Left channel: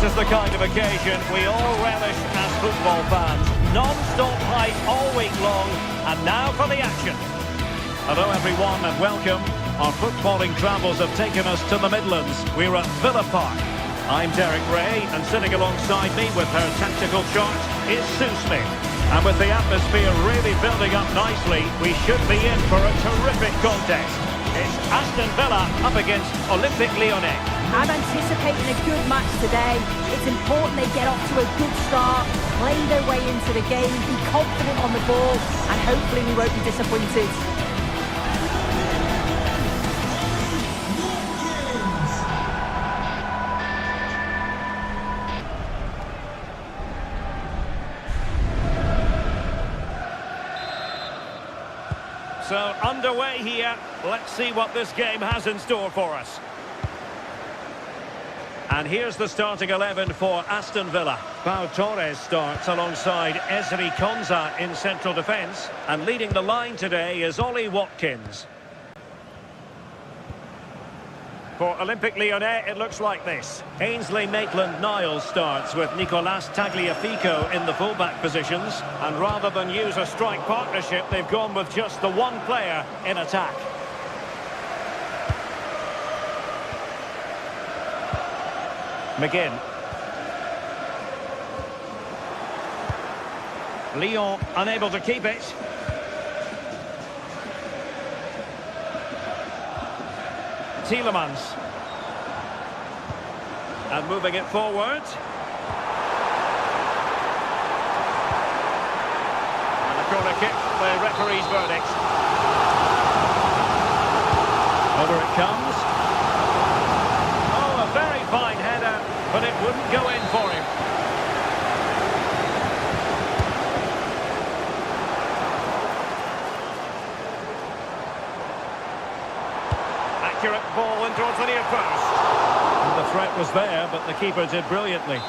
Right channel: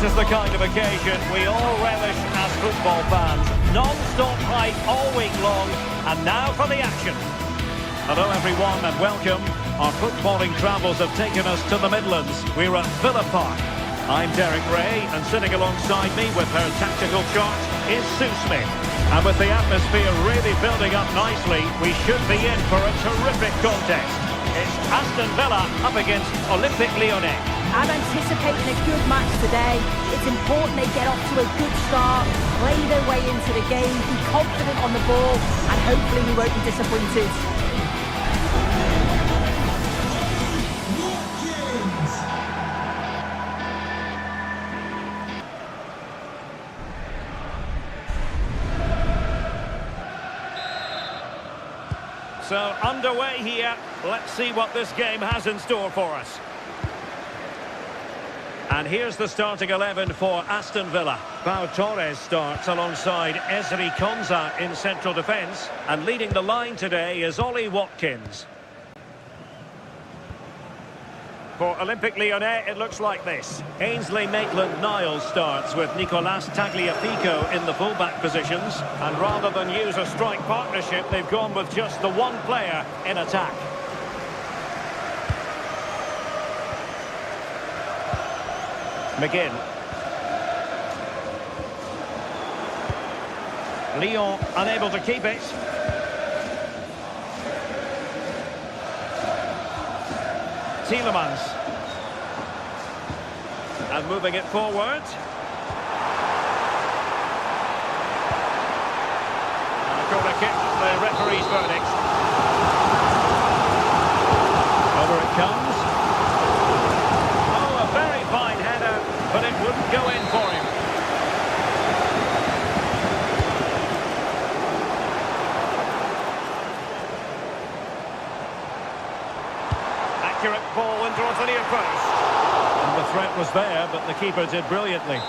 This is the kind of occasion we all relish as football fans. Non-stop hype all week long, and now for the action. Hello everyone and welcome. Our footballing travels have taken us to the Midlands. We're at Villa Park. I'm Derek Ray, and sitting alongside me with her tactical chart is Sue Smith. And with the atmosphere really building up nicely, we should be in for a terrific contest. It's Aston Villa up against Olympique Lyonnais. I'm anticipating a good match today. It's important they get off to a good start, play their way into the game, be confident on the ball, and hopefully we won't be disappointed. So underway here. Let's see what this game has in store for us. And here's the starting 11 for Aston Villa. Pau Torres starts alongside Ezri Konsa in central defence. And leading the line today is Ollie Watkins. For Olympique Lyonnais, it looks like this. Ainsley Maitland-Niles starts with Nicolas Tagliafico in the full-back positions. And rather than use a strike partnership, they've gone with just the one player in attack. McGinn. Lyon unable to keep it. Tielemans. And moving it forward. And a corner kick, the referee's verdict. Over it comes. Oh, a very fine header, but it wouldn't go in for him. Accurate ball in towards the near post. And the threat was there, but the keeper did brilliantly.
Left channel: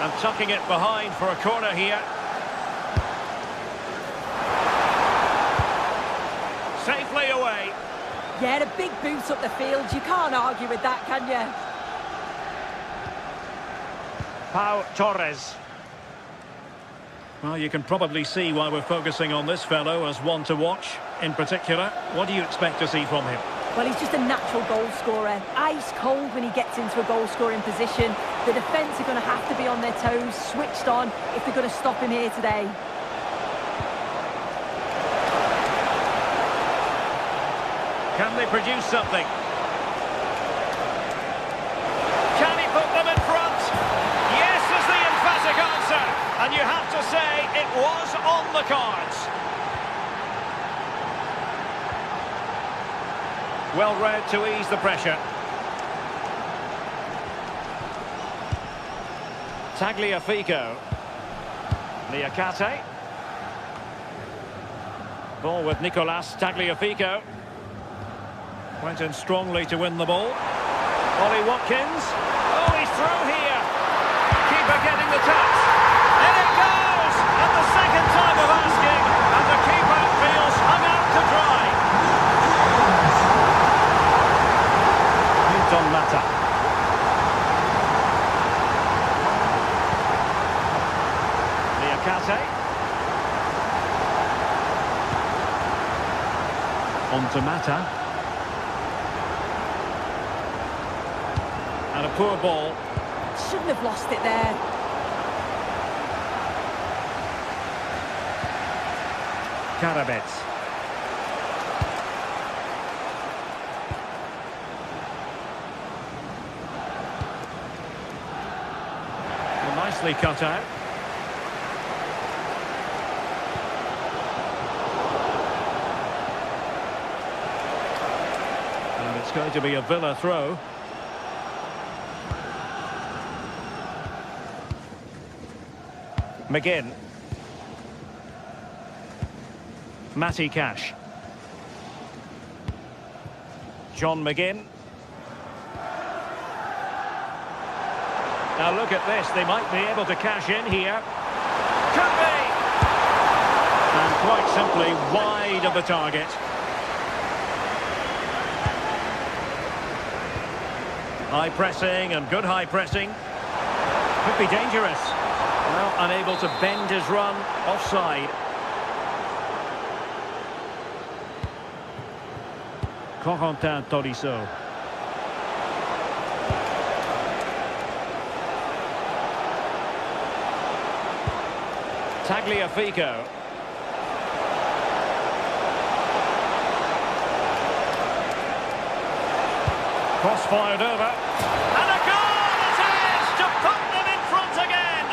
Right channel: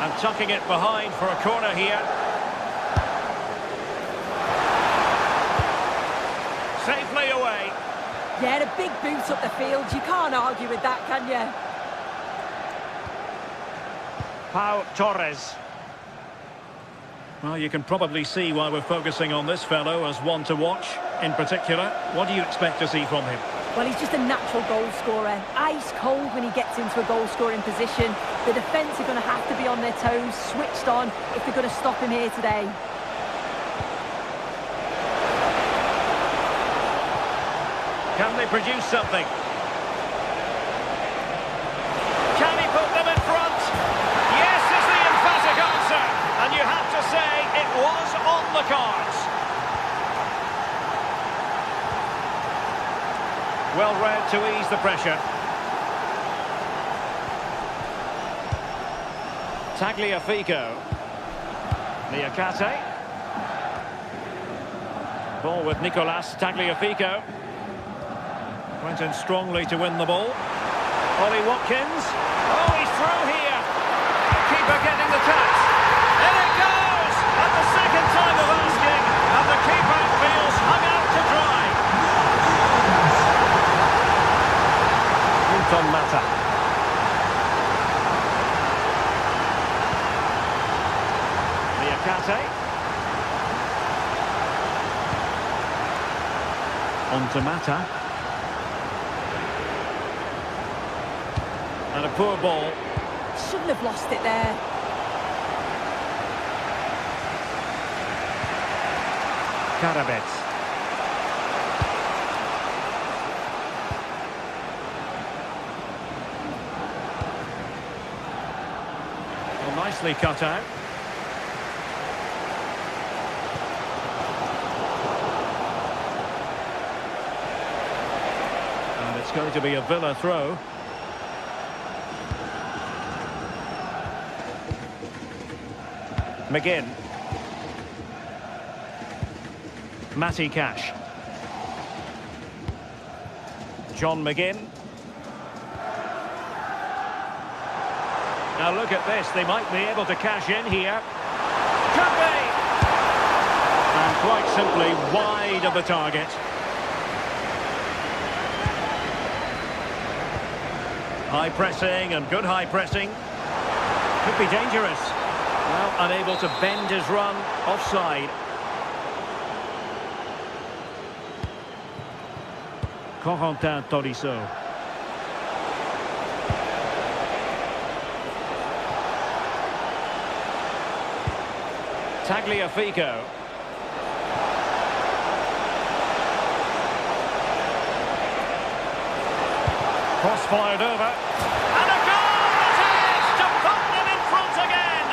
And tucking it behind for a corner here. Safely away. Yeah, a big boot up the field. You can't argue with that, can you? Pau Torres. Well, you can probably see why we're focusing on this fellow as one to watch. In particular, what do you expect to see from him? Well, he's just a natural goal scorer. Ice cold when he gets into a goal-scoring position. The defence are going to have to be on their toes, switched on, if they're going to stop him here today. Can they produce something? Can he put them in front? Yes is the emphatic answer. And you have to say it was on the cards. Well read to ease the pressure. Tagliafico. Niakate. Ball with Nicolas Tagliafico. Went in strongly to win the ball. Ollie Watkins. Oh, he's through here. Keeper getting the touch. In it goes! At the second time of asking. And the keeper feels hung out to dry. On Mata. Niakate. On to Mata. And a poor ball. Shouldn't have lost it there. Karabets. Nicely cut out. And it's going to be a Villa throw. McGinn. Matty Cash. John McGinn. Now look at this, they might be able to cash in here. Could be! And quite simply wide of the target. High pressing and good high pressing. Could be dangerous. Well, unable to bend his run, offside. Corentin Tolisso. Tagliafico. Cross fired over. And a goal it is to put them in front again.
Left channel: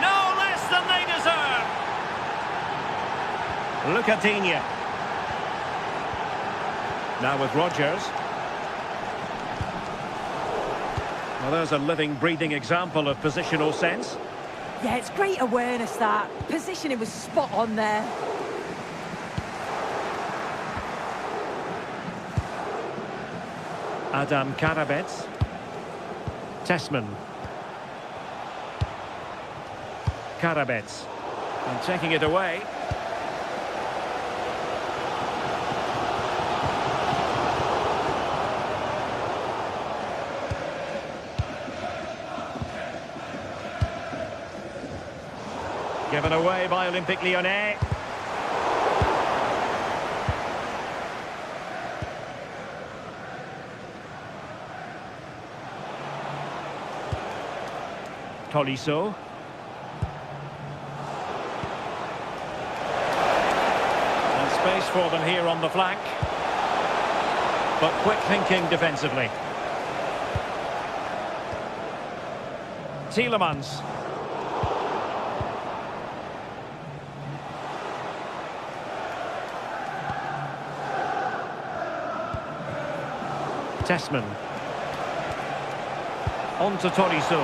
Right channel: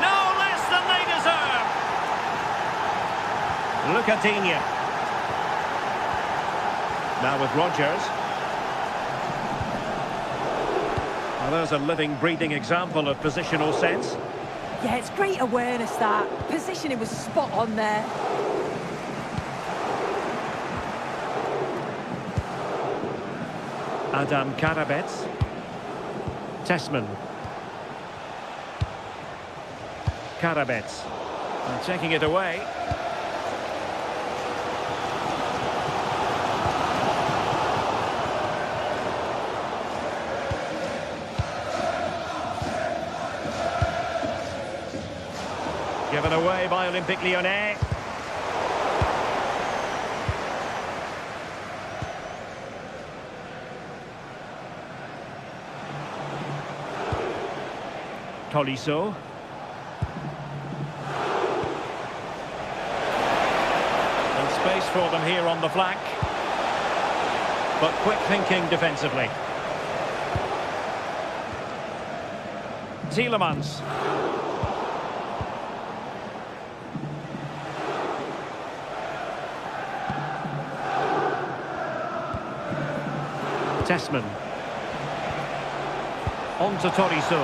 No less than they deserve. Lucadinha. Now with Rodgers. Well, there's a living, breathing example of positional sense. Yeah, it's great awareness, that. Positioning was spot on there. Adam Karabets. Tessman. Karabets. And taking it away. Given away by Olympique Lyonnais. Tolisso. And space for them here on the flank. But quick thinking defensively. Tielemans. Tessman. On to Tolisso.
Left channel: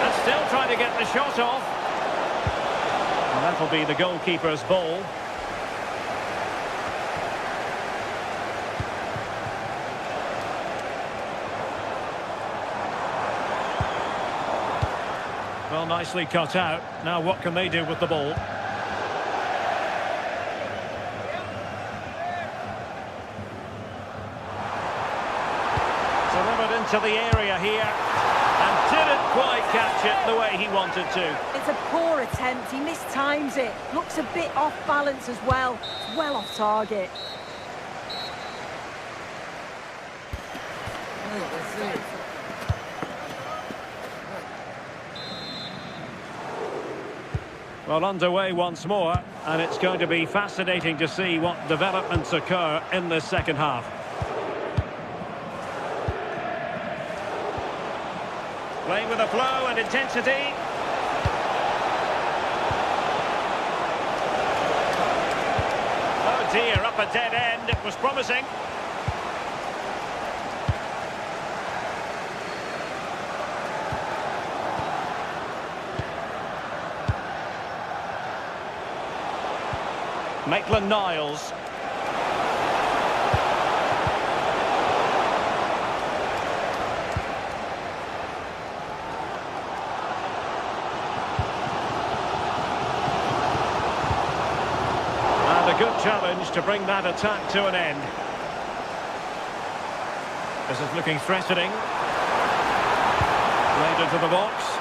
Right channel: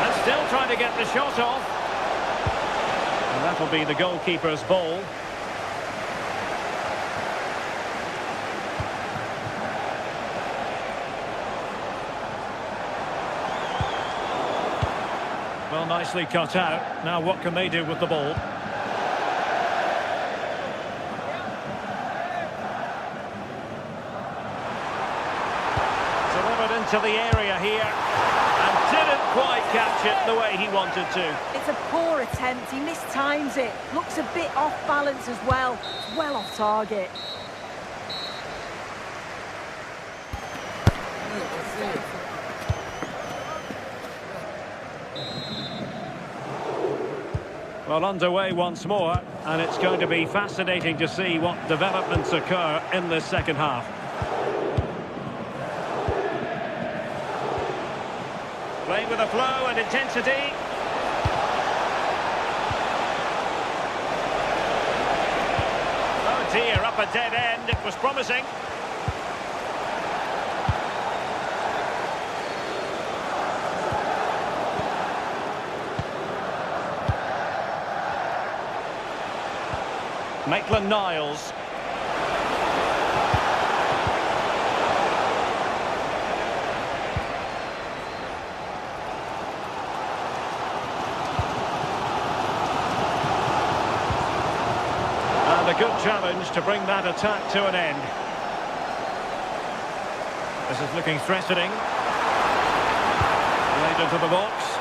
And still trying to get the shot off. And that'll be the goalkeeper's ball. Well, nicely cut out. Now what can they do with the ball? Delivered into the area here and didn't quite catch it the way he wanted to. It's a poor attempt. He mistimes it. Looks a bit off balance as well. It's well off target. Well, underway once more, and it's going to be fascinating to see what developments occur in this second half. Playing with a flow and intensity. Oh dear, up a dead end. It was promising. Maitland-Niles. And a good challenge to bring that attack to an end. This is looking threatening. Played into the box.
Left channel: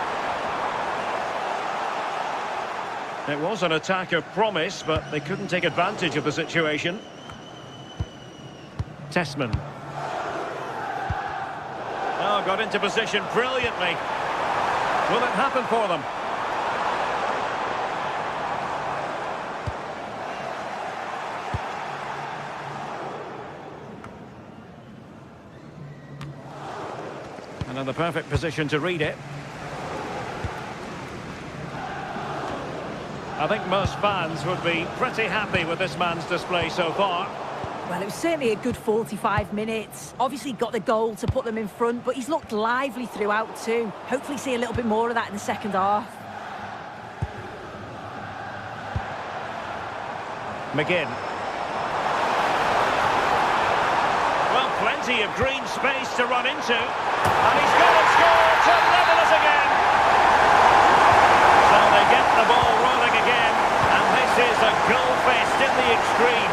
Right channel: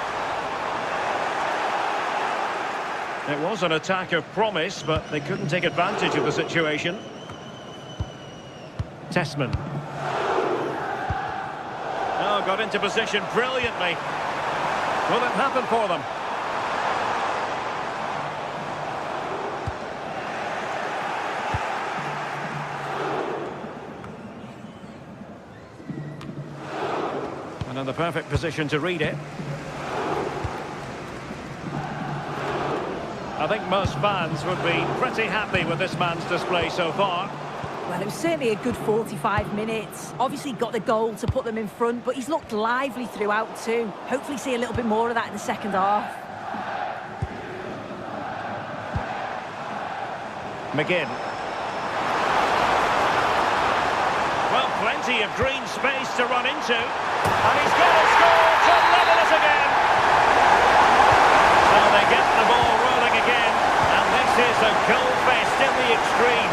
It was an attack of promise, but they couldn't take advantage of the situation. Tessman. Oh, got into position brilliantly. Will it happen for them? And in the perfect position to read it. I think most fans would be pretty happy with this man's display so far. Well, it was certainly a good 45 minutes. Obviously got the goal to put them in front, but he's looked lively throughout too. Hopefully see a little bit more of that in the second half. McGinn. Well, plenty of green space to run into. And he's got to score to level it again. So they get the ball rolling again. And this is a goal fest in the extreme.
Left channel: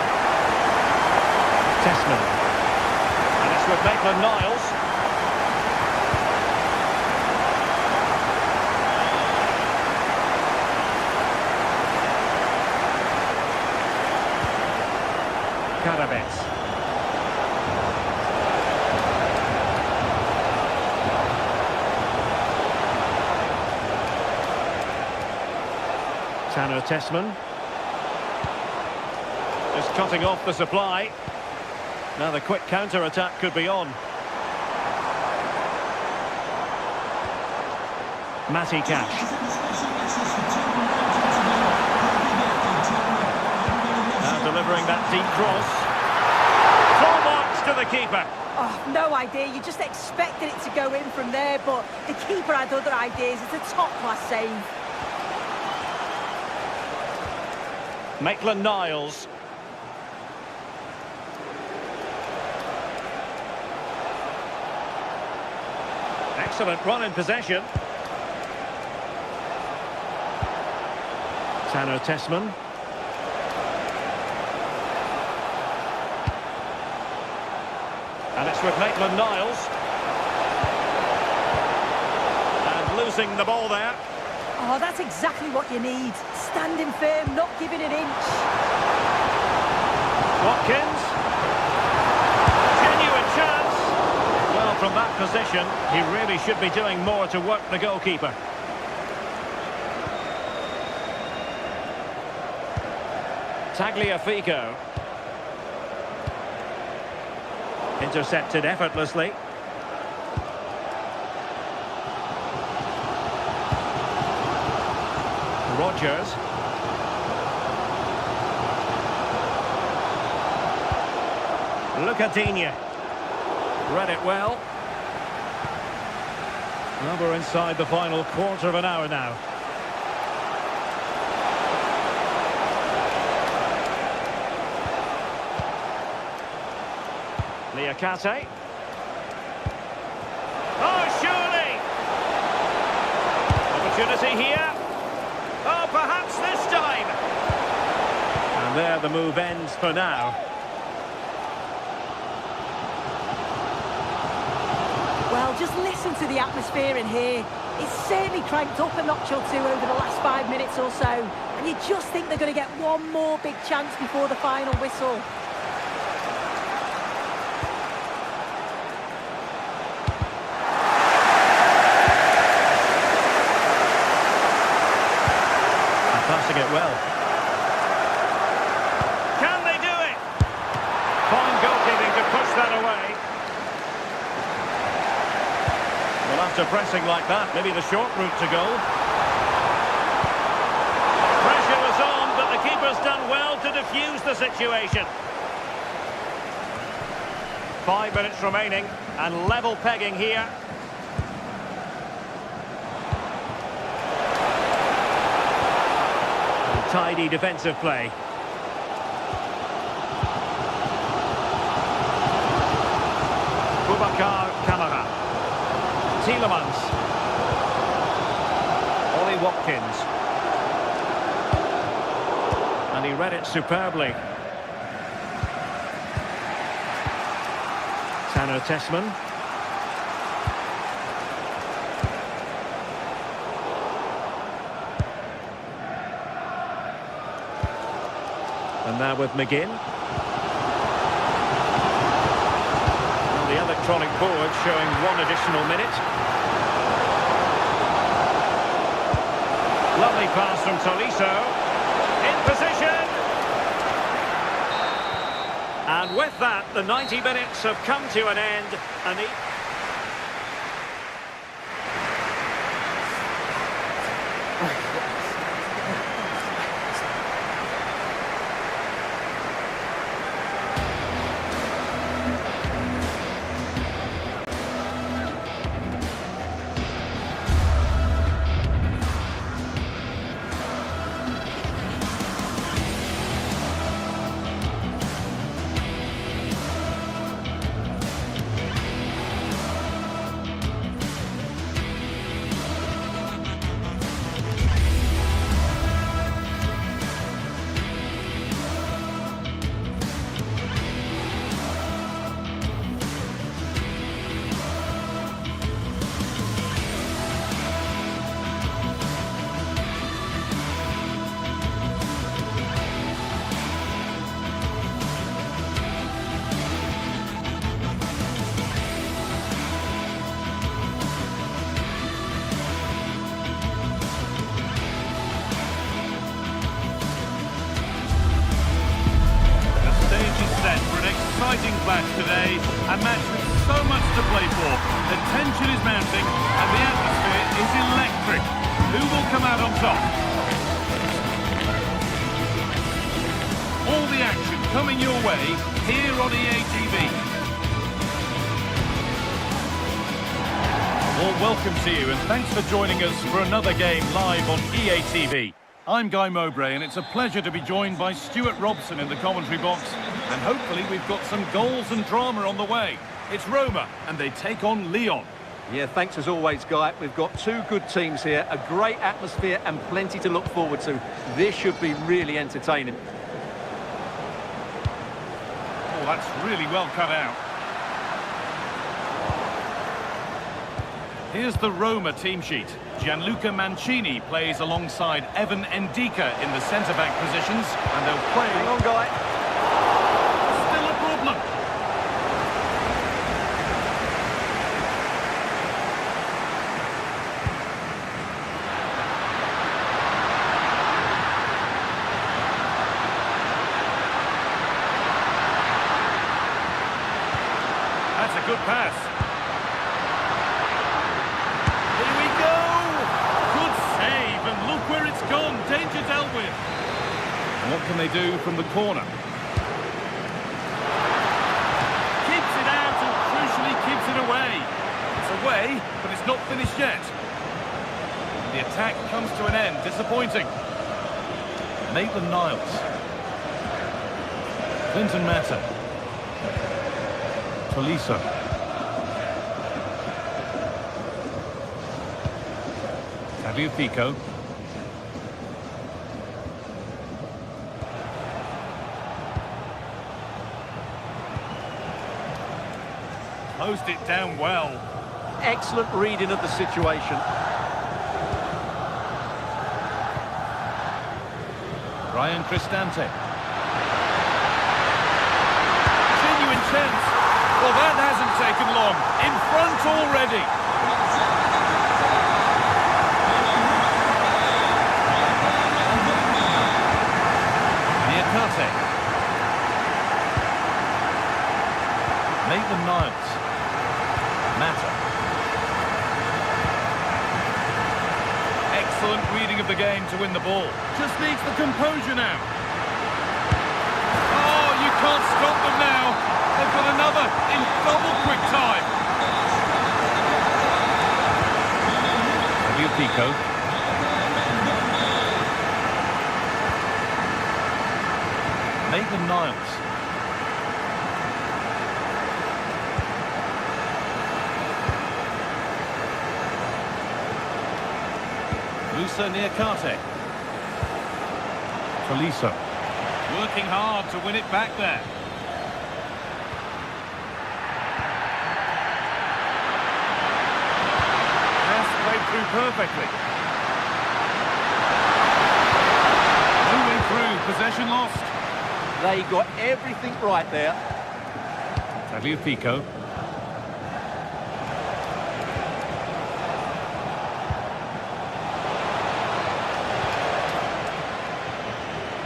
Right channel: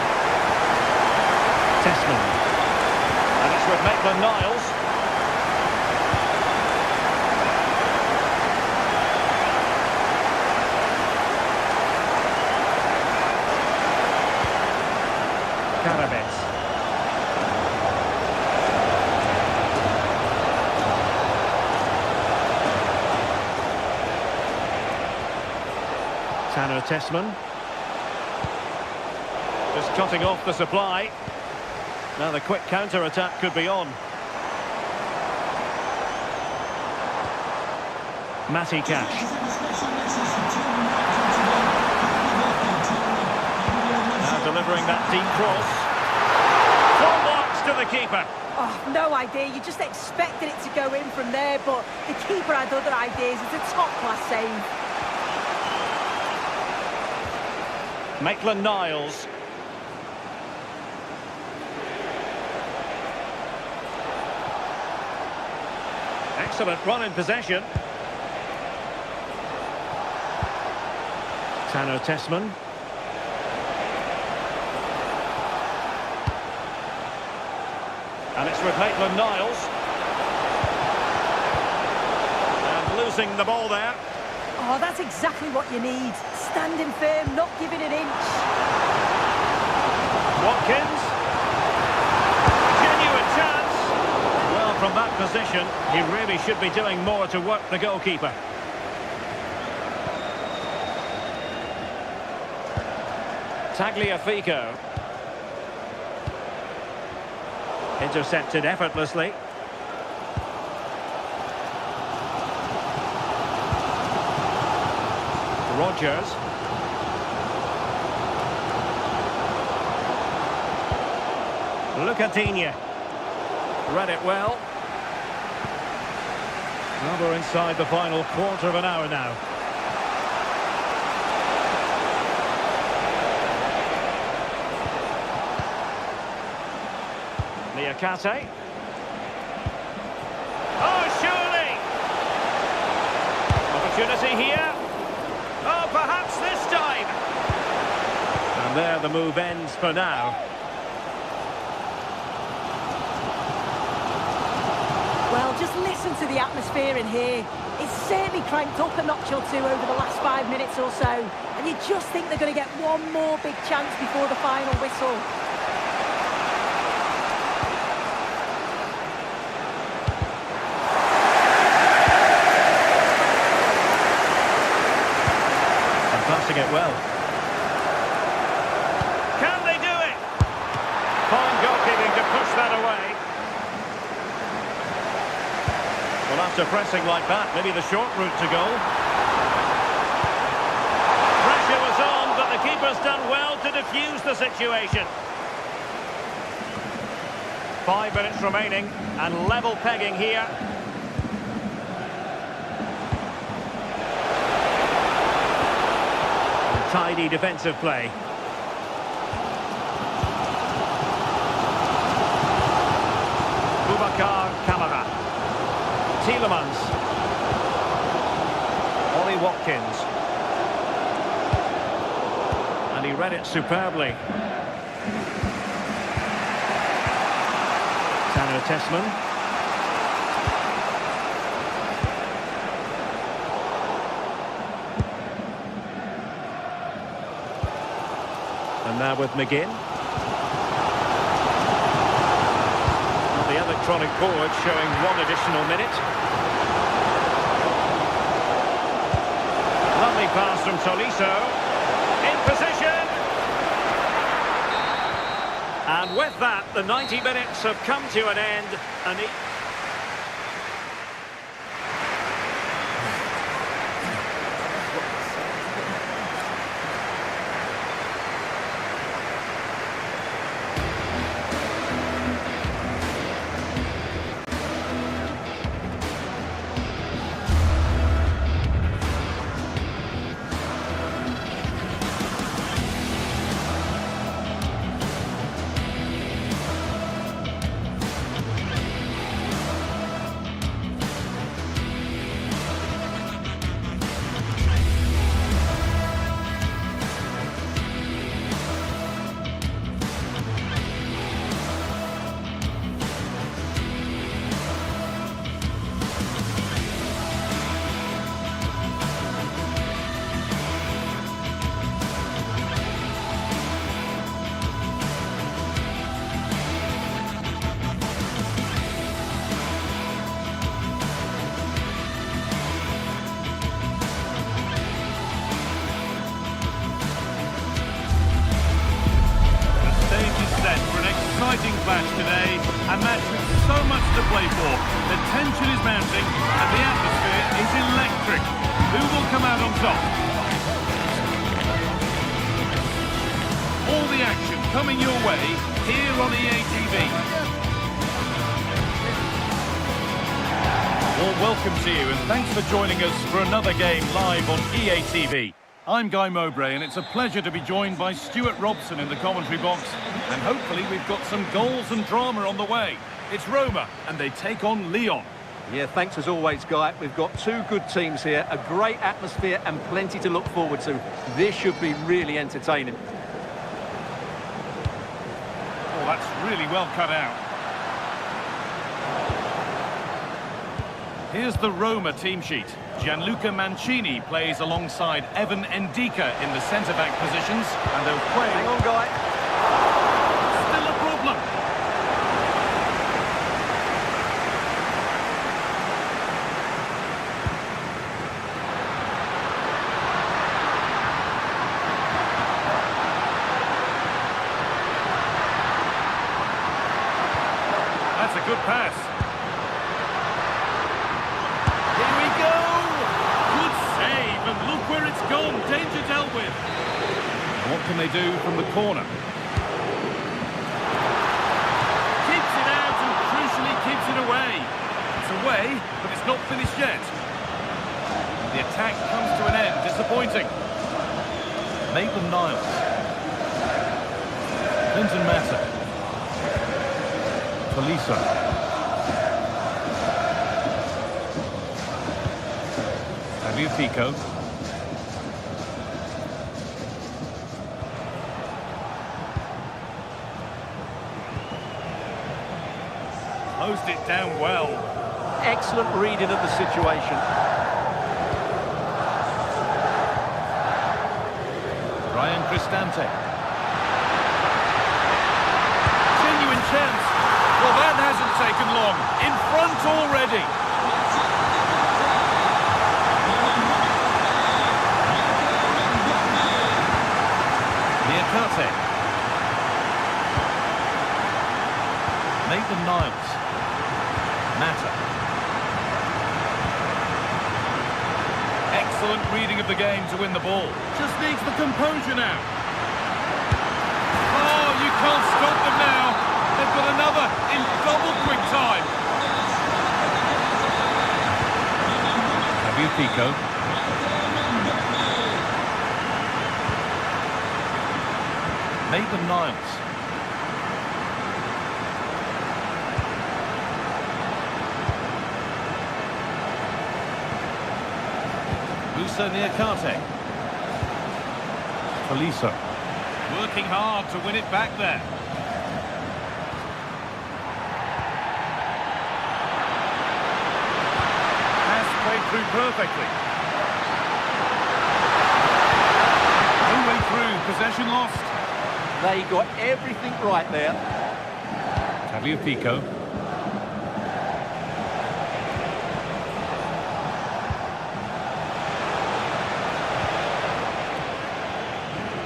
Tessman. And it's with Maitland-Niles. Karabets. Tanner Tessman. Just cutting off the supply. Now the quick counter-attack could be on. Matty Cash. Now delivering that deep cross. Full marks to the keeper. Oh, no idea. You just expected it to go in from there, but the keeper had other ideas. It's a top-class save. Maitland-Niles. Excellent run in possession. Tanner Tessman. And it's with Maitland-Niles. And losing the ball there. Oh, that's exactly what you need. Standing firm, not giving an inch. Watkins. Genuine chance. Well, from that position, he really should be doing more to work the goalkeeper. Tagliafico. Intercepted effortlessly. Rodgers. Lucadinha. Read it well. Well, we're inside the final quarter of an hour now. Niakate. Oh, surely! Opportunity here. Oh, perhaps this time. And there the move ends for now. Well, just listen to the atmosphere in here. It's certainly cranked up a notch or two over the last 5 minutes or so. And you just think they're going to get one more big chance before the final whistle. Passing it well. Can they do it? Fine goalkeeping to push that away. Well, after pressing like that, maybe the short route to goal. Pressure was on, but the keeper's done well to defuse the situation. 5 minutes remaining, and level pegging here. Tidy defensive play. Boubacar Kamara. Tielemans. Ollie Watkins. And he read it superbly. Tanner Tessman. And now with McGinn. On the electronic board showing 1 additional minute. Lovely pass from Tolisso. In position. And with that, the 90 minutes have come to an end. And match today, a match with so much to play for. The tension is mounting and the atmosphere is electric. Who will come out on top? All the action coming your way here on EA TV. A warm welcome to you and thanks for joining us for another game live on EA TV. I'm Guy Mowbray and it's a pleasure to be joined by Stuart Robson in the commentary box, and hopefully we've got some goals and drama on the way. It's Roma and they take on Lyon. Yeah, thanks as always, Guy. We've got two good teams here, a great atmosphere and plenty to look forward to. This should be really entertaining. Oh, that's really well cut out. Here's the Roma team sheet. Gianluca Mancini plays alongside Evan Ndika in the centre-back positions, and they'll play... Hang on, Guy. Still a problem. That's a good pass. Here we go! Good save, and look where it's gone. Danger dealt with. And what can they do from the corner? Keeps it out and crucially keeps it away. It's away, but it's not finished yet. And the attack comes to an end. Disappointing. Maitland-Niles. Clinton Mata. Tolisso. Tagliafico. Closed it down well. Excellent reading of the situation. Ryan Cristante. Genuine chance. Well, that hasn't taken long. In front already. Niakate. Maitland-Niles. Mata. Excellent reading of the game to win the ball. Just needs the composure now. Oh, you can't stop them now. They've got another in double quick time. Tagliafico. Maitland-Niles. Musa Niakate. Tolisso. Working hard to win it back there. Pass played through perfectly. No way through, possession lost. They got everything right there. Tagliafico.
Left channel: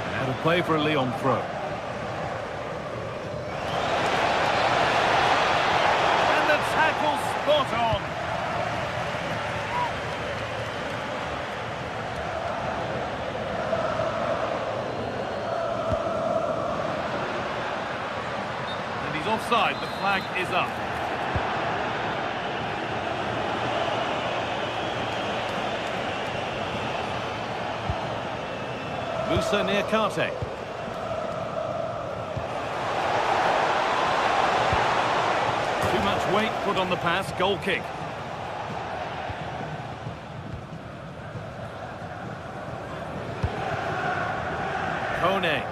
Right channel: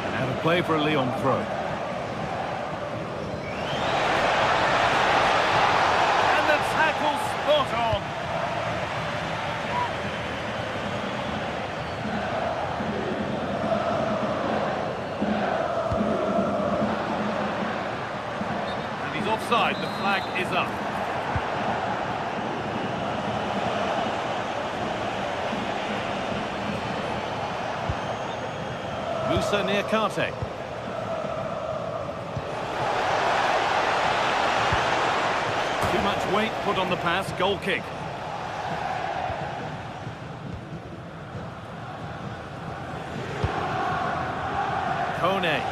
And out of play for a Lyon throw. And the tackle spot on. He's offside, the flag is up. Musa Niakate. Too much weight put on the pass, goal kick. Kone.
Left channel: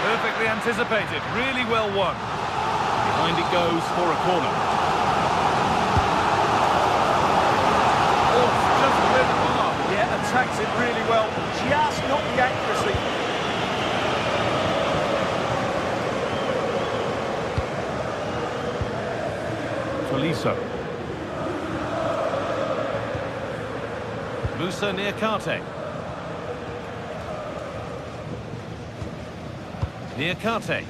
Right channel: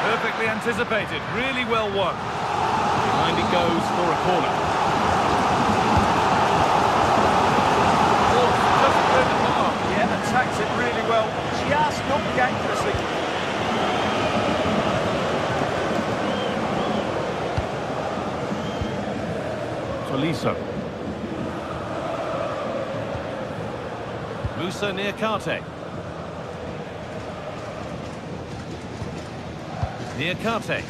Perfectly anticipated, really well won. Behind it goes for a corner. Oh, just cleared the bar. Yeah, attacks it really well. Just not the accuracy. Tolisso. Musa Niakate. Niakate.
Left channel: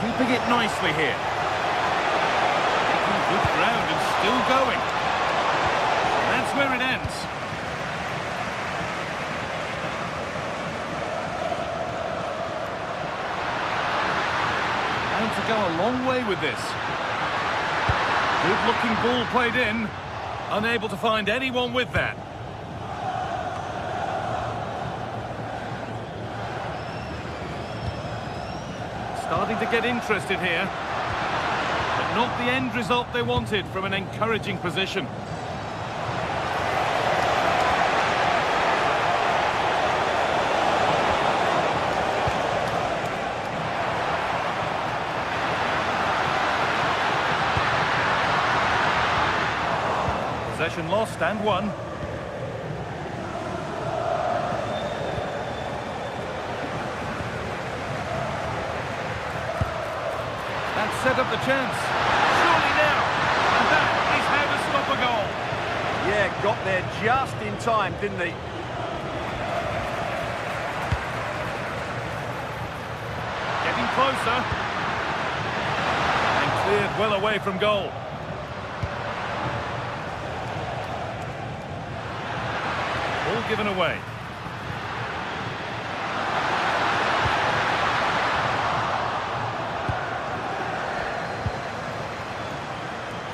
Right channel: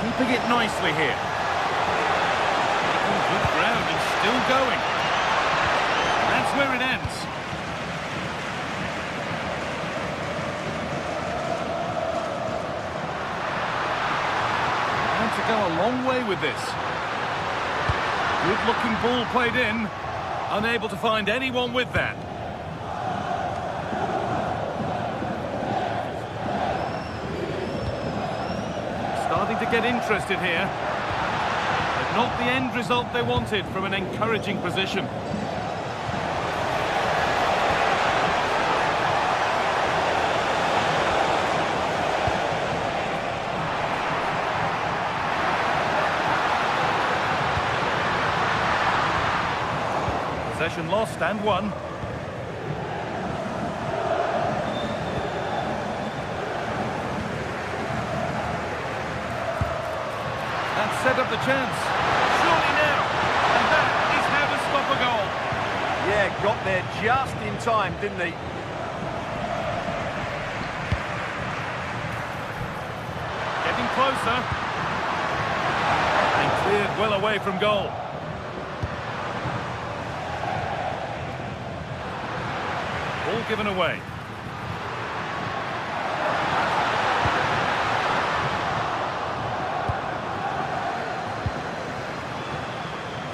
Keeping it nicely here. Making good ground and still going. And that's where it ends. And to go a long way with this. Good-looking ball played in. Unable to find anyone with that. Starting to get interested here. But not the end result they wanted from an encouraging position. Possession lost and won. That set up the chance. Surely now. And that is how to stop a goal. Yeah, got there just in time, didn't he? Getting closer. And cleared well away from goal. Ball given away.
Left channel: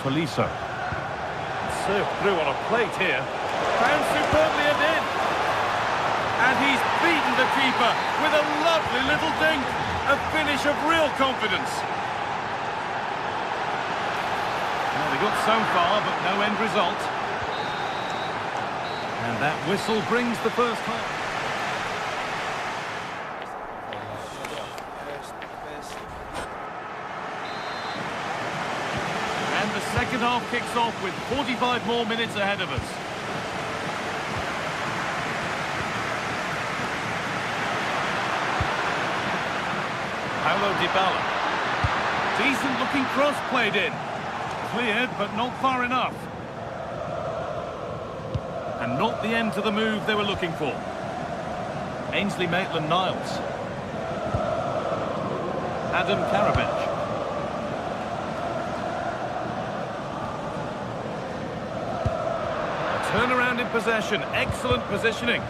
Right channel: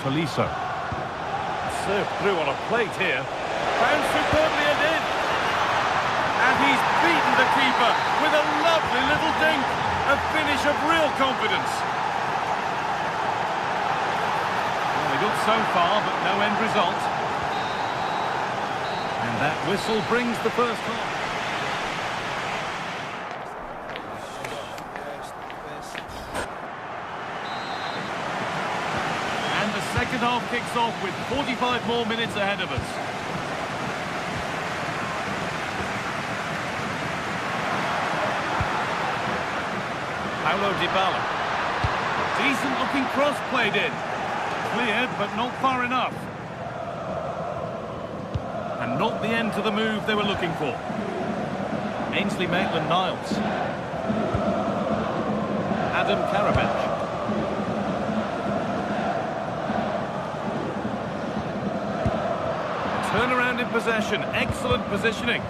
Tolisso. Served through on a plate here. Found superbly and in. And he's beaten the keeper with a lovely little dink. A finish of real confidence. Well, they got so far, but no end result. And that whistle brings the first half. And the second half kicks off with 45 more minutes ahead of us. Paulo Dybala. Decent looking cross played in. Cleared, but not far enough. And not the end to the move they were looking for. Ainsley Maitland-Niles. Adam Karabench. A turnaround in possession. Excellent positioning.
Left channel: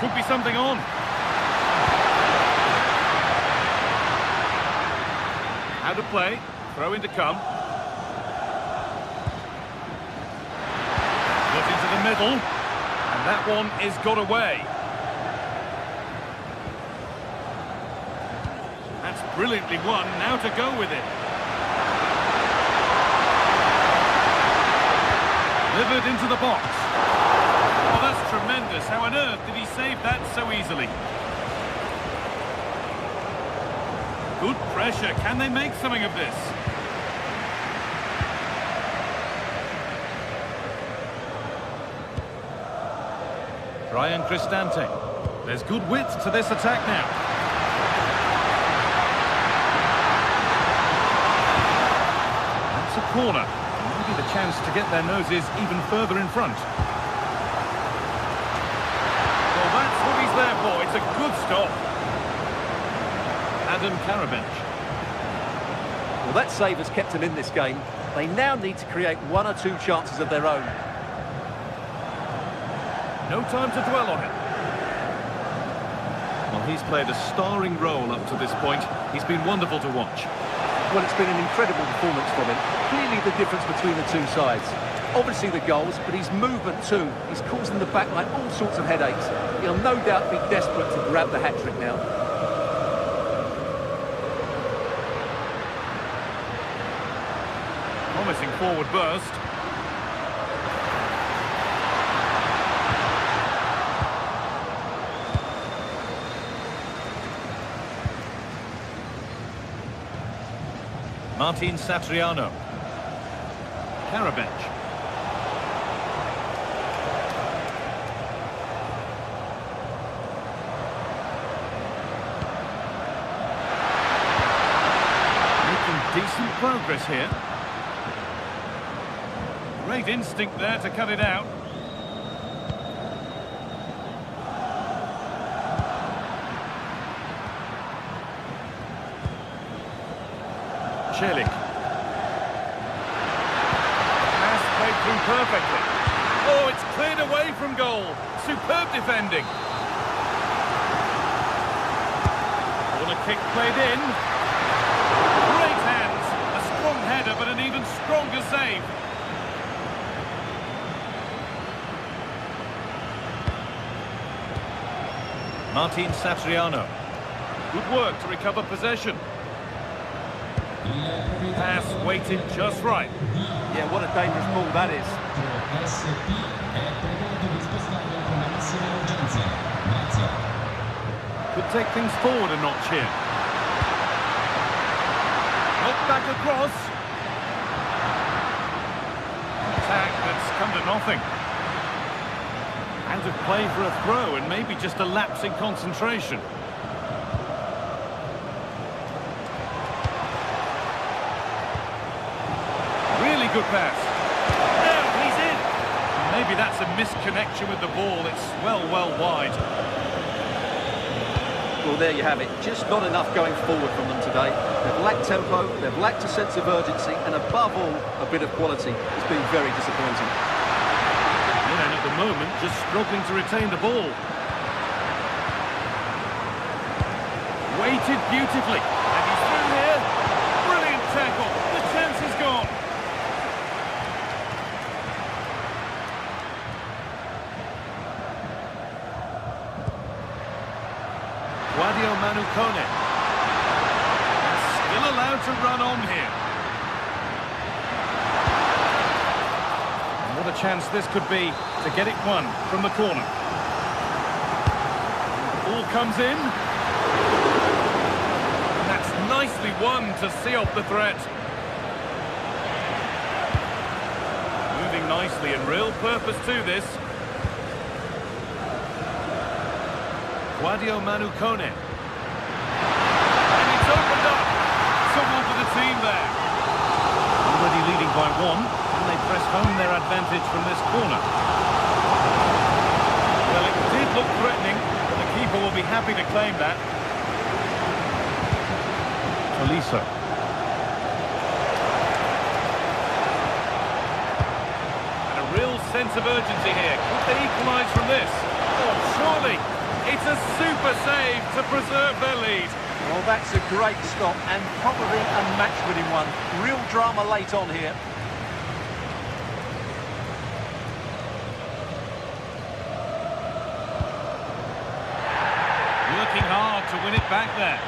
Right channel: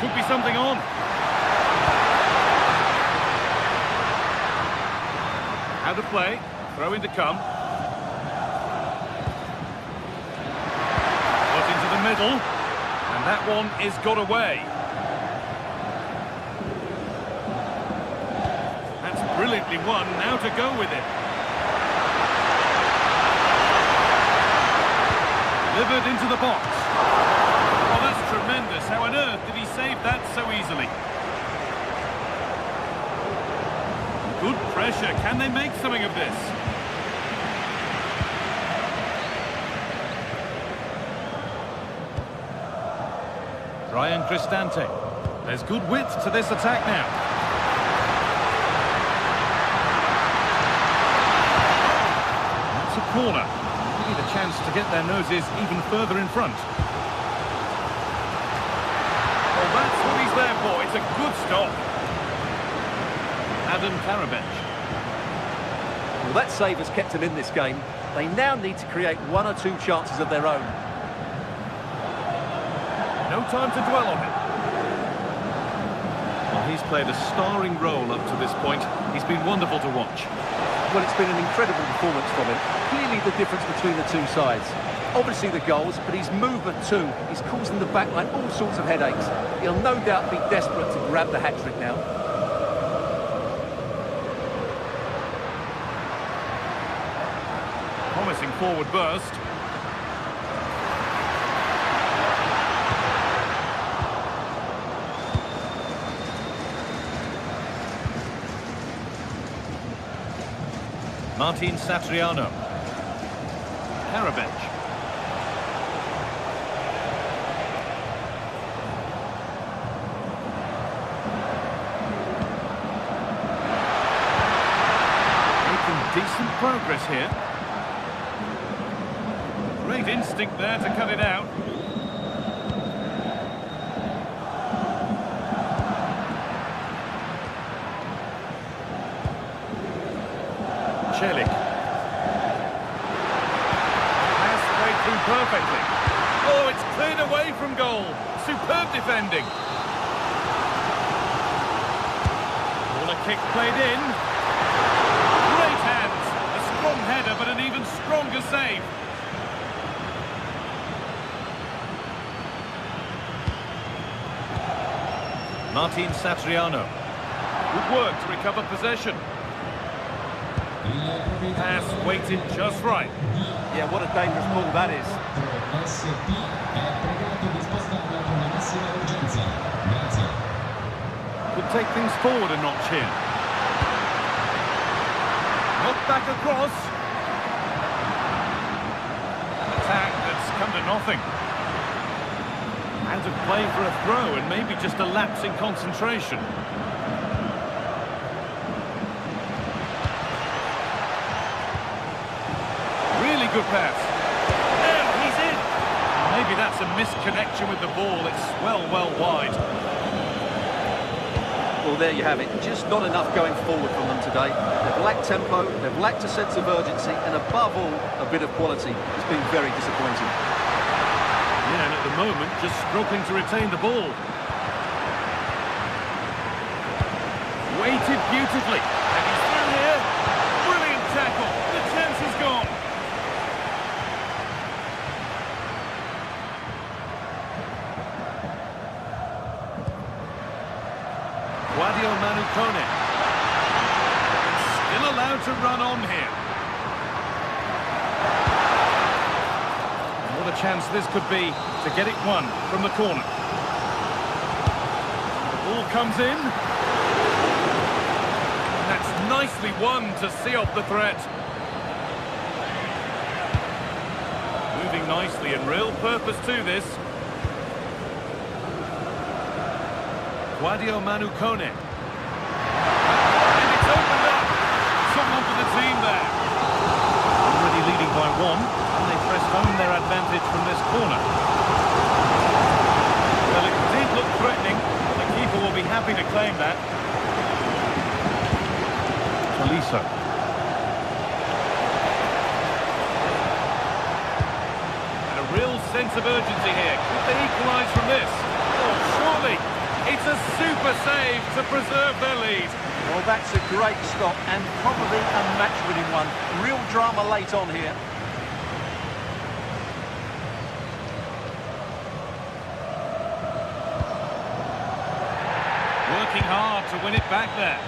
Could be something on. How to play. Throw in to come. Got into the middle. And that one is got away. That's brilliantly won. Now to go with it. Delivered into the box. Oh, that's tremendous. How on earth did he save that so easily? Good pressure. Can they make something of this? Brian Cristante. There's good width to this attack now. That's a corner. Maybe the chance to get their noses even further in front. Well, that's what he's there for. It's a good stop. Adam Karabench. Well, that save has kept them in this game. They now need to create one or two chances of their own. No time to dwell on it. Well, he's played a starring role up to this point. He's been wonderful to watch. Well, it's been an incredible performance from him. Clearly the difference between the two sides. Obviously the goals, but his movement too. He's causing the backline all sorts of headaches. He'll no doubt be desperate to grab the hat-trick now. Promising forward burst. Martin Satriano. Karabench. Making decent progress here. Great instinct there to cut it out. Celik. Pass played through perfectly. Oh, it's cleared away from goal. Superb defending. Corner kick played in. Great hands. A strong header, but an even stronger save. Martin Satriano. Good work to recover possession. Pass weighted just right. Yeah, what a dangerous ball that is. Could take things forward a notch here. Knocked back across. An attack that's come to nothing. Out of play for a throw and maybe just a lapse in concentration. Really good pass. Now he's in. Maybe that's a misconnection with the ball. It's well wide. Well, there you have it. Just not enough going forward from them today. They've lacked tempo, they've lacked a sense of urgency, and above all, a bit of quality. It's been very disappointing. Yeah, and at the moment, just struggling to retain the ball. Weighted beautifully. And he's through here. Brilliant tackle. The chance is gone. Guadio Manukone. And still allowed to run on here. And what a chance this could be to get it won from the corner. And the ball comes in. And that's nicely won to see off the threat. Moving nicely and real purpose to this. Guadio Manukone. And it's opened up. Someone for the team there. Already leading by one, and they press home their advantage from this corner. Well, it did look threatening, but the keeper will be happy to claim that. Tolisso. And a real sense of urgency here. Could they equalise from this? Oh, surely. It's a super save to preserve their lead. Well, that's a great stop and probably a match-winning one. Real drama late on here. Working hard to win it back there.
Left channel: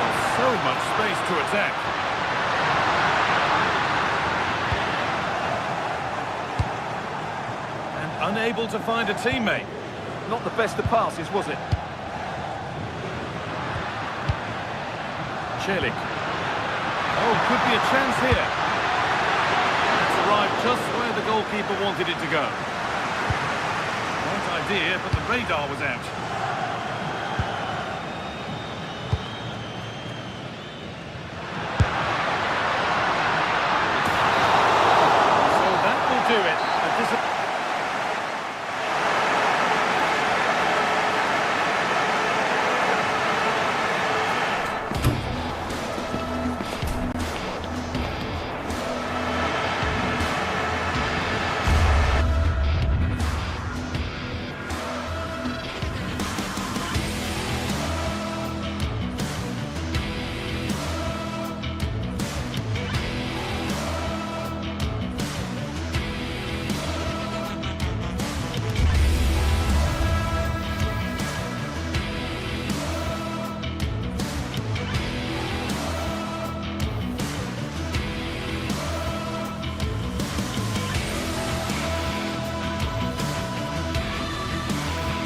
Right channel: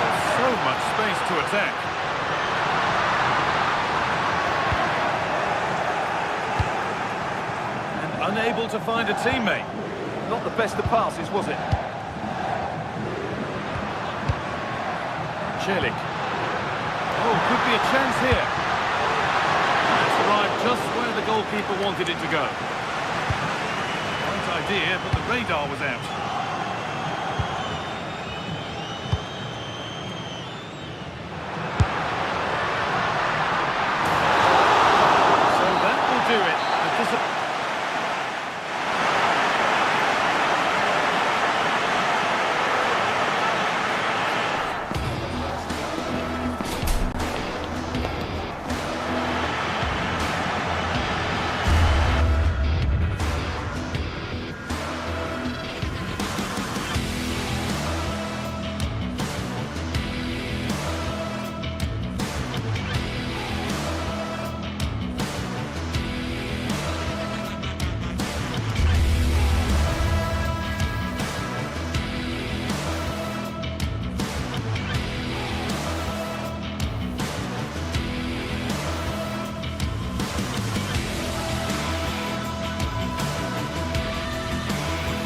Well, so much space to attack. Unable to find a teammate. Not the best of passes, was it? Celik. Oh, could be a chance here. That's arrived just where the goalkeeper wanted it to go. Right idea, but the radar was out. So that will do it.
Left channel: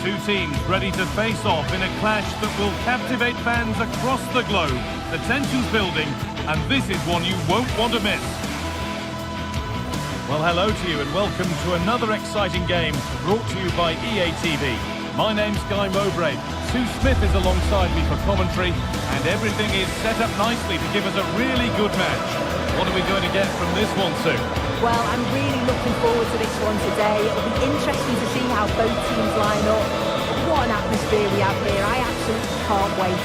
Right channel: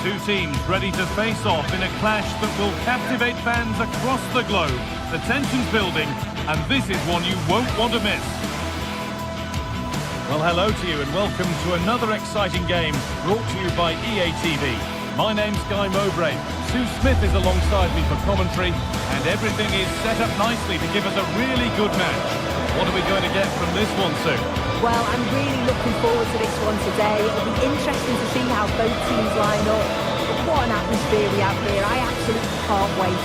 Two teams ready to face off in a clash that will captivate fans across the globe. The tension's building, and this is one you won't want to miss. Well, hello to you and welcome to another exciting game brought to you by EA TV. My name's Guy Mowbray. Sue Smith is alongside me for commentary, and everything is set up nicely to give us a really good match. What are we going to get from this one, Sue? Well, I'm really looking forward to this one today. It'll be interesting to see how both teams line up. But what an atmosphere we have here. I absolutely can't wait.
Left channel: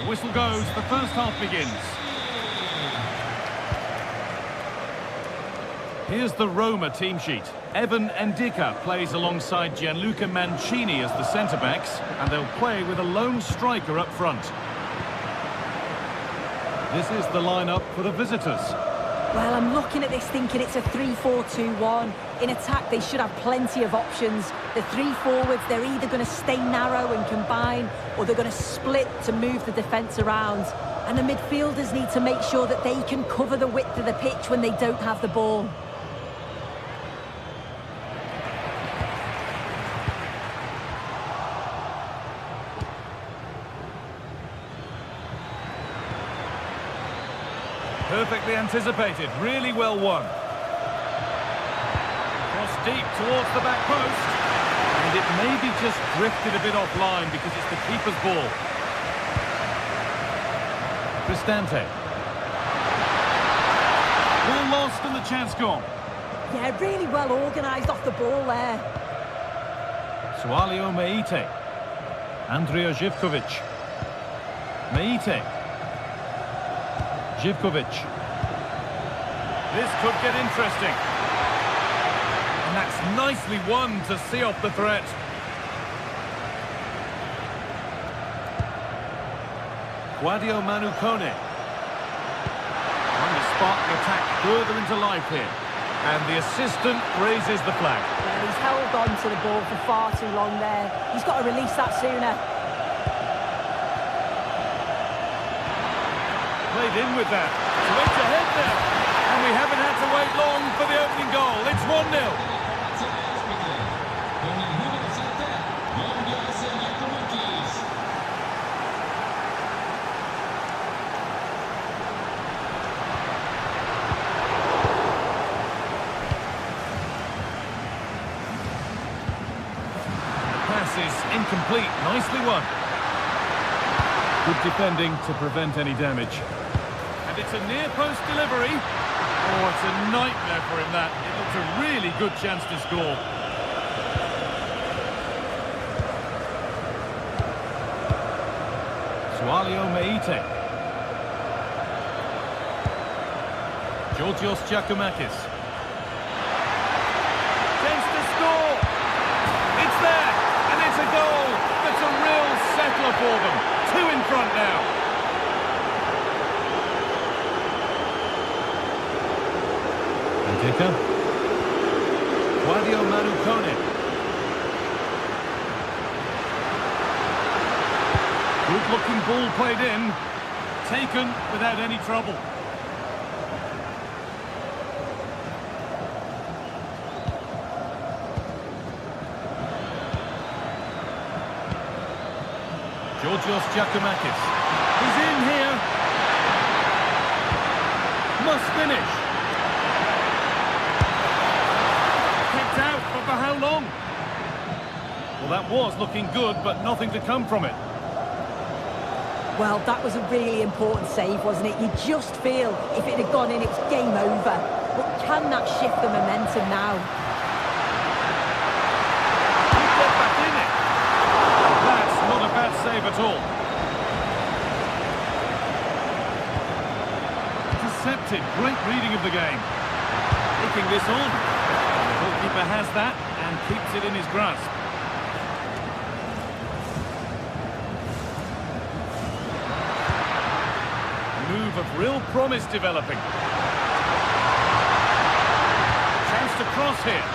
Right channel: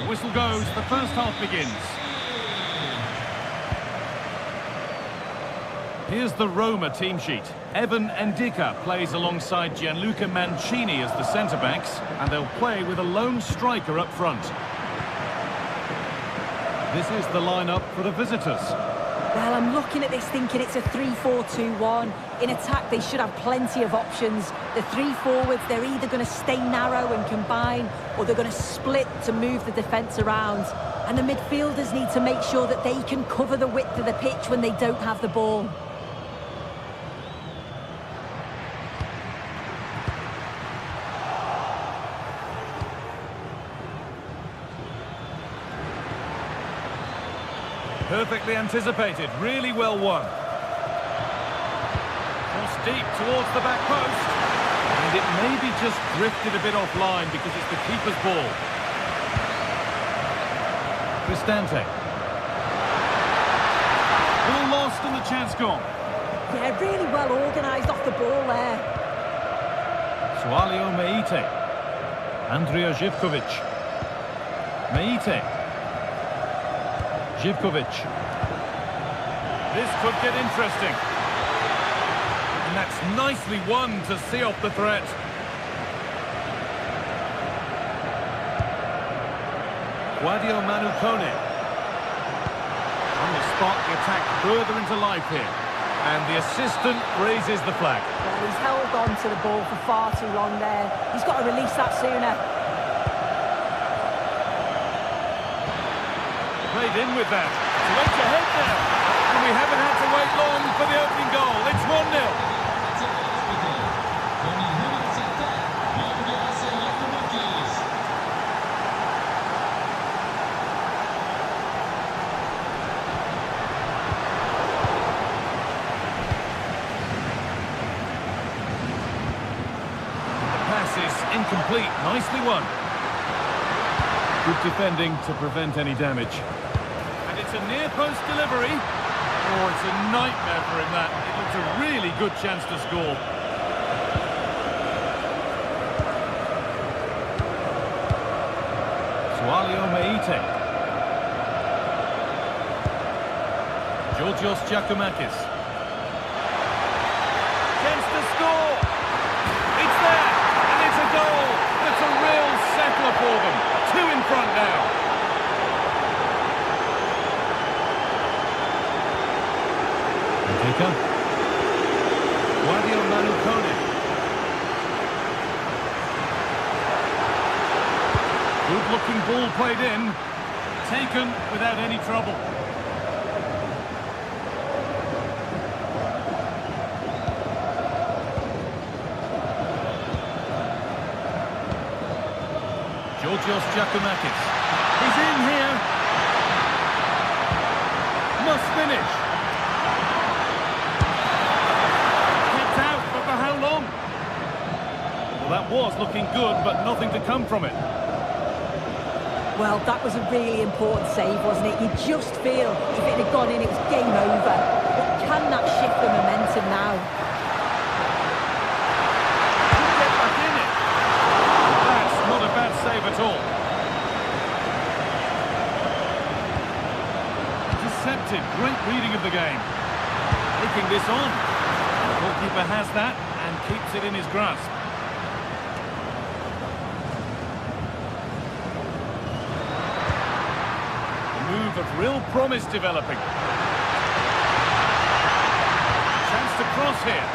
The whistle goes, the first half begins. Here's the Roma team sheet. Evan Ndika plays alongside Gianluca Mancini as the centre-backs, and they'll play with a lone striker up front. This is the lineup for the visitors. Well, I'm looking at this thinking it's a 3-4-2-1. In attack, they should have plenty of options. The three forwards, they're either going to stay narrow and combine, or they're going to split to move the defence around. And the midfielders need to make sure that they can cover the width of the pitch when they don't have the ball. Perfectly anticipated, really well won. Cross deep towards the back post. And it maybe just drifted a bit offline because it's the keeper's ball. Cristante. Ball lost and the chance gone. Yeah, really well organised off the ball there. Sualio Meite. Andrija Živković. Meite. Živković. This could get interesting. And that's nicely won to see off the threat. Guadio Manu Kone. Trying to spark the attack further into life here. And the assistant raises the flag. Well, he's held on to the ball for far too long there. He's got to release that sooner. Played in with that. To edge ahead now. And we haven't had to wait long for the opening goal. It's 1-0. The pass is incomplete. Nicely won. Good defending to prevent any damage. And it's a near-post delivery. Oh, it's a nightmare for him, that. It looked a really good chance to score. Sualio Meite. Georgios Giacomakis. Chance to score. It's there, and it's a goal. That's a real settler for them. 2 in front now. Ndika. Guadio Manu Kone. Good-looking ball played in. Taken without any trouble. Georgios Giacomakis. He's in here. Must finish. Kept out, but for how long? Well, that was looking good, but nothing to come from it. Well, that was a really important save, wasn't it? You just feel if it had gone in, it was game over. But can that shift the momentum now? Could get back in it. That's not a bad save at all. Intercepted, great reading of the game. Taking this on. And the goalkeeper has that and keeps it in his grasp. A move of real promise developing. Chance to cross here.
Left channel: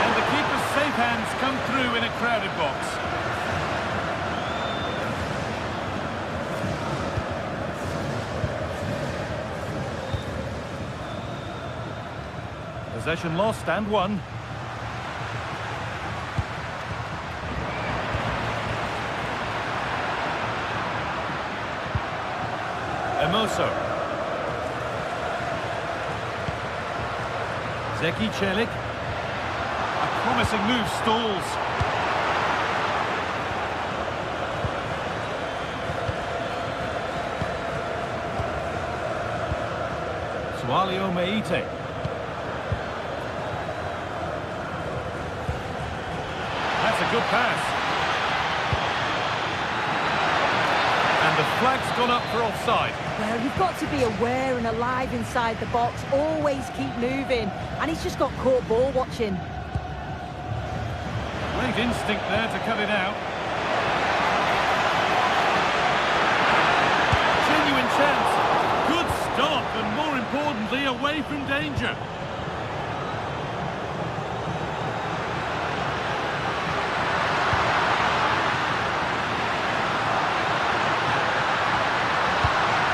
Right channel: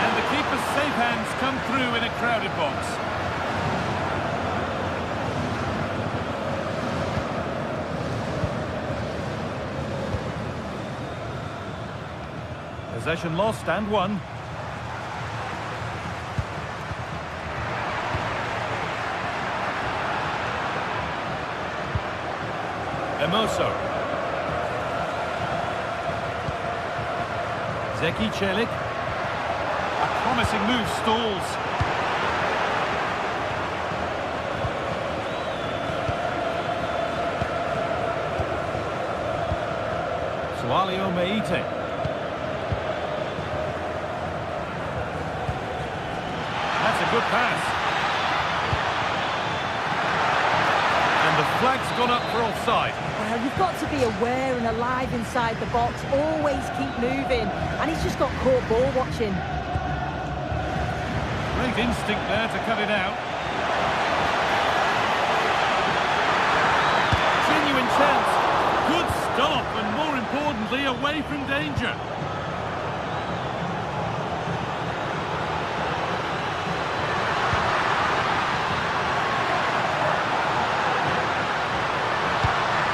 And the keeper's safe hands come through in a crowded box. Possession lost and won. Emoso. Zeki Çelik. A promising move stalls. Sualio Meite. That's a good pass. And the flag's gone up for offside. Well, you've got to be aware and alive inside the box. Always keep moving. And he's just got caught ball watching. Great instinct there to cut it out. Genuine chance. Good stop, and more importantly, away from danger.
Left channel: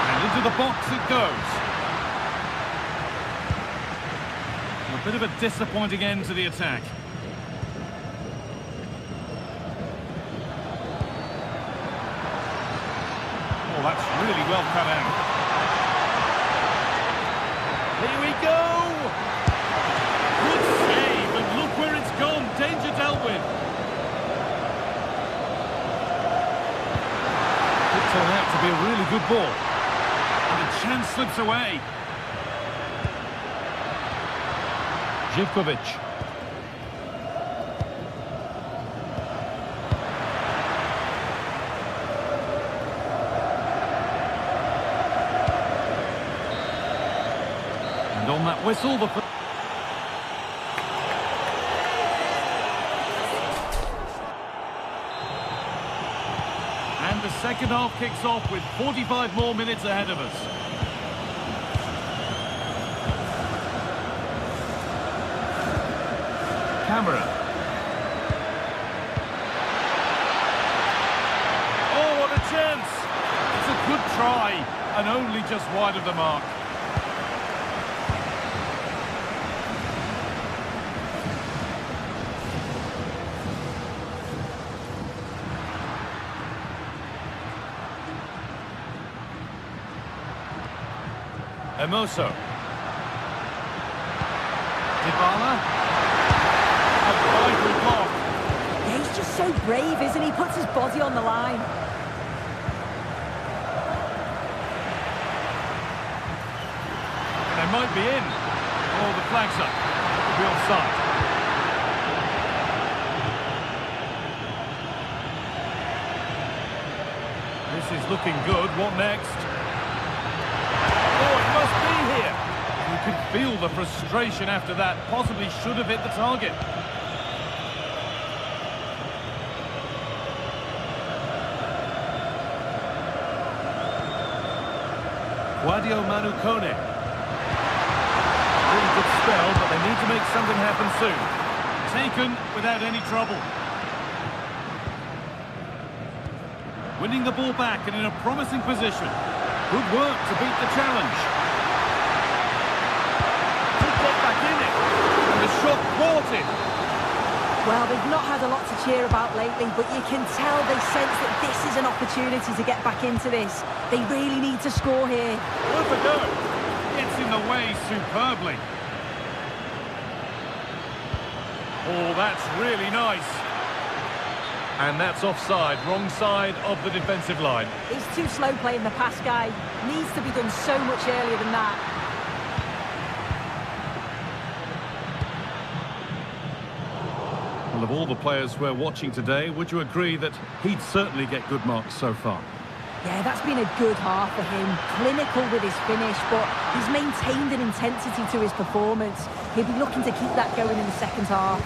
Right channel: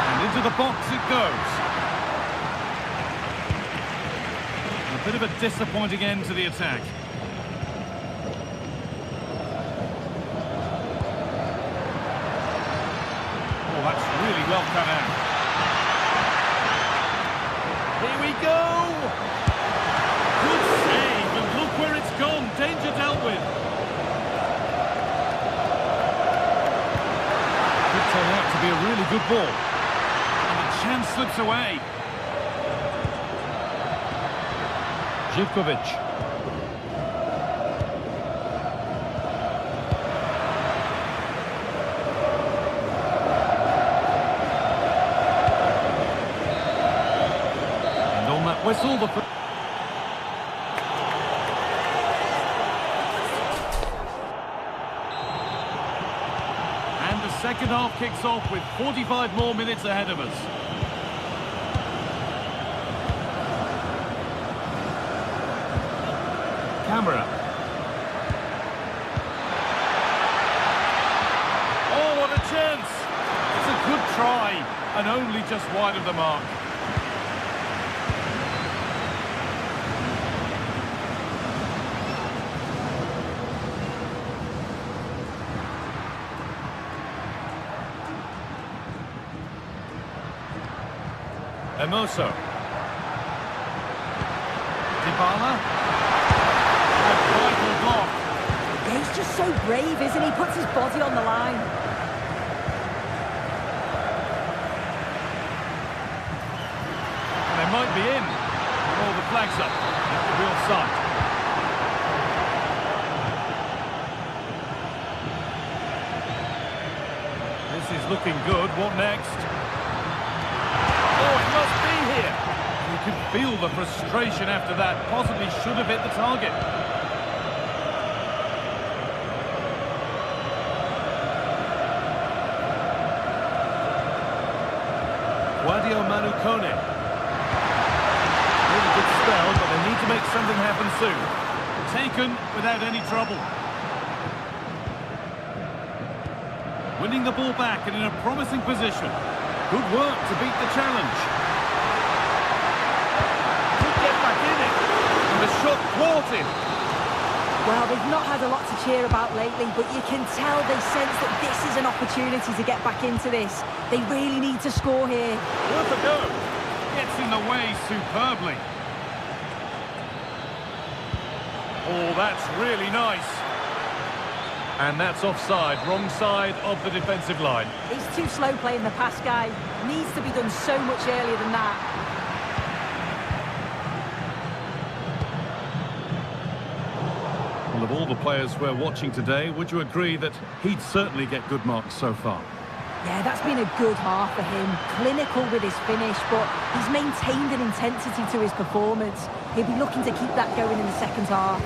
And into the box it goes. A bit of a disappointing end to the attack. Oh, that's really well cut out. Here we go! Good save, and look where it's gone. Danger dealt with. Could turn out to be a really good ball. And the chance slips away. Živković. And on that whistle, the... And the second half kicks off with 45 more minutes ahead of us. Camera. Oh, what a chance! It's a good try, and only just wide of the mark. Emoso. Dybala. A vital block. Yeah, he's just so brave, isn't he? Puts his body on the line. And they might be in. Oh, the flag's up. It could be offside. This is looking good. What next? Oh, it must be here. You can feel the frustration after that. Possibly should have hit the target. Guadio Manukone. Really good spell, but they need to make something happen soon. Taken without any trouble. Winning the ball back and in a promising position. Good work to beat the challenge. Could get back in it. And the shot thwarted. Well, they've not had a lot to cheer about lately, but you can tell they sense that this is an opportunity to get back into this. They really need to score here. Worth a go. Gets in the way superbly. Oh, that's really nice. And that's offside, wrong side of the defensive line. He's too slow playing the pass, guy. Needs to be done so much earlier than that. Well, of all the players we're watching today, would you agree that he'd certainly get good marks so far? Yeah, that's been a good half for him. Clinical with his finish, but he's maintained an intensity to his performance. He'll be looking to keep that going in the second half.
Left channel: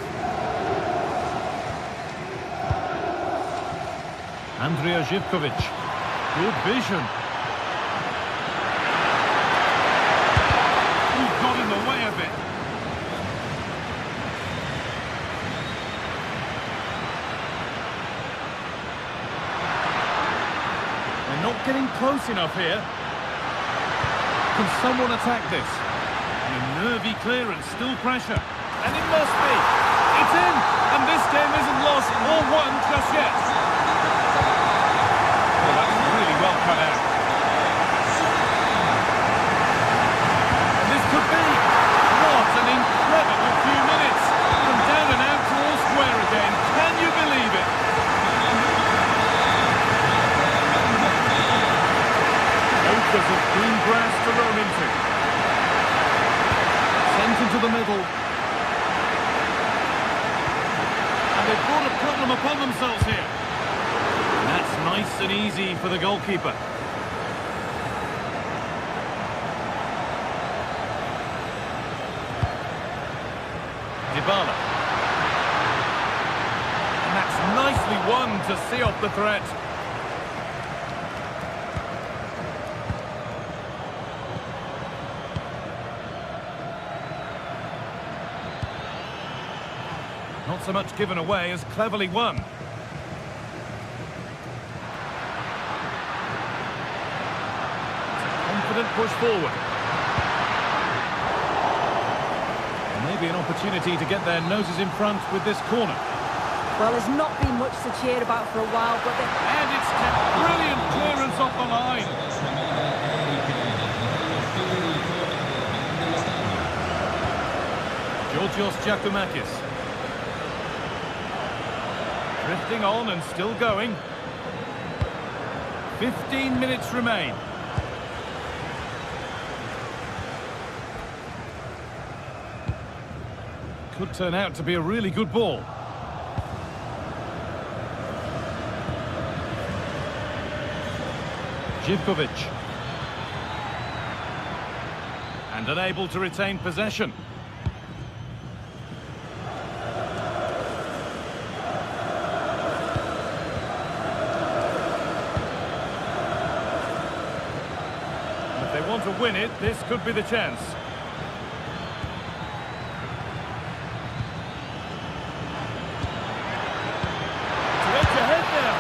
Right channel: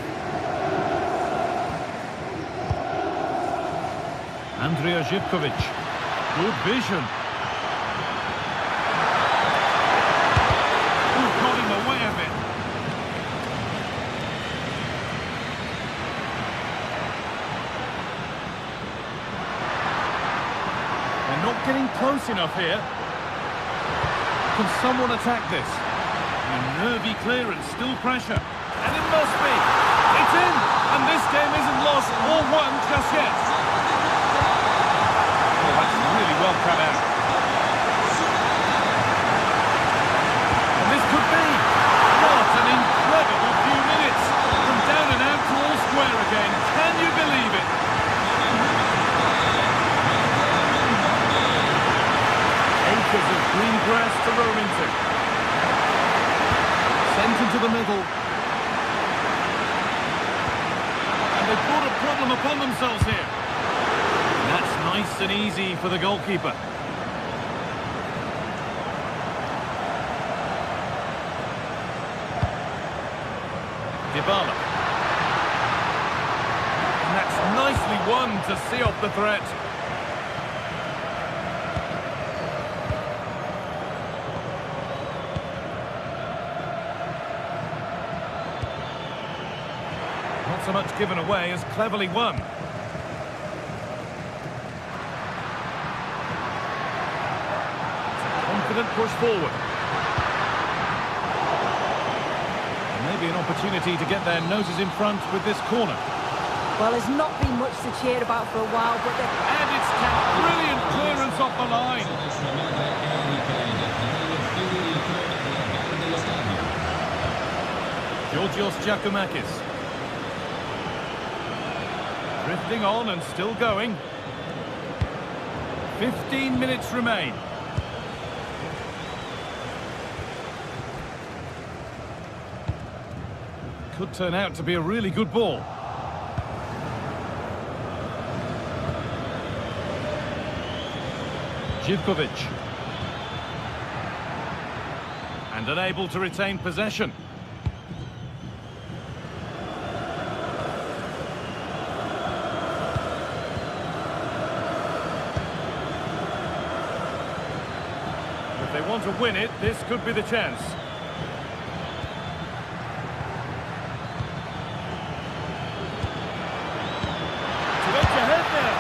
Andrija Živković. Good vision. Who got in the way of it? They're not getting close enough here. Can someone attack this? And a nervy clearance, still pressure. And it must be. It's in! And this game isn't lost or won just yet. Well, that's really well cut out. could be. What an incredible few minutes. From down and out to all square again. Can you believe it? Acres of green grass to roam into. Sent into the middle. And they've brought a problem upon themselves here. And that's nice and easy for the goalkeeper. Dybala. And that's nicely won to see off the threat. Not so much given away as cleverly won. It's a confident push forward. Maybe an opportunity to get their noses in front with this corner. Well, there's not been much to cheer about for a while, but And it's kept brilliant clearance off the line. Georgios Giacomakis. Drifting on and still going. 15 minutes remain. Could turn out to be a really good ball. Živkovic. And unable to retain possession. And if they want to win it, this could be the chance. Ahead there.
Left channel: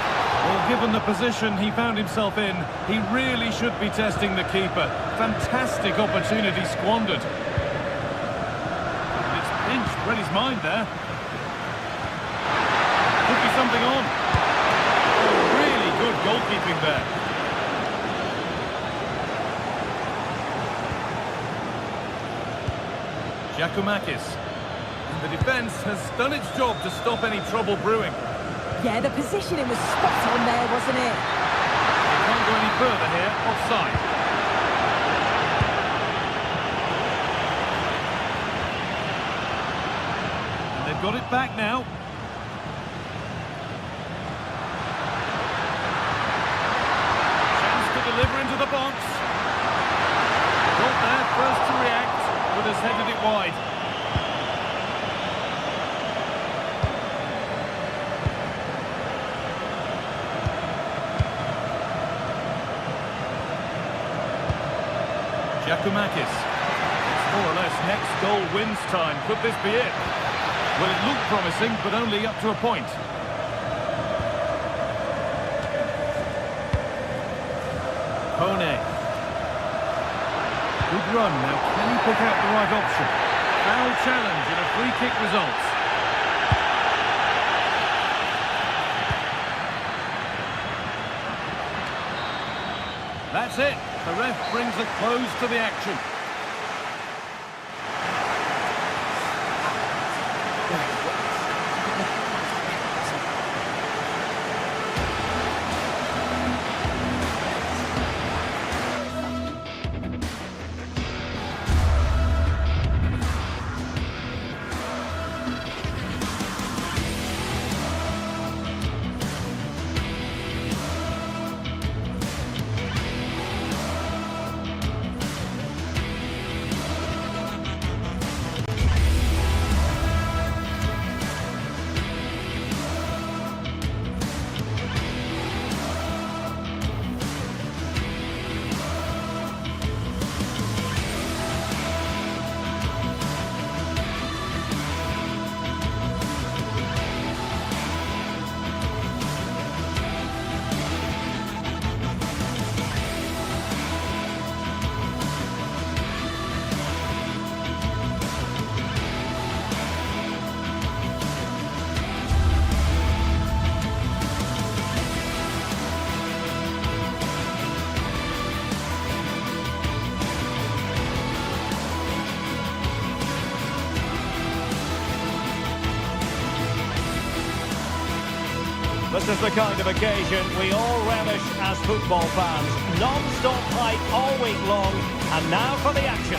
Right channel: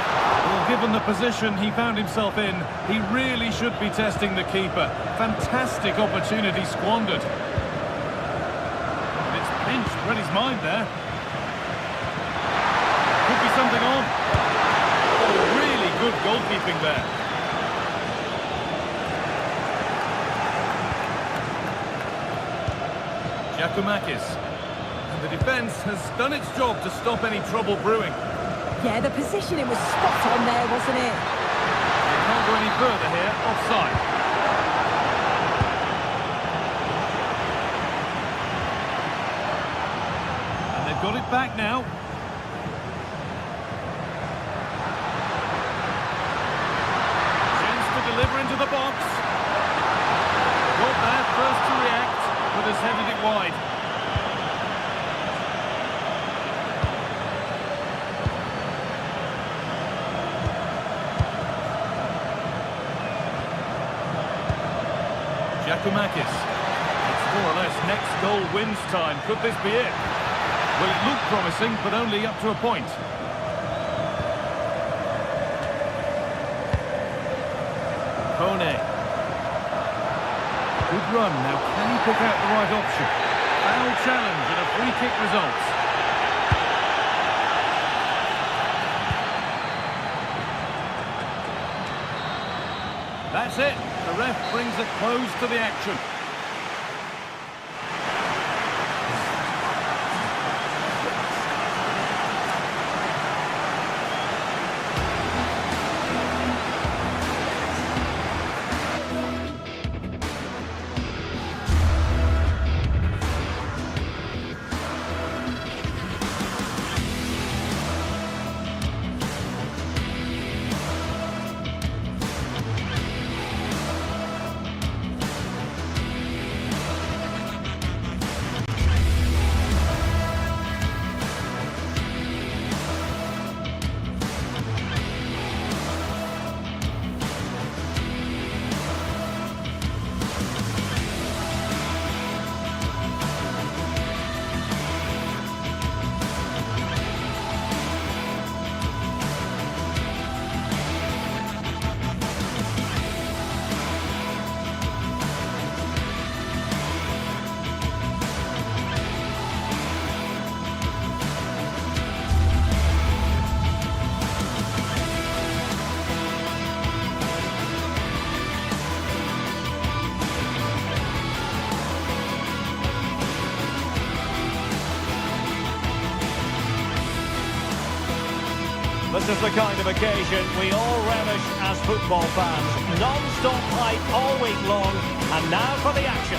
Well, given the position he found himself in, he really should be testing the keeper. Fantastic opportunity squandered. And it's pinched, read his mind there. Could be something on. Oh, really good goalkeeping there. Giacomakis. And the defence has done its job to stop any trouble brewing. yeah, the positioning was spot on there, wasn't it? They can't go any further here, offside. And they've got it back now. Chance to deliver into the box. Got there first to react, but has headed it wide. Giacomakis. It's more or less next goal wins time. Could this be it? Well, it looked promising, but only up to a point. Kone. Good run. Now, can he pick out the right option? Foul challenge and a free kick results. That's it. The ref brings a close to the action. This is the kind of occasion we all relish as football fans. Non-stop hype all week long, and now for the action.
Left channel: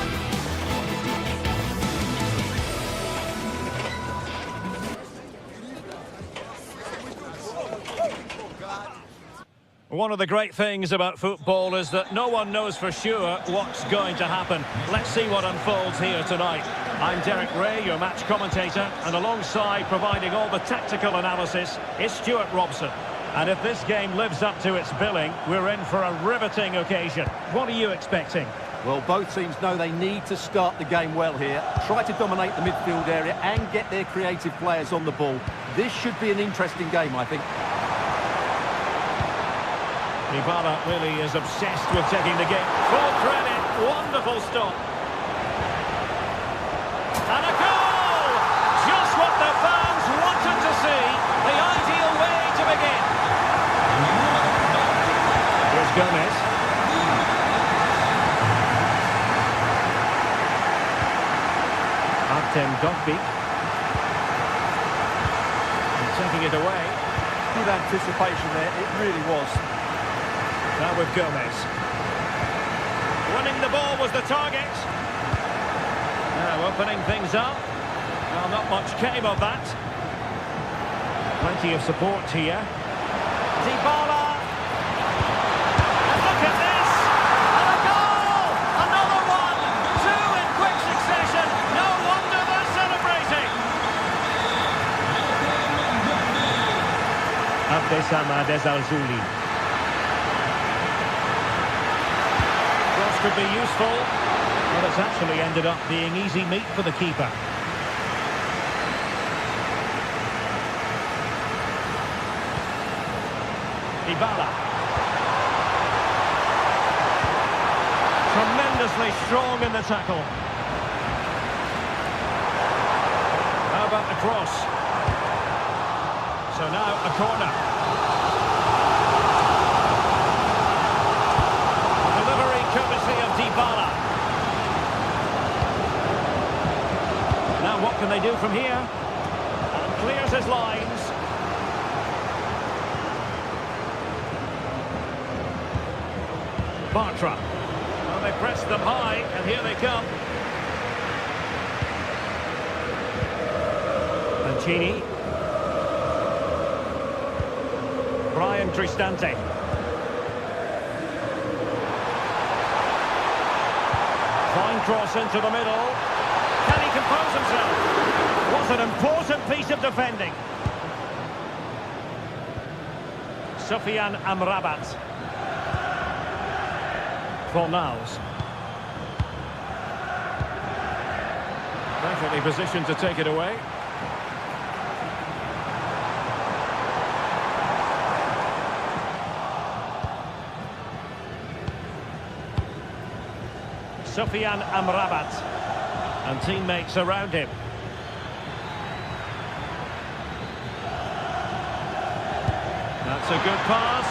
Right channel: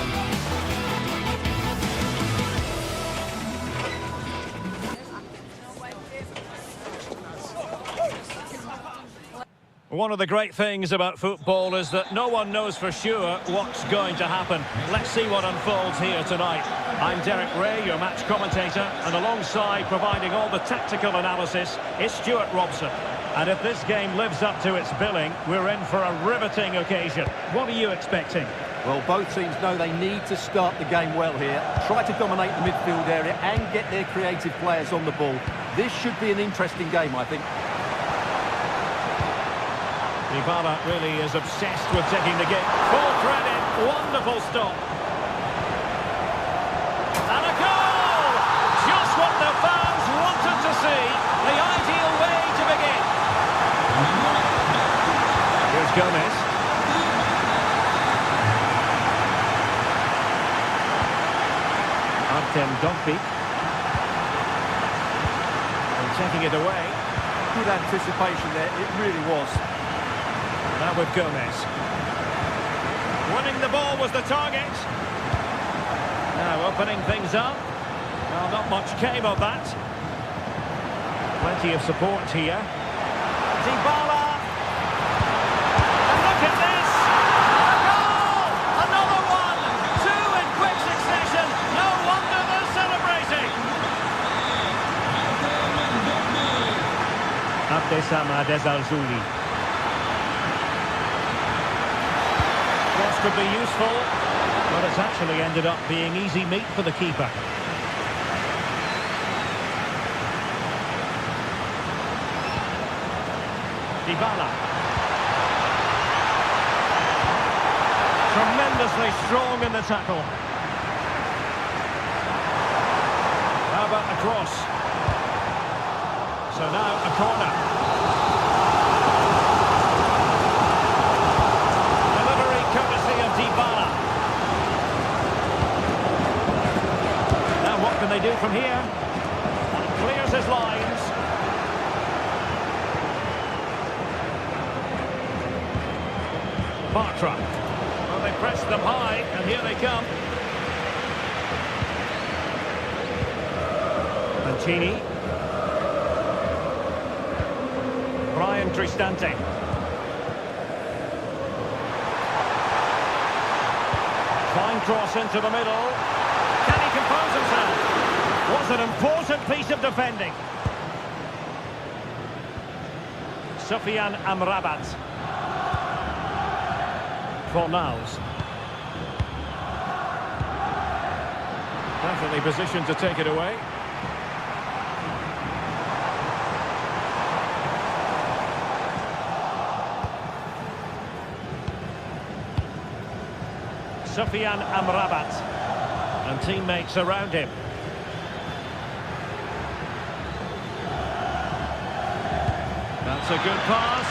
One of the great things about football is that no one knows for sure what's going to happen. Let's see what unfolds here tonight. I'm Derek Ray, your match commentator, and alongside providing all the tactical analysis is Stuart Robson. And if this game lives up to its billing, we're in for a riveting occasion. What are you expecting? Well, both teams know they need to start the game well here. Try to dominate the midfield area and get their creative players on the ball. This should be an interesting game, I think. Dybala really is obsessed with taking the game. Full credit, wonderful stop. And a goal! Just what the fans wanted to see. The ideal way to begin. Here's Gomez. Artem Dovbyk. And taking it away. Good anticipation there, it really was. Now with Gomez. Winning the ball was the target. Now opening things up. Well, not much came of that. Plenty of support here. Dybala. And look at this. And a goal! Another one! Two in quick succession. No wonder they're celebrating. Abdesama Dezalzouli. Cross could be useful, but it's actually ended up being easy meat for the keeper. Dybala. Tremendously strong in the tackle. How about the cross? So now a corner. Courtesy of Dybala. Now what can they do from here? And clears his lines. Bartra. Well, they pressed them high, and here they come. Mancini. Brian Cristante. Fine cross into the middle. Can he compose himself? Was an important piece of defending. Sufyan Amrabat. Fornals. Perfectly positioned to take it away. Sufyan Amrabat and teammates around him. That's a good pass.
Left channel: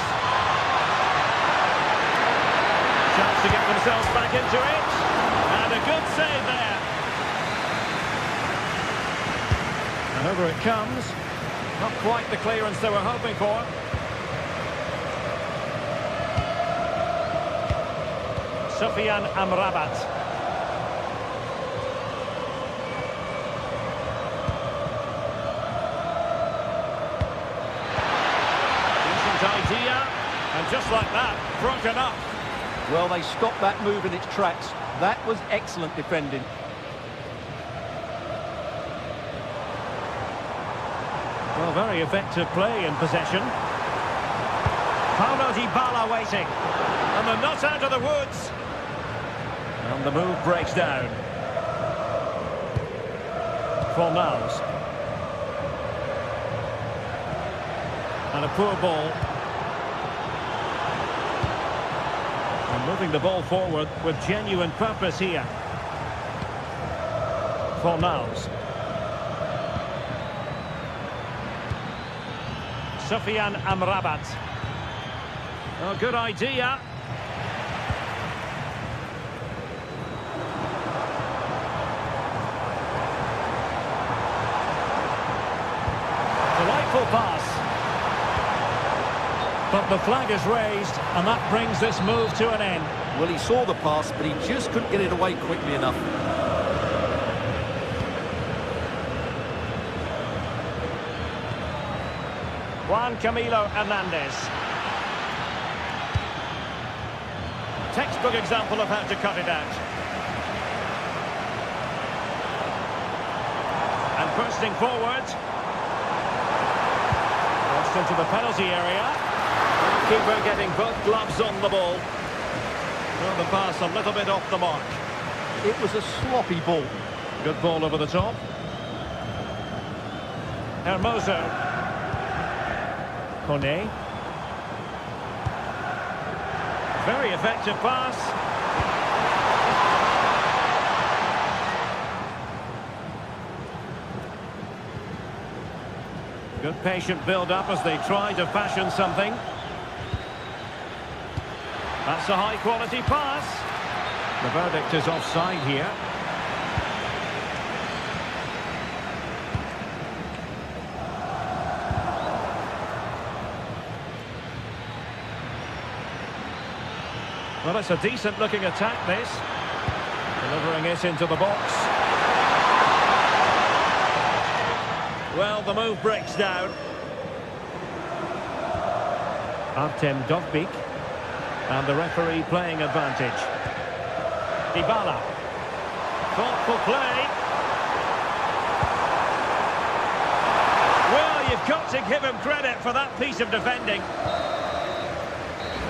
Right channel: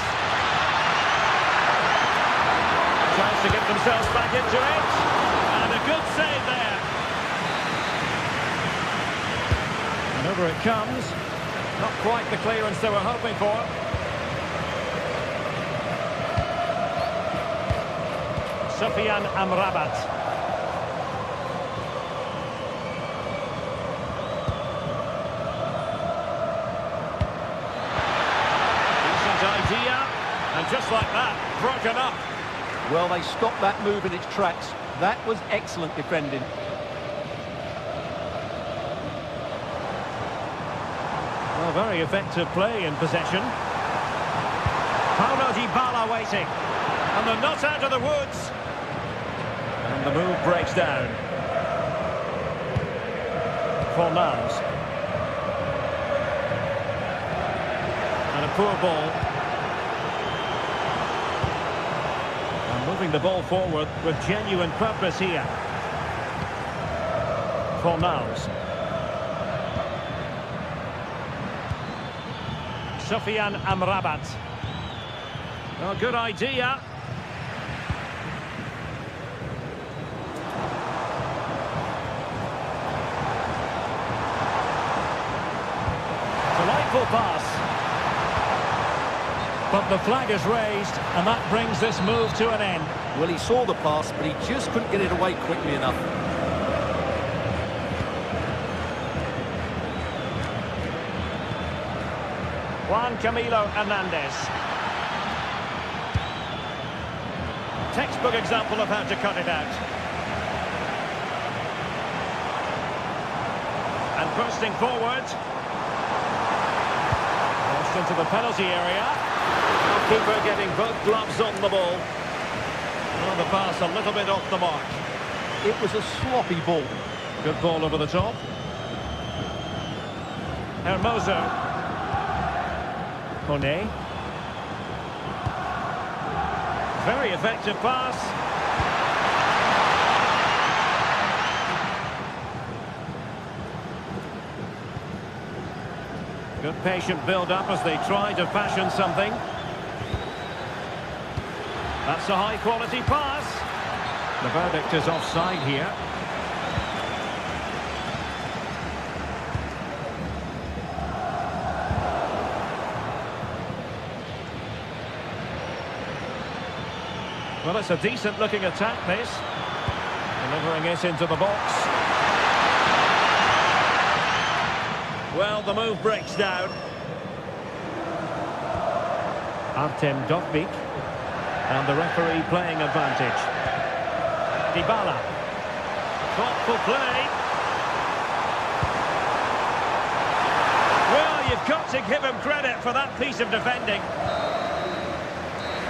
Chance to get themselves back into it. And a good save there. And over it comes. Not quite the clearance they were hoping for. Sufyan Amrabat. Decent idea, and just like that, broken up. Well, they stopped that move in its tracks. That was excellent defending. Well, very effective play in possession. Paulo Dybala waiting. And they're not out of the woods. And the move breaks down. Fornals. And a poor ball. And moving the ball forward with genuine purpose here. Fornals. Sufyan Amrabat. Oh, good idea. Delightful pass. But the flag is raised, and that brings this move to an end. Well, he saw the pass, but he just couldn't get it away quickly enough. Juan Camilo Hernandez. Textbook example of how to cut it out. And bursting forward. Crossed into the penalty area. Now keeper getting both gloves on the ball. Well, the pass a little bit off the mark. It was a sloppy ball. Good ball over the top. Hermoso. Kone. Very effective pass. Good patient build-up as they try to fashion something. That's a high-quality pass. The verdict is offside here. Well, it's a decent-looking attack, this. Delivering it into the box. Well, the move breaks down. Artem Dovbyk. And the referee playing advantage. Dybala. Thoughtful play. Well, you've got to give him credit for that piece of defending.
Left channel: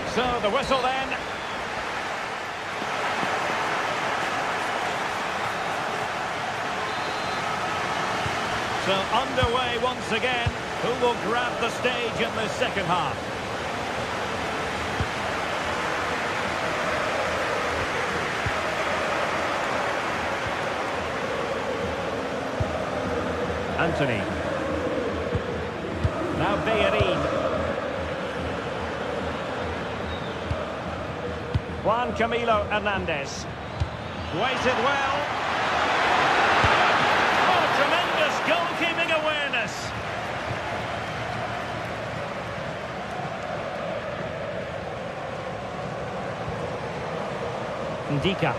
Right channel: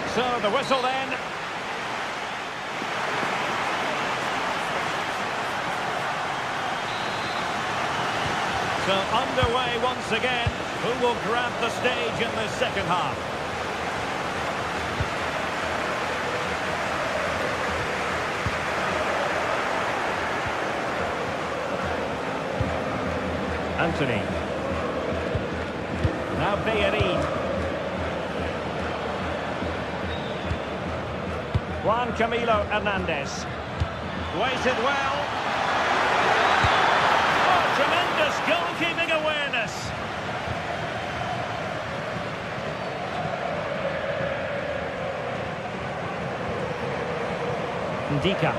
So, the whistle then. So underway once again. Who will grab the stage in this second half? Anthony. Now Bellerin. Juan Camilo Hernandez. Waited well. Tremendous goalkeeping awareness. Ndika.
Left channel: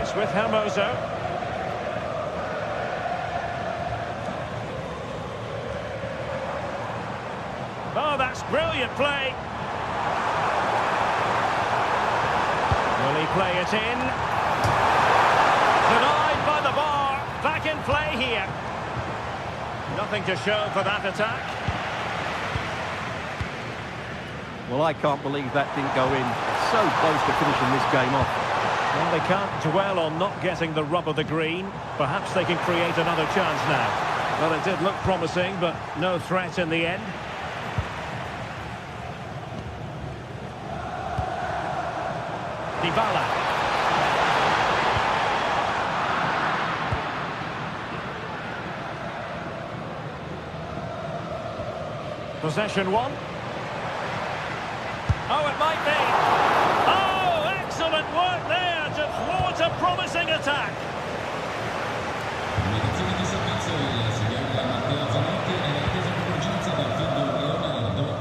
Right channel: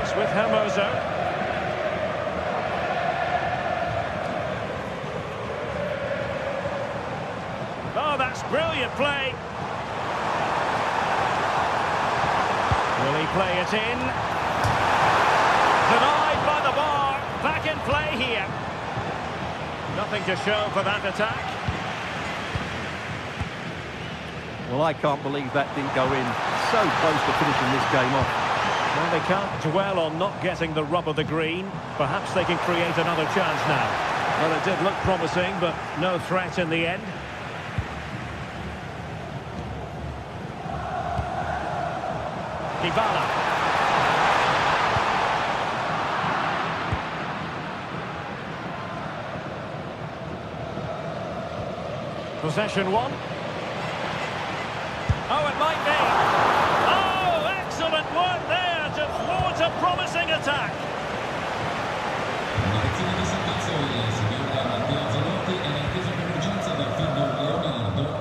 It's with Hermoso. Oh, that's brilliant play. Will he play it in? Denied by the bar. Back in play here. Nothing to show for that attack. Well, I can't believe that didn't go in. So close to finishing this game off. Well, they can't dwell on not getting the rub of the green. Perhaps they can create another chance now. Well, it did look promising, but no threat in the end. Dybala. Possession one. Oh, it might be. Oh, excellent work there to thwart a promising attack.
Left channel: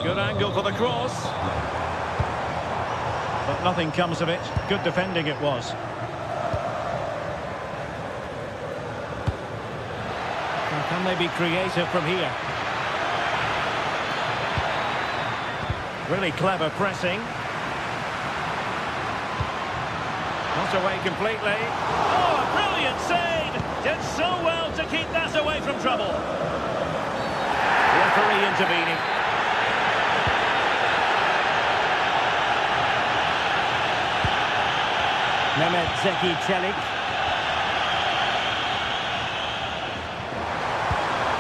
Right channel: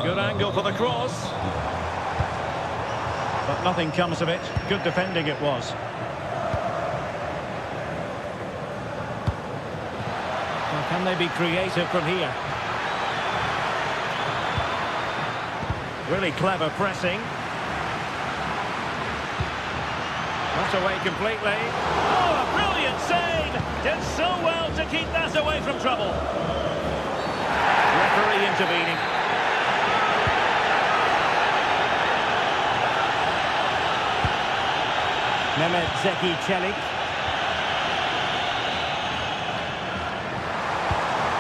Good angle for the cross. But nothing comes of it. Good defending it was. Now, can they be creative from here? Really clever pressing. Not away completely. Oh, a brilliant save! Did so well to keep that away from trouble. Referee intervening. Mehmet Zeki Çelik.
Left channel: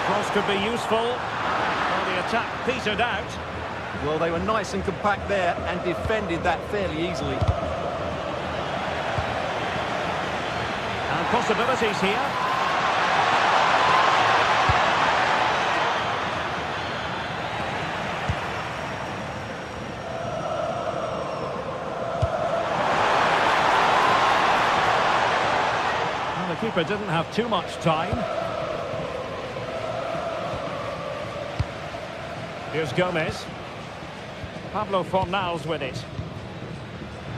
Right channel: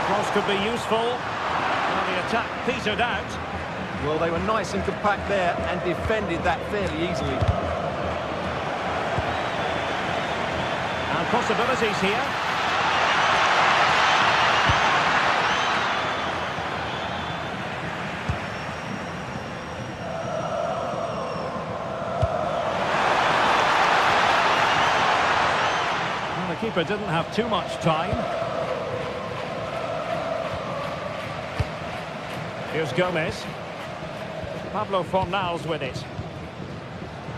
Cross could be useful. Well, the attack petered out. Well, they were nice and compact there and defended that fairly easily. And possibilities here. Well, the keeper didn't have too much time. Here's Gomez. Pablo Fornals with it.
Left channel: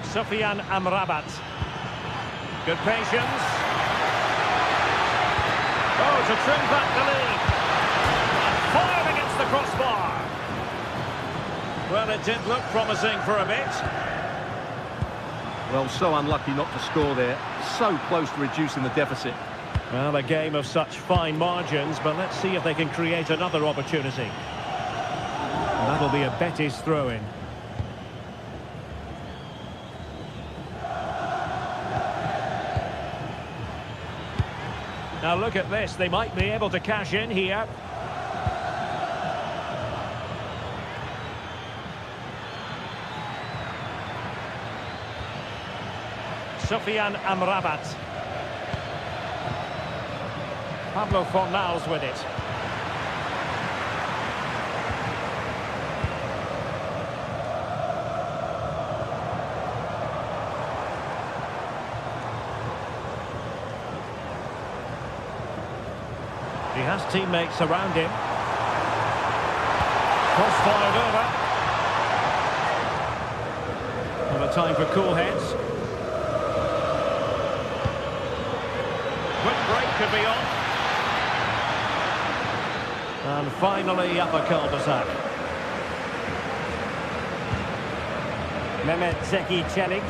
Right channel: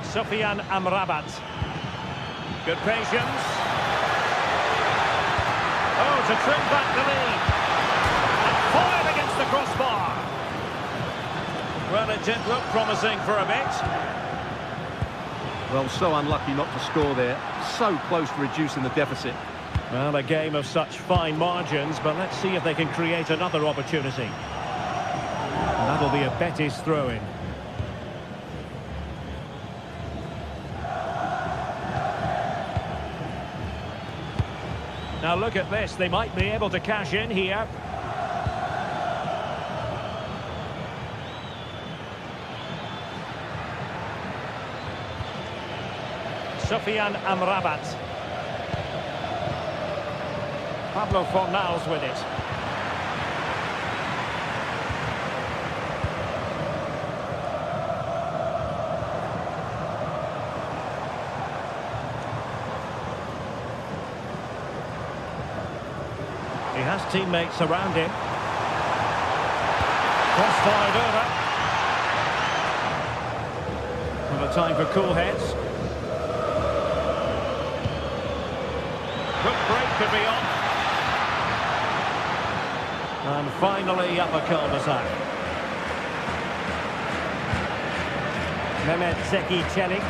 Sufyan Amrabat. Good patience. Oh, to trim back the lead. And fired against the crossbar. Well, it did look promising for a bit. Well, so unlucky not to score there. So close to reducing the deficit. Well, a game of such fine margins, but let's see if they can create another opportunity. And that'll be a Betis throw-in. Now look at this, they might be able to cash in here. Sufyan Amrabat. Pablo Fornals with it. He has teammates around him. Cross-fired over. And a time for cool heads. Quick break could be on. And finally up a cul-de-sac. Mehmet Zeki Çelik.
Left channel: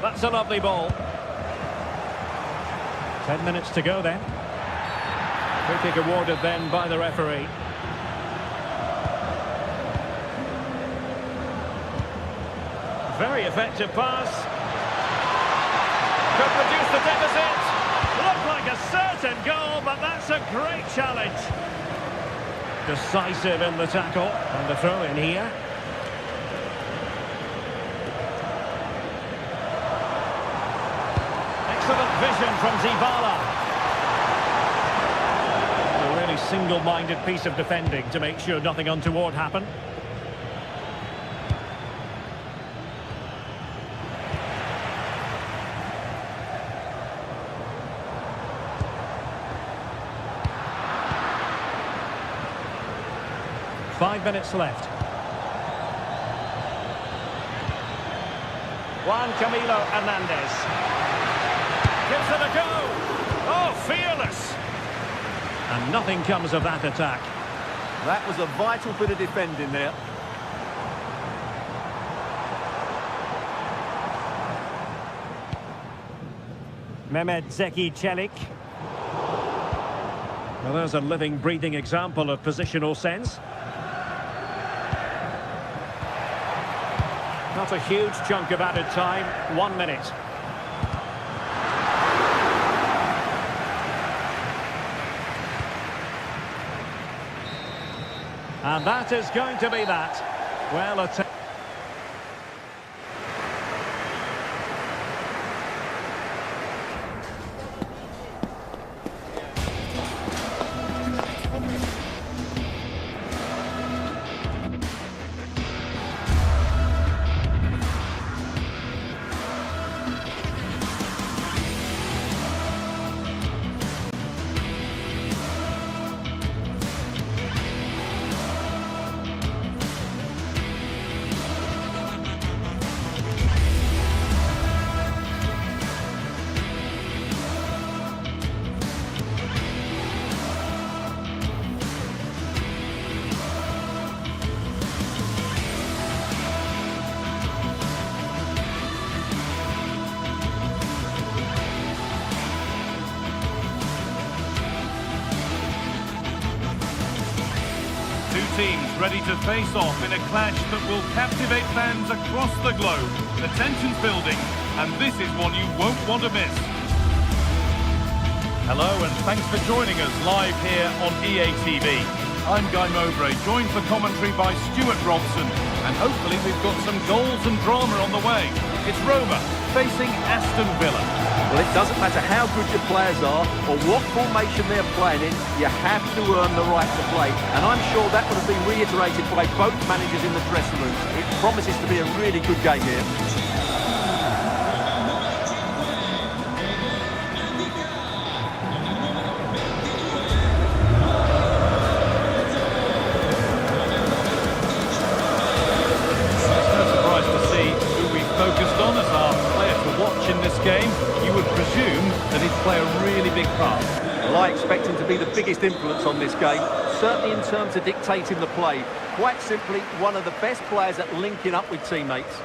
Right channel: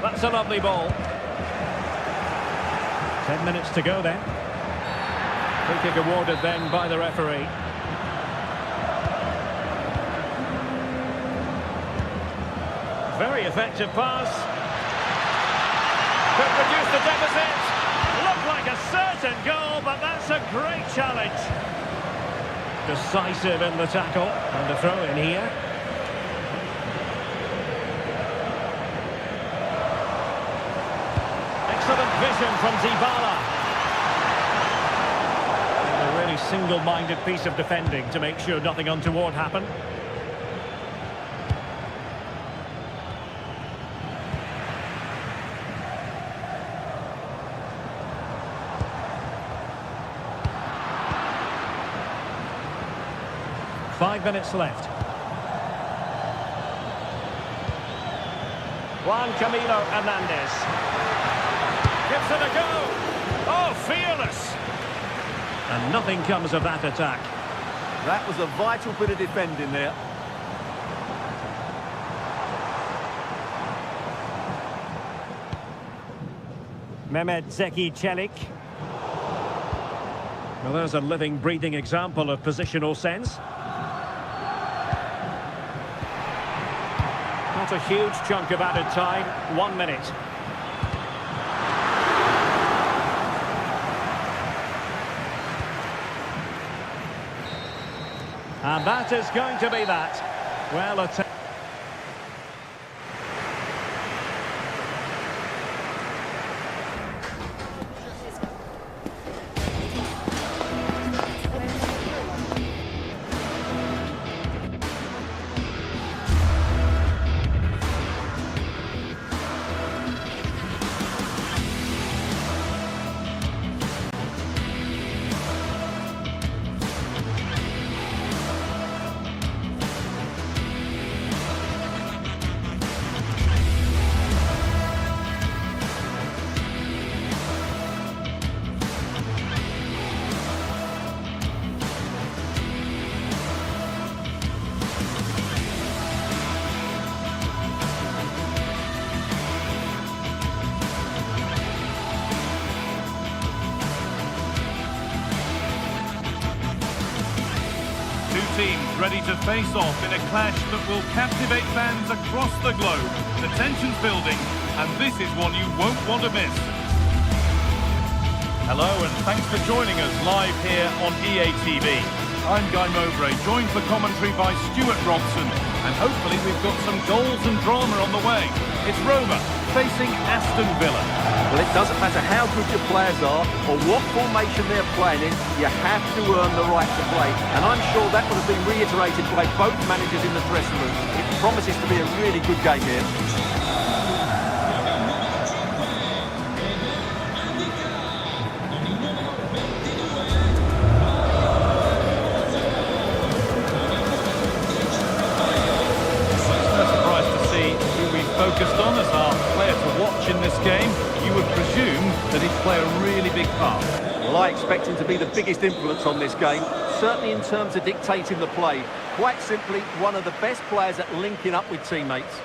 That's a lovely ball. 10 minutes to go then. Free kick awarded then by the referee. Very effective pass. Could reduce the deficit. Looked like a certain goal, but that's a great challenge. Decisive in the tackle. And the throw in here. Excellent vision from Dybala. A really single-minded piece of defending to make sure nothing untoward happened. Five minutes left. Juan Camilo Hernandez. Gives it a go. Oh, fearless. And nothing comes of that attack. That was a vital bit of defending there. Mehmet Zeki Çelik. Well, there's a living, breathing example of positional sense. Not a huge chunk of added time. 1 minute. And that is going to be that. Well, a Two teams ready to face off in a clash that will captivate fans across the globe. The tension's building, and this is one you won't want to miss. Hello, and thanks for joining us live here on EA TV. I'm Guy Mowbray, joined for commentary by Stuart Robson, and hopefully we've got some goals and drama on the way. It's Roma facing Aston Villa. Well, it doesn't matter how good your players are or what formation they're playing in, you have to earn the right to play. And I'm sure that would have been reiterated by both managers in the dressing room. It promises to be a really good game here. much in this game, you would presume that he'd play a really big part. Well, I expect him to be the biggest influence on this game, certainly in terms of dictating the play. Quite simply, one of the best players at linking up with teammates.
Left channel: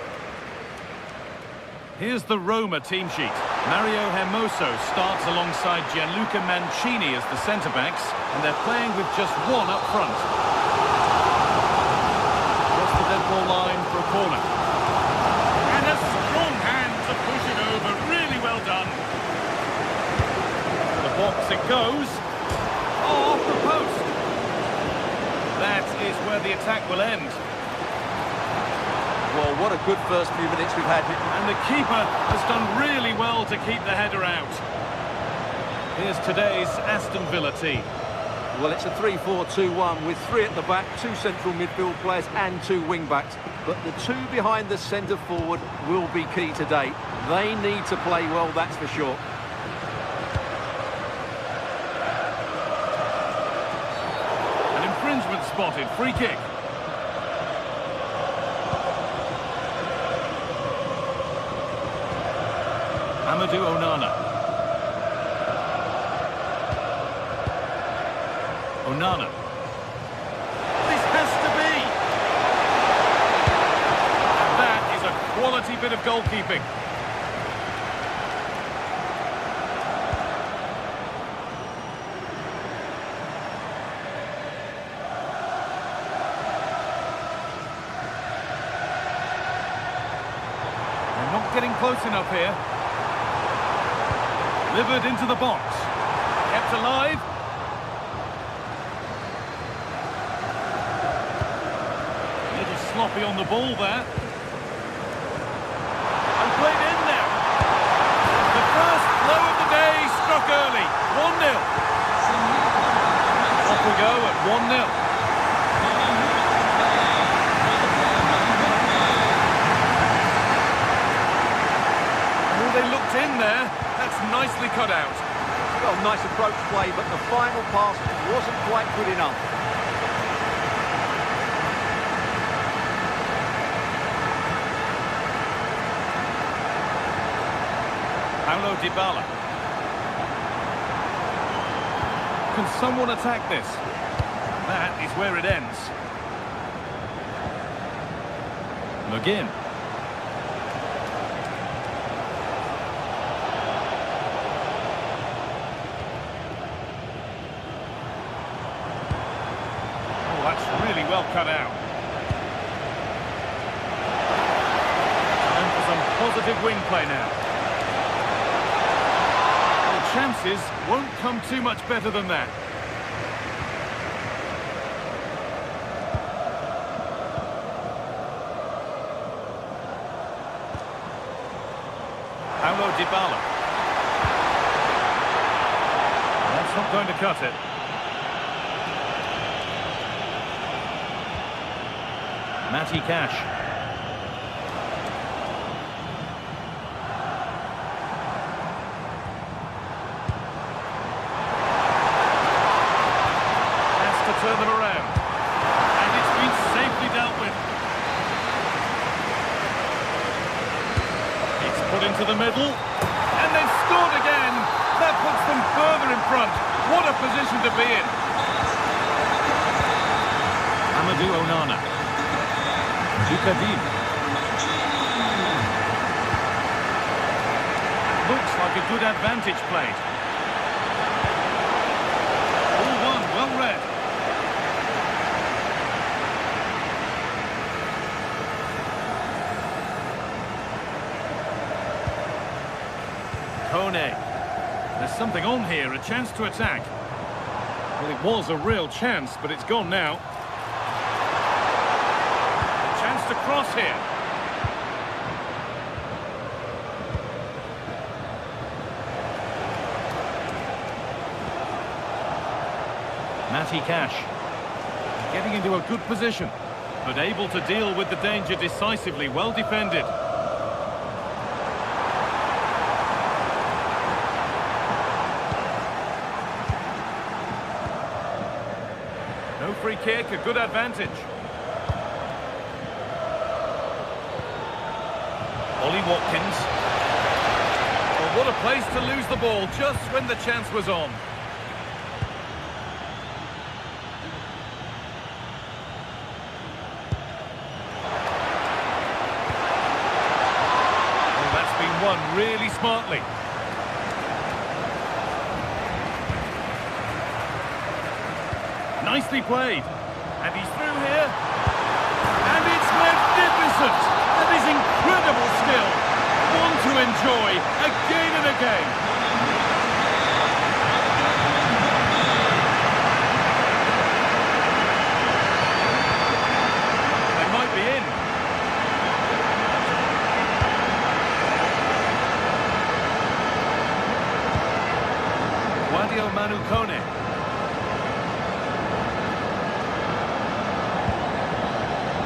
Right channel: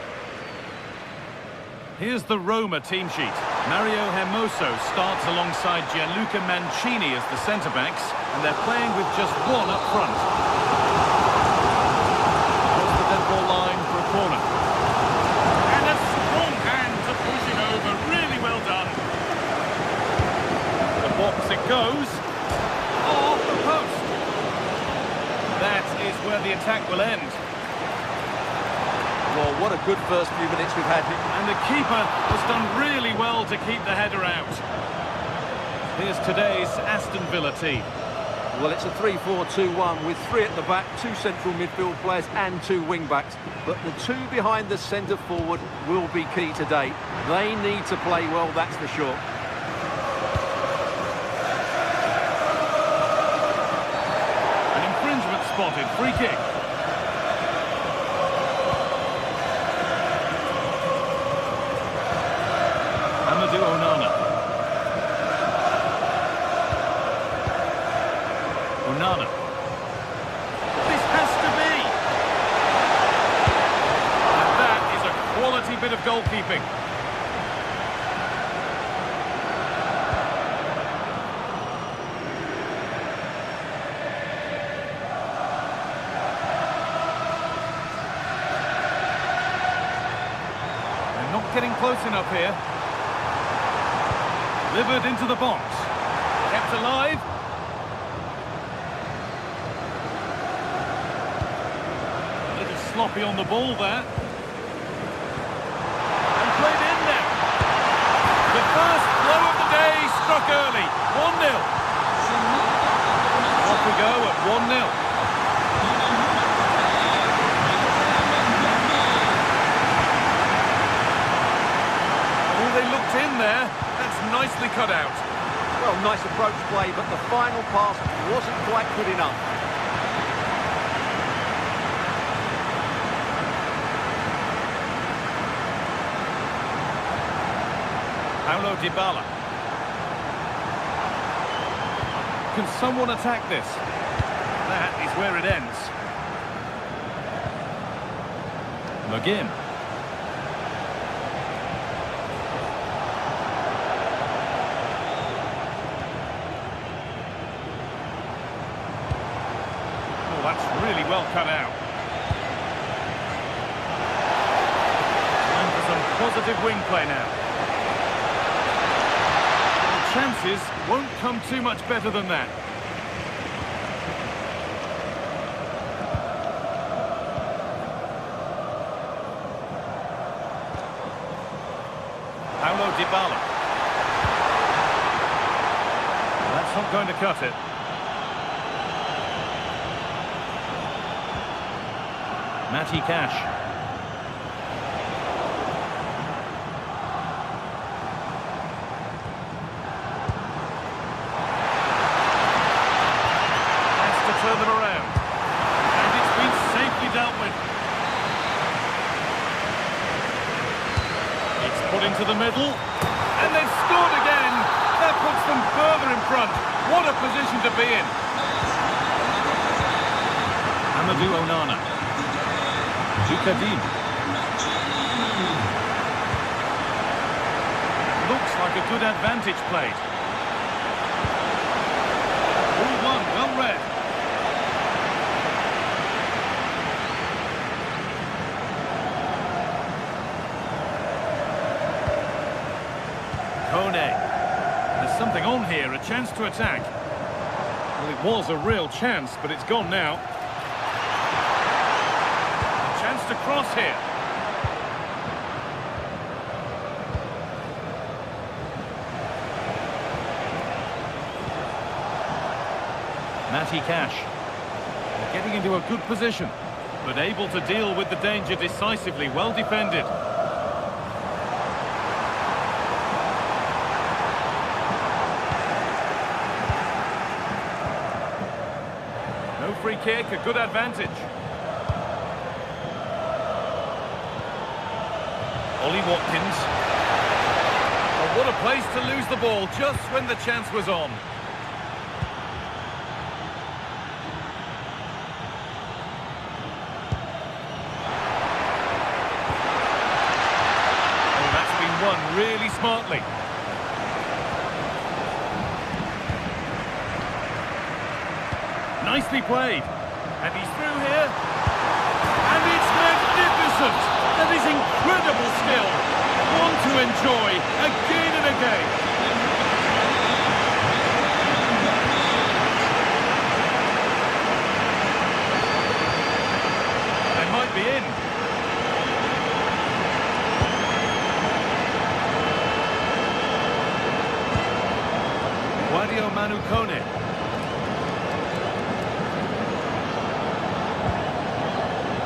Here's the Roma team sheet. Mario Hermoso starts alongside Gianluca Mancini as the centre-backs, and they're playing with just one up front. Across the dead ball line for a corner. And a strong hand to push it over. Really well done. The box it goes. Oh, off the post. That is where the attack will end. Well, what a good first few minutes we've had. And the keeper has done really well to keep the header out. Here's today's Aston Villa team. Well, it's a 3-4-2-1 with 3 at the back, 2 central midfield players and 2 wing-backs. But the 2 behind the centre-forward will be key today. They need to play well, that's for sure. An infringement spotted, free kick. Amadou Onana. Onana. This has to be. And that is a quality bit of goalkeeping. They're not getting close enough here. Delivered into the box. Kept alive. A little sloppy on the ball there. And played in now. The first blow of the day struck early. 1-0. Off we go at 1-0. Oh, they looked in there. That's nicely cut out. Well, nice approach play, but the final pass wasn't quite good enough. Paulo Dybala. Can someone attack this? That is where it ends. McGinn. That's really well cut out. Time for some positive wing play now. Well, chances won't come too much better than that. Paulo Dybala. That's not going to cut it. Matty Cash. Has to turn them around. And it's been safely dealt with. It's put into the middle. And they've scored again. That puts them further in front. What a position to be in. Amadou Onana. Dukadim. That looks like a good advantage played. All one, well read. Kone. There's something on here, a chance to attack. Well, it was a real chance, but it's gone now. Chance to cross here. Matty Cash. Getting into a good position, but able to deal with the danger decisively. Well defended. No free kick, a good advantage. Ollie Watkins. What a place to lose the ball just when the chance was on. Oh, that's been won really smartly. Nicely played. And he's through here. And it's magnificent. That is incredible skill. One to enjoy again and again. They might be in. Guadio Manukone.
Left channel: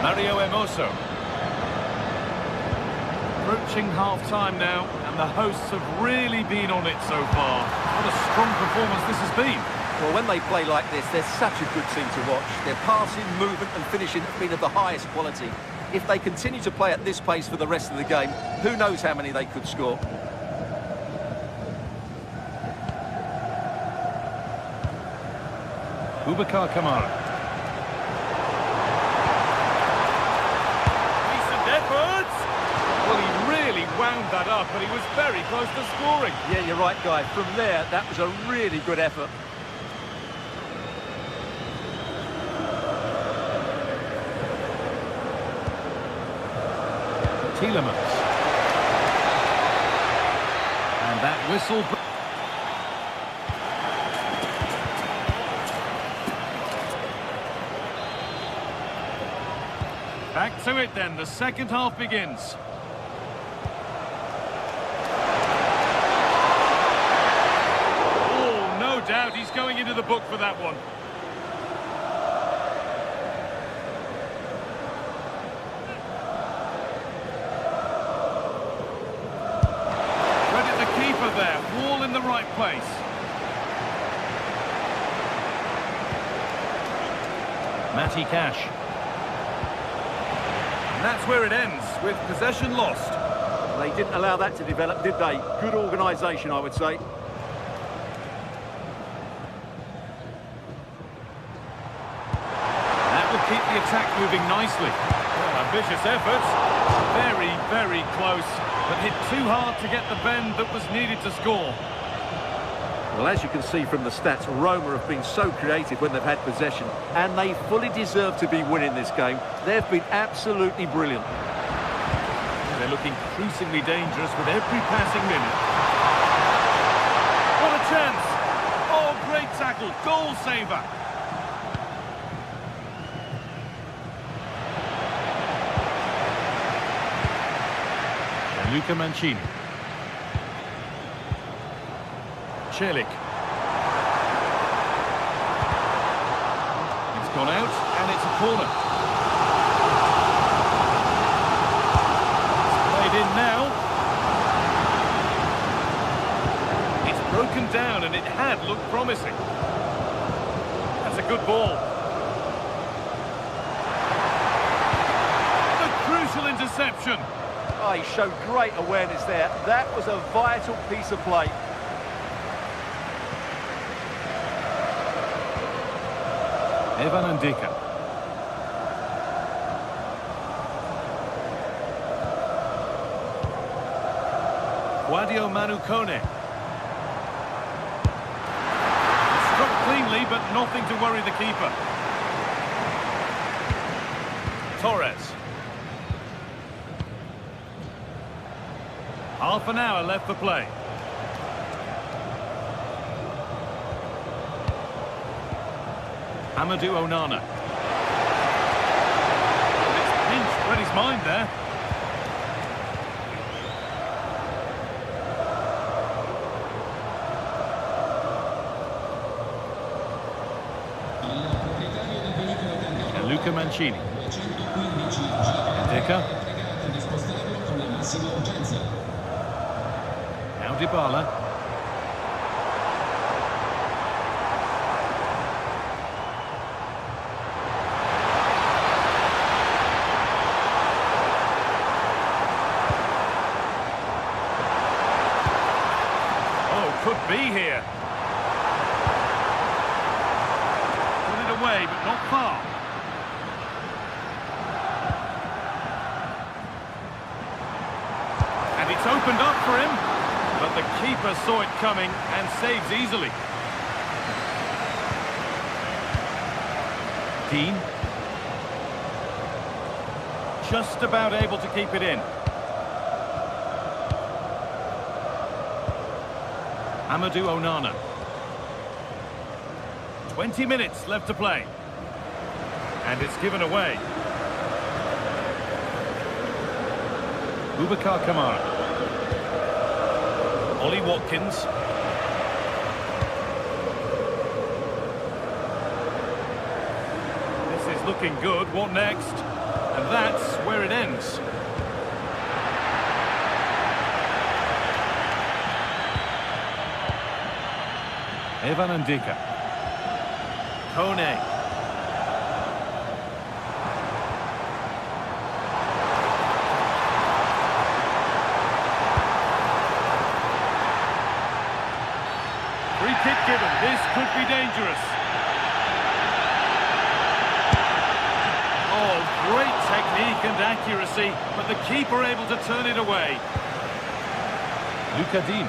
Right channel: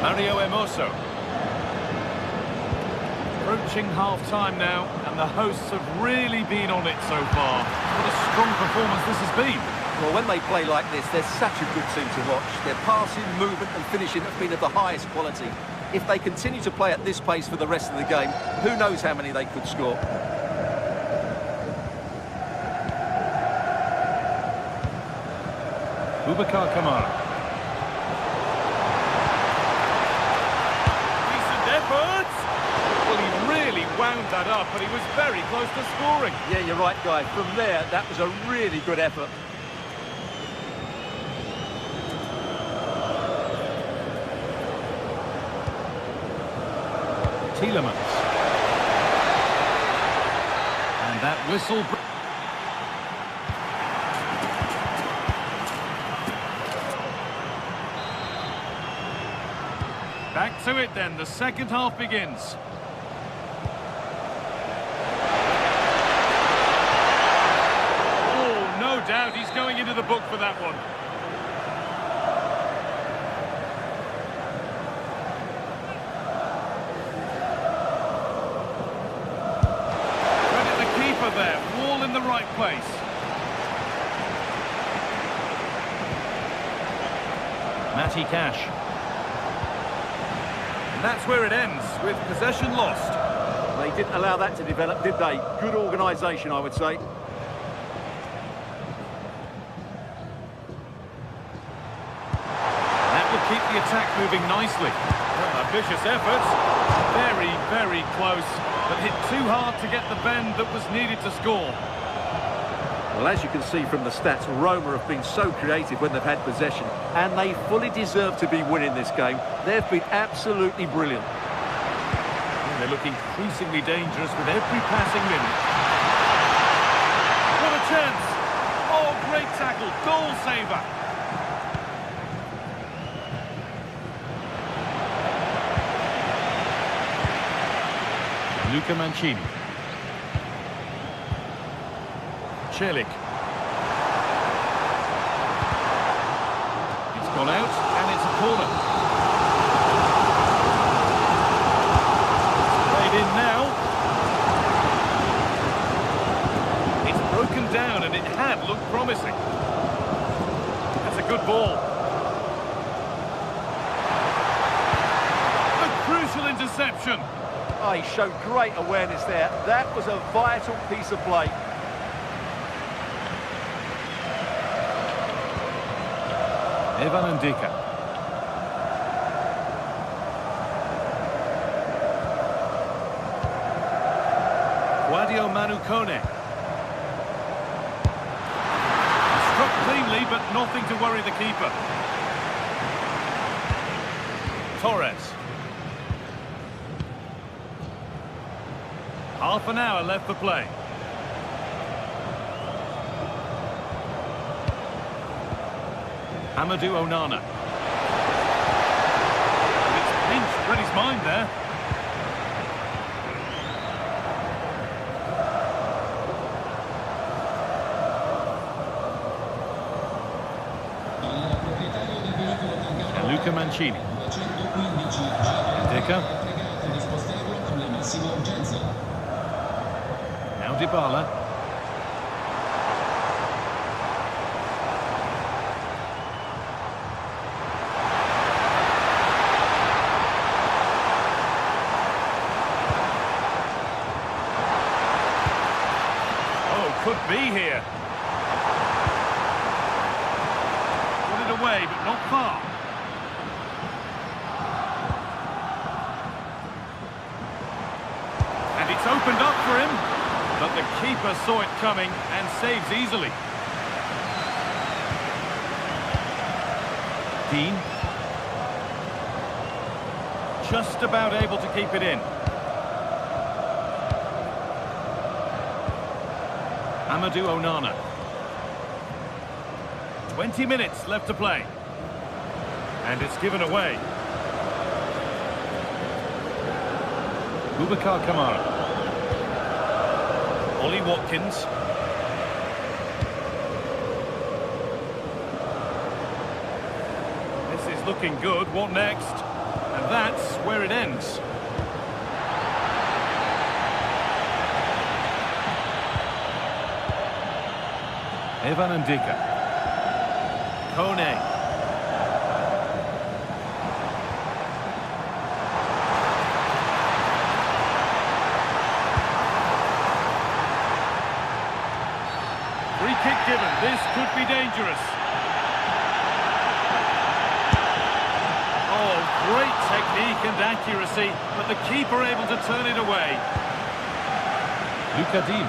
Mario Emoso. Approaching half-time now, and the hosts have really been on it so far. What a strong performance this has been. Well, when they play like this, they're such a good team to watch. Their passing, movement and finishing have been of the highest quality. If they continue to play at this pace for the rest of the game, who knows how many they could score. Boubacar Kamara. Decent effort! Well, he really wound that up, but he was very close to scoring. Yeah, you're right, Guy. From there, that was a really good effort. Tielemans. And that whistle... Back to it then, the second half begins. Oh, no doubt he's going into the book for that one. Credit the keeper there, wall in the right place. Matty Cash. And that's where it ends, with possession lost. They didn't allow that to develop, did they? Good organisation, I would say. That will keep the attack moving nicely. Well, ambitious efforts. Very, very close, but hit too hard to get the bend that was needed to score. Well, as you can see from the stats, Roma have been so creative when they've had possession, and they fully deserve to be winning this game. They've been absolutely brilliant. Yeah, they look increasingly dangerous with every passing minute. What a chance! Oh, great tackle, goal saver. Luca Mancini. Celik. It's gone out, and it's a corner. It's played in now. It's broken down, and it had looked promising. That's a good ball. A crucial interception. Oh, he showed great awareness there. That was a vital piece of play. Evan Ndika. Guadio Manukone. Struck cleanly, but nothing to worry the keeper. Torres. Half an hour left for play. Amadou Onana. But it's pinched, read his mind there. And Luca Mancini. Ndika. Now Dybala. be here. Put it away, but not far. And it's opened up for him, but the keeper saw it coming and saves easily. Dean. Just about able to keep it in. Amadou Onana. 20 minutes left to play. And it's given away. Boubacar Kamara. Ollie Watkins. This is looking good. What next? And that's where it ends. Evan Ndika. Kone. Free kick given. This could be dangerous. Oh, great technique and accuracy, but the keeper able to turn it away. Luca Dean.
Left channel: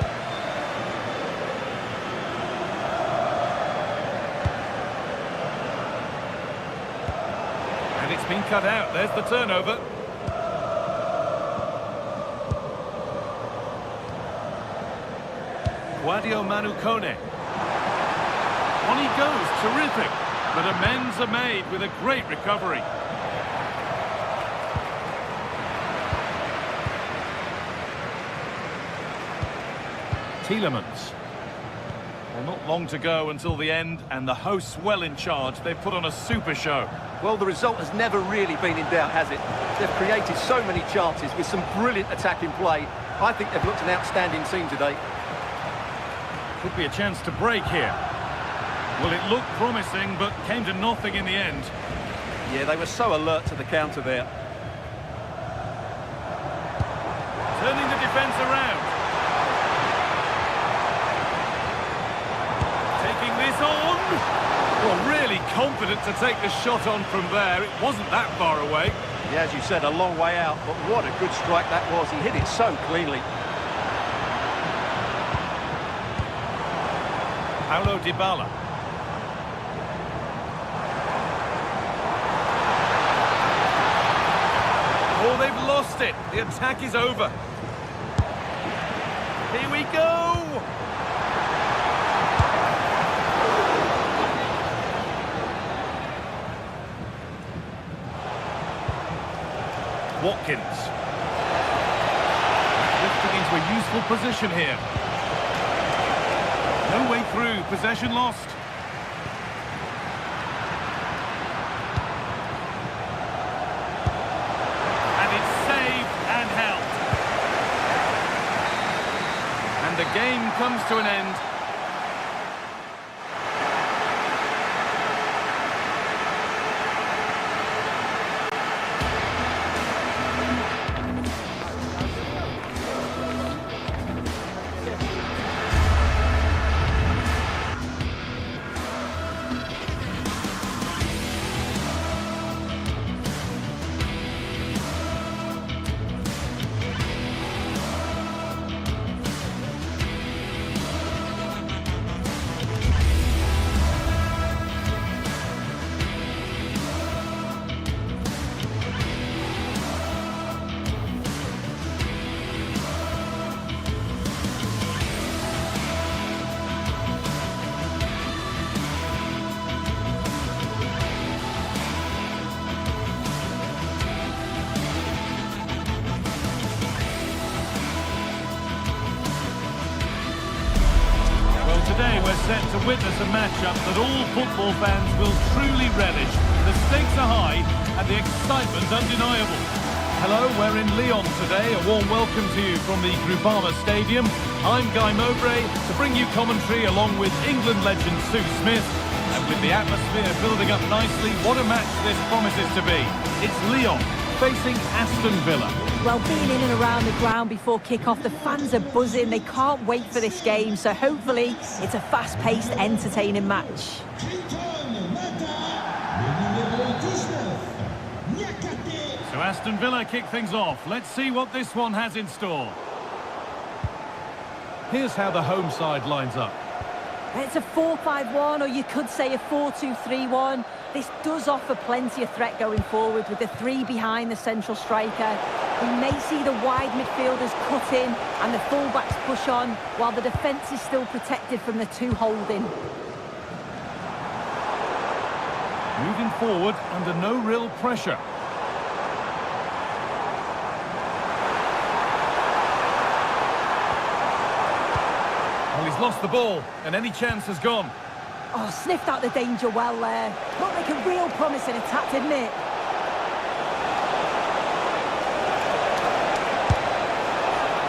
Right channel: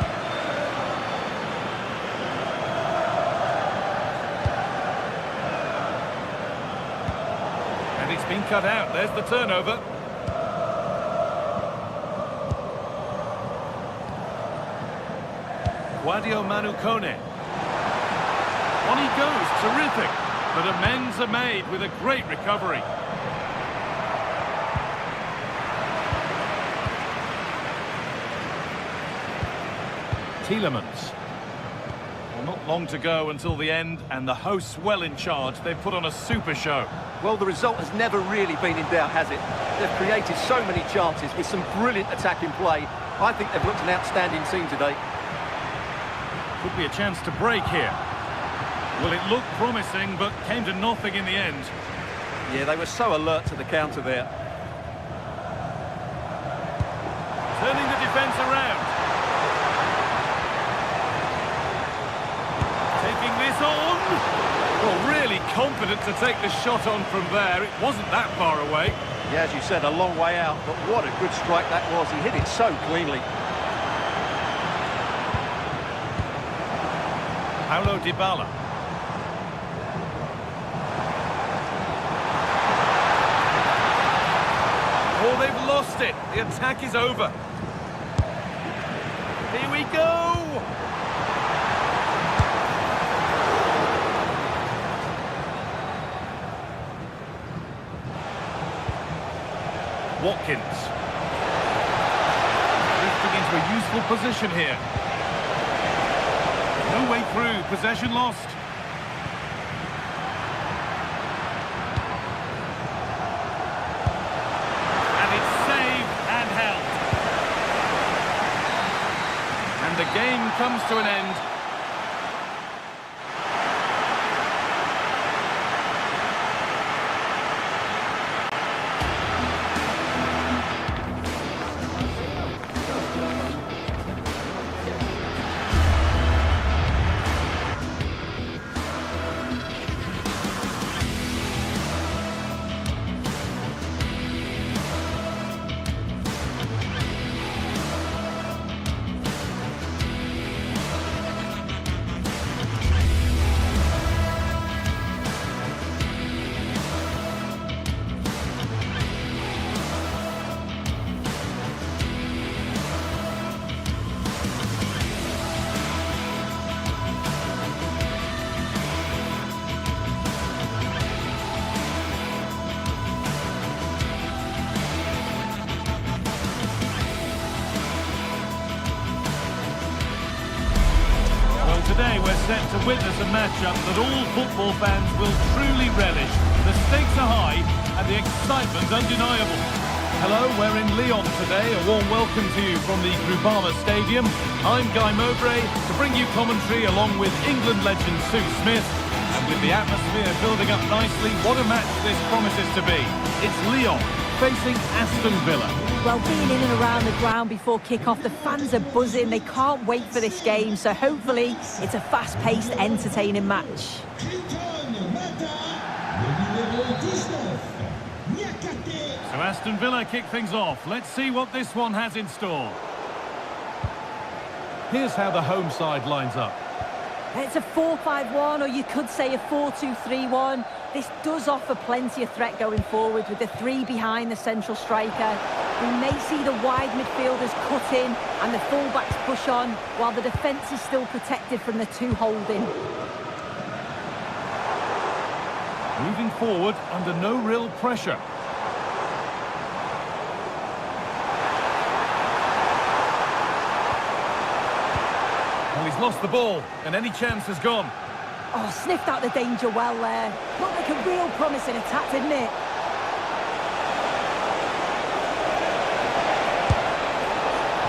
And it's been cut out. There's the turnover. Guadio Manu Kone. On he goes, terrific. But amends are made with a great recovery. Tielemans. Well, not long to go until the end, and the hosts well in charge. They've put on a super show. Well, the result has never really been in doubt, has it? They've created so many chances with some brilliant attacking play. I think they've looked an outstanding team today. Could be a chance to break here. Well, it looked promising, but came to nothing in the end. Yeah, they were so alert to the counter there. Turning the defence around. Taking this on. Well, really confident to take the shot on from there. It wasn't that far away. Yeah, as you said, a long way out, but what a good strike that was. He hit it so cleanly. Paulo Dybala. Oh, they've lost it. The attack is over. Here we go. Watkins. Drifting into a useful position here. No way through. Possession lost. And it's saved and held. And the game comes to an end. Today we're set to witness a matchup that all football fans will truly relish. The stakes are high and the excitement undeniable. Hello, we're in Lyon today. A warm welcome to you from the Groupama Stadium. I'm Guy Mowbray to bring you commentary along with England legend Sue Smith. And with the atmosphere building up nicely, what a match this promises to be. It's Lyon facing Aston Villa. Well, being in and around the ground before kick-off, the fans are buzzing. They can't wait for this game, so hopefully it's a fast-paced, entertaining match. So Aston Villa kick things off. Let's see what this one has in store. Here's how the home side lines up. It's a 4-5-1, or you could say a 4-2-3-1. This does offer plenty of threat going forward with the three behind the central striker. We may see the wide midfielders cut in and the fullbacks push on, while the defence is still protected from the two holding. Moving forward under no real pressure. Well, he's lost the ball, and any chance has gone. Oh, sniffed out the danger well there. Looked like a real promising attack, didn't it?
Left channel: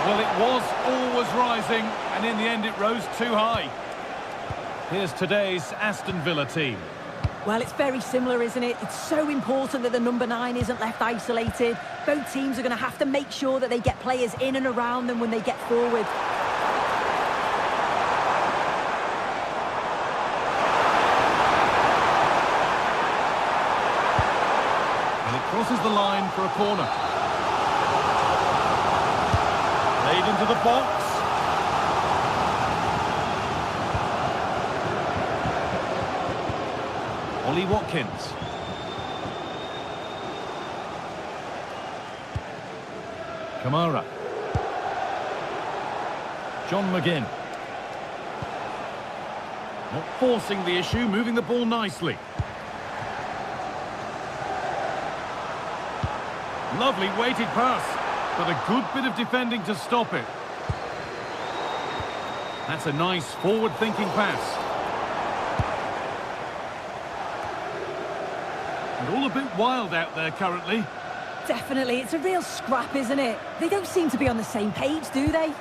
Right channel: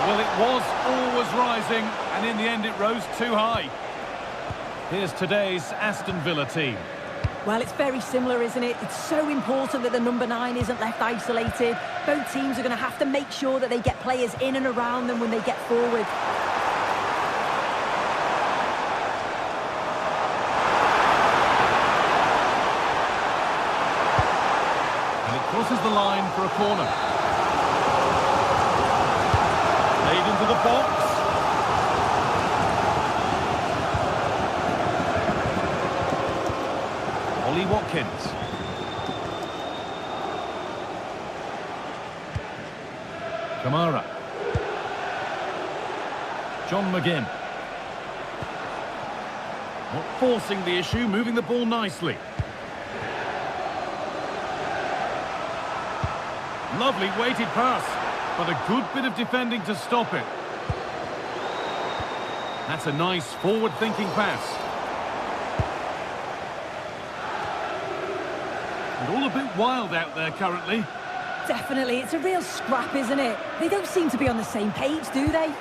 Well, it was always rising, and in the end it rose too high. Here's today's Aston Villa team. Well, it's very similar, isn't it? It's so important that the number 9 isn't left isolated. Both teams are going to have to make sure that they get players in and around them when they get forward. And it crosses the line for a corner. Played into the box. Ollie Watkins. Kamara. John McGinn. Not forcing the issue, moving the ball nicely. Lovely weighted pass, but a good bit of defending to stop it. That's a nice forward-thinking pass. And all a bit wild out there currently. Definitely, it's a real scrap, isn't it? They don't seem to be on the same page, do they?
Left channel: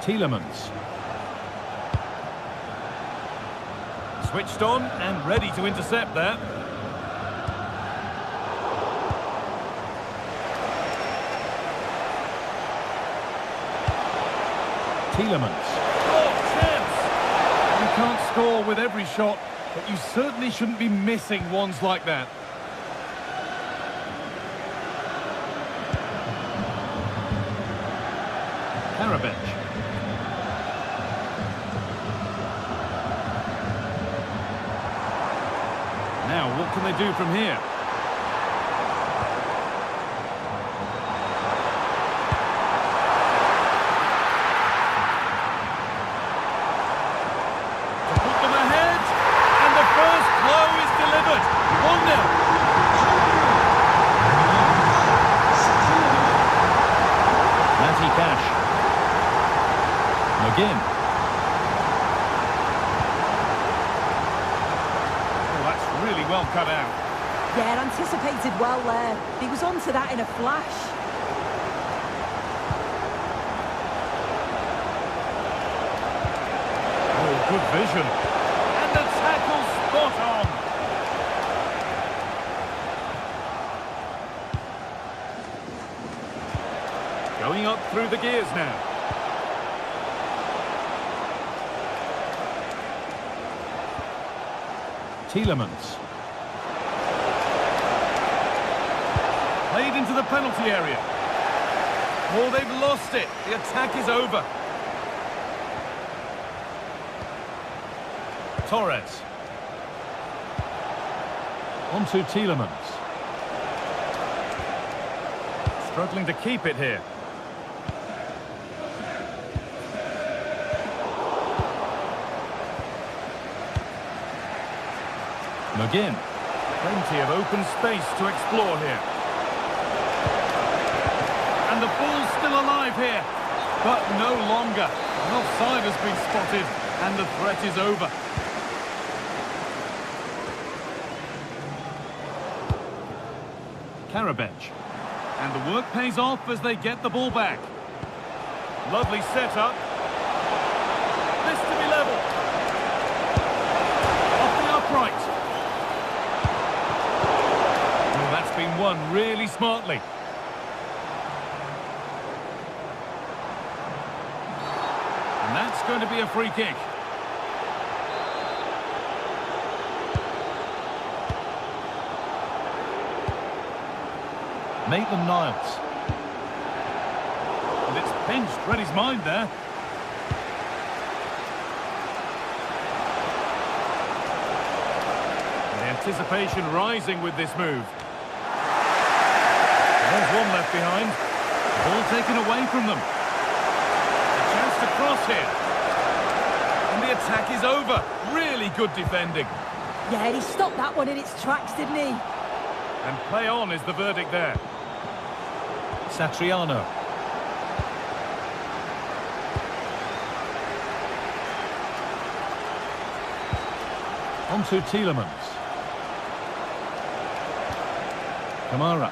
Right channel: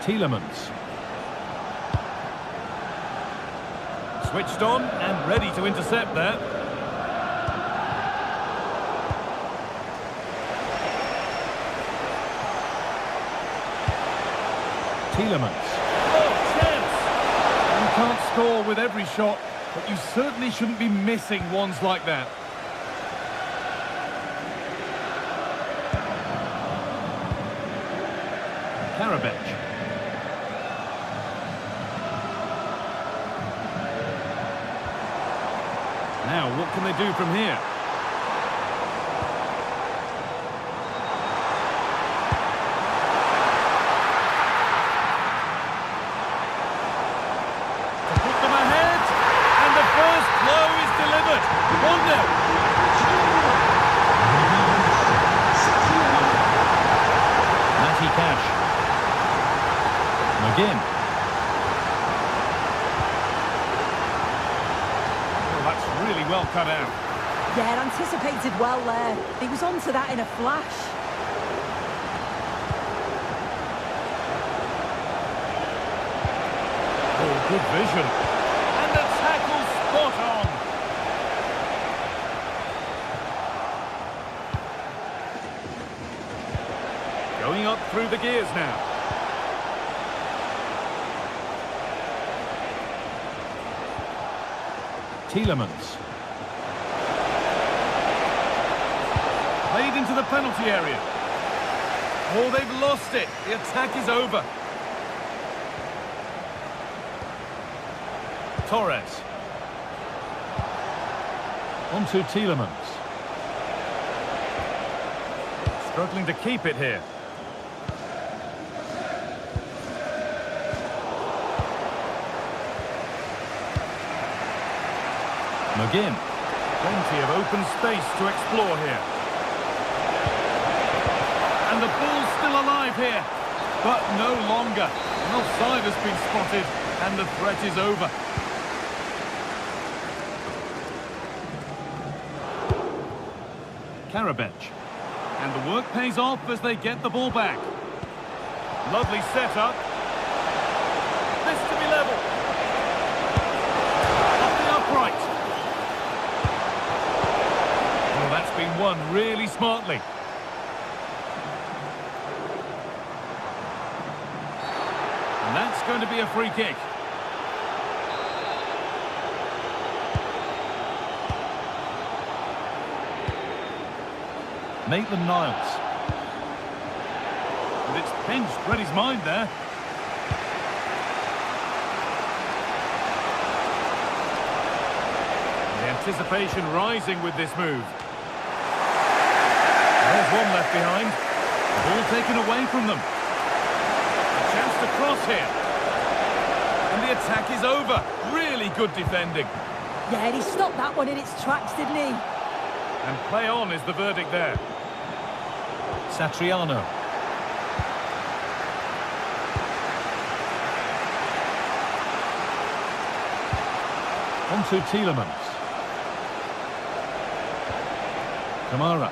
Tielemans. Switched on and ready to intercept there. Tielemans. Oh, chance! You can't score with every shot, but you certainly shouldn't be missing ones like that. Karabech. Now, what can they do from here? To put them ahead, and the first blow is delivered. 1-0. Matty Cash. McGinn. That's really well cut out. Yeah, anticipated well there. He was onto that in a flash. Oh, good vision. And the tackle spot on. Going up through the gears now. Tielemans. Played into the penalty area. Oh, they've lost it. The attack is over. Torres. On to Tielemans. Struggling to keep it here. McGinn. Plenty of open space to explore here. And the ball's still alive here, but no longer. An offside has been spotted, and the threat is over. Karabech. And the work pays off as they get the ball back. Lovely setup. this to be level. Off the upright. Well, that's been won really smartly. And that's going to be a free kick. Maitland-Niles. And it's pinched, read his mind there. And the anticipation rising with this move. There's one left behind. The ball taken away from them. A chance to cross here. And the attack is over. Really good defending. Yeah, and he stopped that one in its tracks, didn't he? And play on is the verdict there. Satriano. On to Tielemans. Kamara.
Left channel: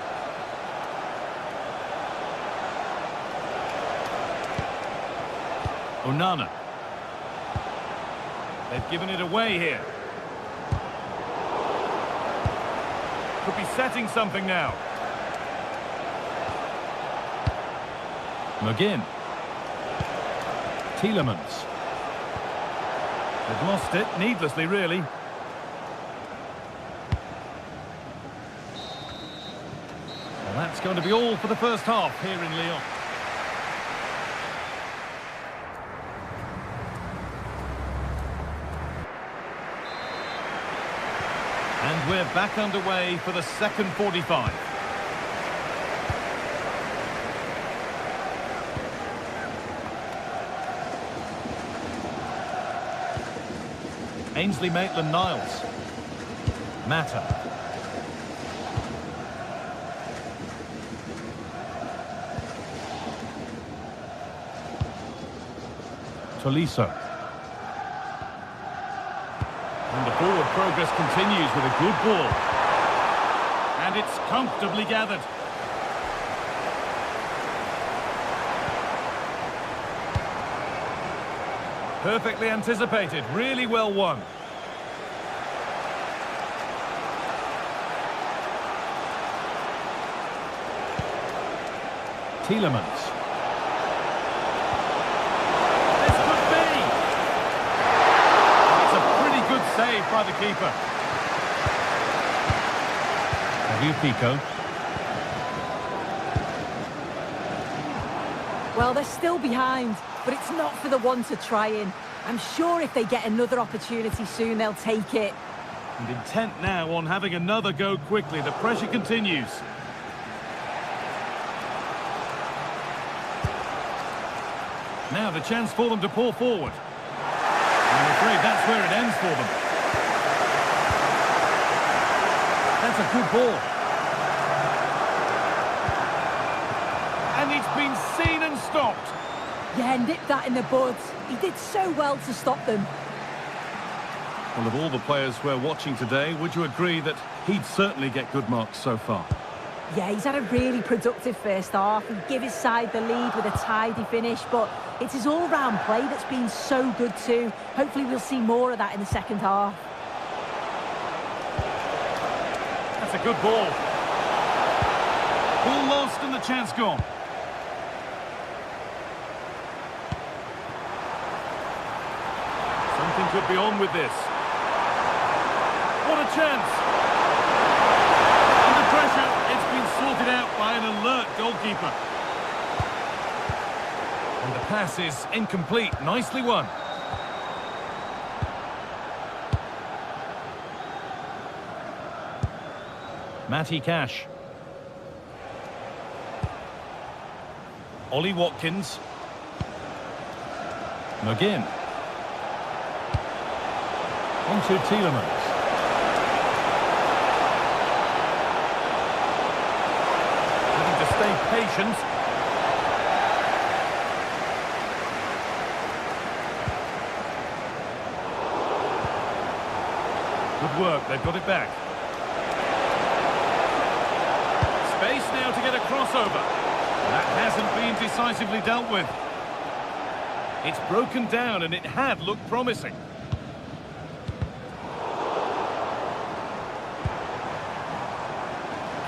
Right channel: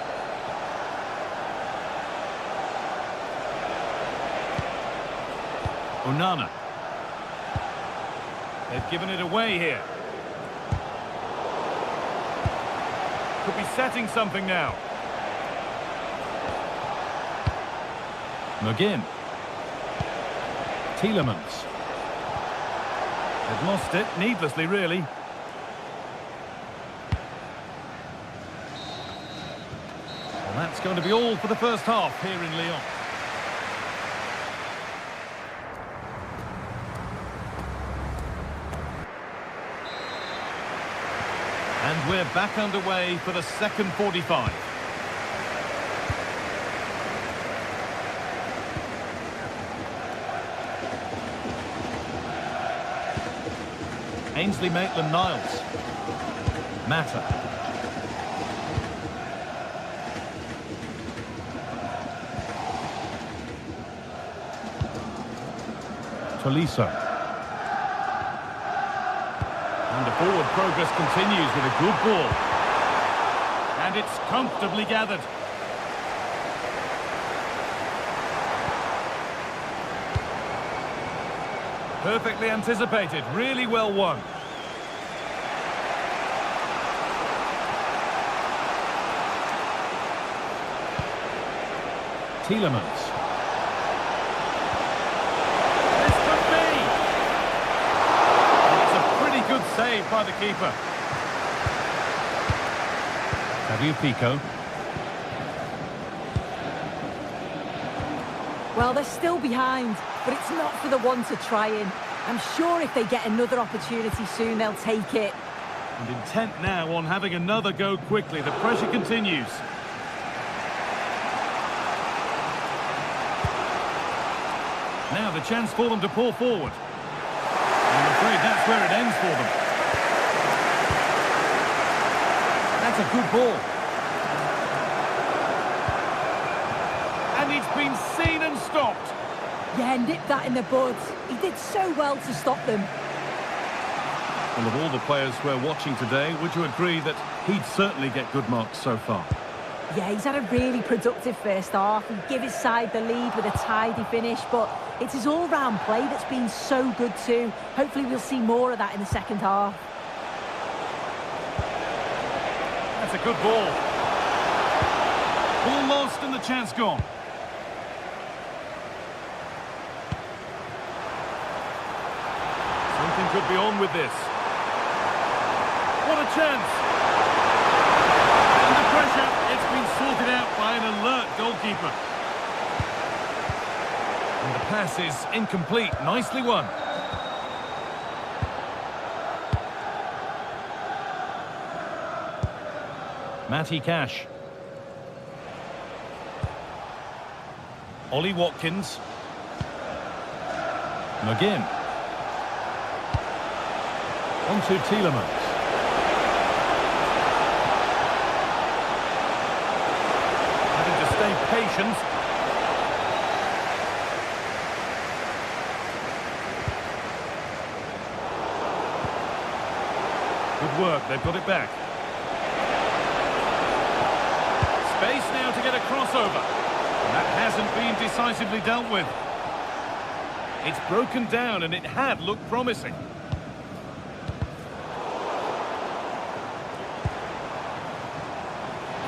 Onana. They've given it away here. Could be setting something now. McGinn. Tielemans. They've lost it, needlessly really. Well, that's going to be all for the first half here in Lyon. And we're back underway for the second 45. Ainsley Maitland-Niles. Mata. Tolisso. And the forward progress continues with a good ball. And it's comfortably gathered. Perfectly anticipated, really well won. Tielemans. This could be! And it's a pretty good save by the keeper. Tagliafico. Well, they're still behind, but it's not for the one to try in. I'm sure if they get another opportunity soon, they'll take it. And intent now on having another go quickly. The pressure continues. Now the chance for them to pull forward. And I'm afraid that's where it ends for them. That's a good ball. And it's been seen and stopped. Yeah, nipped that in the bud. He did so well to stop them. Well, of all the players we're watching today, would you agree that he'd certainly get good marks so far? Yeah, he's had a really productive first half. He gave his side the lead with a tidy finish, but it's his all-round play that's been so good too. Hopefully we'll see more of that in the second half. That's a good ball. Ball lost and the chance gone. Something could be on with this. What a chance! Under pressure, it's been sorted out by an alert goalkeeper. And the pass is incomplete. Nicely won. Matty Cash. Ollie Watkins. McGinn. On to Tielemans. Having to stay patient. Good work, they've got it back. Space now to get a crossover. And that hasn't been decisively dealt with. It's broken down and it had looked promising.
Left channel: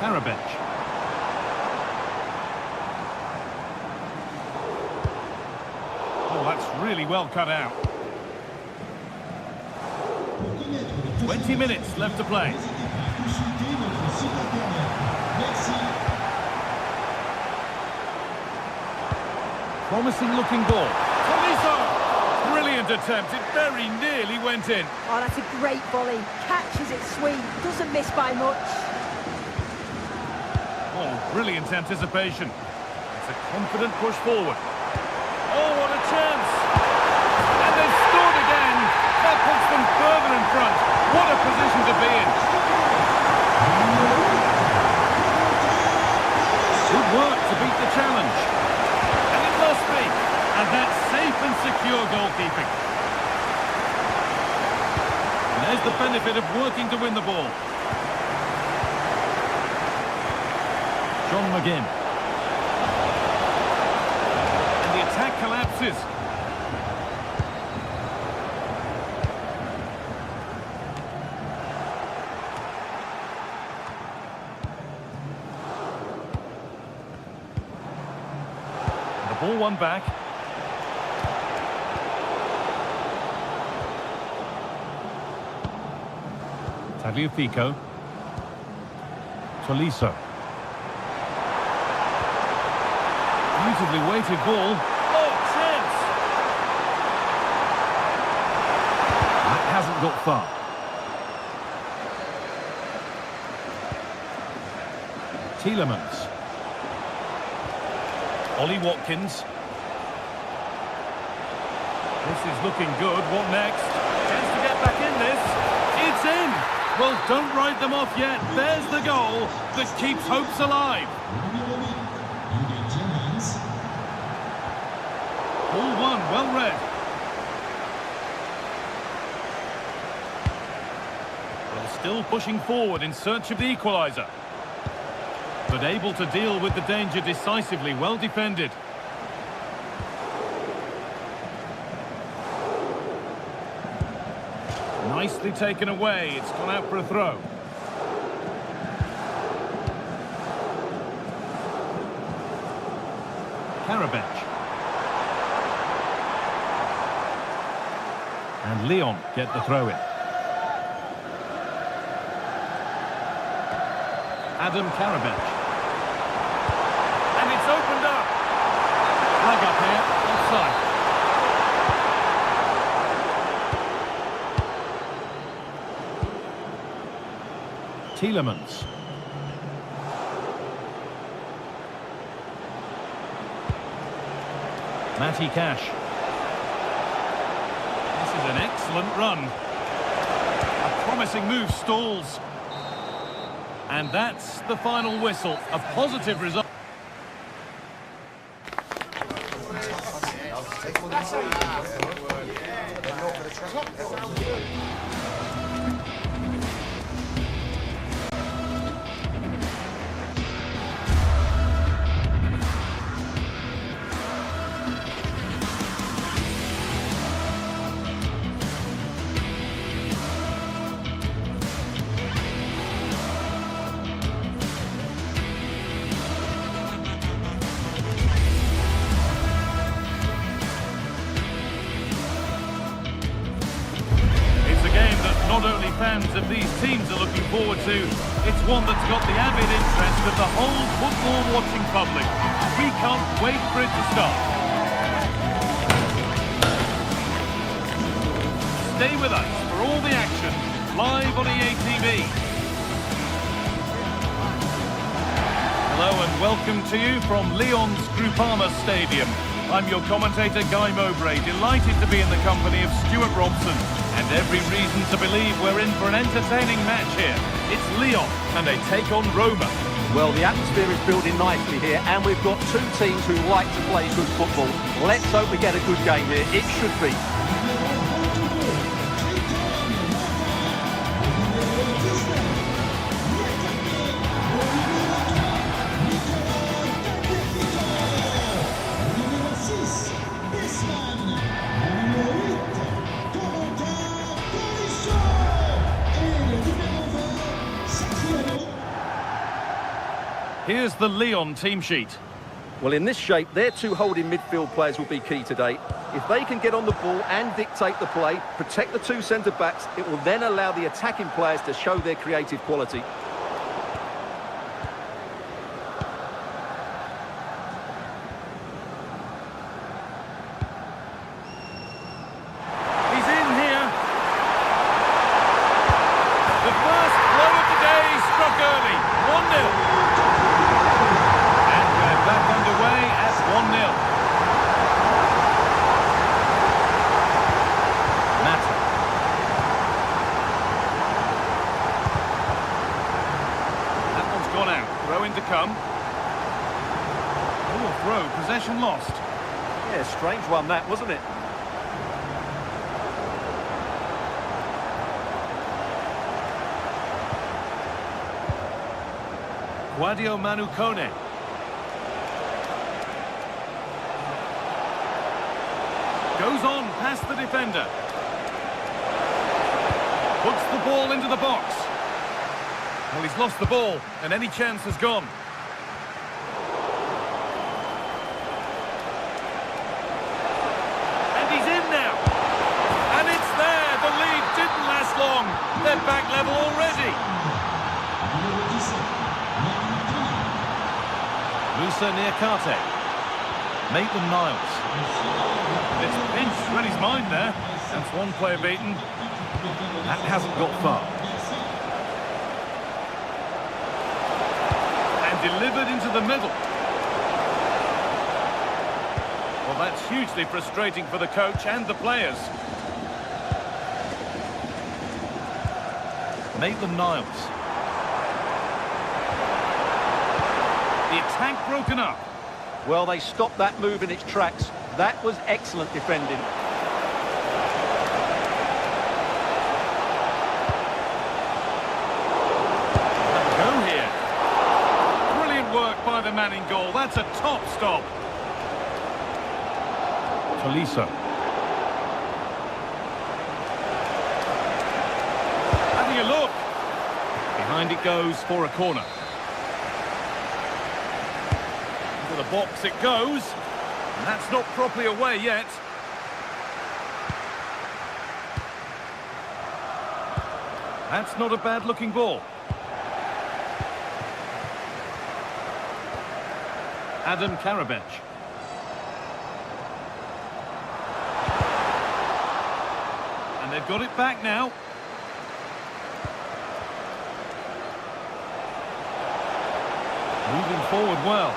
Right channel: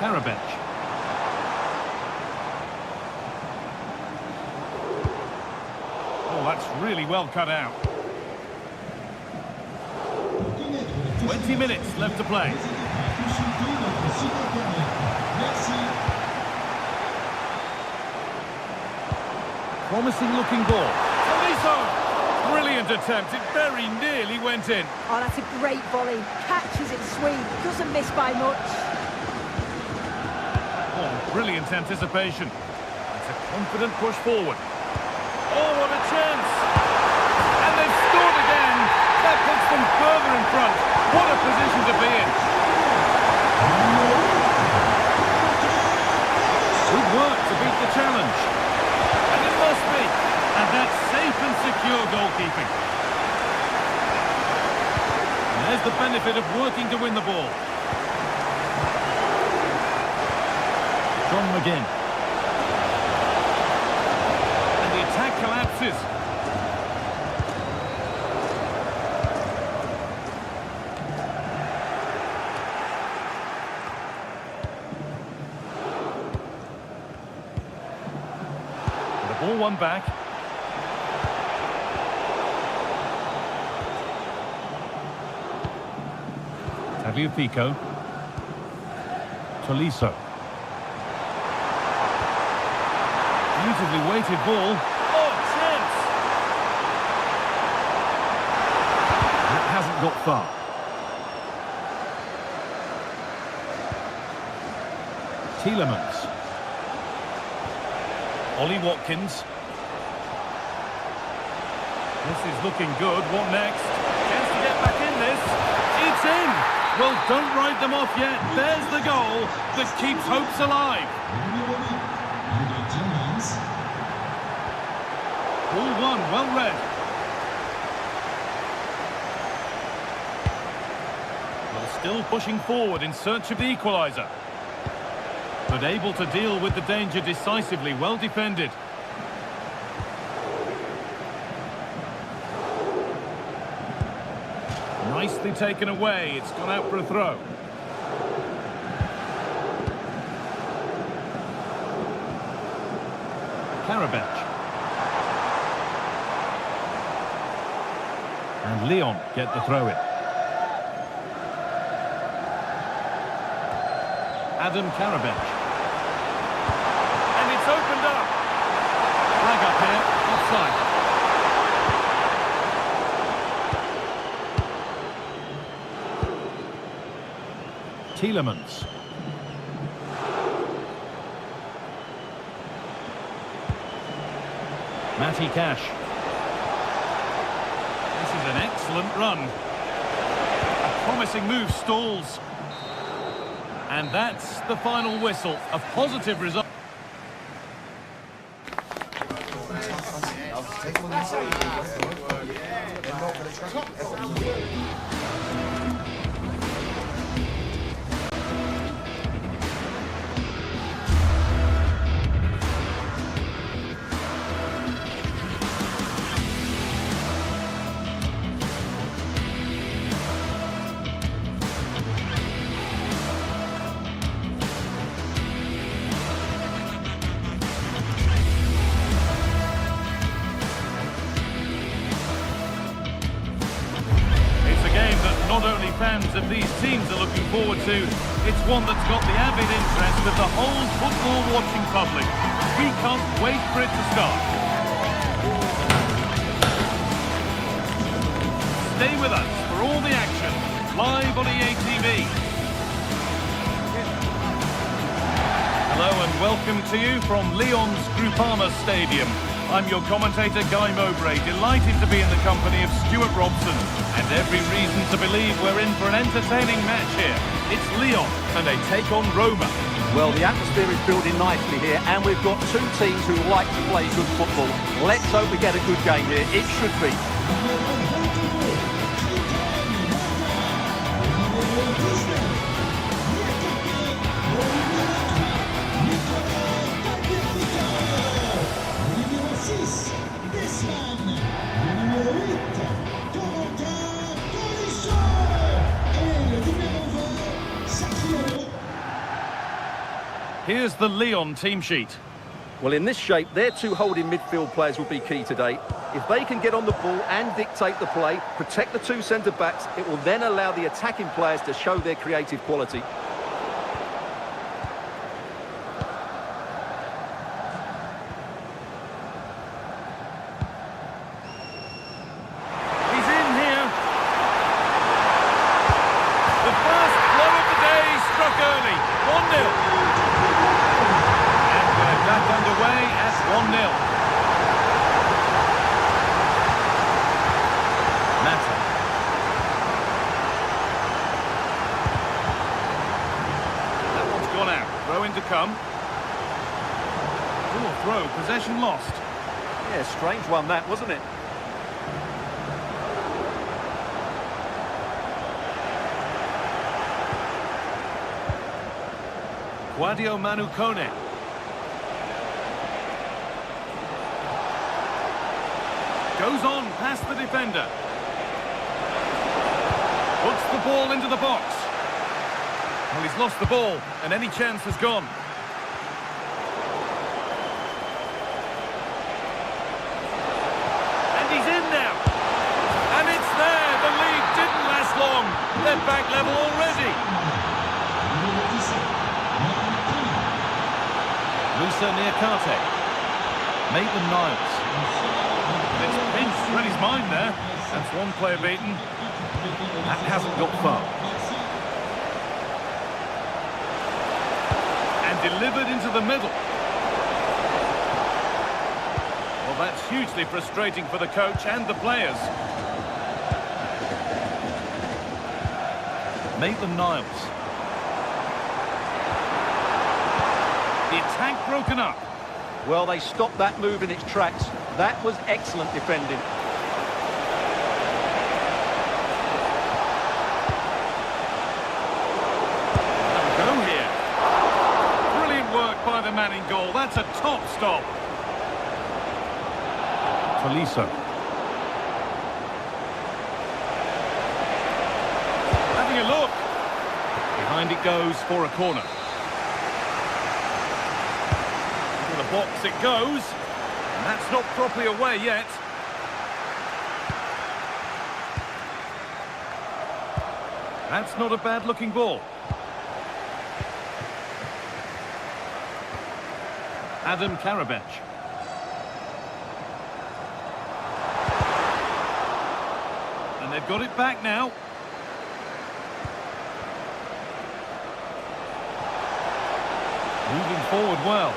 Karabech. Oh, that's really well cut out. 20 minutes left to play. Promising looking ball. Tolisso! Brilliant attempt. It very nearly went in. Oh, that's a great volley. Catches it sweet. Doesn't miss by much. Oh, brilliant anticipation. It's a confident push forward. Oh, what a chance! And they've scored again! That puts them further in front. What a position to be in. Good work to beat the challenge. And it must be. And that's safe and secure goalkeeping. And there's the benefit of working to win the ball. John McGinn. And the attack collapses. And the ball won back. Tagliafico. Tolisso. Beautifully weighted ball. Oh, chance! That hasn't got far. Tielemans. Ollie Watkins. This is looking good. What next? Chance to get back in this. It's in! Well, don't write them off yet. There's the goal that keeps hopes alive. Ball one, well read. Well, still pushing forward in search of the equaliser. But able to deal with the danger decisively, well defended. Nicely taken away, it's gone out for a throw. Karabech. And Leon get the throw in. Adam Karabech. And it's opened up. Flag up here, offside. Tielemans. Matty Cash. This is an excellent run. A promising move stalls. And that's the final whistle. A positive result. Not only fans of these teams are looking forward to, it's one that's got the avid interest of the whole football-watching public. We can't wait for it to start. Stay with us for all the action, live on EA TV. Hello and welcome to you from Lyon's Groupama Stadium. I'm your commentator, Guy Mowbray, delighted to be in the company of Stuart Robson. And every reason to believe we're in for an entertaining match here. It's Lyon, and they take on Roma. Well, the atmosphere is building nicely here, and we've got two teams who like to play good football. Let's hope we get a good game here. It should be. This man. Here's the Lyon team sheet. Well, in this shape, their two holding midfield players will be key today. If they can get on the ball and dictate the play, protect the two centre-backs, it will then allow the attacking players to show their creative quality. He's in here. The first blow of the day struck early. 1-0. And we're back underway at 1-0. Mata. That one's gone out. Throw in to come. Poor throw. Possession lost. Yeah, strange one that, wasn't it? Guadio Manu Kone. Goes on past the defender. Puts the ball into the box. Well, he's lost the ball, and any chance has gone. And he's in now. And it's there. The lead didn't last long. They're back level already. Musa Niakate. Maitland-Niles. It's pinched Reddy's mind there. That's one player beaten. That hasn't got far. And delivered into the middle. Well, that's hugely frustrating for the coach and the players. Maitland-Niles. The attack broken up. Well, they stopped that move in its tracks. That was excellent defending. Have a go here. Brilliant work by the man in goal. That's a top stop. Tolisso. Having a look. Behind it goes for a corner. Into the box it goes. And that's not properly away yet. That's not a bad-looking ball. Adam Karabech. And they've got it back now. Moving forward well.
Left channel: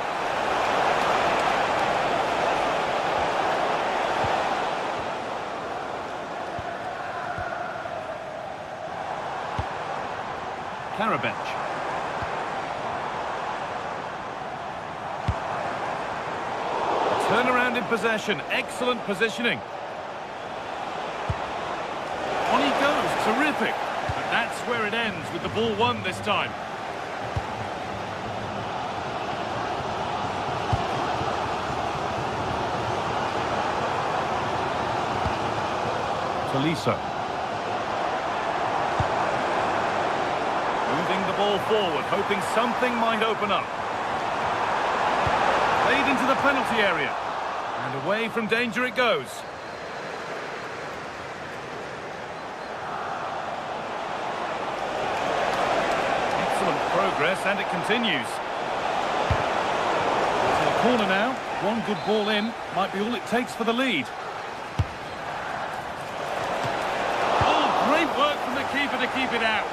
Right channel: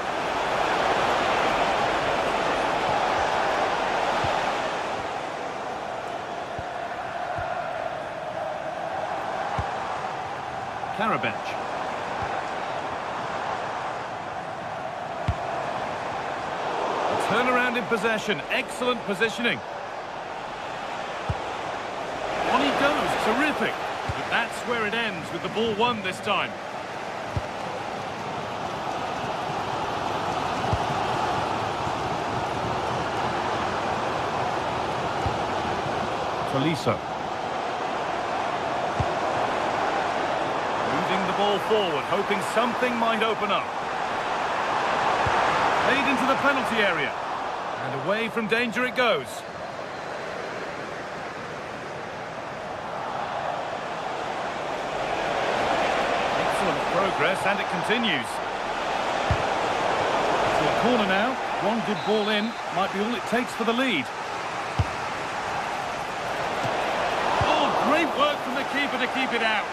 Karabech. A turnaround in possession. Excellent positioning. On he goes. Terrific. But that's where it ends with the ball won this time. Tolisso. Moving the ball forward, hoping something might open up. Played into the penalty area. And away from danger it goes. Excellent progress, and it continues. So a corner now. One good ball in. Might be all it takes for the lead. Oh, great work from the keeper to keep it out.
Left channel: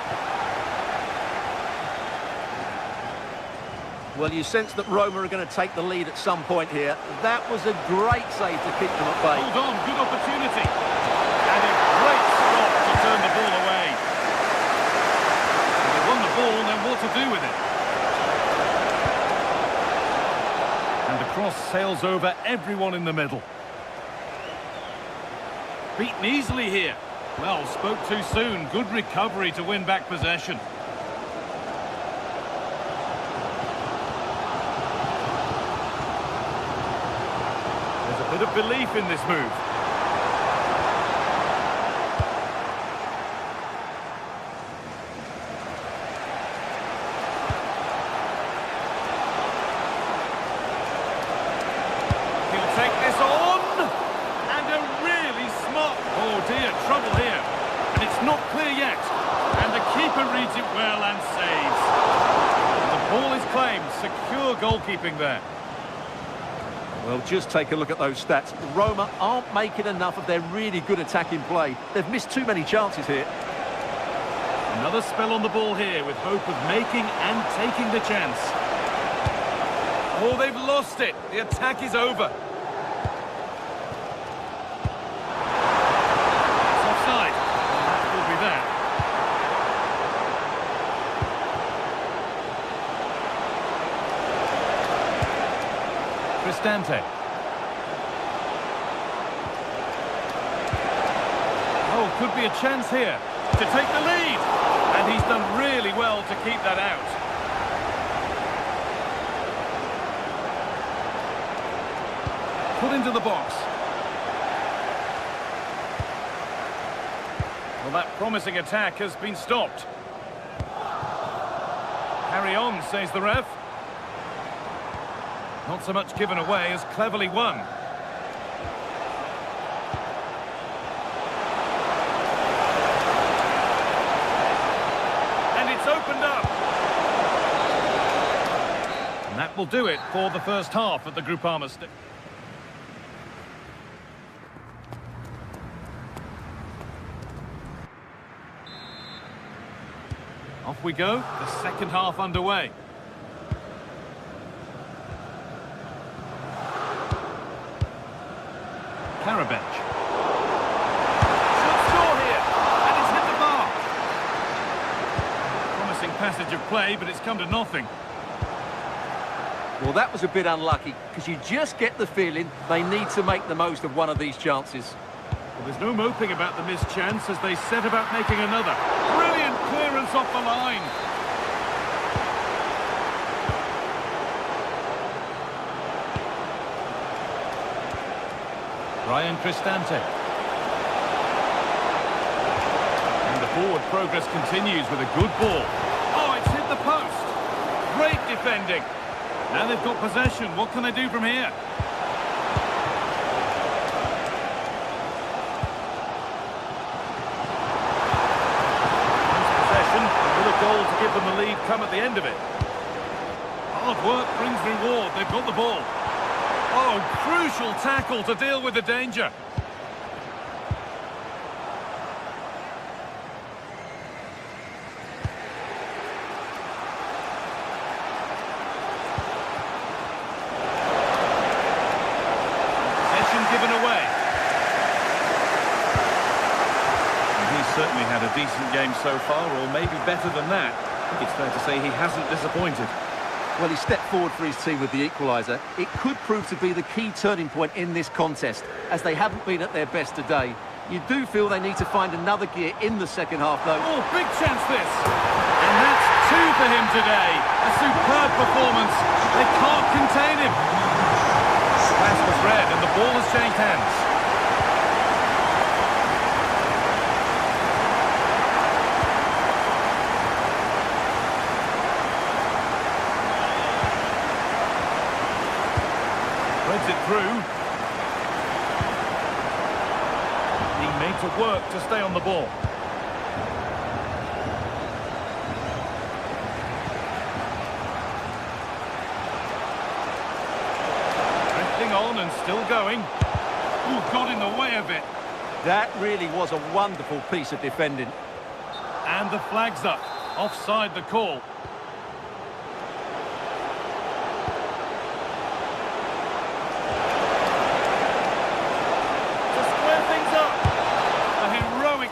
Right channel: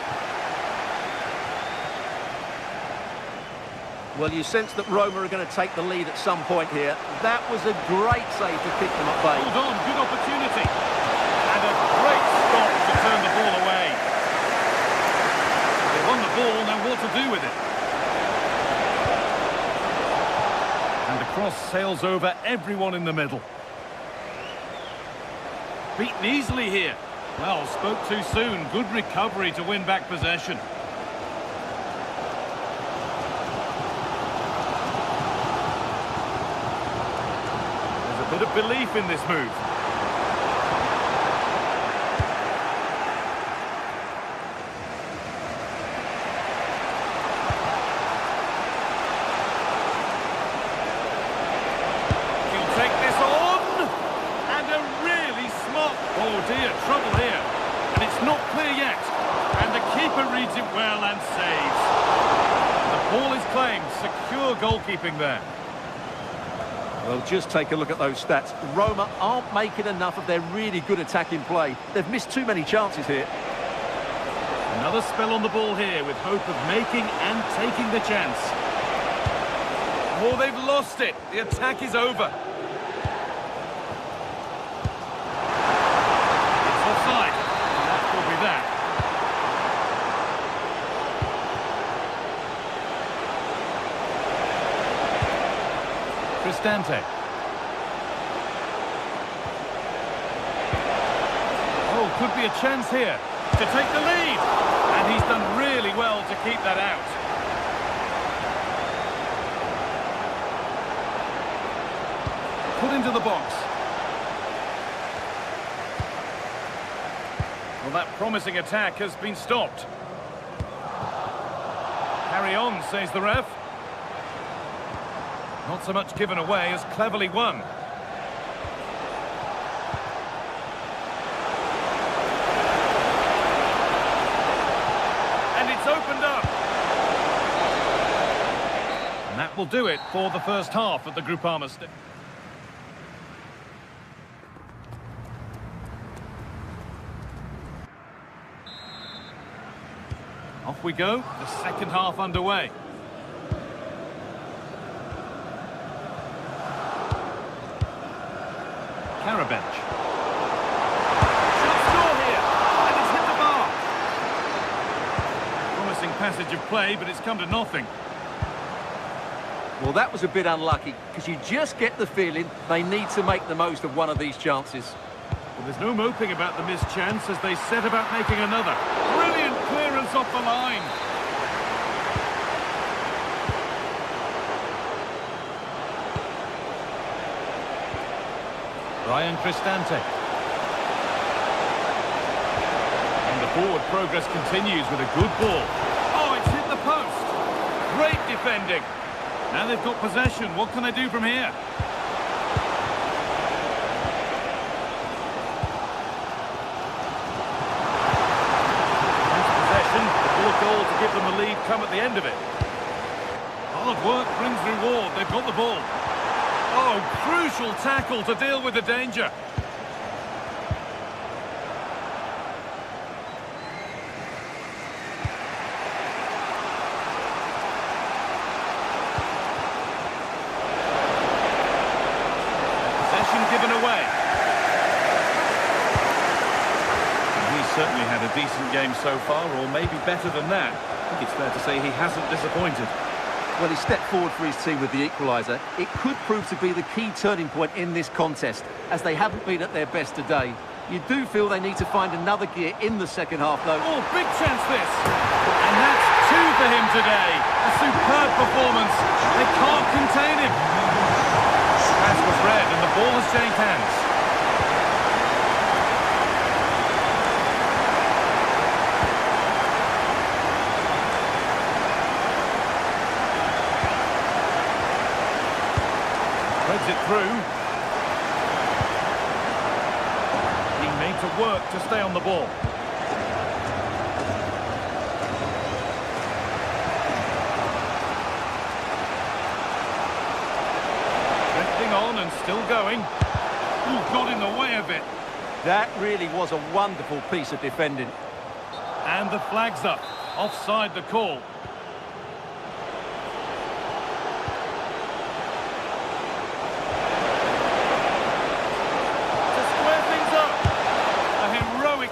Well, you sense that Roma are going to take the lead at some point here. That was a great save to keep them at bay. Hold on, good opportunity. And a great stop to turn the ball away. They won the ball, now what to do with it? And the cross sails over everyone in the middle. Beaten easily here. Well, spoke too soon. Good recovery to win back possession. There's a bit of belief in this move. take this on. And a really smart... Oh dear, trouble here. And it's not clear yet. And the keeper reads it well and saves. And the ball is claimed. Secure goalkeeping there. Well, just take a look at those stats. Roma aren't making enough of their really good attacking play. They've missed too many chances here. Another spell on the ball here with hope of making and taking the chance. Oh, they've lost it. The attack is over. It's offside. And that will be that. Cristante. Oh, could be a chance here to take the lead. And he's done really well to keep that out. Put into the box. Well, that promising attack has been stopped. Carry on, says the ref. Not so much given away as cleverly won. And it's opened up. And that will do it for the first half at the Groupama Stadium. Off we go, the second half underway. Karabench. Should score here, and it's hit the bar. Promising passage of play, but it's come to nothing. Well, that was a bit unlucky, because you just get the feeling they need to make the most of one of these chances. Well, there's no moping about the missed chance as they set about making another. Brilliant clearance off the line. Ryan Cristante. And the forward progress continues with a good ball. Oh, it's hit the post. Great defending. Now they've got possession. What can they do from here? Possession, will a goal to give them the lead come at the end of it? Hard work brings reward. They've got the ball. Oh, crucial tackle to deal with the danger. Possession given away. And he's certainly had a decent game so far, or maybe better than that. I think it's fair to say he hasn't disappointed. Well, he stepped forward for his team with the equaliser. It could prove to be the key turning point in this contest, as they haven't been at their best today. You do feel they need to find another gear in the second half, though. Oh, big chance this. And that's two for him today. A superb performance. They can't contain him. Pass was read and the ball has changed hands. Threads it through. He made to work to stay on the ball. Drifting on and still going. Ooh, got in the way of it. That really was a wonderful piece of defending. And the flag's up. Offside the call.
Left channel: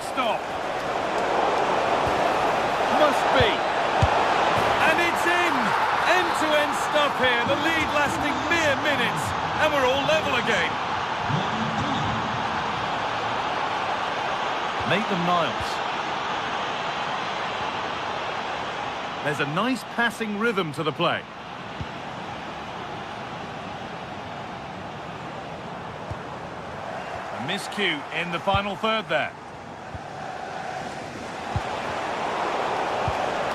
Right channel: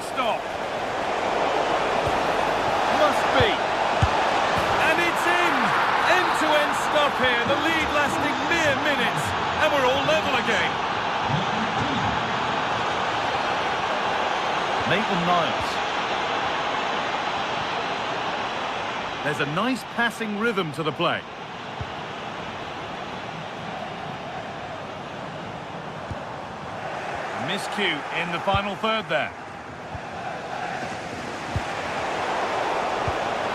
Stop. Must be. And it's in. End-to-end stuff here. The lead lasting mere minutes. And we're all level again. Maitland-Niles. There's a nice passing rhythm to the play. A miscue in the final third there.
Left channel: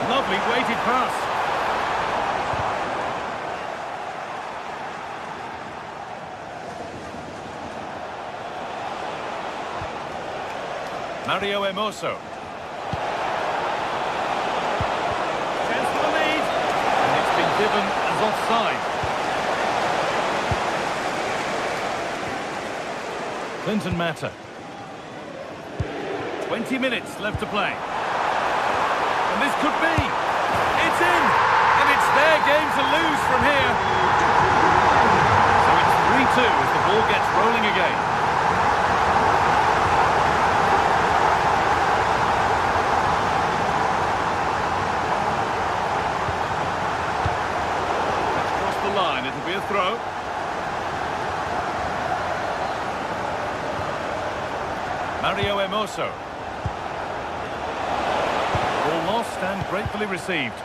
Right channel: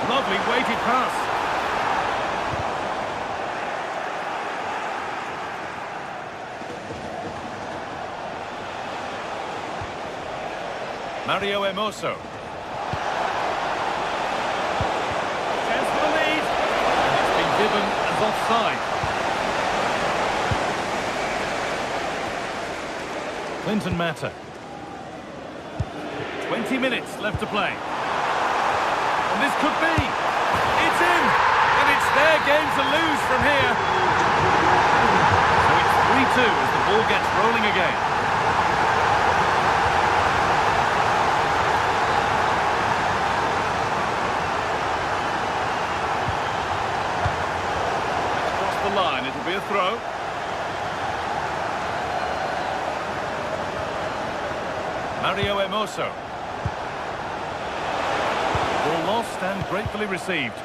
Lovely weighted pass. Mario Hermoso. Chance for the lead. And it's been given as offside. Clinton Mata. 20 minutes left to play. And this could be. It's in. And it's their game to lose from here. So it's 3-2 as the ball gets rolling again. Let's cross the line. It'll be a throw. Mario Hermoso. Ball lost and gratefully received.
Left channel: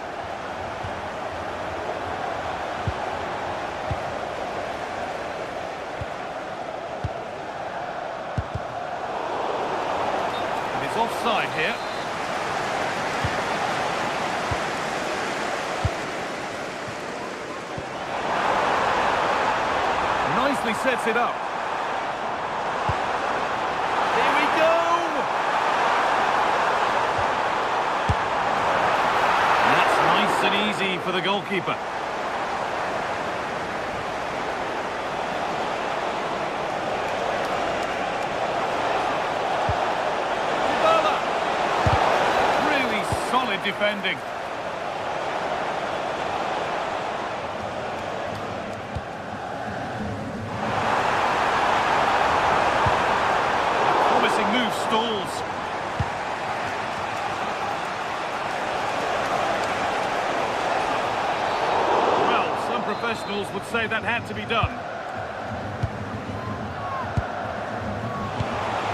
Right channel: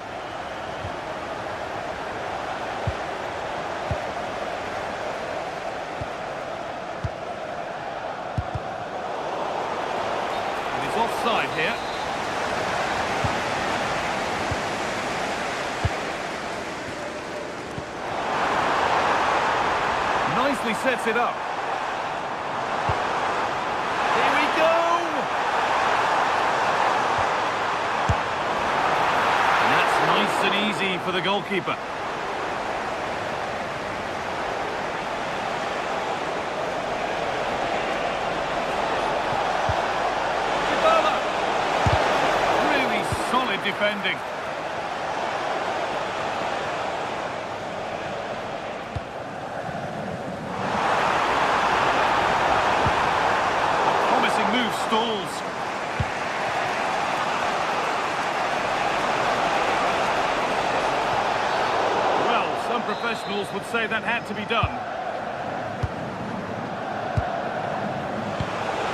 And it's offside here. Nicely sets it up. Nice and easy for the goalkeeper. Dybala. Really solid defending. A promising move stalls. Some professionals would say that had to be done.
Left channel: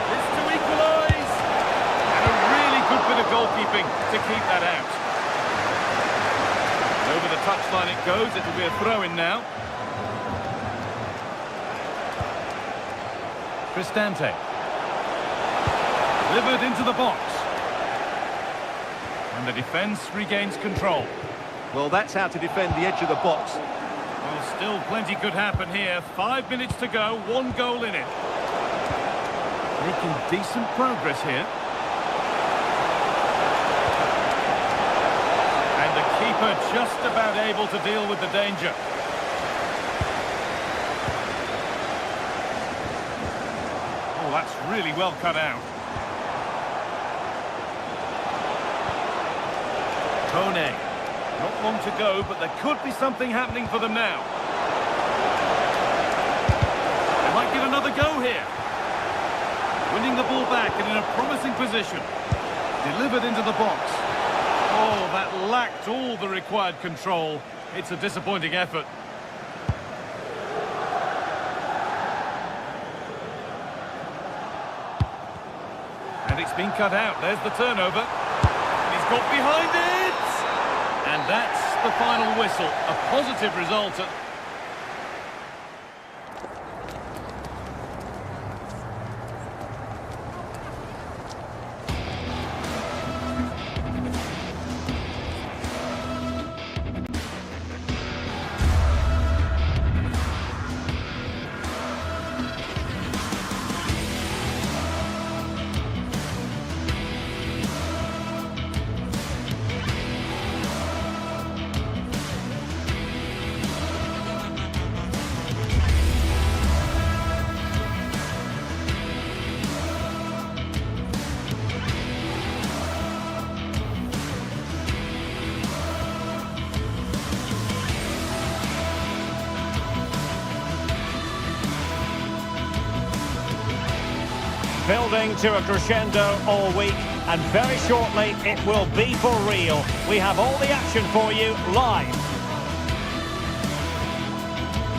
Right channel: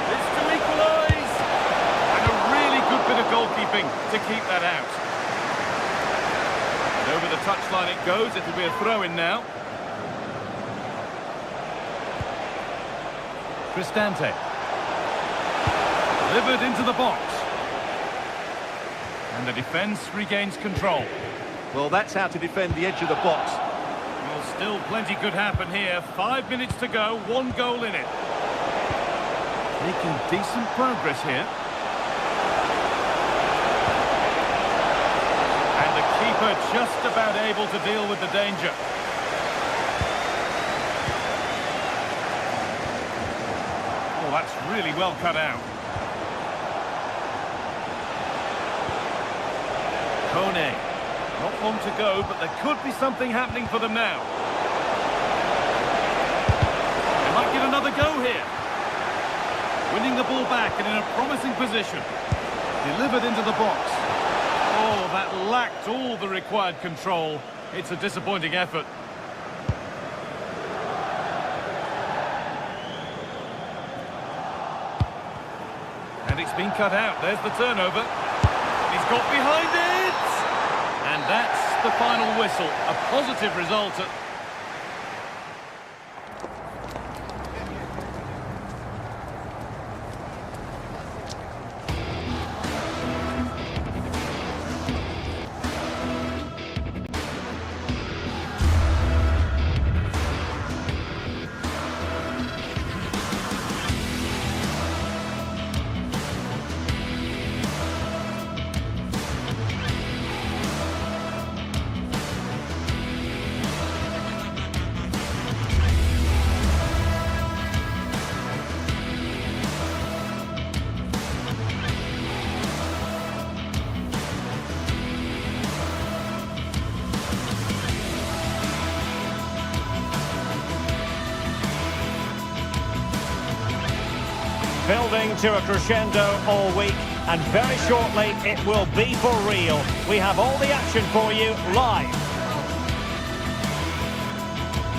This to equalise. And a really good bit of goalkeeping to keep that out. And over the touchline it goes. It'll be a throw-in now. Cristante. Delivered into the box. And the defence regains control. Well, that's how to defend the edge of the box. Well, still plenty could happen here. 5 minutes to go, 1 goal in it. Making decent progress here. And the keeper just about able to deal with the danger. Oh, that's really well cut out. Kone. Not long to go, but there could be something happening for them now. They might get another go here. Winning the ball back and in a promising position. Delivered into the box. Oh, that lacked all the required control. It's a disappointing effort. And it's been cut out. There's the turnover. And he's got behind it. And that's the final whistle. A positive result. Building to a crescendo all week, and very shortly it will be for real. We have all the action for you live.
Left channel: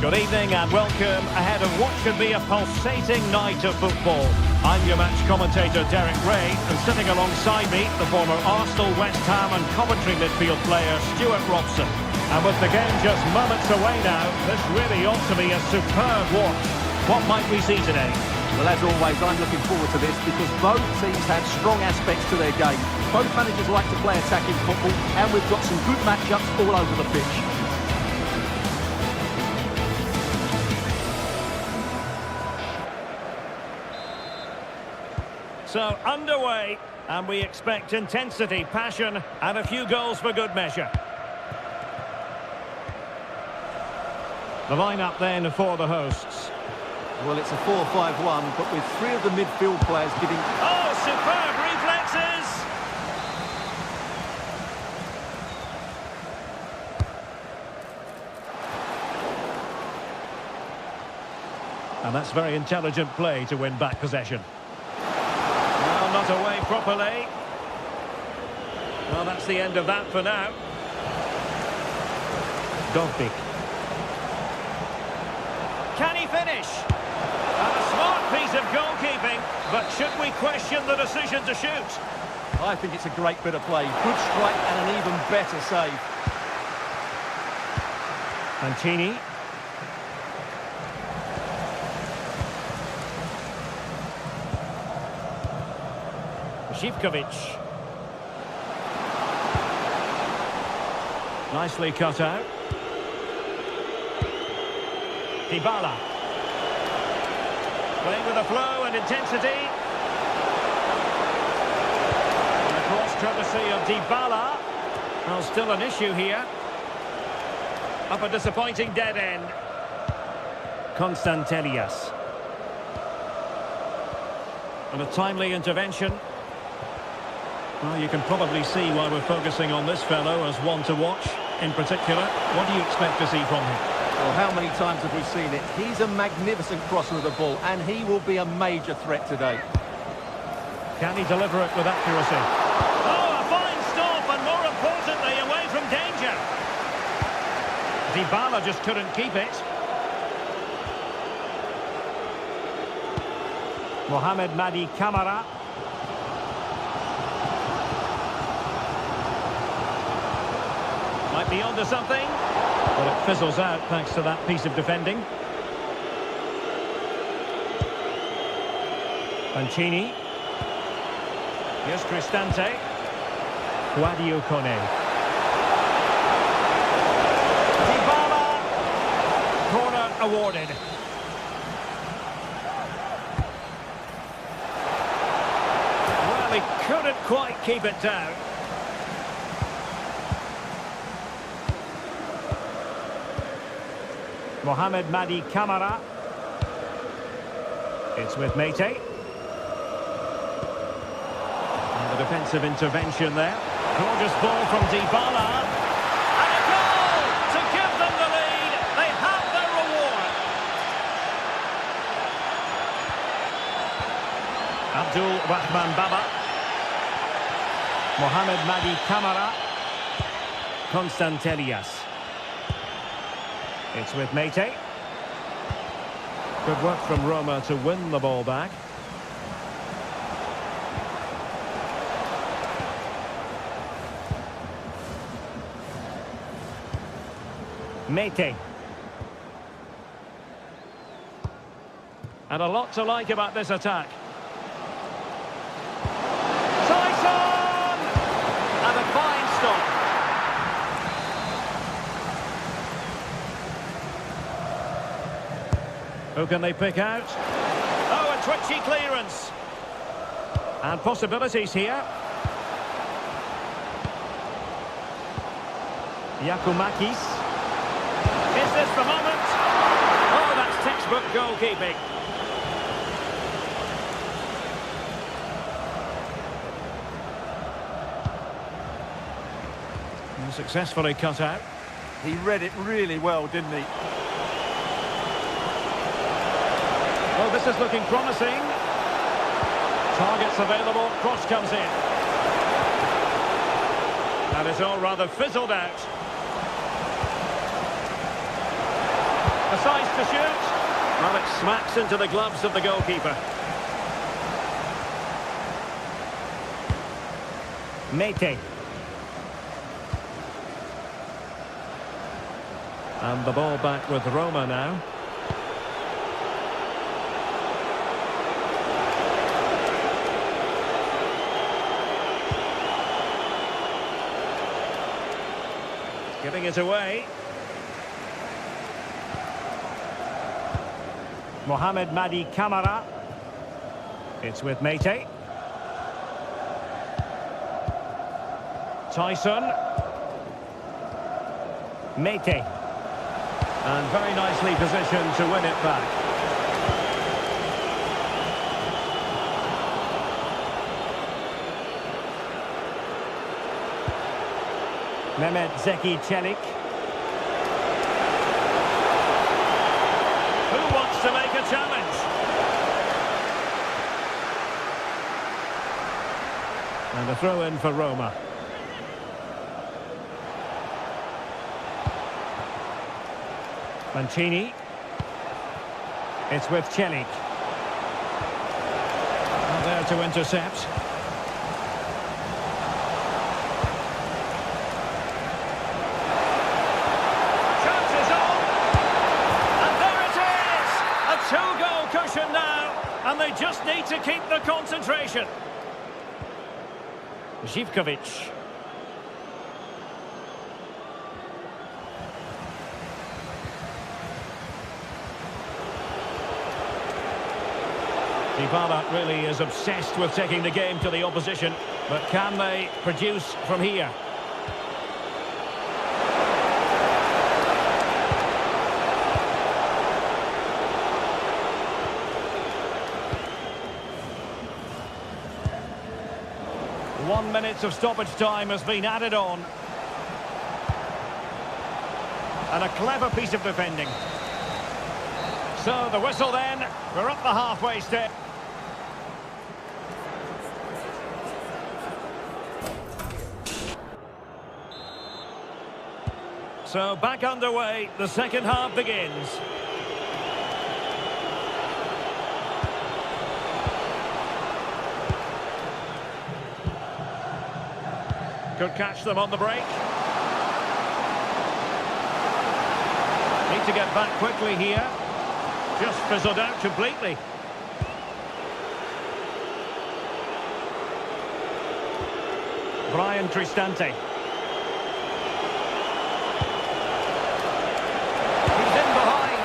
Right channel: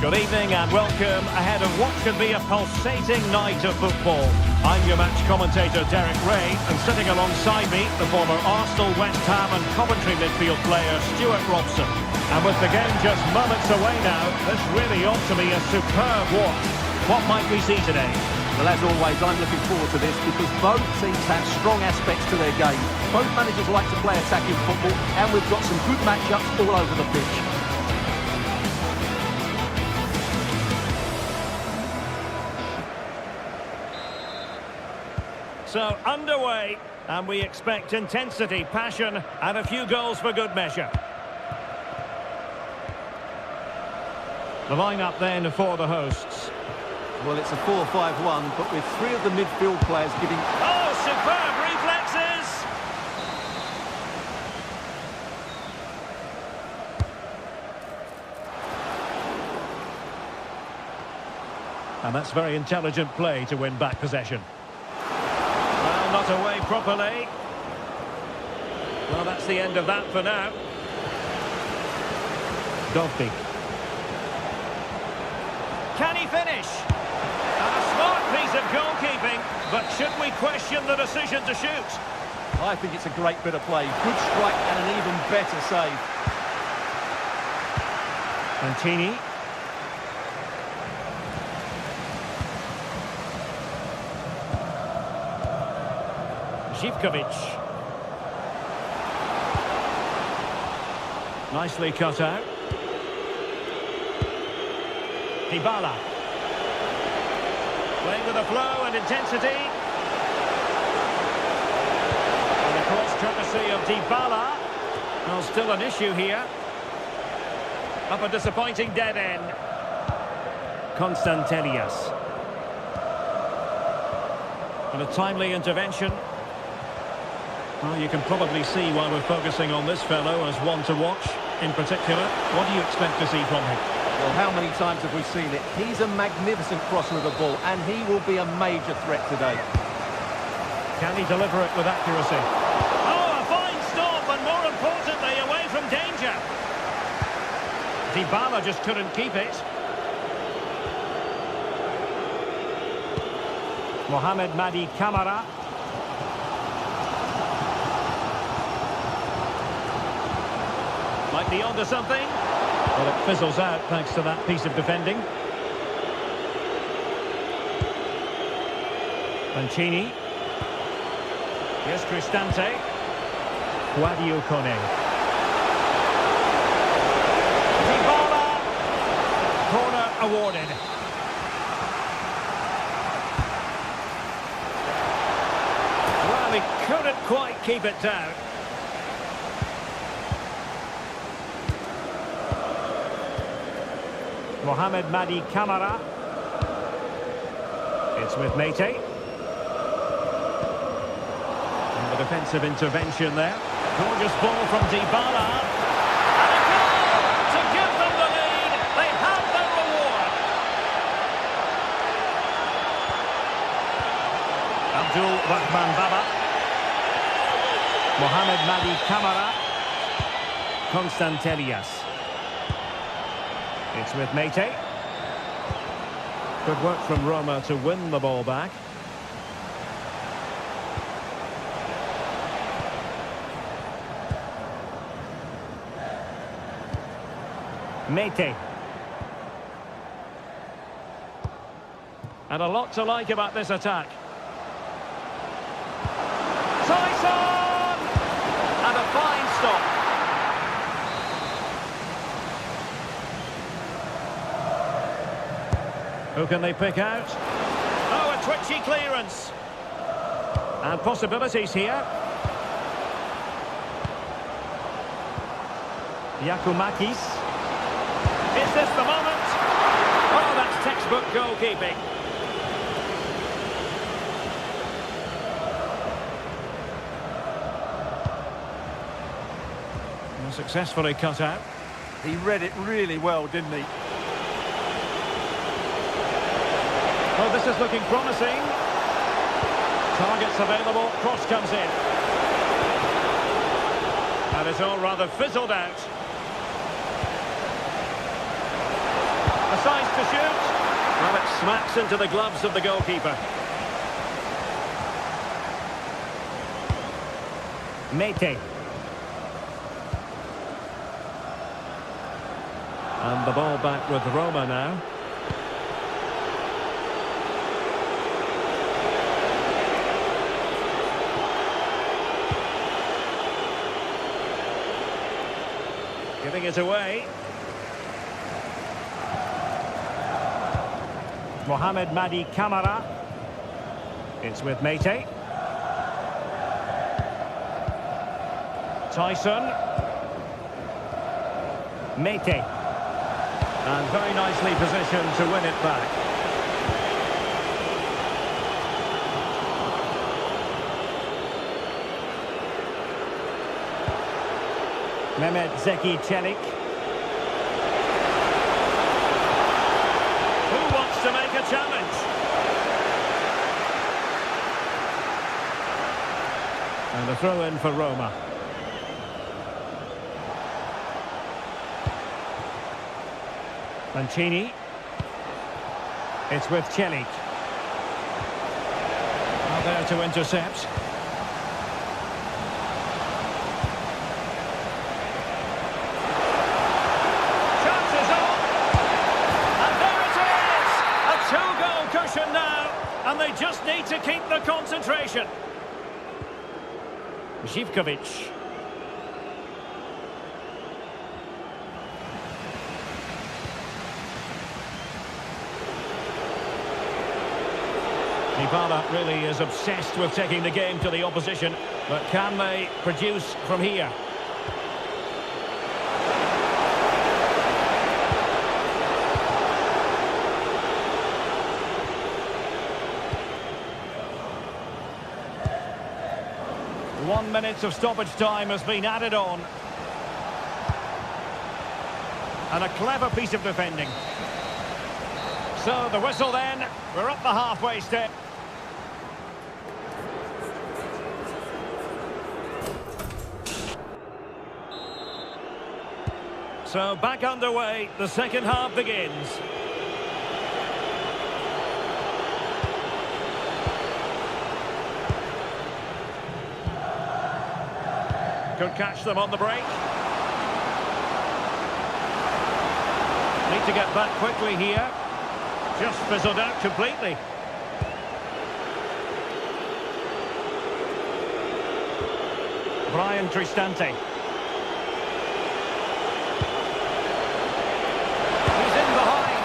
Good evening and welcome ahead of what should be a pulsating night of football. I'm your match commentator Derek Ray, and sitting alongside me the former Arsenal, West Ham and Coventry midfield player Stuart Robson. And with the game just moments away now, this really ought to be a superb watch. What might we see today? Well, as always, I'm looking forward to this because both teams have strong aspects to their game. Both managers like to play attacking football, and we've got some good matchups all over the pitch. So underway, and we expect intensity, passion, and a few goals for good measure. The lineup then for the hosts. Well, it's a 4-5-1, but with three of the midfield players giving... Oh, superb reflexes! And that's very intelligent play to win back possession. Well, not away properly. Well, that's the end of that for now. Dovbik. Can he finish? And a smart piece of goalkeeping, but should we question the decision to shoot? I think it's a great bit of play. Good strike and an even better save. Mancini. Zivkovic. Nicely cut out. Dybala. Playing with a flow and intensity. And the cross courtesy of Dybala. Well, still an issue here. Up a disappointing dead end. Constantelias. And a timely intervention. Well, you can probably see why we're focusing on this fellow as one to watch. In particular, what do you expect to see from him? Well, how many times have we seen it? He's a magnificent crosser of the ball, and he will be a major threat today. Can he deliver it with accuracy? Oh, a fine stop, and more importantly, away from danger. Dybala just couldn't keep it. Mohamed Madi Camara. Might be onto something. But it fizzles out thanks to that piece of defending. Mancini. Here's Cristante. Guadio Kone. Dybala. Corner awarded. Well, he couldn't quite keep it down. Mohamed Madi Camara. It's with Mete. And the defensive intervention there. Gorgeous ball from Dybala. And a goal to give them the lead. They have their reward. Abdul Rahman Baba. Mohamed Madi Camara. Constantelias. It's with Mete. Good work from Roma to win the ball back. Mete. And a lot to like about this attack. Tyson! And a fine stop. Who can they pick out? Oh, a twitchy clearance. And possibilities here. Giacomakis. Is this the moment? Oh, that's textbook goalkeeping. And successfully cut out. He read it really well, didn't he? Well, this is looking promising. Targets available, cross comes in. And it's all rather fizzled out. A size to shoot. Well, it smacks into the gloves of the goalkeeper. Mete. And the ball back with Roma now. Giving it away. Mohamed Madi Camara. It's with Mete. Tyson. Mete. And very nicely positioned to win it back. Mehmet Zeki Çelik. Who wants to make a challenge? And a throw-in for Roma. Mancini. It's with Çelik. Now there to intercept. Chances on. And there it is! A two-goal cushion now. And they just need to keep the concentration. Zivkovic. Dybala really is obsessed with taking the game to the opposition, but can they produce from here? One minute of stoppage time has been added on. And a clever piece of defending. So the whistle then, we're up the halfway step. So back underway, the second half begins. Could catch them on the break. Need to get back quickly here. Just fizzled out completely. Brian Cristante. He's in behind.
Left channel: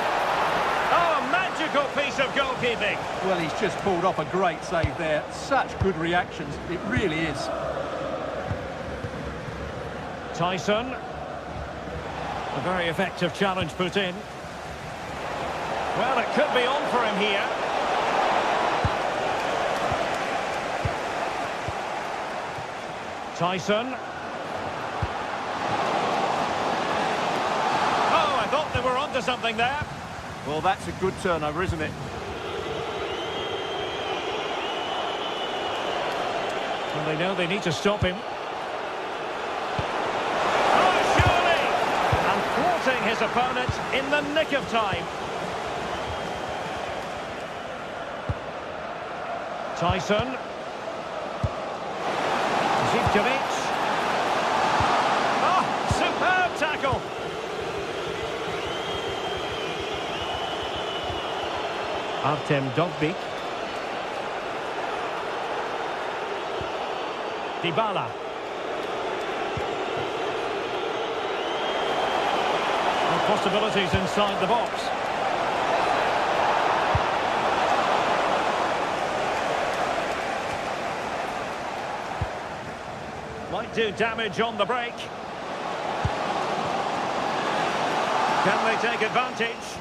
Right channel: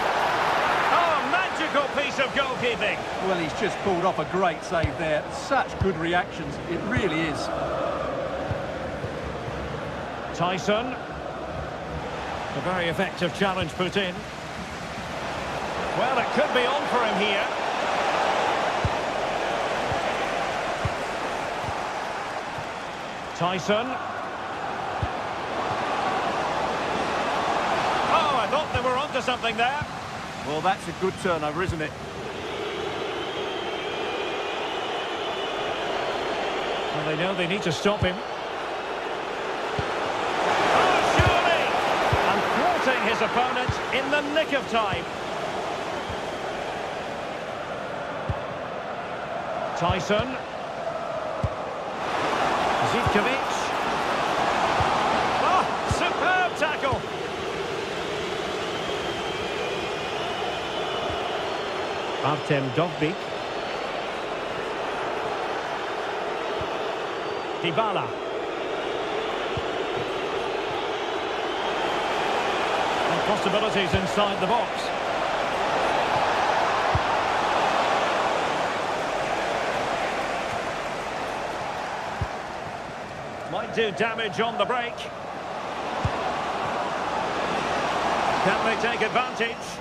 Oh, a magical piece of goalkeeping. Well, he's just pulled off a great save there. Such good reactions, it really is. Tyson. A very effective challenge put in. Well, it could be on for him here. Tyson. Oh, I thought they were onto something there. Well, that's a good turnover, isn't it? Well, they know they need to stop him. Oh, surely! And thwarting his opponent in the nick of time. Tyson. Zivkovic. Oh, superb tackle. Artem Dovbyk. Dybala. And possibilities inside the box. Might do damage on the break. Can they take advantage?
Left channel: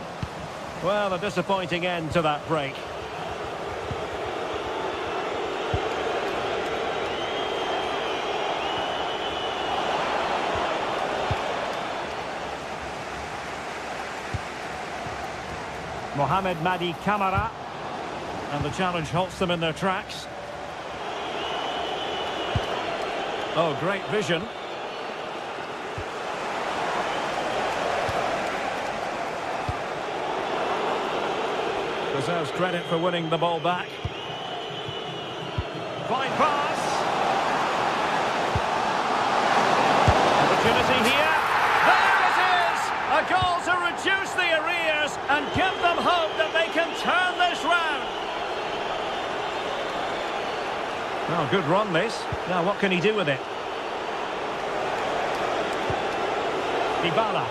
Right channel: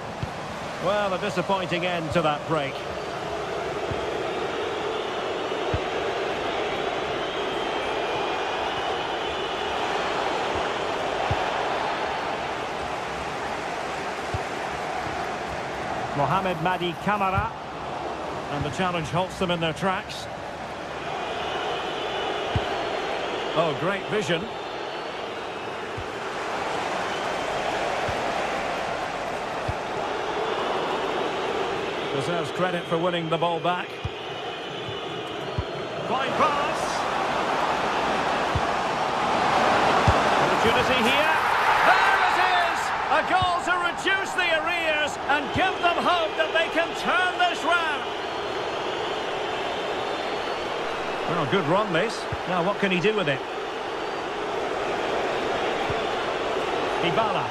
Well, a disappointing end to that break. Mohamed Madi Camara. And the challenge halts them in their tracks. Oh, great vision. Deserves credit for winning the ball back. Fine pass. Opportunity here. There it is! A goal to reduce the arrears and give them hope that they can turn this round. Well, good run this. Now what can he do with it? Dybala.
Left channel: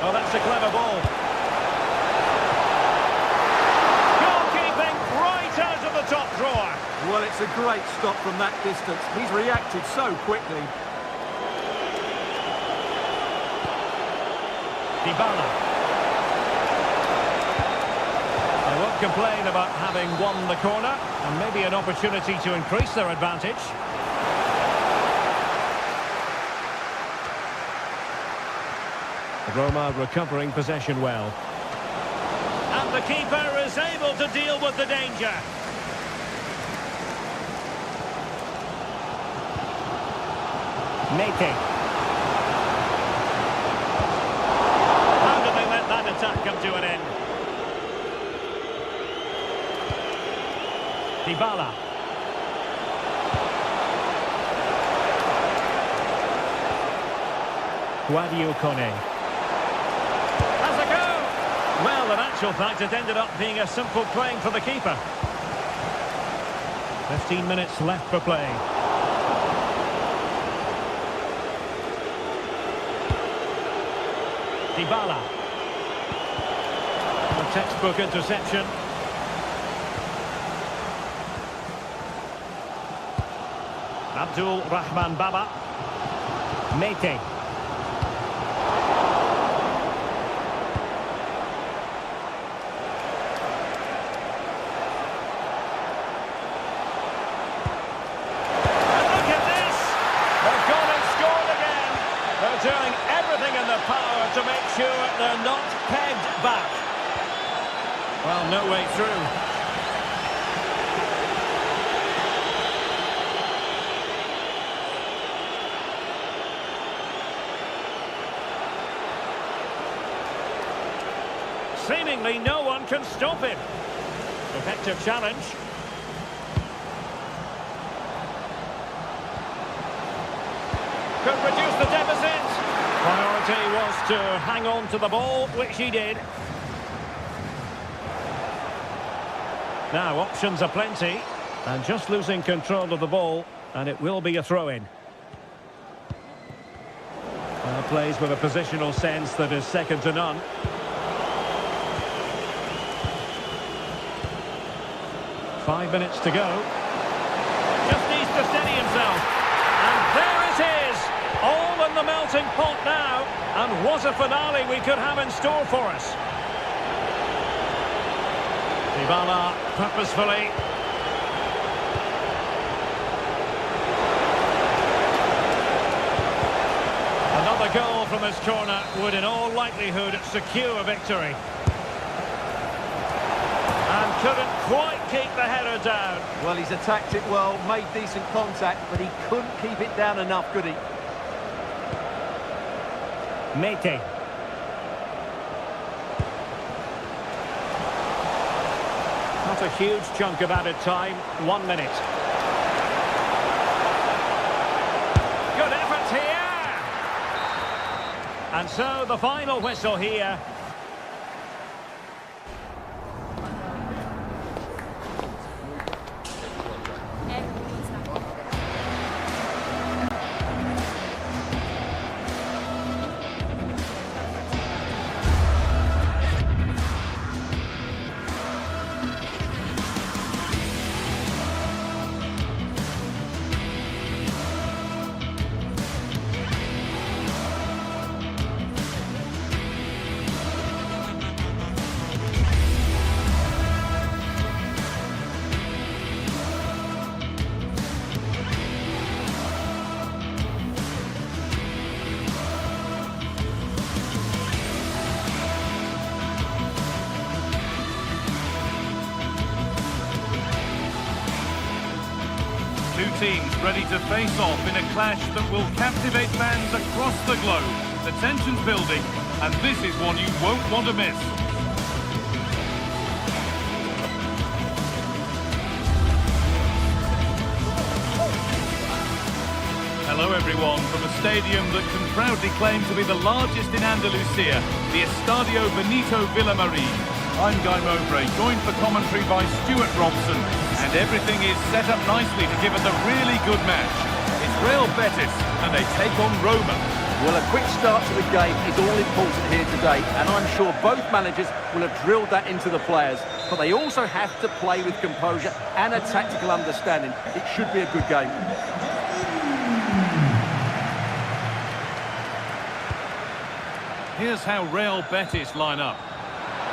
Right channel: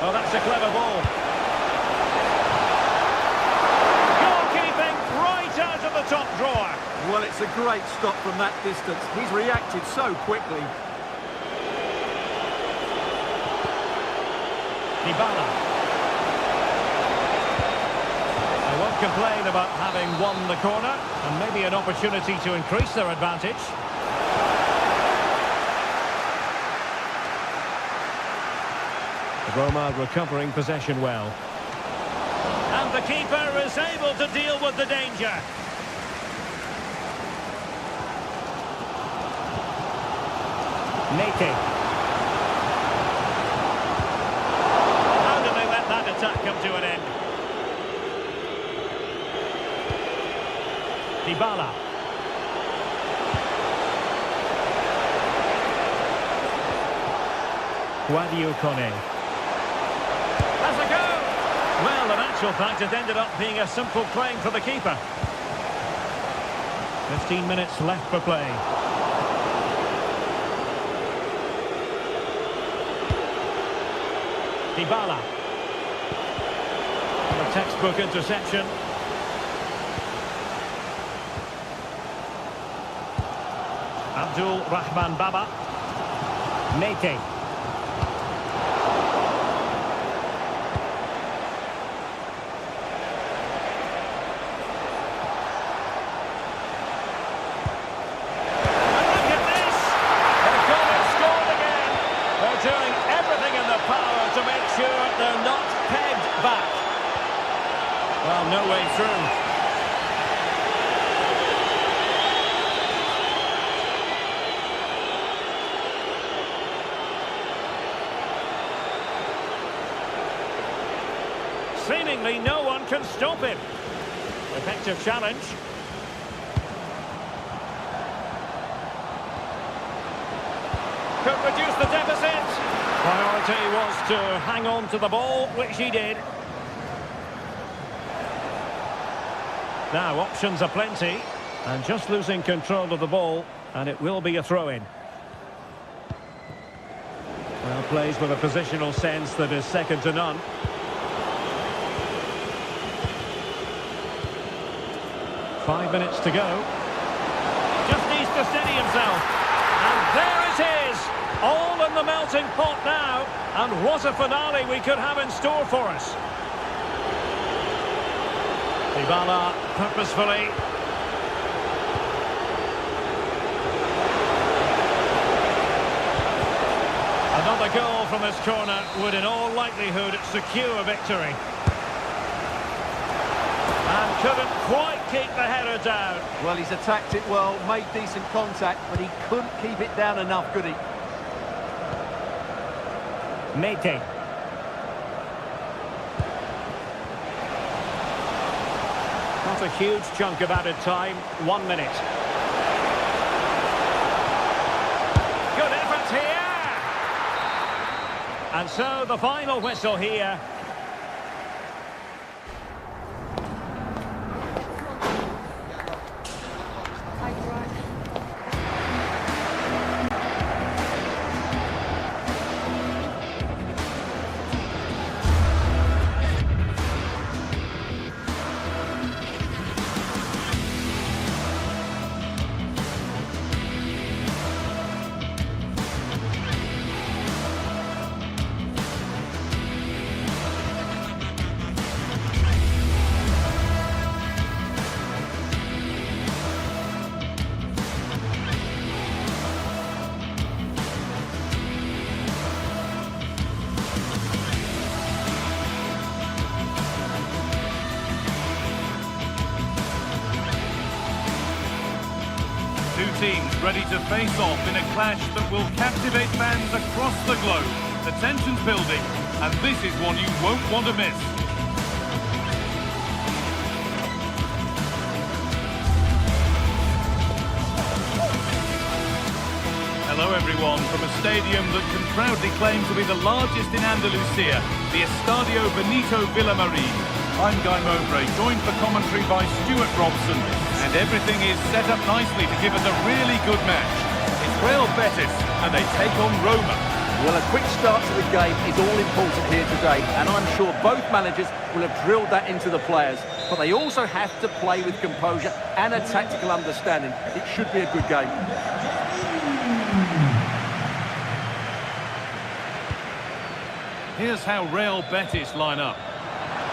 Oh, that's a clever ball. Goalkeeping right right out of the top drawer. Well, it's a great stop from that distance. He's reacted so quickly. Dybala. They won't complain about having won the corner, and maybe an opportunity to increase their advantage. Roma recovering possession well. And the keeper is able to deal with the danger. Mete. How do they let that attack come to an end? Dybala. Guadio Kone. Has a go! Well, in actual fact, it ended up being a simple claim for the keeper. 15 minutes left for play. Dybala. The textbook interception. Abdul Rahman Baba. Mete. Doing everything in their power to make sure they're not pegged back. Well, no way through. Seemingly no one can stop him. Effective challenge. Could reduce the deficit. Priority was to hang on to the ball, which he did. Now, options are plenty. And just losing control of the ball, and it will be a throw-in. Well, plays with a positional sense that is second to none. Five minutes to go. Just needs to steady himself. And there it is, all in the melting pot now, and what a finale we could have in store for us. Dybala purposefully. Another goal from his corner would in all likelihood secure victory. And couldn't quite keep the header down. Well, he's attacked it well, made decent contact, but he couldn't keep it down enough, could he? Mete. Not a huge chunk of added time, 1 minute. Good effort here! And so the final whistle here. Two teams ready to face off in a clash that will captivate fans across the globe. The tension's building, and this is one you won't want to miss. Hello everyone, from a stadium that can proudly claim to be the largest in Andalusia, the Estadio Benito Villamarín. I'm Guy Mowbray, joined for commentary by Stuart Robson, and everything is set up nicely to give us a really good match. It's Real Betis, and they take on Roma. Well, a quick start to the game is all important here today, and I'm sure both managers will have drilled that into the players. But they also have to play with composure and a tactical understanding. It should be a good game. Here's how Real Betis line up.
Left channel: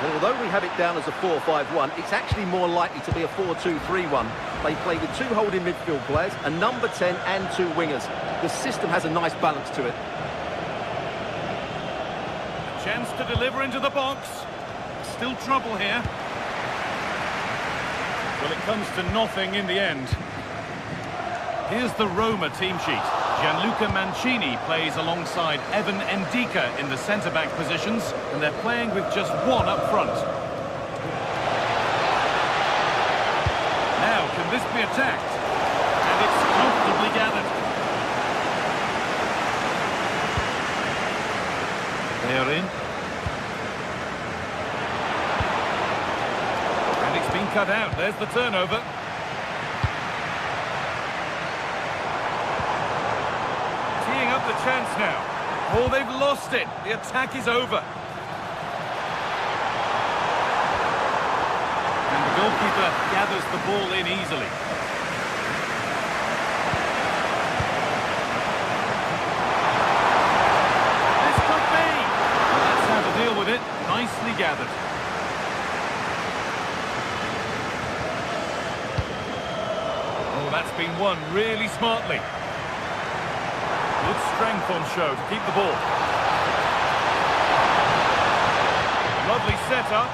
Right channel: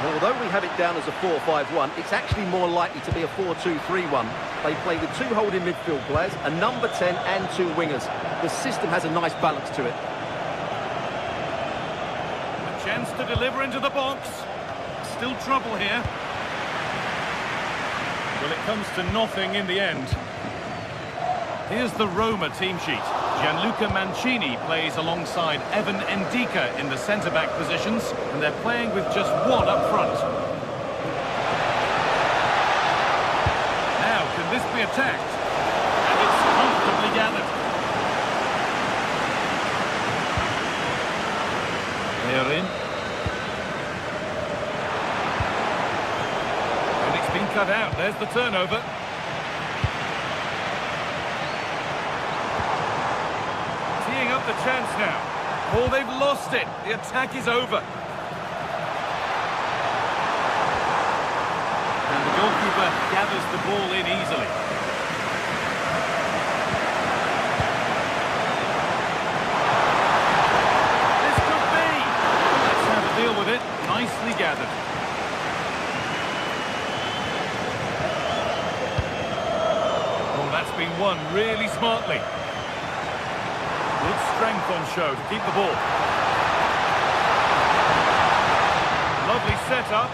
Well, although we have it down as a 4-5-1, it's actually more likely to be a 4-2-3-1. They play with 2 holding midfield players, a number 10 and 2 wingers. The system has a nice balance to it. A chance to deliver into the box. Still trouble here. Well, it comes to nothing in the end. Here's the Roma team sheet. Gianluca Mancini plays alongside Evan Ndika in the centre-back positions, and they're playing with just one up front. Now, can this be attacked? And it's comfortably gathered. They are in. And it's been cut out. There's the turnover. Teeing up the chance now. Oh, they've lost it. The attack is over. And the goalkeeper gathers the ball in easily. This could be. Well, that's how to deal with it. Nicely gathered. Oh, that's been won really smartly. Good strength on show to keep the ball. Lovely setup.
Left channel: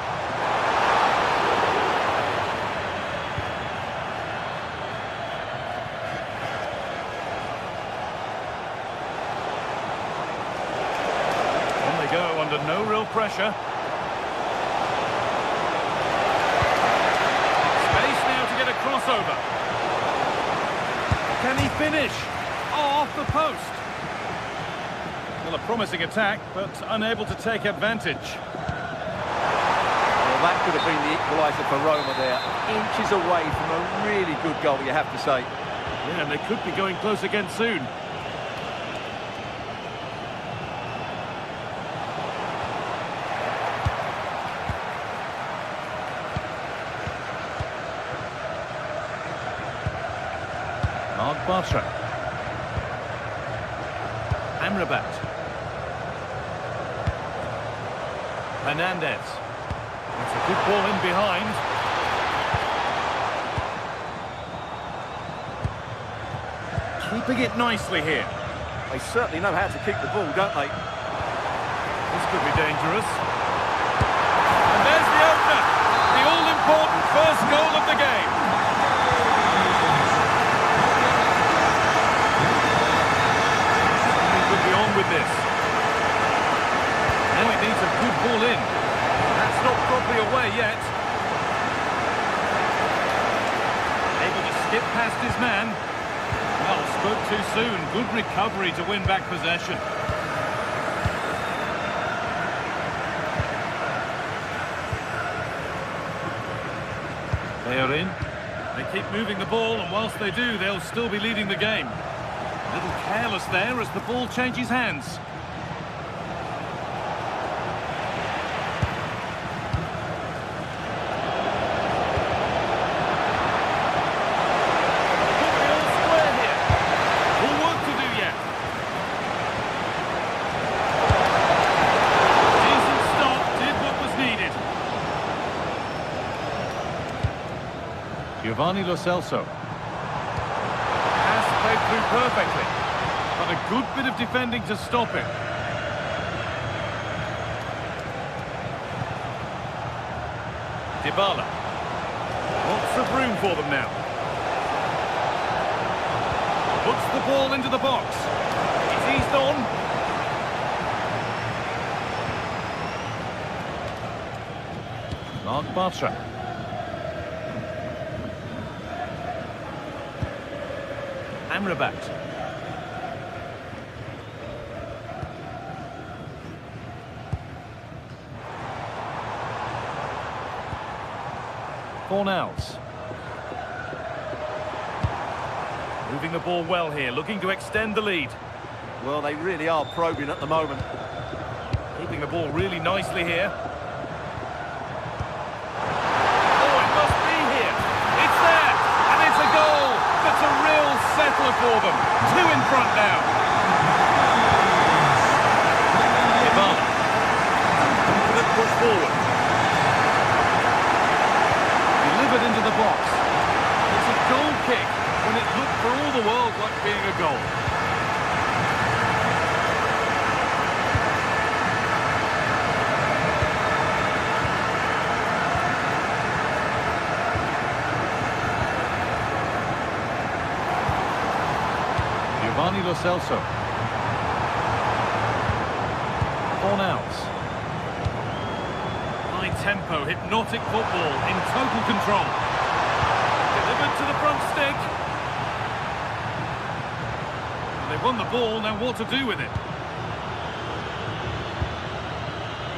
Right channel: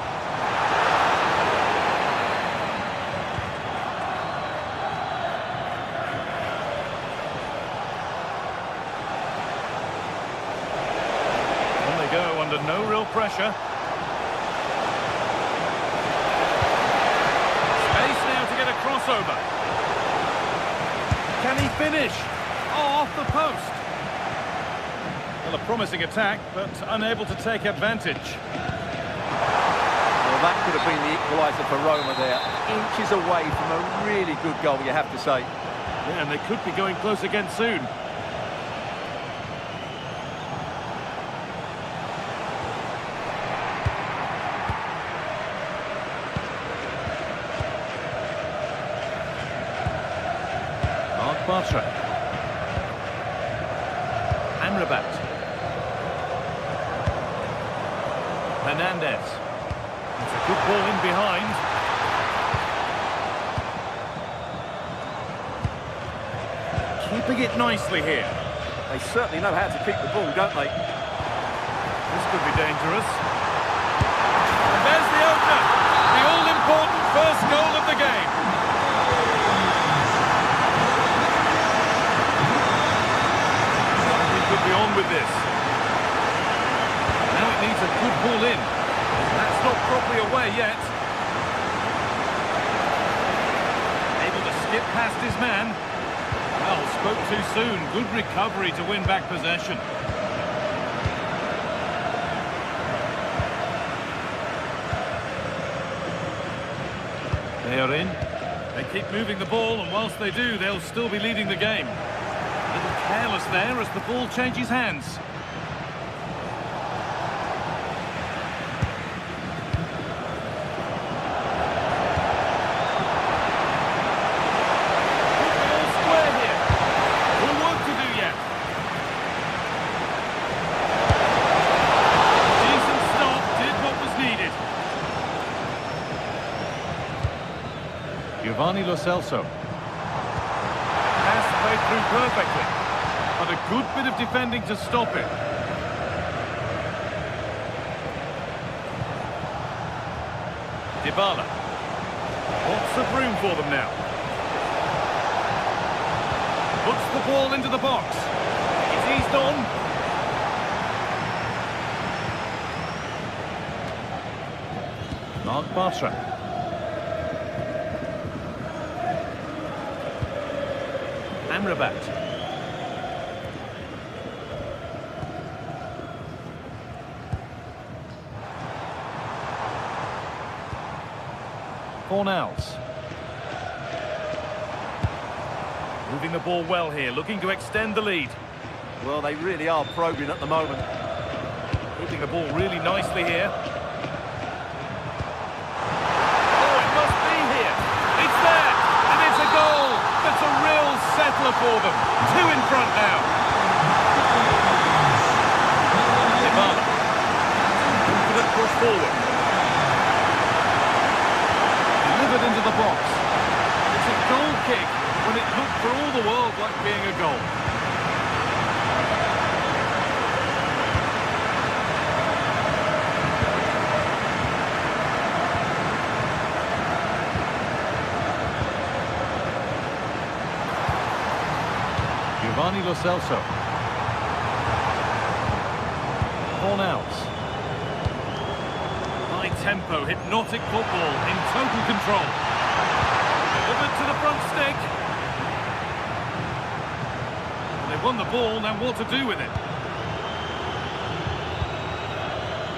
On they go under no real pressure. Space now to get a crossover. Can he finish? Oh, off the post. Well, a promising attack, but unable to take advantage. Well, that could have been the equaliser for Roma there. Inches away from a really good goal, you have to say. Yeah, and they could be going close again soon. Mark Bartra. Amrabat. Hernandez. That's a good ball in behind. Keeping it nicely here. They certainly know how to keep the ball, don't they? This could be dangerous. And there's the opener. The all-important first goal of the game. Could be on with this. Now it needs a good ball in. That's not properly away yet. Able to skip past his man. Well, spoke too soon. Good recovery to win back possession. They are in. They keep moving the ball, and whilst they do, they'll still be leading the game. A little careless there as the ball changes hands. Could be all square here. All work to do yet. Decent stop, did what was needed. Giovanni Lo Celso. Played through perfectly, but a good bit of defending to stop it. Dybala. Lots of room for them now. Puts the ball into the box. It's eased on. Mark Bartra. Amrabat. Fornals. Moving the ball well here, looking to extend the lead. Well, they really are probing at the moment. Keeping the ball really nicely here. Oh, it must be here. It's there, and it's a goal. That's a real settler for them. 2 in front now. Dybala. Confident push forward. Delivered into the box. It's a goal kick when it looked for all the world like being a goal. Giovanni Lo Celso. Fornals. High tempo, hypnotic football in total control. Delivered to the front stick. Well, they've won the ball, now what to do with it?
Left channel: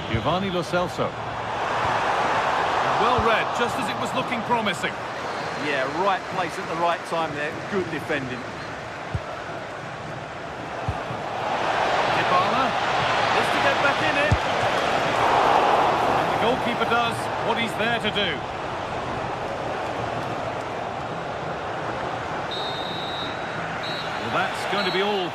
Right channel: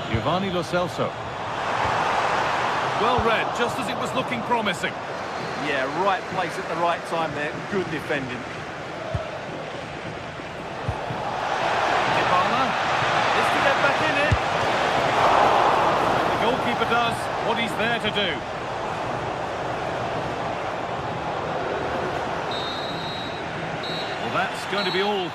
Giovanni Lo Celso. Well read, just as it was looking promising. Yeah, right place at the right time there. Good defending. Dybala is to get back in it. And the goalkeeper does what he's there to do. Well, that's going to be all.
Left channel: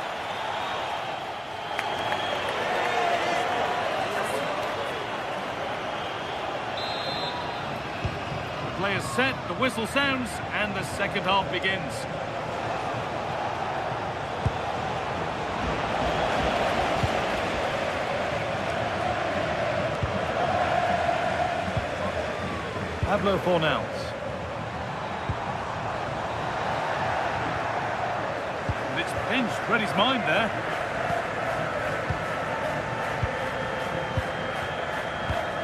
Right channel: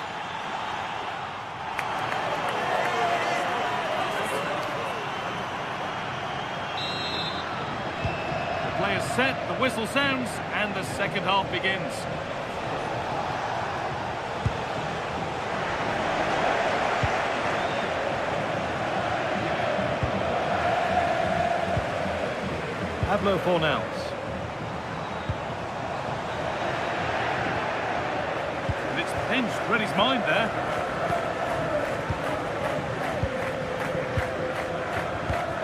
The play is set, the whistle sounds, and the second half begins. Pablo Fornals. And it's pinched, read his mind there.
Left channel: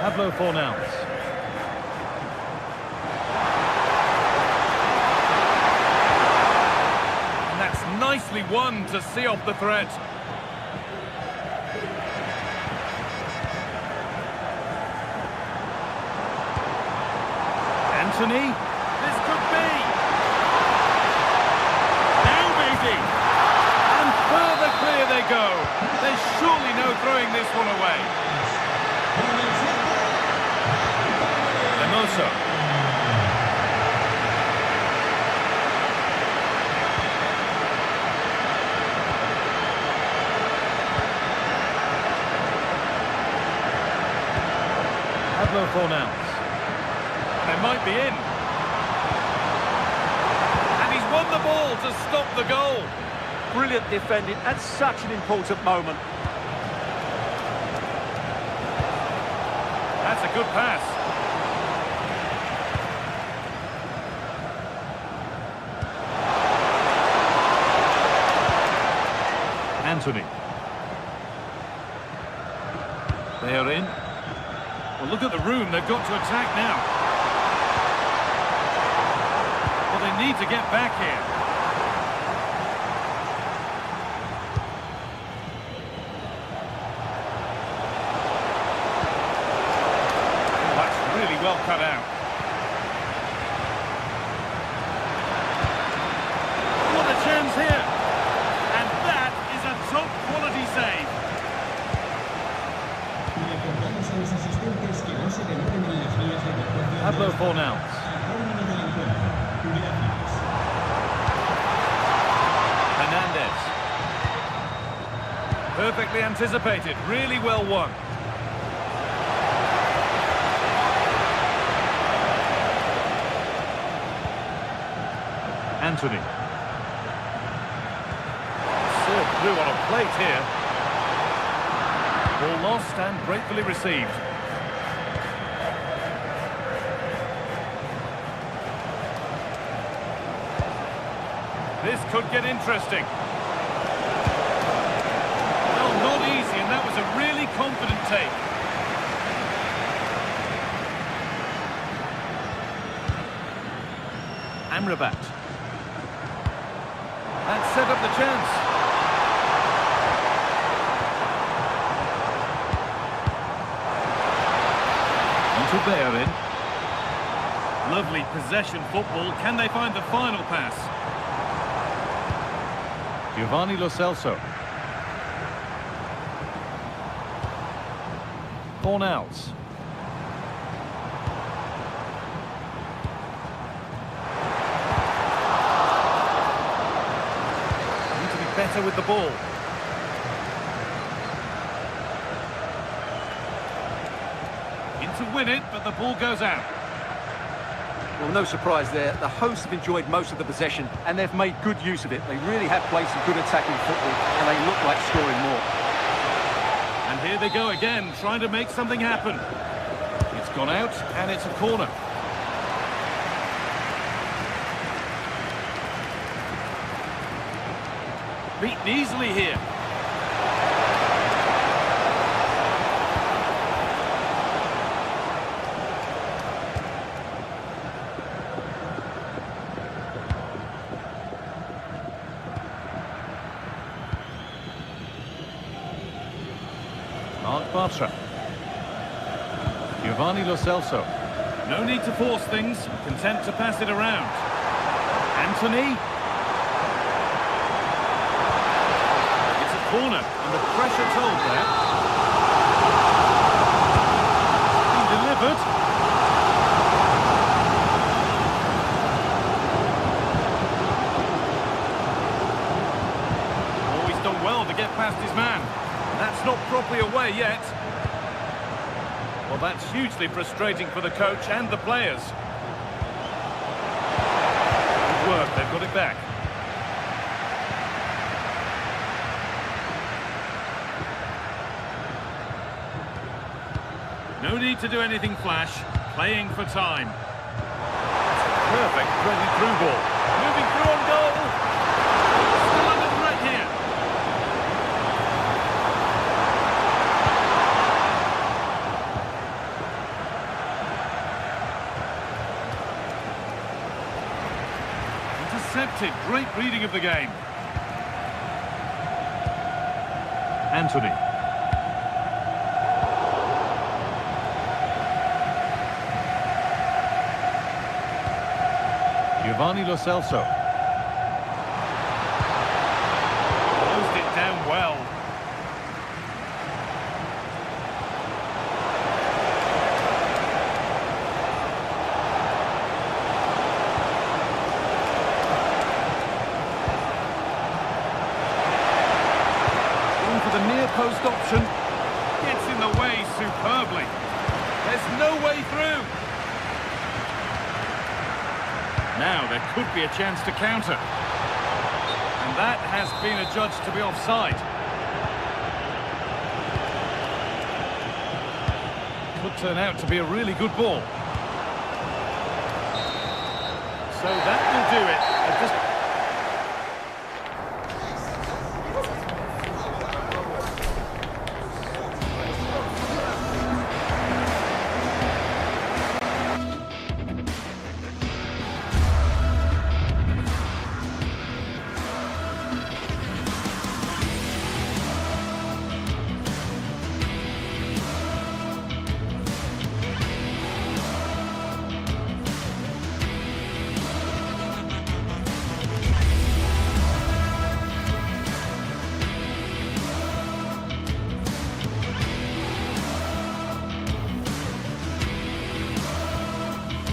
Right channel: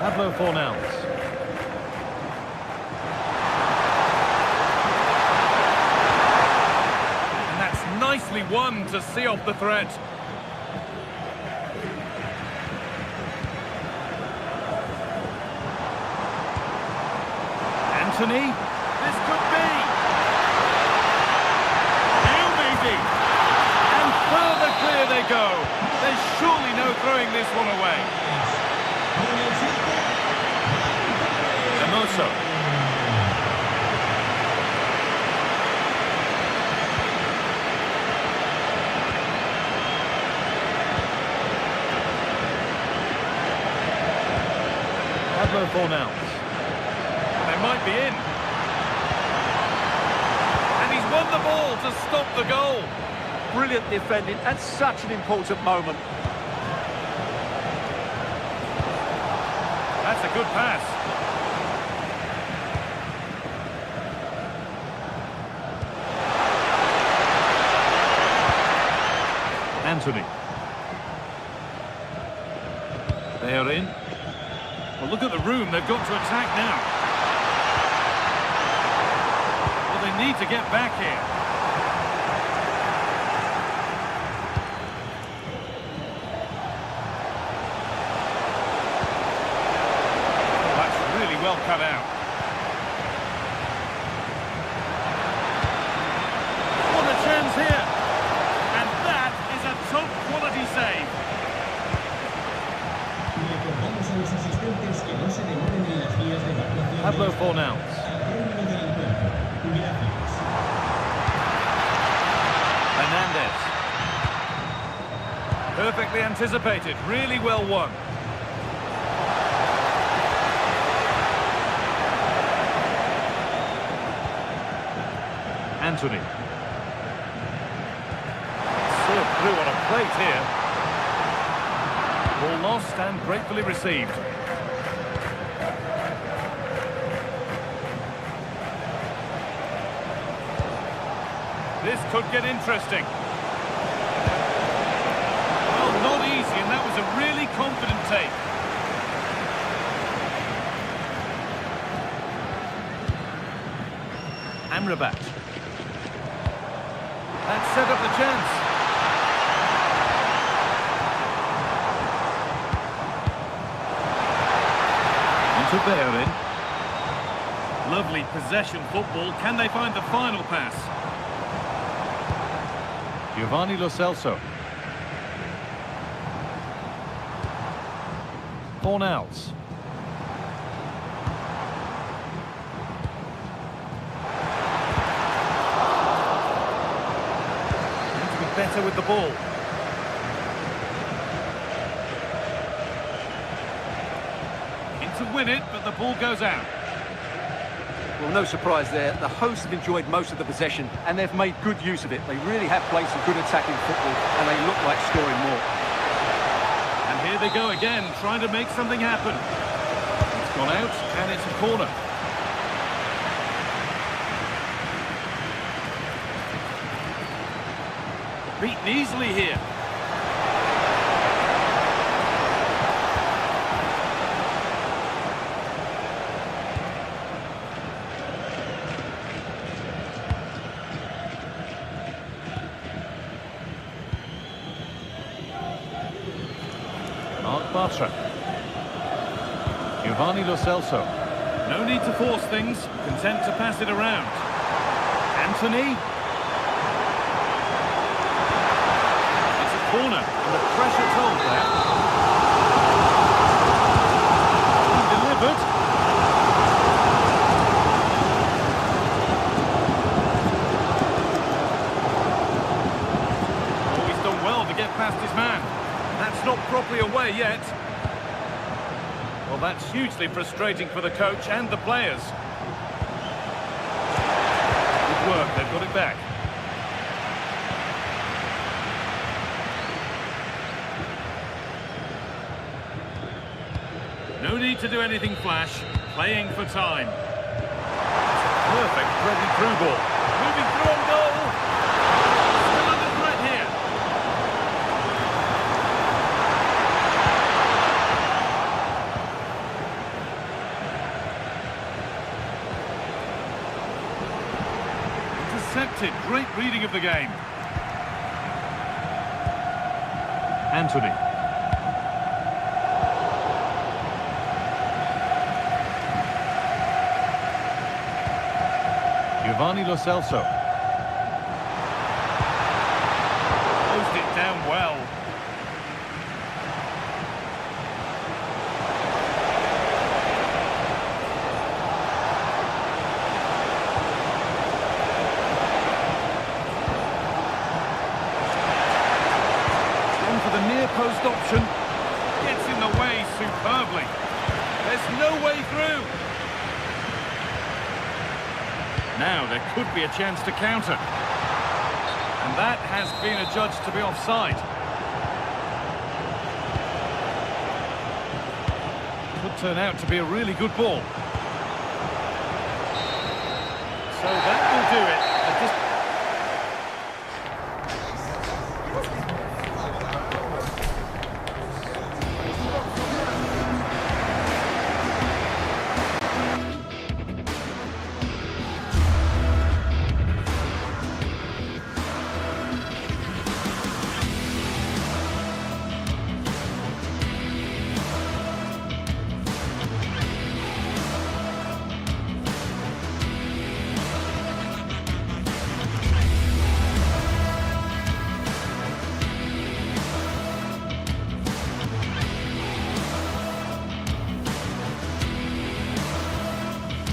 Pablo Fornals. And that's nicely won to see off the threat. Anthony, this could be. Now maybe. And further clear they go. There's surely no throwing this one away. Hermoso. Pablo Fornals. They might be in. And he's won the ball to stop the goal. Brilliant defending at such an important moment. That's a good pass. Anthony. They are in. Well, look at the room they've got to attack now. Well, they need to get back here. Oh, that's really well cut out. What a chance here. And that is a top quality save. Pablo Fornals. Hernandez. Perfectly anticipated, really well won. Anthony. Served through on a plate here. Ball lost and gratefully received. This could get interesting. Well, not easy, and that was a really confident take. Amrabat. That set up the chance. On to Bellerin. Lovely possession football. Can they find the final pass? Giovanni Lo Celso. Cornels. Need to be better with the ball. In to win it, but the ball goes out. Well, no surprise there. The hosts have enjoyed most of the possession, and they've made good use of it. They really have played some good attacking football, and they look like scoring more. And here they go again, trying to make something happen. It's gone out, and it's a corner. Beaten easily here. Mark Bartra. Giovanni Lo Celso. No need to force things, content to pass it around. Anthony. It's a corner, and the pressure told there. Being delivered. Oh, he's done well to get past his man. That's not properly away yet. Well, that's hugely frustrating for the coach and the players. Good work, they've got it back. No need to do anything flash, playing for time. It's a perfect threaded through ball. Moving through on goal. Still under threat here. Intercepted. Great reading of the game. Anthony. Giovanni Lo Celso. Closed it down well. For the near post option, gets in the way superbly. There's no way through. Now there could be a chance to counter, and that has been adjudged to be offside. Could turn out to be a really good ball. So that will do it at this.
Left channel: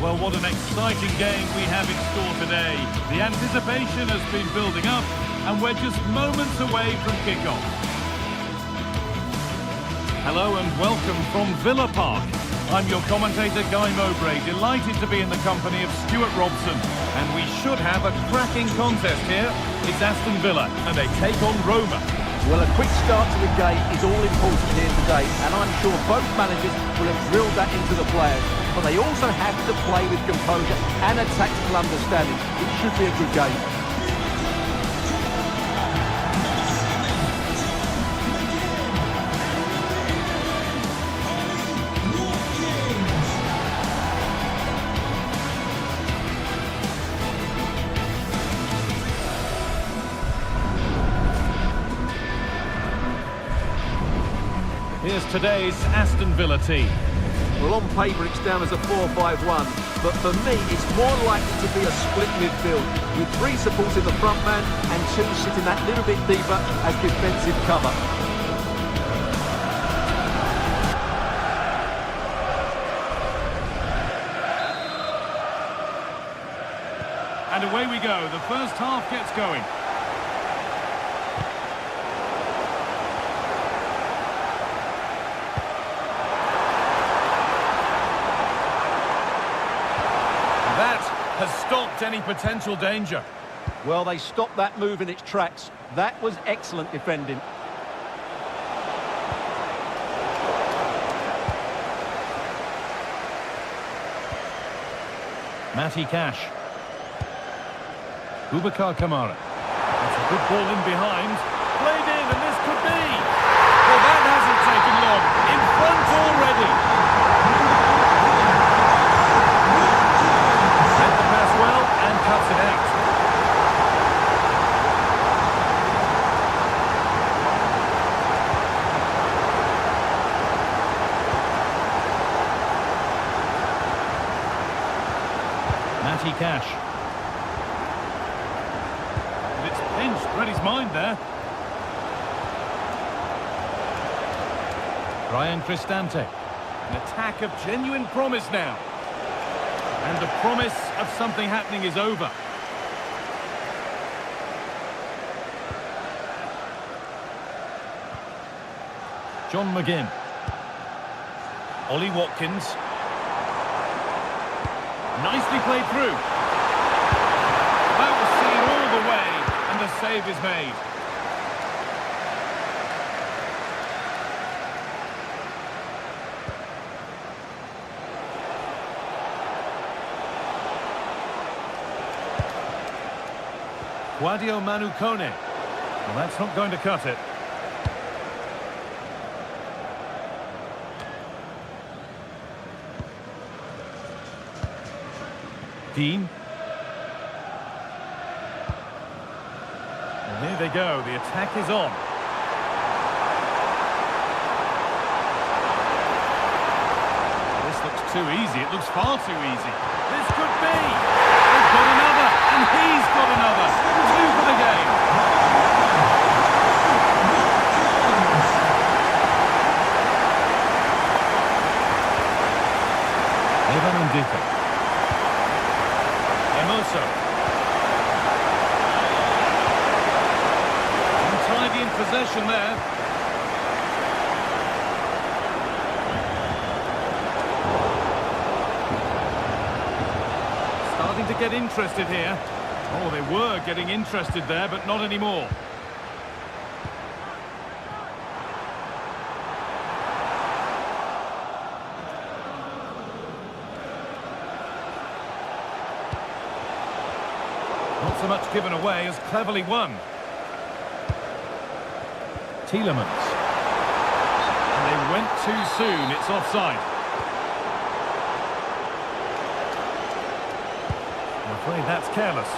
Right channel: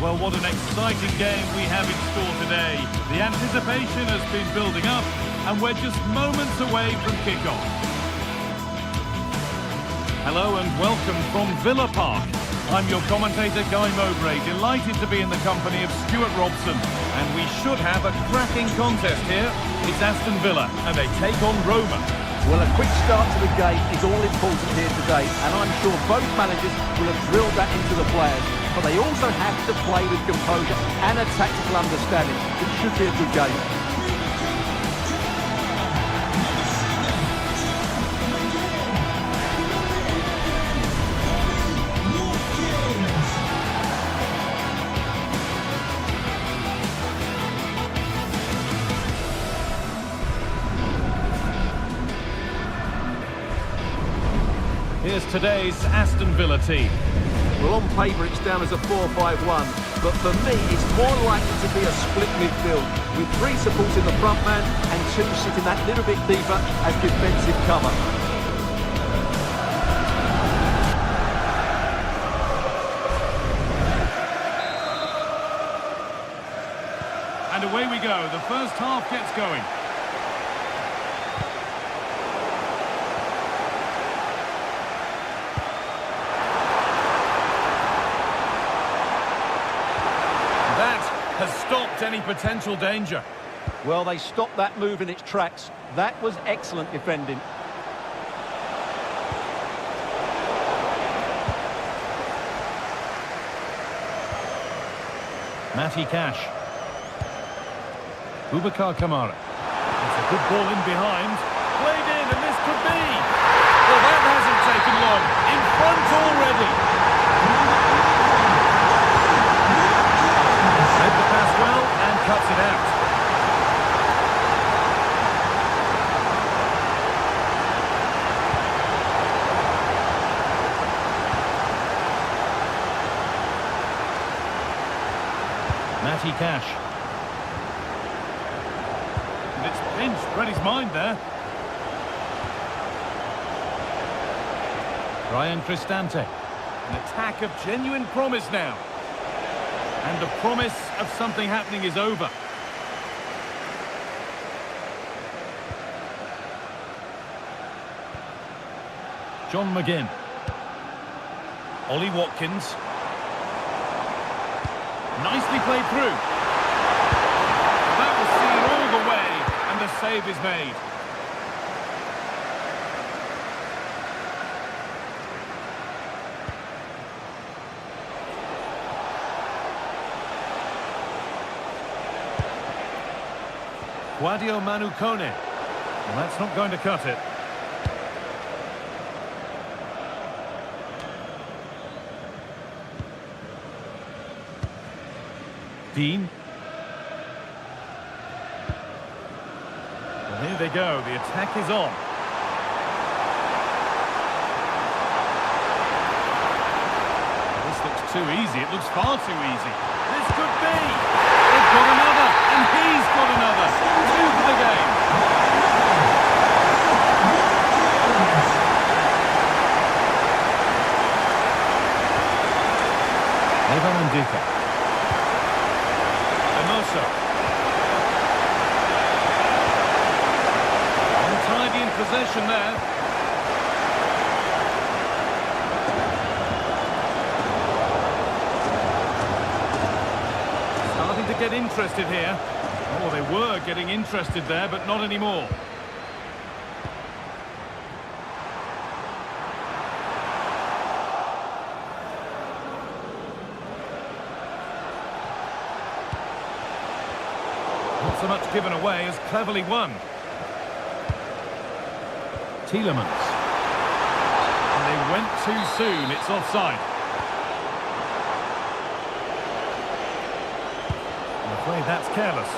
Well, what an exciting game we have in store today. The anticipation has been building up, and we're just moments away from kickoff. Hello and welcome from Villa Park. I'm your commentator, Guy Mowbray, delighted to be in the company of Stuart Robson. And we should have a cracking contest here. It's Aston Villa, and they take on Roma. Well, a quick start to the game is all important here today, and I'm sure both managers will have drilled that into the players. But they also have to play with composure and a tactical understanding. It should be a good game. Here's today's Aston Villa team. Well, on paper it's down as a 4-5-1, but for me it's more likely to be a split midfield, with 3 supporting the front man and 2 sitting that little bit deeper as defensive cover. And away we go. The first half gets going. That has stopped any potential danger. Well, they stopped that move in its tracks. That was excellent defending. Matty Cash. Boubacar Kamara. It's a good ball in behind. Played in, and this could be. Well, that hasn't taken long. In front already. Read the pass well and cuts it out. Matty Cash. And it's pinched. Read his mind there. Brian Cristante. An attack of genuine promise now. And the promise of something happening is over. John McGinn. Ollie Watkins. Nicely played through. That was seen all the way, and the save is made. Guadio Manu Kone. Well, that's not going to cut it. Dean. Well, here they go. The attack is on. This looks too easy. It looks far too easy. This could be. They've got another, and he's got another. 2 for the game. Evan Ndika. Hermoso. Untidy in possession there. Starting to get interested here. Oh, they were getting interested there, but not anymore. Not so much given away as cleverly won. Tielemans. And they went too soon. It's offside. I'm afraid that's careless.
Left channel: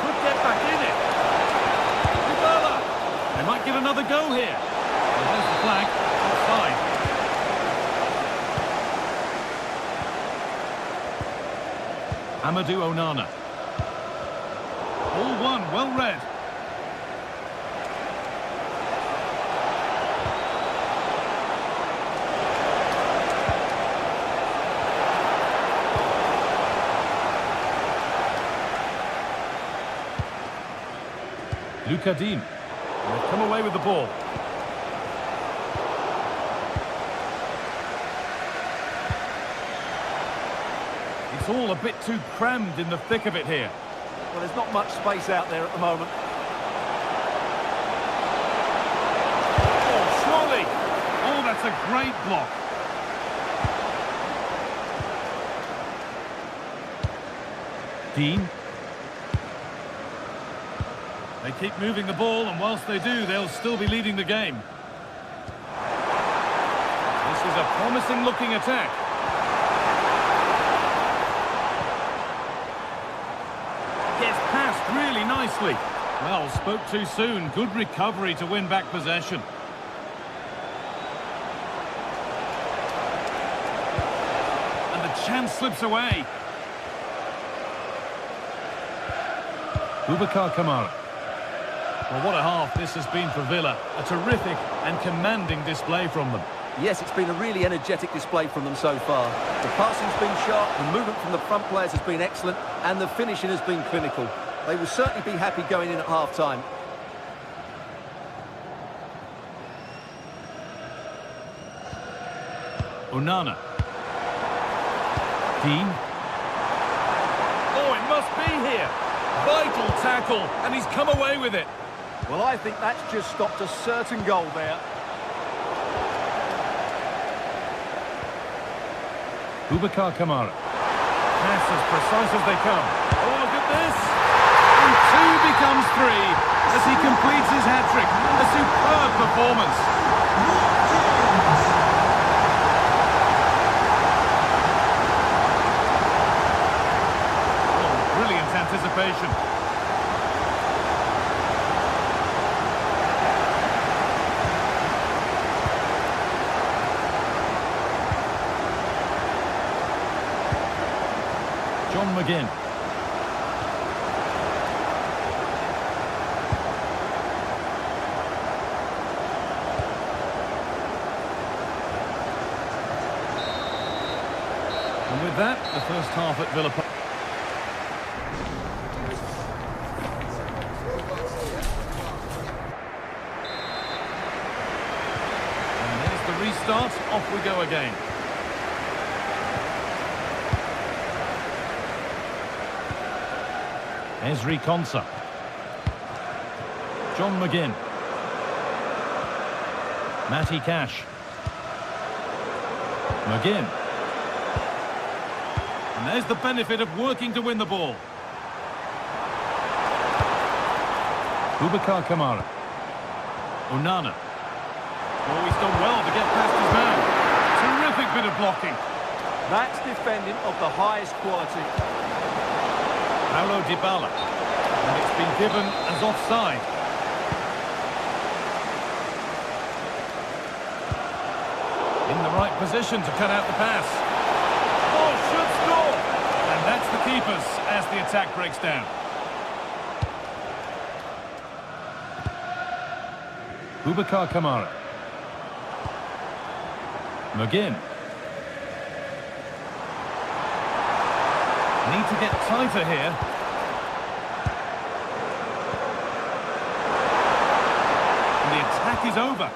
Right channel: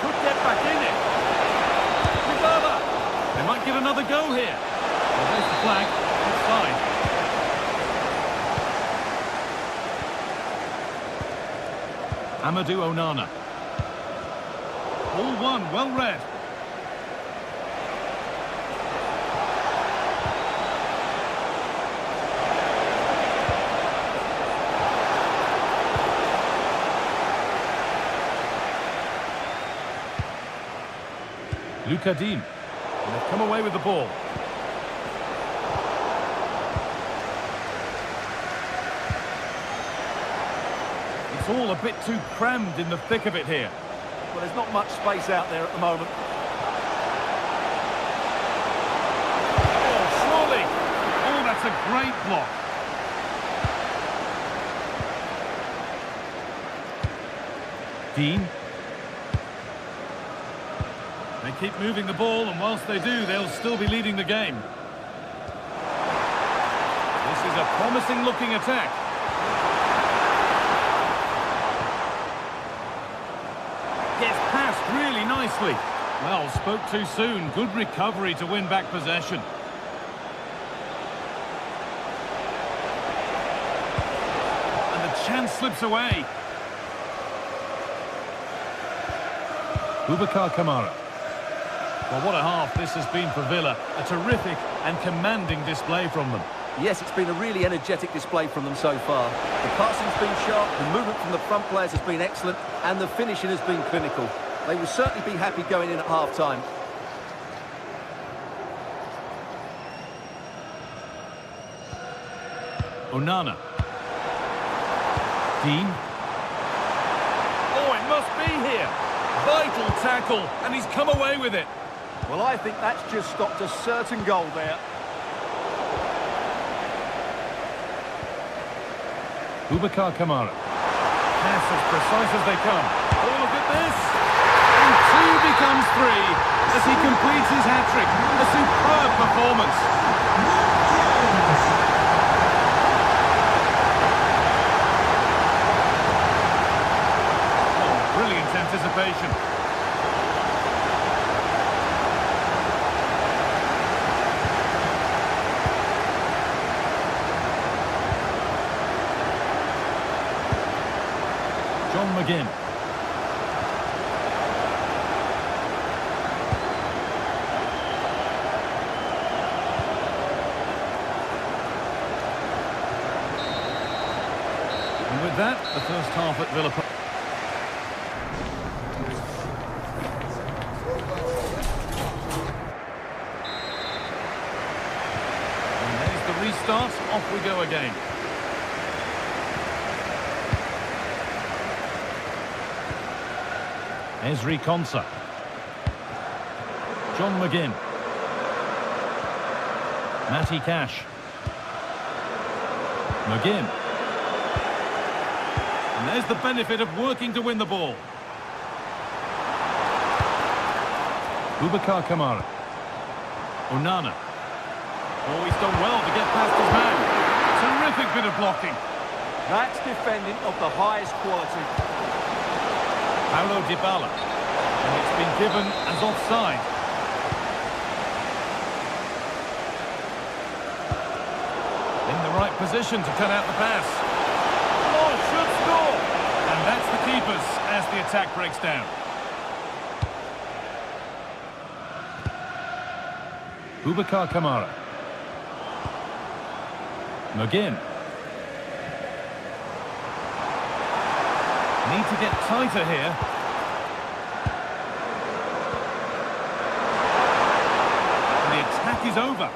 Could get back in it. Dybala. They might get another go here. Well, there's the flag. Offside. Amadou Onana. All one, well read. Luca Dean. And they've come away with the ball. It's all a bit too crammed in the thick of it here. Well, there's not much space out there at the moment. Oh, surely! Oh, that's a great block. Dean. They keep moving the ball, and whilst they do, they'll still be leading the game. This is a promising-looking attack. Gets passed really nicely. Well, spoke too soon. Good recovery to win back possession. And the chance slips away. Boubacar Kamara. Well, what a half this has been for Villa. A terrific and commanding display from them. Yes, it's been a really energetic display from them so far. The passing's been sharp, the movement from the front players has been excellent, and the finishing has been clinical. They will certainly be happy going in at half-time. Onana. Dean. Oh, it must be here. Vital tackle, and he's come away with it. Well, I think that's just stopped a certain goal there. Boubacar Kamara. Pass as precise as they come. Oh, look at this. And 2 becomes 3 as he completes his hat-trick. A superb performance. Oh, brilliant anticipation. John McGinn. And with that, the first half at Villa Park. And there's the restart. Off we go again. Ezri Konsa. John McGinn. Matty Cash. McGinn. And there's the benefit of working to win the ball. Boubacar Kamara. Onana. Oh, he's done well to get past his man. Terrific bit of blocking. That's defending of the highest quality. Paulo Dybala. And it's been given as offside. In the right position to cut out the pass. Oh, should score! And that's the keepers as the attack breaks down. Boubacar Kamara. McGinn. Need to get tighter here. And the attack is over.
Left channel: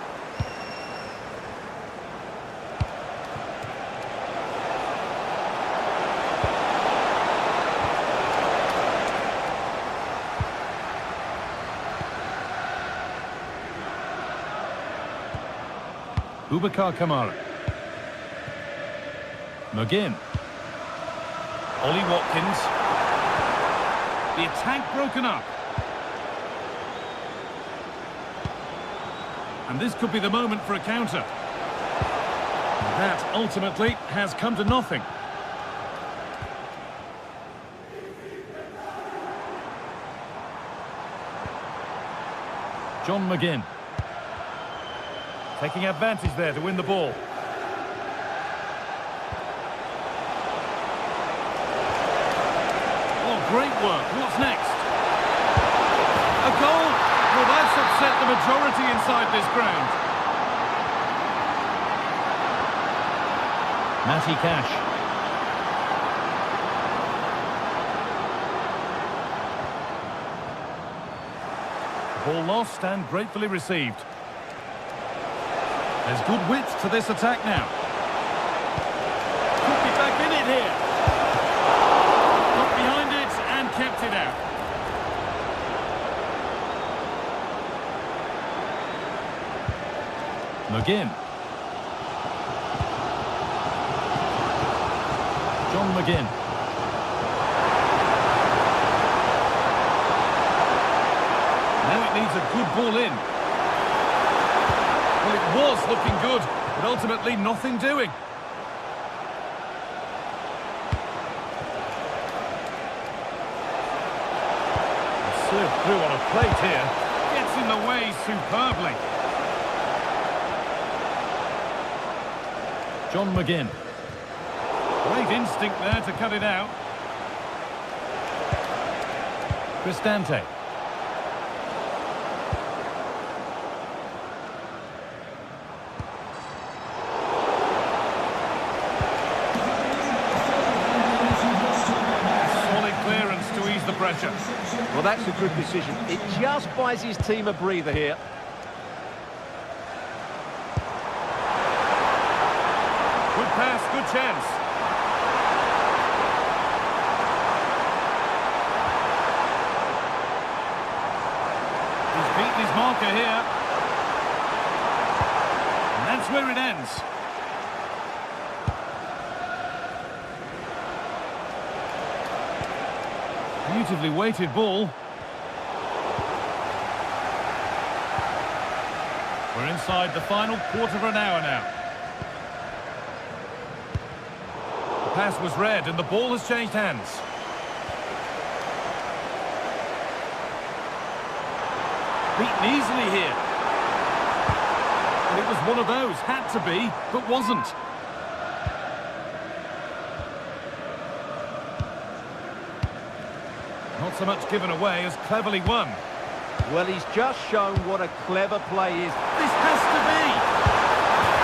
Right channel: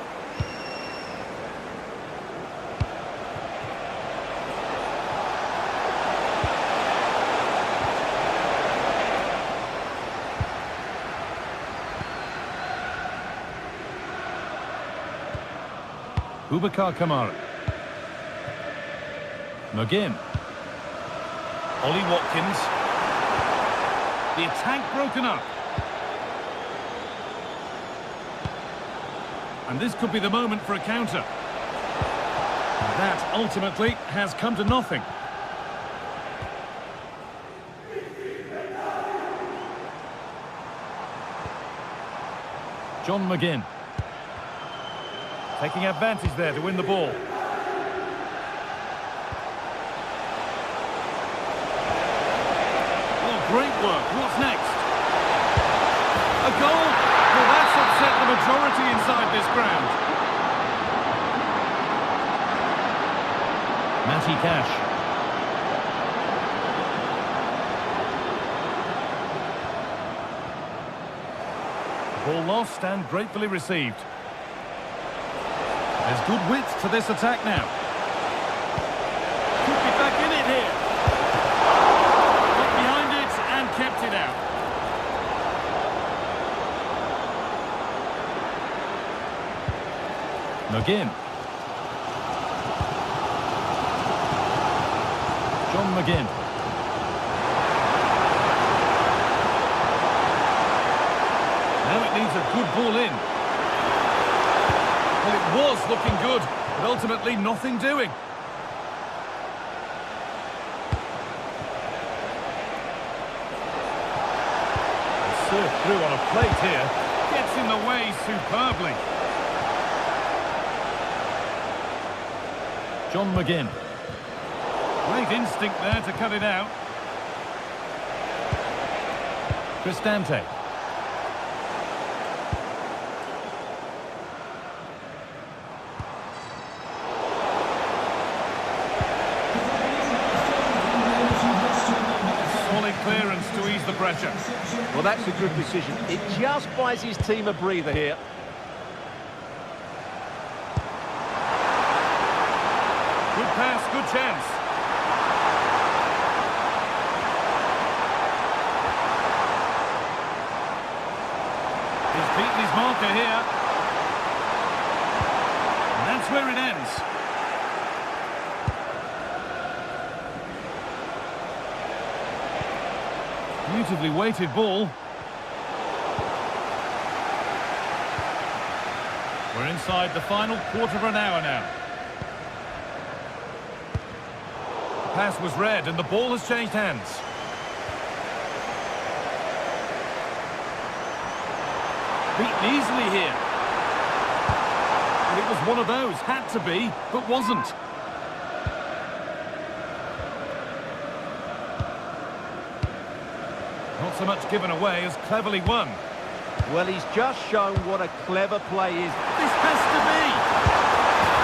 Boubacar Kamara. McGinn. Ollie Watkins. The attack broken up. And this could be the moment for a counter. And that ultimately has come to nothing. John McGinn. Taking advantage there to win the ball. Great work. What's next? A goal? Well, that's upset the majority inside this ground. Matty Cash. The ball lost and gratefully received. There's good width to this attack now. Could be back in it here. And kept it out. McGinn. John McGinn. Now it needs a good ball in. Well, it was looking good, but ultimately nothing doing. Served through on a plate here. Gets in the way superbly. John McGinn. Great instinct there to cut it out. Cristante. pressure. Well, that's a good decision. It just buys his team a breather here. Good pass, good chance. He's beaten his marker here. And that's where it ends. Beautifully weighted ball. We're inside the final quarter of an hour now. The pass was read and the ball has changed hands. Beaten easily here. And it was one of those, had to be, but wasn't. Not so much given away as cleverly won. Well, he's just shown what a clever play is. This has to be!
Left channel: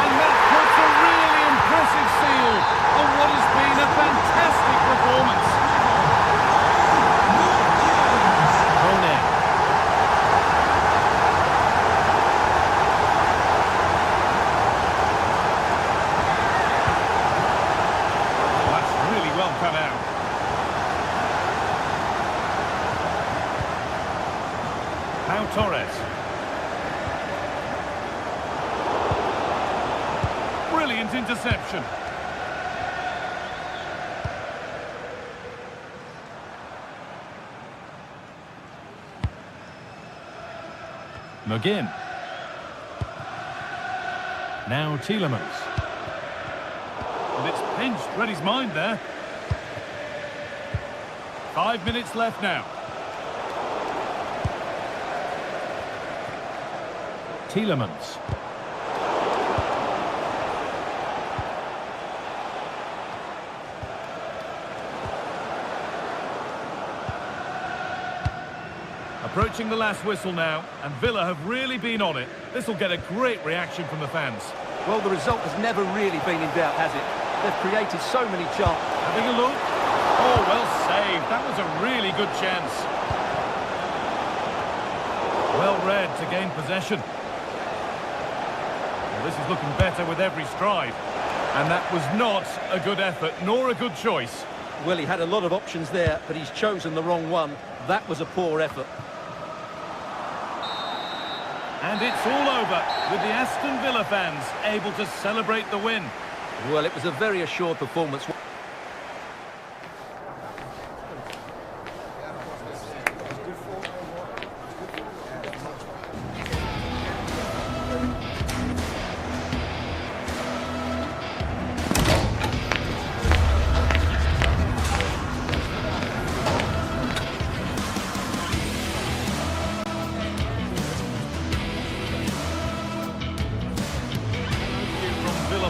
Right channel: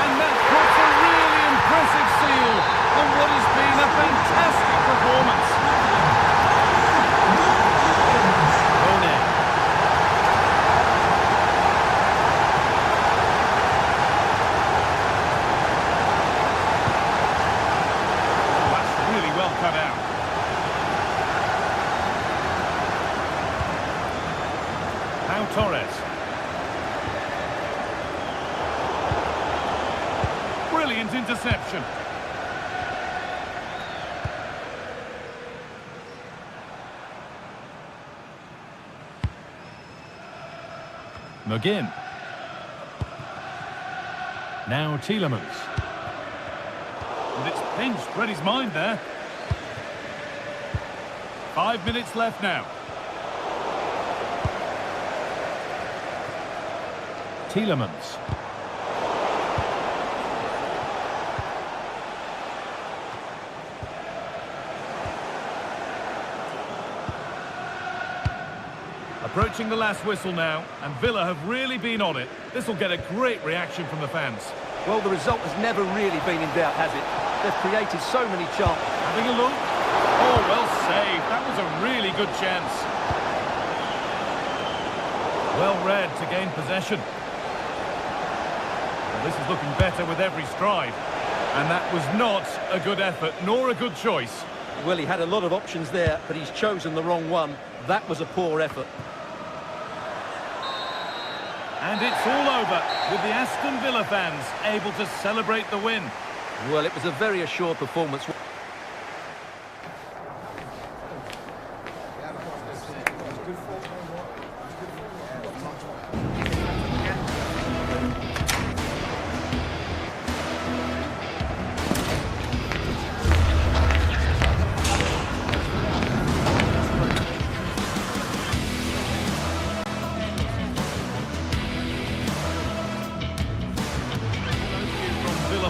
And that puts a really impressive seal on what has been a fantastic performance. Kone. Oh, that's really well cut out. Pau Torres. Brilliant interception. McGinn. Now Tielemans. And it's pinched, read his mind there. 5 minutes left now. Tielemans. Approaching the last whistle now, and Villa have really been on it. This will get a great reaction from the fans. Well, the result has never really been in doubt, has it? They've created so many chances. Having a look. Oh, well saved. That was a really good chance. Well read to gain possession. Well, this is looking better with every stride. And that was not a good effort, nor a good choice. Well, he had a lot of options there, but he's chosen the wrong one. That was a poor effort. And it's all over, with the Aston Villa fans able to celebrate the win. Well, it was a very assured performance.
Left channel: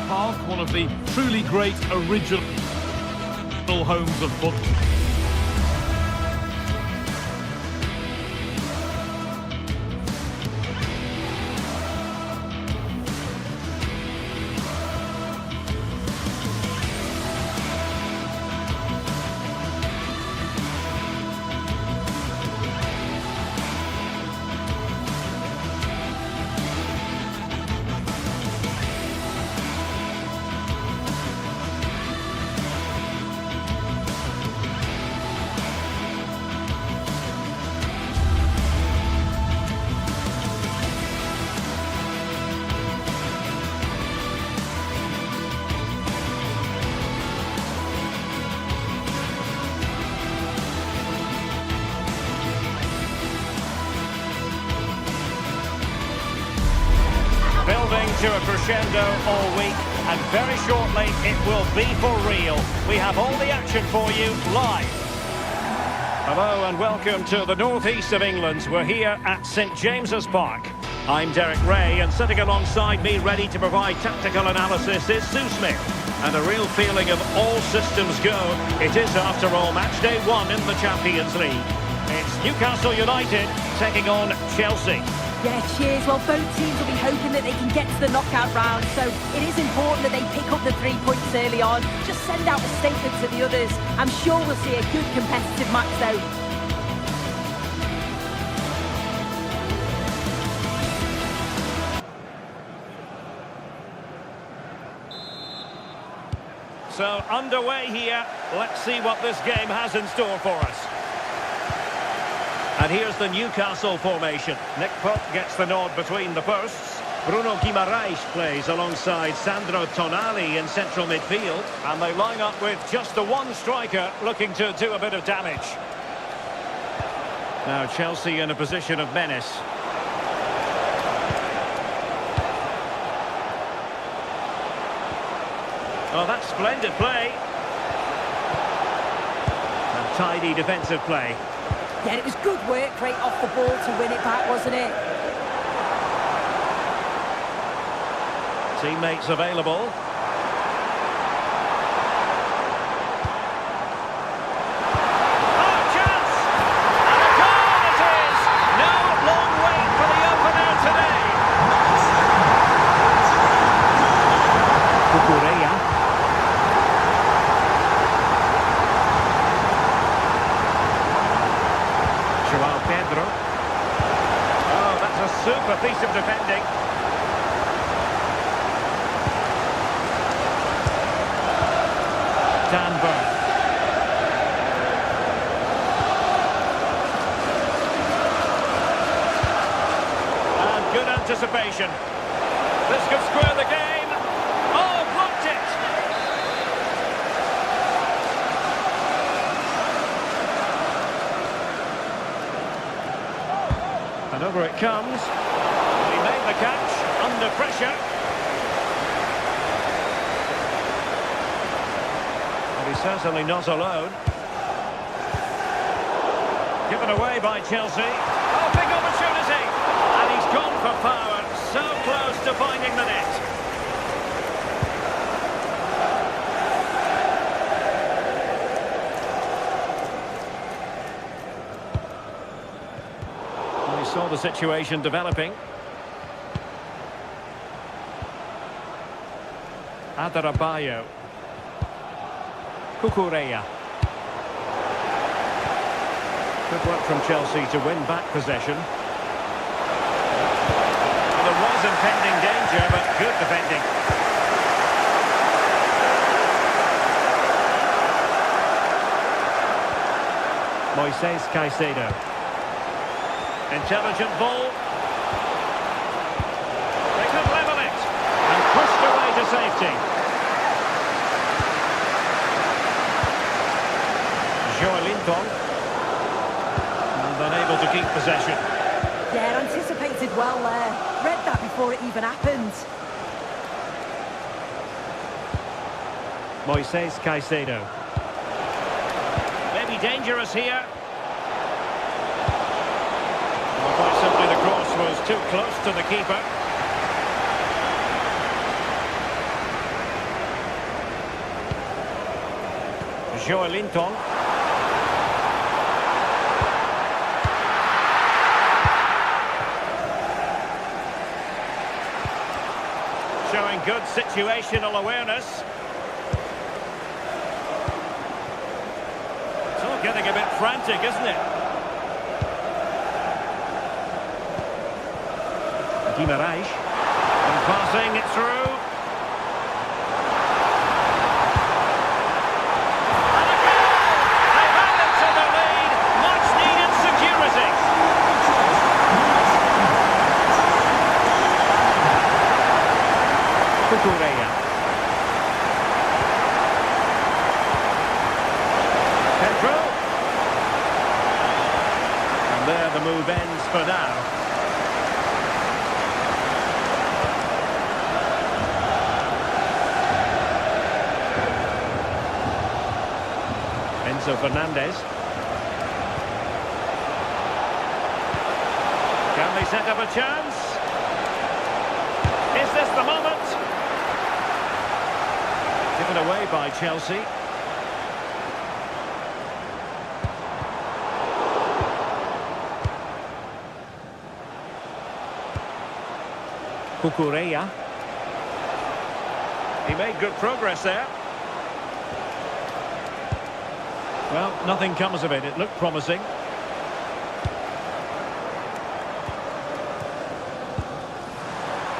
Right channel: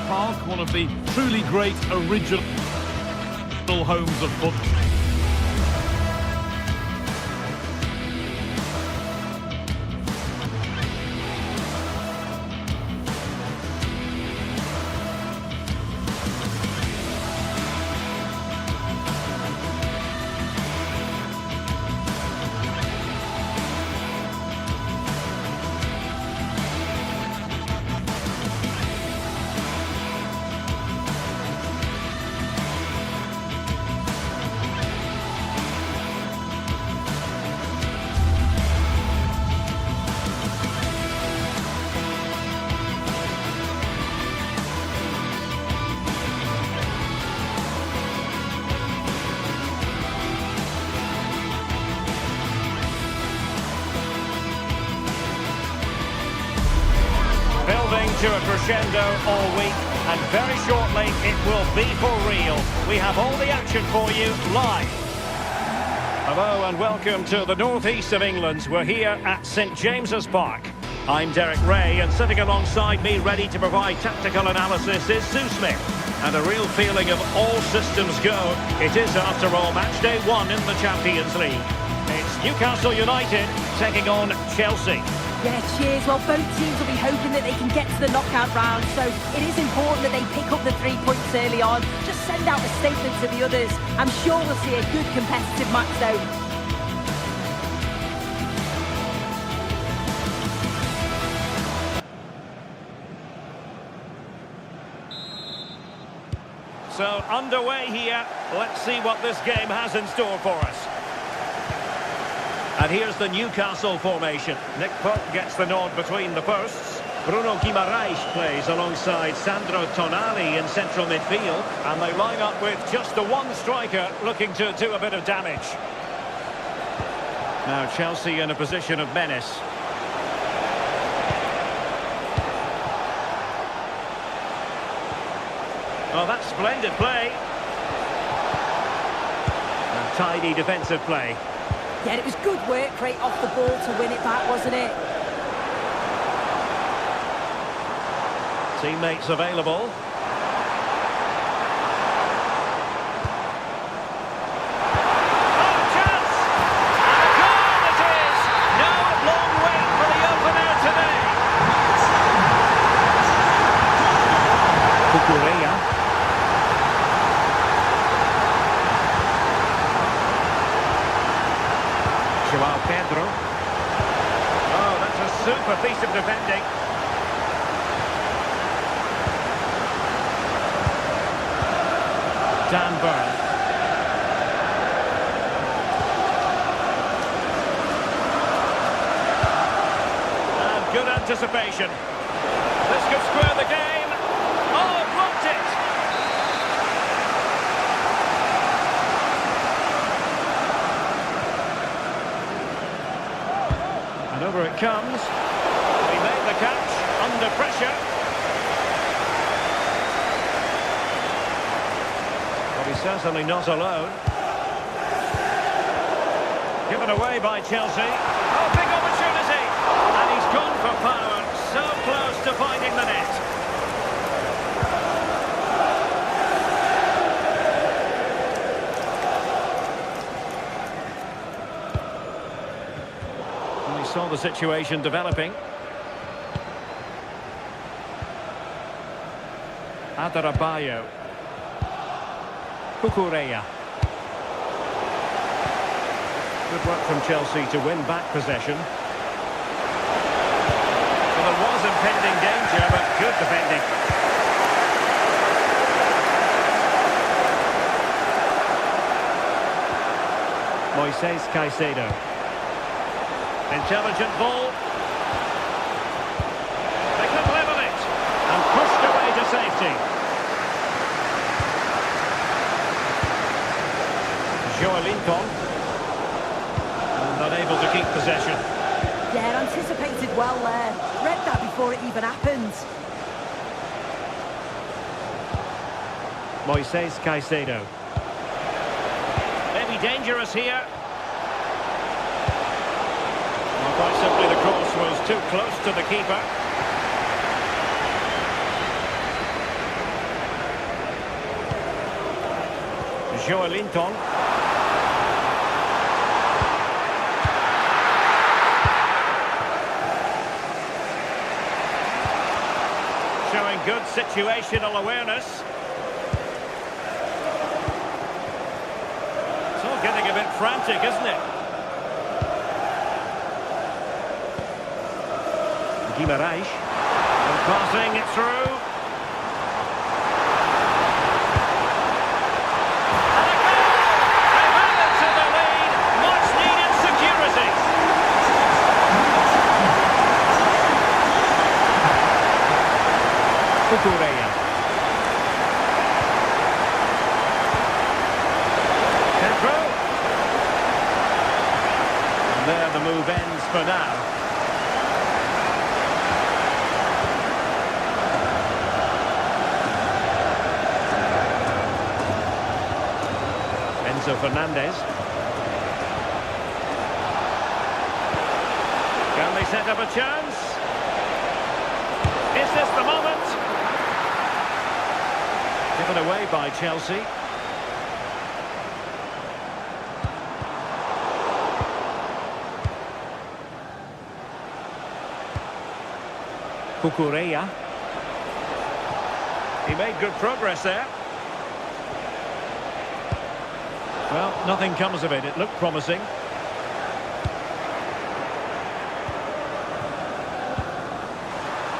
Park, one of the truly great original homes of football. Building to a crescendo all week, and very shortly it will be for real. We have all the action for you live. Hello and welcome to the northeast of England. We're here at St James's Park. I'm Derek Ray, and sitting alongside me ready to provide tactical analysis is Sue Smith. And a real feeling of all systems go. It is, after all, match day 1 in the Champions League. It's Newcastle United taking on Chelsea. Yeah, cheers. Well, both teams will be hoping that they can get to the knockout round, so it is important that they pick up the 3 points early on. Just send out a statement to the others. I'm sure we'll see a good competitive match, though. So underway here. Let's see what this game has in store for us. And here's the Newcastle formation. Nick Pope gets the nod between the posts. Bruno Guimaraes plays alongside Sandro Tonali in central midfield. And they line up with just the one striker looking to do a bit of damage. Now Chelsea in a position of menace. Oh, that's splendid play. And tidy defensive play. Yeah, it was good work right off the ball to win it back, wasn't it? Teammates available. Oh, chance! And a goal it is! No long wait for the opener today. Cucurella. João Pedro. Oh, that's a super piece of defending. Dan Burn. And good anticipation. This could square the game. Oh, blocked it! And over it comes. He made the catch under pressure. But he's certainly not alone. Given away by Chelsea. Oh, big opportunity! And he's gone for power. So close to finding the net. We saw the situation developing. Adarabioyo. Cucurella. Good work from Chelsea to win back possession. Well, there was impending danger, but good defending. Moises Caicedo. Intelligent ball. They could level it. And pushed away to safety. Joelinton. And unable to keep possession. Yeah, anticipated well there. Read that before it even happened. Moises Caicedo. Maybe dangerous here. Well, quite simply the cross was too close to the keeper. Joelinton. Showing good situational awareness. It's all getting a bit frantic, isn't it? Guimaraes. And passing it through. And a goal! They've added to the lead. Much needed security. Cucurella. Pedro. And there the move ends for now. Enzo Fernandez. Can they set up a chance? Is this the moment? Given away by Chelsea. Cucurella. He made good progress there. Well, nothing comes of it. It looked promising.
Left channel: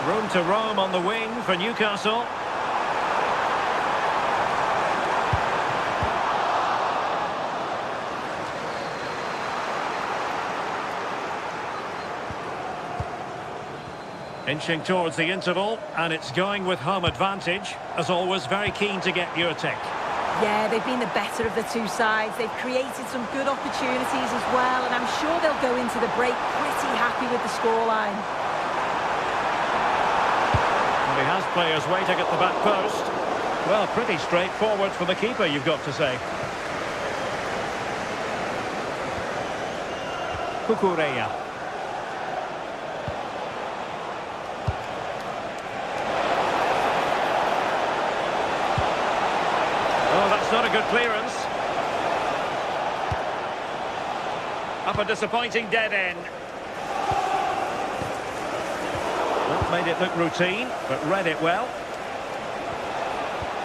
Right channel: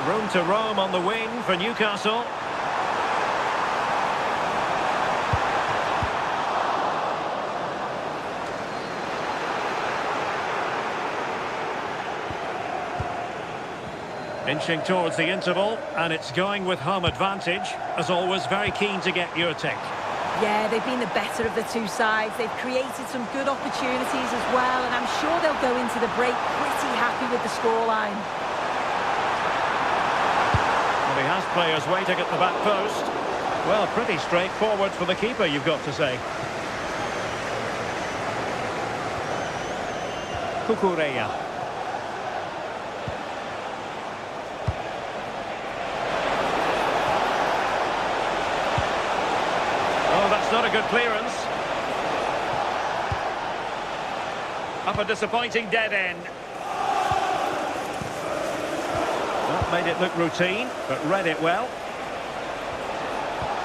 Room to roam on the wing for Newcastle. Inching towards the interval, and it's going with home advantage. As always, very keen to get your take. Yeah, they've been the better of the two sides. They've created some good opportunities as well, and I'm sure they'll go into the break pretty happy with the scoreline. Well, he has players waiting at the back post. Well, pretty straightforward for the keeper, you've got to say. Cucurella. Oh, that's not a good clearance. Up a disappointing dead end. Well, made it look routine, but read it well.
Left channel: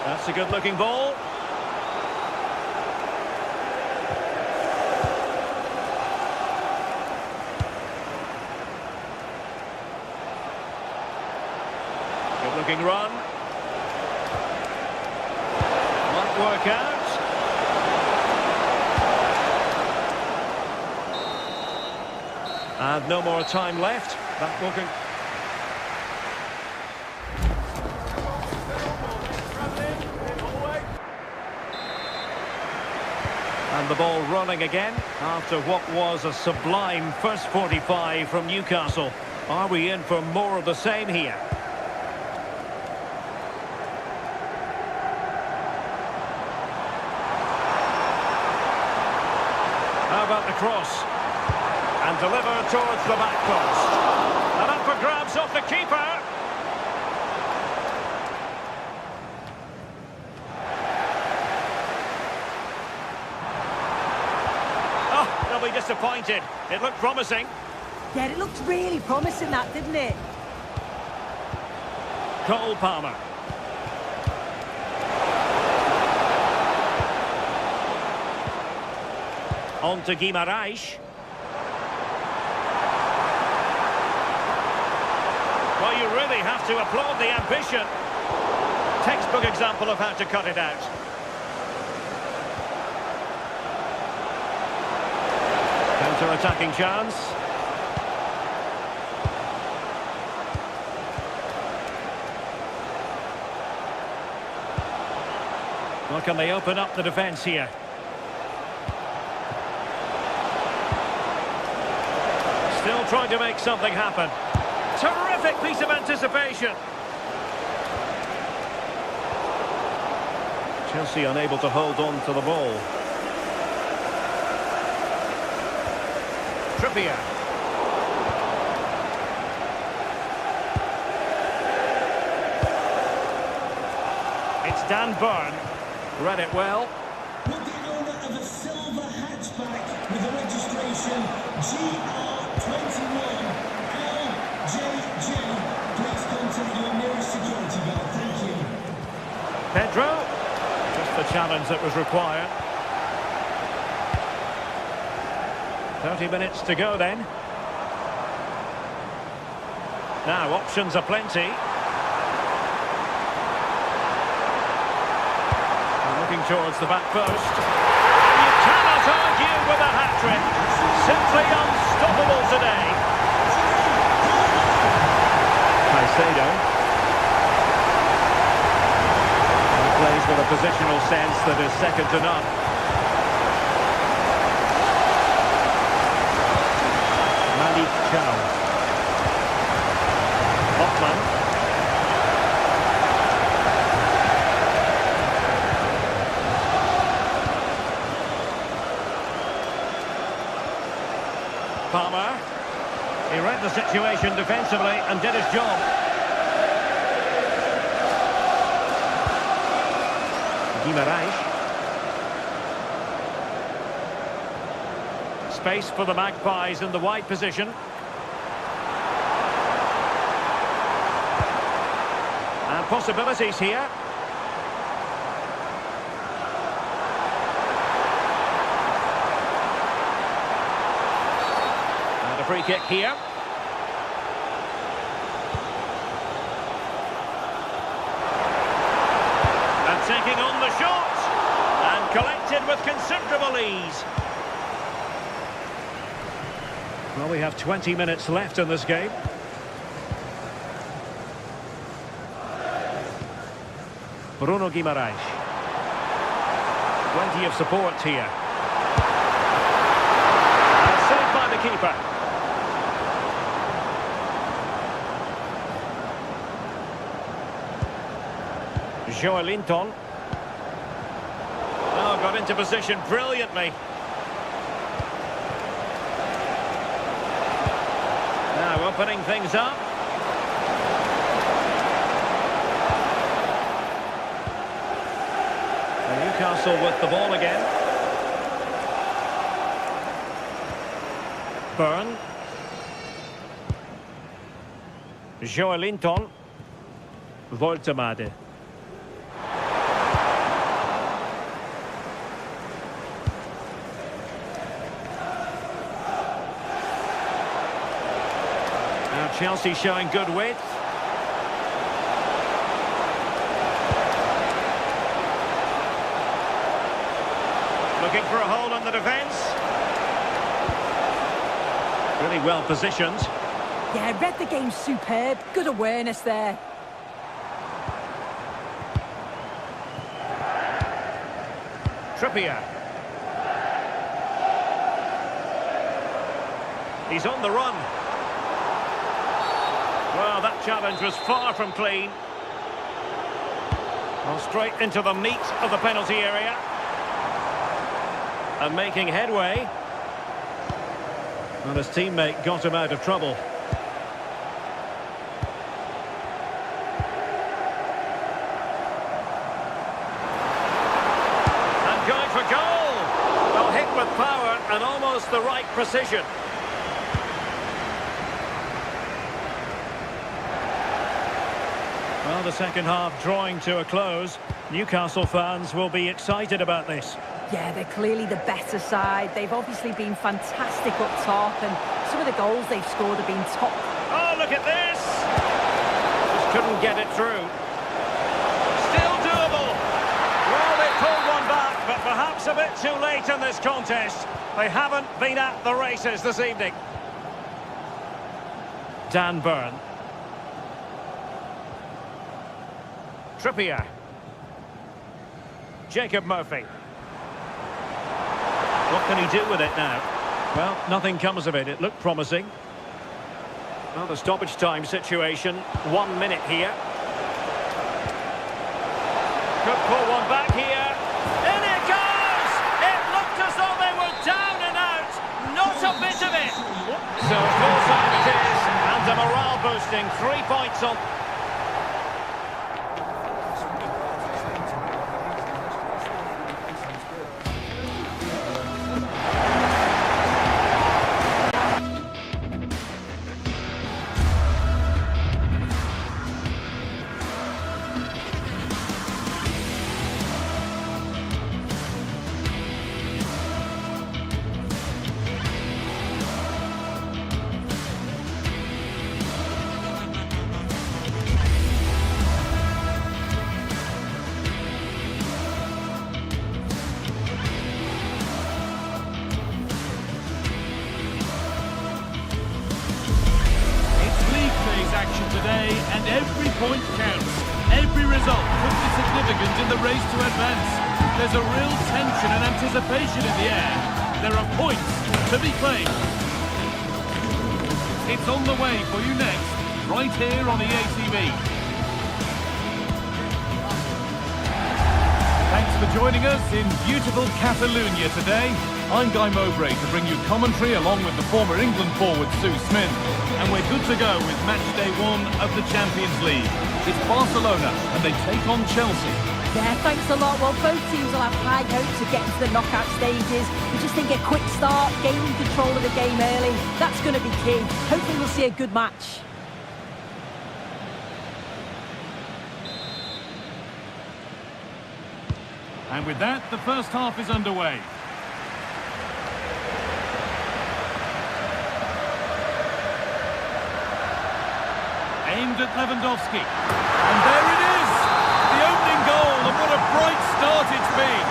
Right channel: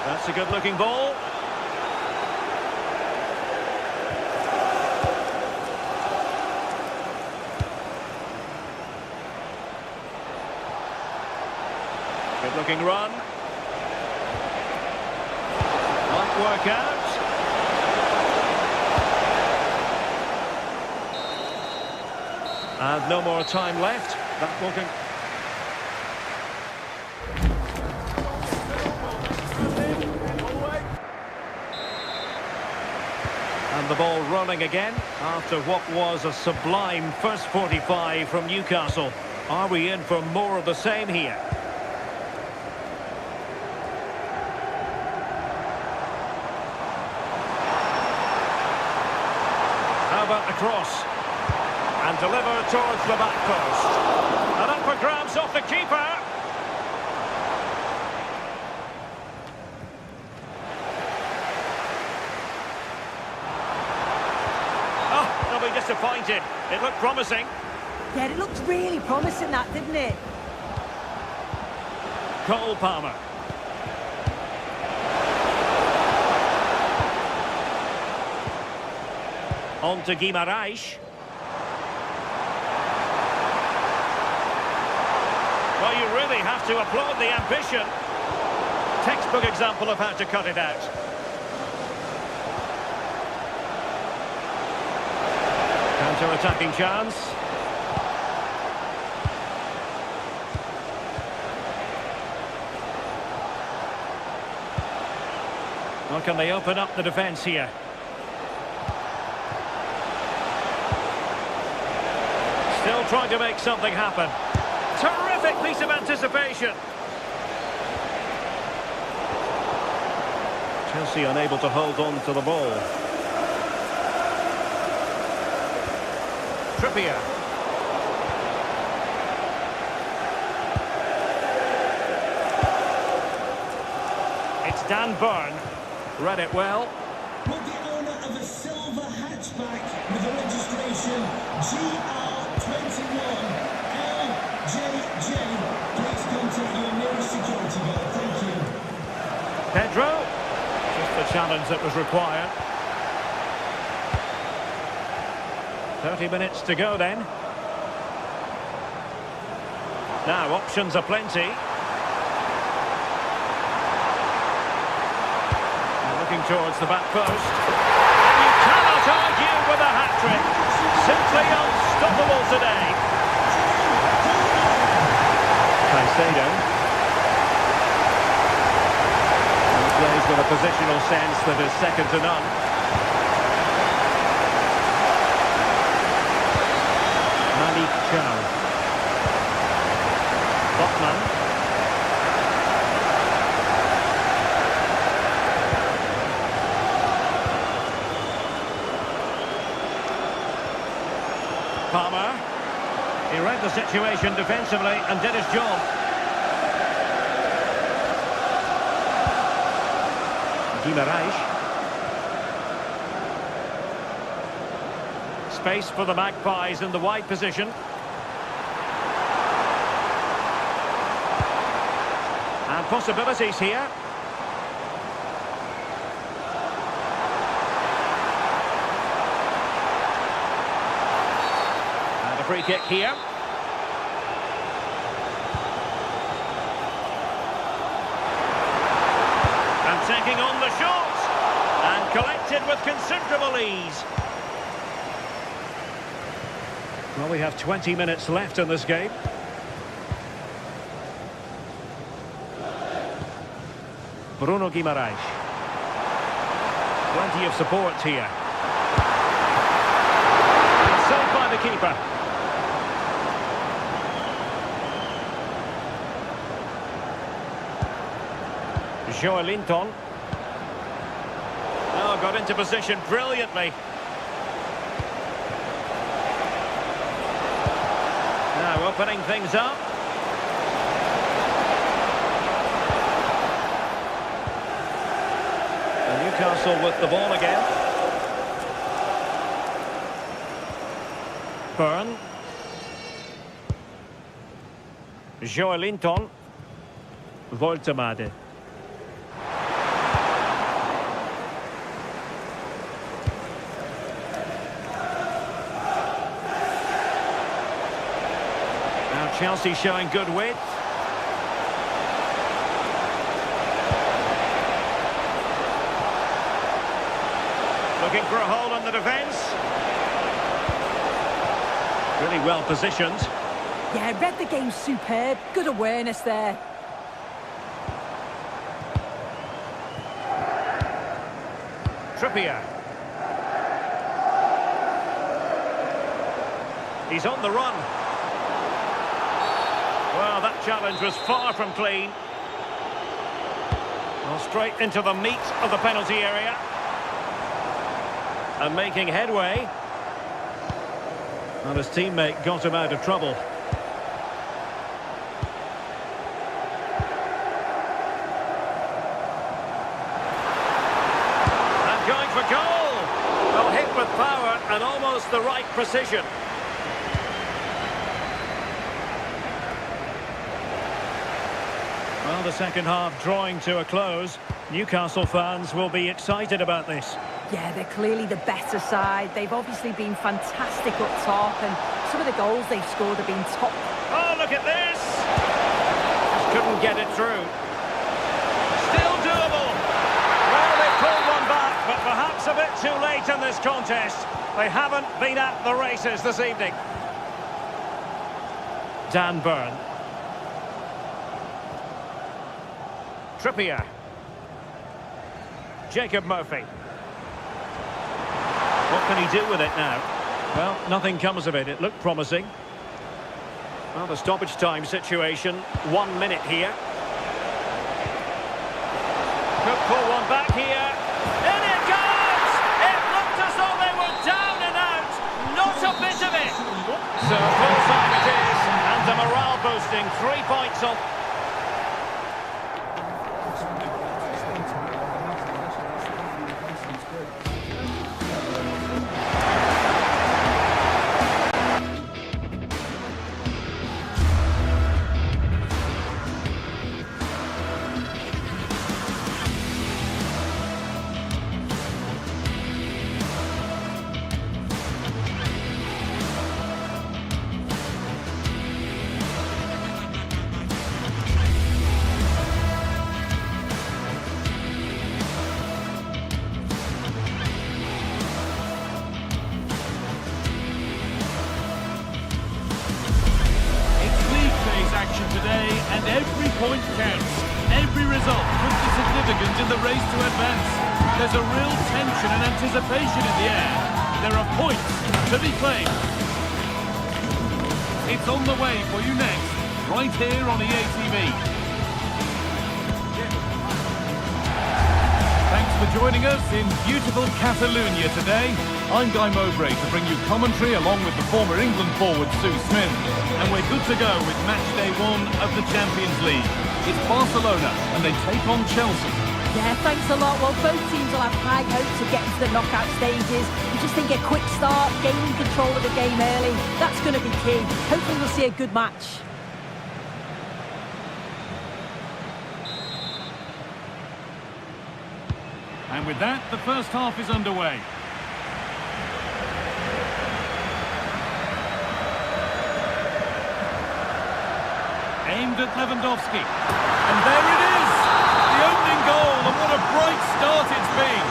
That's a good-looking ball. Good-looking run. Might work out. And no more time left. That will And the ball running again after what was a sublime first 45 from Newcastle. Are we in for more of the same here? How about the cross? And delivered towards the back post. And up for grabs off the keeper. Oh, they'll be disappointed. It looked promising. Yeah, it looked really promising, that, didn't it? Cole Palmer. On to Guimaraes. Well, you really have to applaud the ambition. Textbook example of how to cut it out. Counter-attacking chance. Well, can they open up the defence here? Still trying to make something happen. Terrific piece of anticipation. Chelsea unable to hold on to the ball. Trippier. It's Dan Burn. Read it well. Will the owner of a silver hatchback with a registration GR21LJJ please contact your nearest security guard. Thank you. Pedro. Just the challenge that was required. 30 minutes to go then. Now options are plenty. Looking towards the back post. And you cannot argue with a hat-trick. Simply unstoppable today. Caicedo. He plays with a positional sense that is second to none. Malik Chow. Botman. Palmer. He read the situation defensively and did his job. Guimaraes. Space for the Magpies in the wide position. And possibilities here. And a free kick here. And taking on the shot. And collected with considerable ease. Well, we have 20 minutes left in this game. Bruno Guimaraes. Plenty of support here. And saved by the keeper. Joelinton. Oh, got into position brilliantly. Now opening things up. And Newcastle with the ball again. Byrne. Joelinton. Voltemade. Now Chelsea showing good width. Looking for a hole in the defence. Really well positioned. Yeah, read the game superb. Good awareness there. Trippier. He's on the run. Well, that challenge was far from clean. Well, straight into the meat of the penalty area. And making headway. And his teammate got him out of trouble. And going for goal. Well, hit with power and almost the right precision. Well, the second half drawing to a close. Newcastle fans will be excited about this. Yeah, they're clearly the better side. They've obviously been fantastic up top, and some of the goals they've scored have been top. Oh, look at this! Just couldn't get it through. Still doable. Well, they pulled one back, but perhaps a bit too late in this contest. They haven't been at the races this evening. Dan Byrne. Trippier. Jacob Murphy. What can he do with it now? Well, nothing comes of it. It looked promising. Well, the stoppage time situation. 1 minute here. Could pull one back here. In it goes! It looked as though they were down and out. Not a bit of it. So full time it is. And a morale boosting. 3 points on. Action today, and every point counts. Every result could be significant in the race to advance. There's a real tension and anticipation in the air. There are points to be claimed. It's on the way for you next, right here on EA TV. Thanks for joining us in beautiful Catalonia today. I'm Guy Mowbray to bring you commentary along with the former England forward Sue Smith. And we're good to go with match day 1 of the Champions League. It's Barcelona and they take on Chelsea. Yeah, thanks a lot. Well, both teams will have high hopes of getting to the knockout stages. We just think a quick start, gaining control of the game early, that's going to be key. Hopefully we'll see a good match. And with that, the first half is underway. Aimed at Lewandowski. And there it is! The opening goal, and what a bright start it's been!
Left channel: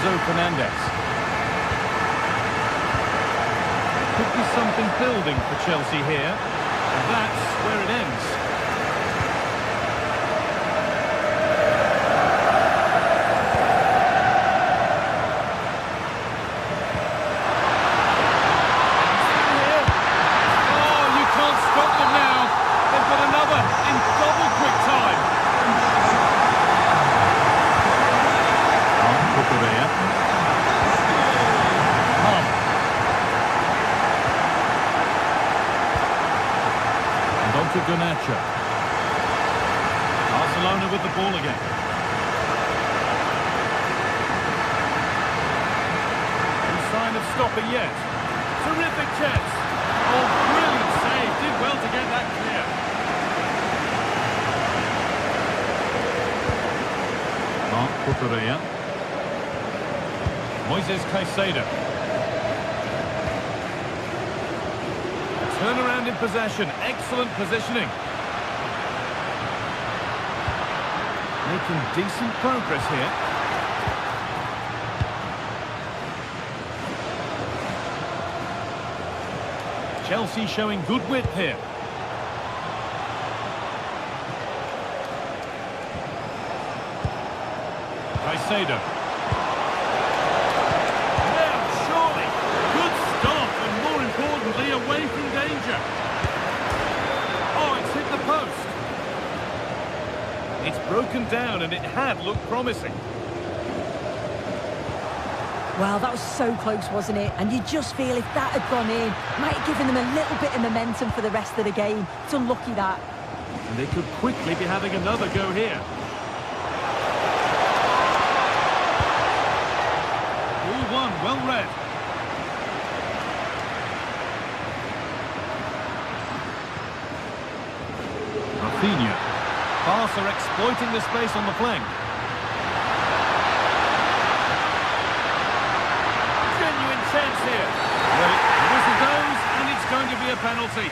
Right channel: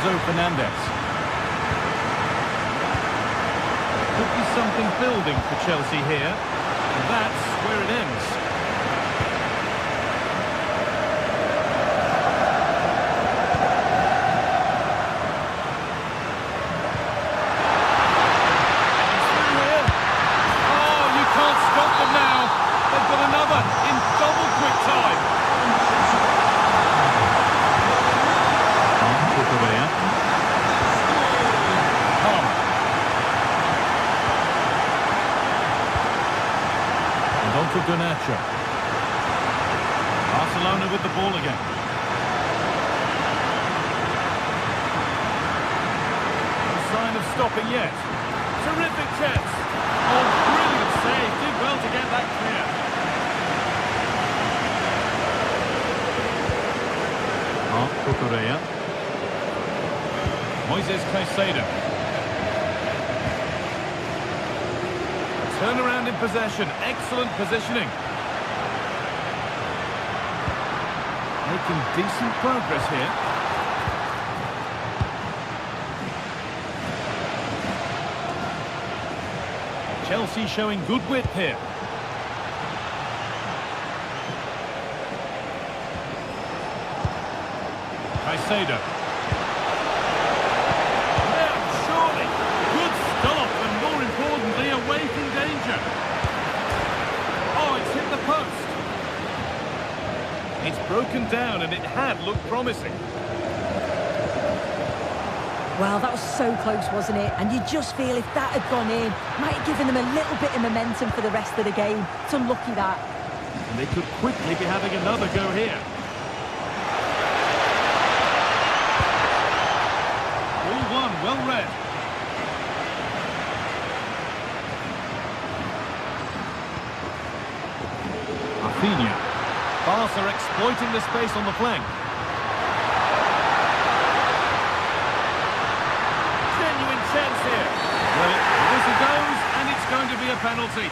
Enzo Fernandez. Could be something building for Chelsea here. And that's where it ends. And he's through here. Oh, you can't stop them now. They've got another in double quick time. Palmer. And on to Garnacho. Barcelona with the ball again. No sign of stopping yet. Terrific chance. Oh, brilliant save. Did well to get that clear. Cucurella. Moises Caicedo. A turnaround in possession. Excellent positioning. Making decent progress here. Chelsea showing good width here. Caicedo. Now, surely. Good stop, and more importantly, away from danger. Oh, it's hit the post. It's broken down, and it had looked promising. Well, that was so close, wasn't it? And you just feel if that had gone in, might have given them a little bit of momentum for the rest of the game. It's unlucky that. And they could quickly be having another go here. All one, well read. Rafinha. Barca exploiting the space on the flank. Genuine chance here. Well, the whistle goes, and it's going to be a penalty.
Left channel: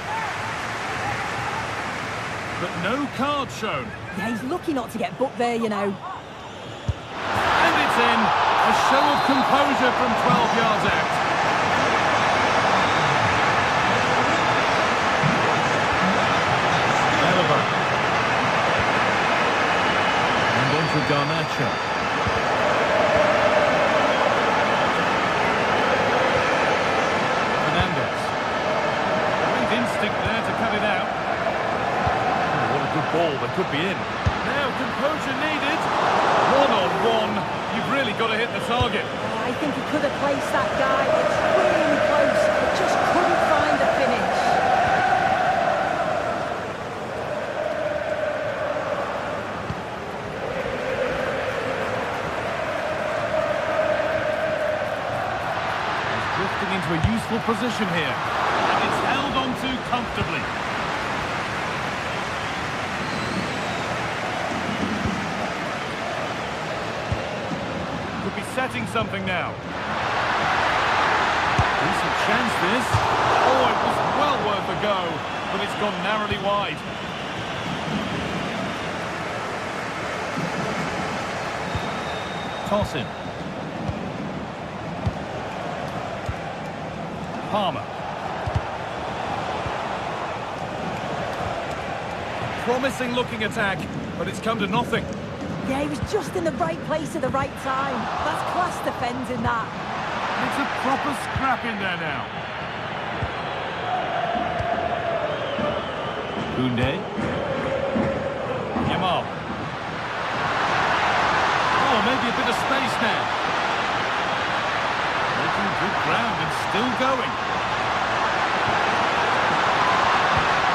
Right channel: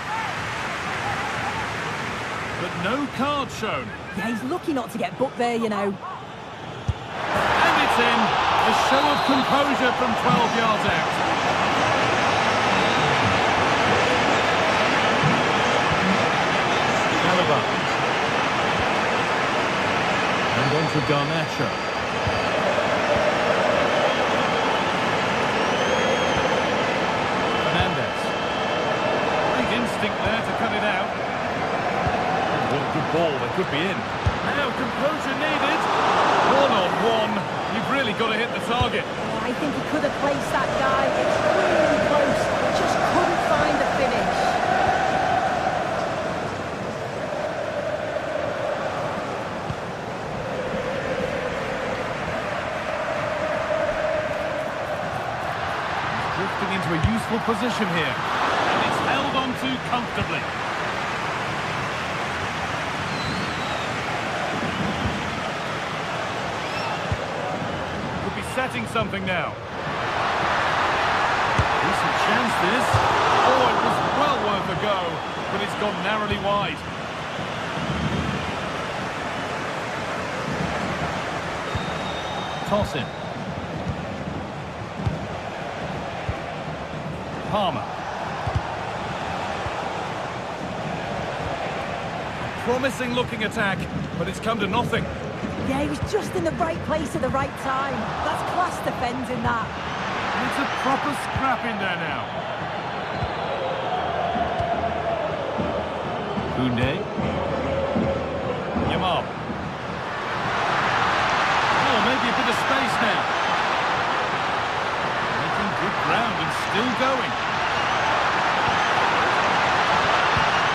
But no card shown. Yeah, he's lucky not to get booked there, you know. And it's in. A show of composure from 12 yards out. Alaba. And on to Garnacho. Fernandez. Great instinct there to cut it out. Oh, what a good ball. They could be in. Now composure needed. One-on-one. You've really got to hit the target. Oh, I think he could have placed that guy. It was really close, but just couldn't find the finish. He's drifting into a useful position here. And it's held on to comfortably. Could be setting something now. Decent chance this. Oh, it was well worth a go, but it's gone narrowly wide. Toss in. Palmer. A promising looking attack, but it's come to nothing. Yeah, he was just in the right place at the right time. That's class defending that. And it's a proper scrap in there now. Koundé. Yamal. Oh, maybe a bit of space now. Making good ground and still going.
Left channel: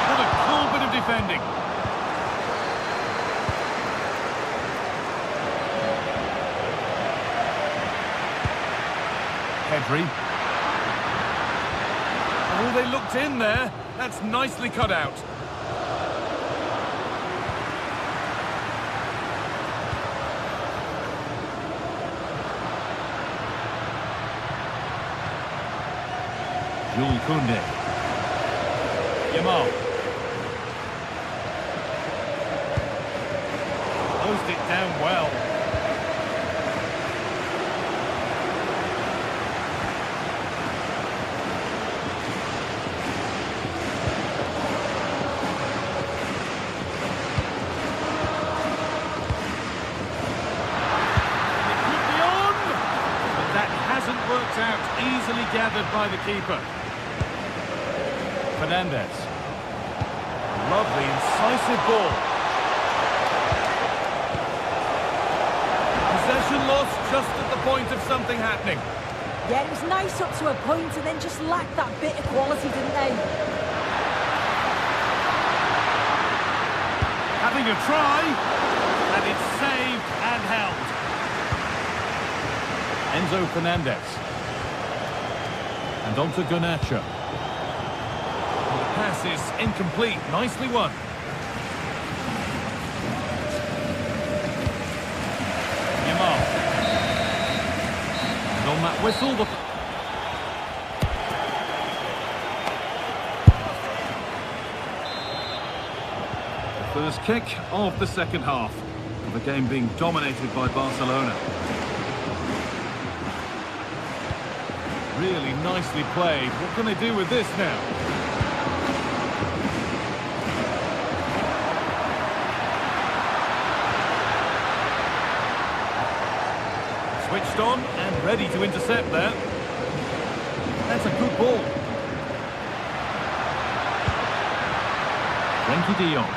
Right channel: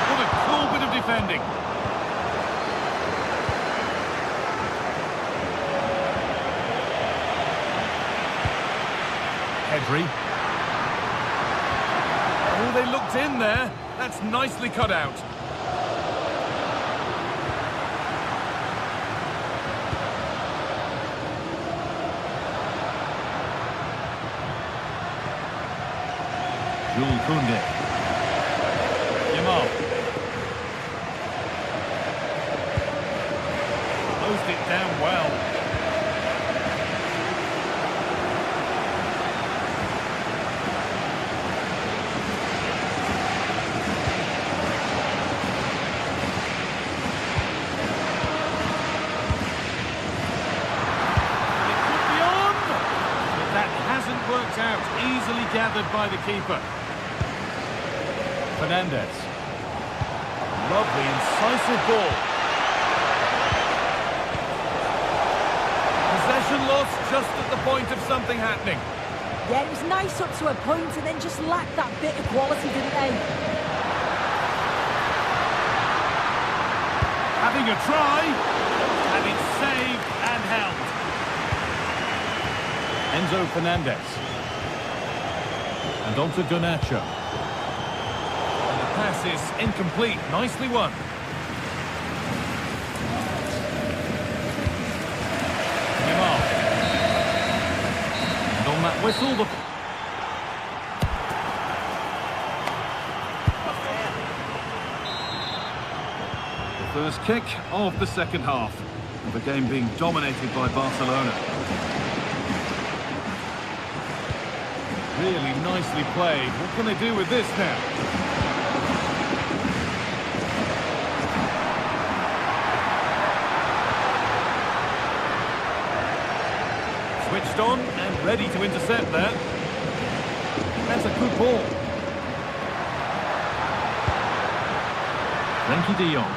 What a cool bit of defending. Pedri. Oh, they looked in there. That's nicely cut out. Jules Koundé. Yamal. Closed it down well. hasn't worked out. Easily gathered by the keeper. Fernandez. Lovely, incisive ball. Possession lost just at the point of something happening. Yeah, it was nice up to a point and then just lacked that bit of quality, didn't they? Having a try, and it's saved and held. Enzo Fernandez. And on to Garnacho. And the pass is incomplete. Nicely won. Yamal. And on that whistle, the first kick of the second half of a game being dominated by Barcelona. Really nicely played. What can they do with this now? Switched on and ready to intercept there. That's a good ball. Frenkie de Jong.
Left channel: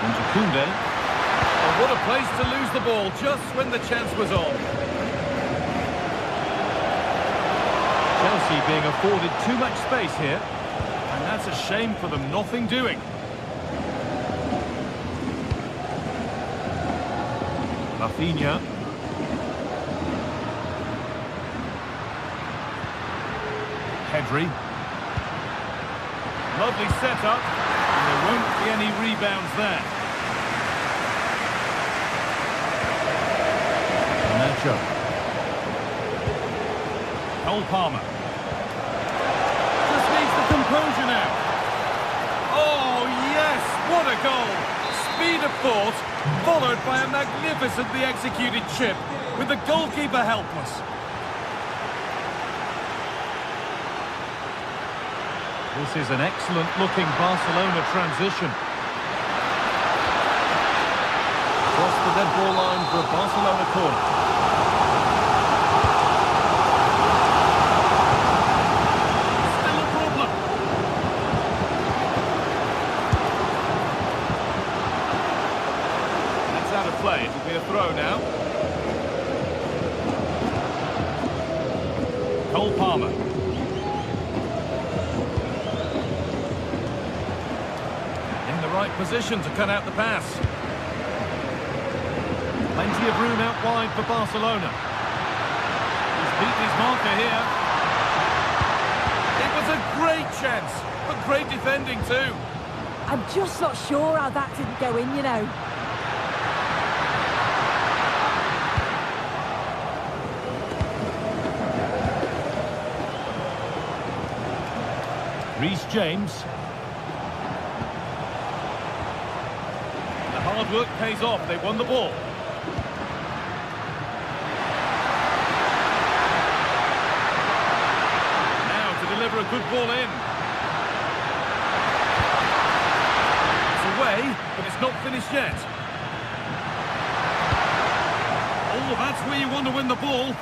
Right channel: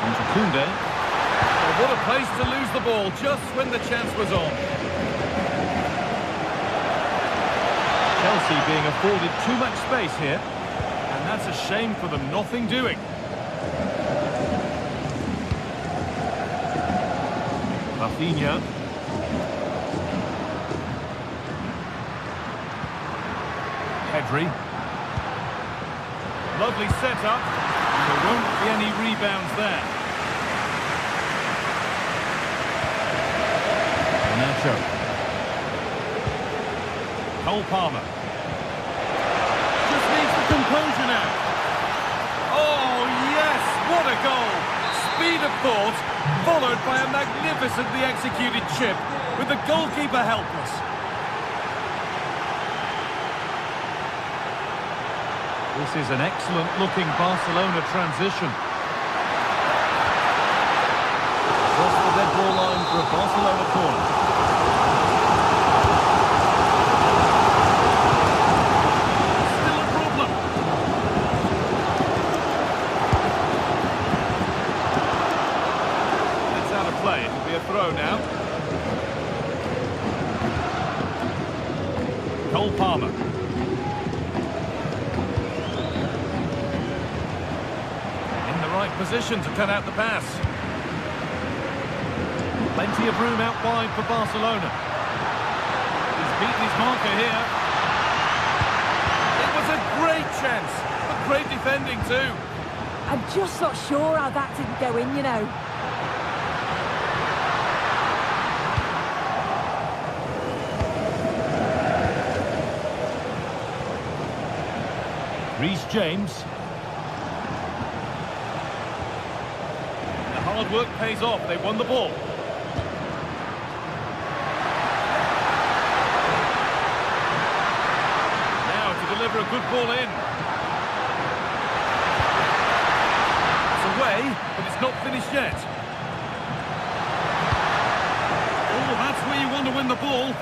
On to Koundé. Oh, what a place to lose the ball just when the chance was on. Chelsea being afforded too much space here. And that's a shame for them. Nothing doing. Rafinha. Pedri. Lovely setup. And there won't be any rebounds there. Garnacho. Cole Palmer. Just needs the composure now. Oh, yes! What a goal! Speed of thought, followed by a magnificently executed chip, with the goalkeeper helpless. This is an excellent-looking Barcelona transition. Across the dead ball line for a Barcelona corner. Still a problem. That's out of play. It'll be a throw now. Cole Palmer. In the right position to cut out the pass. Plenty of room out wide for Barcelona. He's beaten his marker here. It was a great chance, but great defending too. I'm just not sure how that didn't go in, you know. Reece James. The hard work pays off. They won the ball. Now to deliver a good ball in. It's away, but it's not finished yet. Oh, that's where you want to win the ball.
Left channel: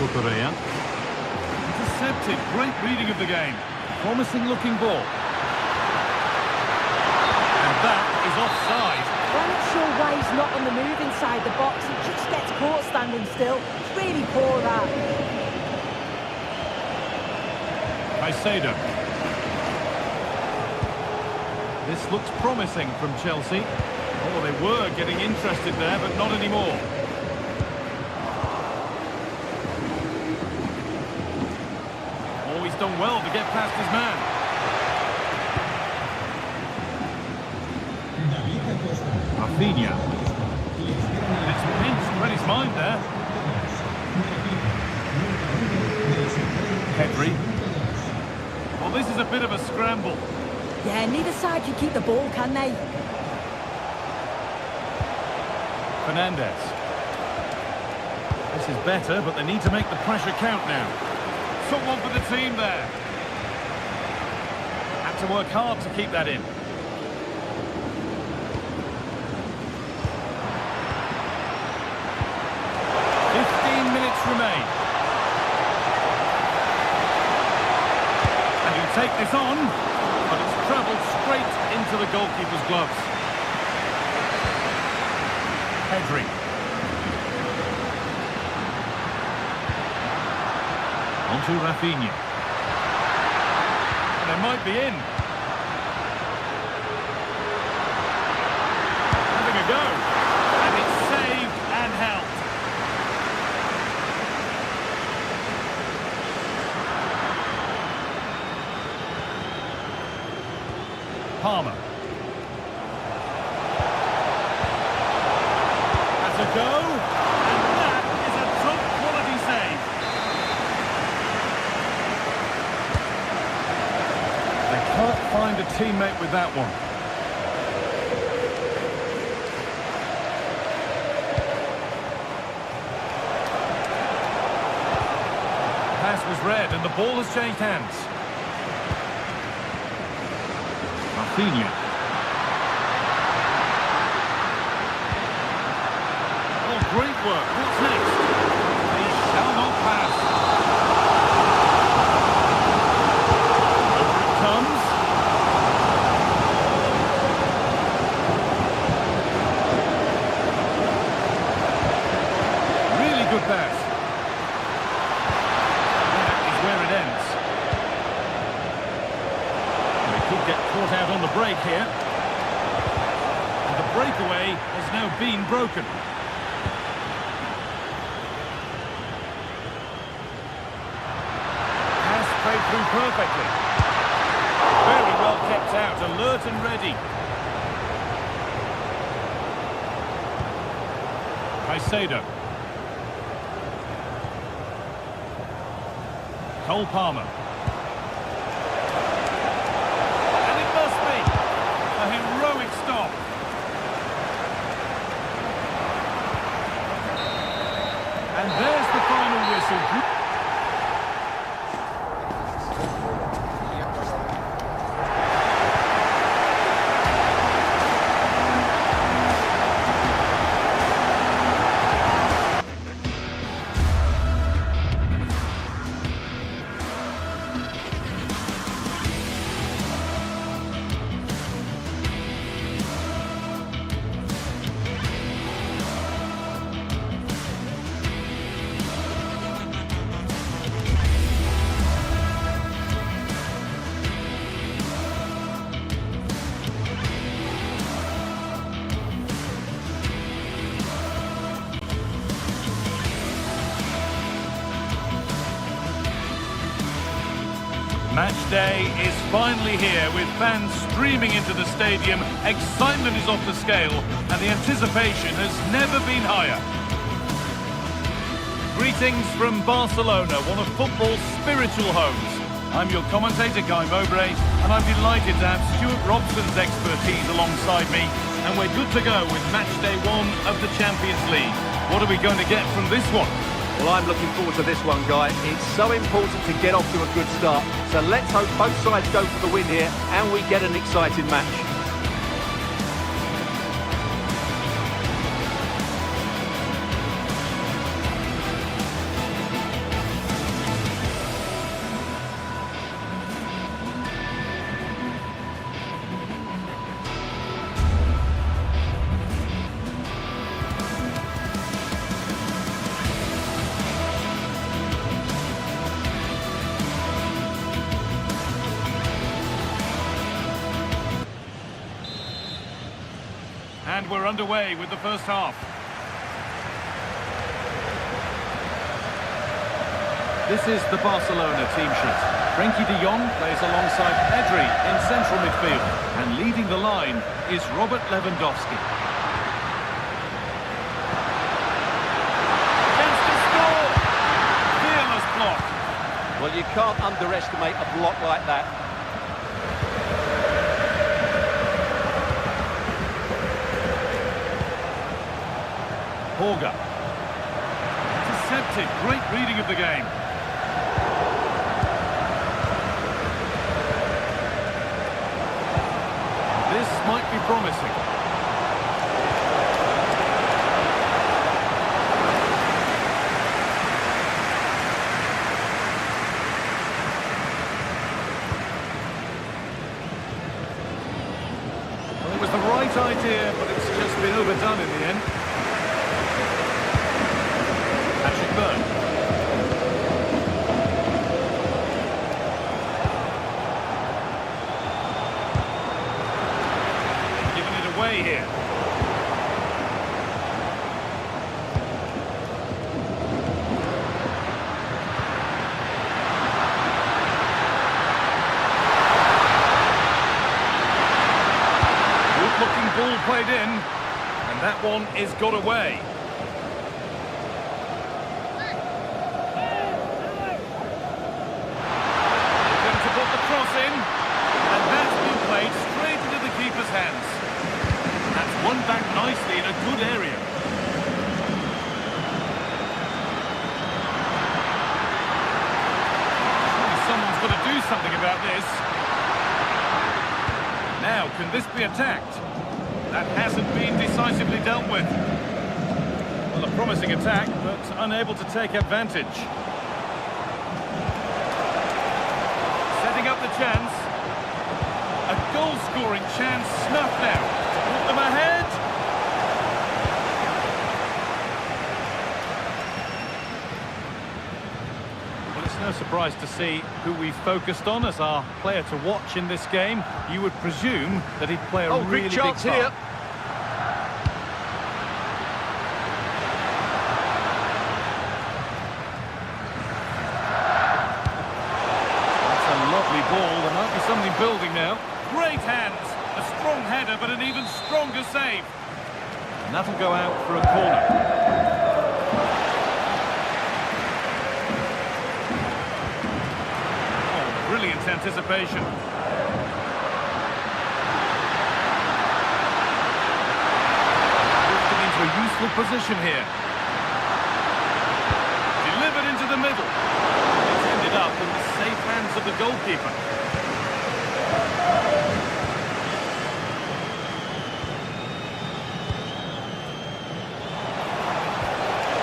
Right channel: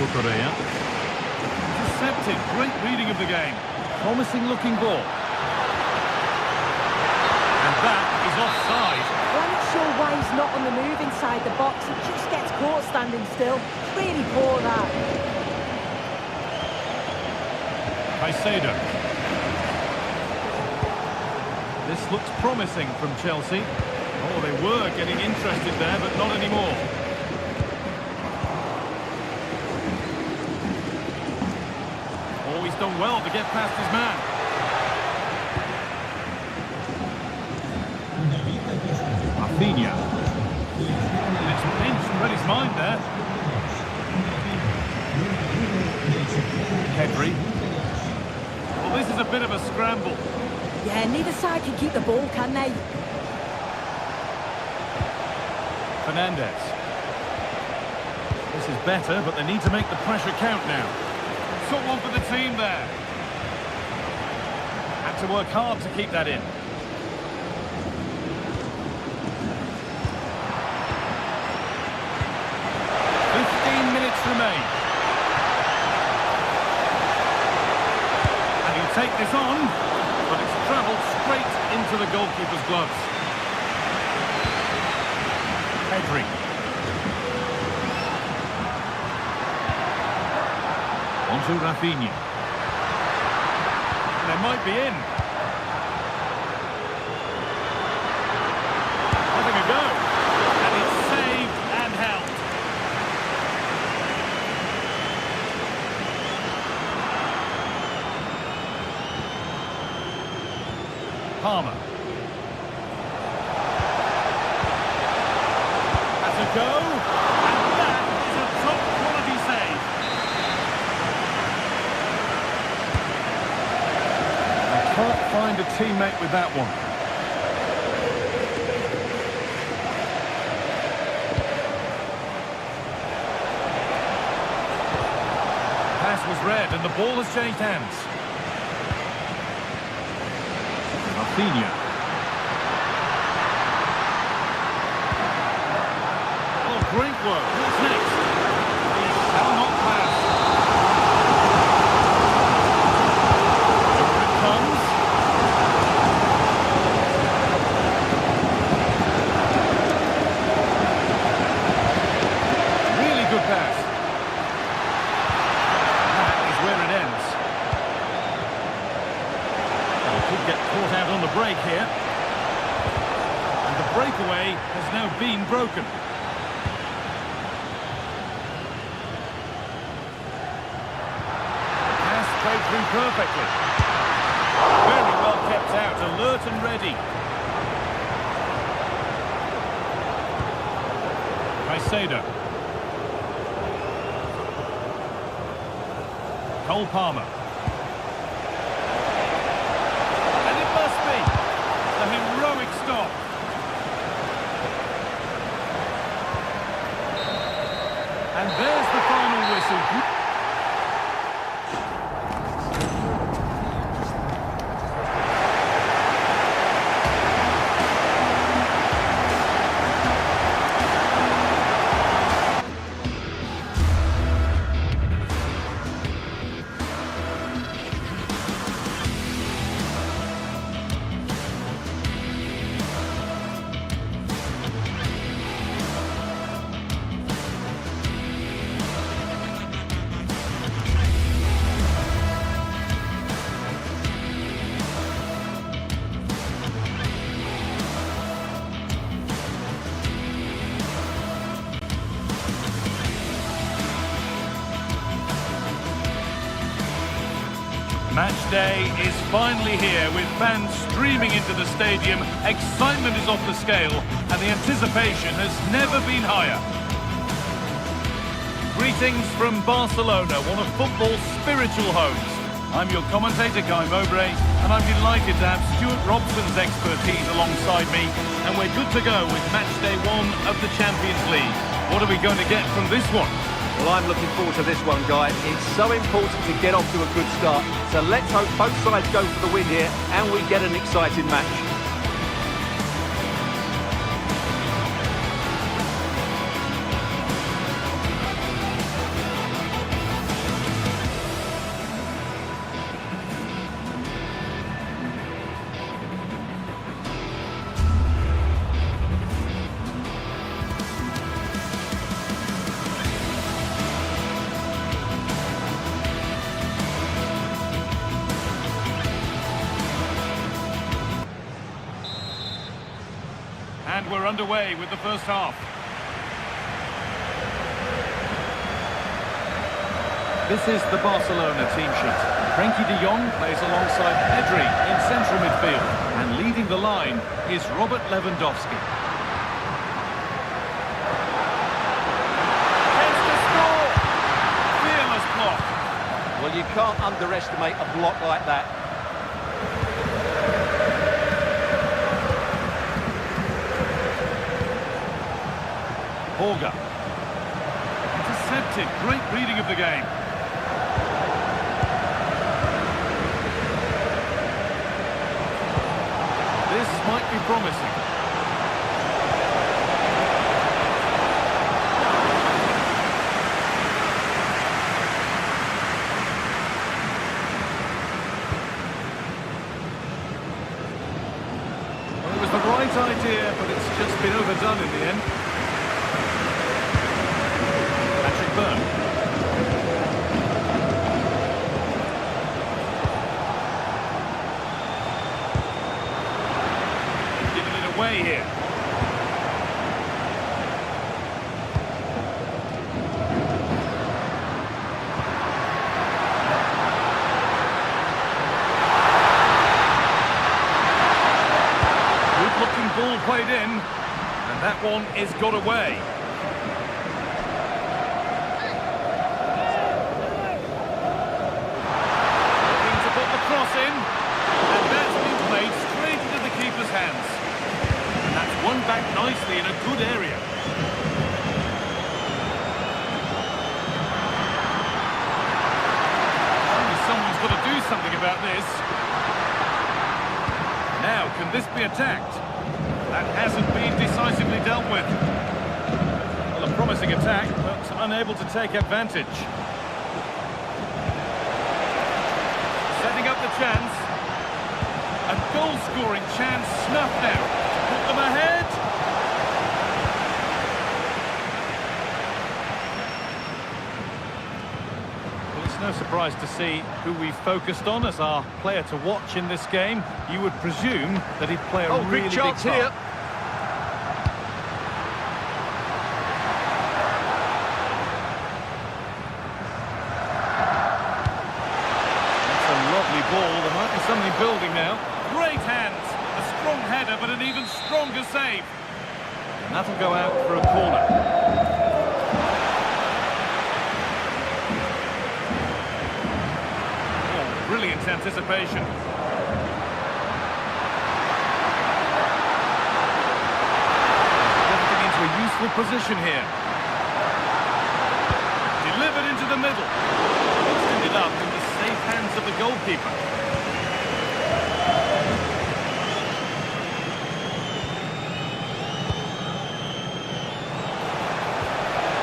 Cucurella. Intercepted. Great reading of the game. Promising looking ball. And that is offside. Well, I'm not sure why he's not on the move inside the box. He just gets caught standing still. It's really poor, that. Caicedo. This looks promising from Chelsea. Oh, they were getting interested there, but not anymore. Oh, he's done well to get past his man. Rafinha. It's pinched, read his mind there. Pedri. Well, this is a bit of a scramble. Yeah, neither side can keep the ball, can they? Fernandez. This is better, but they need to make the pressure count now. Took one for the team there. to work hard to keep that in. Minutes remain. And he'll take this on, but it's travelled straight into the goalkeeper's gloves. Pedri. Onto Rafinha. And they might be in. Having a go. And it's saved and held. Palmer. Has a go, and that is a top-quality save. They can't find a teammate with that one. Pass was read, and the ball has changed hands. Rafinha. Oh, great work. What's next? He shall not pass. Over it comes. Really good pass. That is where it ends. They could get caught out on the break here. And the breakaway has now been broken. Pass played through perfectly. Very well kept out, alert and ready. Caicedo. Cole Palmer. A heroic stop. And there's the final whistle. Match day is finally here, with fans streaming into the stadium. Excitement is off the scale, and the anticipation has never been higher. Greetings from Barcelona, one of football's spiritual homes. I'm your commentator, Guy Mowbray, and I'm delighted to have Stuart Robson's expertise alongside me, and we're good to go with match day 1 of the Champions League. What are we going to get from this one? Well, I'm looking forward to this one, Guy. It's so important to get off to a good start. So let's hope both sides go for the win here and we get an exciting match. And we're underway with the first half. This is the Barcelona team sheet. Frenkie de Jong plays alongside Pedri in central midfield. And leading the line is Robert Lewandowski. Chance to score! Fearless block. Well, you can't underestimate a block like that. Borga. Intercepted. Great reading of the game. This might be promising. Well, it was the right idea, but it's just been overdone in the end. Patrick Byrne. They've given it away here. Good looking ball played in, and that one is got away. Put the cross in, and that's been played straight into the keeper's hands. And that's won back nicely in a good area. Surely someone's got to do something about this. Now, can this be attacked? That hasn't been decisively dealt with. Well, a promising attack, but unable to take advantage. Setting up the chance. A goal-scoring chance snuffed out. Put them ahead. Well, it's no surprise to see who we focused on as our player to watch in this game. You would presume that he'd play a really big part. Here. Lovely ball, there might be something building now. Great hands, a strong header, but an even stronger save. And that'll go out for a corner. Oh, brilliant anticipation. Drifting into a useful position here. Delivered into the middle. It's ended up in the safe hands of the goalkeeper.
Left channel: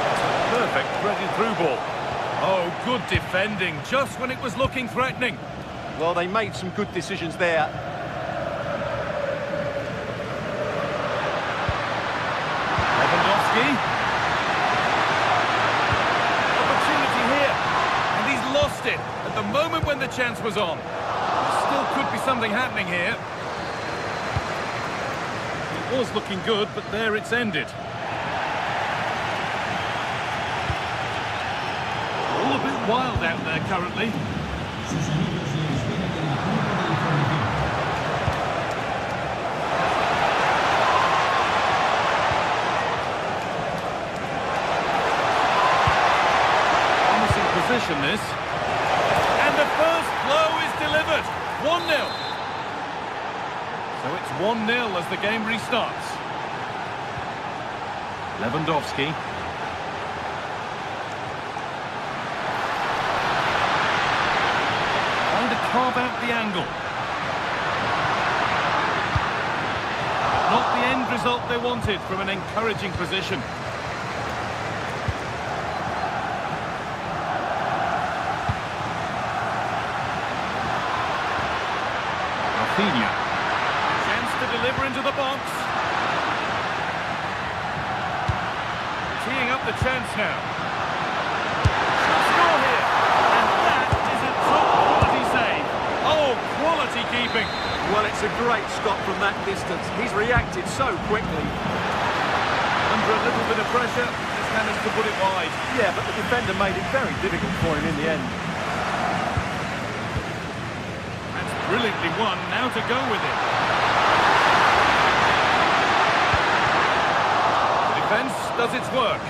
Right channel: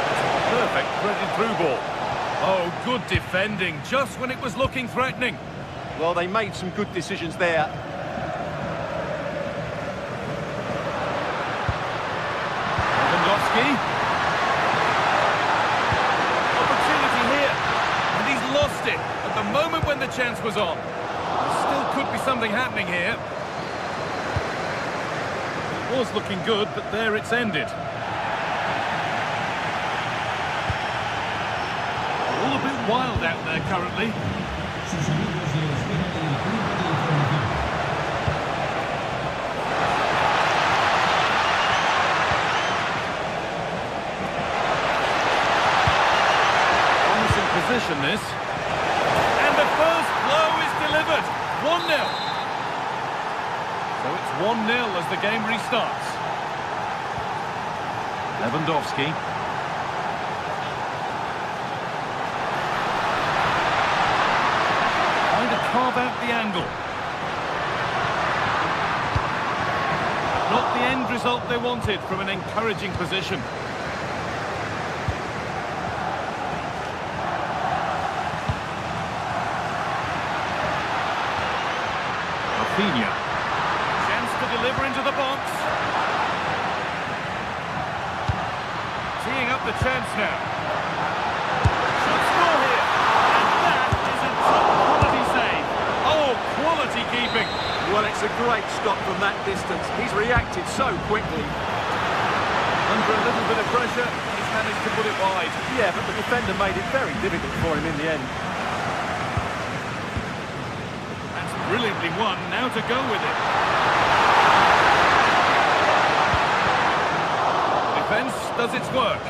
That's a perfect threaded through ball. Oh, good defending, just when it was looking threatening. Well, they made some good decisions there. Lewandowski. Opportunity here. And he's lost it at the moment when the chance was on. There still could be something happening here. It was looking good, but there it's ended. They're all a bit wild out there currently. Sus amigos le esperan en el punto de información. Promising position this. And the first blow is delivered. 1-0. So it's 1-0 as the game restarts. Lewandowski. Trying to carve out the angle. But not the end result they wanted from an encouraging position. Rafinha. Chance to deliver into the box. Teeing up the chance now. Should score here. And that is a top quality save. Oh, quality keeping. Well, it's a great stop from that distance. He's reacted so quickly. Under a little bit of pressure, he's managed to put it wide. Yeah, but the defender made it very difficult for him in the end. That's brilliantly won. Now to go with it. The defence does its work.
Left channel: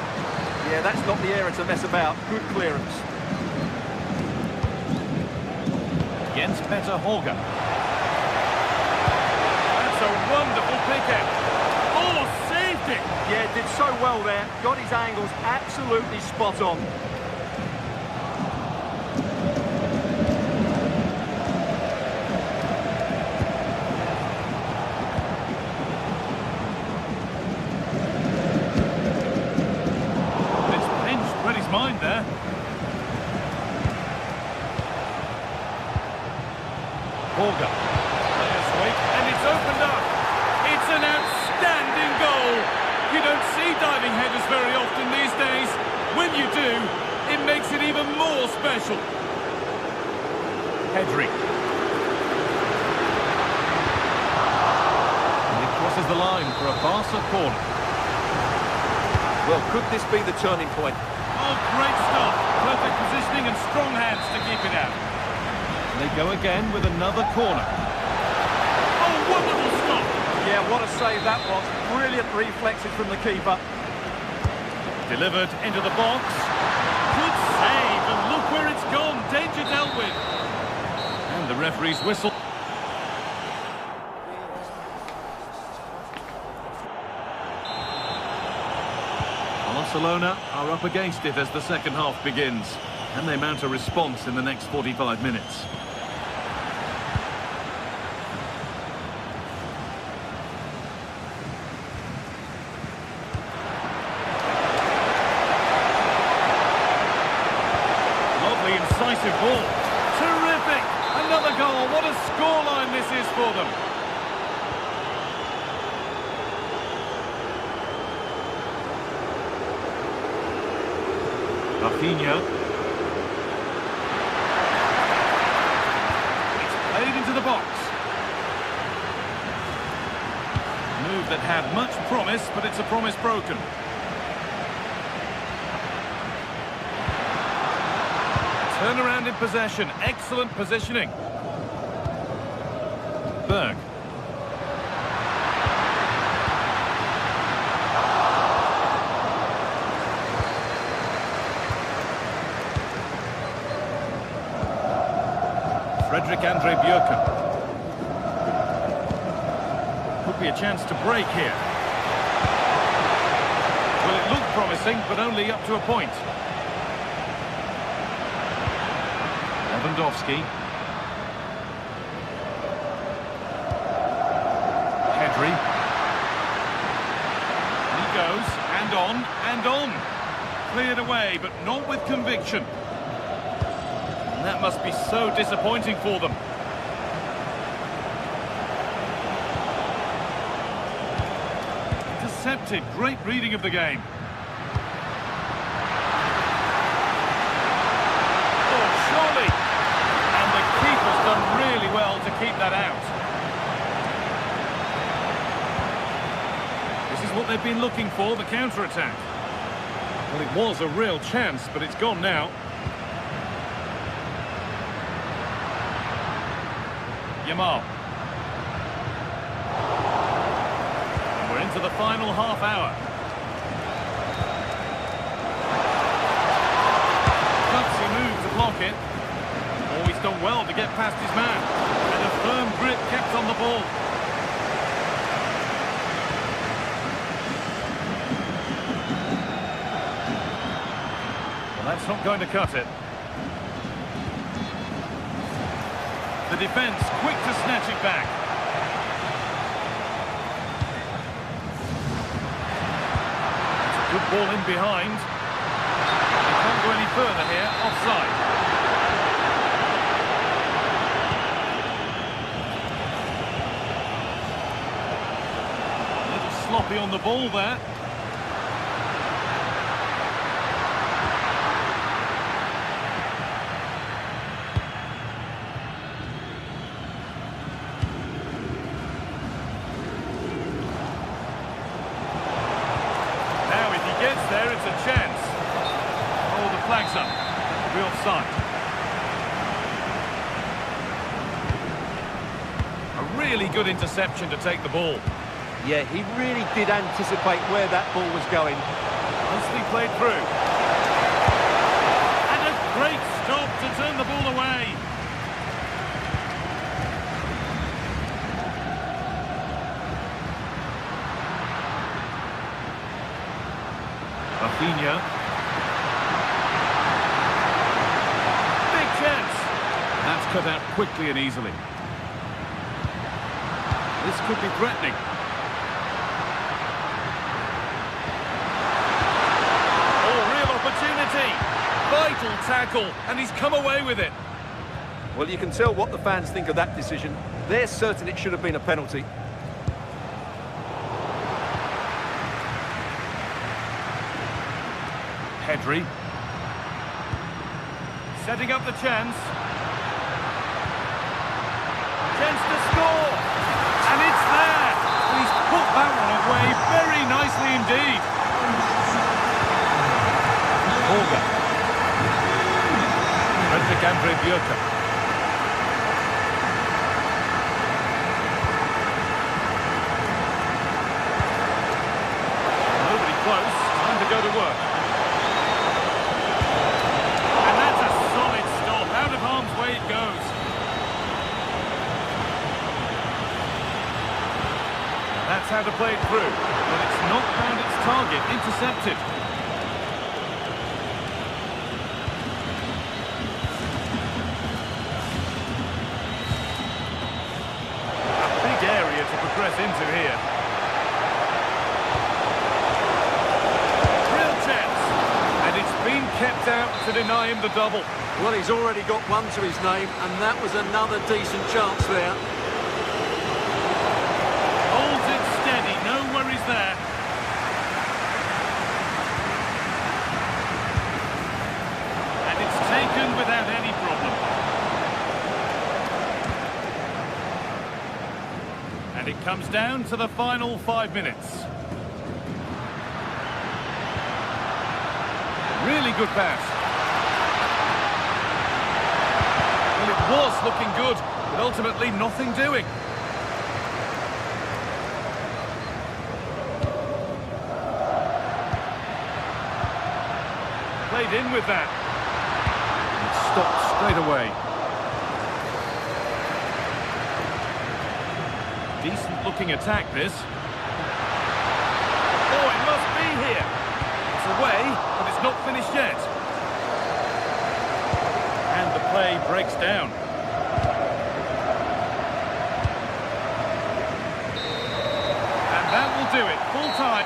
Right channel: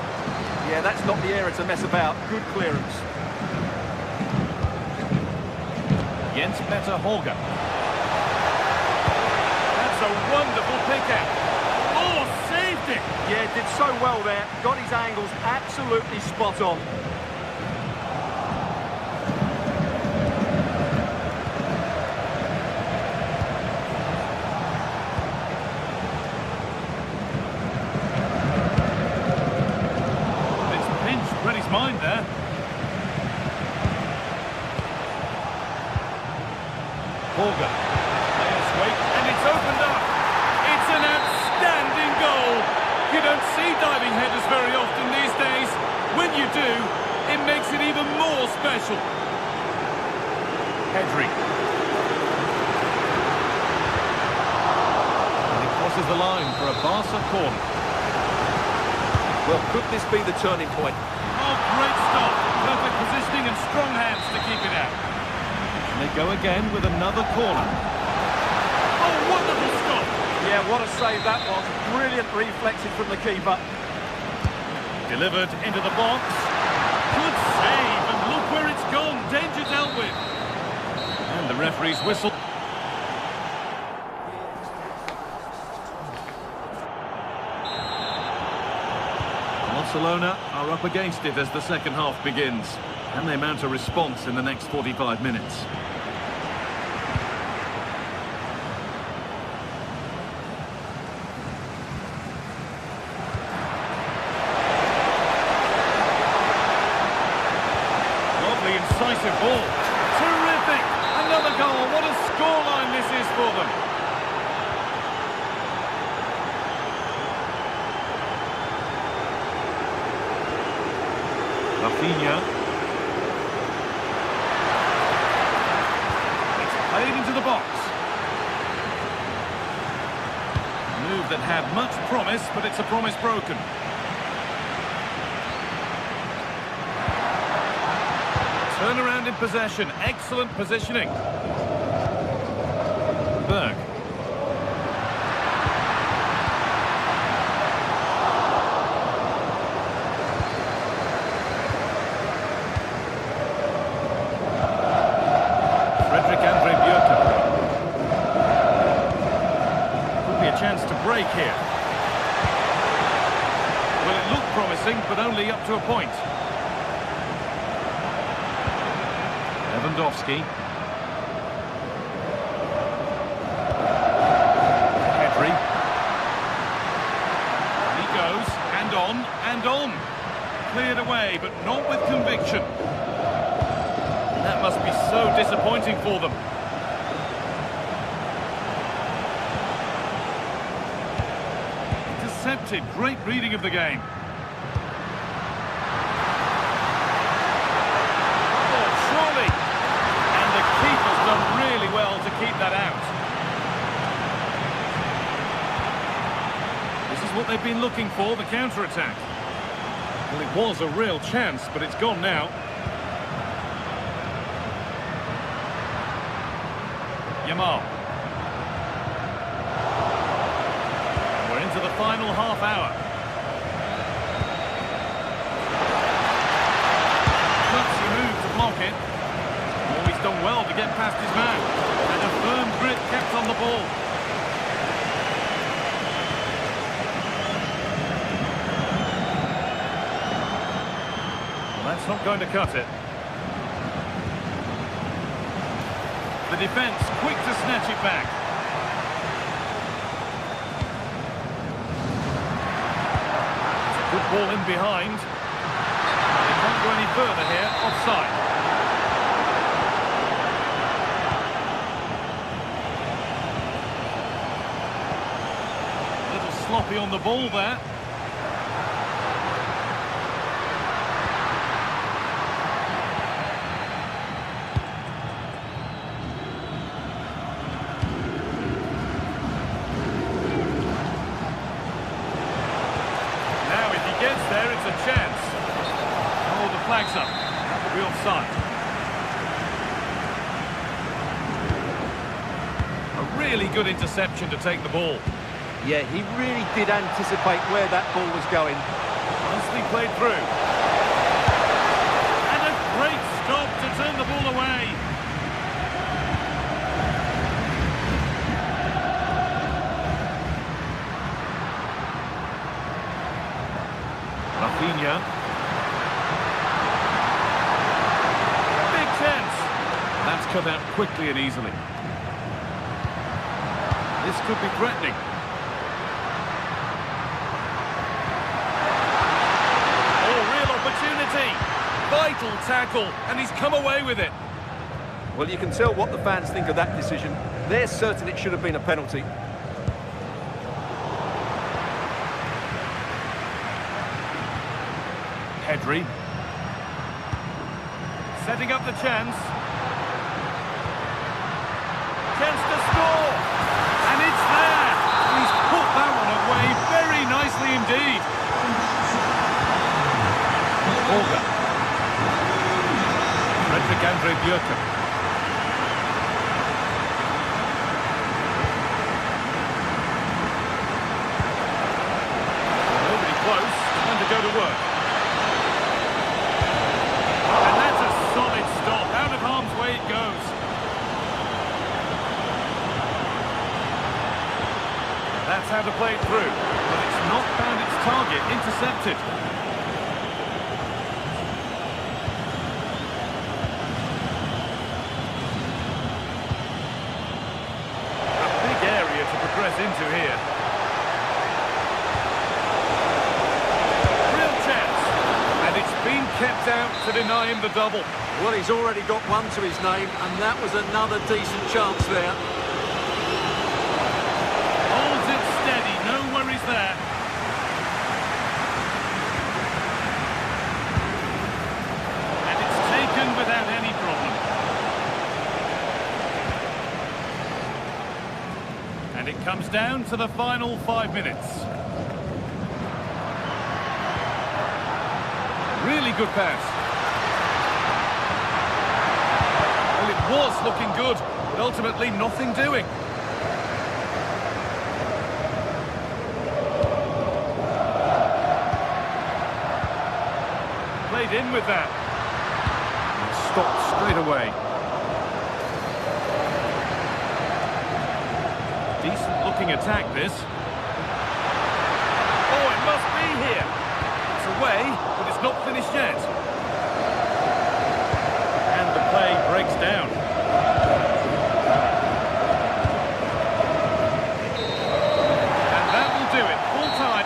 Yeah, that's not the area to mess about. Good clearance. Jens Petter Holger. That's a wonderful pick-out. Oh, saved it! Yeah, did so well there. Got his angles absolutely spot on. mind there. Borger. Players wait, and it's opened up. It's an outstanding goal. You don't see diving headers very often these days. When you do, it makes it even more special. Pedri. And he crosses the line for a Barca corner. Well, could this be the turning point? Oh, great stop. Perfect positioning and strong hands to keep it out. And they go again with another corner. Oh, wonderful stop. Yeah, what a save that was. Brilliant reflexes from the keeper. Delivered into the box. Good save, and look where it's gone. Danger dealt with. And the referee's whistle. Barcelona are up against it as the second half begins. Can they mount a response in the next 45 minutes? Lovely, incisive ball. Terrific! Another goal. What a scoreline this is for them. Rafinha. It's played into the box. Move that had much promise, but it's a promise broken. Turnaround in possession. Excellent positioning. Berg. Frederick Andre Björken. Could be a chance to break here. Well, it looked promising, but only up to a point. Lewandowski. Pedri. And he goes, and on, and on. Cleared away, but not with conviction. And that must be so disappointing for them. Intercepted. Great reading of the game. Oh, surely. And the keeper's done really well to keep that out. This is what they've been looking for, the counter-attack. Well, it was a real chance, but it's gone now. Yamal. And we're into the final half hour. Gutsy move to block it. Oh, he's done well to get past his man. And a firm grip kept on the ball. Well, that's not going to cut it. The defence quick to snatch it back. It's a good ball in behind. They can't go any further here, offside. A little sloppy on the ball there. Gets there, it's a chance. Oh, the flag's up. That will be offside. A really good interception to take the ball. Yeah, he really did anticipate where that ball was going. Nicely played through. And a great stop to turn the ball away. Rafinha. Big chance. That's cut out quickly and easily. This could be threatening. Oh, real opportunity. opportunity. Vital tackle, and he's come away with it. Well, you can tell what the fans think of that decision. They're certain it should have been a penalty. Pedri. Setting up the chance. Chance to score. And it's there. And he's put that one away very nicely indeed. Olga. Frederick Andre Björka. Nobody close. Time to go to work. And that's a solid stop. Out of harm's way it goes. Now that's how to play it through. But it's not found its target. Intercepted. Area to progress into here. Real chance, and it's been kept out to deny him the double. Well, he's already got one to his name, and that was another decent chance there. Holds it steady, no worries there. And it's taken without any problem. And it comes down to the final 5 minutes. Really good pass. Well, it was looking good, but ultimately nothing doing. Played in with that. And stopped straight away. Decent-looking attack, this. Oh, it must be here. It's away, but it's not finished yet. And the play breaks down. And that will do it. Full time.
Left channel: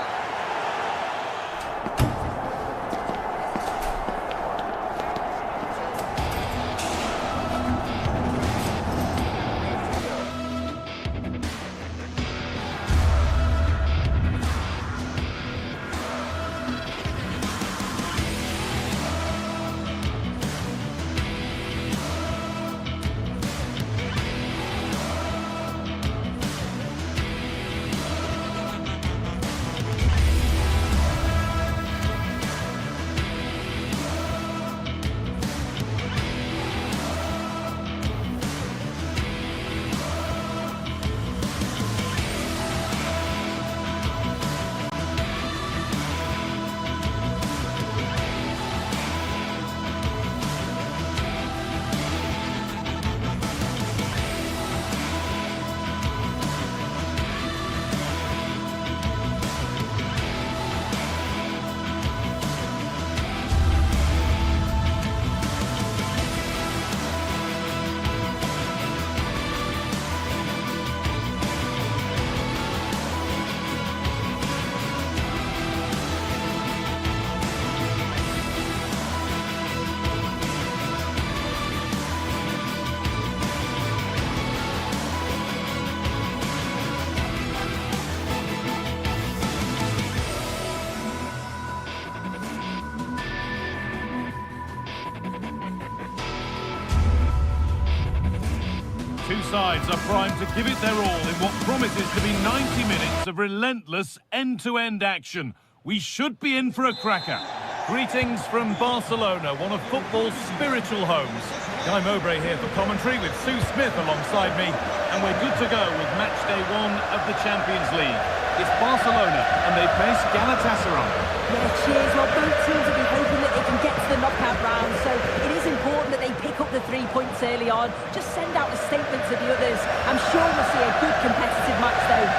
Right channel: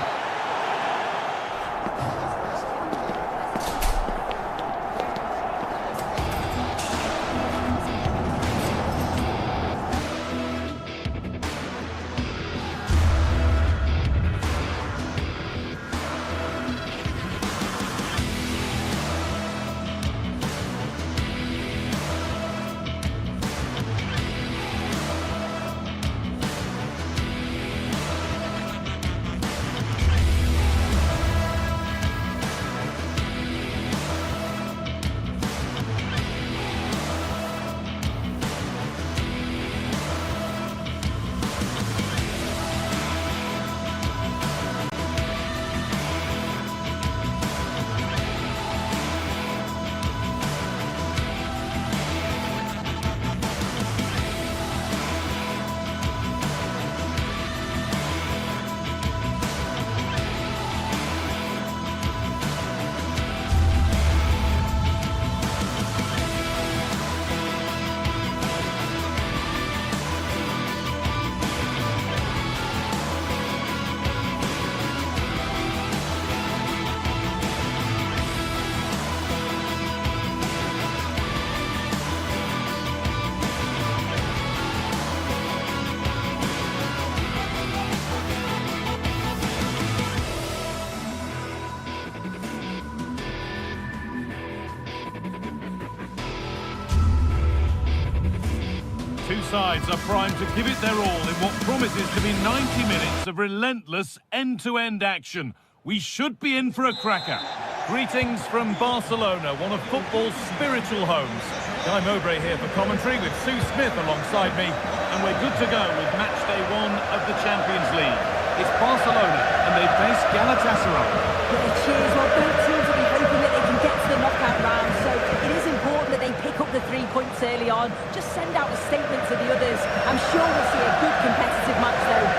Two sides are primed to give it their all in what promises to be 90 minutes of relentless end-to-end action. We should be in for a cracker. Greetings from Barcelona, one of football's spiritual homes. Guy Mowbray here for commentary with Sue Smith alongside me, and we're good to go with match day 1 of the Champions League. It's Barcelona, and they face Galatasaray. Yeah, cheers. Well, both teams will be hoping that they can get to the knockout round, so it is important that they pick up the 3 points early on. Just send out a statement to the others. I'm sure we'll see a good competitive match, though.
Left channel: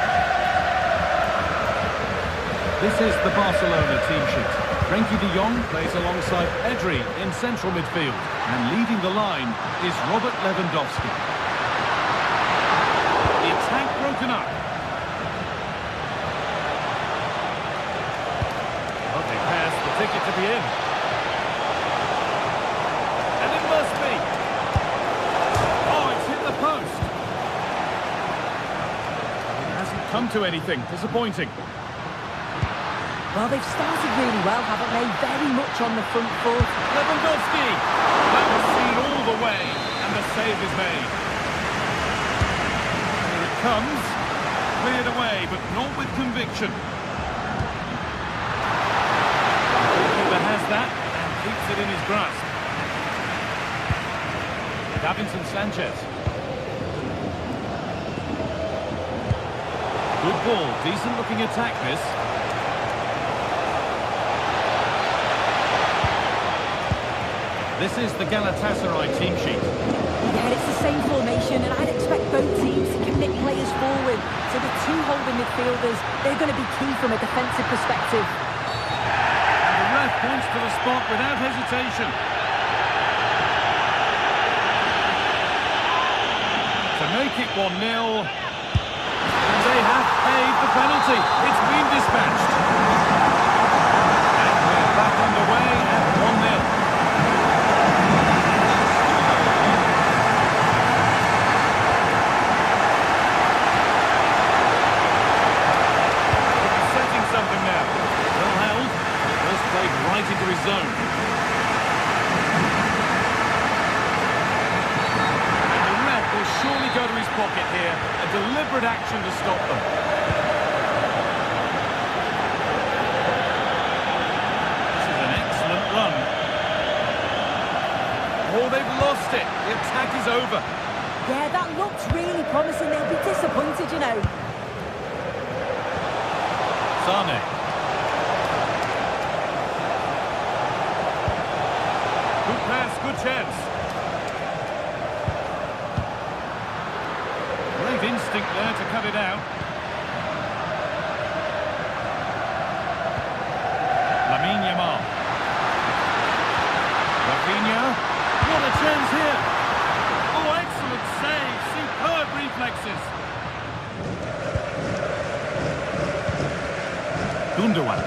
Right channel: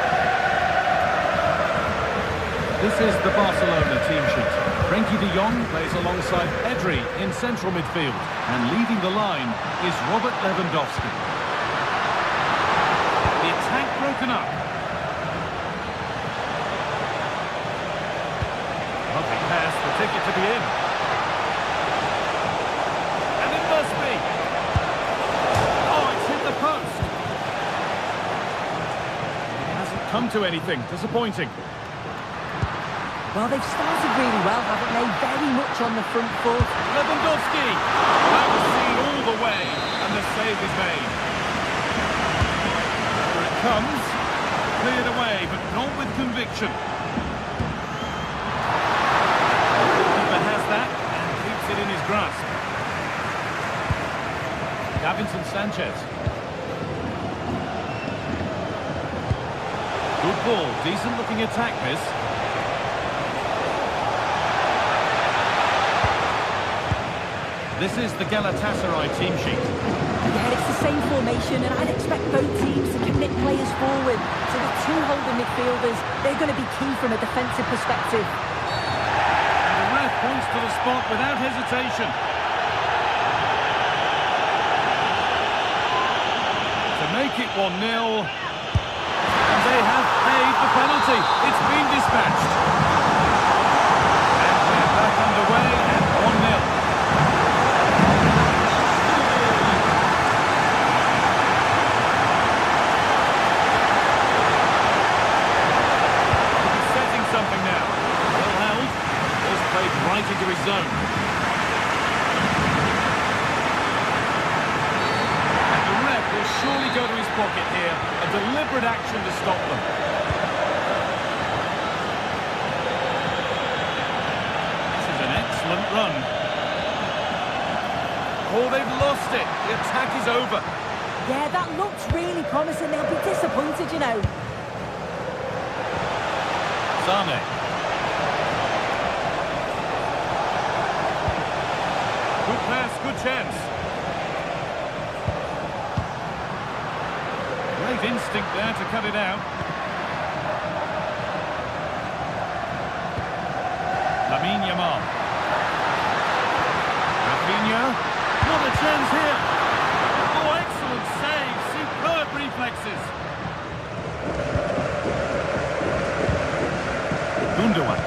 This is the Barcelona team sheet. Frenkie de Jong plays alongside Pedri in central midfield, and leading the line is Robert Lewandowski. The attack broken up. Lovely pass, the ticket to be in. must be. Oh, it's hit the post. It hasn't come to anything. Disappointing. Well, they've started really well, haven't they? Very much on the front foot. Lewandowski. That was seen all the way, and the save is made. Here it comes. Cleared away, but not with conviction. The goalkeeper has that and keeps it in his grasp. Davinson Sanchez. Good ball, decent looking attack this. This is the Galatasaray team sheet. Yeah, it's the same formation, and I'd expect both teams to commit players forward. So the two holding midfielders, they're going to be key from a defensive perspective. And the ref points to the spot without hesitation. To make it 1-0. And they have paid the penalty. It's been dispatched. And we're back underway at 1-0. Something now. Well held, but it was played right into his zone. And the ref will surely go to his pocket here. A deliberate action to stop them. This is an excellent run. Oh, they've lost it. The attack is over. Yeah, that looks really promising. They'll be disappointed, you know. Sane. Good pass, good chance. Great instinct there to cut it out. Lamine Yamal. Rafinha. What a chance here. Oh, excellent save. Superb reflexes. Gundogan.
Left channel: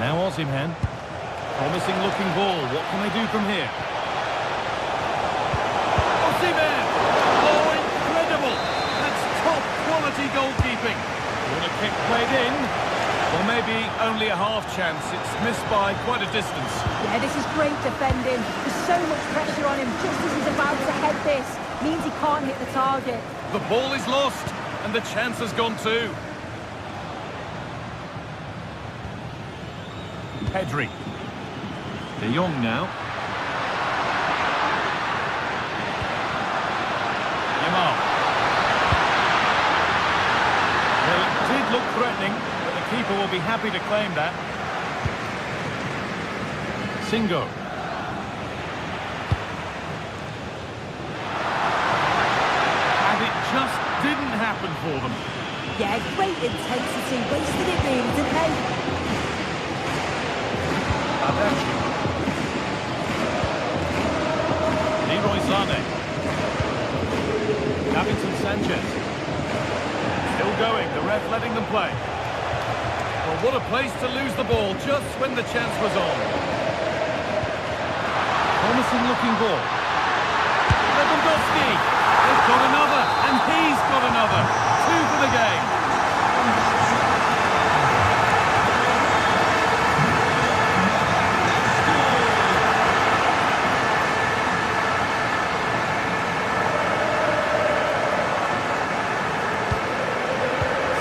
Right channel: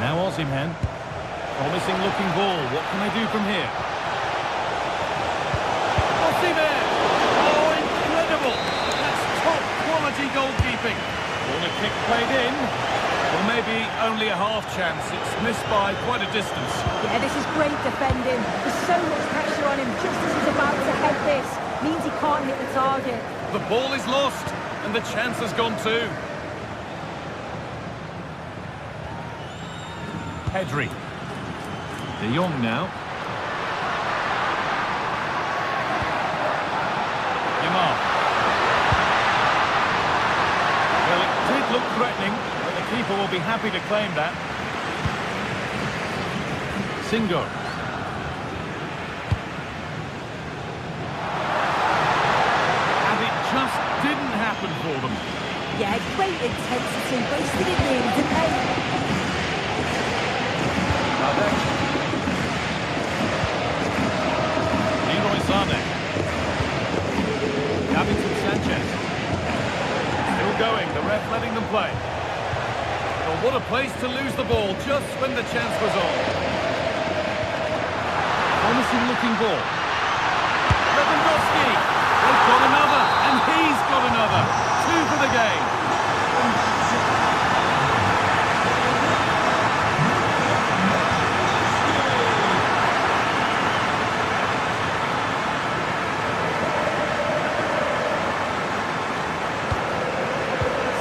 Now Osimhen. Promising looking ball. What can they do from here? Osimhen! Oh, incredible! That's top quality goalkeeping. Corner kick played in. Well, maybe only a half chance. It's missed by quite a distance. Yeah, this is great defending. There's so much pressure on him just as he's about to head this. Means he can't hit the target. The ball is lost, and the chance has gone too. Pedri. De Jong now. Yamal. Well, it did look threatening, but the keeper will be happy to claim that. Singo. And it just didn't happen for them. Yeah, great intensity. Wasted it really, didn't they? Badachi. Leroy Sané. Davinson Sanchez. Still going, the ref letting them play. Well, what a place to lose the ball just when the chance was on. Promising looking ball. Lewandowski. They've got another, and he's got another. 2 for the game.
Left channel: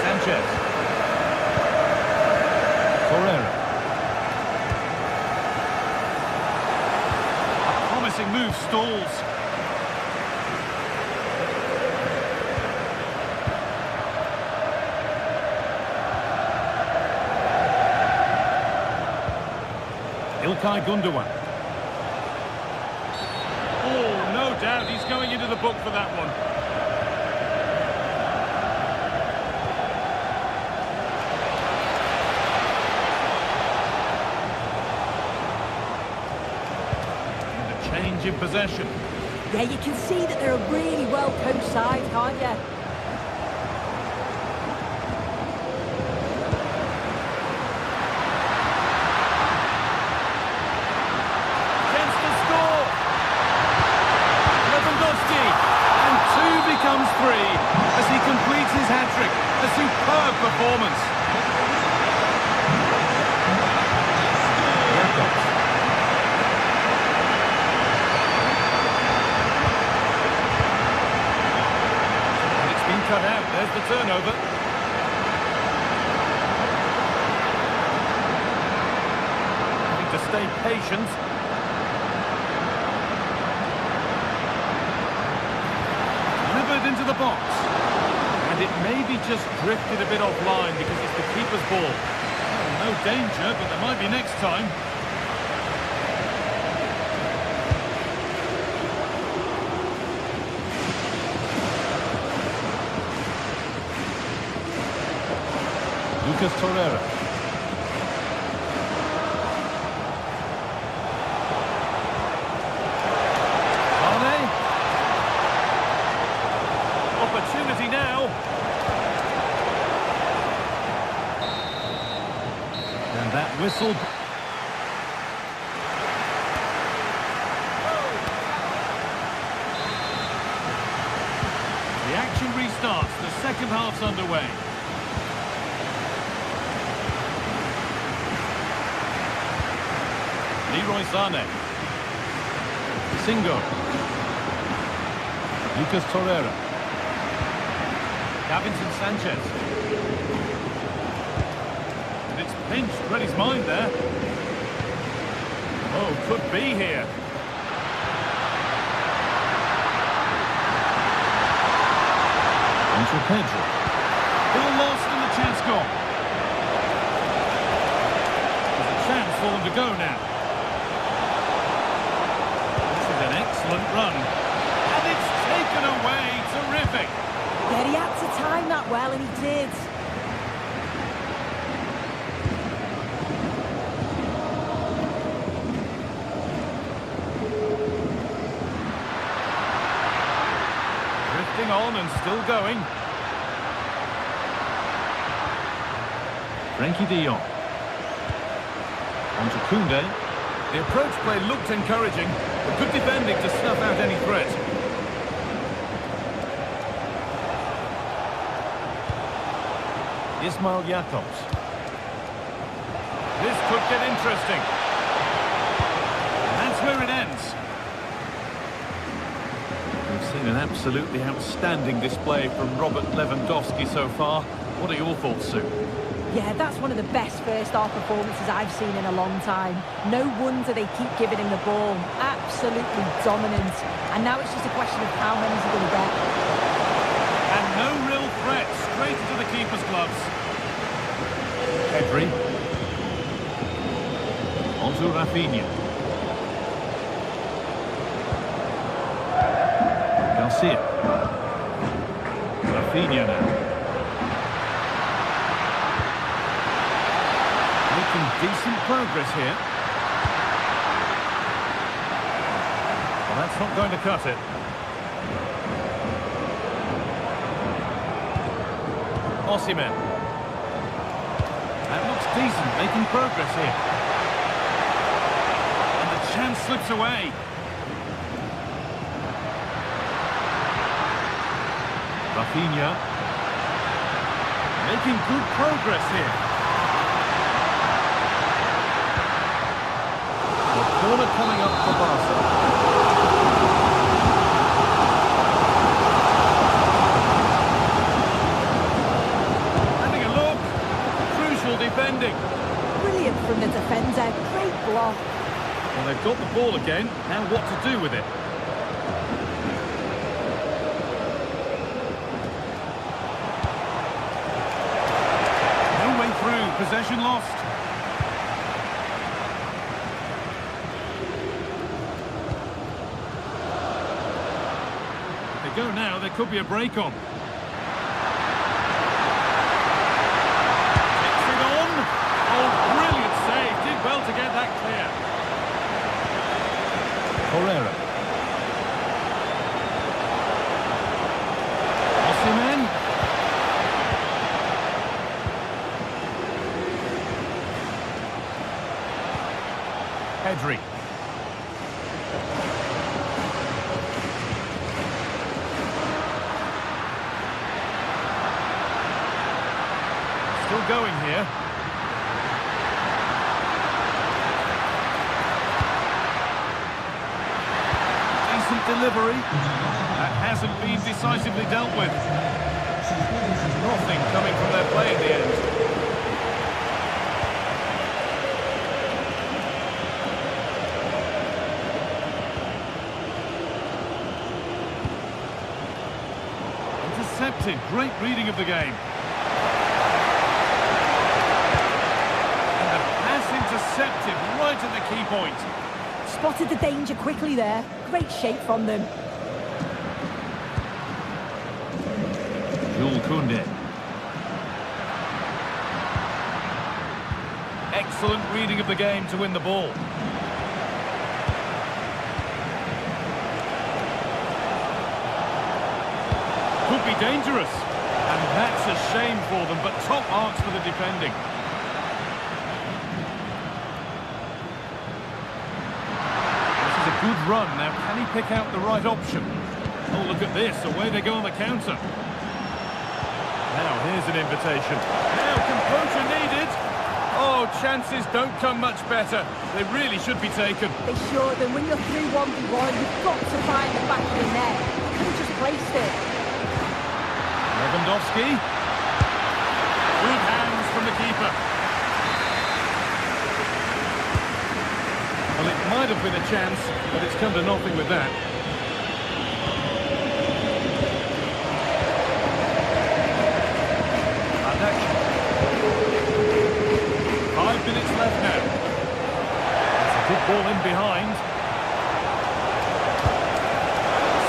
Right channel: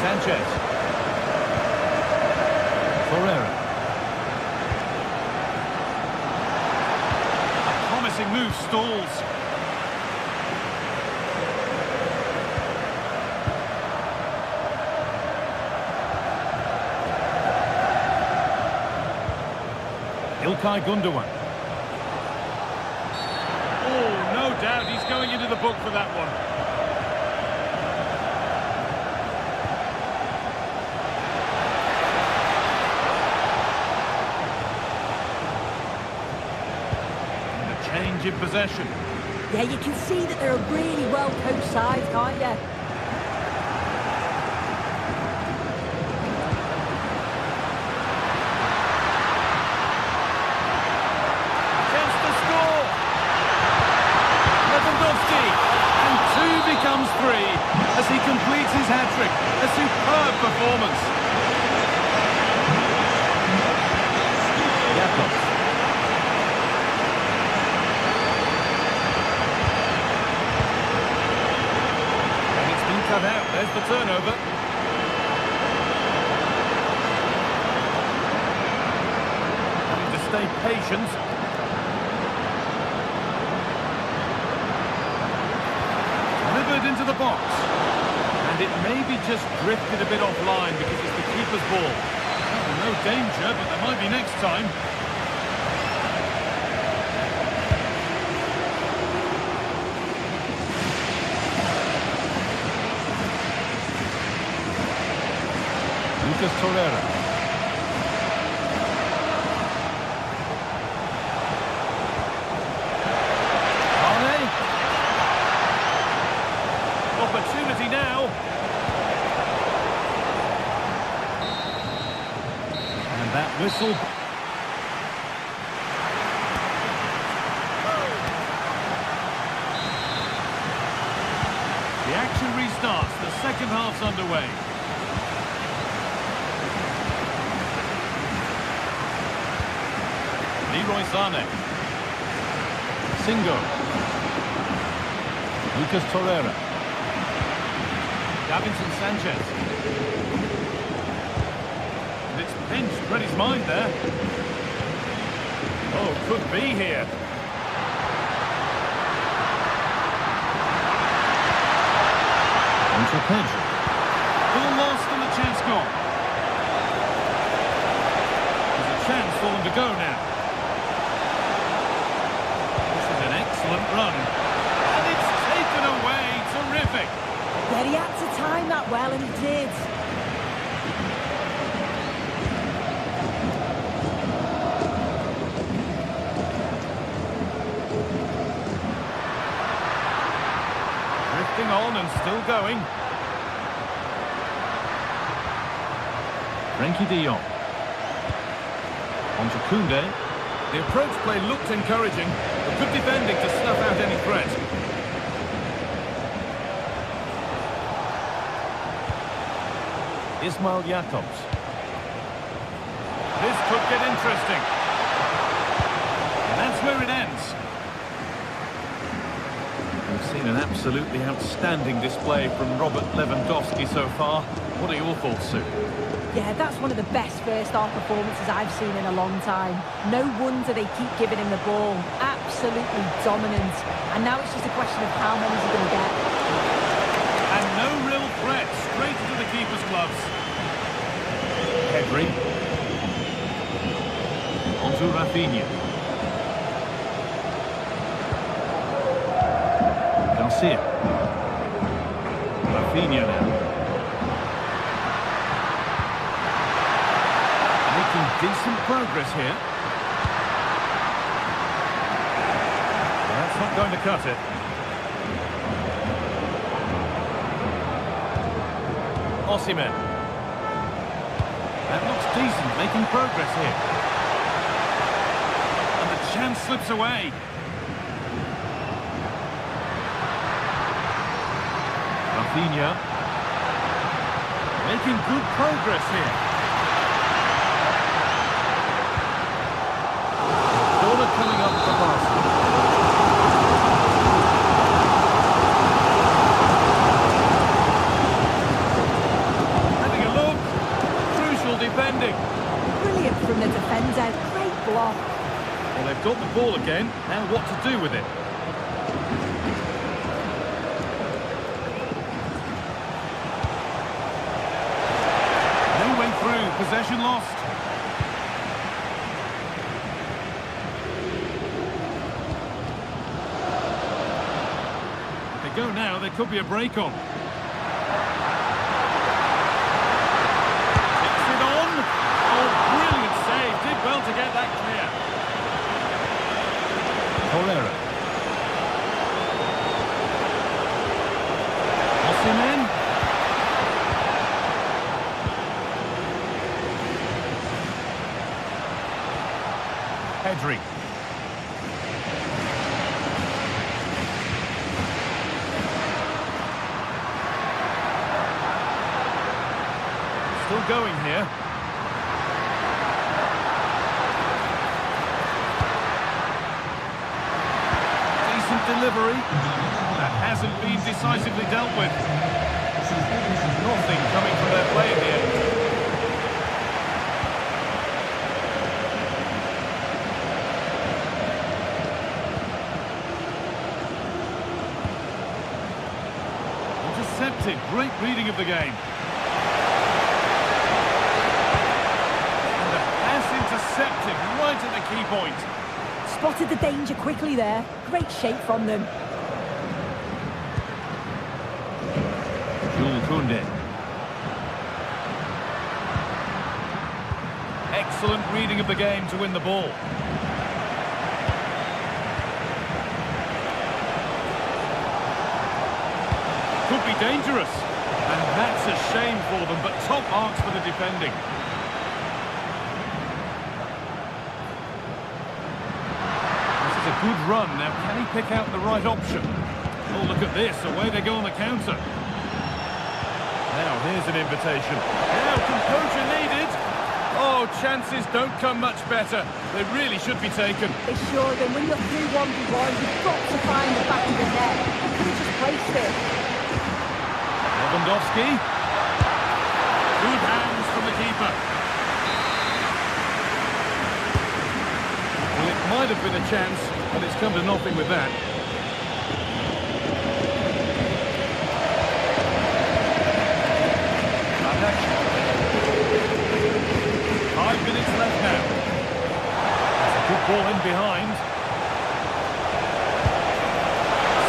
Sanchez. Torreira. A promising move stalls. İlkay Gundogan. Oh, no doubt he's going into the book for that one. Change in possession. Yeah, you can see that they're a really well-coached side, can't you? Chance to score! comes free as he completes his hat-trick. A superb performance. Jacobs. And it's been cut out. There's the turnover. Having to stay patient. Delivered into the box. And it maybe just drifted a bit offline because it's the keeper's ball. Well, no danger, but there might be next time. Lucas Torreira. Mane. Opportunity now. And that whistle. The action restarts. The second half's underway. Leroy Sané. Singo. Lucas Torreira. Davinson Sanchez. And it's pinched. Read his mind there. Oh, could be here. On to Pedro. Ball lost and the chance gone. There's a chance for them to go now. An excellent run, and it's taken away. Terrific. Yeah, he had to time that well, and he did. Drifting on and still going. Frenkie de Jong. On to Koundé. The approach play looked encouraging, but good defending to snuff out any threat. Ismail Jacobs. This could get interesting. And that's where it ends. We've seen an absolutely outstanding display from Robert Lewandowski so far. What are your thoughts, Sue? Yeah, that's one of the best first-half performances I've seen in a long time. No wonder they keep giving him the ball. Absolutely dominant. And now it's just a question of how many he's going to get. And no real threat. Straight into the keeper's gloves. Pedri. On to Rafinha. Garcia. Rafinha now. Making decent progress here. Well, that's not going to cut it. Osimhen. That looks decent, making progress here. And the chance slips away. Rafinha. Making good progress here. Corner coming up for Barca. Having a look. Crucial defending. Brilliant from the defender. Great block. Well, they've got the ball again. Now what to do with it? No way through. Possession lost. If they go now, there could be a break on. Takes it on. Oh, brilliant save. Did well to get that clear. Torreira. Osimhen. Pedri. Still going here. Decent delivery. That hasn't been decisively dealt with. Nothing coming from their play in the end. Intercepted. Great reading of the game. And the pass intercepted right at the key point. Spotted the danger quickly there. Great shape from them. Jules Koundé. Excellent reading of the game to win the ball. Could be dangerous. And that's a shame for them, but top marks for the defending. This is a good run. Now, can he pick out the right option? Oh, look at this. Away they go on the counter. Now, here's an invitation. Now, composure needed. Oh, chances don't come much better. They really should be taken. They should, and when you're through 1v1, you've got to find the back of the net. He could have just placed it. Lewandowski. Good hands from the keeper. Well, it might have been a chance, but it's come to nothing with that. Action. 5 minutes left now. It's a good ball in behind.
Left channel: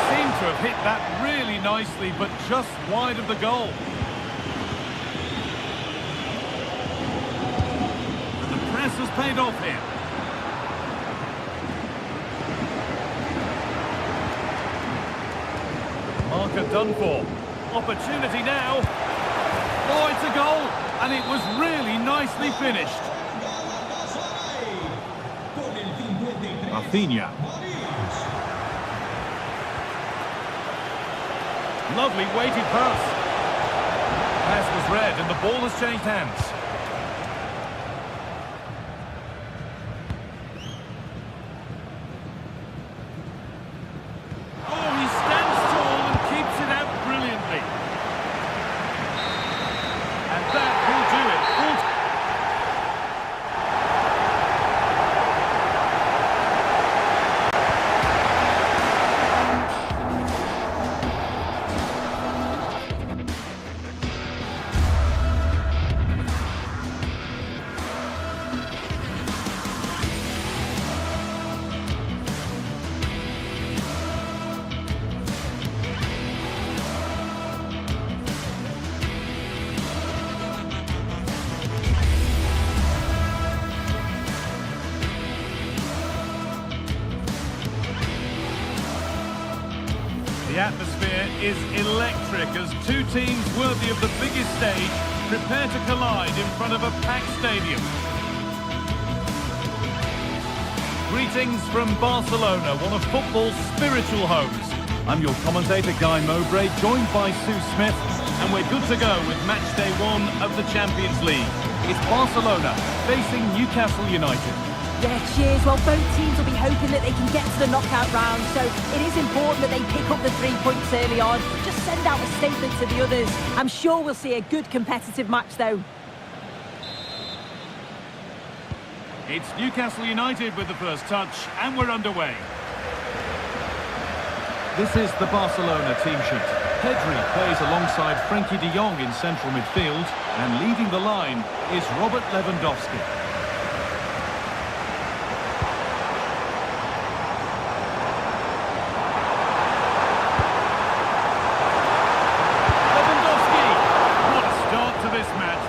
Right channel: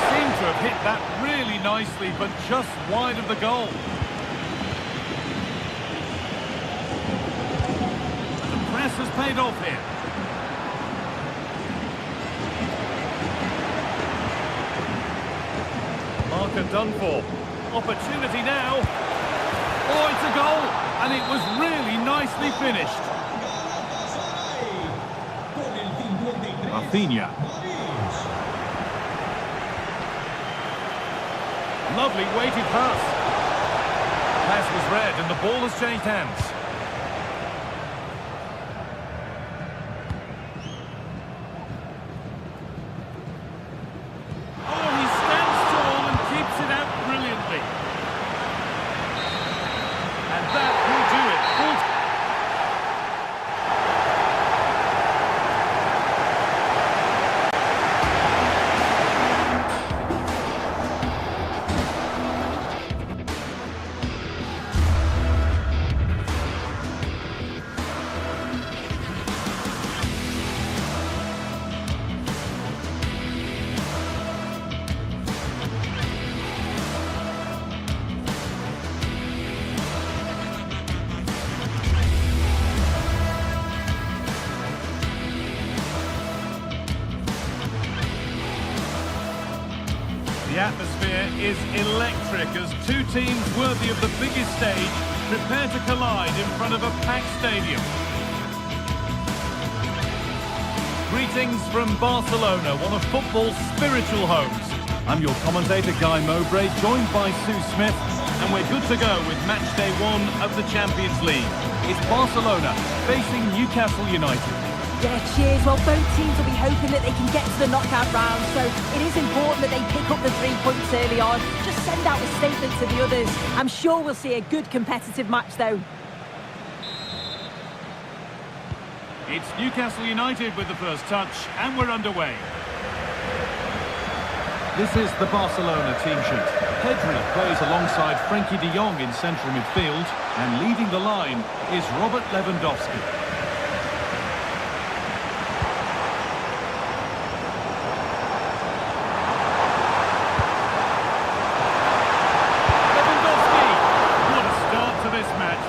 Seemed to have hit that really nicely, but just wide of the goal. And the press has paid off here. Marker done for. Opportunity now. Oh, it's a goal, and it was really nicely finished. Rafinha. Lovely weighted pass. Pass was read, and the ball has changed hands. Oh, he stands tall and keeps it out brilliantly. And that will do it. The atmosphere is electric as two teams worthy of the biggest stage prepare to collide in front of a packed stadium. Greetings from Barcelona, one of football's spiritual homes. I'm your commentator, Guy Mowbray, joined by Sue Smith, and we're good to go with match day 1 of the Champions League. It's Barcelona facing Newcastle United. Yeah, cheers. Well, both teams will be hoping that they can get to the knockout round, so it is important that they pick up the 3 points early on. Just send out a statement to the others. I'm sure we'll see a good competitive match, though. It's Newcastle United with the first touch, and we're underway. This is the Barcelona team sheet. Pedri plays alongside Frenkie de Jong in central midfield, and leading the line is Robert Lewandowski.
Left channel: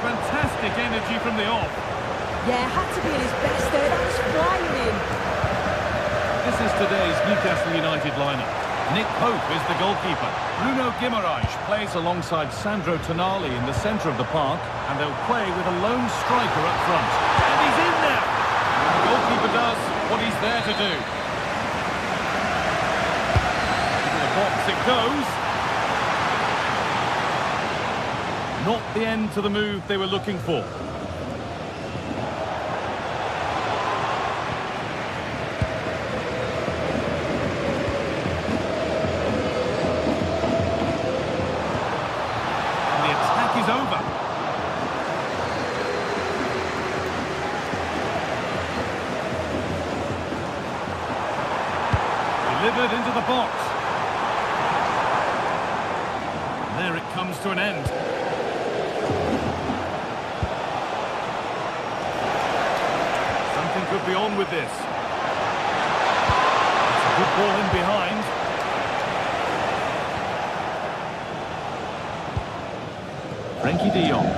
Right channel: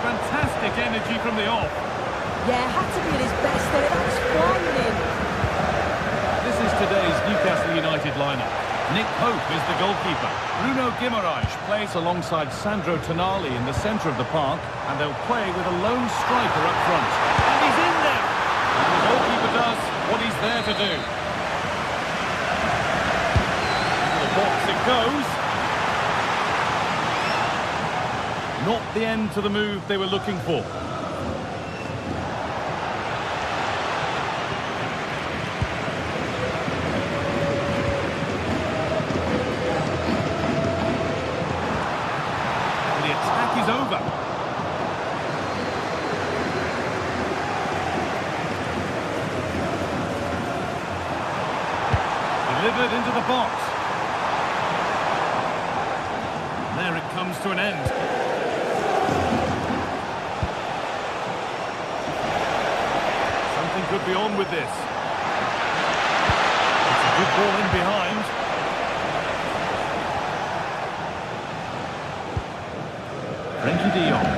Fantastic energy from the off. Yeah, had to be at his best there. That was flying in. This is today's Newcastle United lineup. Nick Pope is the goalkeeper. Bruno Guimaraes plays alongside Sandro Tonali in the centre of the park, and they'll play with a lone striker up front. And he's in there! And the goalkeeper does what he's there to do. Into the box it goes. Not the end to the move they were looking for. And the attack is over. Delivered into the box. And there it comes to an end. Something could be on with this. It's a good ball in behind. Frankie de Jong.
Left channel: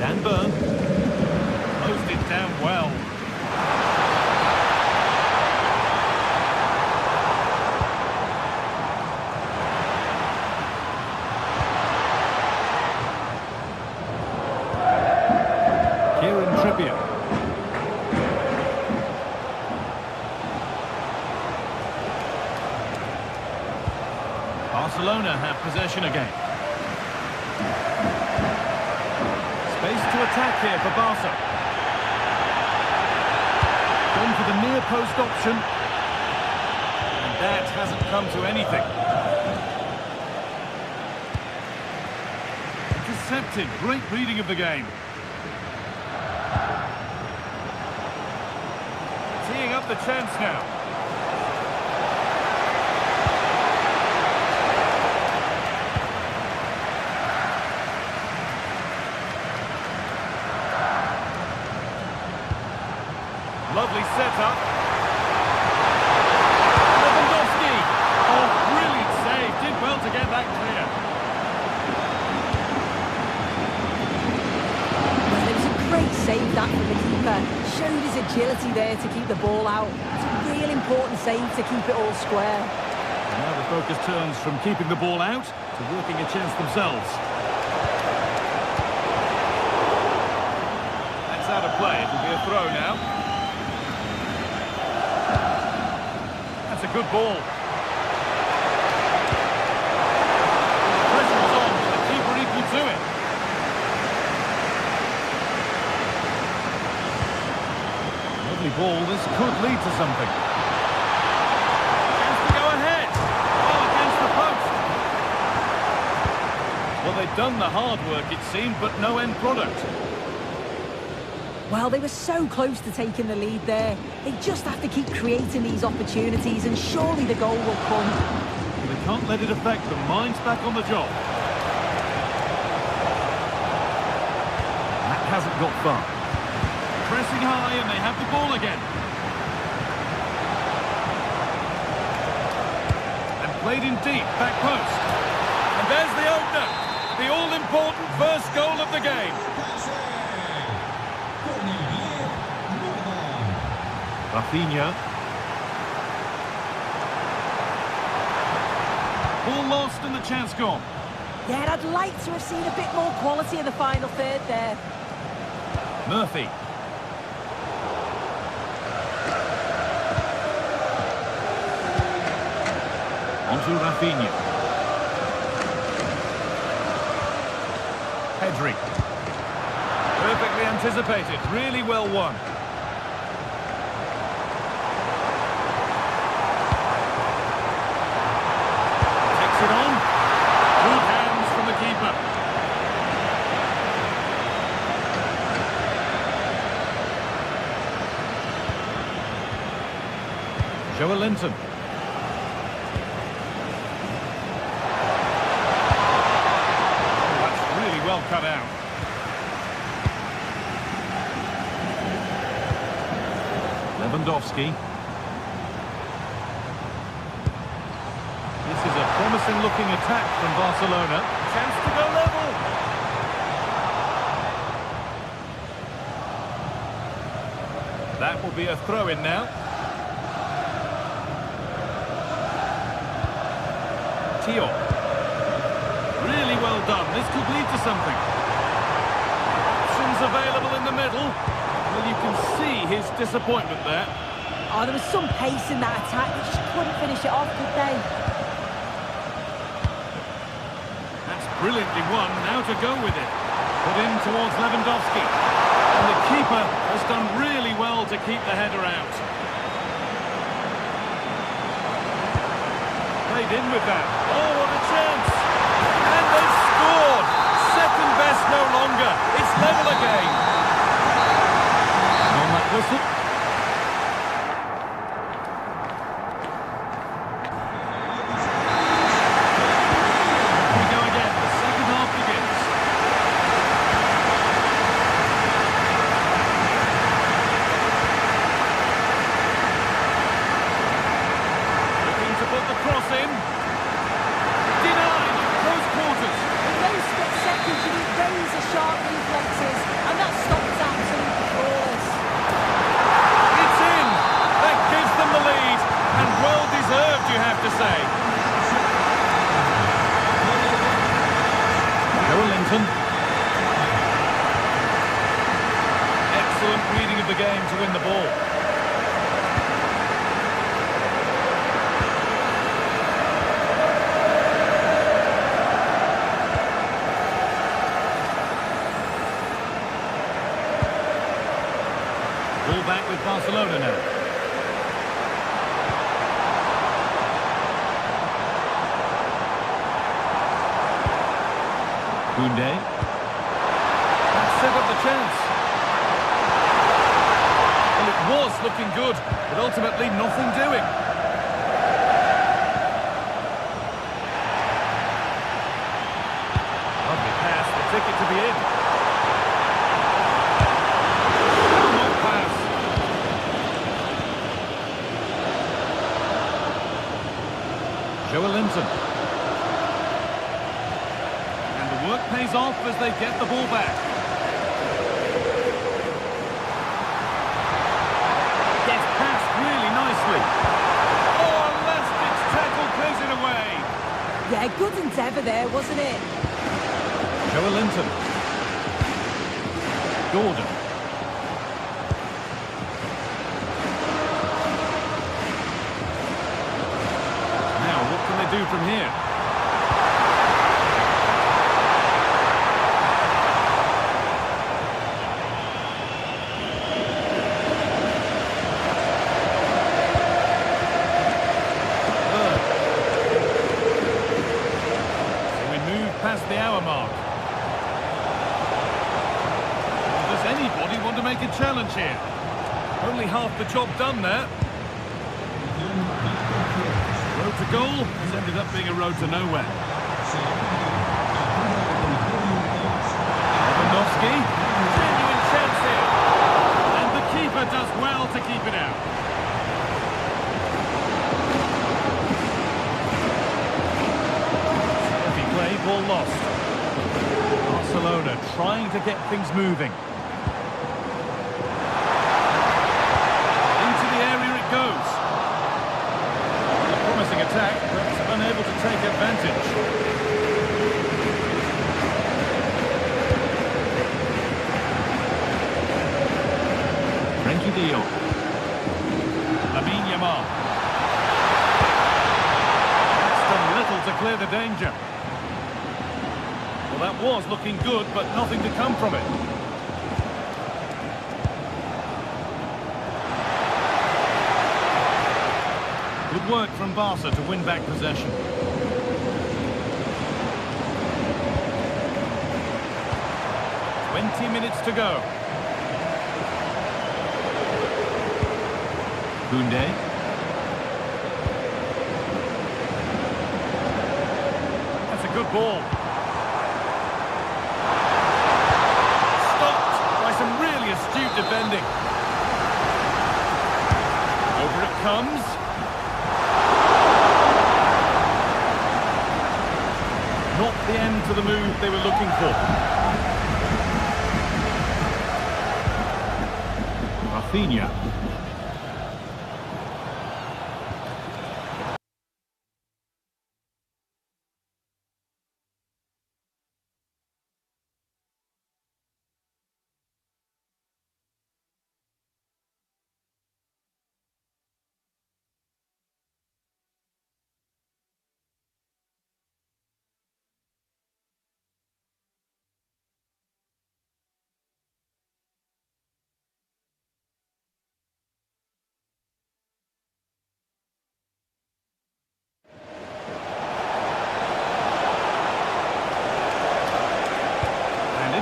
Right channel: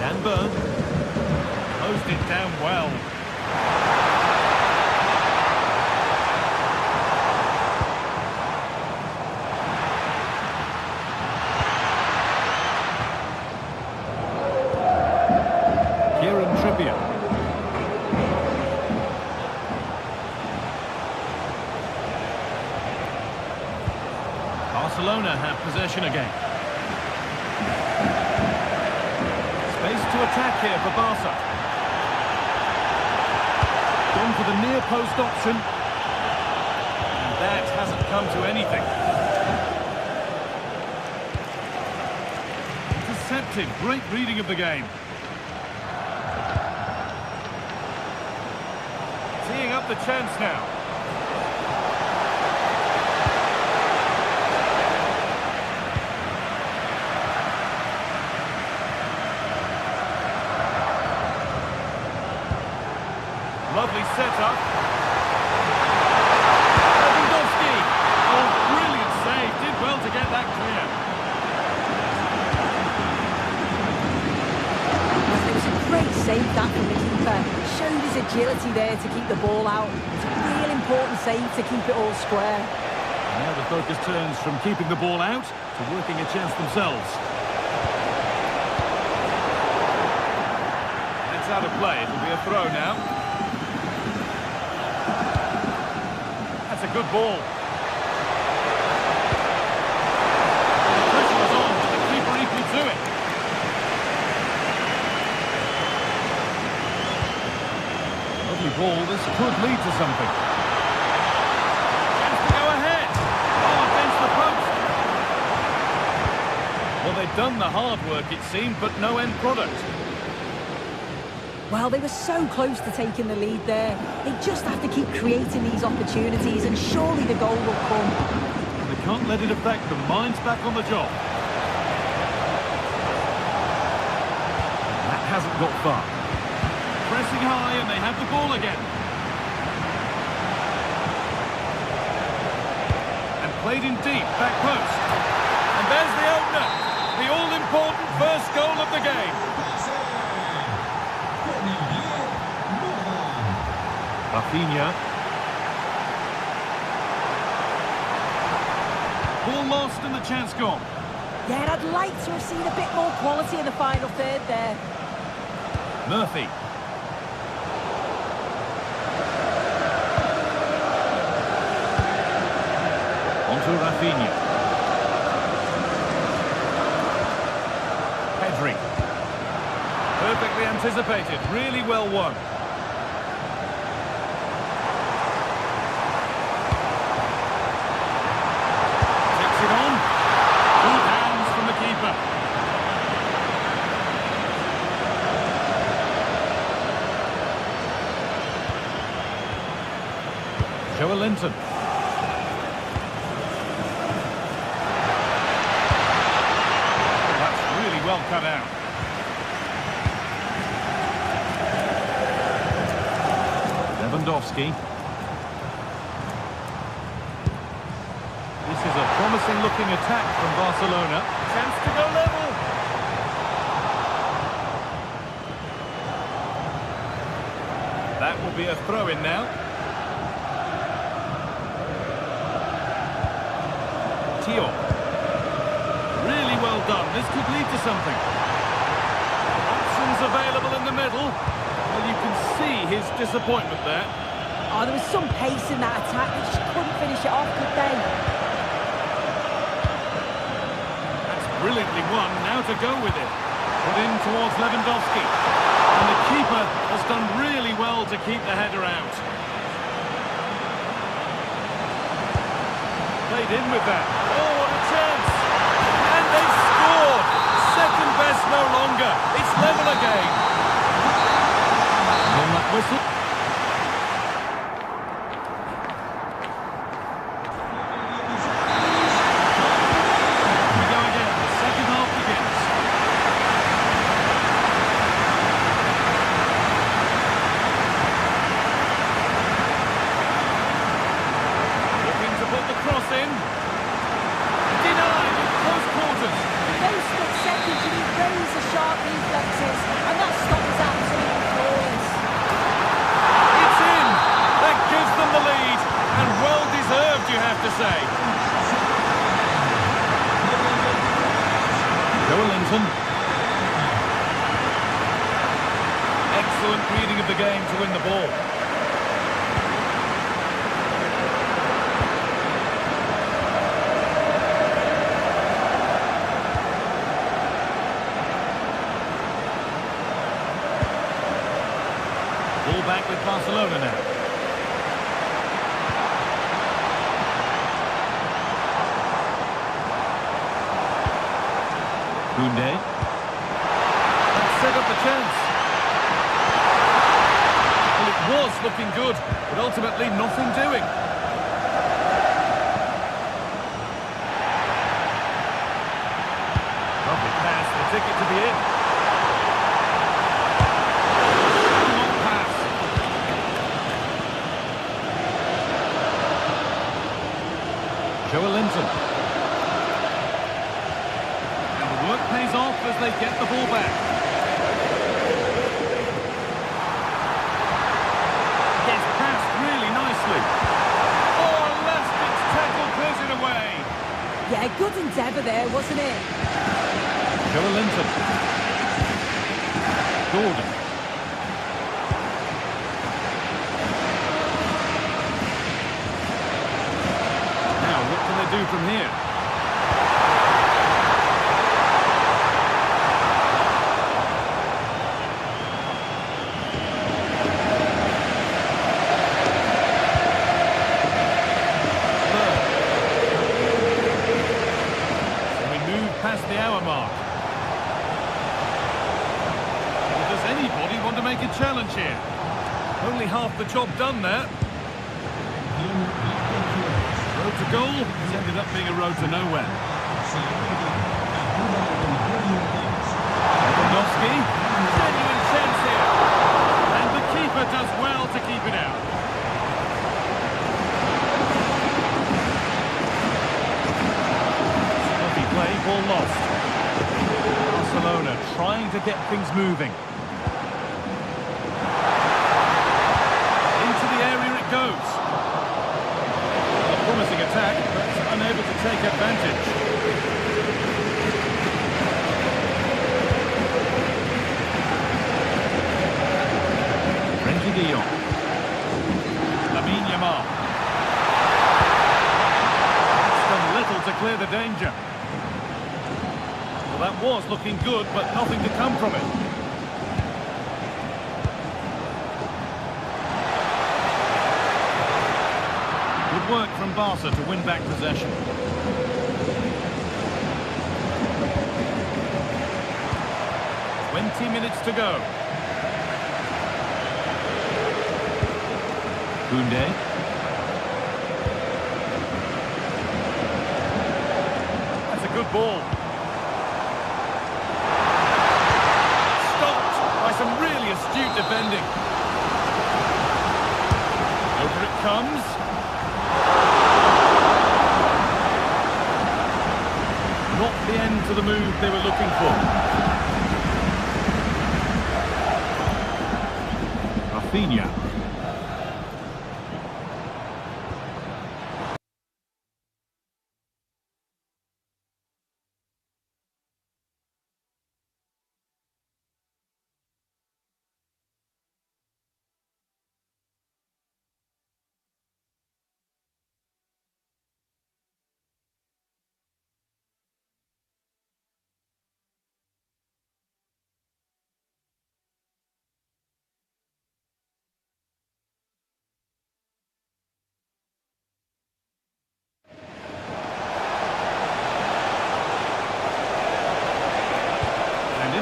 Dan Burn closed it down well. Kieran Trippier. Barcelona have possession again. Space to attack here for Barca. Gone for the near post option. And that hasn't come to anything. Intercepted. Great reading of the game. Teeing up the chance now. Lovely setup. Lewandowski. Oh, brilliant save. Did well to get that clear. Well, it was a great save that from the keeper. Showed his agility there to keep the ball out. It's a real important save to keep it all square. And now the focus turns from keeping the ball out to working a chance themselves. That's out of play. It'll be a throw now. That's a good ball. The pressure was on, but the keeper equal to it. Lovely ball. This could lead to something. Chance to go ahead. Oh, against the post. Well, they've done the hard work, it seemed, but no end product. Well, they were so close to taking the lead there. They just have to keep creating these opportunities and surely the goal will come. And they can't let it affect them. Mind's back on the job. That hasn't got far. Pressing high and they have the ball again. And played in deep, back post. And there's the opener. The all-important first goal of the game. Rafinha. Ball lost and the chance gone. Yeah, I'd like to have seen a bit more quality in the final third there. Murphy. Onto Rafinha. Pedri. Perfectly anticipated, really well won. Takes it on. Good hands from the keeper. Joe Linton. Oh, that's really well cut out. Lewandowski. This is a promising looking attack from Barcelona. Chance to go level. That will be a throw-in now. Tio. Really well done. This could lead to something. available in the middle. Well, you can see his disappointment there. Oh, there was some pace in that attack. They just couldn't finish it off, could they? That's brilliantly won. Now to go with it. Put in towards Lewandowski. And the keeper has done really well to keep the header out. Played in with that. Oh, what a chance! And they've scored! Second best no longer. It's level again. And on that whistle. Here we go again. The second half begins. Looking to put the cross in. Denied at close quarters. In those split seconds, you need razor-sharp reflexes, and that stop was absolutely flawless. It's in. That gives them the lead, and well deserved, you have to say. Linton. Excellent reading of the game to win the ball. Ball back with Barcelona now. Koundé. That set up the chance. Well, it was looking good, but ultimately nothing doing. Lovely pass, the ticket to be in. Shall not pass. Linton. And the work pays off as they get the ball back. Gets passed really nicely. Oh, last-ditch tackle clears it away. Yeah, good endeavour there, wasn't it? Linton. Gordon. Now, what can they do from here? Bird. So we move past the hour mark. Well, does anybody want to make a challenge here? Only half the job done there. Road to goal has ended up being a road to nowhere. Lewandowski, genuine chance here. And the keeper does well to keep it out. Scruffy play, ball lost. Barcelona trying to get things moving. Into the area it goes. Promising attack, but unable to take advantage. Frenkie de Jong. Lamine Yamal. That's done little to clear the danger. Well, that was looking good, but nothing to come from it. Good work from Barca to win back possession. "20 minutes to go. Koundé. That's a good ball. Stopped by some really astute defending. Over it comes. Not the end to the move they were looking for. Rafinha.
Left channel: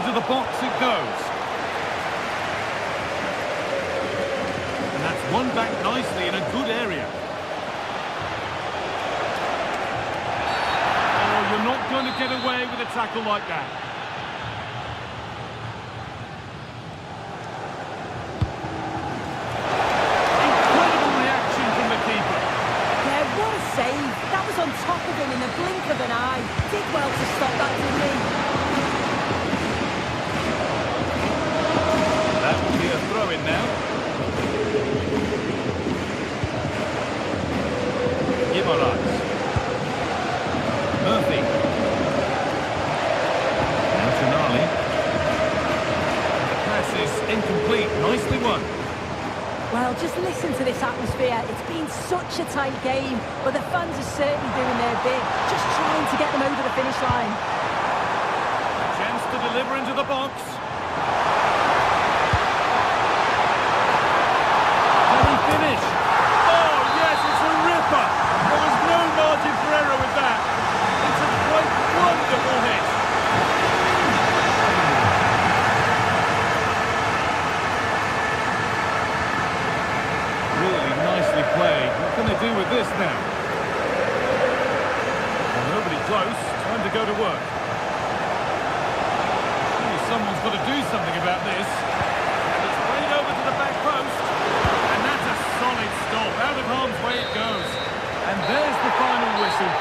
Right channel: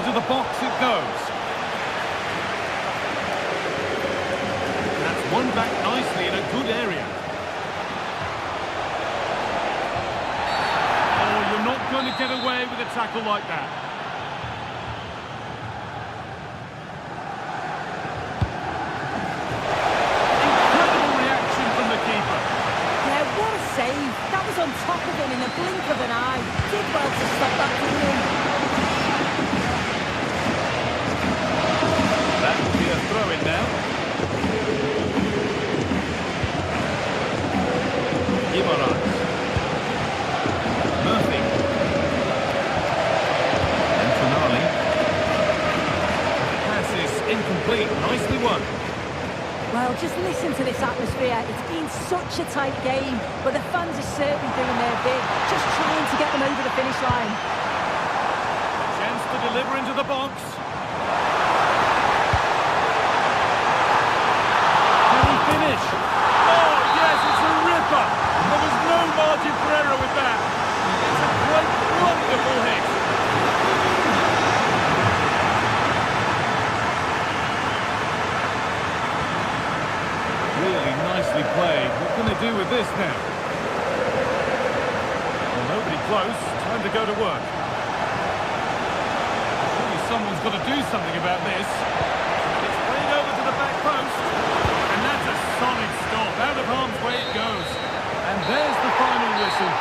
into the box it goes. And that's won back nicely in a good area. Oh, you're not going to get away with a tackle like that. Incredible reaction from the keeper. Yeah, what a save. That was on top of him in the blink of an eye. Did well to stop that, didn't he? That will be a throw-in now. Guimaraes. Murphy. And Tonali. The pass is incomplete. Nicely won. Well, just listen to this atmosphere. It's been such a tight game, but the fans are certainly doing their bit, just trying to get them over the finish line. A chance to deliver into the box. Can he finish? Oh, yes, it's a ripper. There was no margin for error with that. It's a quite wonderful hit. Really nicely played. What can they do with this now? Well, nobody close. Time to go to work. Surely someone's got to do something about this. And it's played over to the back post. And that's a solid stop. Out of harm's way it goes. And there's the final whistle.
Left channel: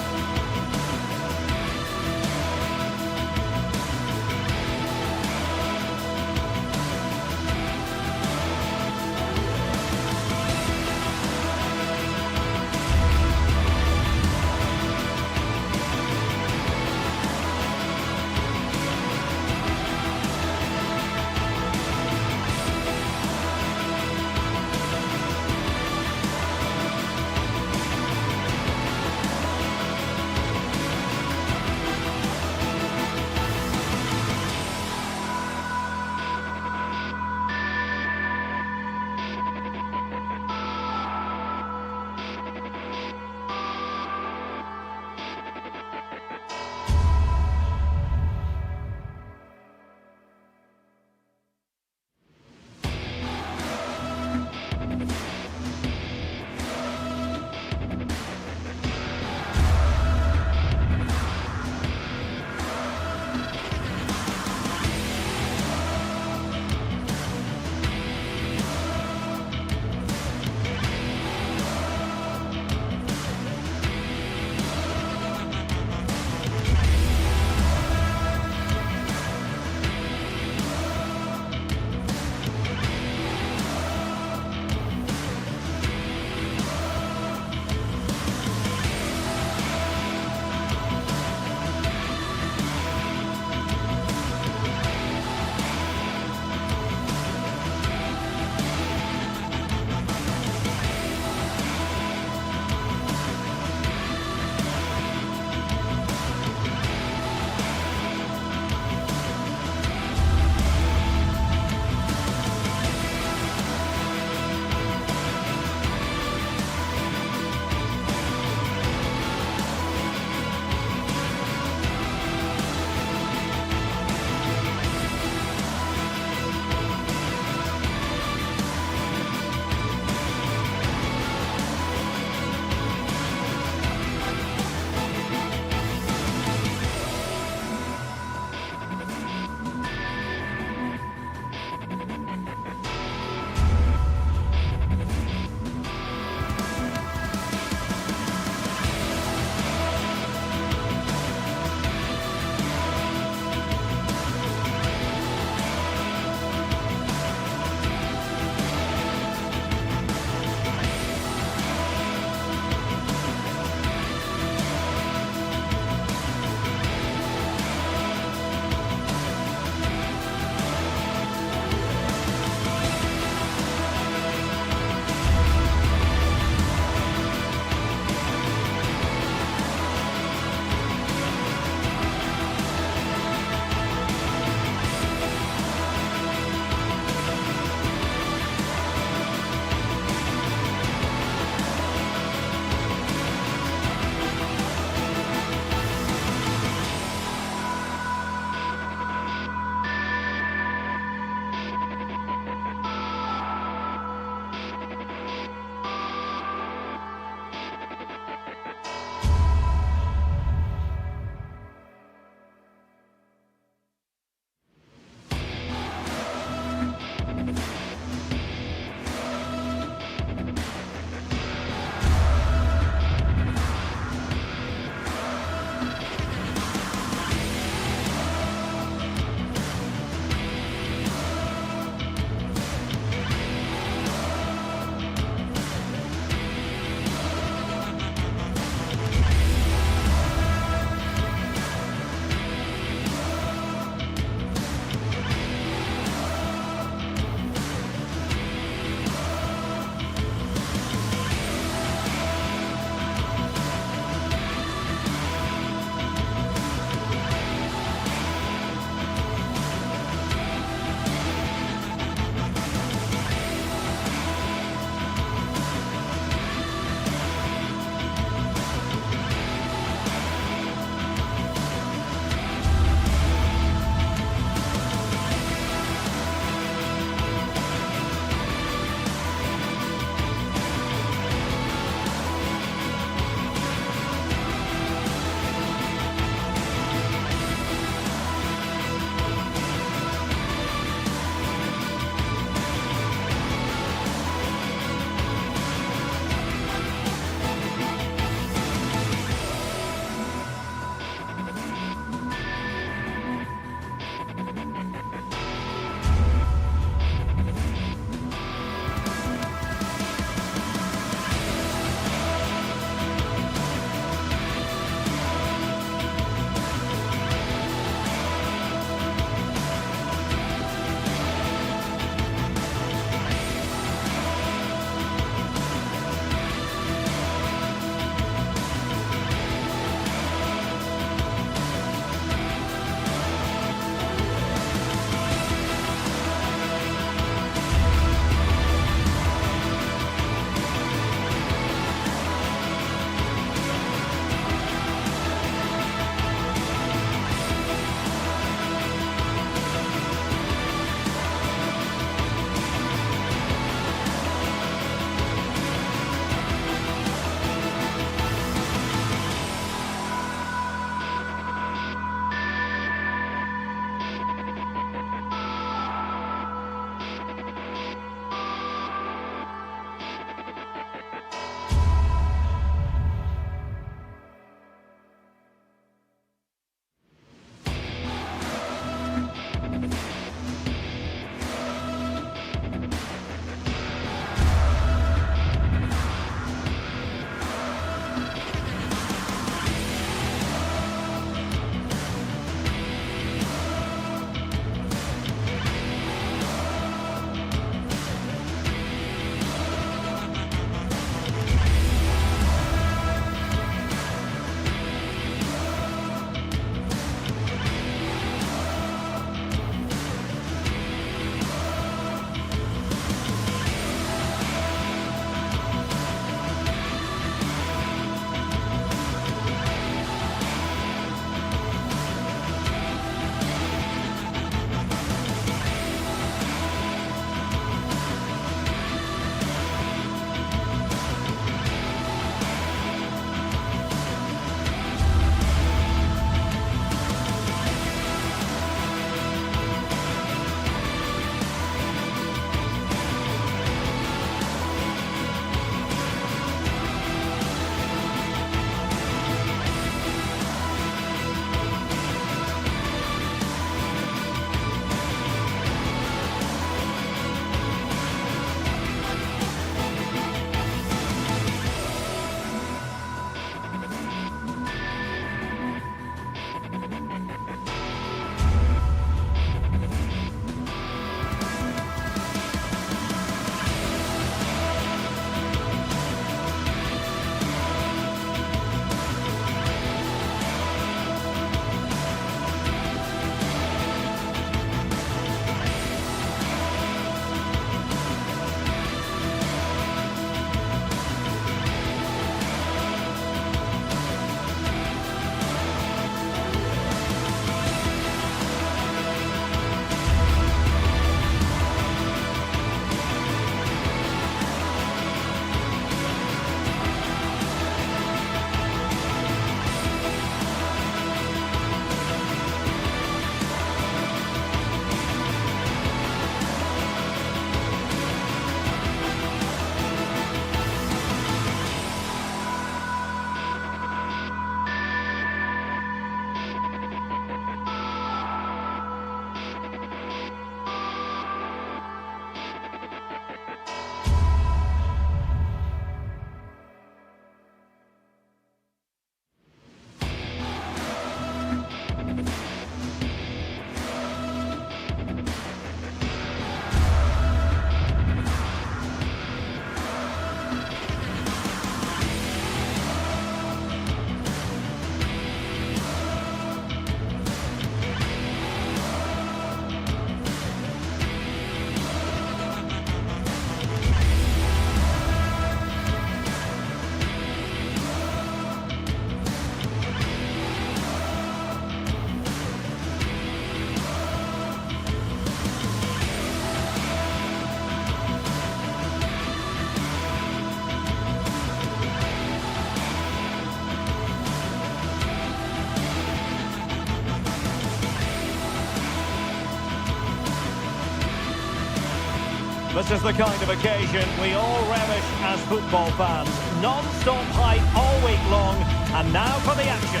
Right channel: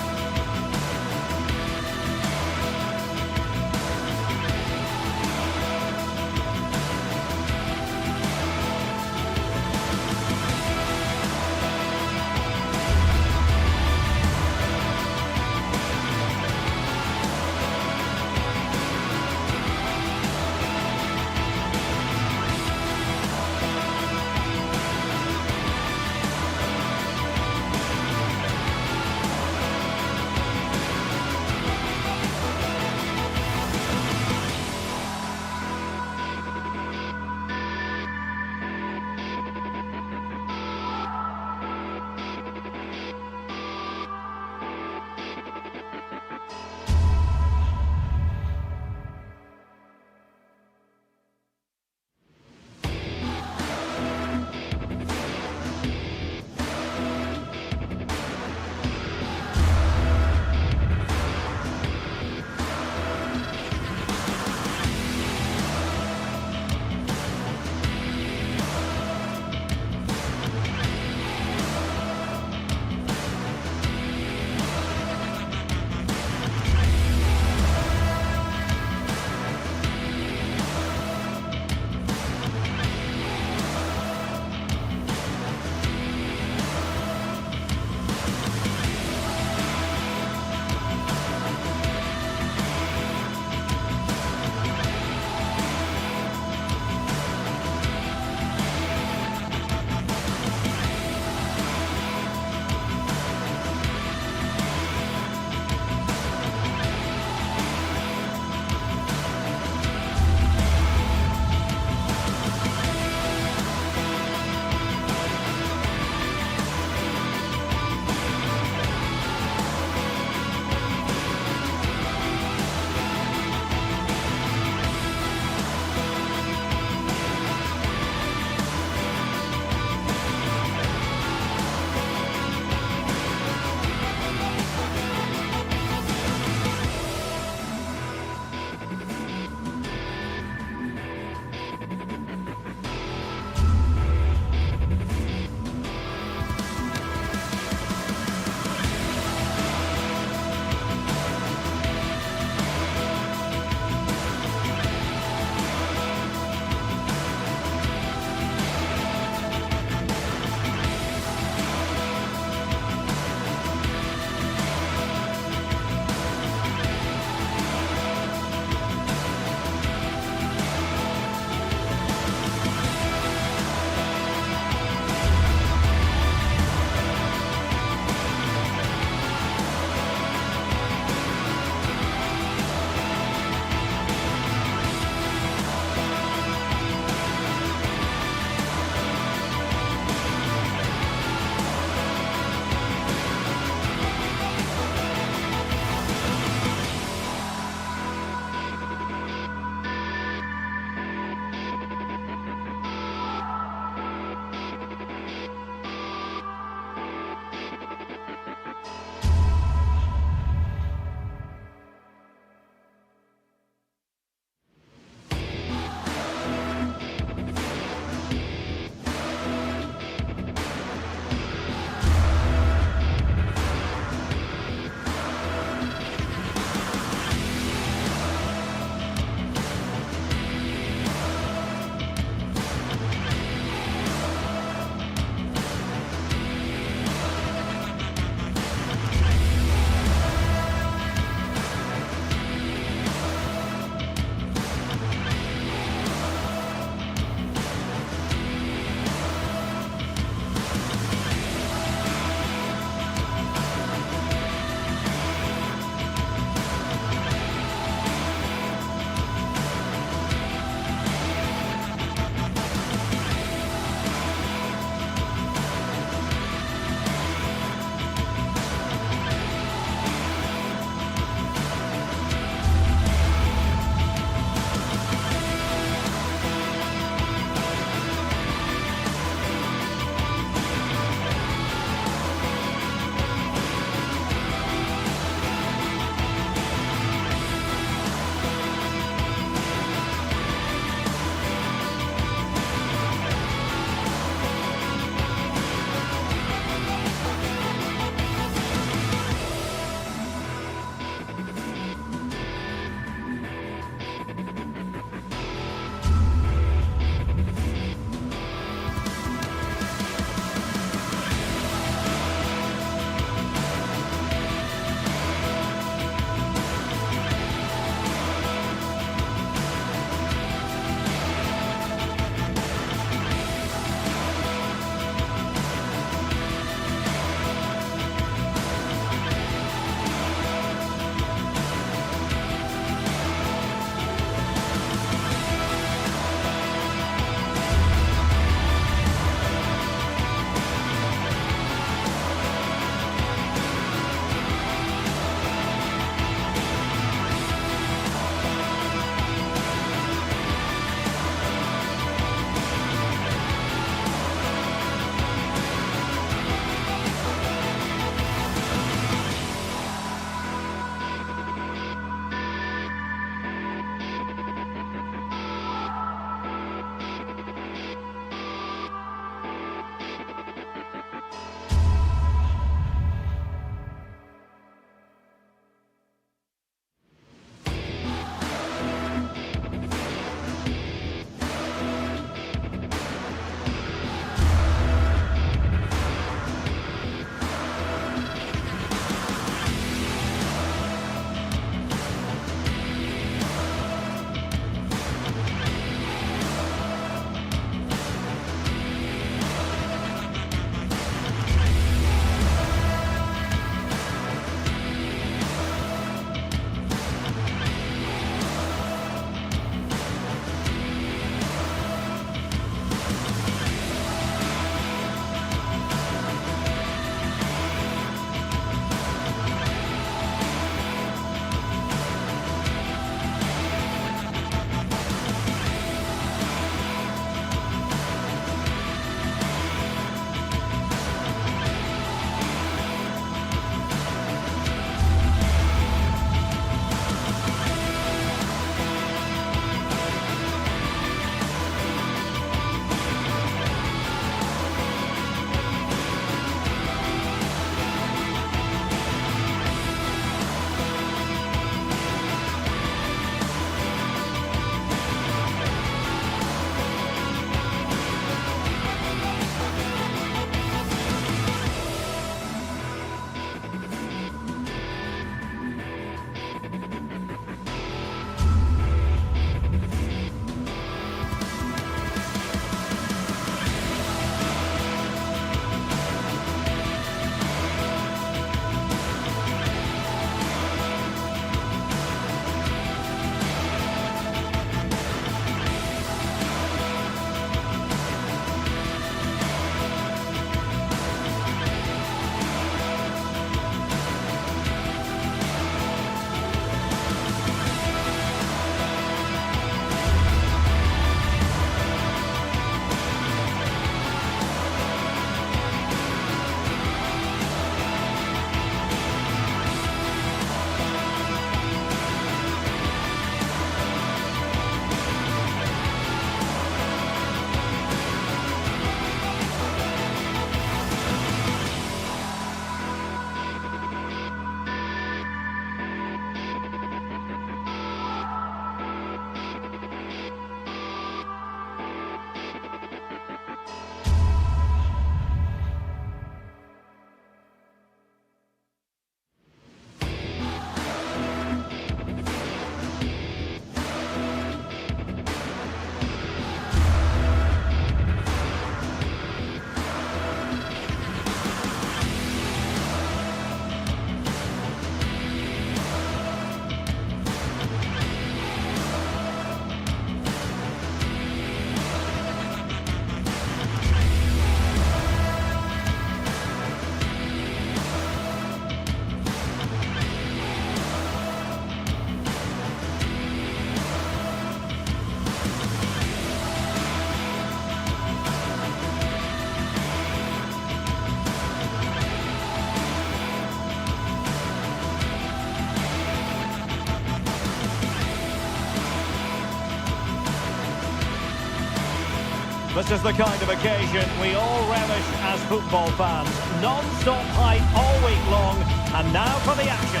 This is the kind of occasion we all relish as football fans. Non-stop hype all week long, and now for the action.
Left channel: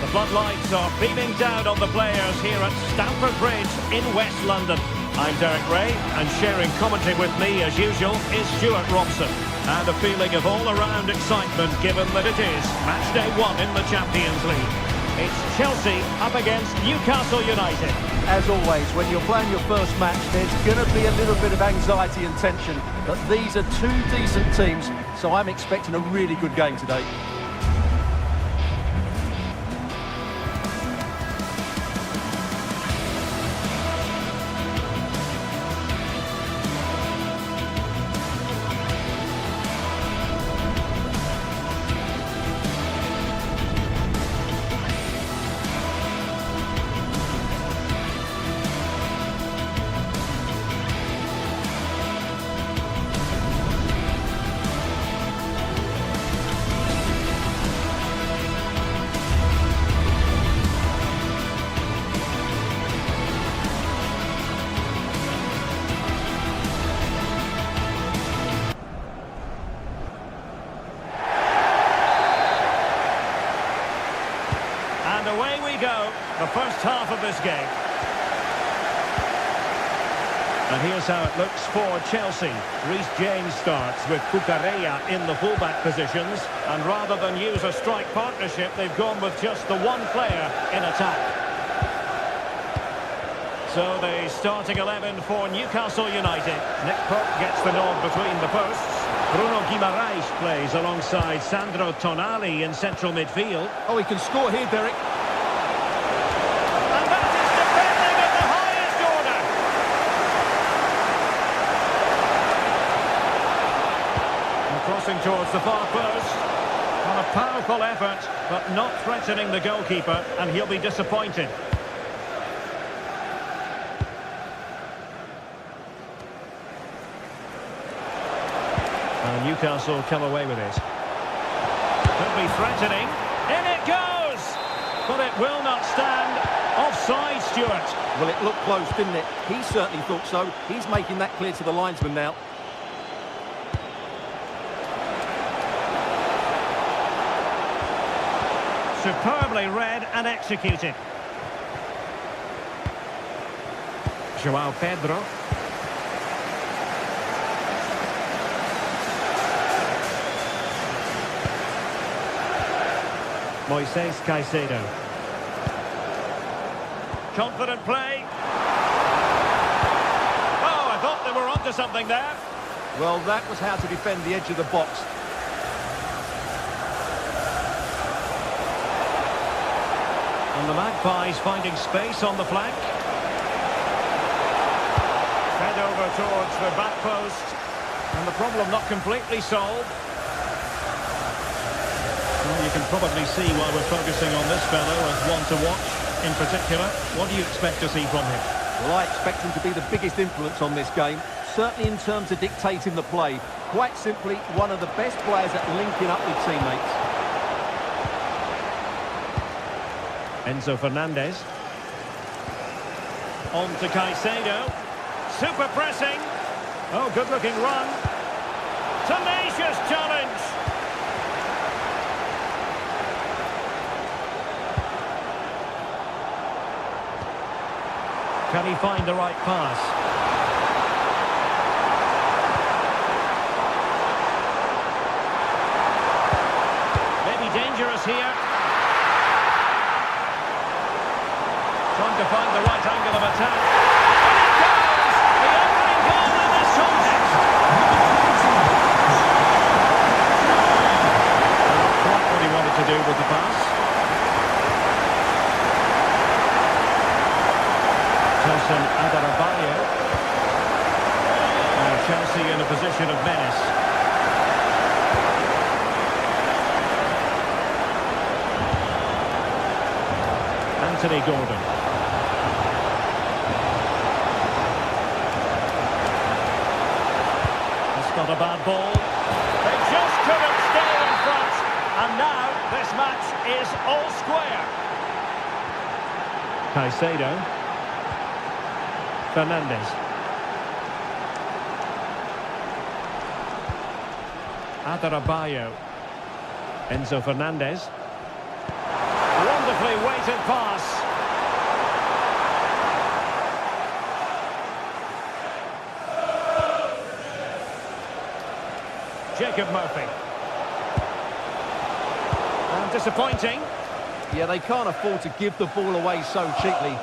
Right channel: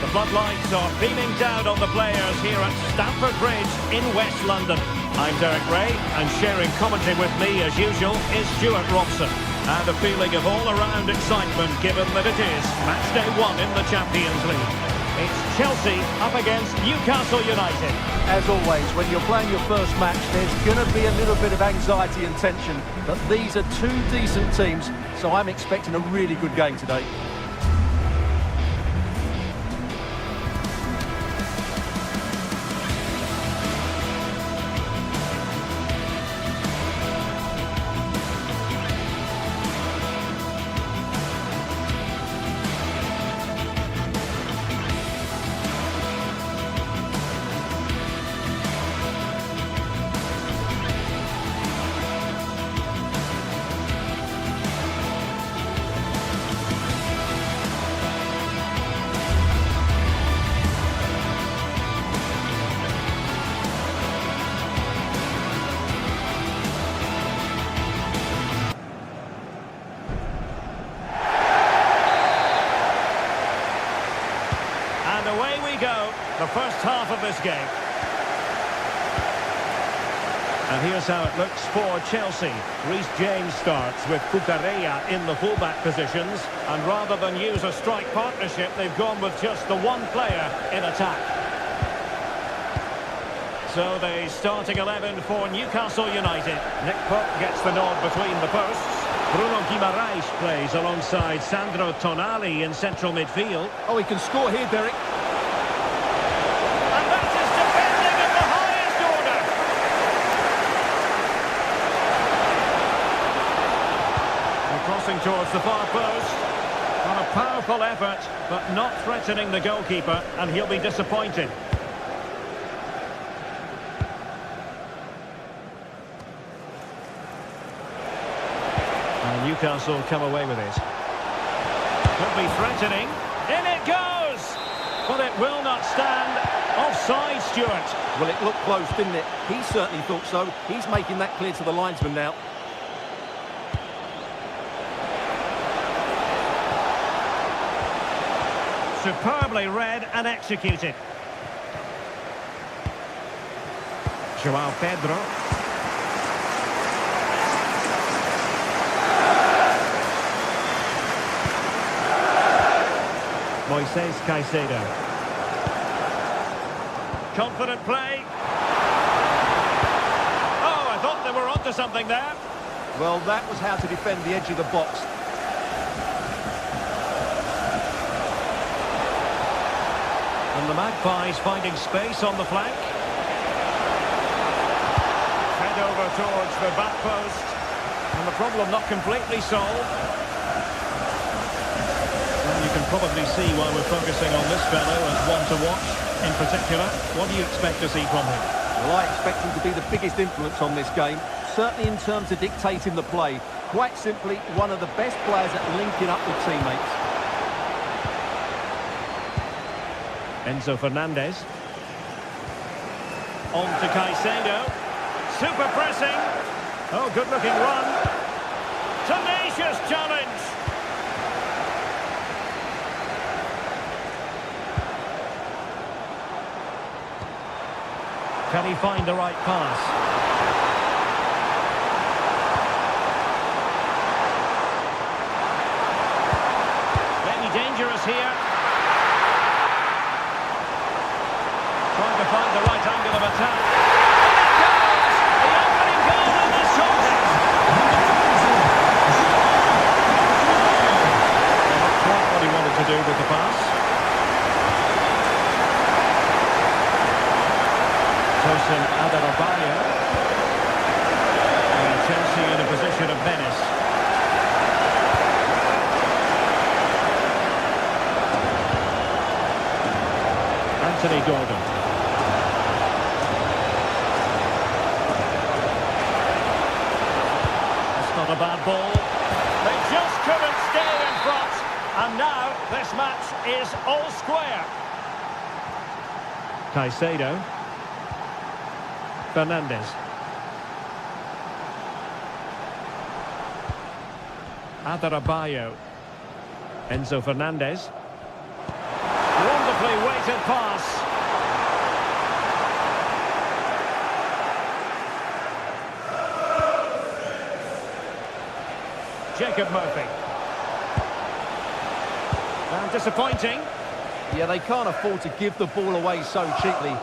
The floodlights are beaming down on the players here at Stamford Bridge in West London. I'm Derek Ray, and sharing commentary with me as usual is Stuart Robson. And a feeling of all-around excitement given that it is match day 1 in the Champions League. It's Chelsea up against Newcastle United. As always, when you're playing your first match, there's going to be a little bit of anxiety and tension. But these are two decent teams, so I'm expecting a really good game today. And away we go, the first half of this game. And here's how it looks for Chelsea. Reece James starts with Cucurella in the fullback positions. And rather than use a strike partnership, they've gone with just the one player in attack. So the starting 11 for Newcastle United. Nick Pope gets the nod between the posts. Bruno Guimaraes plays alongside Sandro Tonali in central midfield. Oh, he can score here, Derek. And that is defending at the highest order. And crossing towards the far post. On a powerful effort, but not threatening the goalkeeper, and he'll be disappointed. And Newcastle come away with it. Could be threatening. In it goes! But it will not stand. Offside, Stuart. Well, it looked close, didn't it? He certainly thought so. He's making that clear to the linesman now. Superbly read and executed. João Pedro. Moises Caicedo. Confident play. Oh, I thought they were onto something there. Well, that was how to defend the edge of the box. And the Magpies finding space on the flank. Head over towards the back post. And the problem not completely solved. Well, you can probably see why we're focusing on this fellow as one to watch. In particular, what do you expect to see from him? Well, I expect him to be the biggest influence on this game, certainly in terms of dictating the play. Quite simply, one of the best players at linking up with teammates. Enzo Fernandez. On to Caicedo. Super pressing. Oh, good-looking run. Tenacious challenge. Can he find the right pass? Maybe dangerous here. Trying to find the right angle of attack. And it goes! The opening goal in this contest. Not quite what he wanted to do with the pass. Tosin Adarabioyo. Now Chelsea in a position of menace. Anthony Gordon. That's not a bad ball. They just couldn't stay in front. And now this match is all square. Caicedo. Fernandes. Adarabioyo. Enzo Fernandez. Wonderfully weighted pass. Jacob Murphy. And disappointing. Yeah, they can't afford to give the ball away so cheaply.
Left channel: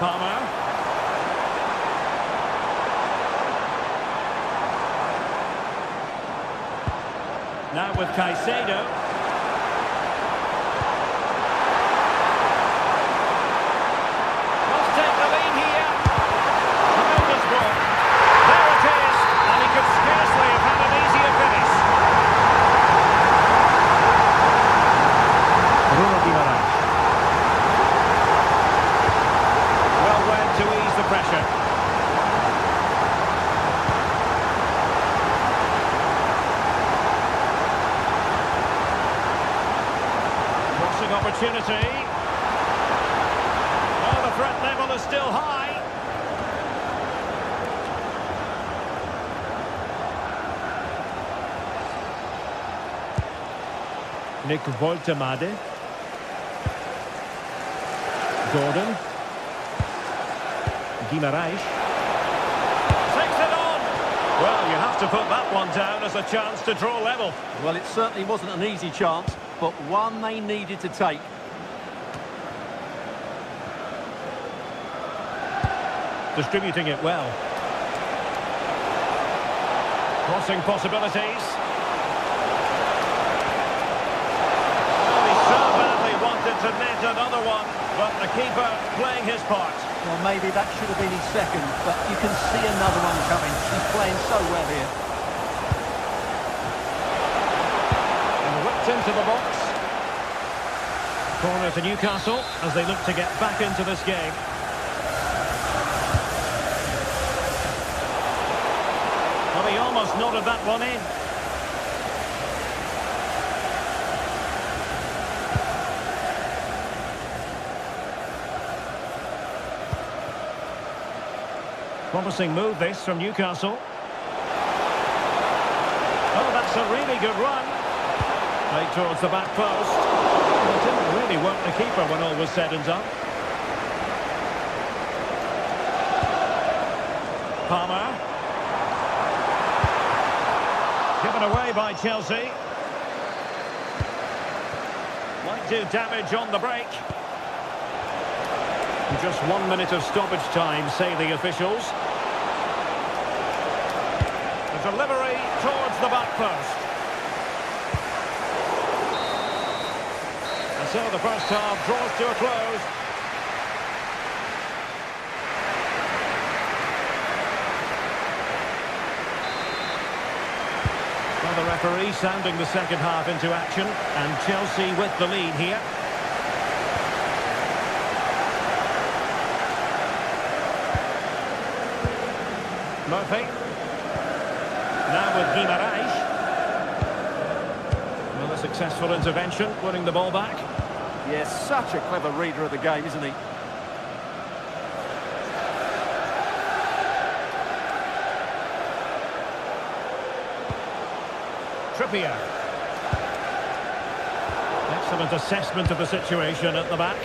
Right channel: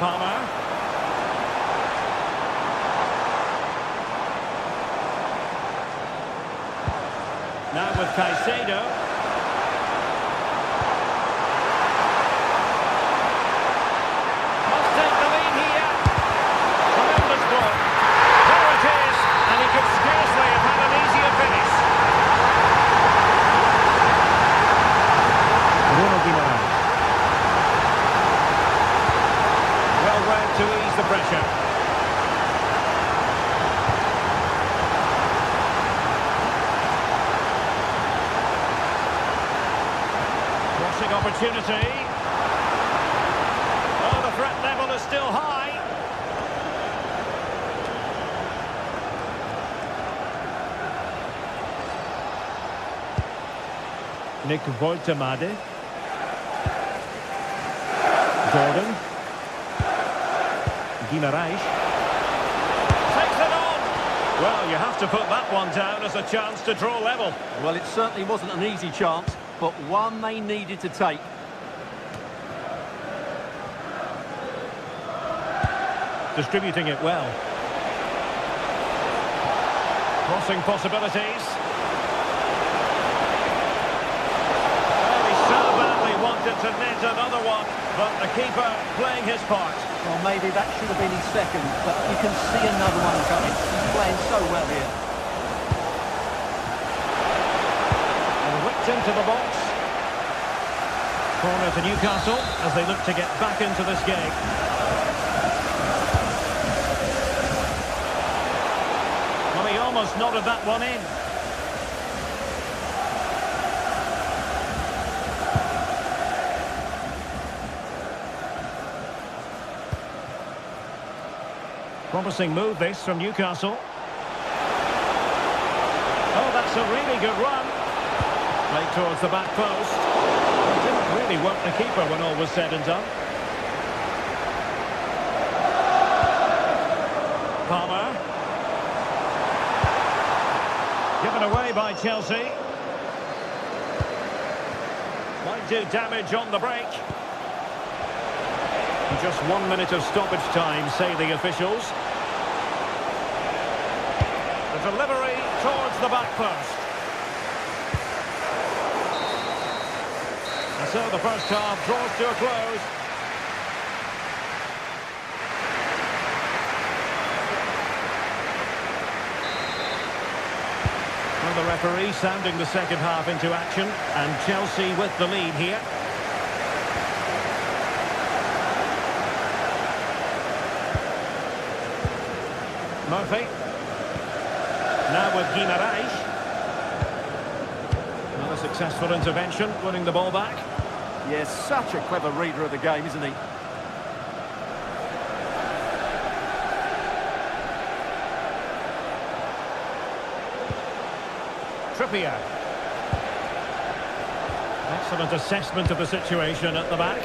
Palmer. Now with Caicedo. Must take the lead here. Tremendous block. There it is. And he could scarcely have had an easier finish. Bruno Guimaraes. Well read to ease the pressure. Crossing opportunity. Oh, the threat level is still high. Nick Woltemade. Gordon. Guimaraes. Takes it on. Well, you have to put that one down as a chance to draw level. Well, it certainly wasn't an easy chance, but one they needed to take. Distributing it well. Crossing possibilities. Well, he so badly wanted to net another one, but the keeper playing his part. Well, maybe that should have been his second, but you can see another one coming. He's playing so well here. And whipped into the box. Corner to Newcastle as they look to get back into this game. Well, he almost nodded that one in. Promising move this from Newcastle. Oh, that's a really good run. Played towards the back post. Well, it didn't really work the keeper when all was said and done. Palmer. Given away by Chelsea. Might do damage on the break. Just 1 minute of stoppage time, say the officials. The delivery towards the back post. And so the first half draws to a close. Well, the referee sounding the second half into action, and Chelsea with the lead here. Murphy. Now with Guimaraes. Well, a successful intervention, winning the ball back. Yes, such a clever reader of the game, isn't he? Trippier. Excellent assessment of the situation at the back.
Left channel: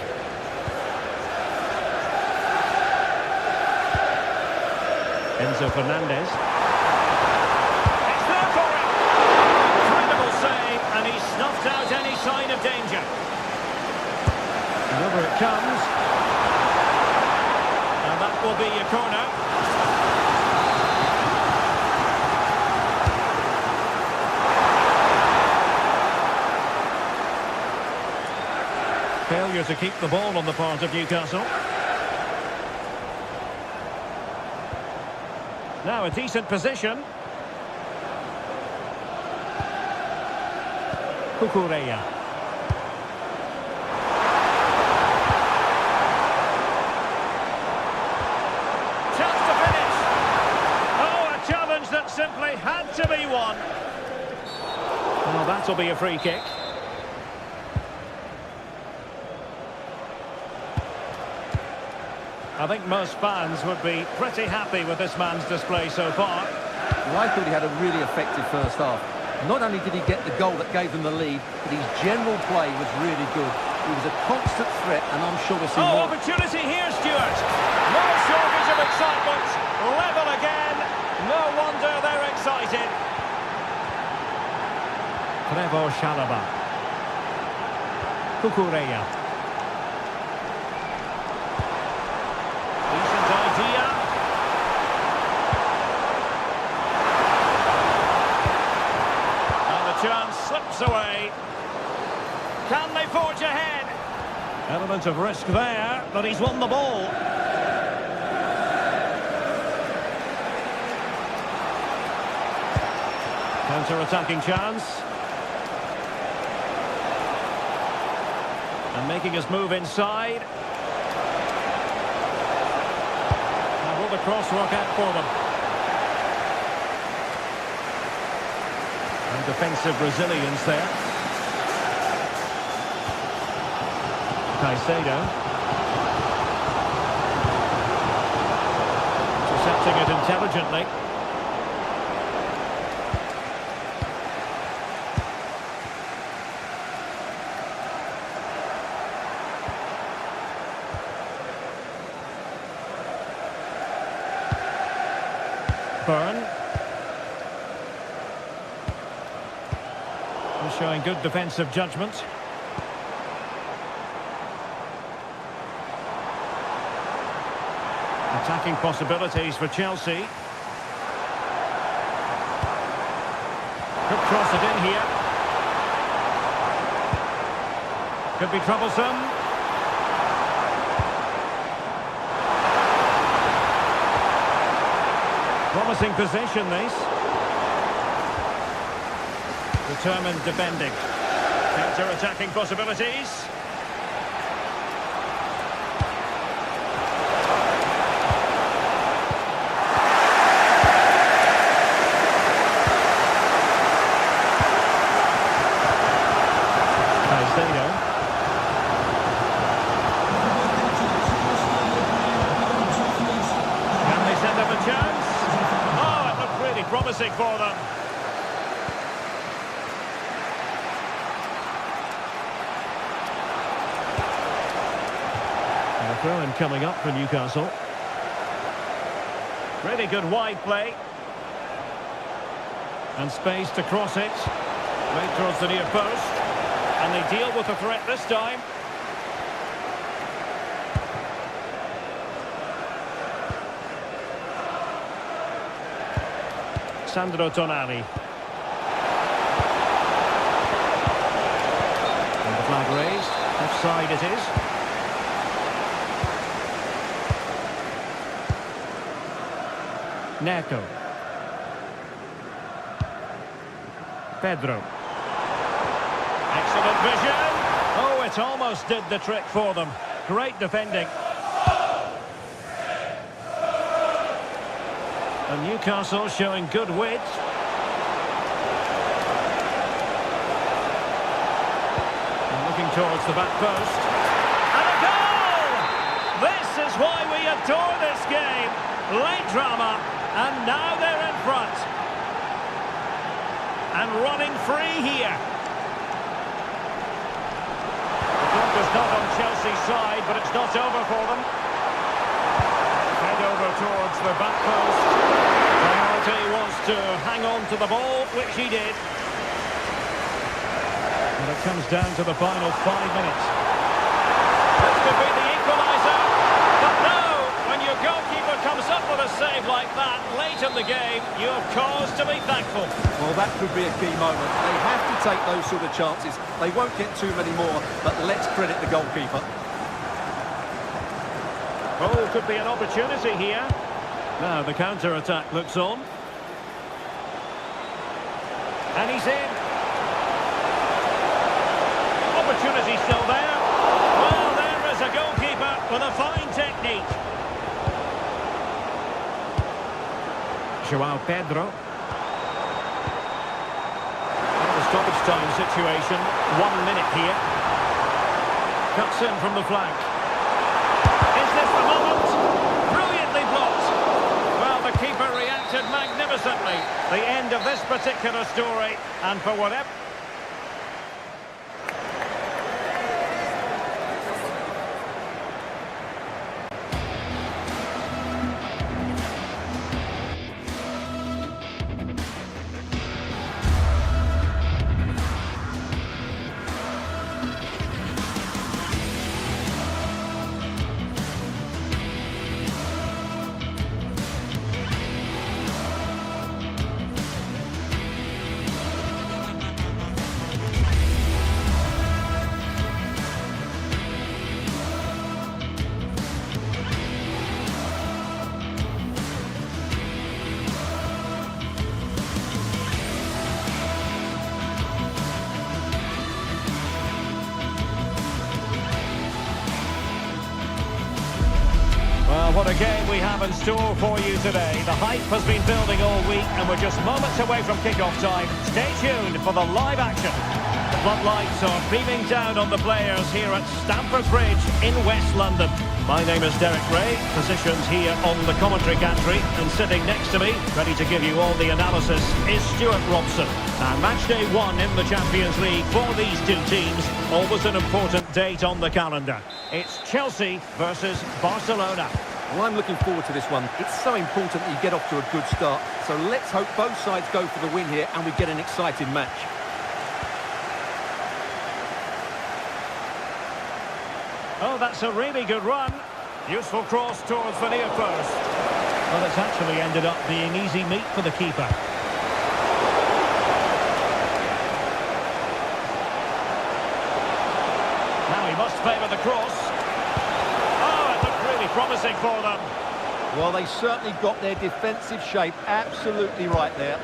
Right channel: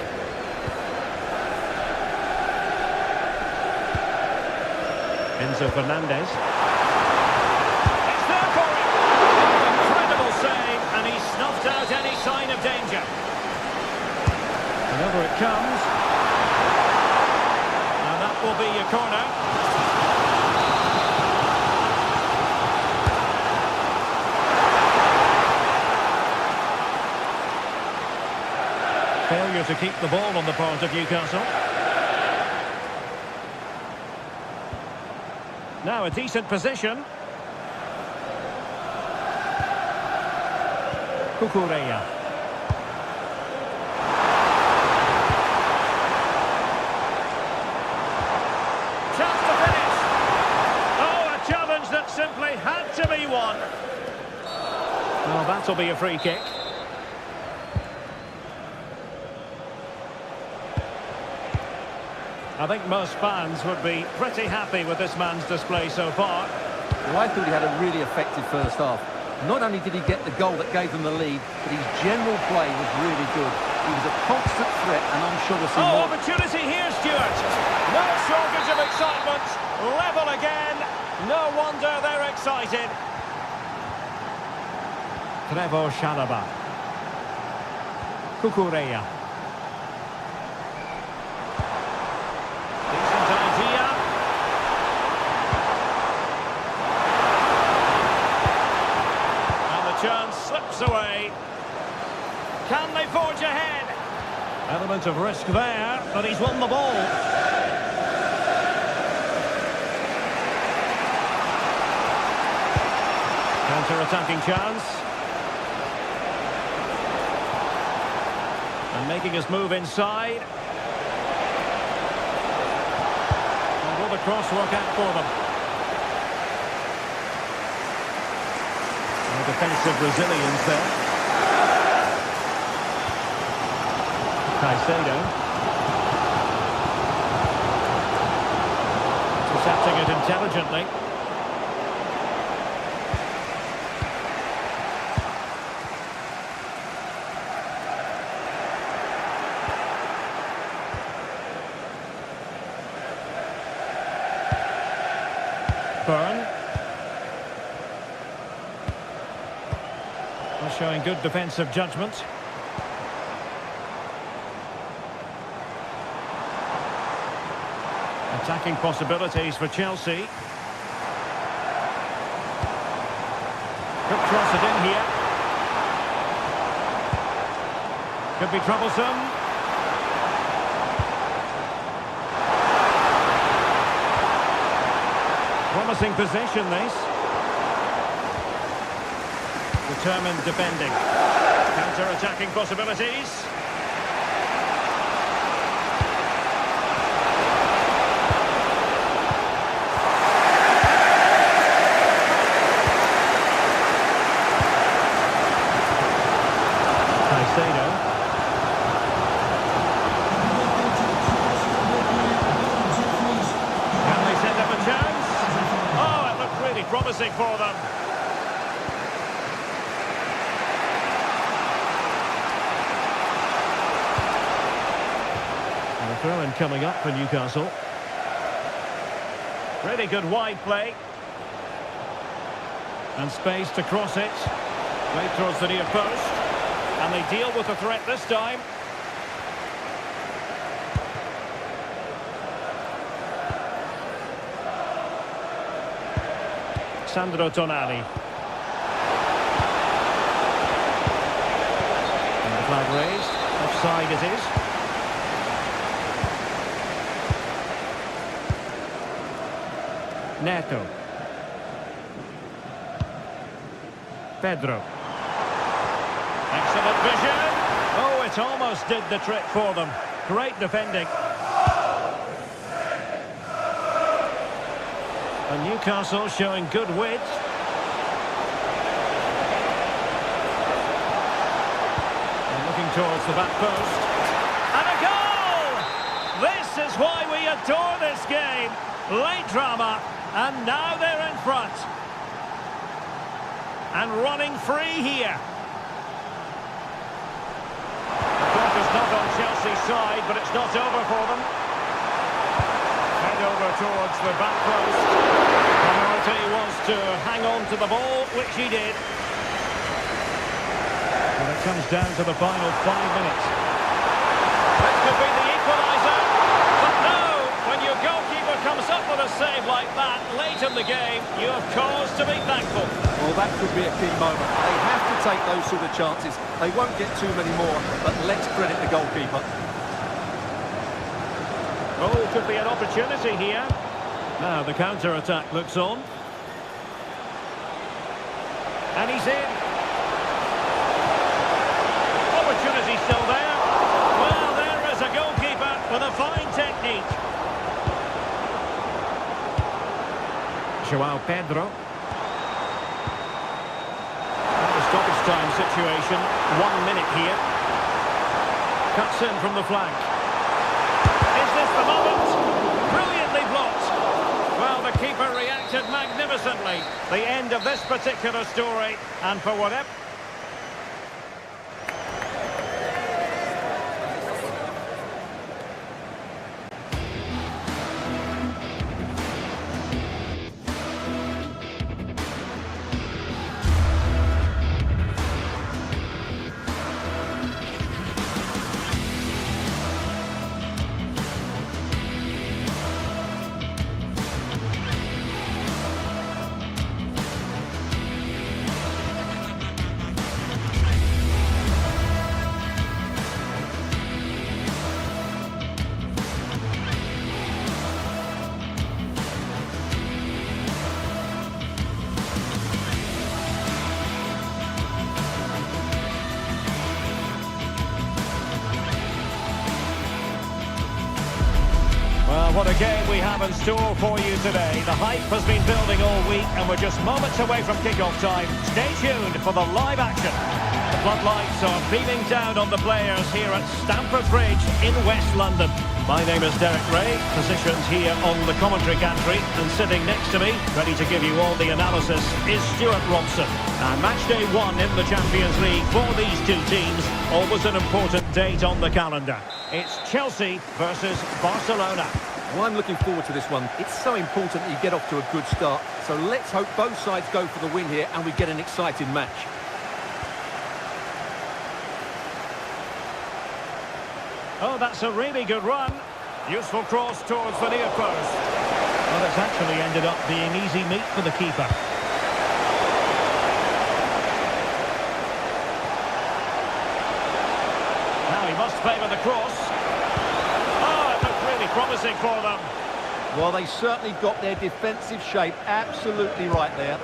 Enzo Fernandez. It's there for him! Oh, incredible save, and he snuffed out any sign of danger. And over it comes. And that will be a corner. Failure to keep the ball on the part of Newcastle. Now a decent position. Cucurella. Chance to finish. Oh, a challenge that simply had to be won. Well, that'll be a free kick. I think most fans would be pretty happy with this man's display so far. Well, I thought he had a really effective first half. Not only did he get the goal that gave them the lead, but his general play was really good. He was a constant threat, and I'm sure we'll see more. Opportunity here, Stuart. No shortage of excitement. Level again. No wonder they're excited. Trevoh Chalobah. Cucurella. Decent idea. And the chance slips away. Can they forge ahead? Element of risk there, but he's won the ball. Counter-attacking chance. And making his move inside. And will the cross work out for them? And defensive resilience there. Caicedo. Intercepting it intelligently. Burn. Showing good defensive judgment. Attacking possibilities for Chelsea. Could cross it in here. Could be troublesome. Promising position, this. Determined defending. Counter-attacking possibilities. Caicedo. Can they set up a chance? Oh, it looked really promising for them. And a throw-in coming up for Newcastle. Really good wide play. And space to cross it. Right towards the near post. And they deal with the threat this time. Sandro Tonali. And the flag raised. Offside it is. Neto. Pedro. Excellent vision. Oh, it almost did the trick for them. Great defending. And Newcastle showing good width. And looking towards the back post. And a goal! This is why we adore this game. Late drama, and now they're in front. And running free here. The clock is not on Chelsea's side, but it's not over for them. Head over towards the back post. Priority was to hang on to the ball, which he did. And it comes down to the final 5 minutes. This could be the equaliser, but no! When your goalkeeper comes up with a save like that late in the game, you have cause to be thankful. Well, that could be a key moment. They have to take those sort of chances. They won't get too many more, but let's credit the goalkeeper. Oh, could be an opportunity here. Now the counter-attack looks on. And he's in. Opportunity still there. Well, there is a goalkeeper with a fine technique. João Pedro. And the stoppage time situation. 1 minute here. Cuts in from the flank. Is this the moment? the keeper reacted magnificently. The end of this particular story, and for whatever... Well, what a game we have in store for you today. The hype has been building all week and we're just moments away from kick-off time. Stay tuned for the live action. The floodlights are beaming down on the players here at Stamford Bridge in West London. My name is Derek Ray, positioned here on the commentary gantry, and sitting next to me, ready to give you all the analysis, is Stuart Robson. And match day 1 in the Champions League for these two teams, always an important date on the calendar. It's Chelsea versus Barcelona. Well, I'm looking forward to this one. It's so important that you get off to a good start. So let's hope both sides go for the win here and we get an exciting match. Oh, that's a really good run. Useful cross towards the near post. Well, it's actually ended up being easy meat for the keeper. Now he must favour the cross. Oh, it looked really promising for them. Well, they certainly got their defensive shape absolutely right there.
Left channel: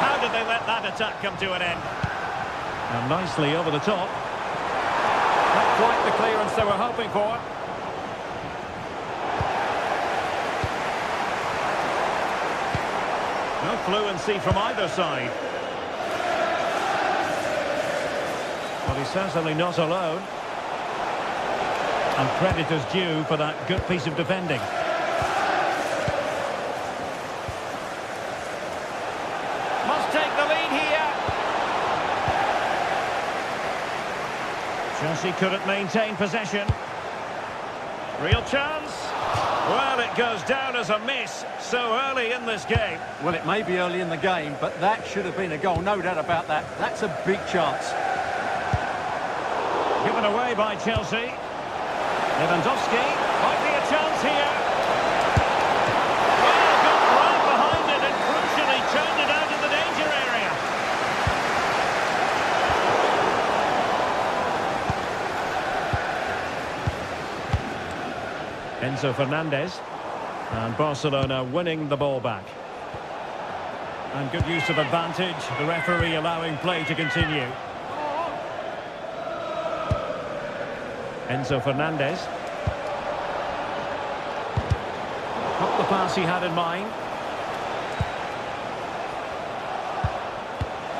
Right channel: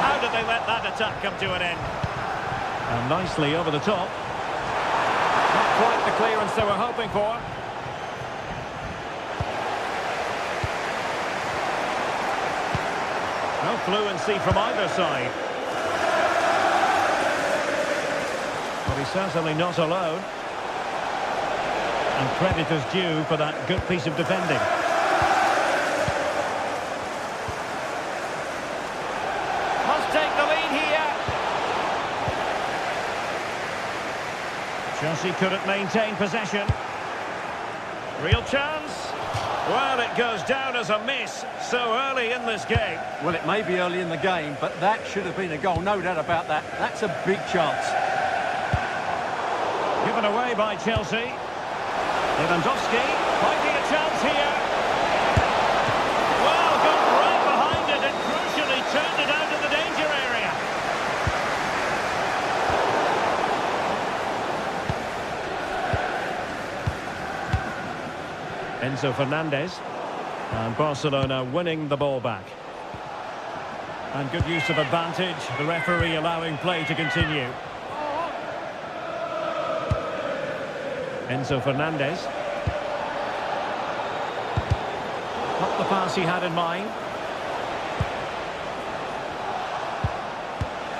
How did they let that attack come to an end? And nicely over the top. Not quite the clearance they were hoping for. No fluency from either side. But he's certainly not alone. And credit is due for that good piece of defending. Must take the lead here. Chelsea couldn't maintain possession. Real chance. Well, it goes down as a miss so early in this game. Well, it may be early in the game, but that should have been a goal, no doubt about that. That's a big chance. Given away by Chelsea. Lewandowski might be a chance here. Well, got right behind it and crucially turned it out of the danger area. Enzo Fernandez, and Barcelona winning the ball back. And good use of advantage, the referee allowing play to continue. Enzo Fernandez. Not the pass he had in mind.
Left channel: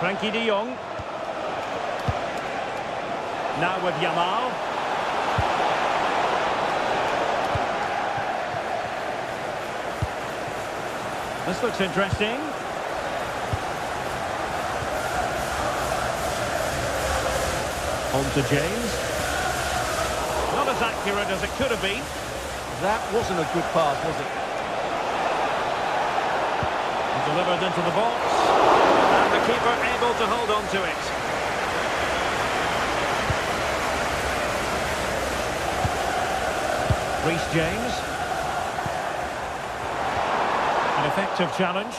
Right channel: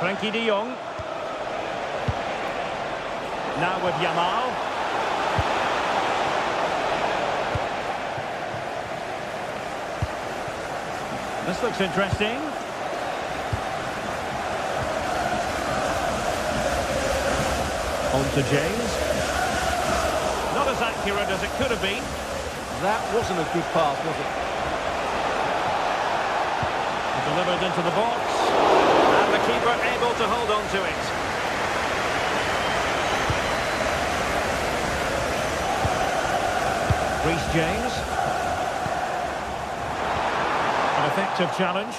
Frankie de Jong. Now with Yamal. This looks interesting. On to James. Not as accurate as it could have been. That wasn't a good pass, was it? Delivered into the box. And the keeper able to hold on to it. Reece James. An effective challenge.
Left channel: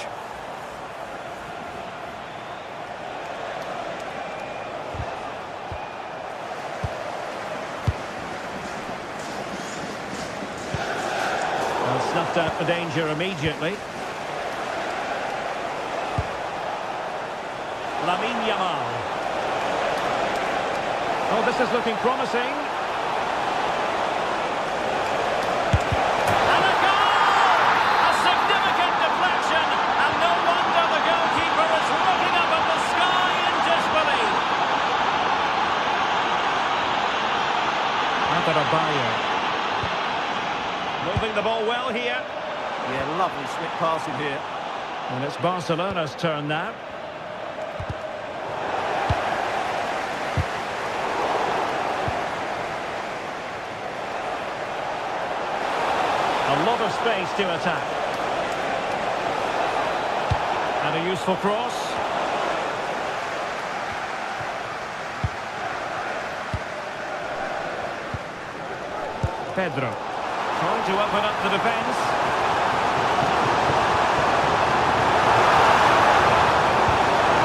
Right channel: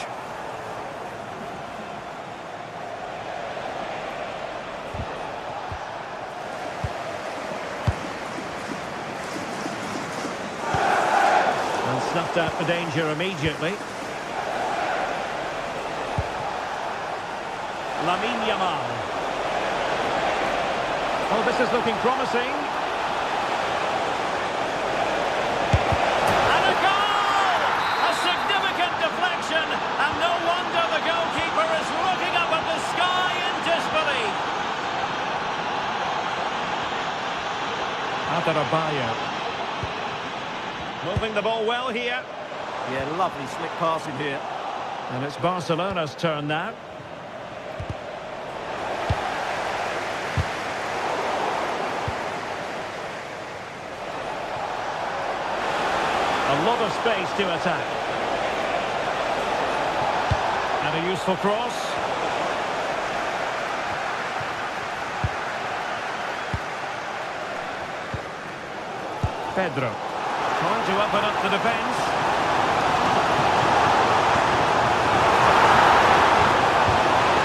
And snuffed out the danger immediately. Lamine Yamal. Oh, this is looking promising. And a goal! A significant deflection, and no wonder the goalkeeper is looking up at the sky in disbelief. Adarabioyo. Moving the ball well here. Yeah, lovely slick passing here. And it's Barcelona's turn now. A lot of space to attack. And a useful cross. Pedro. Trying to open up the defence.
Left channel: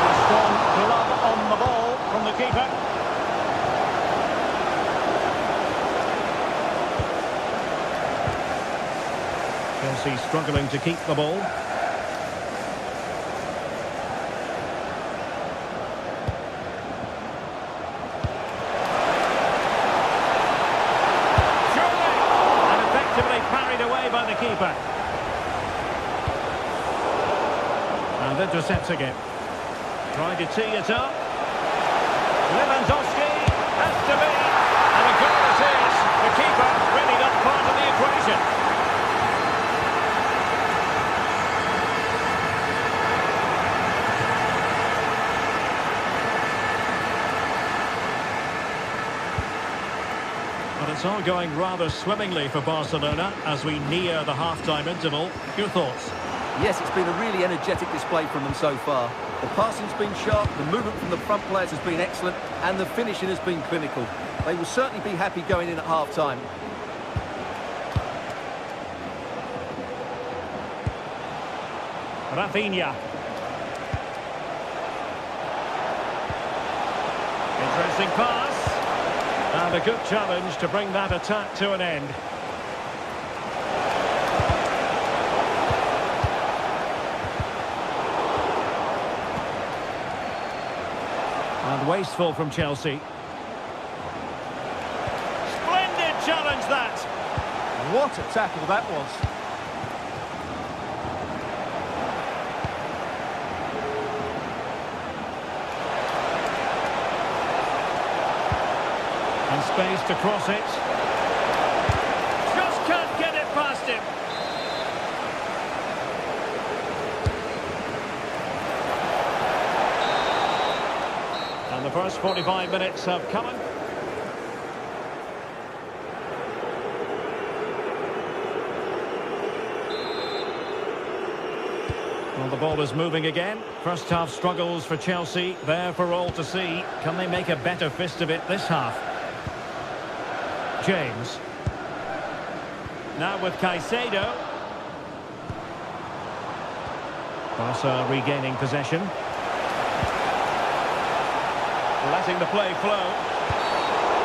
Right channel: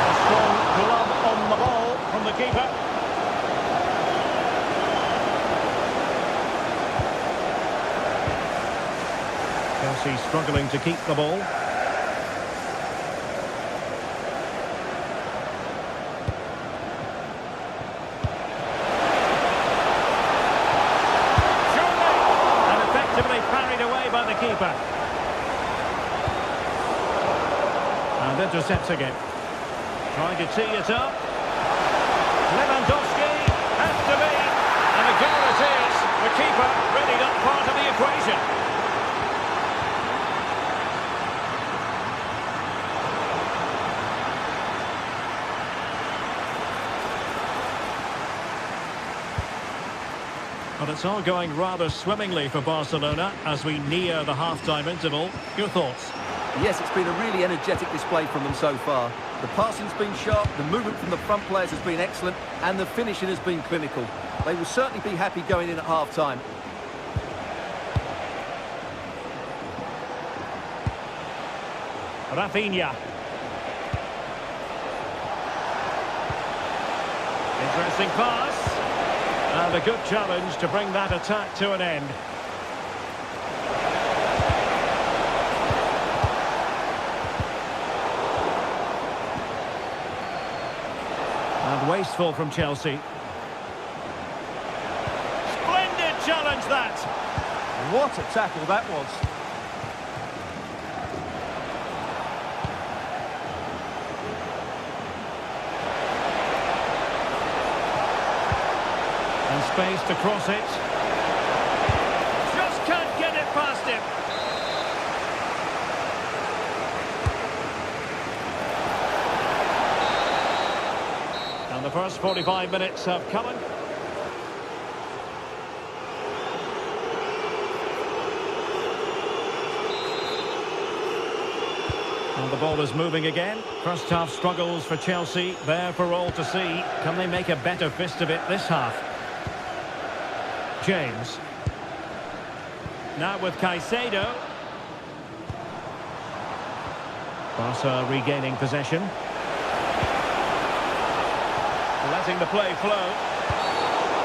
A strong glove on the ball from the keeper. Chelsea struggling to keep the ball. Surely! And effectively parried away by the keeper. And intercepting it. Trying to tee it up. Lewandowski has to be. And a goal it is. The keeper really not part of the equation. But it's all going rather swimmingly for Barcelona as we near the half-time interval. Your thoughts? Yes, it's been a really energetic display from them so far. The passing's been sharp, the movement from the front players has been excellent, and the finishing has been clinical. They will certainly be happy going in at half-time. Rafinha. Interesting pass. And a good challenge to bring that attack to an end. And wasteful from Chelsea. Splendid challenge that. What a tackle that was. And space to cross it. Just can't get it past him. And the first 45 minutes have come. Well, the ball is moving again. First half struggles for Chelsea. There for all to see. Can they make a better fist of it this half? James. Now with Caicedo. Barca regaining possession. Letting the play flow.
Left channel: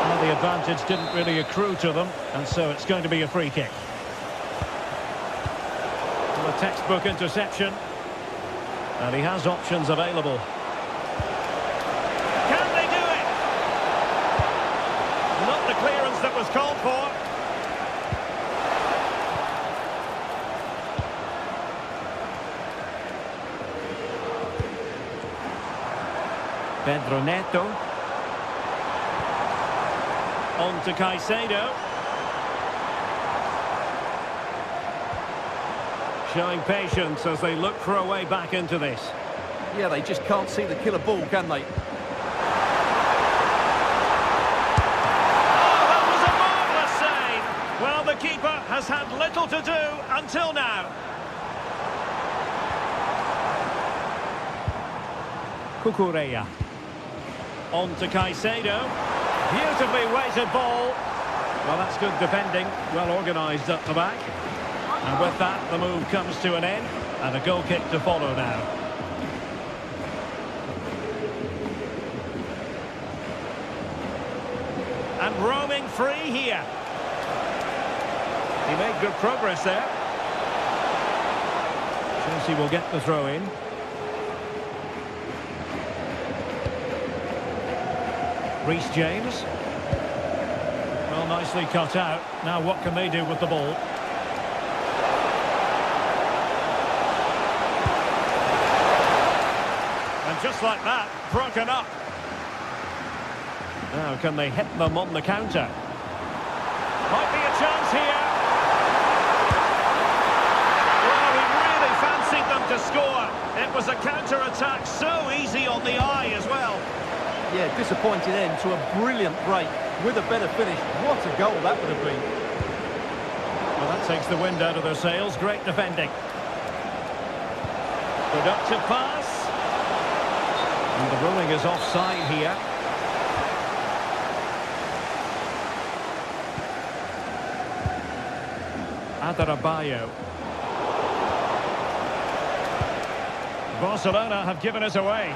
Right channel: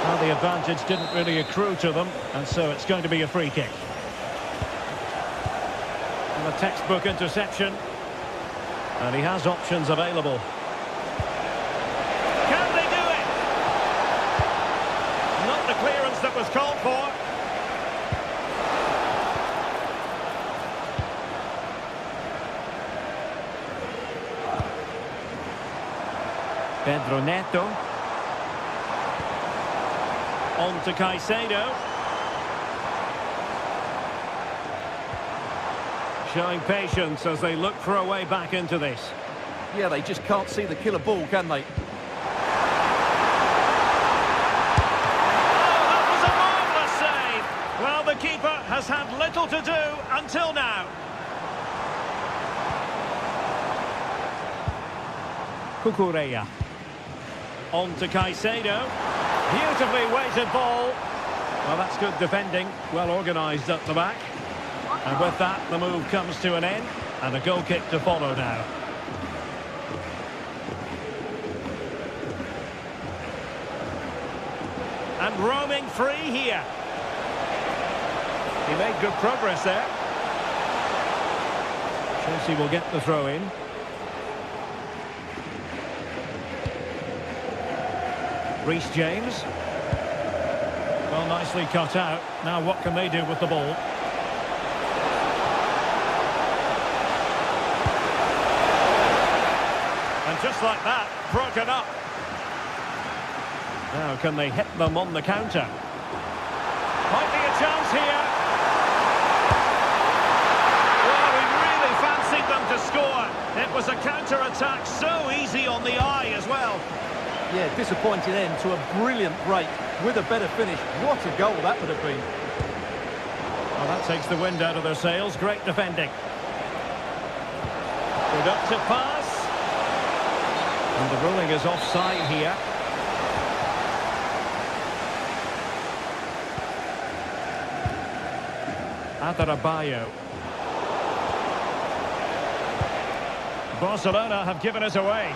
Well, the advantage didn't really accrue to them, and so it's going to be a free kick. And a textbook interception. And he has options available. Can they do it? Not the clearance that was called for. Pedro Neto. On to Caicedo. Showing patience as they look for a way back into this. Yeah, they just can't see the killer ball, can they? Oh, that was a marvellous save. Well, the keeper has had little to do until now. Cucurella. On to Caicedo. Beautifully weighted ball. Well, that's good defending. Well organised up the back. And with that, the move comes to an end. And a goal kick to follow now. And roaming free here. He made good progress there. Chelsea will get the throw in. Reece James. Well, nicely cut out. Now what can they do with the ball? And just like that, broken up. Now can they hit them on the counter? Might be a chance here. Well, he really fancied them to score. It was a counter-attack, so easy on the eye as well. Yeah, disappointing end to a brilliant break. With a better finish, what a goal that would have been. Well, that takes the wind out of their sails. Great defending. Productive pass. And the ruling is offside here. Adarabioyo. Barcelona have given us away.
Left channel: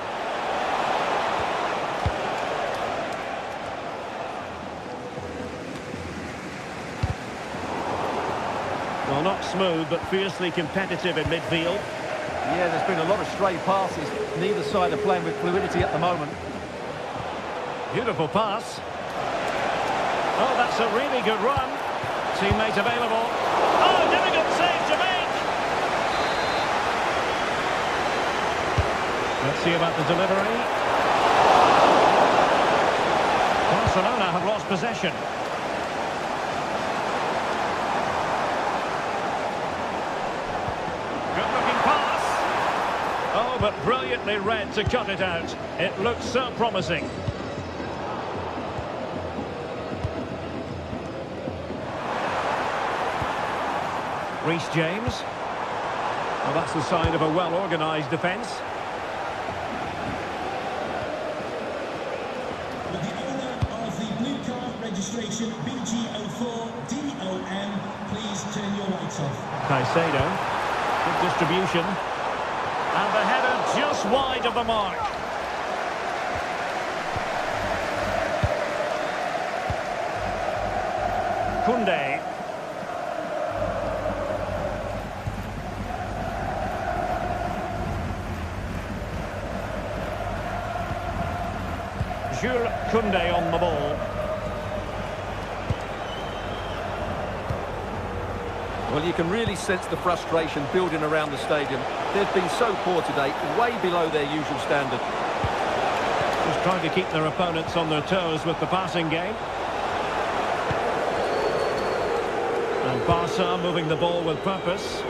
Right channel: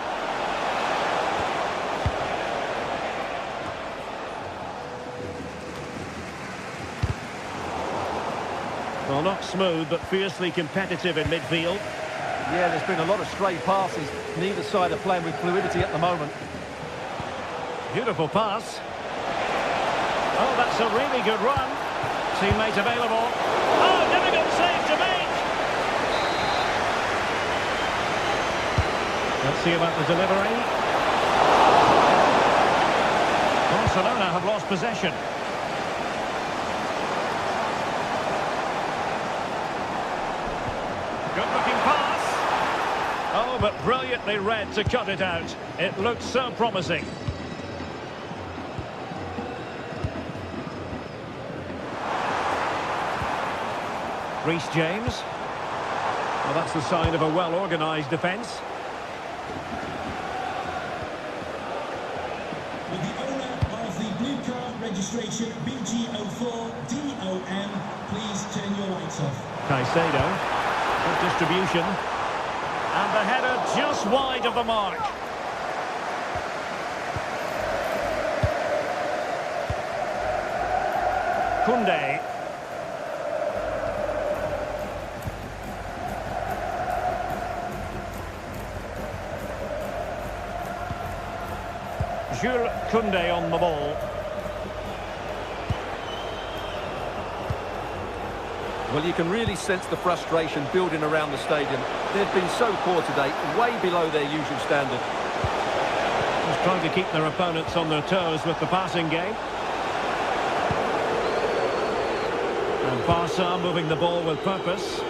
Well, not smooth, but fiercely competitive in midfield. Yeah, there's been a lot of stray passes. Neither side are playing with fluidity at the moment. Beautiful pass. Oh, that's a really good run. Teammate available. Oh, difficult save to make. Let's see about the delivery. Barcelona have lost possession. Good-looking pass. Oh, but brilliantly read to cut it out. It looks so promising. Reece James. Well, that's the sign of a well-organised defence. With the owner of the blue car registration BG04DOM, please turn your lights off. Caicedo. Good distribution. And the header just wide of the mark. Koundé. Jules Koundé on the ball. Well, you can really sense the frustration building around the stadium. They've been so poor today, way below their usual standard. Just trying to keep their opponents on their toes with the passing game. And Barca moving the ball with purpose.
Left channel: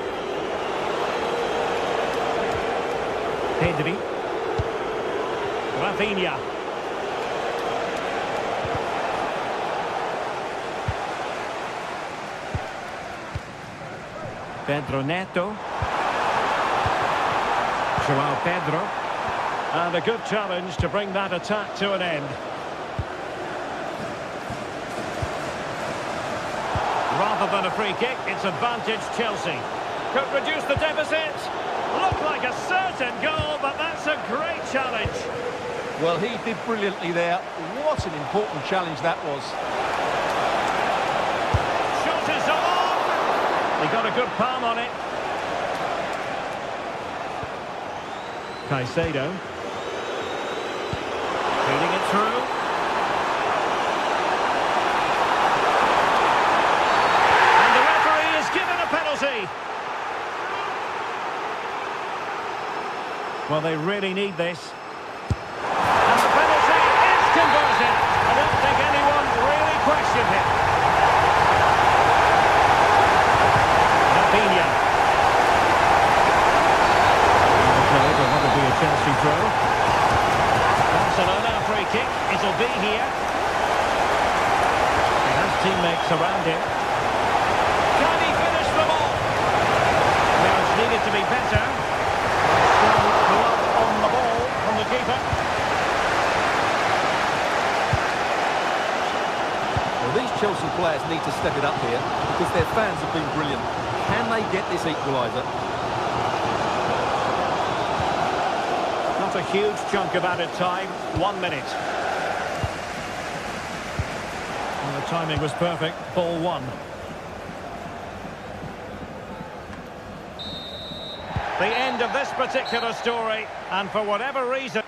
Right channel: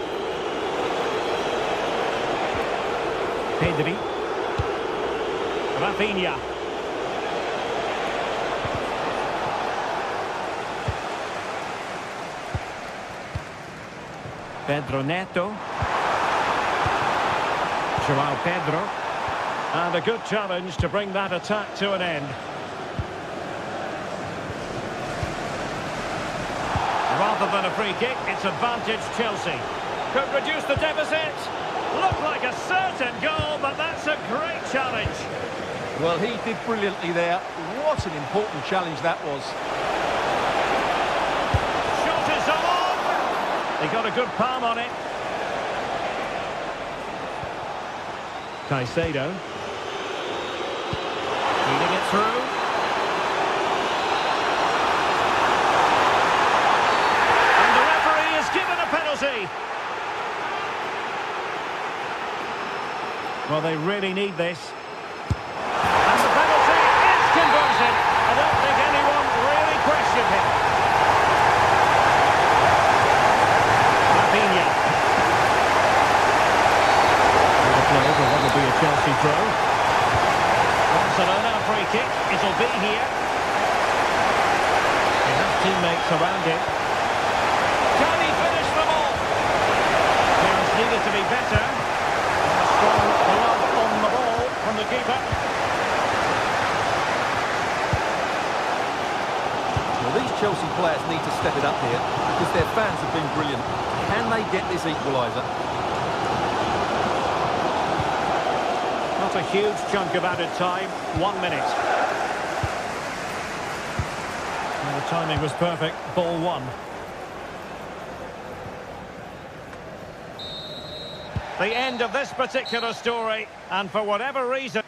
Pedri. Rafinha. Pedro Neto. João Pedro. And a good challenge to bring that attack to an end. Rather than a free kick, it's advantage Chelsea. Could reduce the deficit. Looked like a certain goal, but that's a great challenge. Well, he did brilliantly there. What an important challenge that was. Shot is on. He got a good palm on it. Caicedo. Feeding it through. And the referee is given a penalty. Well, they really need this. And the penalty is converted. I don't think anyone really questioned him. Rafinha. And the play for what will be a Chelsea throw. Barcelona, a free kick. It'll be here. He has teammates around him. Can he finish the ball? Clearance needed to be better. A strong glove on the ball from the keeper. Well, these Chelsea players need to step it up here because their fans have been brilliant. Can they get this equaliser? Not a huge chunk of added time. 1 minute. And the timing was perfect. Ball one. The end of this particular story, and for whatever reason...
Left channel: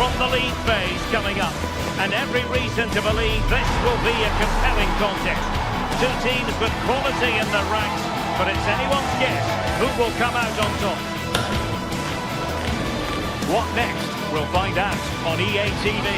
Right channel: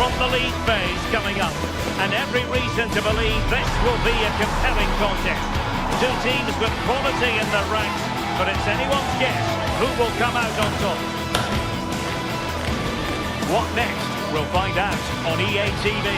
from the league phase coming up. And every reason to believe this will be a compelling contest. Two teams with quality in their ranks, but it's anyone's guess who will come out on top. What next? We'll find out on EA TV.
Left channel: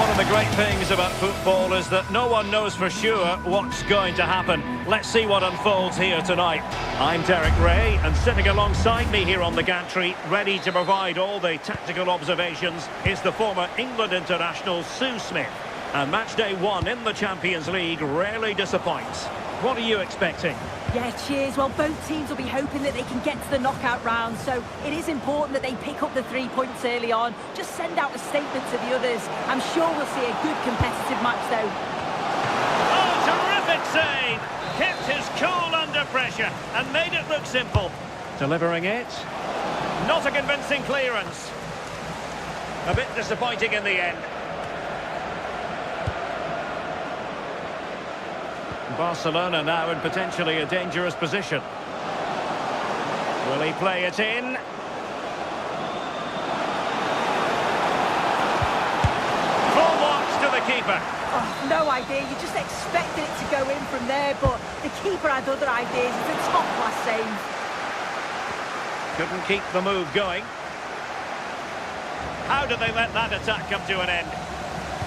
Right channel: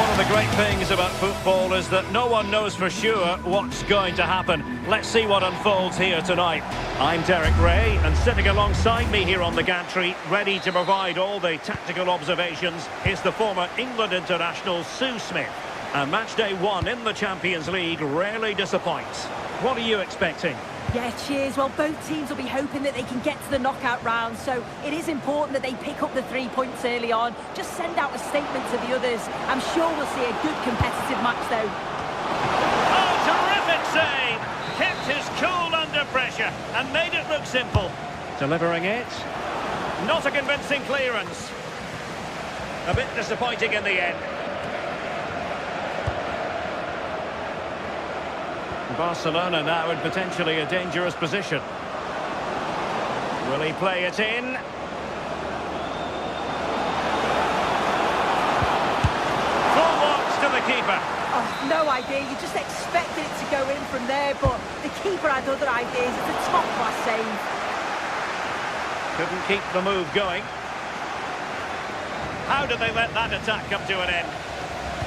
One of the great things about football is that no one knows for sure what's going to happen. Let's see what unfolds here tonight. I'm Derek Ray, and sitting alongside me here on the gantry, ready to provide all the tactical observations, is the former England international Sue Smith. And match day 1 in the Champions League rarely disappoints. What are you expecting? Yeah, cheers. Well, both teams will be hoping that they can get to the knockout round, so it is important that they pick up the 3 points early on. Just send out a statement to the others. I'm sure we'll see a good competitive match, though. Oh, terrific save! Kept his cool under pressure and made it look simple. Delivering it. Not a convincing clearance. A bit disappointing in the end. Barcelona now in potentially a dangerous position. Will he play it in? Full marks to the keeper. Oh, no idea. You just expected it to go in from there, but the keeper had other ideas. It's a top-class save. Couldn't keep the move going. How did they let that attack come to an end?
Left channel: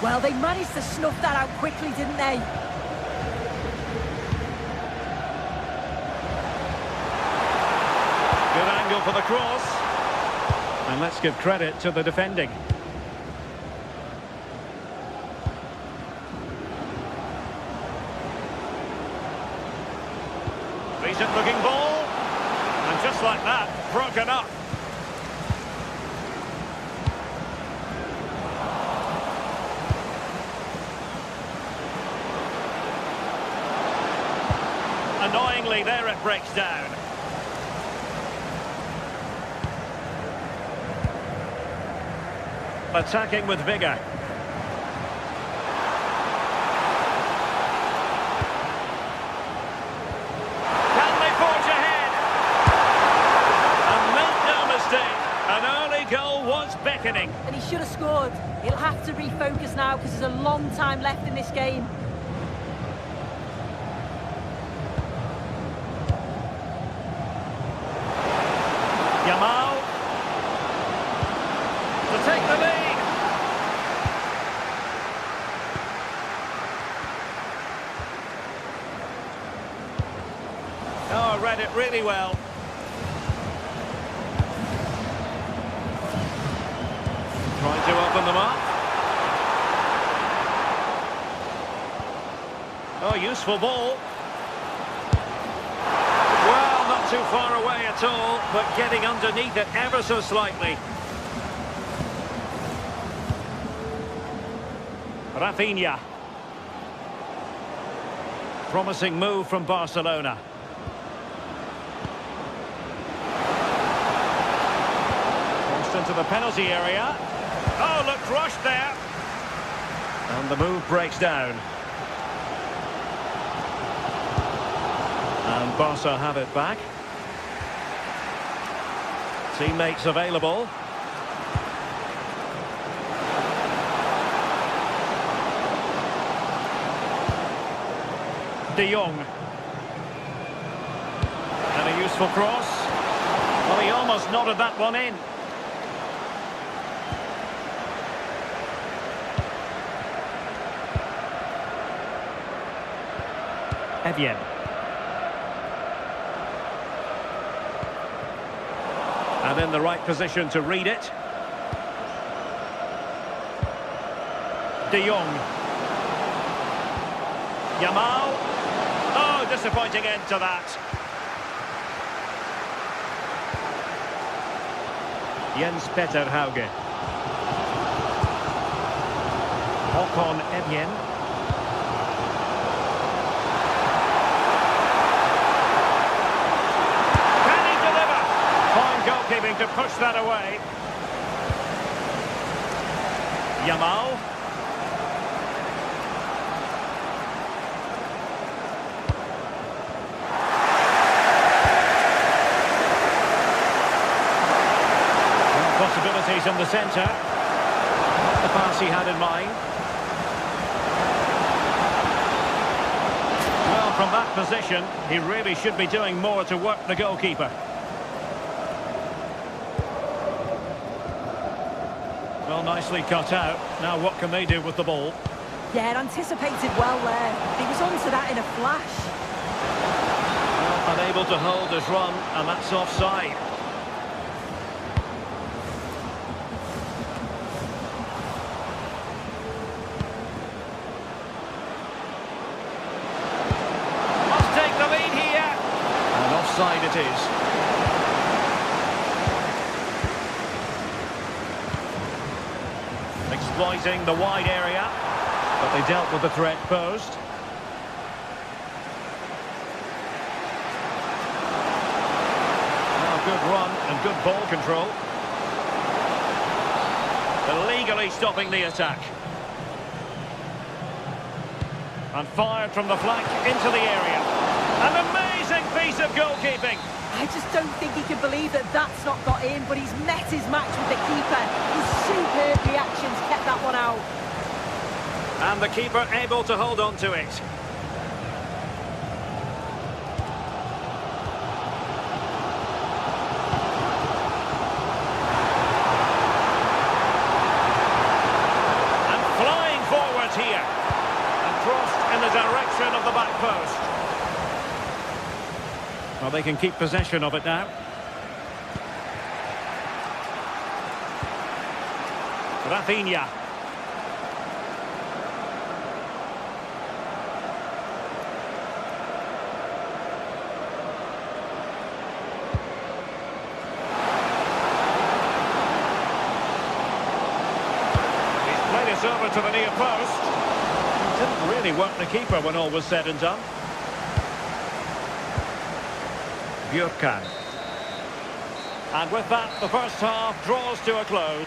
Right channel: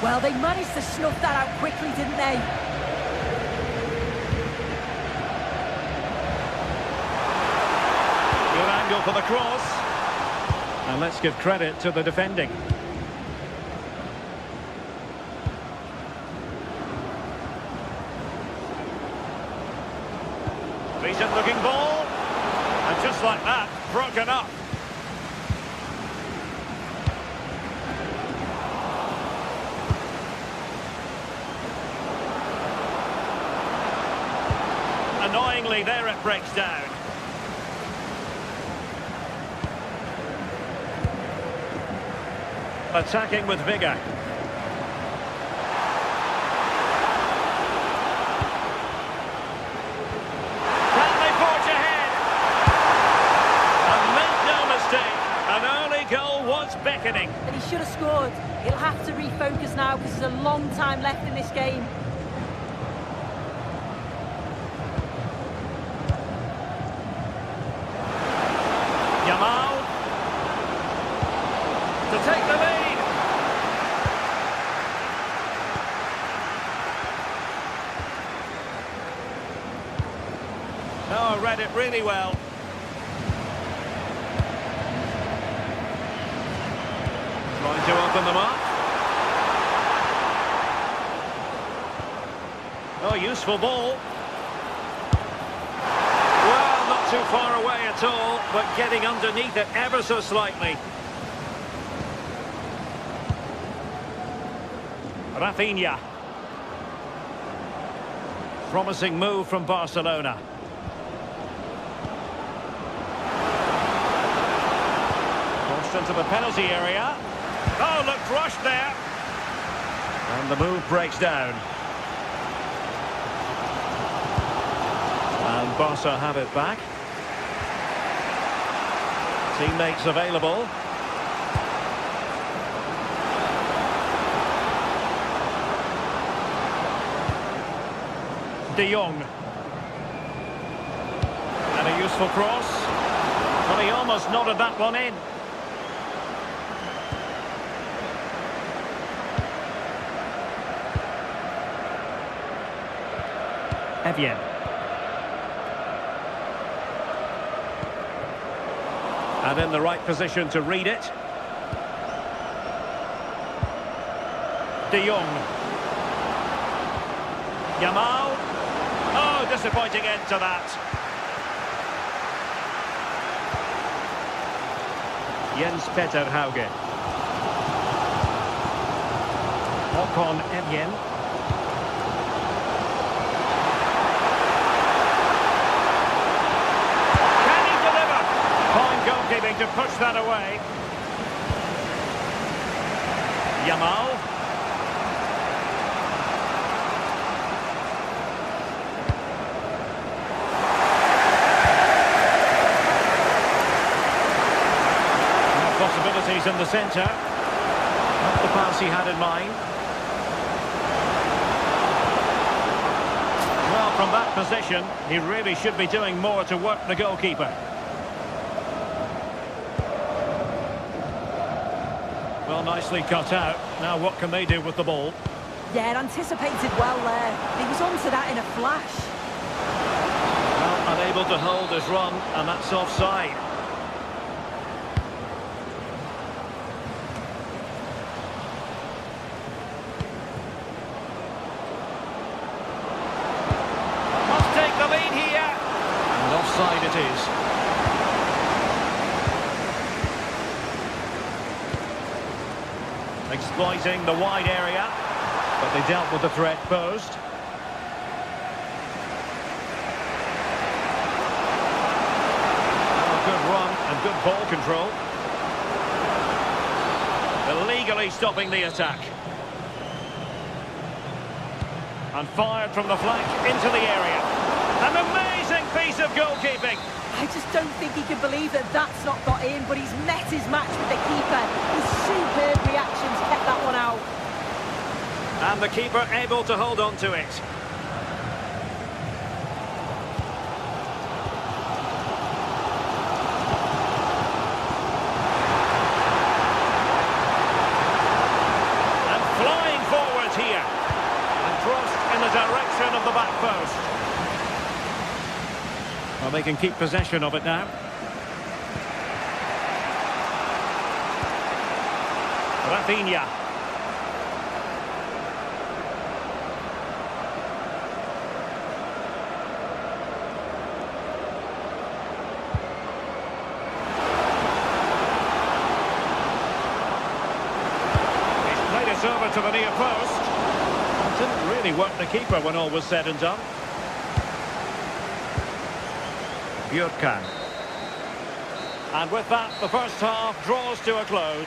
Well, they managed to snuff that out quickly, didn't they? Good angle for the cross. And let's give credit to the defending. Decent looking ball. And just like that, broken up. Annoyingly, there it breaks down. Attacking with vigour. Can they forge ahead? And make no mistake, an early goal was beckoning. And he should have scored. He'll have to refocus now because there's a long time left in this game. Yamal to take the lead. Oh, read it really well. Trying to open them up. Oh, useful ball. Well, not too far away at all, but getting underneath it ever so slightly. Rafinha. Promising move from Barcelona. Crossed into the penalty area. Oh, looked rushed there. And the move breaks down. And Barca have it back. Teammates available. De Jong. And a useful cross. Well, he almost nodded that one in. Evian. And in the right position to read it. De Jong. Yamal. Oh, disappointing end to that. Jens Peter Hauge. Håkon Evjen. Can he deliver? Fine goalkeeping to push that away. Yamal. possibilities in the centre. Not the pass he had in mind. Well, from that position, he really should be doing more to work the goalkeeper. Well, nicely cut out. Now what can they do with the ball? Yeah, anticipated well there. He was onto that in a flash. Well, unable to hold his run, and that's offside. Must take the lead here. And offside it is. Exploiting the wide area, but they dealt with the threat posed. Oh, good run and good ball control. Illegally stopping the attack. And fired from the flank into the area. An amazing piece of goalkeeping. I just don't think he can believe that that's not got in, but he's met his match with the keeper. His superb reactions kept that one out. And the keeper able to hold on to it. And flying forwards here. And crossed in the direction of the back post. Well, they can keep possession of it now. Rafinha. He's played it over to the near post. Didn't really work the keeper when all was said and done. Björkan. And with that, the first half draws to a close.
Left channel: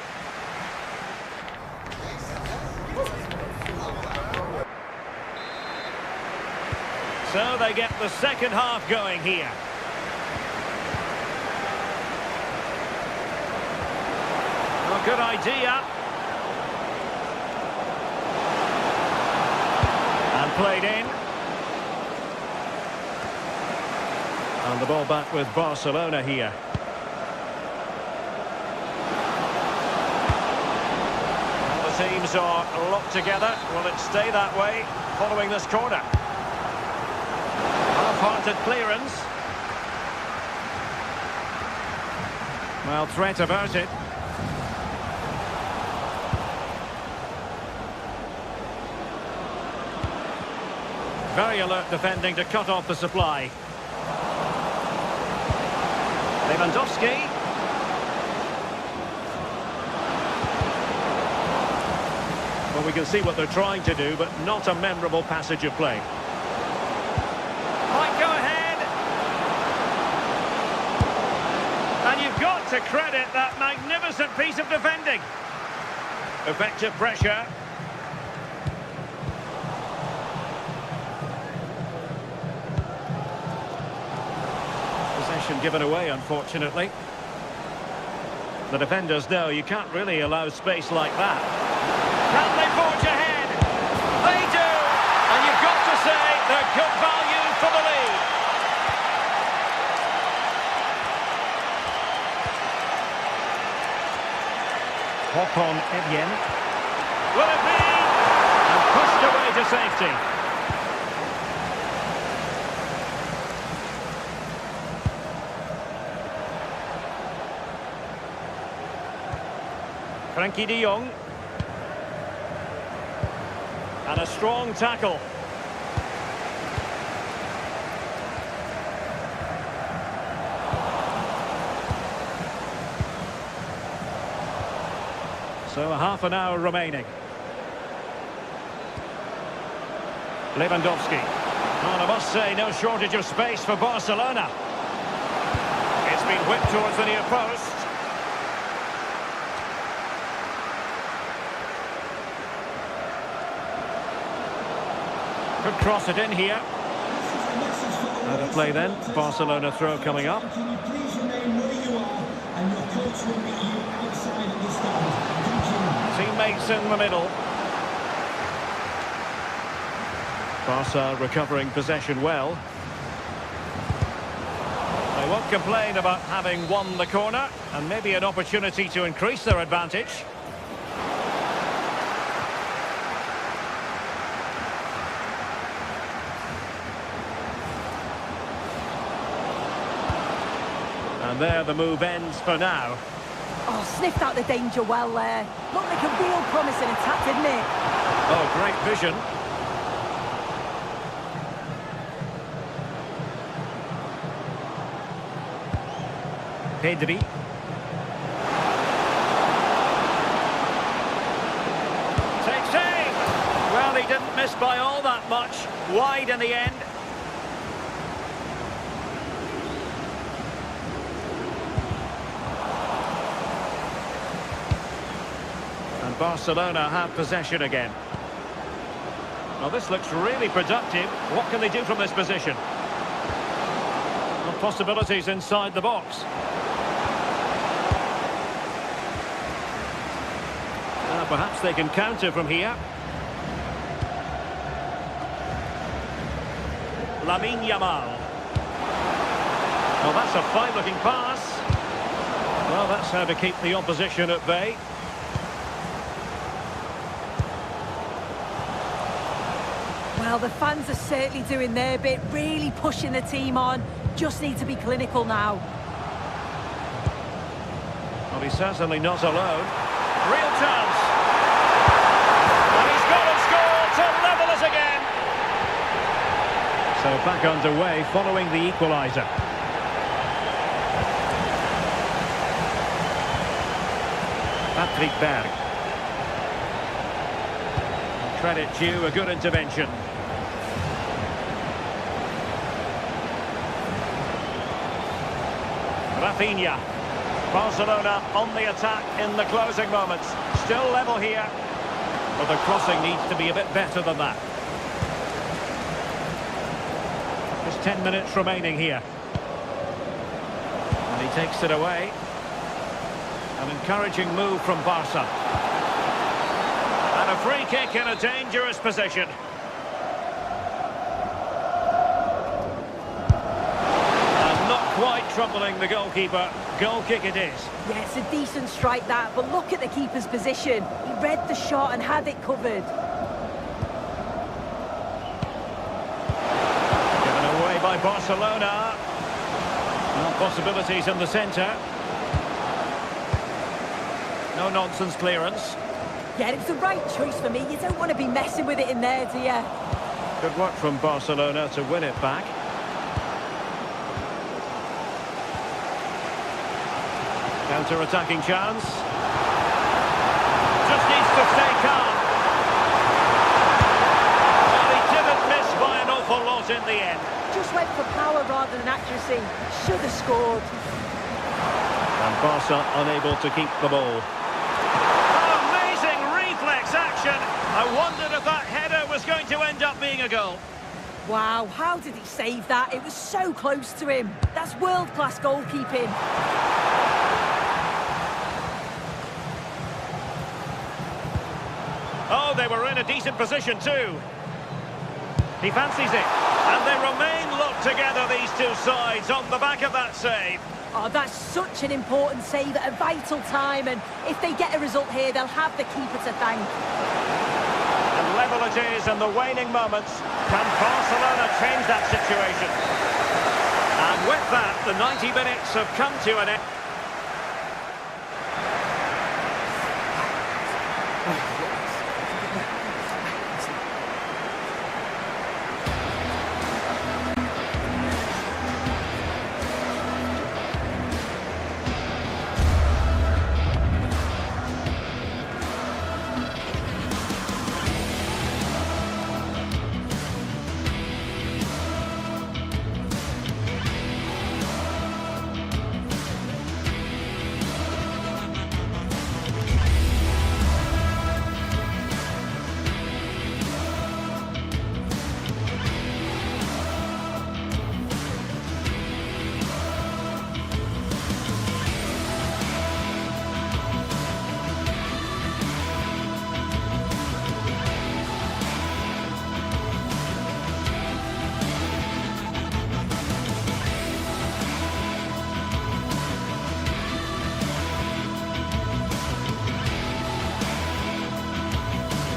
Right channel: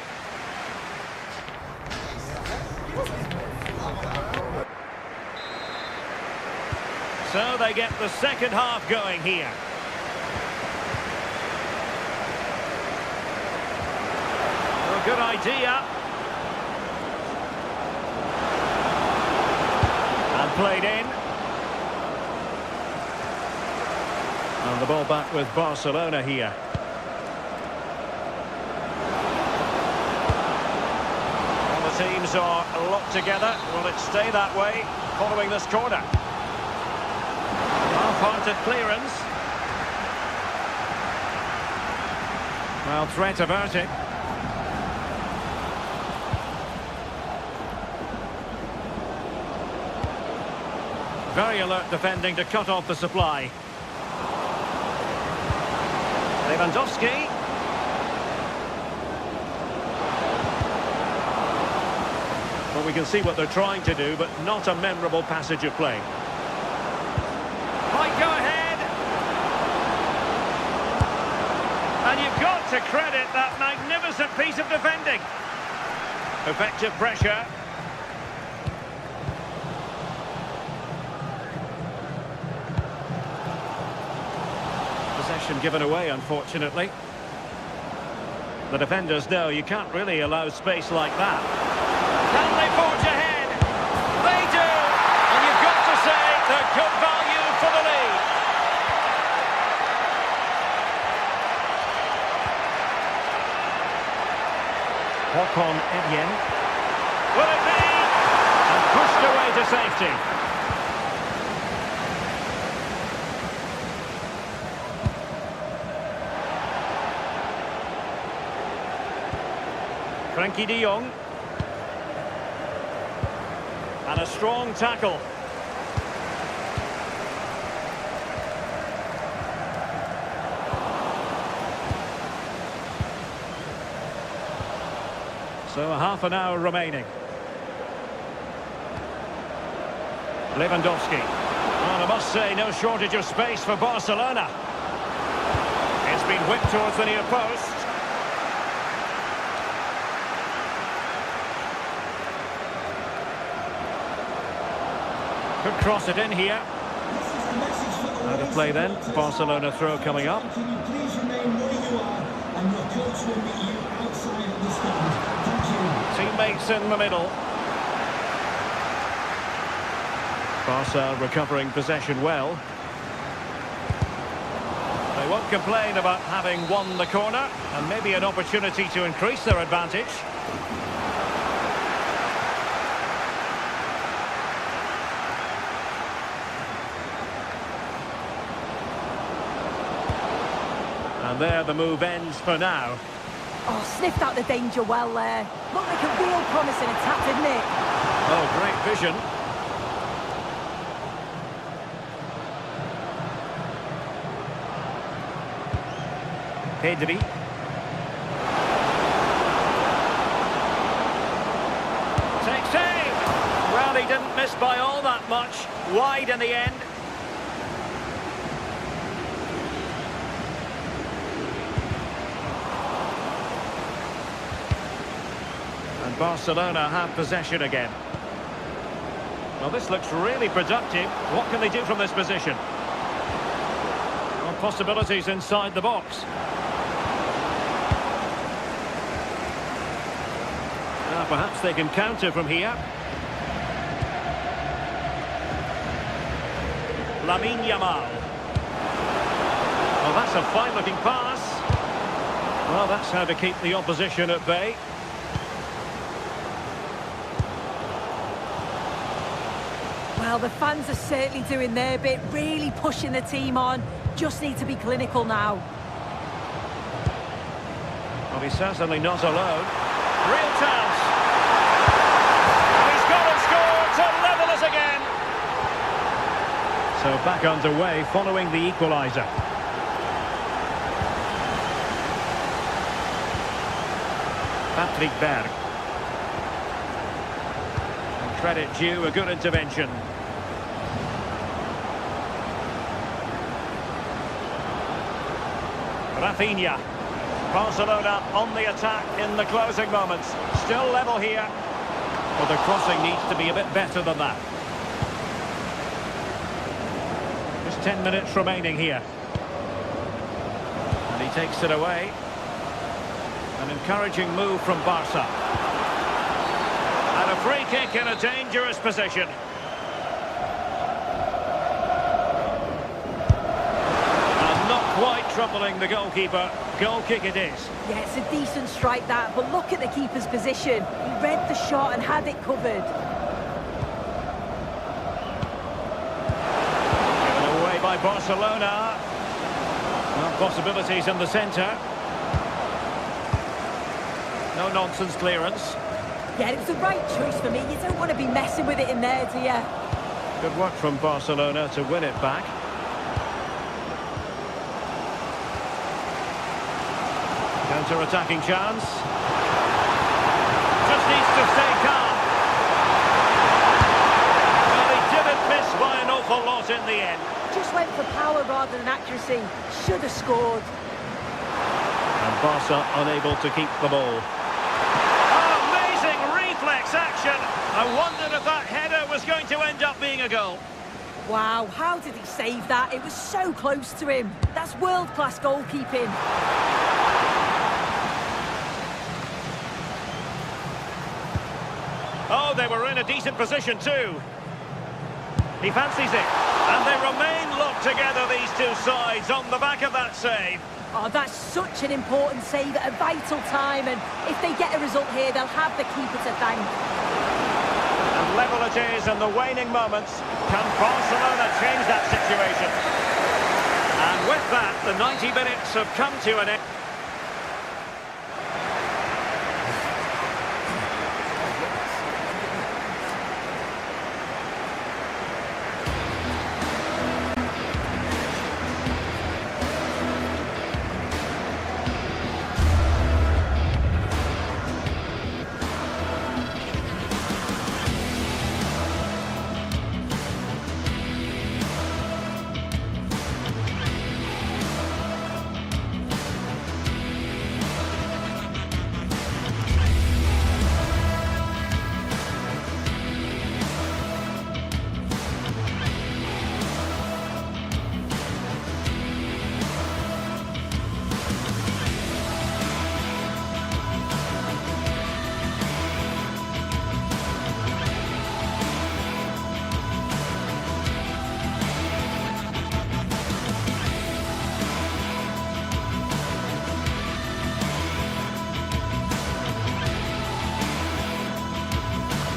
So they get the second half going here. A good idea. And played in. And the ball back with Barcelona here. Well, the teams are locked together. Will it stay that way following this corner? Half-hearted clearance. Well, threat averted. Very alert defending to cut off the supply. Lewandowski. Well, we can see what they're trying to do, but not a memorable passage of play. Might go ahead. And you've got to credit that magnificent piece of defending. Effective pressure. Possession given away, unfortunately. The defenders know you can't really allow space like that. Can they forge ahead? They do! And you've got to say they're good value for the lead. Hawk-on Evian. Will it be? And pushed away to safety. Frankie de Jong. And a strong tackle. So half an hour remaining. Lewandowski. Well, I must say, no shortage of space for Barcelona. It's been whipped towards the near post. Could cross it in here. Out of play then. Barcelona throw coming up. Can you please remain where you are? and your coach will meet you outside of the stand. Thank you. Teammates in the middle. Barca recovering possession well. They won't complain about having won the corner, and maybe an opportunity to increase their advantage. And there the move ends for now. Oh, sniffed out the danger well there. Looked like a real promising attack, didn't it? Oh, great vision. Pedri. Takes aim. Well, he didn't miss by all that much. Wide in the end. And Barcelona have possession again. Well, this looks really productive. What can they do from this position? Well, possibilities inside the box. Perhaps they can counter from here. Lamine Yamal. Well, that's a fine-looking pass. Well, that's how to keep the opposition at bay. Well, the fans are certainly doing their bit, really pushing the team on. Just need to be clinical now. Well, he's certainly not alone. Real chance. And he's gone and scored to level us again. So back underway following the equaliser. Patrick Berg. And credit due, a good intervention. Rafinha. Barcelona on the attack in the closing moments. Still level here. But the crossing needs to be a bit better than that. Just 10 minutes remaining here. And he takes it away. An encouraging move from Barca. And a free kick in a dangerous position. And not quite troubling the goalkeeper. Goal kick it is. Yeah, it's a decent strike that, but look at the keeper's position. He read the shot and had it covered. Given away by Barcelona. Well, possibilities in the centre. No nonsense clearance. Yeah, it was the right choice for me. You don't want to be messing with it in there, do you? Good work from Barcelona to win it back. Counter-attacking chance. Just needs to stay calm. Well, he didn't miss by an awful lot in the end. Just went for power rather than accuracy. Should have scored. And Barca unable to keep the ball. Oh, amazing reflex action. I wondered if that header was going to end up being a goal. Wow, how did he save that? It was so close to him. That's world-class goalkeeping. Oh, they were in a decent position too. He fancies it. And they remain locked together, these two sides, on the back of that save. Oh, that's such an important save at a vital time, and if they get a result here, they'll have the keeper to thank. And level it is in the waning moments. Can Barcelona change that situation? And with that, the 90 minutes have come to an end.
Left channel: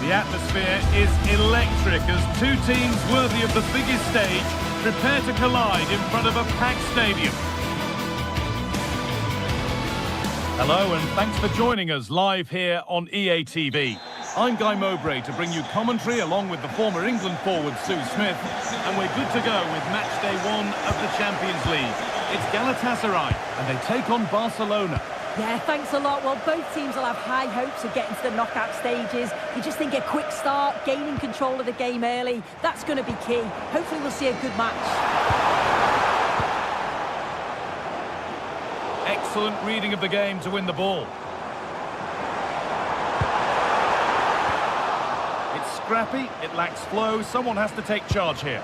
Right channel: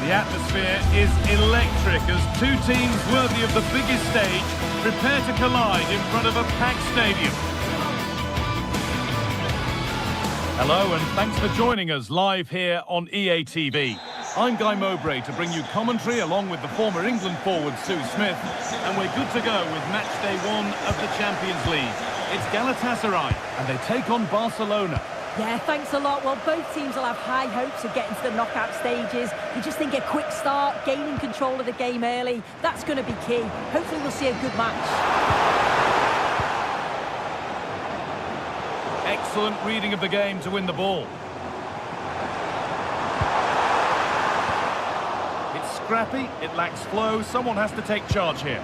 The atmosphere is electric as two teams worthy of the biggest stage prepare to collide in front of a packed stadium. Hello and thanks for joining us live here on EA TV. I'm Guy Mowbray to bring you commentary along with the former England forward Sue Smith, and we're good to go with match day 1 of the Champions League. It's Galatasaray and they take on Barcelona. Yeah, thanks a lot. Well, both teams will have high hopes of getting to the knockout stages. You just think a quick start, gaining control of the game early, that's going to be key. Hopefully we'll see a good match. Excellent reading of the game to win the ball. It's scrappy, it lacks flow, someone has to take charge here.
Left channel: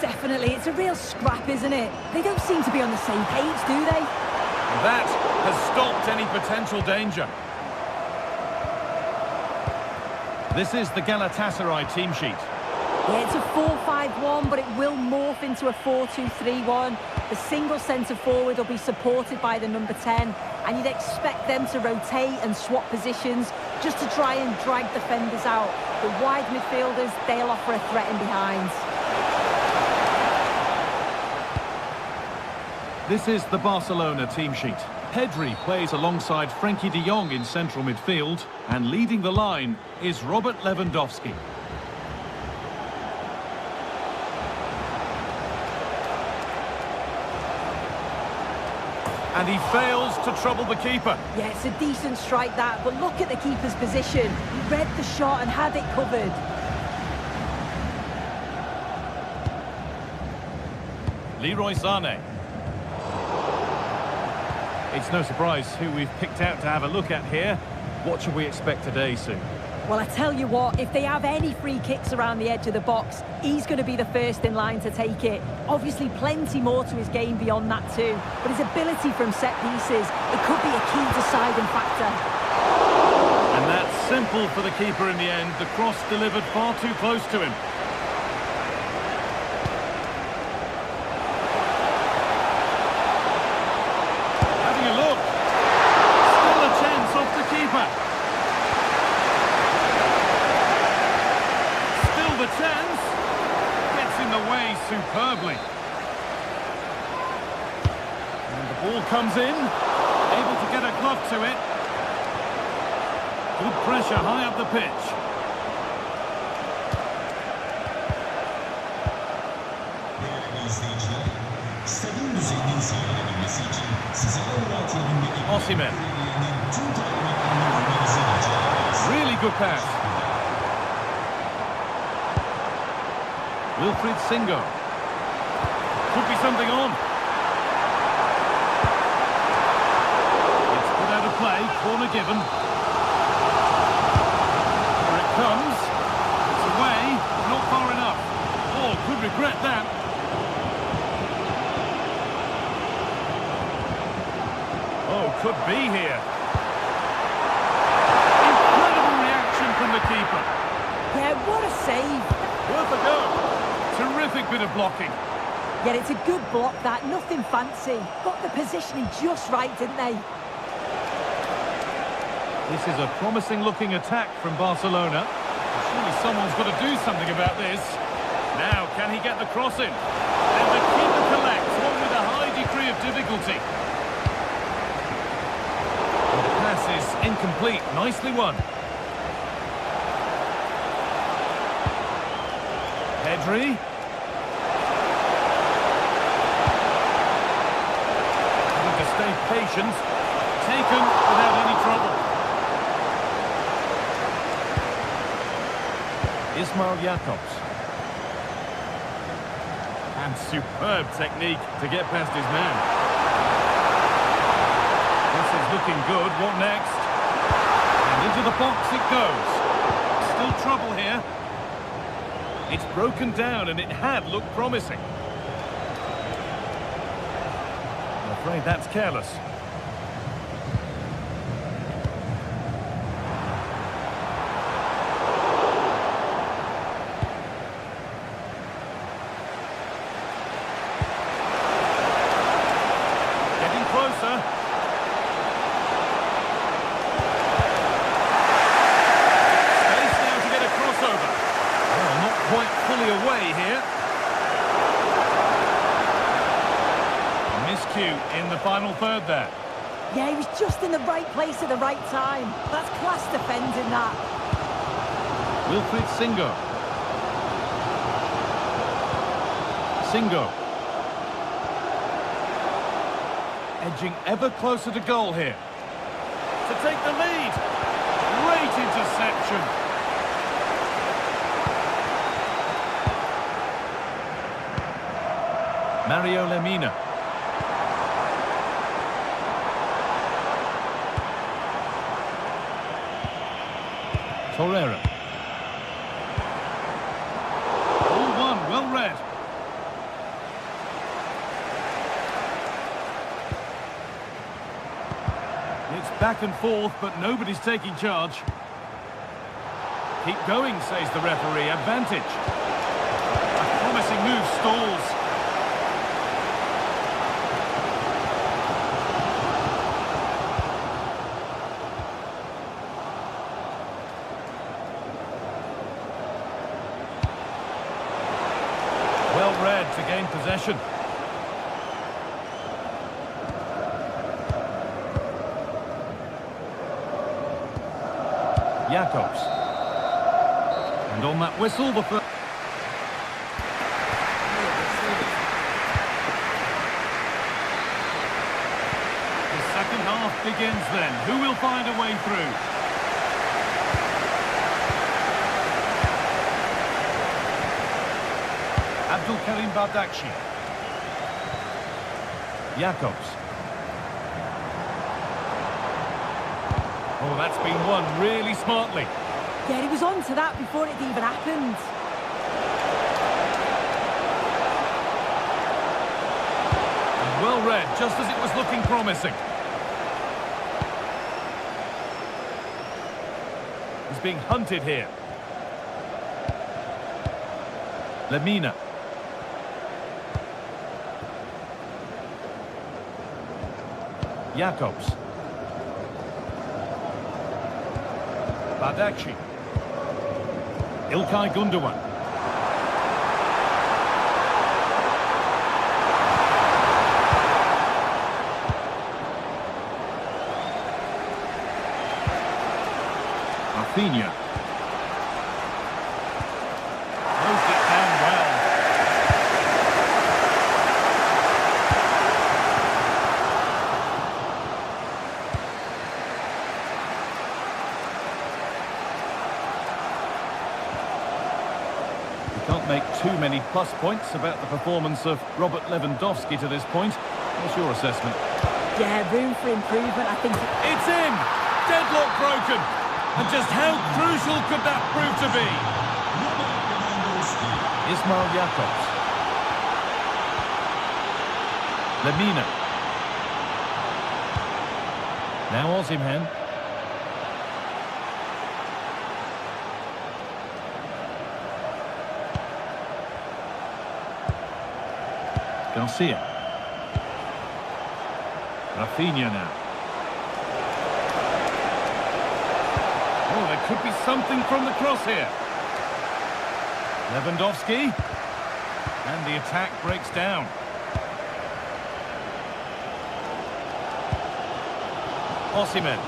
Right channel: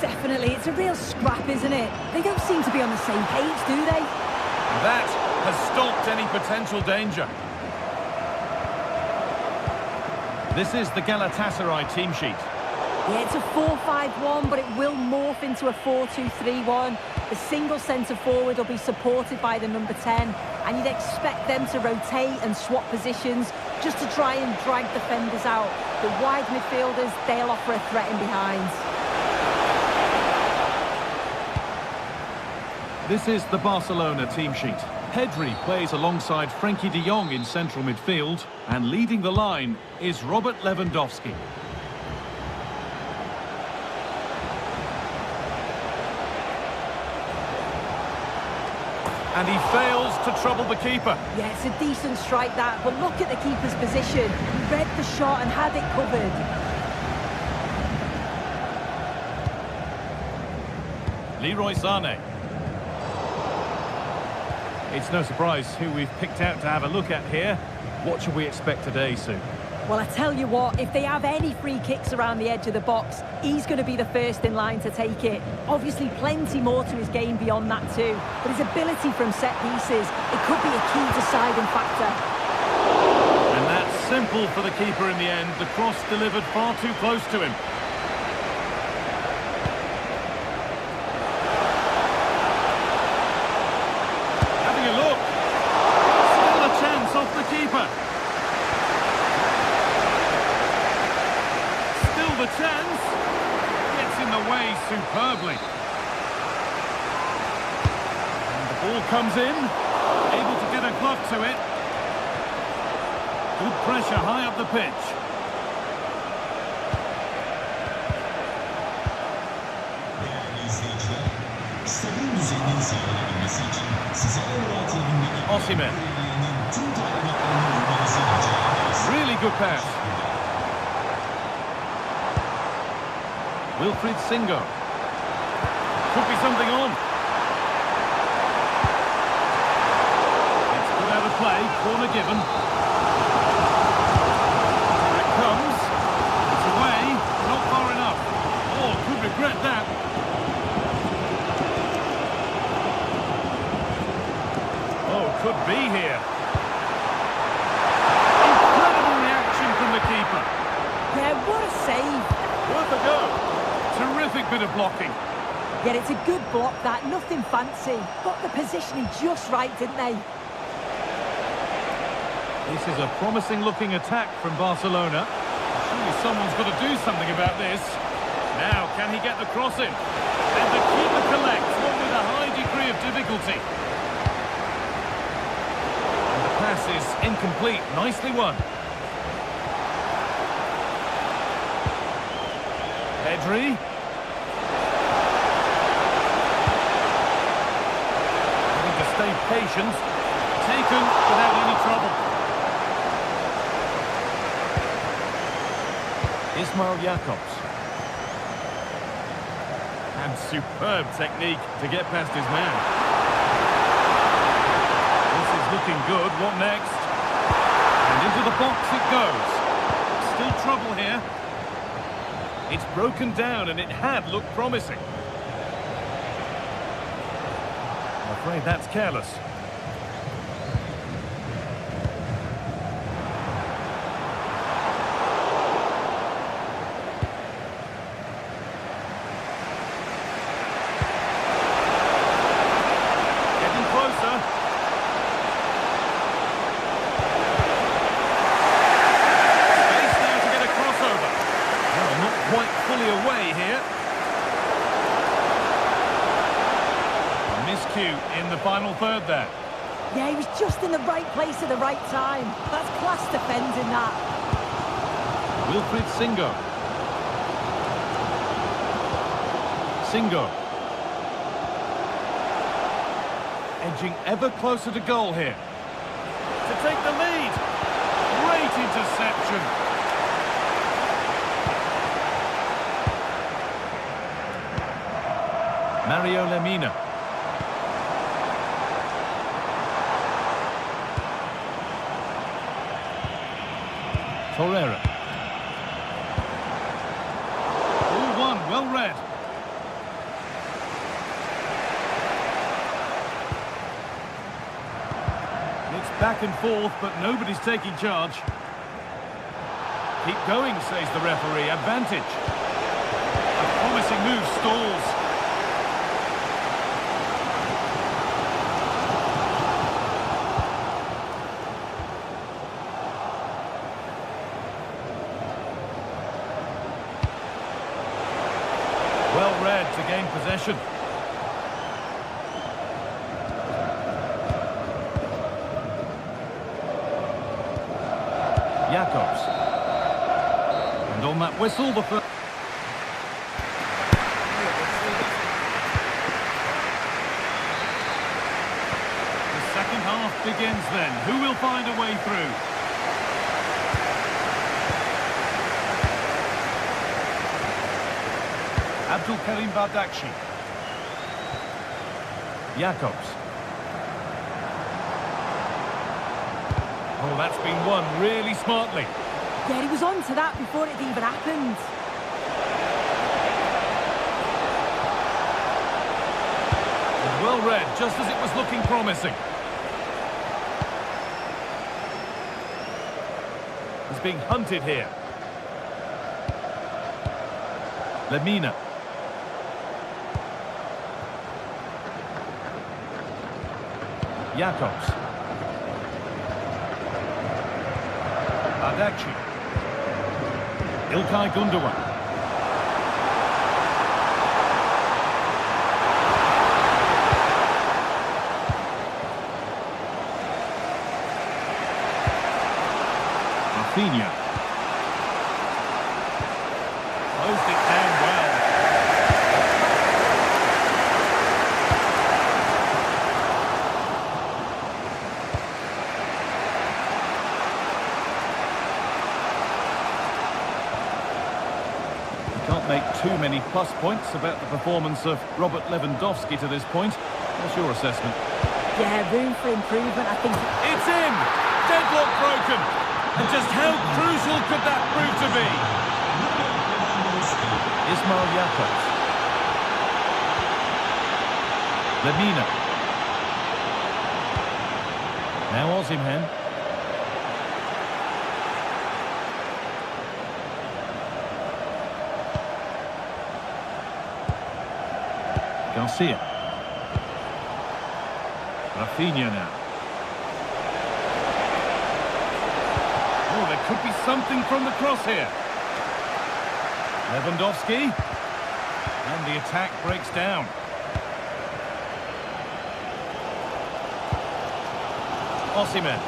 Definitely, it's a real scrap, isn't it? They don't seem to be on the same page, do they? That has stopped any potential danger. This is the Galatasaray team sheet. Yeah, it's a 4-5-1, but it will morph into a 4-2-3-1. The single centre-forward will be supported by the number 10, and you'd expect them to rotate and swap positions just to try and drag defenders out. The wide midfielders, they'll offer a threat in behind. This is the Barcelona team sheet. Pedri plays alongside Frankie de Jong in central midfield, and leading the line is Robert Lewandowski. And he fails to trouble the keeper. Yeah, it's a decent strike that, but look at the keeper's position. He read the shot and had it covered. Leroy Sané. It's no surprise who we've picked out to have a look at here. What should we expect today, Sue? Well, I tell you what, if they have any free kicks around the edge of the box, he's going to be the first in line to take it. Obviously, plenty more to his game beyond that too. But his ability from set pieces, it could be a key deciding factor. And that's simple for the keeper in the end. The cross delivered far too close to him. Having a look. Still a chance off the keeper. Still the chance. Gets in the way superbly. And the ball comes in. Able to get a glove to it. Good pressure high up the pitch. Osimhen. Really good pass. Wilfried Singo. Could be something on. It's put out of play. Corner given. Here it comes. It's away. Not far enough. Oh, could regret that. Oh, could be here. Incredible reaction from the keeper. Yeah, what a save. Worth a go. Terrific bit of blocking. Yeah, it's a good block that, nothing fancy. Got the positioning just right, didn't they? This is a promising looking attack from Barcelona. Surely someone's got to do something about this. Now, can he get the cross in? And the keeper collects, one with a high degree of difficulty. And the pass is incomplete. Nicely won. Pedri. Having to stay patient. Taken without any trouble. Ismail Jakobs. And superb technique to get past his man. This is looking good. What next? And into the box it goes. Still trouble here. It's broken down and it had looked promising. I'm afraid that's careless. Getting closer. Space now to get a quite fully away here. Miscue in the final third there. Yeah, he was just in the right place at the right time. That's class defending, that. Wilfried Singo. Singo. Edging ever closer to goal here. To take the lead. Great interception. Mario Lemina. Torreira. All one, well read. It's back and forth, but nobody's taking charge. Keep going, says the referee. Advantage. A promising move stalls. Well read to gain possession. Jacobs. And on that whistle, the first... The second half begins then. Who will find a way through? Abdul Karim Bardakci. Jacobs. Oh, that's been won really smartly. Yeah, he was on to that before it even happened. And well read, just as it was looking promising. He's being hunted here. Lemina. Jacobs. Bardakci. İlkay Gundogan. Rafinha. Closed it down well. Can't make too many plus points about the performance of Robert Lewandowski to this point. What's your assessment? Yeah, room for improvement, I think. It's in! Deadlock broken! And just how crucial could that prove to be? Ismail Jacobs. Lemina. Now Osimhen. Garcia. Rafinha now. Oh, there could be something from the cross here. Lewandowski. And the attack breaks down. Osimhen.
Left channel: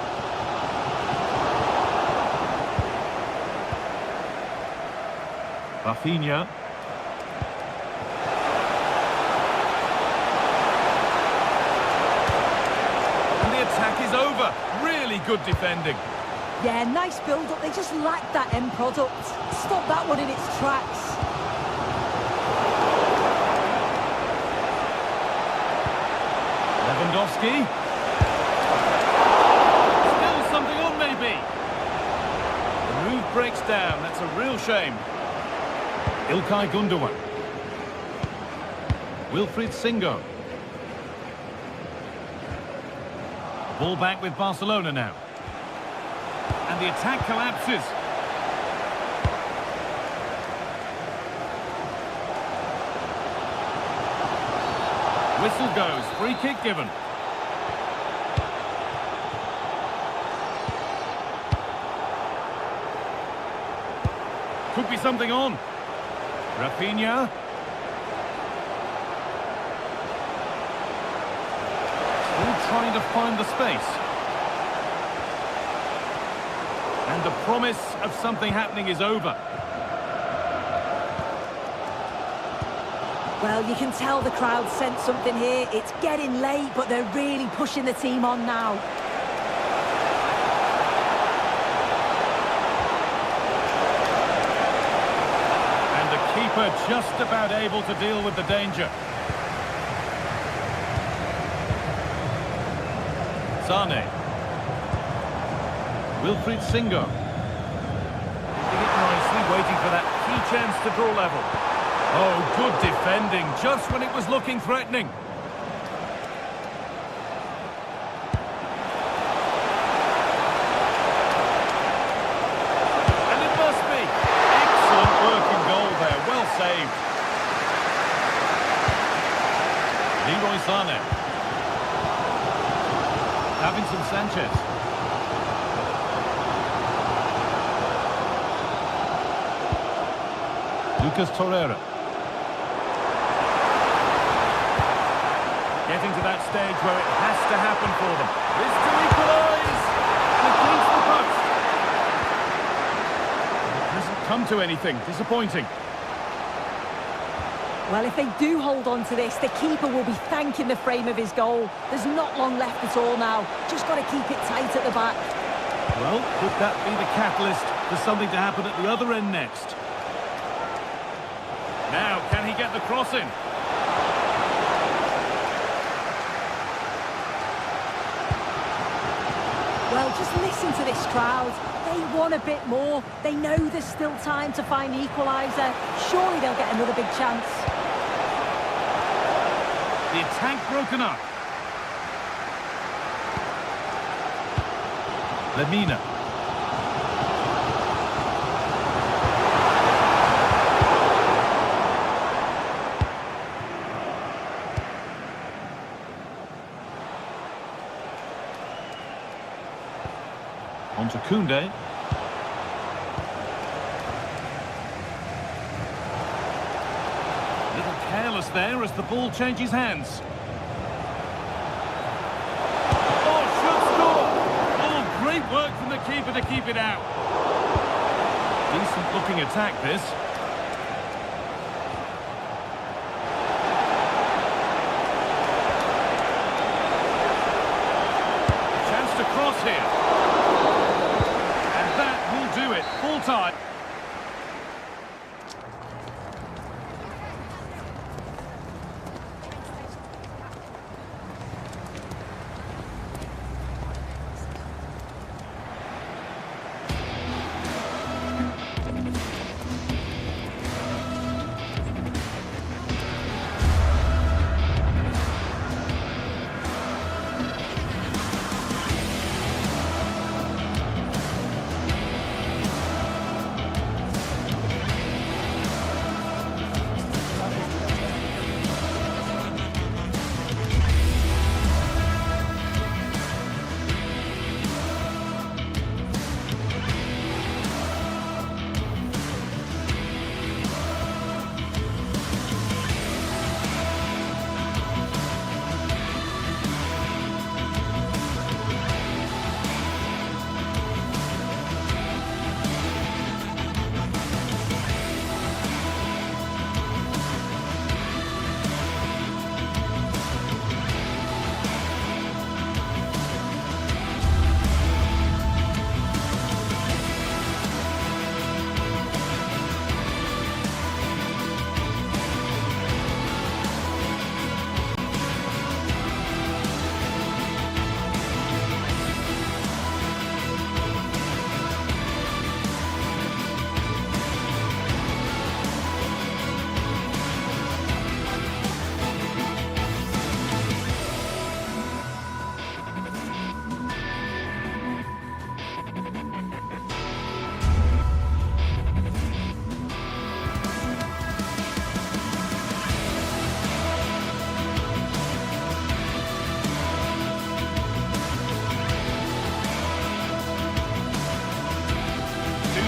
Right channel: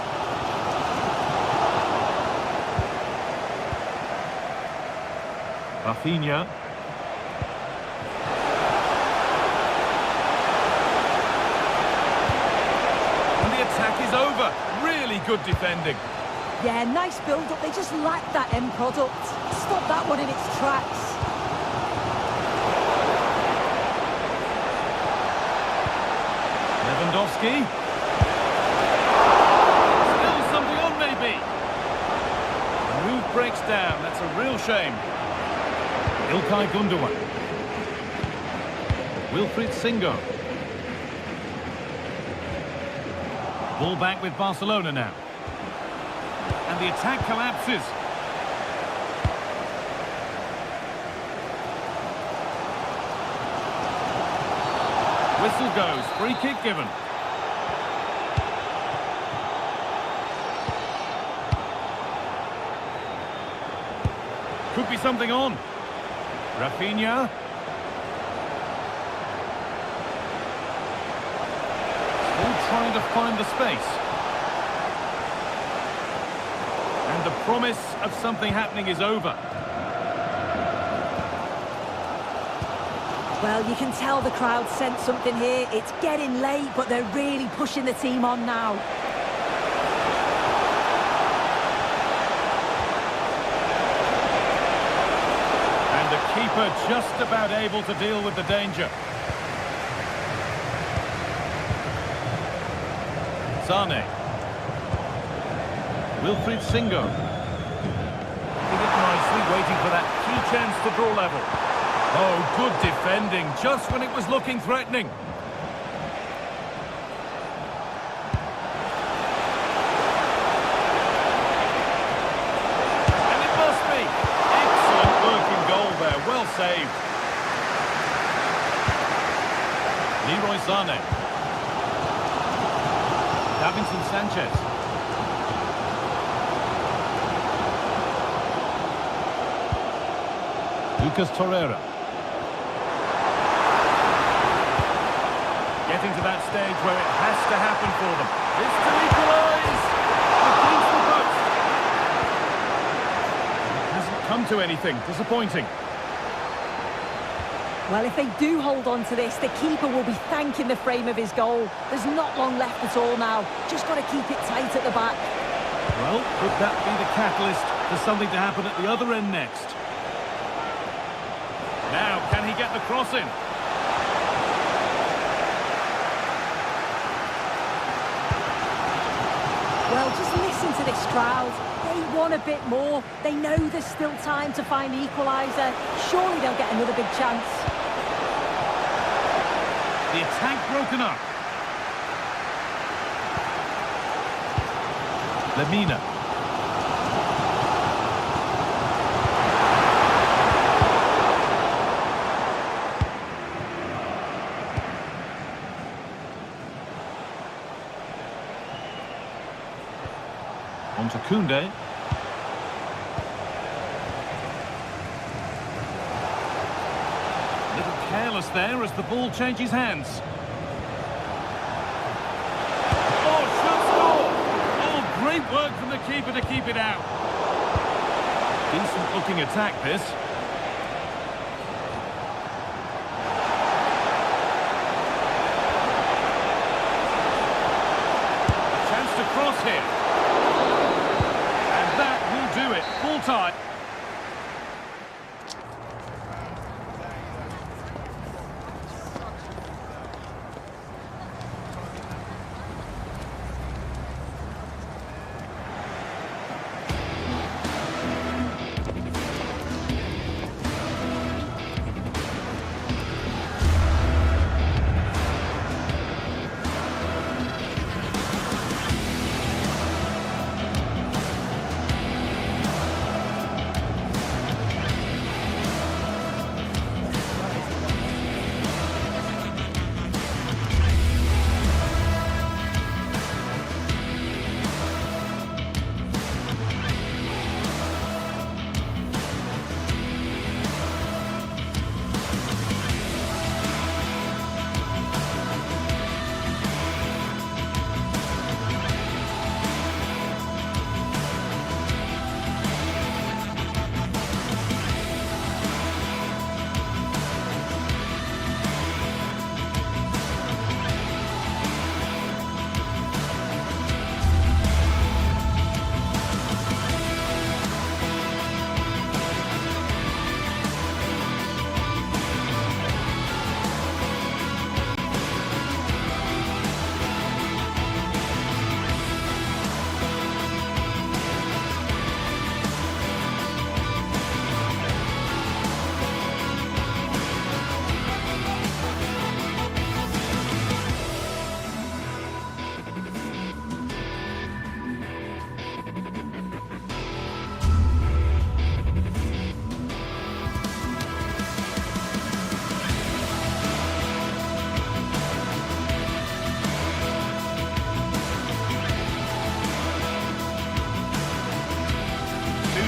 Rafinha. Attack is over. Really good defending. Yeah, nice build-up. They just lacked that end product. Stop that one in its tracks. Lewandowski. Still something on, maybe. The move breaks down. That's a real shame. İlkay Gundogan. Wilfried Singo. Ball back with Barcelona now. And the attack collapses. Whistle goes. Free kick given. Could be something on. Rafinha. Still trying to find the space. And the promise of something happening is over. Well, you can tell the crowd sense something here. It's getting late, but they're really pushing the team on now. And the keeper just about able to deal with the danger. Sane. Wilfried Singo. Keeping it nicely, waiting for that key chance to draw level. Oh, good defending, just when it was looking threatening. And it must be. Excellent work in goal there, well saved. Leroy Sane. Davinson Sanchez. Lucas Torreira. Getting to that stage where it has to happen for them. This to equalise! Against the post. It hasn't come to anything. Disappointing. Well, if they do hold on to this, the keeper will be thanking the frame of his goal. There's not long left at all now. Just got to keep it tight at the back. Well, could that be the catalyst for something to happen at the other end next? Now, can he get the cross in? Well, just listen to this crowd. They want a bit more. They know there's still time to find the equaliser. Surely they'll get another big chance. The attack broken up. Lemina. On to Koundé. A little careless there as the ball changes hands. Oh, should score! Oh, great work from the keeper to keep it out. Decent looking attack, this. A chance to cross here. That will do it. Full time.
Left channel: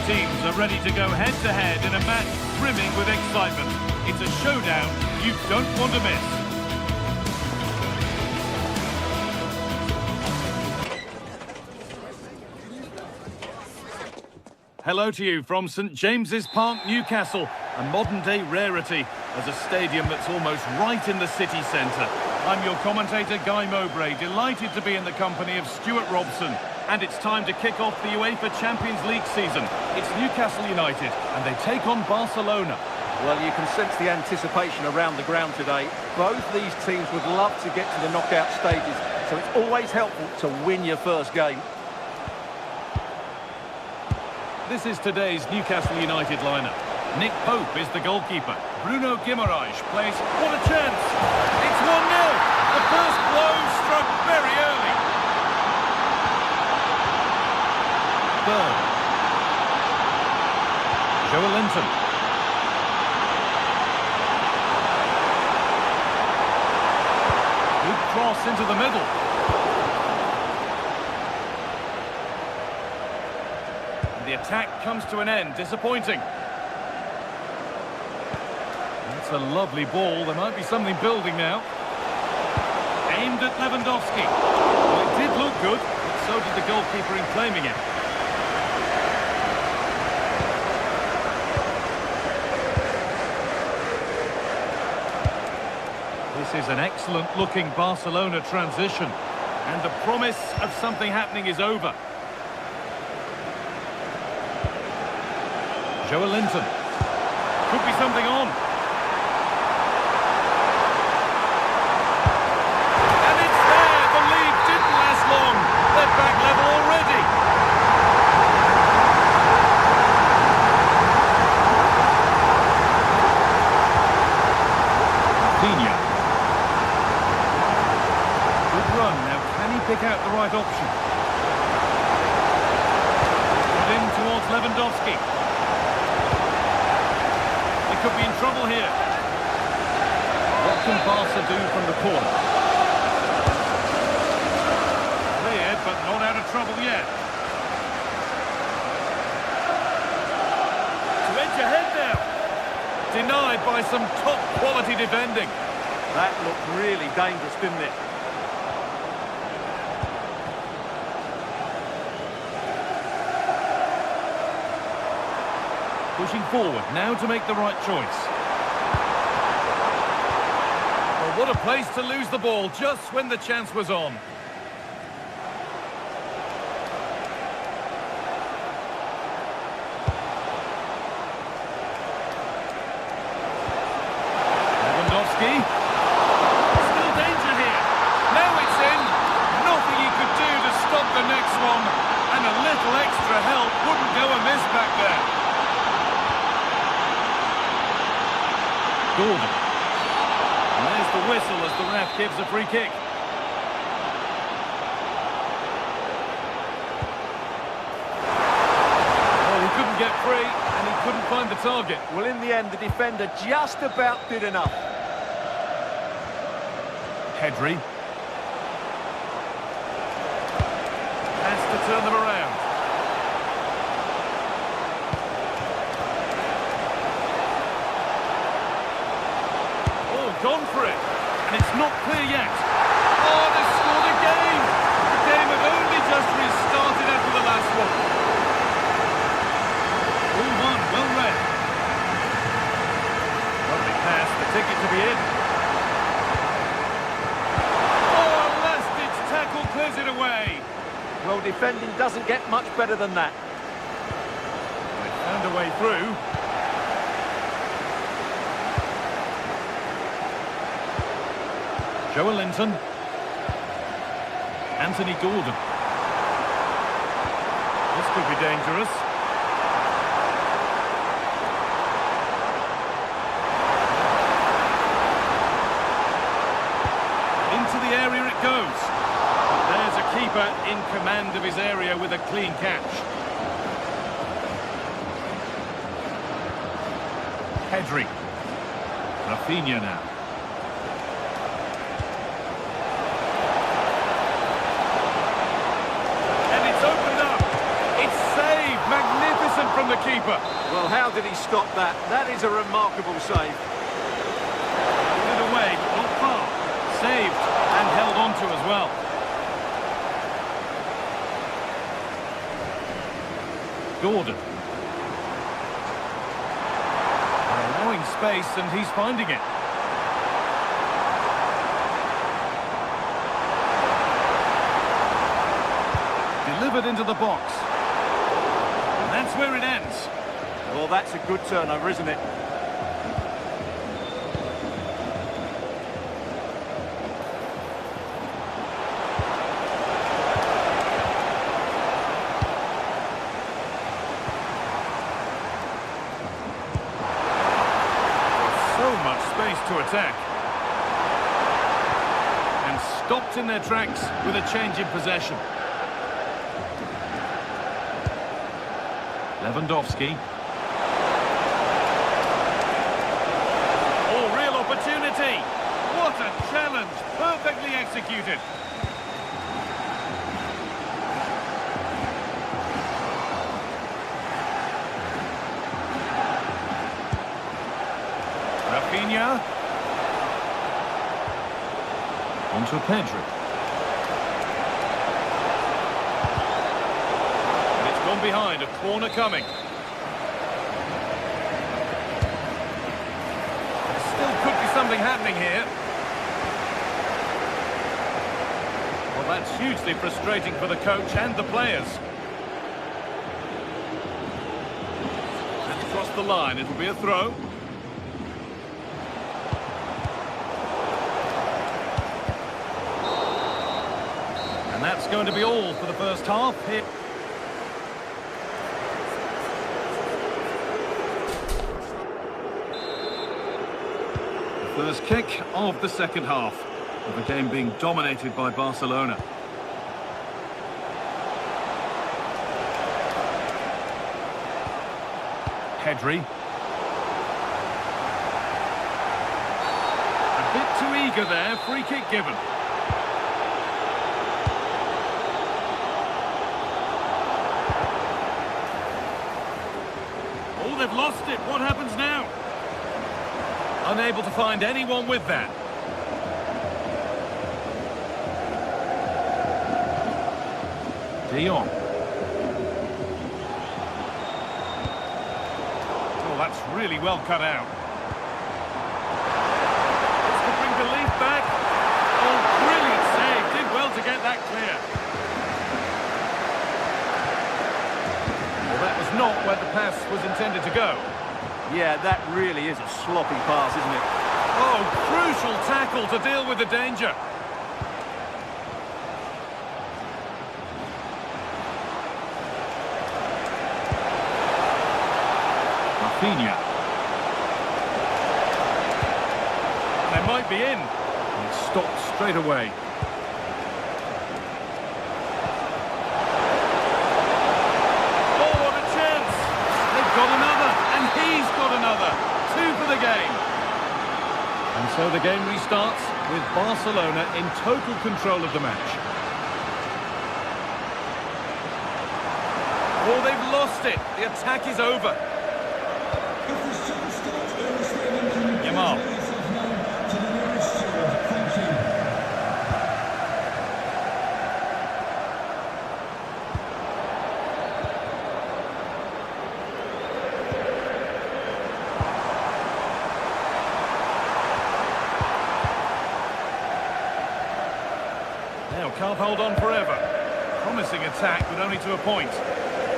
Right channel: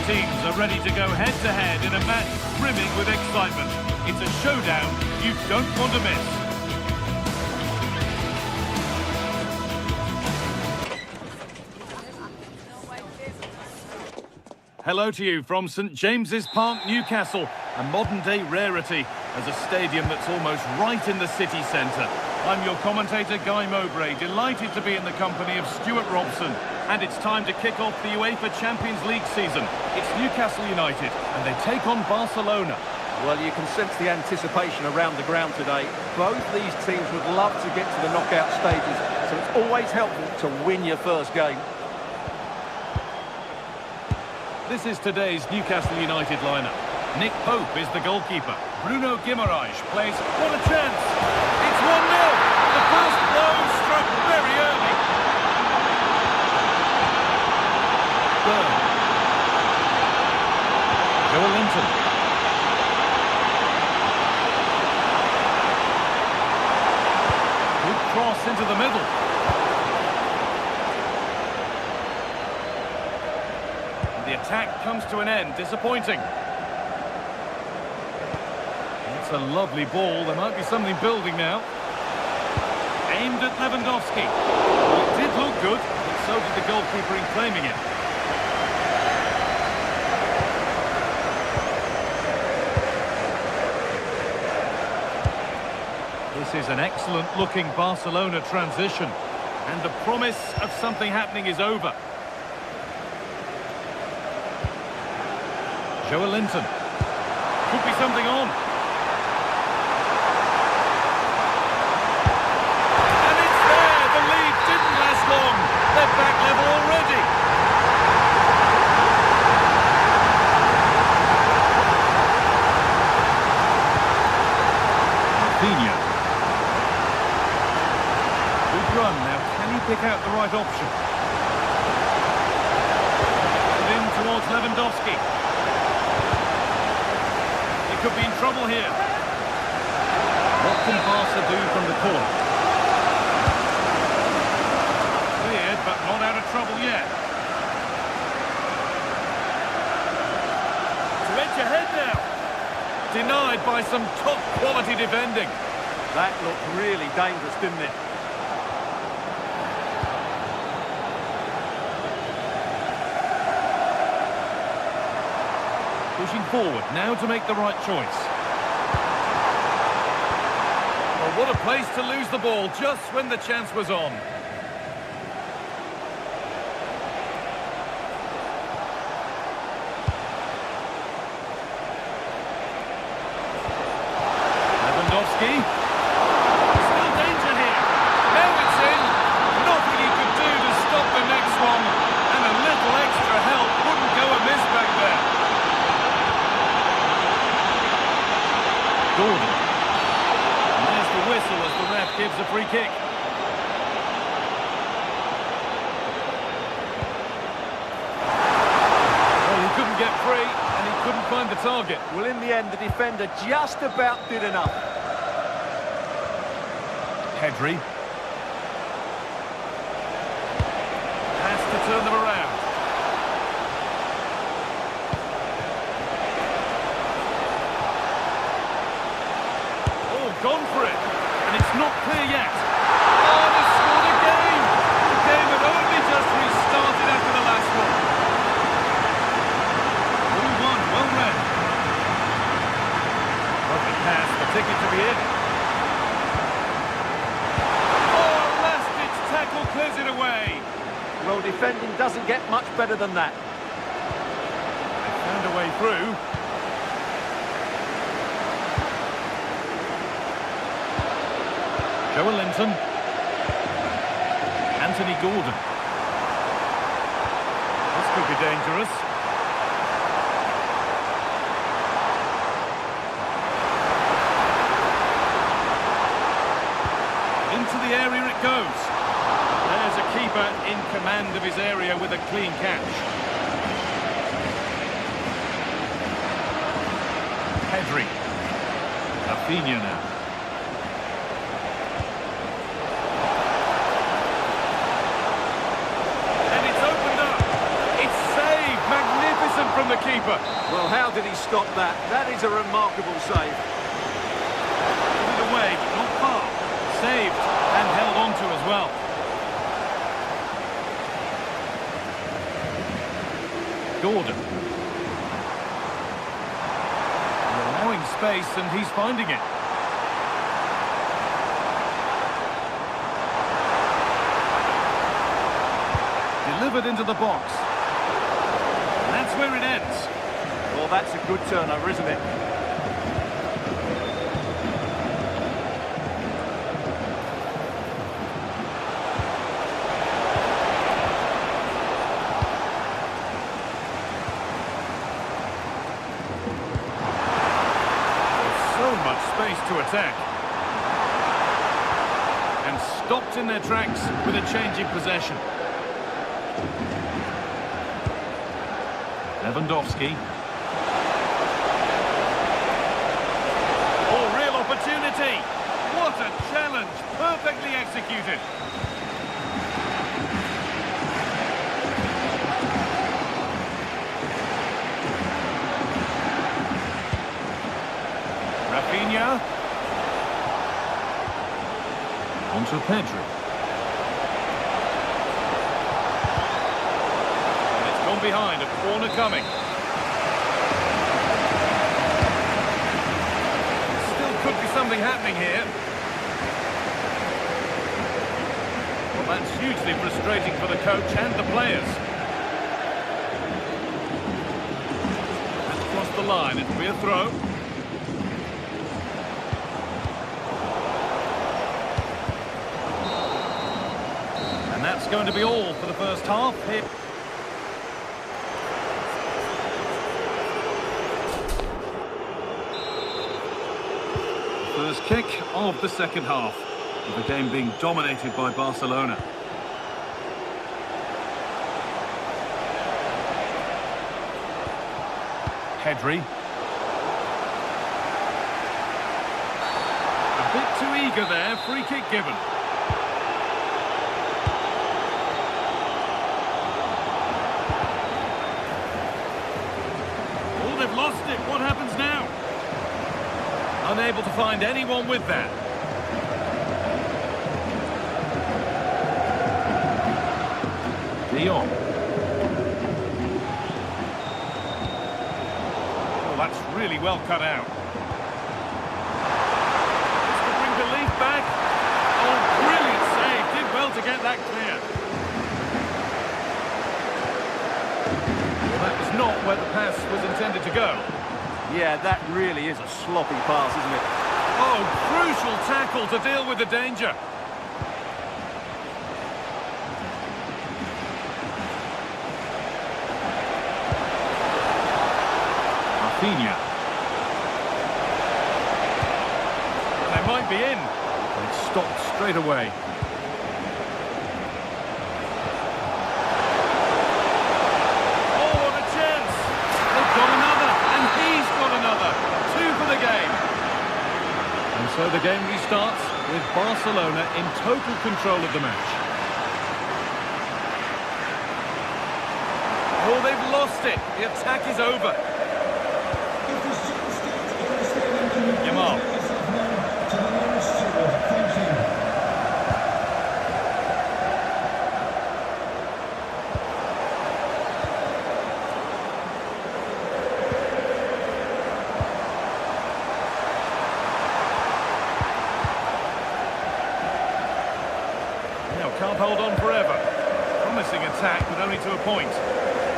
teams are ready to go head-to-head in a match brimming with excitement. It's a showdown you don't want to miss. Hello to you from St James's Park, Newcastle, a modern-day rarity as a stadium that's almost right in the city centre. I'm your commentator, Guy Mowbray, delighted to be in the company of Stuart Robson. And it's time to kick off the UEFA Champions League season. It's Newcastle United, and they take on Barcelona. Well, you can sense the anticipation around the ground today. Both these teams would love to get to the knockout stages, so it's always helpful to win your first game. This is today's Newcastle United lineup. Nick Pope is the goalkeeper. Bruno Guimaraes plays. What a chance! It's 1-0! The first blow struck very early. Burn. Joe Linton. Good cross into the middle. And the attack comes to an end. Disappointing. That's a lovely ball. There might be something building now. Aimed at Lewandowski. Well, it did look good, but so did the goalkeeper in claiming it. This is an excellent-looking Barcelona transition. And the promise of something happening is over. Joe Linton. Could be something on. And it's there! The lead didn't last long. They're back level already. Rafinha. Good run. Now, can he pick out the right option? Put in towards Lewandowski. They could be in trouble here. What can Barca do from the corner? Cleared, but not out of trouble yet. To edge ahead now. Denied by some top-quality defending. That looked really dangerous, didn't it? Pushing forward, now to make the right choice. Well, what a place to lose the ball just when the chance was on. Lewandowski. Still danger here. Now it's in. Nothing he could do to stop the next one. And a little extra help wouldn't go amiss back there. Gordon. And there's the whistle as the ref gives a free kick. Well, he couldn't get free, and he couldn't find the target. Well, in the end, the defender just about did enough. Pedri. Has to turn them around. Gone for it, and it's not clear yet. Oh, they scored again! The game had only just restarted after the last one. 0-1, well read. Lovely pass, the ticket to be in. Oh, last-ditch tackle clears it away. Well, defending doesn't get much better than that. They found a way through. Joe Linton. Anthony Gordon. This could be dangerous. Into the area it goes. But there's a keeper in command of his area with a clean catch. Pedri. Rafinha now. Magnificent magnificent from the keeper. Well, how did he stop that? That is a remarkable save. Put it away, but not far. Saved and held on to as well. Gordon. They're allowing space and he's finding it. Delivered into the box. And that's where it ends. Well, that's a good turnover, isn't it? So much space to attack. And stopped in their tracks with a change in possession. Lewandowski. Oh, real opportunity. What a challenge. Perfectly executed. Rafinha. Onto Pedri. And it's gone behind, a corner coming. There still could be something happening here. Well, that's hugely frustrating for the coach and the players. That's crossed the line, it'll be a throw. And that's going to be all for the first half here. The first kick of the second half, with the game being dominated by Barcelona. Pedri. A bit too eager there, free kick given. Oh, they've lost it. What happens now? Unable to find anyone with that. De Jong. Oh, that's really well cut out. This could bring belief back. Oh, brilliant save. Did well to get that clear. Well, that was not where the pass was intended to go. Yeah, that really is a sloppy pass, isn't it? Oh, crucial tackle to deal with the danger. Rafinha. And they might be in. And it's stopped straight away. Got another, and he's got another. 2 for the game. And so the game restarts with Barcelona in total control of the match. Oh, they've lost it. The attack is over. If there's jump start in the stadium, can you please Yamal. make yourself known to the nearest steward? Thank you. Now, can't hold on forever. Promising attack, but only to a point.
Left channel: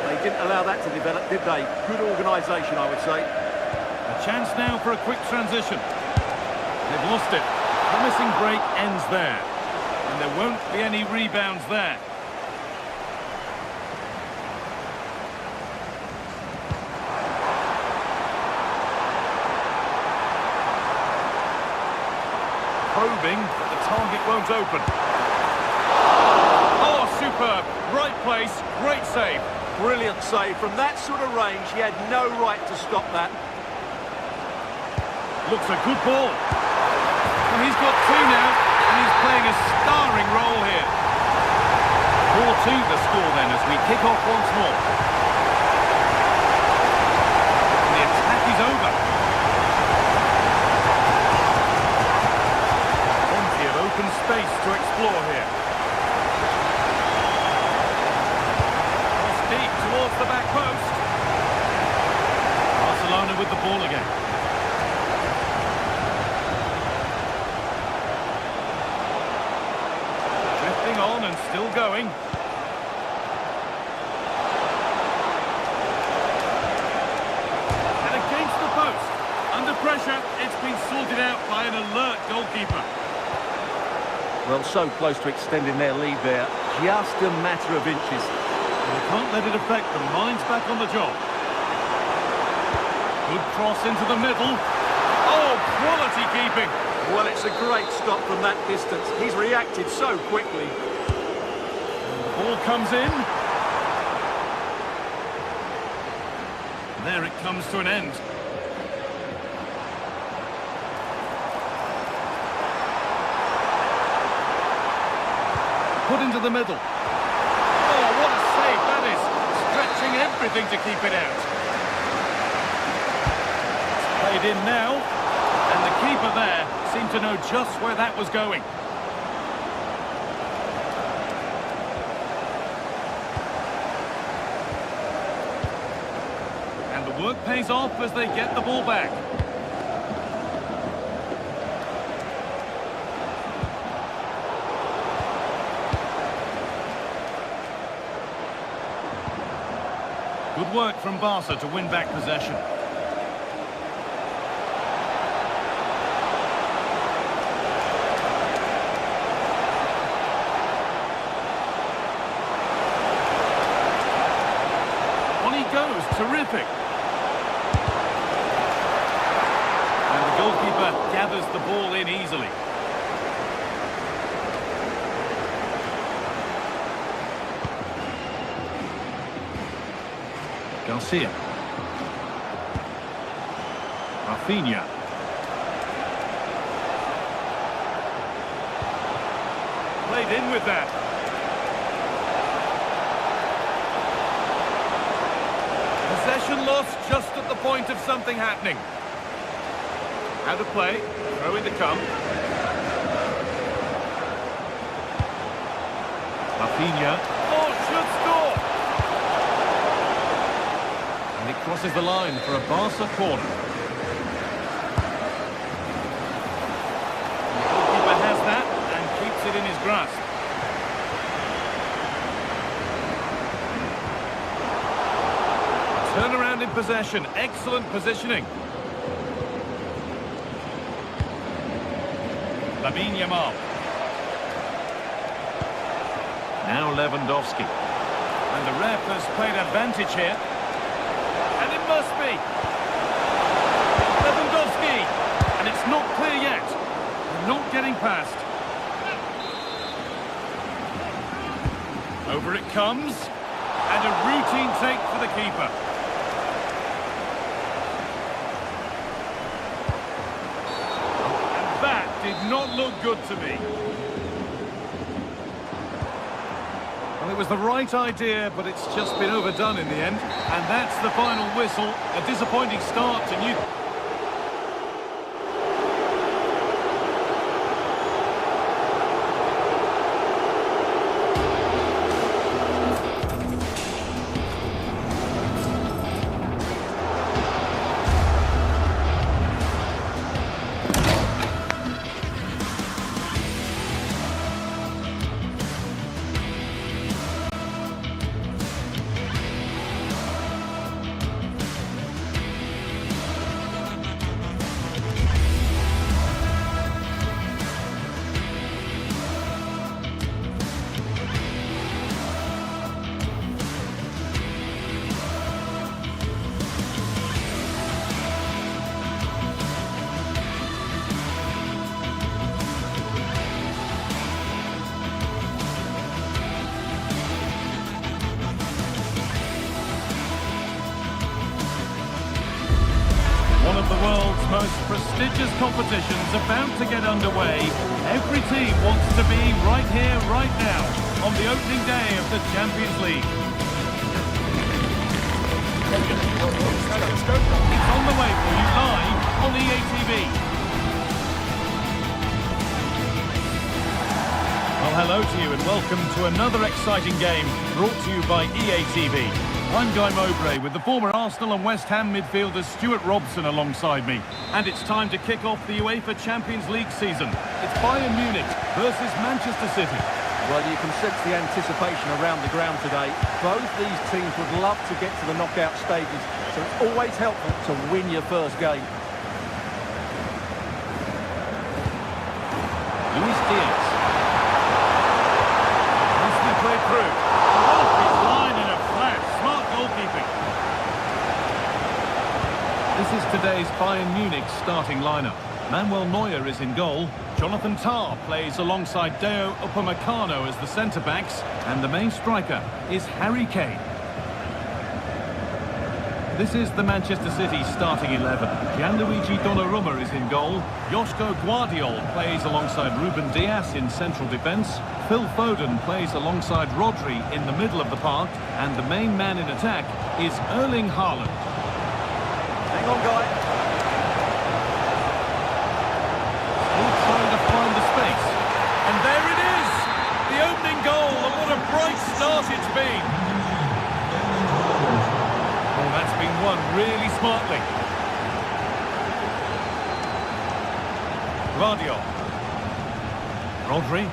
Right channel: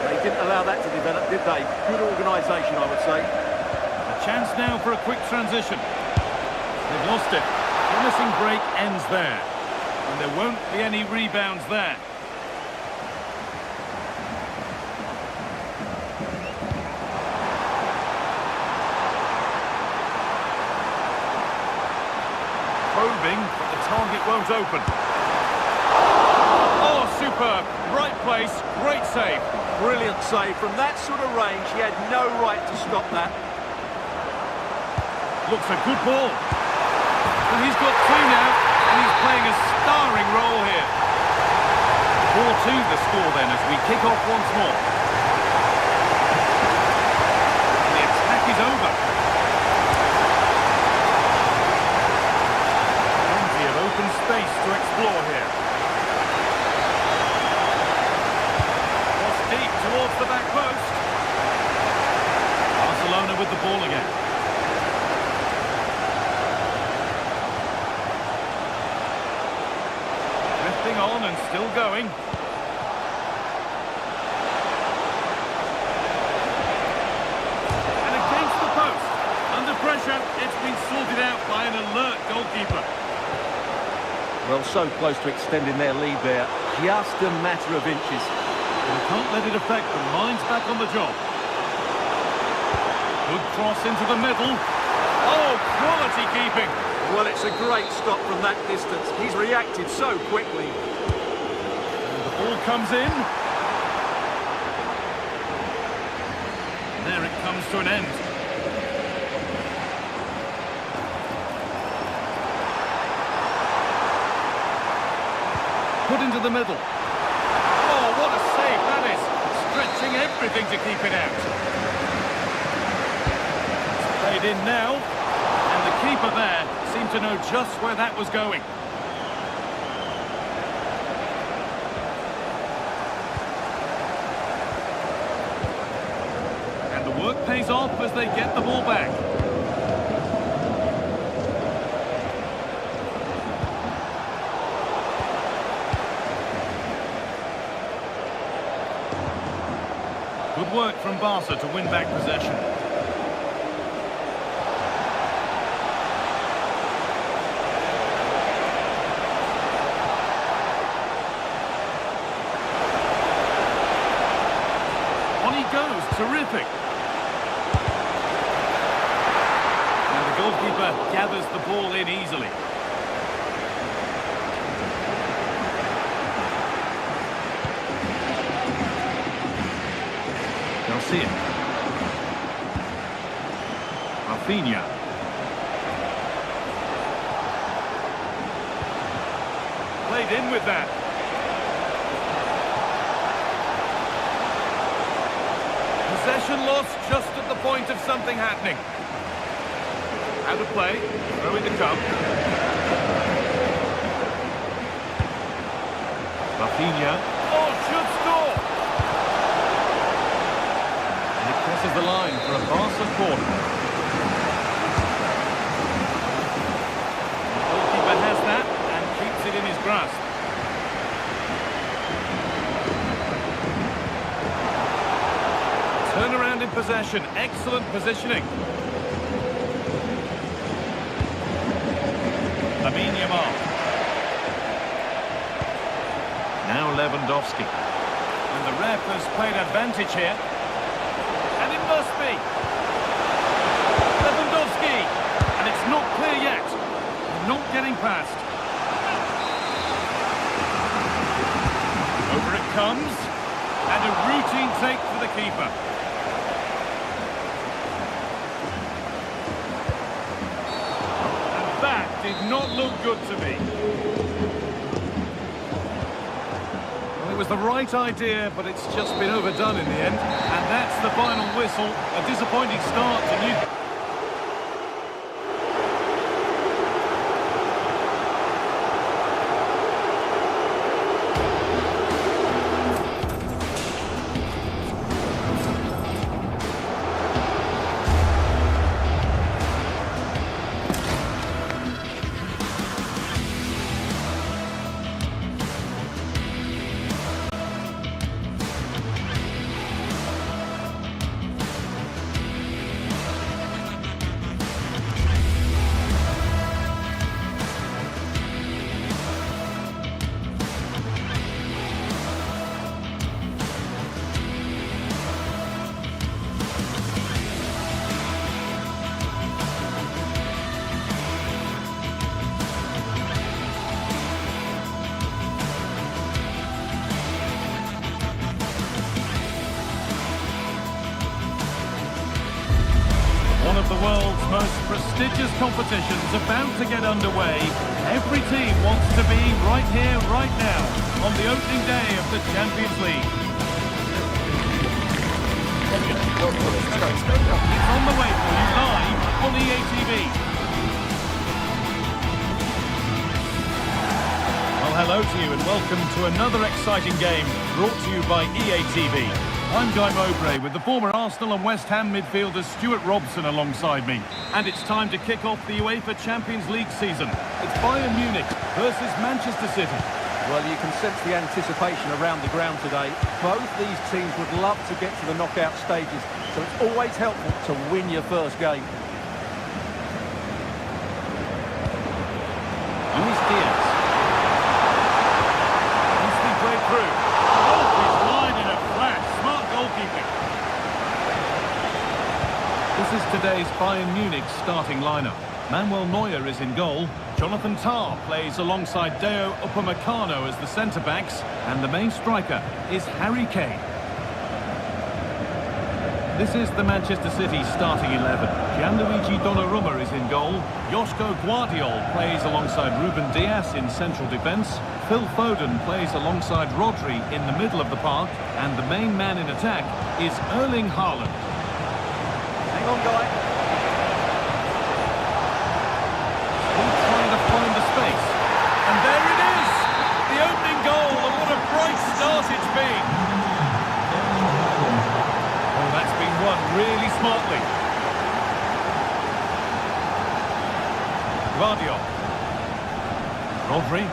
They didn't allow that to develop, did they? Good organisation, I would say. A chance now for a quick transition. They've lost it. Promising break ends there. And there won't be any rebounds there. Probing, but the target won't open. Oh, superb. Right place, great save. Brilliant save. From that sort of range, he had no right to stop that. Looks a good ball. Well, he's got 2 now, and he's playing a starring role here. 4-2 the score then as we kick off once more. is over. Plenty of open space to explore here. Cross deep towards the back post. Barcelona with the ball again. Drifting on and still going. And against the post. Under pressure, it's been sorted out by an alert goalkeeper. Well, so close to extending their lead there. Just a matter of inches. And they can't let it affect them. Mind's back on the job. Good cross into the middle. Oh, quality keeping. Well, it's a great stop from that distance. He's reacted so quickly. And the ball comes in. There it comes to an end. Put into the middle. Oh, what a save that is. Stretching everything to keep it out. It's played in now. And the keeper there seemed to know just where that was going. And the work pays off as they get the ball back. Good work from Barca to win back possession. On he goes, terrific. And the goalkeeper gathers the ball in easily. Garcia. Rafinha. Played in with that. Possession lost just at the point of something happening. Out of play. Throw in to come. Rafinha. Oh, should score! And it crosses the line for a Barca corner. And the goalkeeper has that and keeps it in his grasp. Turnaround in possession, excellent positioning. Lamine Yamal. Now Lewandowski. And the ref has played advantage here. And it must be. Lewandowski. And it's not clear yet. They're not getting past. Over it comes. And a routine take for the keeper. And that did not look good to me. Well, it was the right idea, but it's just been overdone in the end. And that's the final whistle. A disappointing start to new... One of the world's most prestigious competitions about to get underway. Every team wants to be right here, right now, on the opening day of the Champions League. It's on the way for you live on EA TV. Well, hello to you and welcome to another exciting game brought to you by EA TV. I'm Guy Mowbray with the former Arsenal and West Ham midfielder Stuart Robson alongside me. And it's time to kick off the UEFA Champions League season. It's Bayern Munich versus Manchester City. Well, you can sense the anticipation around the ground today. Both these teams would love to get to the knockout stages, so it's always helpful to win your first game. Luis Diaz. Nicely played through. Off his line in a flash. Smart goalkeeping. This is today's Bayern Munich starting lineup. Manuel Neuer is in goal. Jonathan Tah plays alongside Deo Upamecano as the centre-backs. And the main striker is Harry Kane. This is the Manchester City starting 11. Gianluigi Donnarumma is in goal. Joško Guardiol plays alongside Ruben Dias in central defence. Phil Foden plays alongside Rodri in the middle of the park. And the main man in attack is Erling Haaland. Hang on, Guy. Still trying to find the space. And there it is! The opening goal, and what a bright start it's been. Oh, that's been won really smartly. Guardiol. Rodri.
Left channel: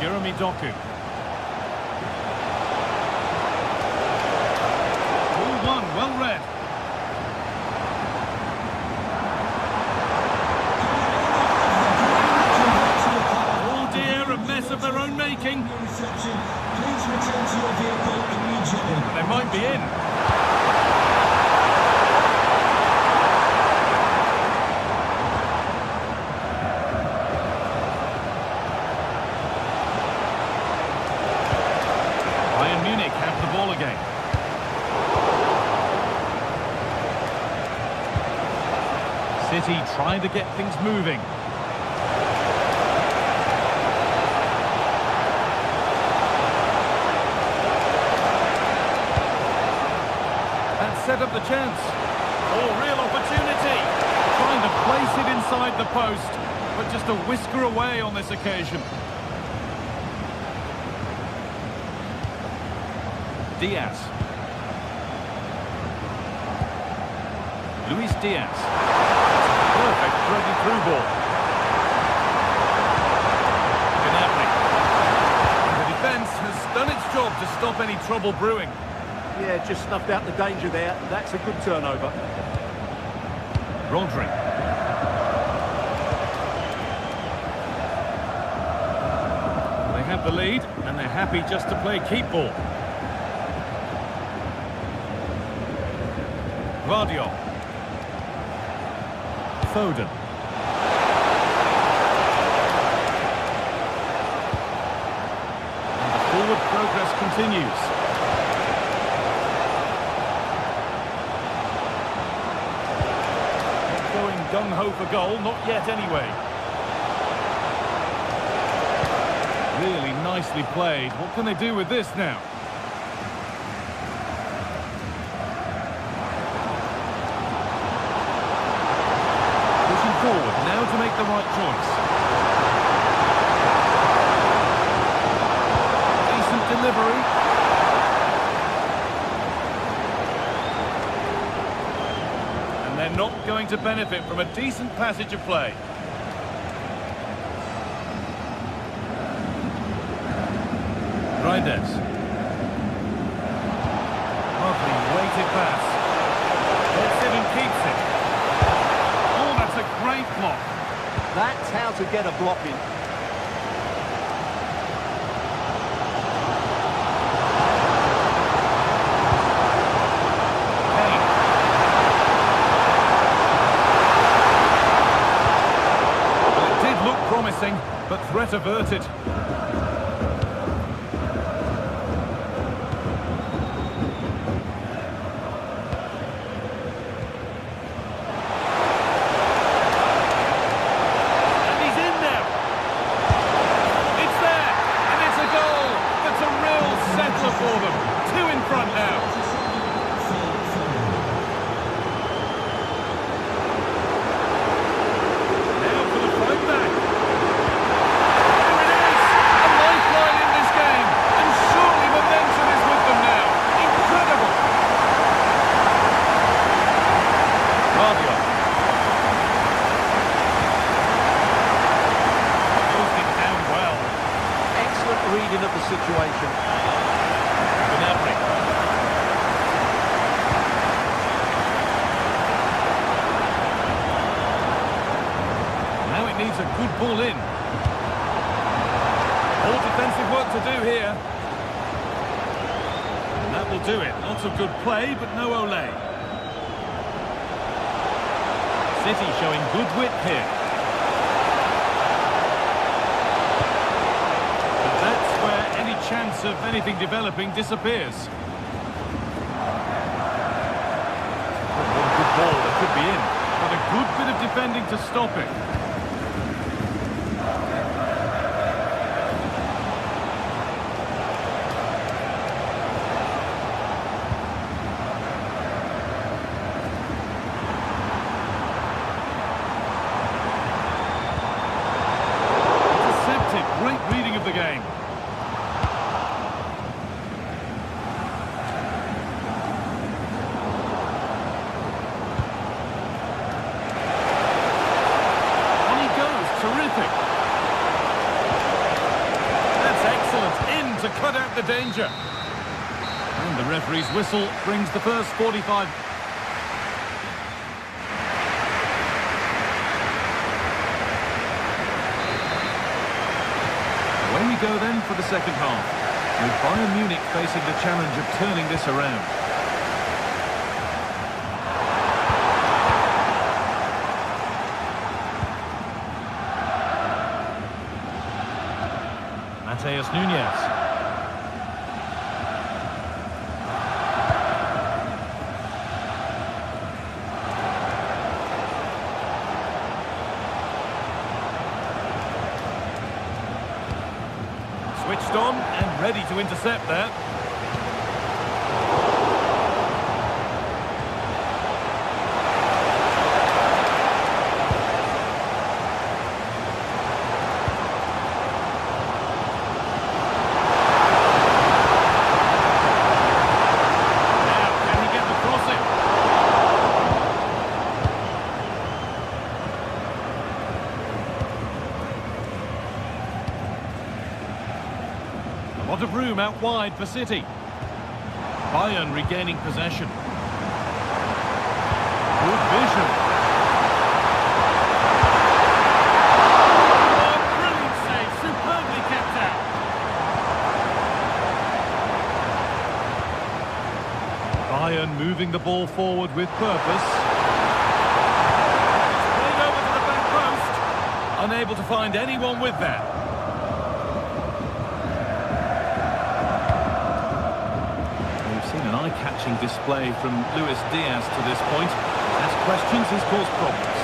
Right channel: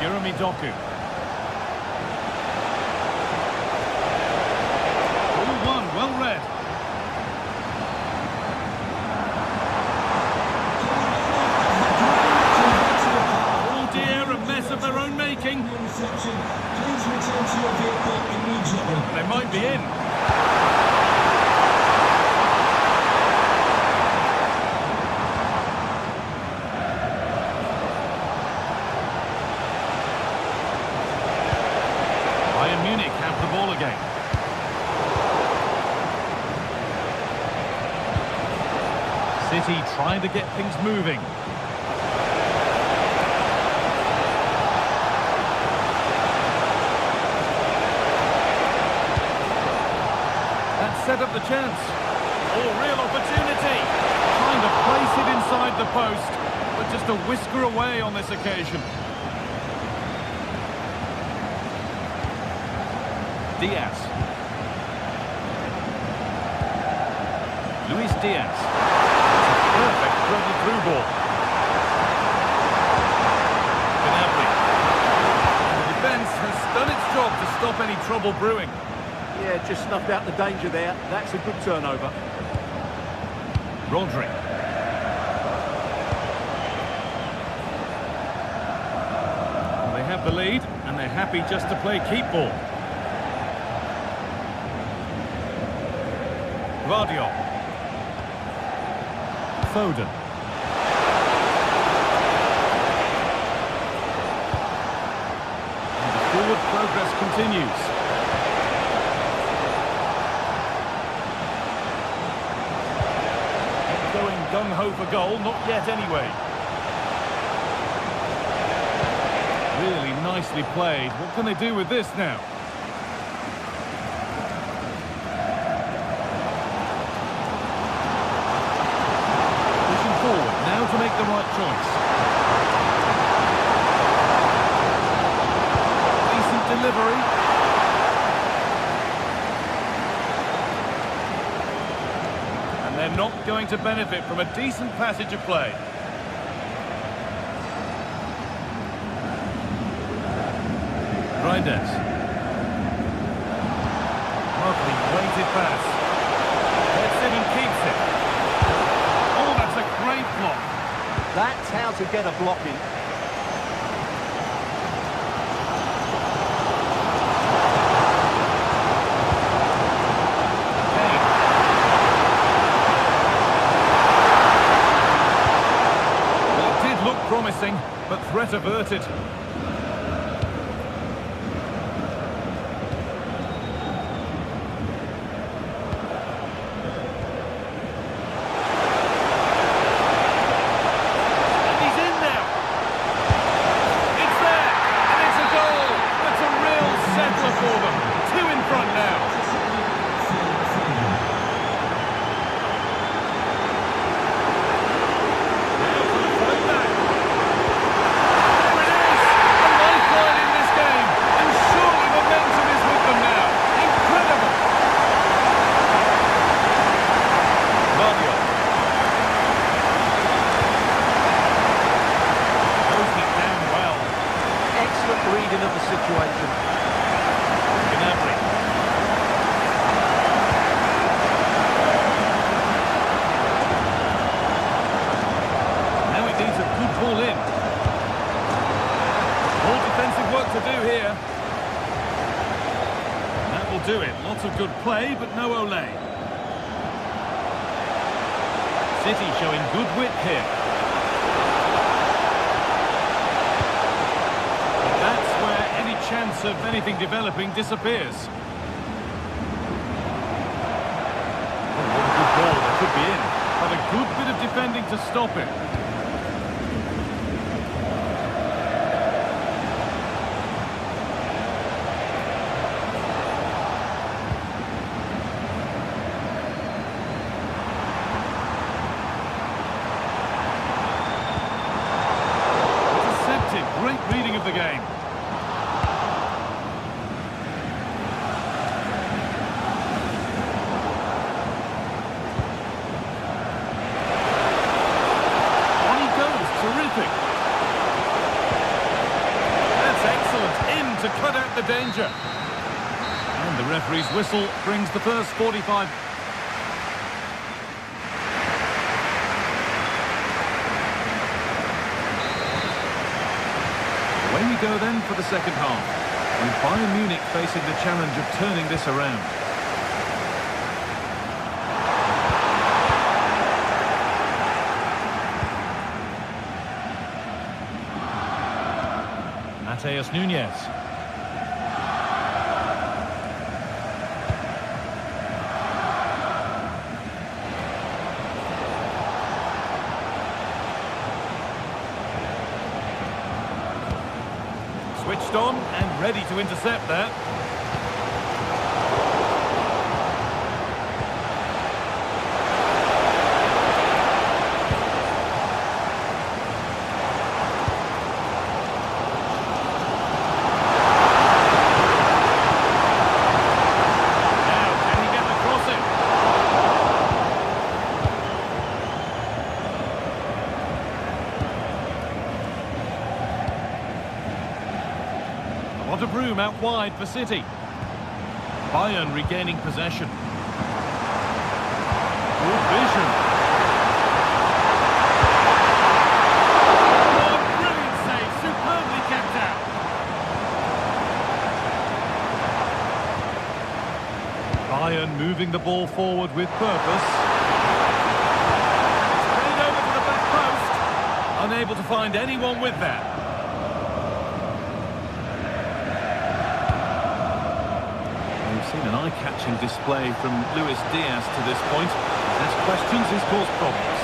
Jeremy Doku. 2-1, well read. Oh dear, a mess of their own making. Please return to your vehicle immediately. They might be in. Bayern Munich have the ball again. City trying to get things moving. That set up the chance. Oh, real opportunity. Trying to place it inside the post, but just a whisker away on this occasion. Diaz. Luis Diaz. It's a perfect threaded through ball. Gnabry. The defence has done its job to stop any trouble brewing. Yeah, just snuffed out the danger there. That's a good turnover. Rodri. Well, they have the lead, and they're happy just to play keep ball. Guardiol. Foden. And the forward progress continues. Not going gung-ho for goal, not yet anyway. Really nicely played. What can they do with this now? Pushing forward now to make the right choice. Decent delivery. And they're not going to benefit from a decent passage of play. Reinders. Lovely weighted pass. Gets it and keeps it. Oh, that's a great block. That's how to get a block in. Kane. Well, it did look promising, but threat averted. For them. Two in front now. reading of the situation. Gnabry. Now it needs a good ball in. All defensive work to do here. And that will do it. Lots of good play, but no Olé. City showing good wit here. But that's where any chance of anything developing disappears. Oh, what a good ball. That could be in. But a good bit of defending to stop it. Great reading of the game. On he goes, terrific. That's excellent, in to cut out the danger. And the referee's whistle brings the first 45. Away we go then for the second half, with Bayern Munich facing the challenge of turning this around. Mateus Nunes. Switched on and ready to intercept that. Now, can he get the cross in? A lot of room out wide for City. Bayern regaining possession. Good vision. Oh, brilliant save, superbly kept out. Bayern moving the ball forward with purpose. It's played over to the back post. Unable to find anyone with that. We've seen an eye-catching display from Luis Diaz to this point. He's asked questions, he's caused problems.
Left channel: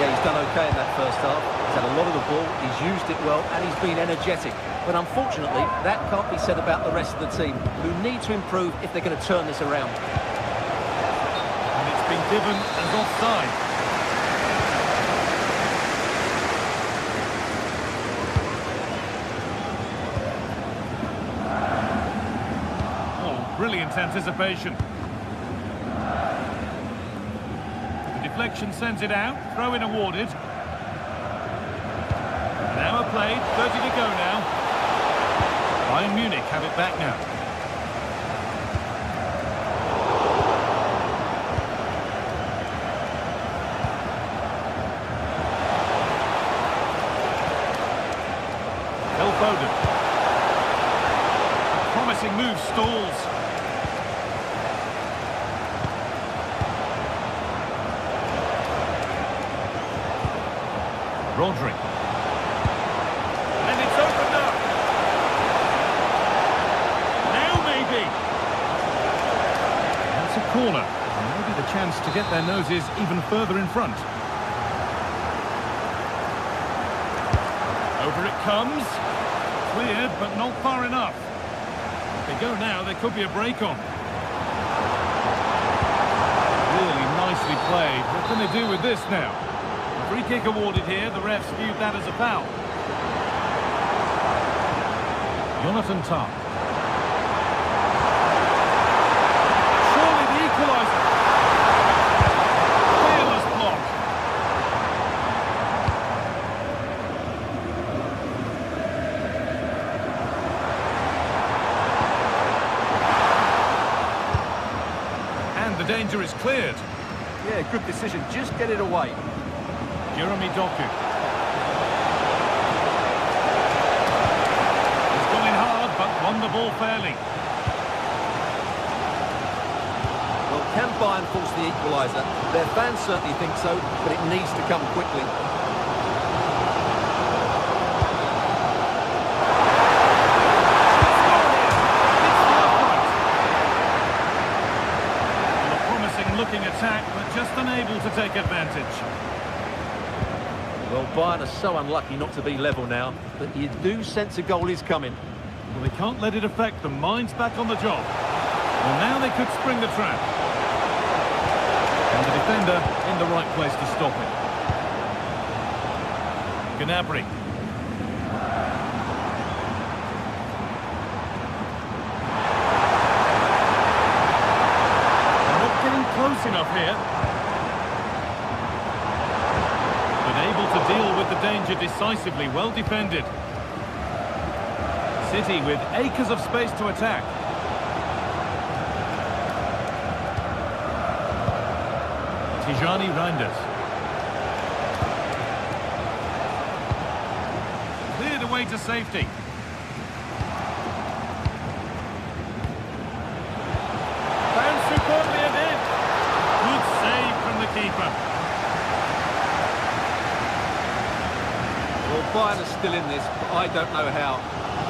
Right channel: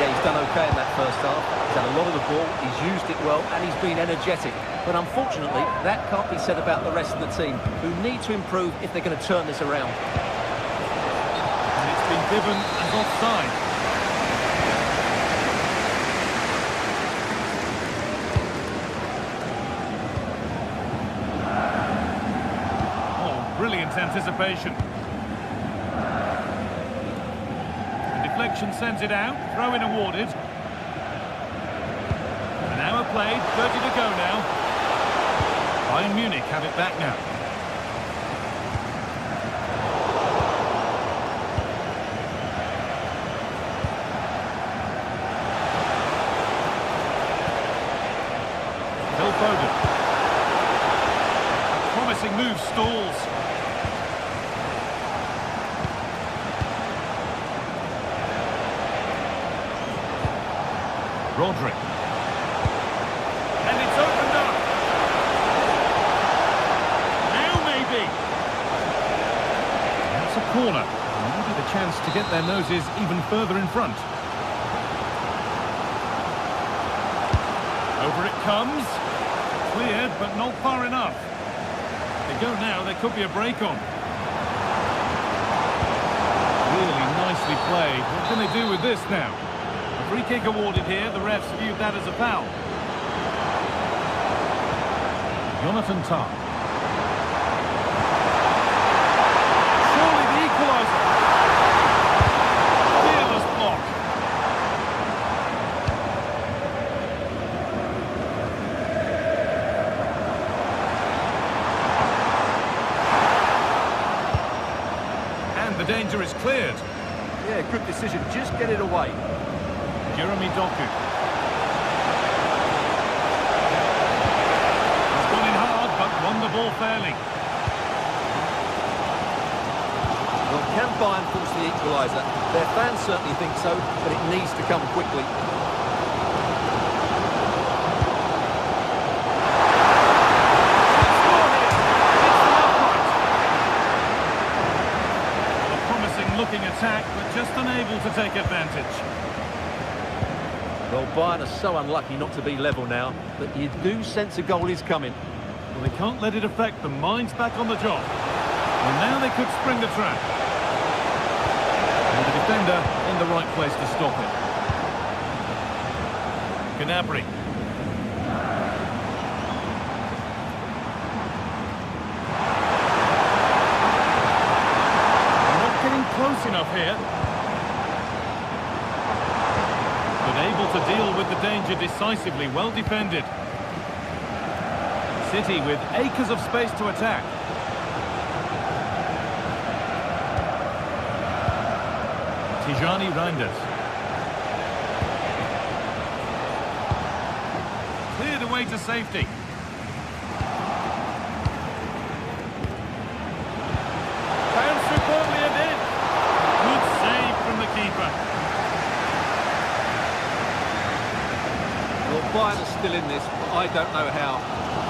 Yeah, he's done okay in that first half. He's had a lot of the ball, he's used it well, and he's been energetic. But unfortunately, that can't be said about the rest of the team, who need to improve if they're going to turn this around. And it's been given as offside. Brilliant anticipation. The deflection sends it out. Throw-in awarded. An hour played. 30 to go now. Bayern Munich have it back now. Phil Foden. A promising move stalls. Rodri. And it's opened up. Now maybe. That's a corner. And maybe the chance to get their noses even further in front. Over it comes. Cleared, but not far enough. If they go now, there could be a break on. Really nicely played. What can they do with this now? A free kick awarded here. The refs viewed that as a foul. Jonathan Tah. Surely the equaliser. Fearless block. And the danger is cleared. Yeah, good decision. Just get it away. Jeremy Doku. He's gone in hard, but won the ball fairly. Well, can Bayern force the equaliser? Their fans certainly think so, but it needs to come quickly. Looking attack, but just unable to take advantage. Well, Bayern are so unlucky not to be level now, but you do sense a goal is coming. Well, they can't let it affect them. Mind's back on the job. Well, now they could spring the trap. And the defender in the right place to stop it. Gnabry. Close enough here. But able to deal with the danger decisively, well defended. City with acres of space to attack. Tijani Reinders. Cleared away to safety. Found superbly in. Good save from the keeper. Well, Bayern are still in this, but I don't know how.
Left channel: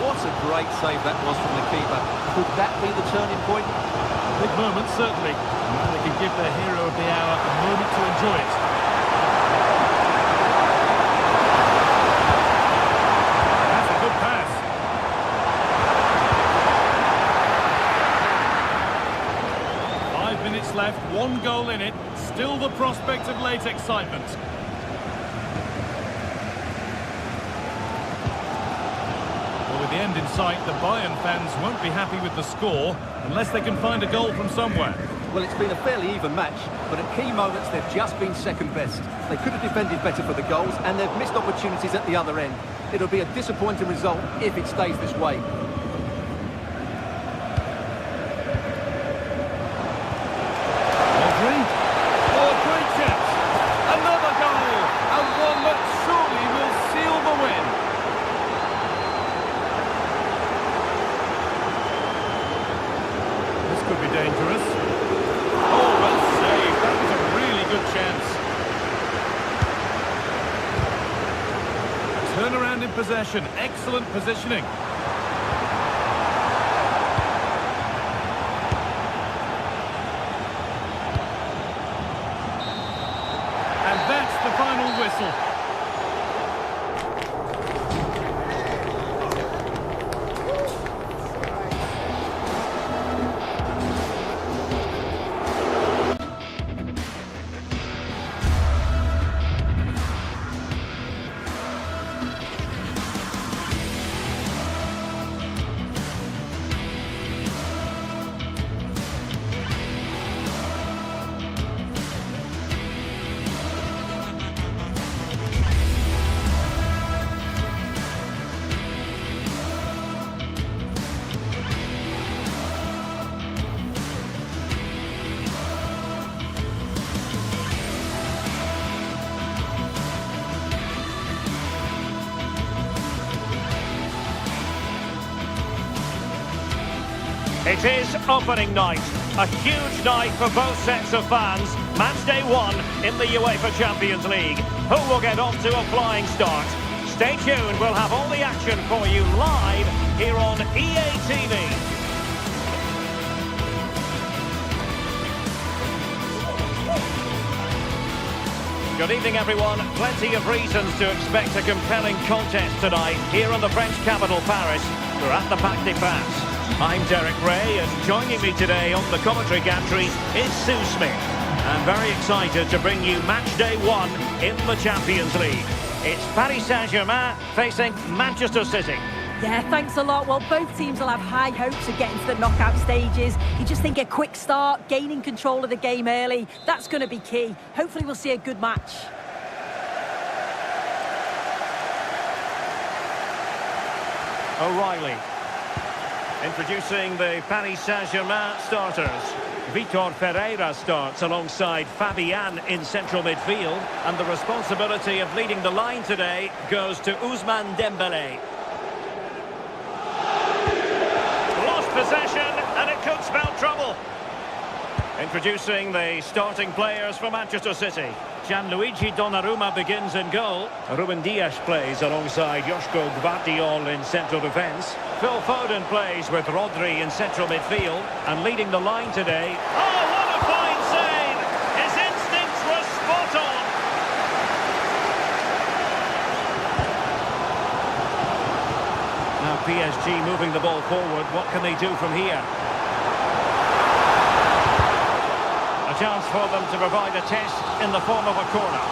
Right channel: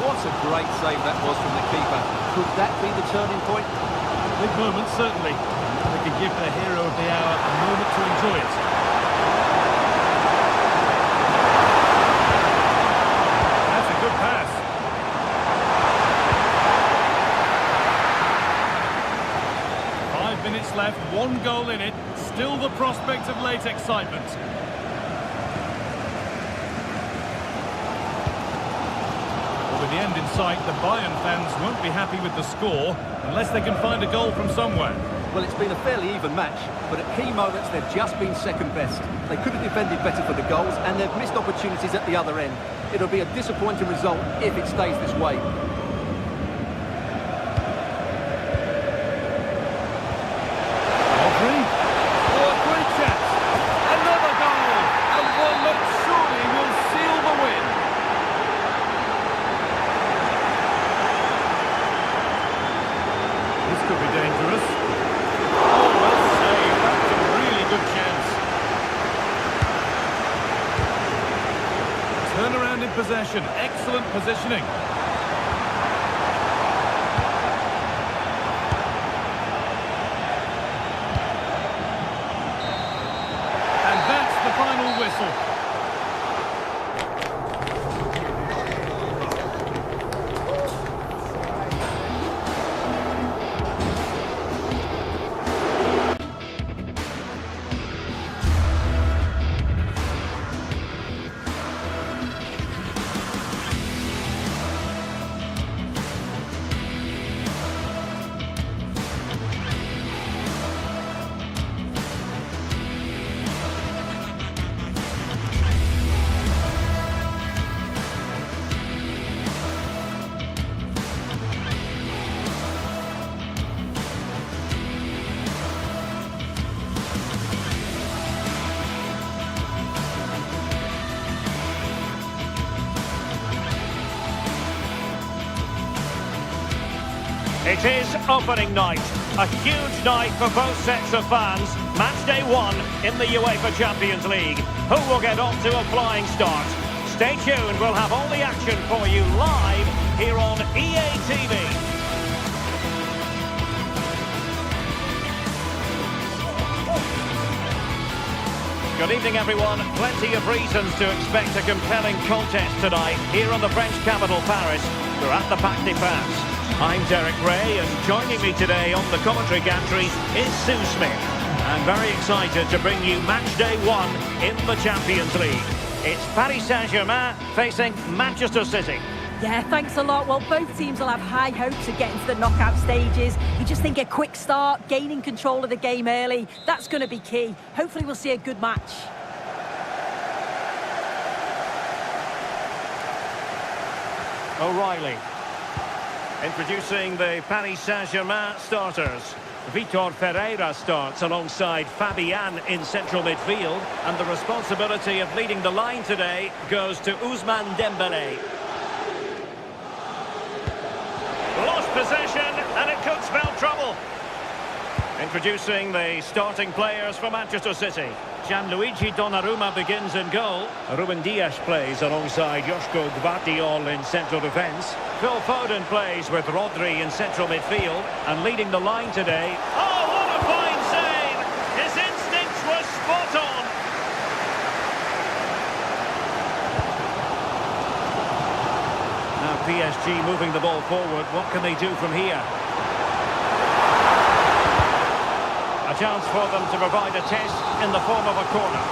What a great save that was from the keeper. Could that be the turning point? Big moment, certainly. And they can give their hero of the hour a moment to enjoy it. That's a good pass. Minutes left, one goal in it, still the prospect of late excitement. Well, with the end in sight, the Bayern fans won't be happy with the score unless they can find a goal from somewhere. Well, it's been a fairly even match, but at key moments they've just been second best. They could have defended better for the goals, and they've missed opportunities at the other end. It'll be a disappointing result if it stays this way. Could be dangerous. Oh, well saved. That was a really good chance. Turnaround in possession. Excellent positioning. And that's the final whistle. It is opening night, a huge night for both sets of fans. Match day 1 in the UEFA Champions League. Who will get off to a flying start? Stay tuned, we'll have all the action for you live here on EA TV. Good evening, everyone. Plenty of reasons to expect a compelling contest tonight here in the French capital, Paris. We're at the Parc des Princes. I'm Derek Ray, and joining me today on the commentary gantry is Sue Smith. I'm very excited to bring you match day 1 in the Champions League. It's Paris Saint-Germain facing Manchester City. Yeah, thanks a lot. Well, both teams will have high hopes of getting to the knockout stages. You just think a quick start, gaining control of the game early, that's going to be key. Hopefully we'll see a good match. O'Reilly. Introducing the Paris Saint-Germain starters. Vitor Ferreira starts alongside Fabian in central midfield, and the responsibility of leading the line today goes to Ousmane Dembélé. Lost possession, and it could spell trouble. Introducing the starting players for Manchester City. Gianluigi Donnarumma begins in goal. Ruben Dias plays alongside Joško Gvardiol in central defence. Phil Foden plays with Rodri in central midfield. And leading the line today... Oh, what a fine save! His instincts were spot on. Now PSG moving the ball forward. What can they do from here? A chance for them to provide a test in the form of a corner.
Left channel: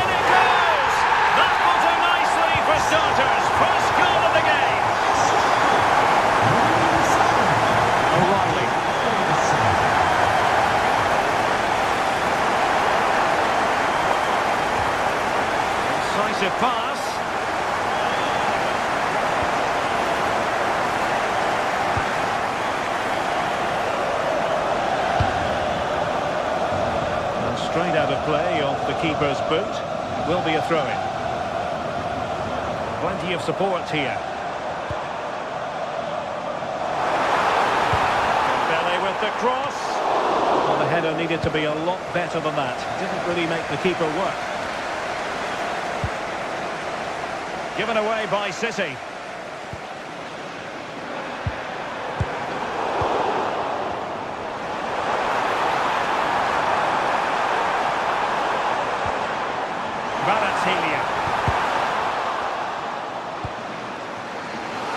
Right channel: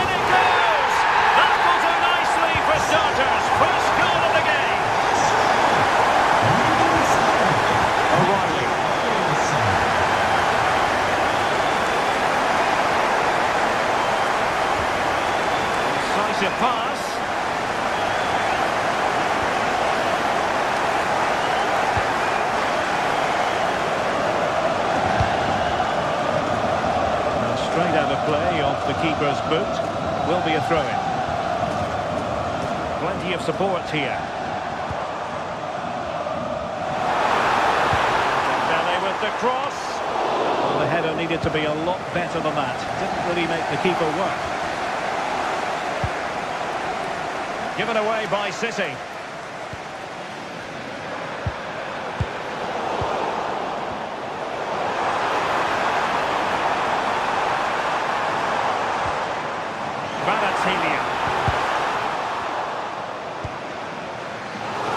In it goes! That will do nicely for starters. First goal of the game. O'Reilly. Decisive pass. Straight out of play off the keeper's boot. It will be a throw-in. Plenty of support here. Dembele with the cross. Well, the header needed to be a lot better than that. Didn't really make the keeper work. Given away by City.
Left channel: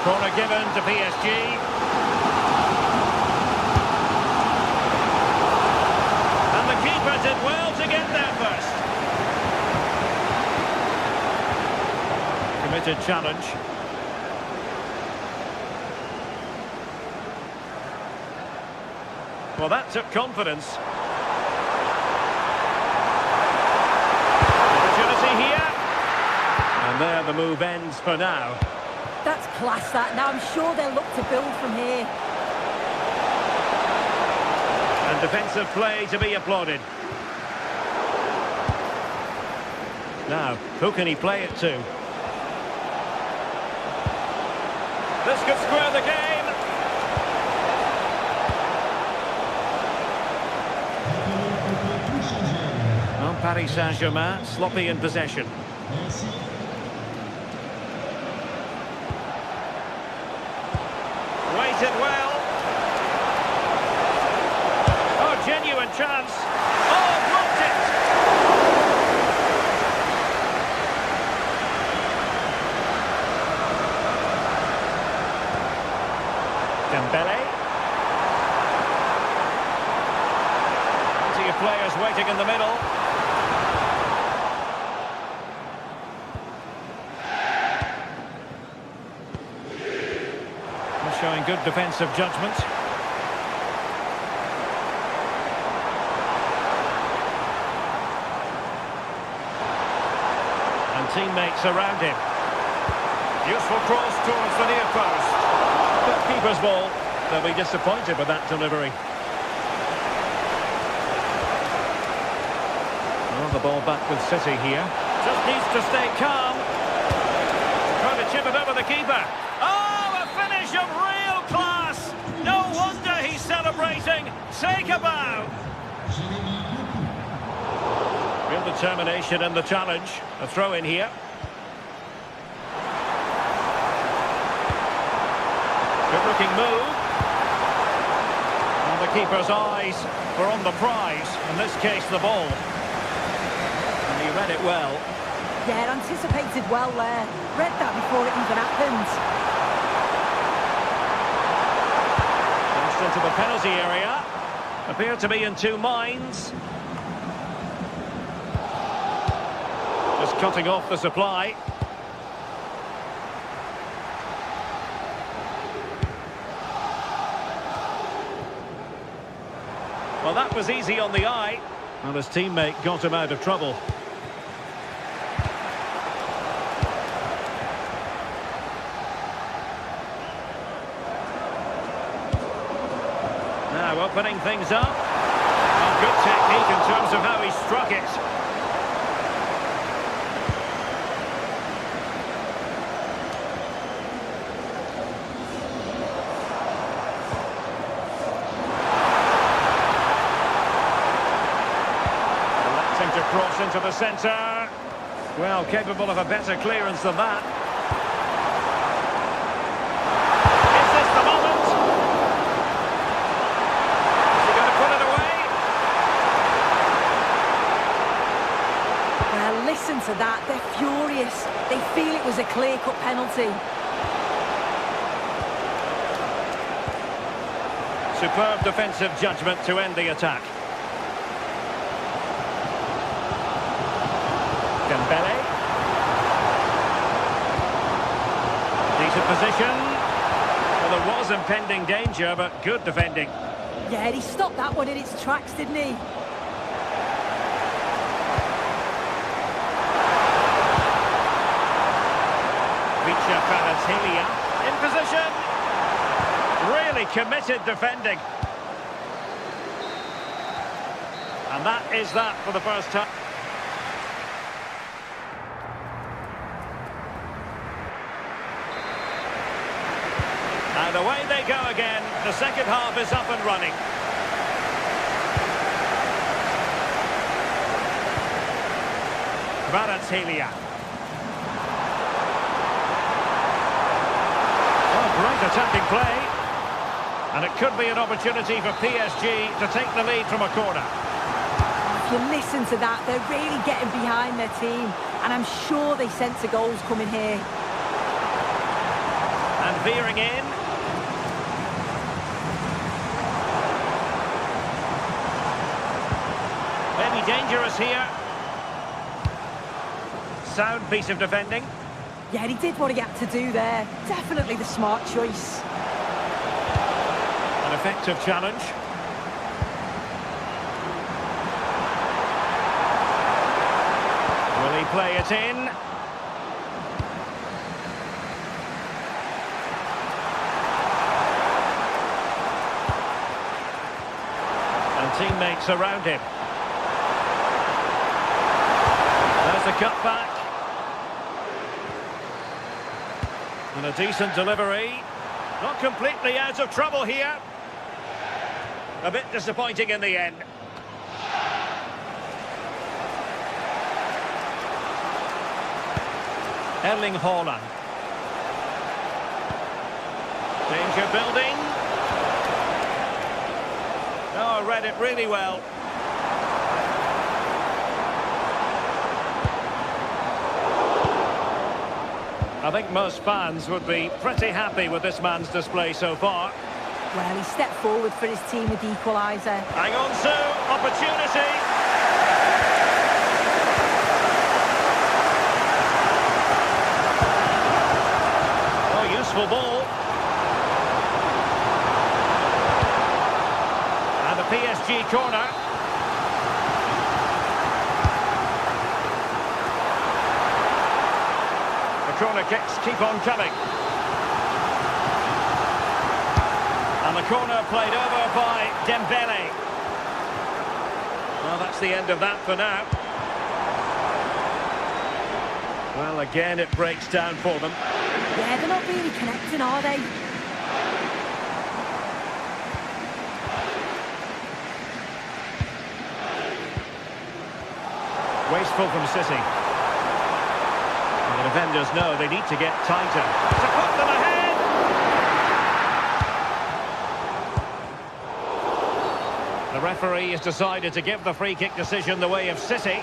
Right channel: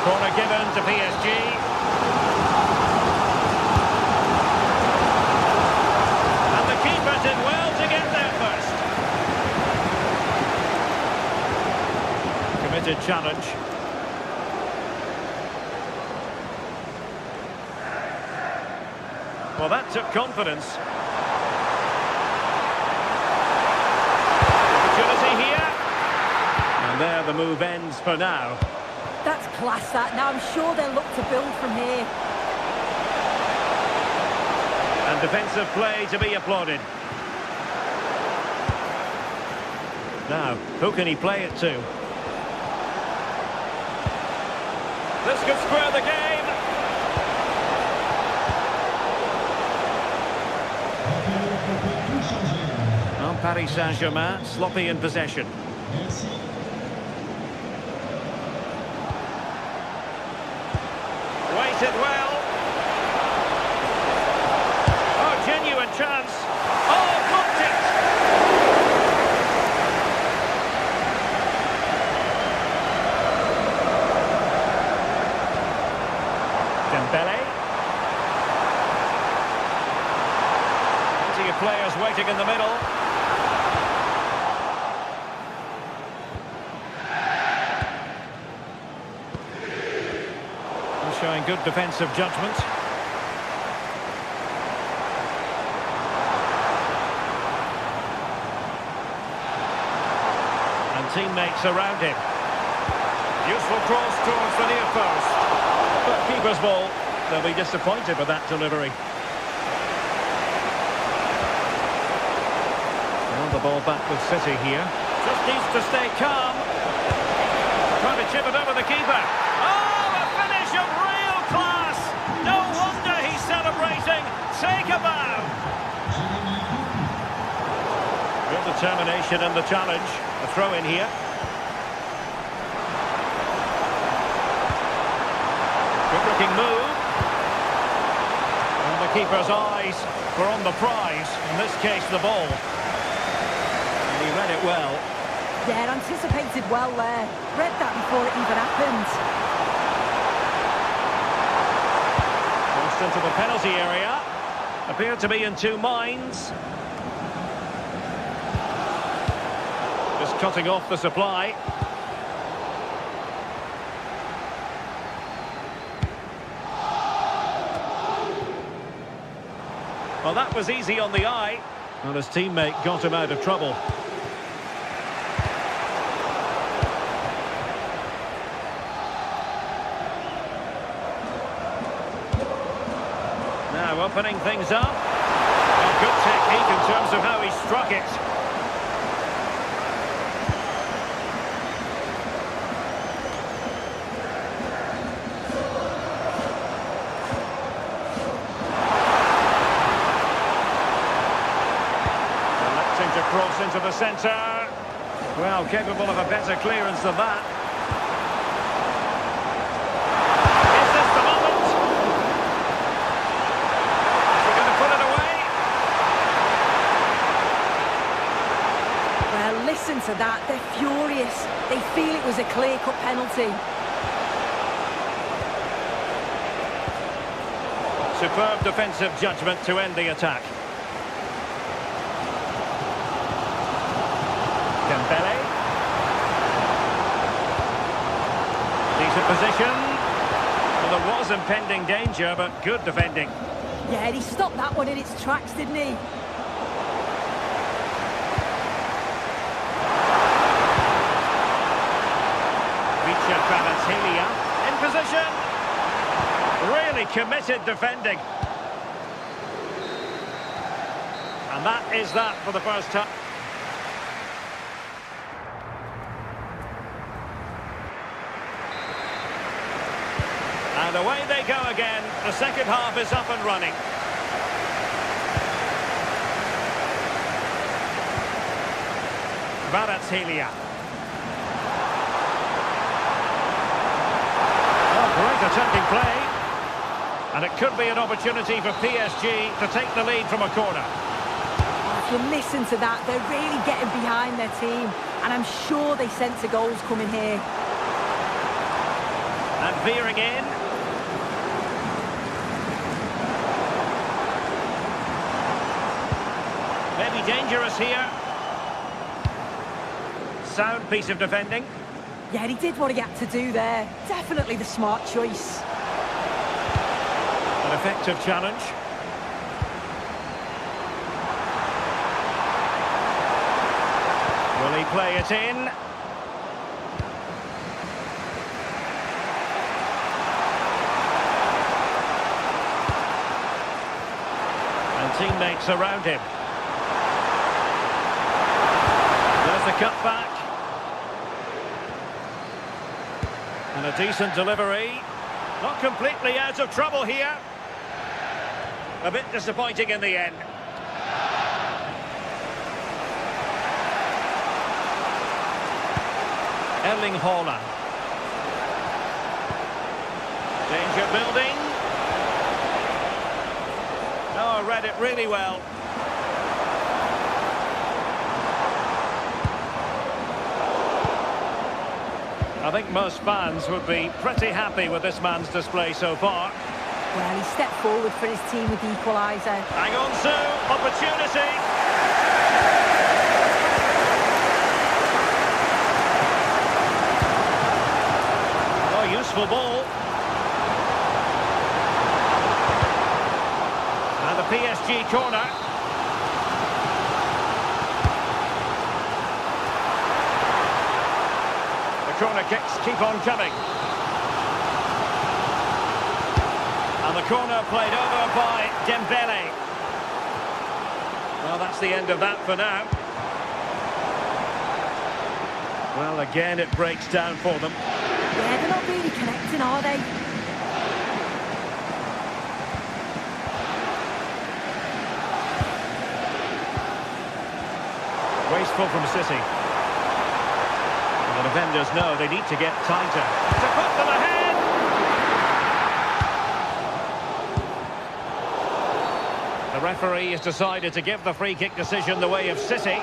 Corner given to PSG. And the keeper did well to get there first. Committed challenge. Well, that took confidence. Opportunity here. And there the move ends for now. That's class, that. Now I'm sure they'll look to build from here. And defensive play to be applauded. Now, who can he play it to? This could square the game. Well, Paris Saint-Germain, sloppy in possession. Waited well. Oh, genuine chance. Oh, blocked it. Dembele. Plenty of players waiting in the middle. Showing good defensive judgment. And teammates around him. Useful cross towards the near post. But keeper's ball. They'll be disappointed with that delivery. Well, the ball back with City here. Just needs to stay calm. Trying to chip it over the keeper. Oh, a finish of real class. No wonder he's celebrating. Take a bow. Real determination in the challenge. A throw in here. Good looking move. And the keeper's eyes were on the prize. In this case, the ball. And he read it well. Yeah, anticipated well there. Read that before it even happened. Crossed into the penalty area. Appeared to be in two minds. Just cutting off the supply. Well, that was easy on the eye. And his teammate got him out of trouble. Now opening things up. Well, good technique in terms of how he struck it. Electing to cross into the centre. Well, capable of a better clearance than that. Is this the moment? Is he going to put it away? Well, listen to that. They're furious. They feel it was a clear-cut penalty. Superb defensive judgment to end the attack. Dembele. Decent position. Well, there was impending danger, but good defending. Yeah, he stopped that one in its tracks, didn't he? Kvaratskhelia in position. Really committed defending. And that is that for the first time. And away they go again. The second half is up and running. Kvaratskhelia. Oh, great attacking play. And it could be an opportunity for PSG to take the lead from a corner. Oh, if you listen to that, they're really getting behind their team. And I'm sure they sense a goal's coming here. And veering in. Maybe dangerous here. Sound piece of defending. Yeah, he did what he had to do there. Definitely the smart choice. An effective challenge. Will he play it in? And teammates around him. There's the cutback. And a decent delivery. Not completely out of trouble here. A bit disappointing in the end. Erling Haaland. Danger building. Oh, read it really well. I think most fans would be pretty happy with this man's display so far. Well, he stepped forward for his team with the equaliser. Hang on, Sue. Opportunity. Oh, useful ball. And the PSG corner. The corner kicks keep on coming. And the corner played over by Dembele. Well, that's the end of that for now. Well, again, it breaks down for them. Yeah, they're not really connecting, are they? Wasteful from City. And the defenders know they need to get tighter. To put them ahead! The referee has decided to give the free kick decision the way of City.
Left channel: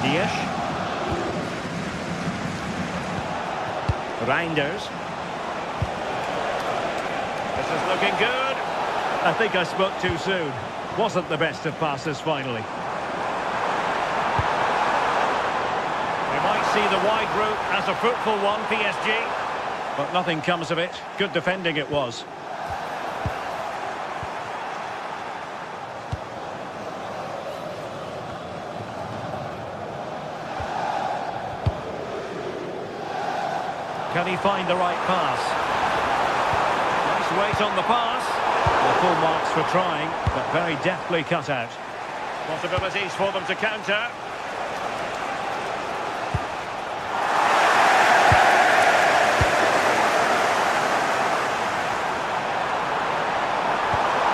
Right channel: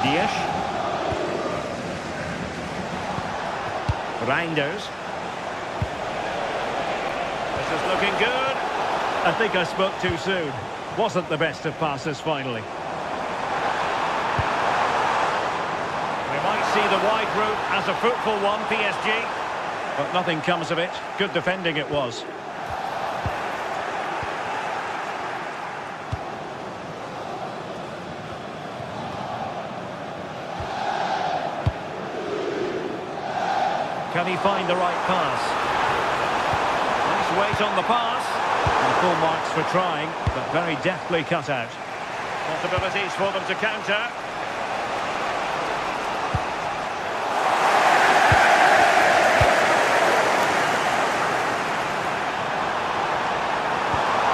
Dias. Reinders. This is looking good. I think I spoke too soon. Wasn't the best of passes finally. We might see the wide route as a fruitful one, PSG. But nothing comes of it. Good defending it was. Can he find the right pass? Nice weight on the pass. And full marks for trying, but very deftly cut out. Possibilities for them to counter.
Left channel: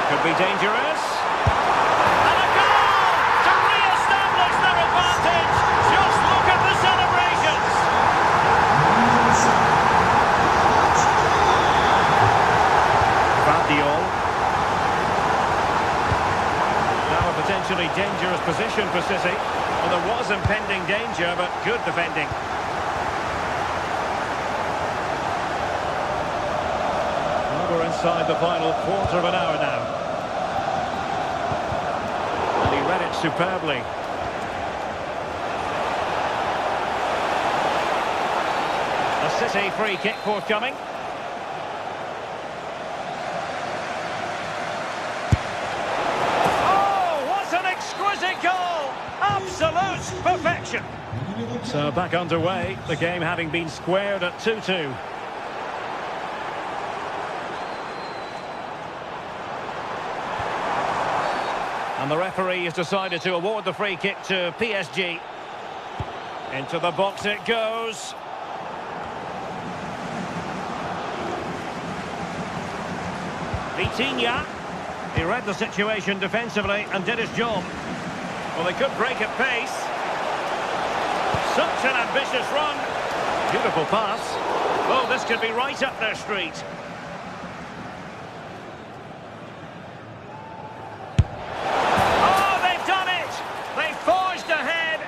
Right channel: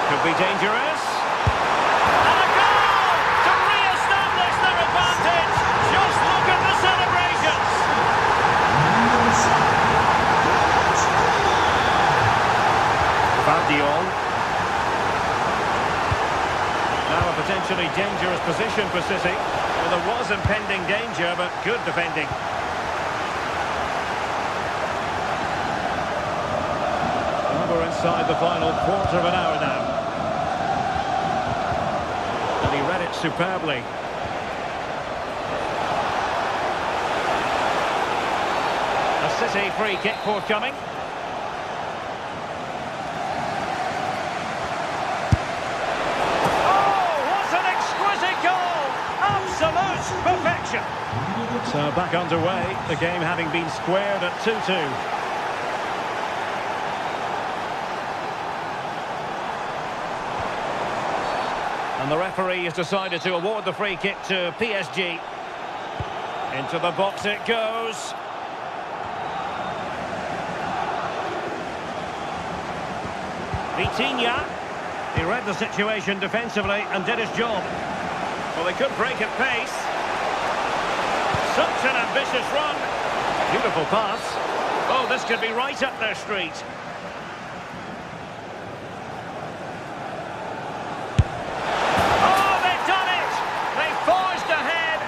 Could be dangerous. And a goal to re-establish their advantage. Just look at the celebrations. Vardiol. Now a potentially dangerous position for City. Well, there was impending danger, but good defending. Well, we're inside the final quarter of an hour now. And he read it superbly. A City free kick forthcoming. Absolute perfection. So back underway, the game having been squared at 2-2. And the referee has decided to award the free kick to PSG. Into the box it goes. Vitinha. He read the situation defensively and did his job. Well, they could break at pace. Such an ambitious run. Beautiful pass. Oh, this could be right up their street. Oh, they've done it! They forged ahead,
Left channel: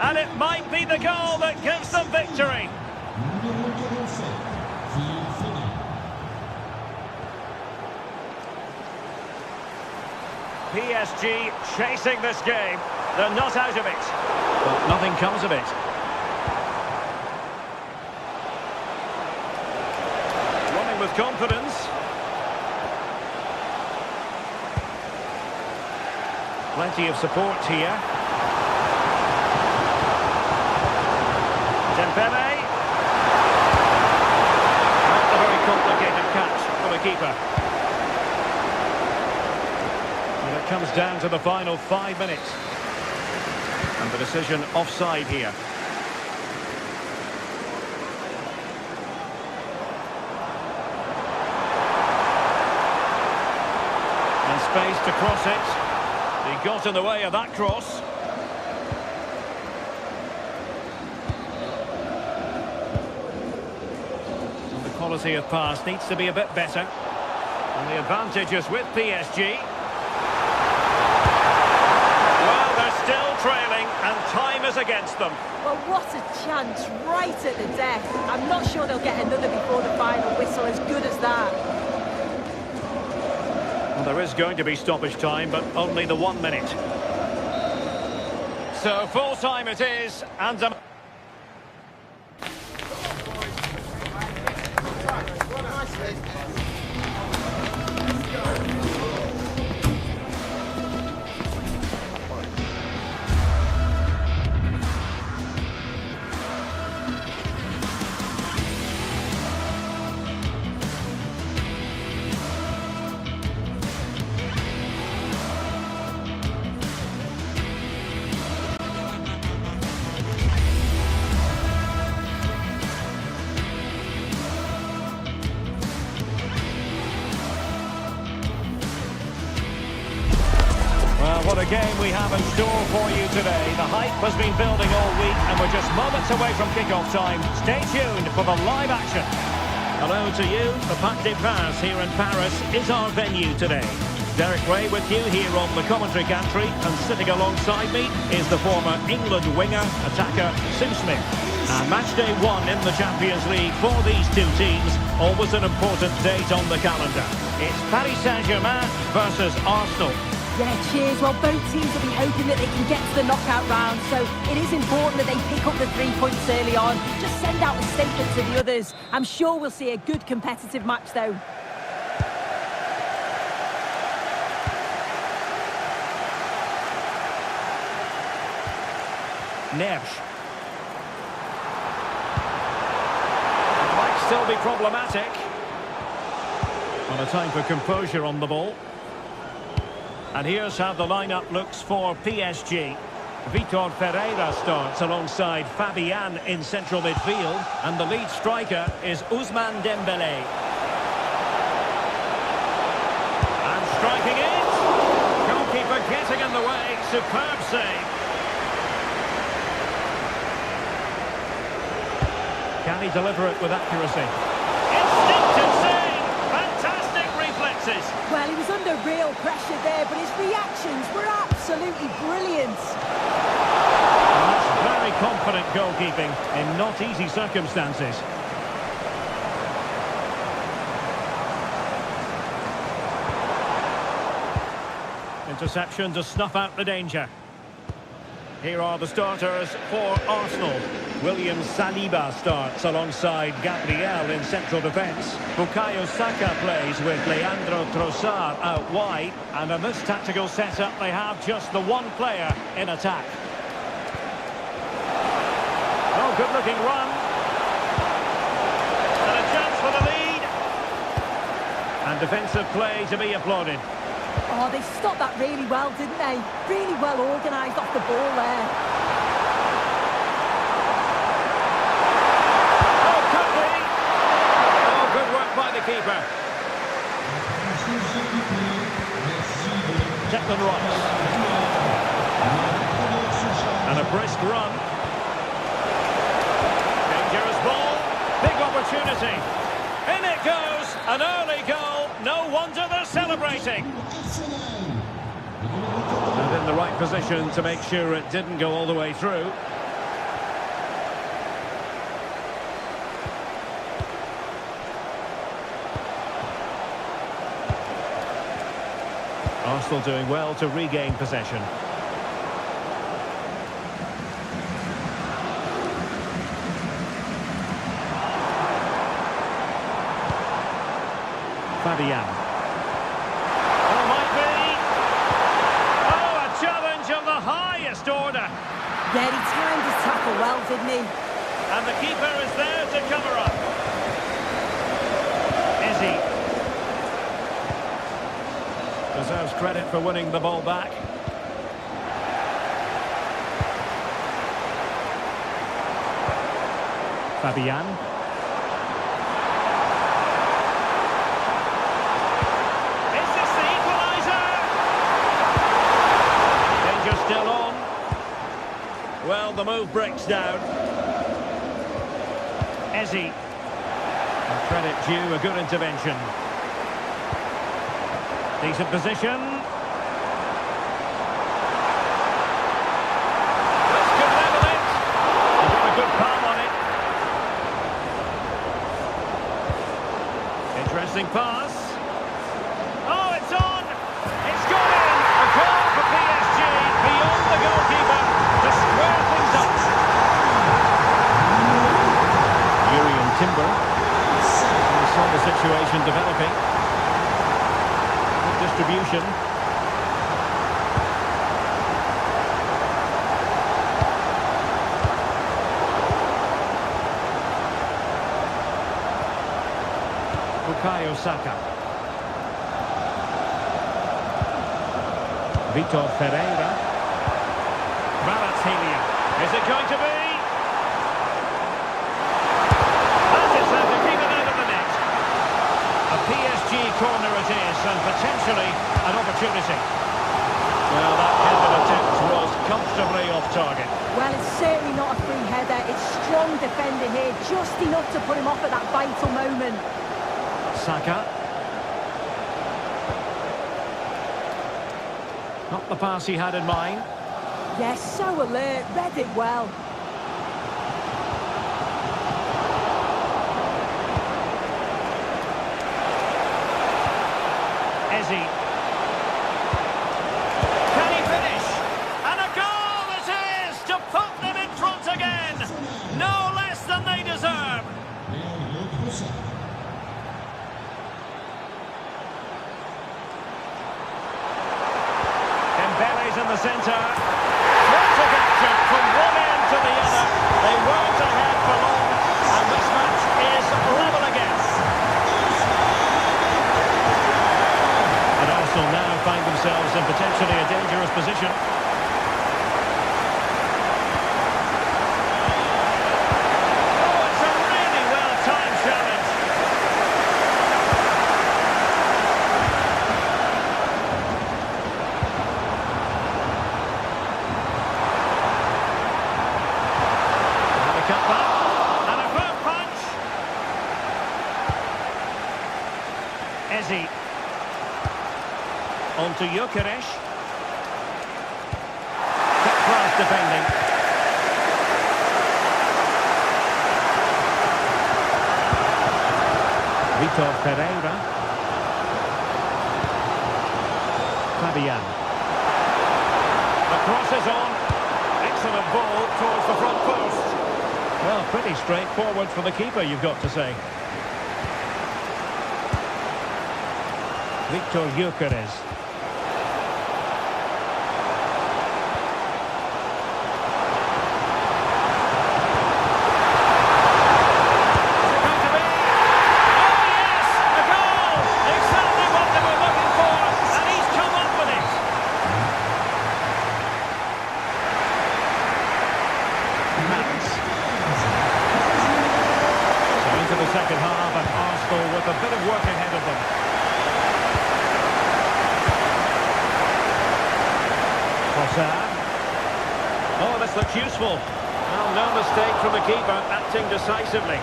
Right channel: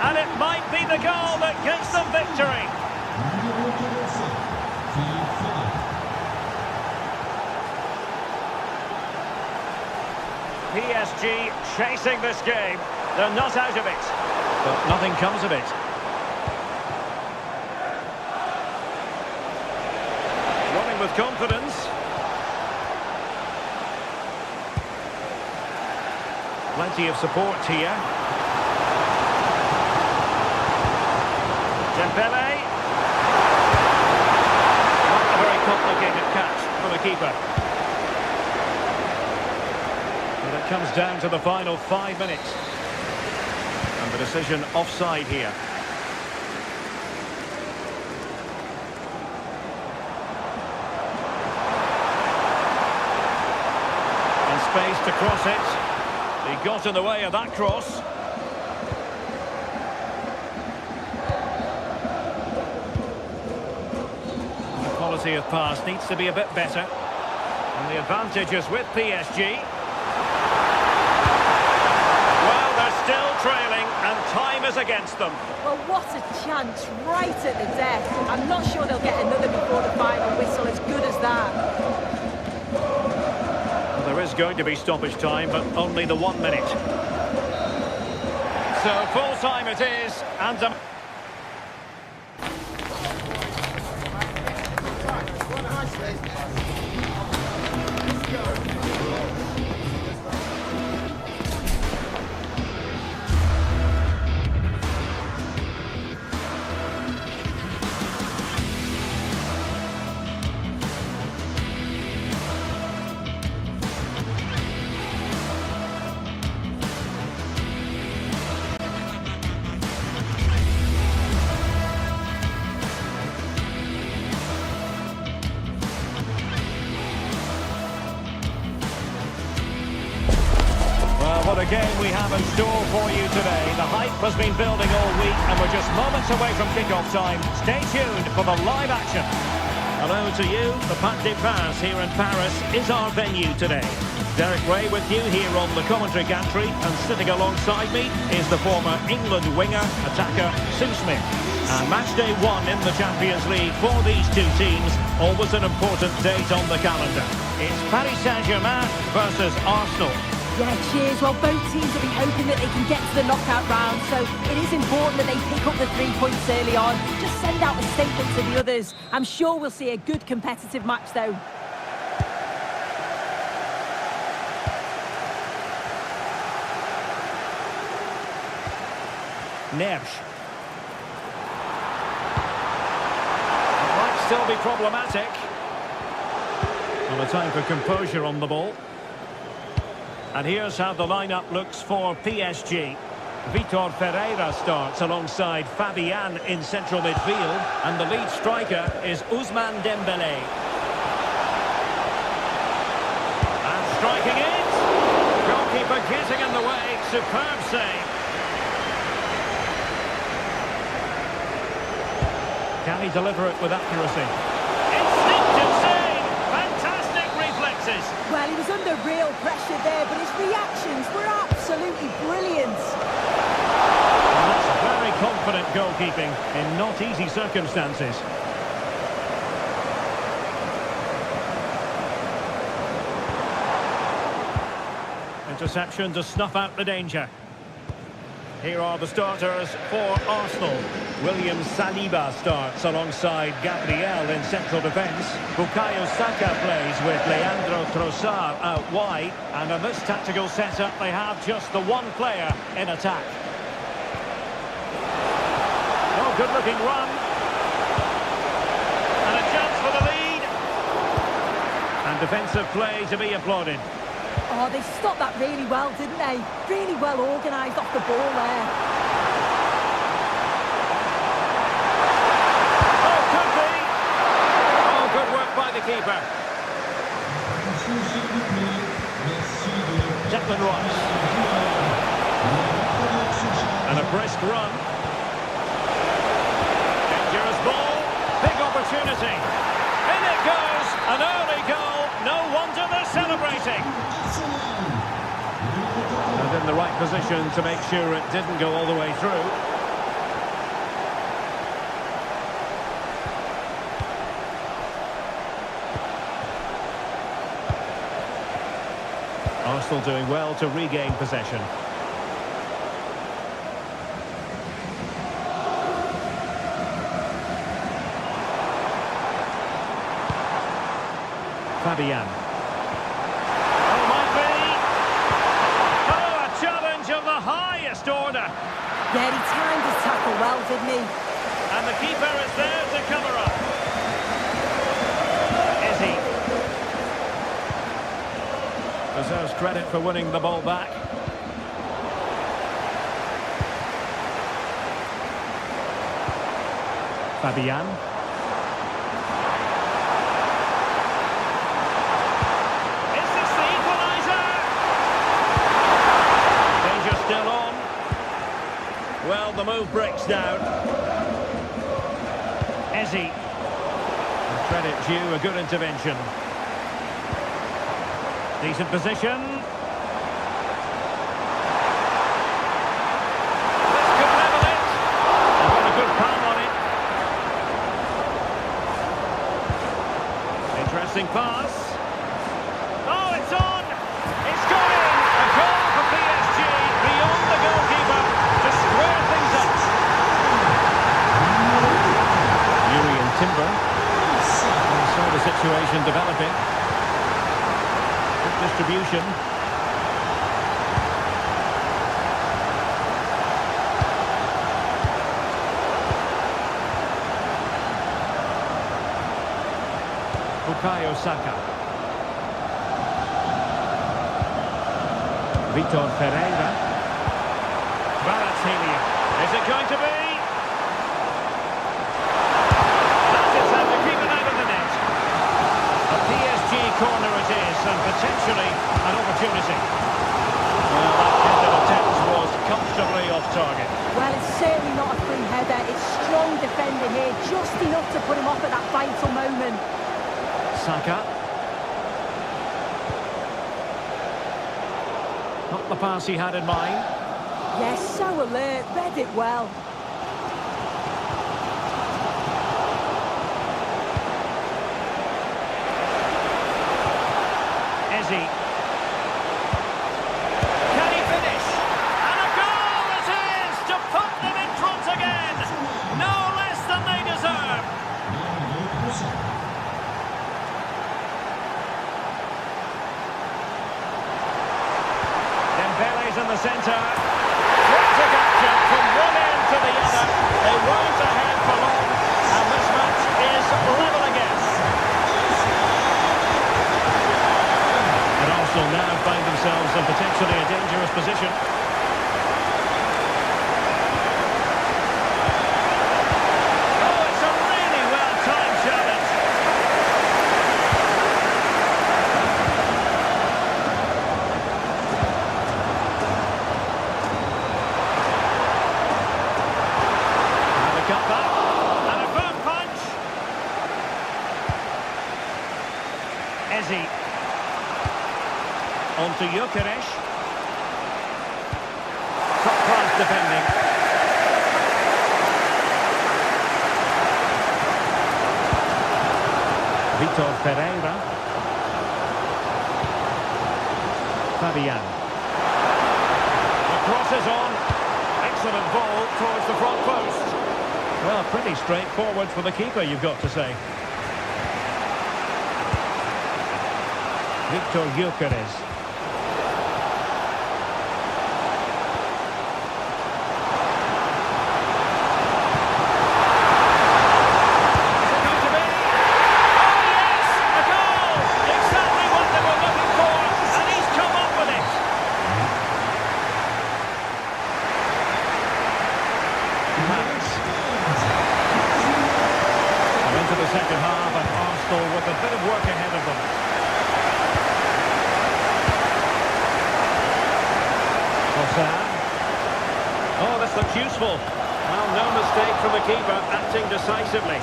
and it might be the goal that gives them victory. PSG chasing this game. They're not out of it. But nothing comes of it. Running with confidence. Plenty of support here. Dembele. Not a very complicated catch for the keeper. But it comes down to the final 5 minutes. And the decision offside here. And space to cross it. He got in the way of that cross. And the quality of pass needs to be a bit better. And the advantage is with PSG. Well, they're still trailing, and time is against them. Well, what a chance right at the death. I'm not sure they'll get another before the final whistle, as good as that. Well, there is going to be stoppage time, but only the 1 minute. So, full time it is, and... Well, what a game we have in store for you today. The hype has been building all week, and we're just moments away from kick-off time. Stay tuned for the live action. Hello to you. The Parc des Princes here in Paris is our venue today. Derek Ray with you here on the commentary gantry, and sitting alongside me is the former England winger, attacker, Sue Smith. And match day 1 in the Champions League for these two teams, always an important date on the calendar. It's Paris Saint-Germain versus Arsenal. Yeah, cheers. Well, both teams will be hoping that they can get to the knockout round, so it is important that they pick up the 3 points early on. Just send out a statement to the others. I'm sure we'll see a good competitive match, though. Neves. It might still be problematic. Well, a time for composure on the ball. And here's how the lineup looks for PSG. Vitor Ferreira starts alongside Fabian in central midfield. And the lead striker is Ousmane Dembélé. And striking it. Goalkeeper getting in the way. Superb save. Can he deliver it with accuracy? Instinctive save! Fantastic reflexes! Well, he was under real pressure there, but his reactions were absolutely brilliant. And that's very confident goalkeeping in not easy circumstances. Interception to snuff out the danger. Here are the starters for Arsenal. William Saliba starts alongside Gabriel in central defence. Bukayo Saka plays with Leandro Trossard out wide. And in this tactical setup, they have just the one player in attack. Oh, good-looking run. And a chance for the lead. And defensive play to be applauded. Oh, they stopped that really well, didn't they? Really well organised off the ball there. Oh, could be. Oh, good work by the keeper. Declan Rice. And a brisk run. Dangerous ball. Big opportunity. In it goes. An early goal. No wonder they're celebrating. And in the right position to make sure it didn't go all the way through. Arsenal doing well to regain possession. Fabian. Oh, might be. Oh, a challenge of the highest order. Yeah, he timed his tackle well, didn't he? And the keeper is there to cover up. Izzy. Deserves credit for winning the ball back. Fabian. Still on. Well, the move breaks down. Ezzy. And credit due, a good intervention. Decent position. This could level it. He's got a good palm on it. Interesting pass. Oh, it's on! It's gone in! A goal for PSG. Beyond the goalkeeper to square things up. Yuri and Timber. We saw the situation developing. Good distribution. Bukayo Saka. Vitor Ferreira. Kvaratskhelia. Is it going to be? That is how to keep it out of the net. A PSG corner it is, and potentially an opportunity. Well, that headed attempt was comfortably off target. Well, it's certainly not a free header. It's strong defending here, just enough to put him off at that vital moment. Saka. Not the pass he had in mind. Yes, so alert, read it well. Ezzy. Can he finish? And a goal it is to put them in front again. No less than they deserve. Dembele's in the centre. Frantic action from one end to the other. They weren't ahead for long, and this match is level again. Arsenal now find themselves in potentially a dangerous position. Oh, it's a really well-timed challenge. And a cut back. And a firm punch. Eze. On to Gyökeres. Top-class defending. Vitor Pereira. Fabian. The cross is on. Excellent ball towards the front post. Well, pretty straightforward for the keeper, you've got to say. Victor Gyökeres. So into the second half, and Arsenal with a bit of work ahead of them. Oh, this looks useful. Well, no mistake from the keeper, acting decisively.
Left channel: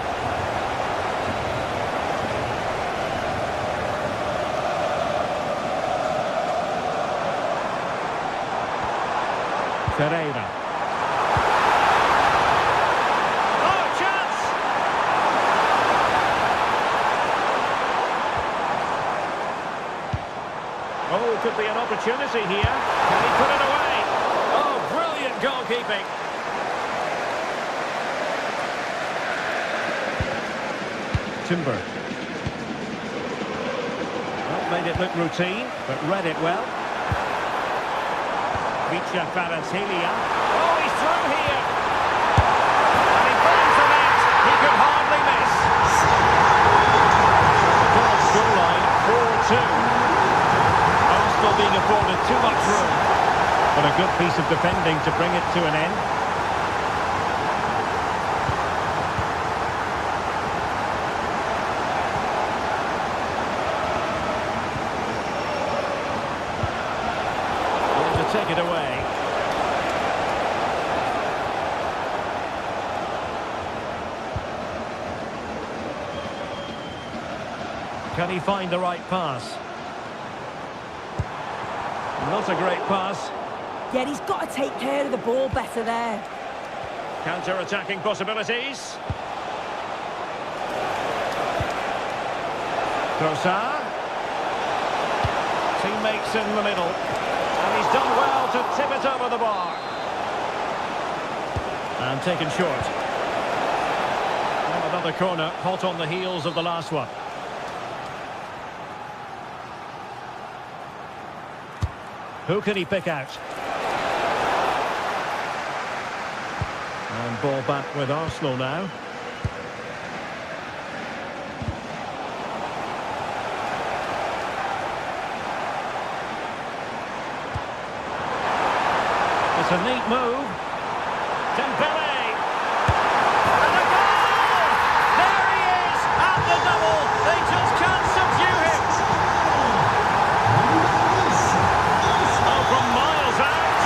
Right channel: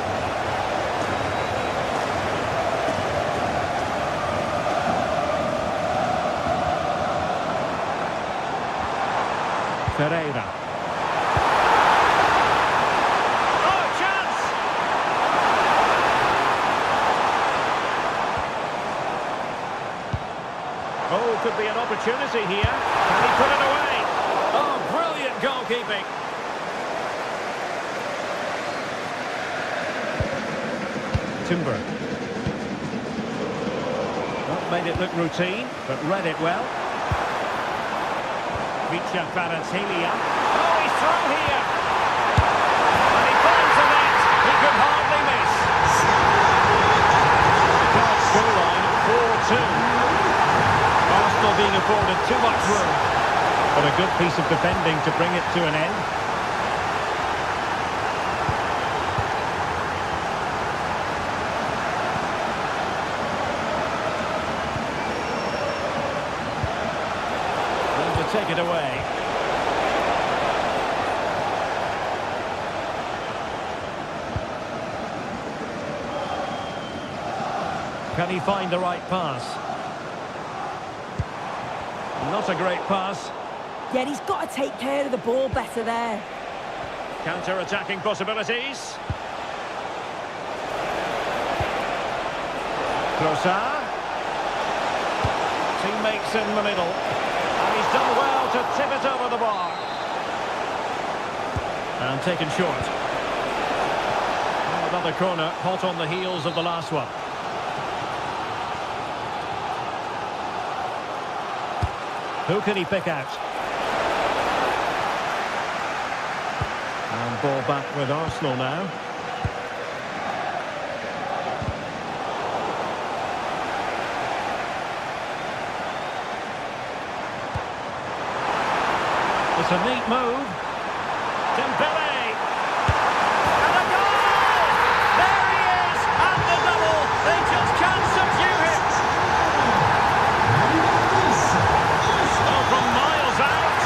Pereira. Oh, could be an opportunity here. Can he put it away? Oh, brilliant goalkeeping. Timber. Well, made it look routine, but read it well. Vicha Kvaratskhelia. Oh, he's through here. And he finds the net. He could hardly miss. So the current scoreline, 4-2. Arsenal being afforded too much room, but a good piece of defending to bring it to an end. Going to take it away. Can he find the right pass? Not a great pass. Yeah, he's got to take care of the ball better there. Counter-attacking possibilities. Trossard. Teammates in the middle. And he's done well to tip it over the bar. And taken short. Well, another corner, hot on the heels of the last one. Who can he pick out? And ball back with Arsenal now. It's a neat move. Dembele. And a goal! There he is at the double. They just can't subdue him. Oh, from miles out.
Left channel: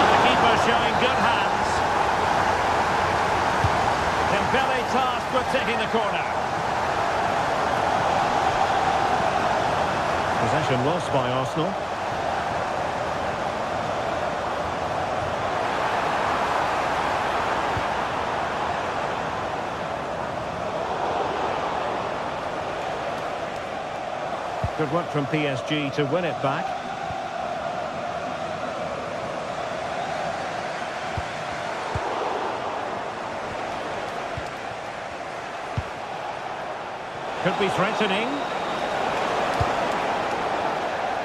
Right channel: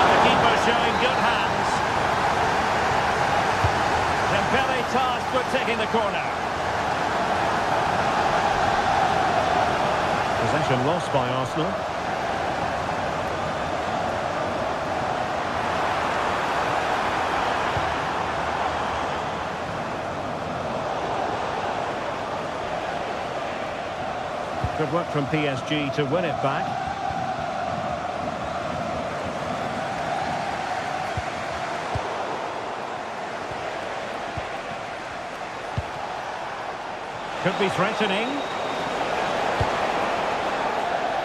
And the keeper showing good hands. Dembele tasked with taking the corner. Possession lost by Arsenal. Good work from PSG to win it back. Could be threatening.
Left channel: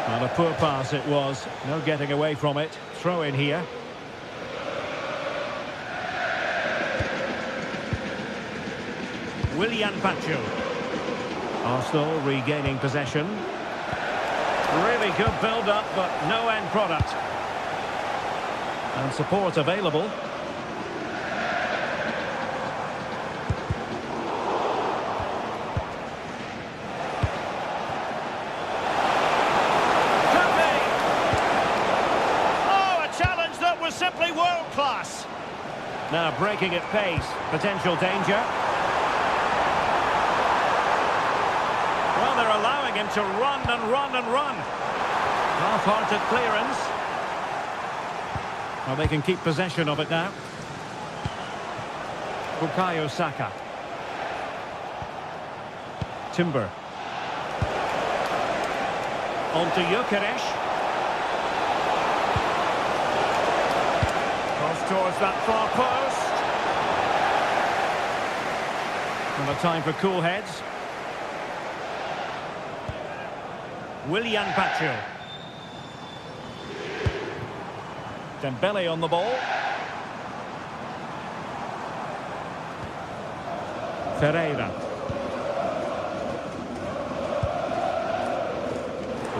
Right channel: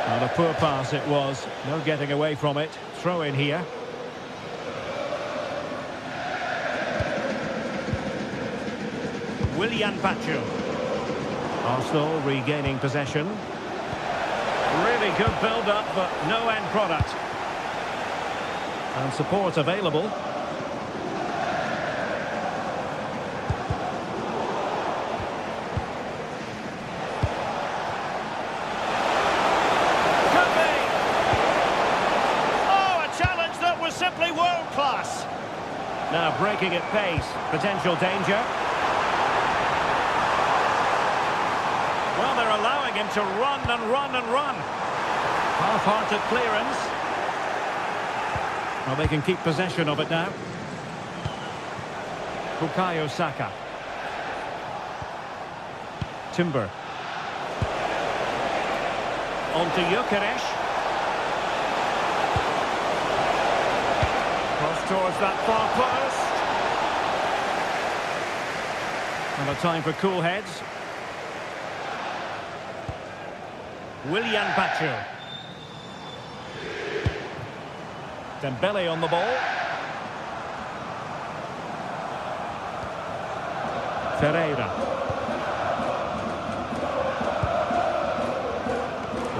And a poor pass it was. No getting away from it. Throw in here. Willian Pacho. Arsenal regaining possession. Really good build-up, but no end product. And support available. Could be! Oh, a challenge that was simply world-class. Now breaking at pace, potential danger. Well, they're allowing him to run and run and run. Half-hearted clearance. Well, they can keep possession of it now. Bukayo Saka. Timber. On to Gyökeres. Cross towards that far post. And a time for cool heads. Willian Pacho. Dembele on the ball. Ferreira.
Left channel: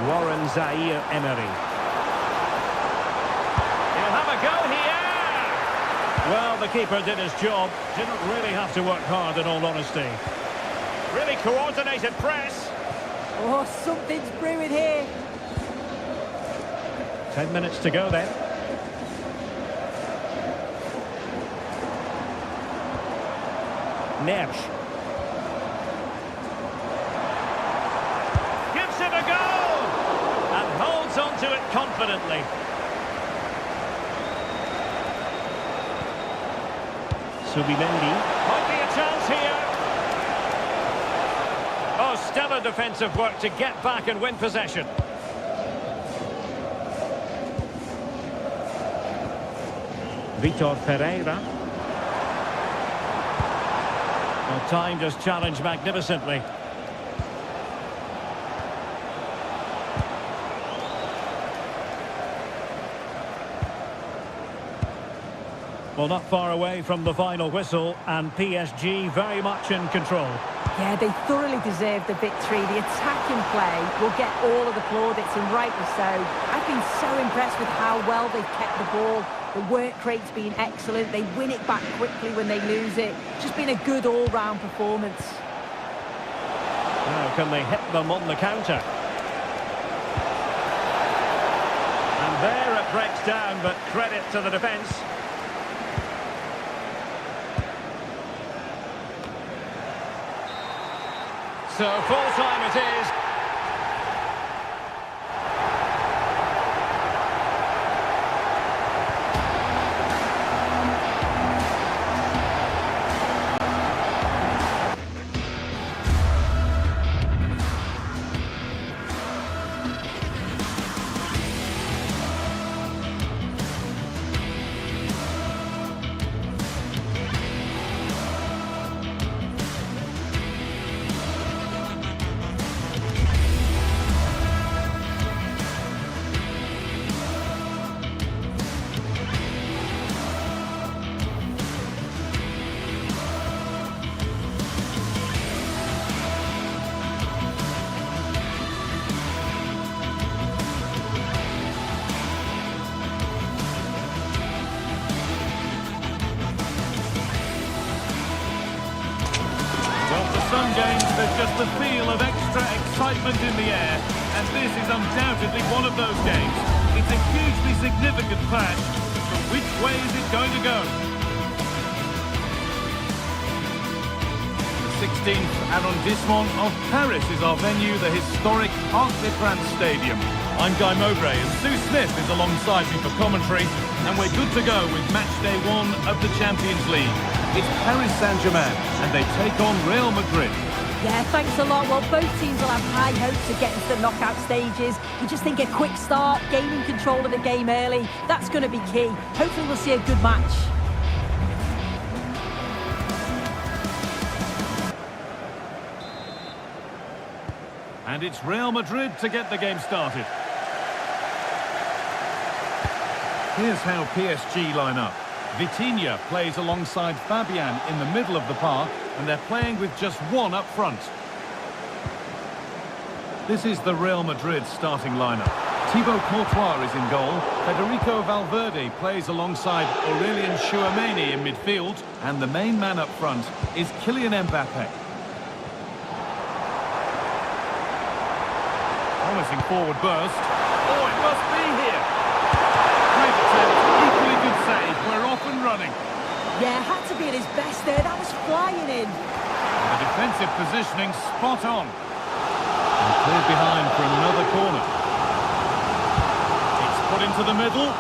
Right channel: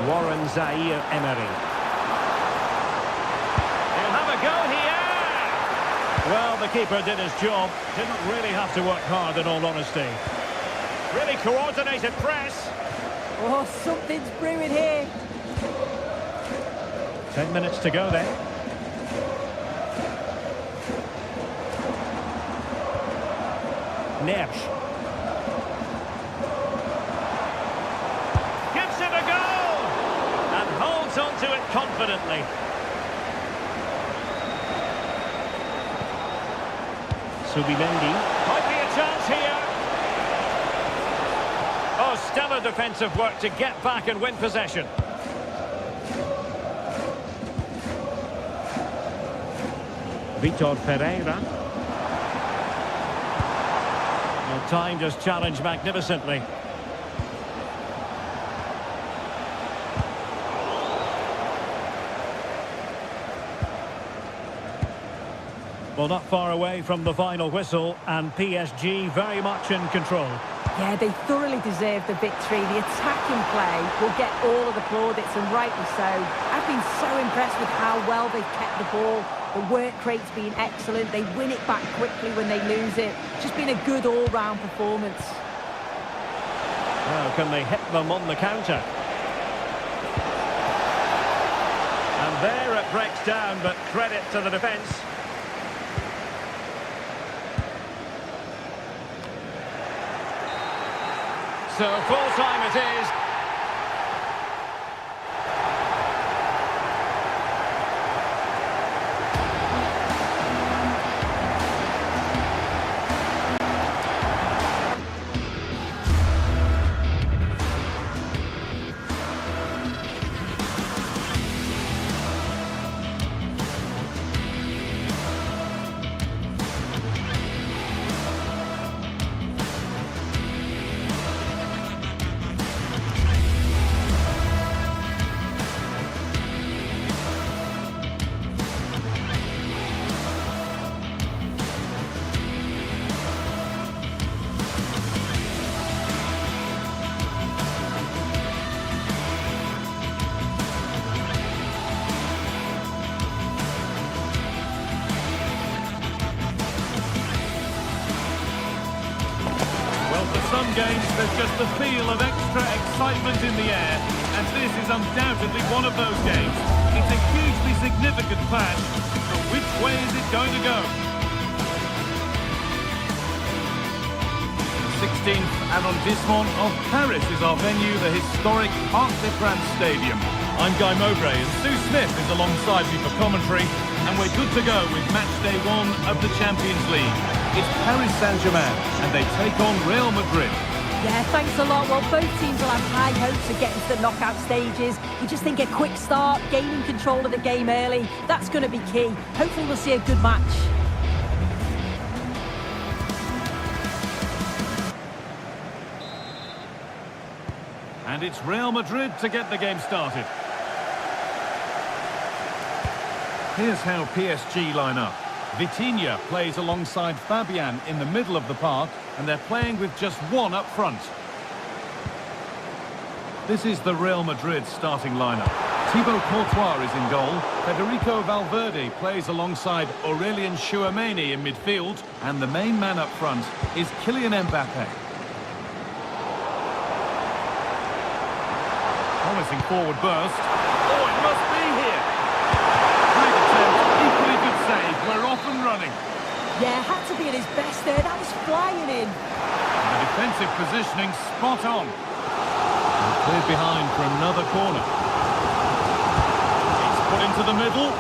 Warren Zaire-Emery. He'll have a go here! Well, the keeper did his job. Didn't really have to work hard, in all honesty. Really coordinated press. Oh, something's brewing here. 10 minutes to go then. Neves. Gives it a go! And holds on to it confidently. Subimendi. Might be a chance here. Oh, stellar defensive work to get back and win possession. Vitor Ferreira. Well, time just challenged magnificently. Well, not far away from the final whistle, and PSG very much in control. Yeah, they thoroughly deserve the victory. The attacking play will get all of the plaudits, and rightly so. I've been so impressed with how well they've kept the ball. The work rate's been excellent. They win it back quickly when they lose it. Just been a good all-round performance. Now, can they hit them on the counter? And there it breaks down, but credit to the defence. So full-time it is. Some games, there's just the feel of extra excitement in the air, and this is undoubtedly one of those games. It's a hugely significant clash, but which way is it going to go? The 16th arrondissement of Paris is our venue, the historic Parc des Princes Stadium. I'm Guy Mowbray, and Sue Smith is alongside me for commentary, and we're good to go with match day 1 of the Champions League. It's Paris Saint-Germain, and they take on Real Madrid. Yeah, thanks a lot. Well, both teams will have high hopes of getting to the knockout stages. You just think a quick start, gaining control of the game early, that's going to be key. Hopefully we'll see a good match. And it's Real Madrid to get the game started. Here's how PSG line up. Vitinha plays alongside Fabian in the middle of the park, and they're playing with just one up front. This is the Real Madrid starting lineup. Thibaut Courtois is in goal. Federico Valverde plays alongside Aurelien Tchouameni in midfield. And the main man up front is Kylian Mbappe. Promising forward burst. Oh, it must be here. Great attempt, equally good save. We're off and running. Yeah, had to be at his best there. That was flying in. And the defensive positioning spot on. And cleared behind for another corner. It's put into the middle.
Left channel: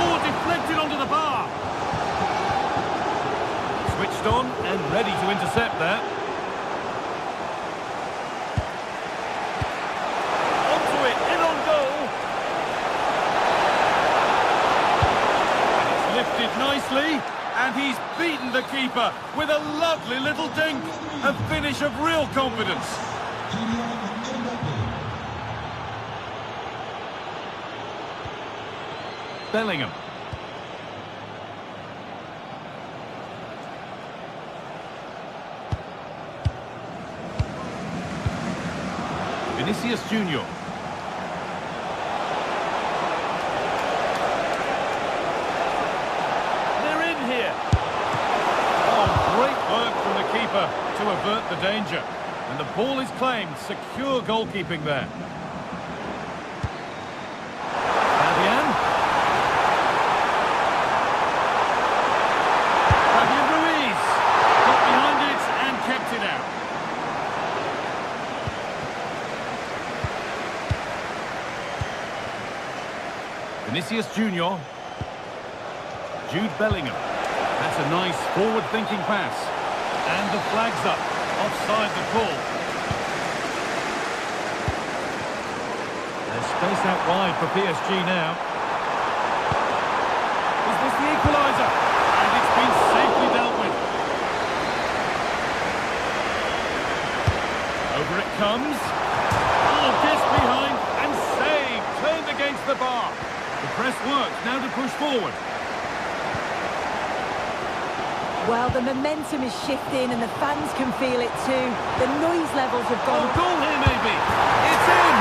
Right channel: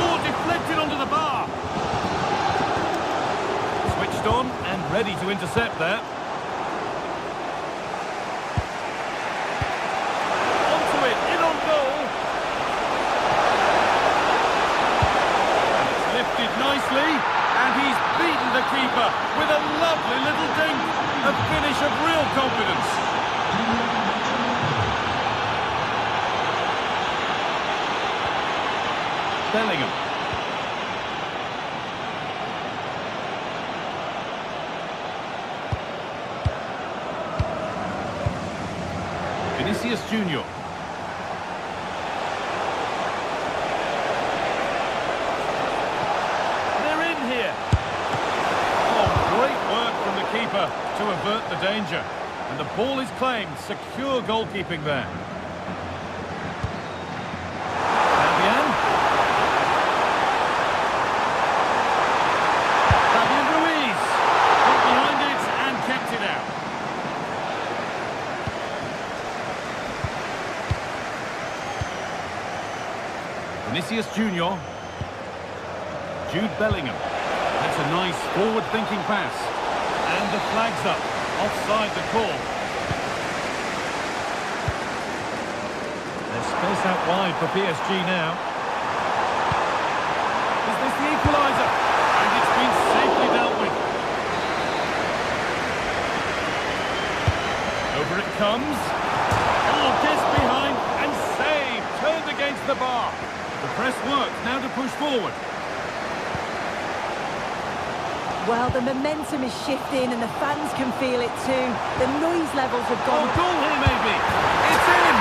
Oh, deflected onto the bar. Switched on and ready to intercept there. Onto it, in on goal. And it's lifted nicely. And he's beaten the keeper with a lovely little dink. A finish of real confidence. Bellingham. Vinicius Junior. They're in here. Oh, great work from the keeper to avert the danger. And the ball is claimed. Secure goalkeeping there. Fabian Ruiz got behind it and kept it out. Vinicius Junior. Jude Bellingham. That's a nice forward-thinking pass. And the flag's up. Offside the call. There's space out wide for PSG now. Is this the equaliser? And it's been safely dealt with. Over it comes. Oh, gets behind and saved. Turned against the bar. The press works. Now to push forward. Well, the momentum is shifting and the fans can feel it too. The noise levels have gone... Oh, goal here maybe. It's in.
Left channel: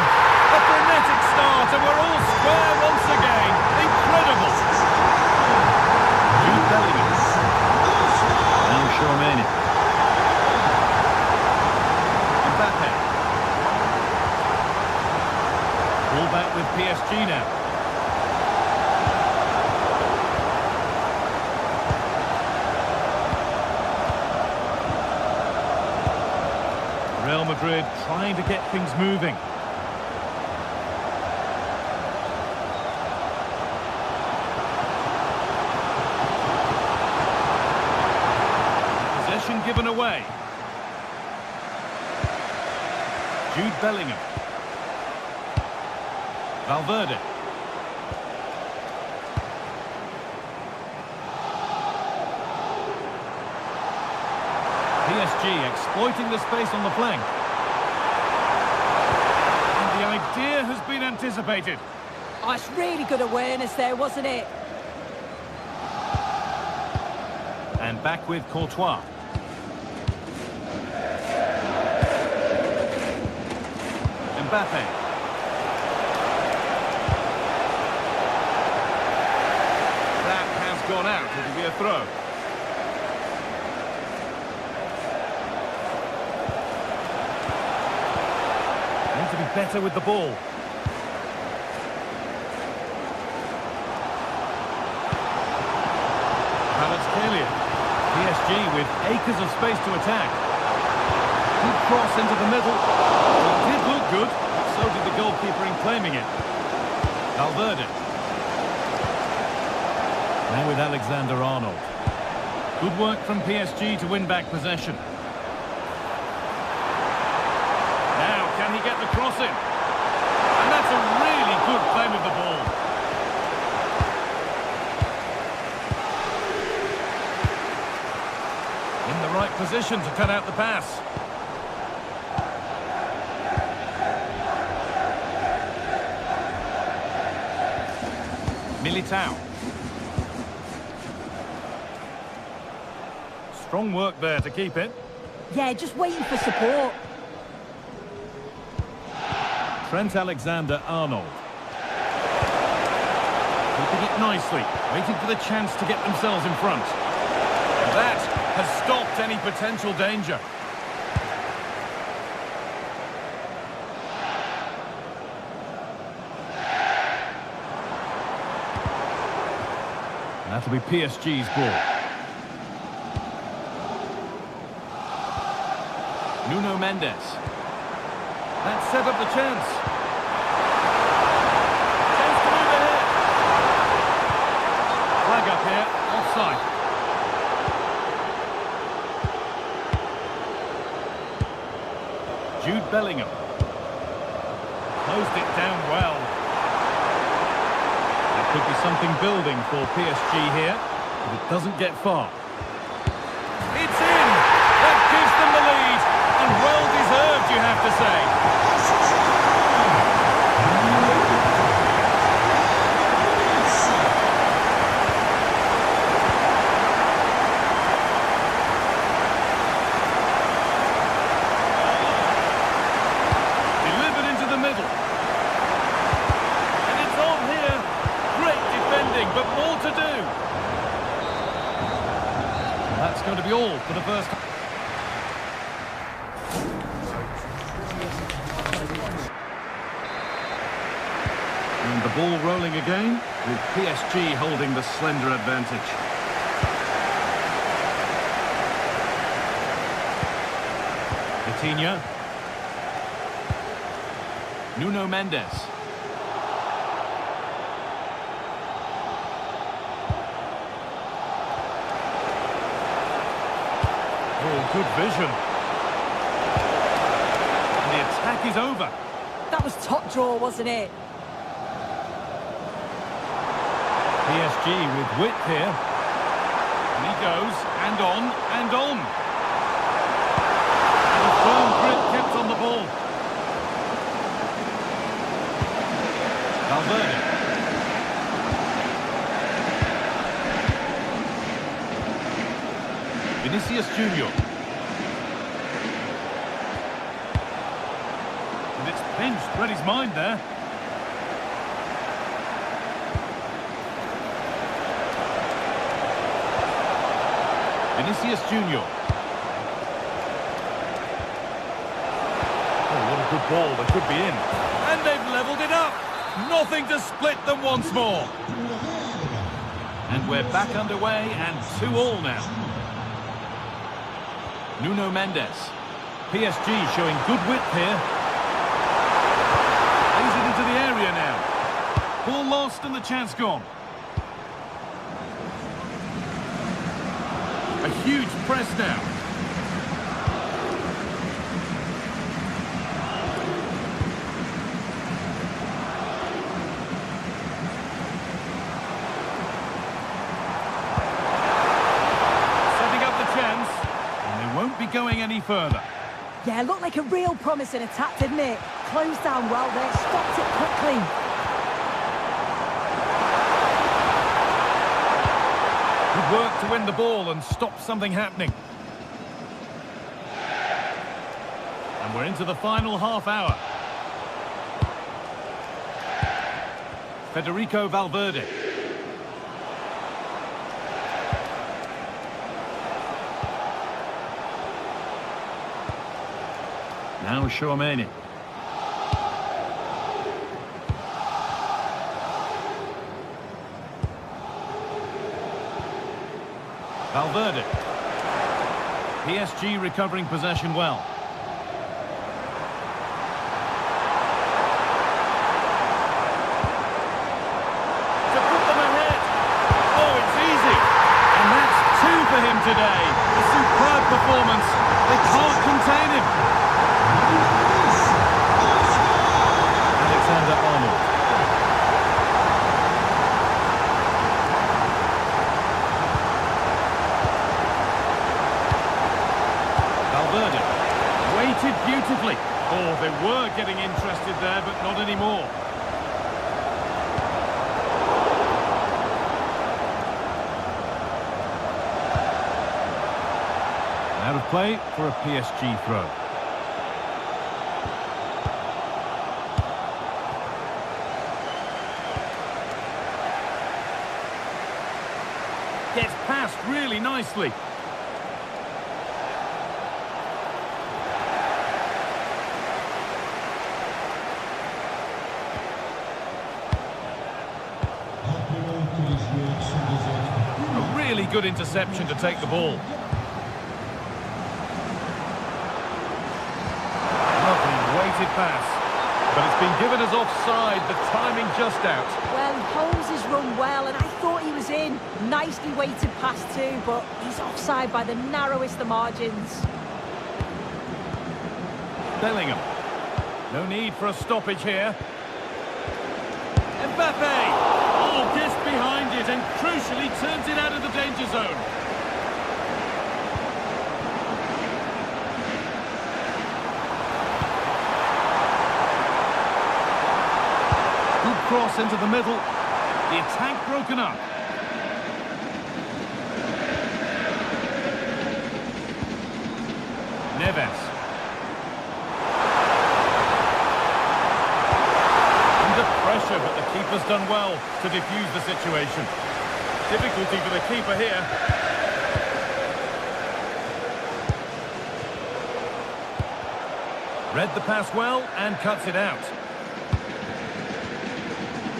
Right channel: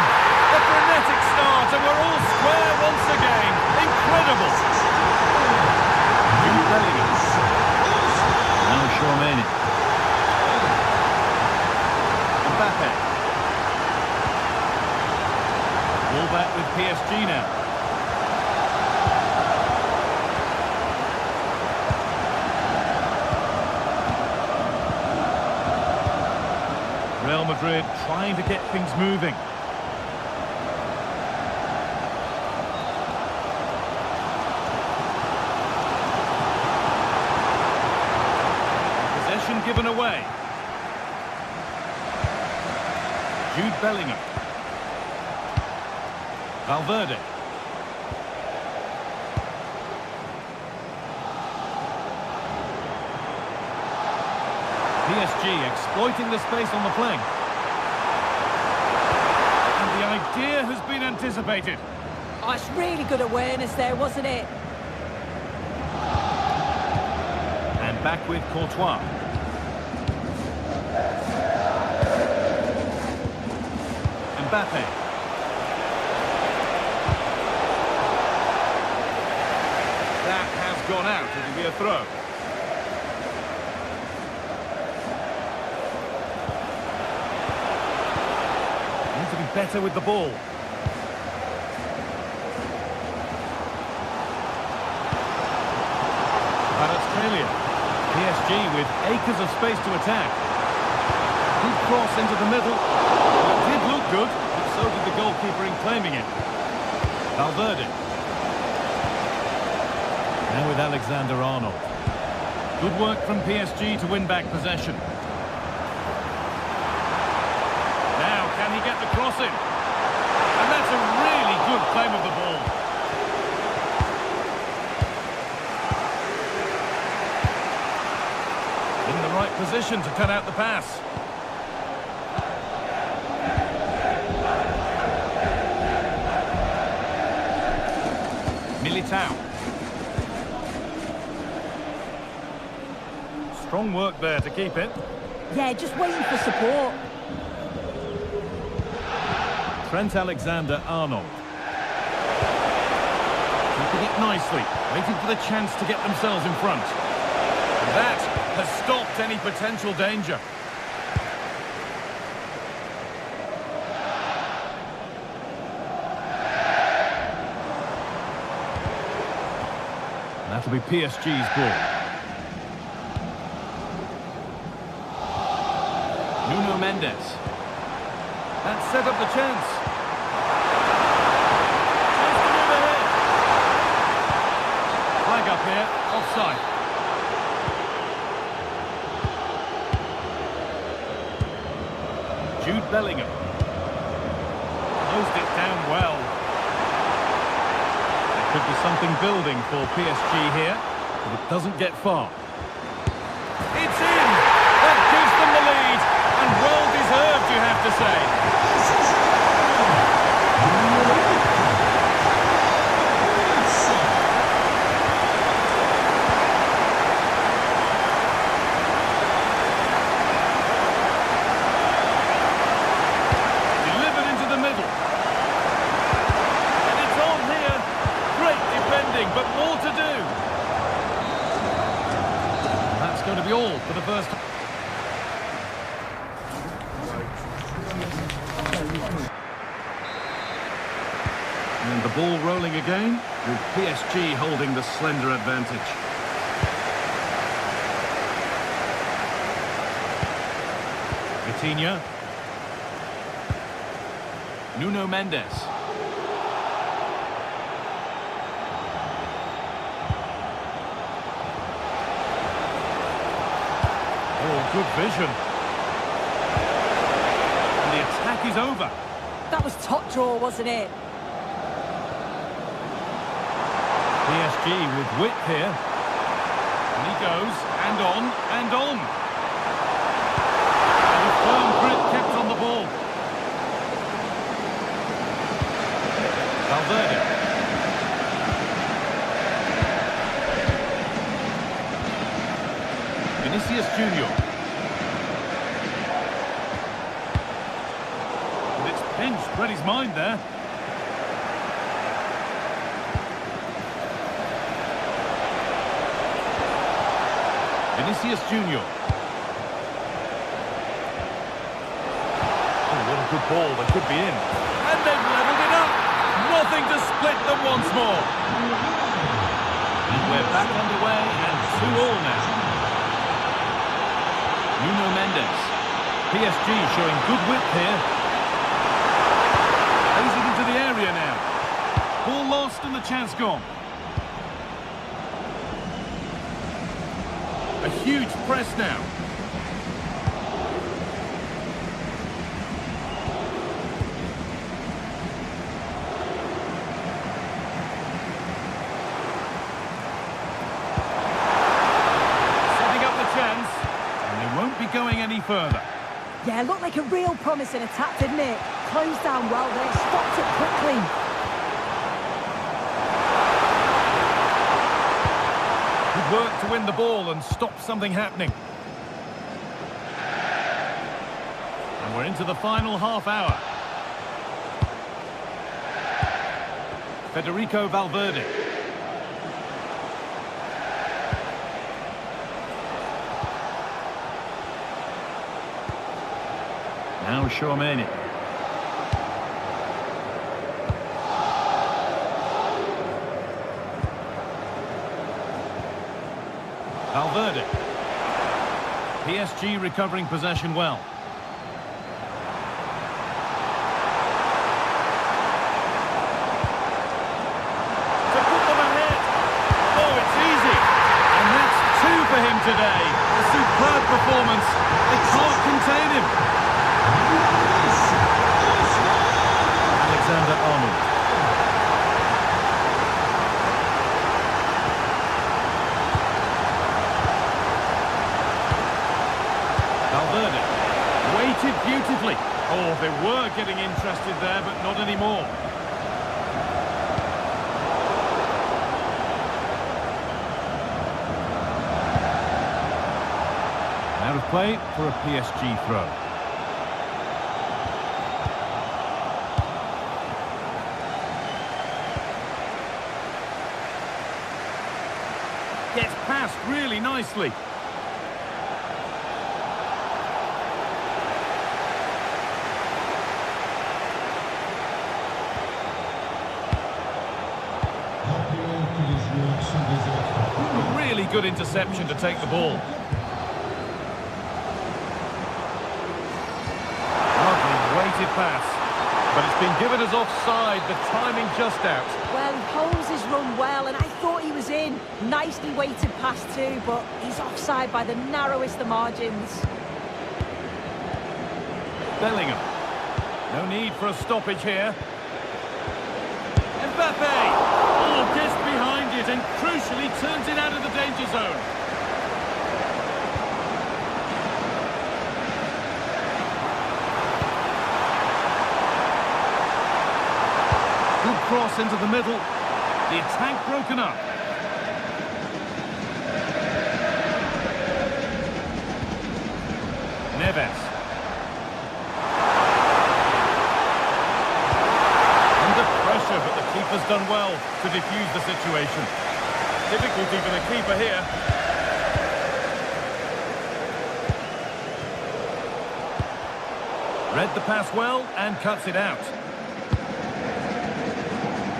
A frenetic start and we're all square once again. Incredible. Jude Bellingham. Now Tchouameni. Mbappe. Ball back with PSG now. Real Madrid trying to get things moving. Possession given away. Jude Bellingham. Valverde. PSG exploiting the space on the flank. And the idea has been anticipated. Oh, it's really good awareness there, wasn't it? And back with Courtois. Mbappe. That has gone out. It'll be a throw. Need to be better with the ball. Kvaratskhelia. PSG with acres of space to attack. Good cross into the middle. Well, it did look good, but so did the goalkeeper in claiming it. Valverde. Now with Alexander-Arnold. Good work from PSG to win back possession. Now, can he get the cross in? And that's a really good claim of the ball. In the right position to cut out the pass. Militao. Strong work there to keep it. Yeah, just waiting for support. Trent Alexander-Arnold. Keeping it nicely, waiting for the chance to get themselves in front. And that has stopped any potential danger. And that'll be PSG's ball. Nuno Mendes. That set up the chance. Chance to move ahead. Flag up here, offside. Jude Bellingham. Closed it down well. There could be something building for PSG here, but it doesn't get far. It's in! That gives them the lead, and well deserved, you have to say. Delivered into the middle. And it's on here. Great defending, but more to do. And that's going to be all for the first. And the ball rolling again, with PSG holding the slender advantage. Vitinha. Nuno Mendes. Oh, good vision. And the attack is over. That was top draw, wasn't it? PSG with width here. And he goes, and on, and on. And a firm grip kept on the ball. Valverde. Vinicius Junior. And it's pinched, read his mind there. Vinicius Junior. Oh, what a good ball. They could be in. And they've levelled it up. Nothing to split them once more. And we're back underway and 2-2 now. Nuno Mendes. PSG showing good width here. Plays it into the area now. Ball lost and the chance gone. A huge press now. Setting up the chance, and they won't be going any further. Yeah, looked like a real promising attack, didn't it? Closed down well there, stopped it quickly. Good work to win the ball and stop something happening. And we're into the final half hour. Federico Valverde. Now Tchouaméni. Valverde. PSG recovering possession well. To put them ahead. Oh, it's easy. And that's 2 for him today. A superb performance. They can't contain him. Alexander-Arnold. Valverde waited beautifully. Oh, they were getting interested there, but not anymore. Out of play for a PSG throw. Gets past really nicely. A really good interception to take the ball. Lovely weighted pass. But it's been given as offside, the timing just out. Well, he holds his run well, and I thought he was in. Nicely weighted pass too, but he's offside by the narrowest of margins. Bellingham. No need for a stoppage here. Mbappe! Oh, gets behind it and crucially turns it out of the danger zone. Good cross into the middle. The attack broken up. Neves. Under pressure, but the keeper's done well to defuse the situation. Difficulty for the keeper here. Read the pass well and cuts it out.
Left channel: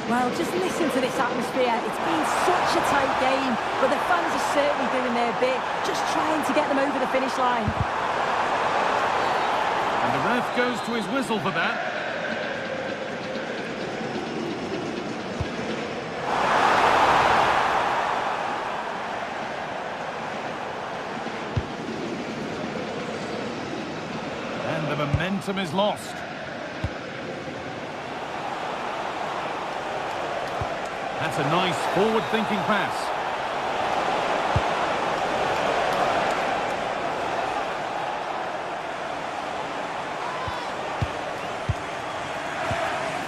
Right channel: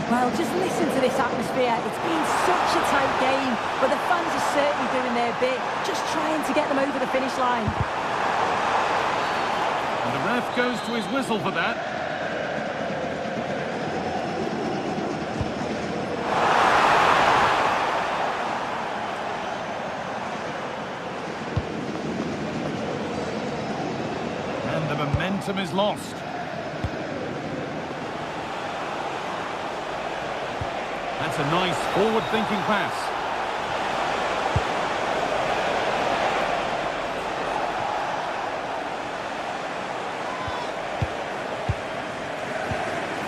Well, just listen to this atmosphere. It's been such a tight game, but the fans are certainly doing their bit, just trying to get them over the finish line. And the ref goes to his whistle for that. And the momentum is lost. That's a nice forward-thinking pass.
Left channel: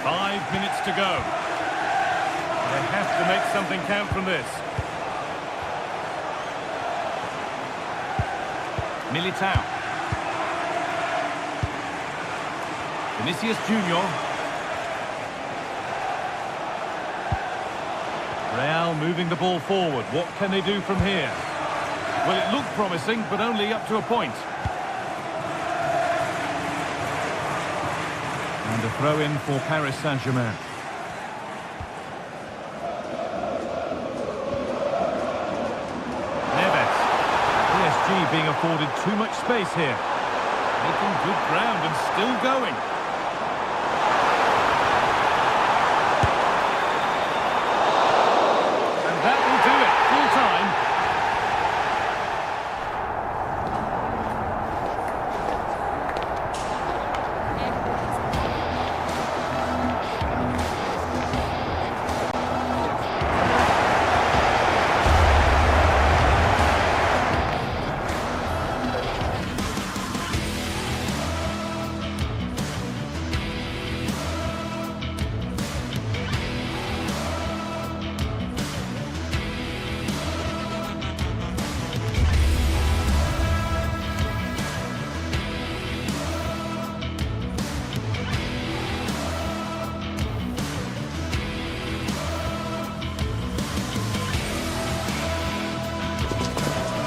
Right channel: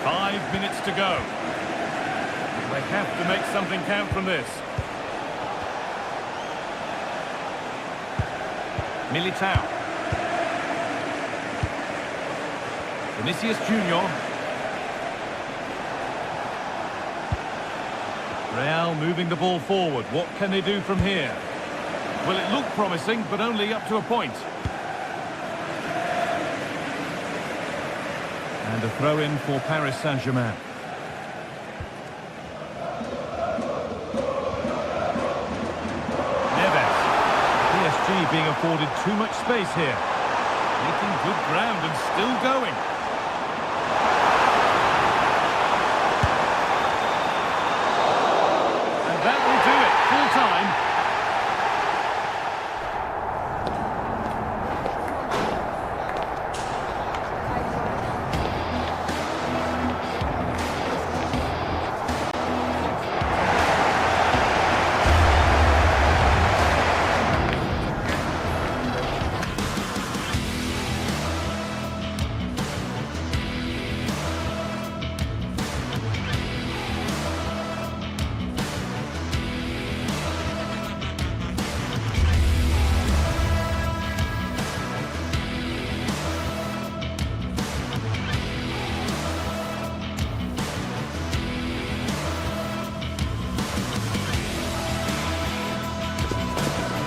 Five minutes to go. They have to make something count from this. Militao. Vinicius Junior. Real moving the ball forward. What can they do from here? Well, it looked promising, but only up to a point. And a throw-in for Paris Saint-Germain. Neves. PSG being afforded too much space here. Making good ground and still going. That will do it, full time.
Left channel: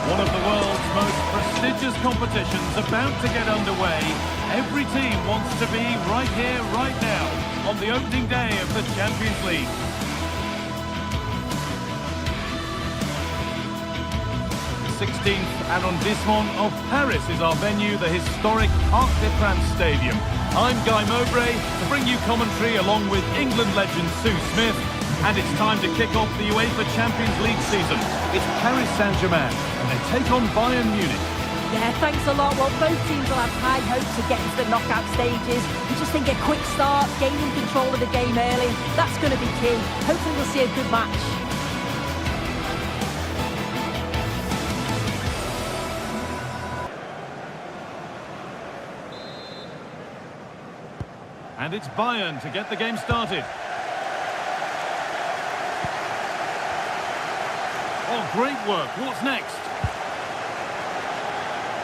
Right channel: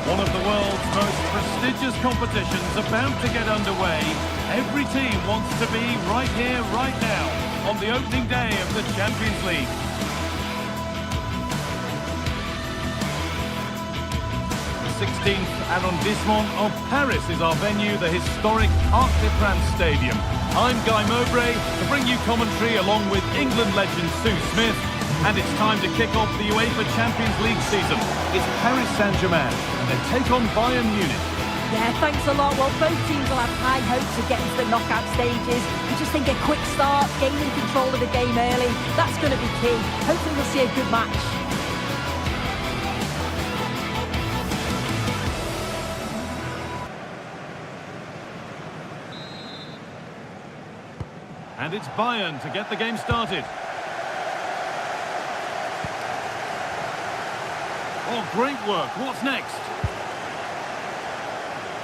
One of the world's most prestigious competitions about to get underway. Every team wants to be right here, right now, on the opening day of the Champions League. The 16th arrondissement of Paris is our venue, the historic Parc des Princes Stadium. I'm Guy Mowbray to bring you commentary along with England legend Sue Smith. And it's time to kick off the UEFA Champions League season. It's Paris Saint-Germain, and they take on Bayern Munich. Yeah, thanks a lot. Well, both teams will have high hopes of getting to the knockout stages. We just think a quick start, gaining control of the game early, that's going to be key. Hopefully we'll see a good match. And it's Bayern to get the game started. Oh, great work. What's next?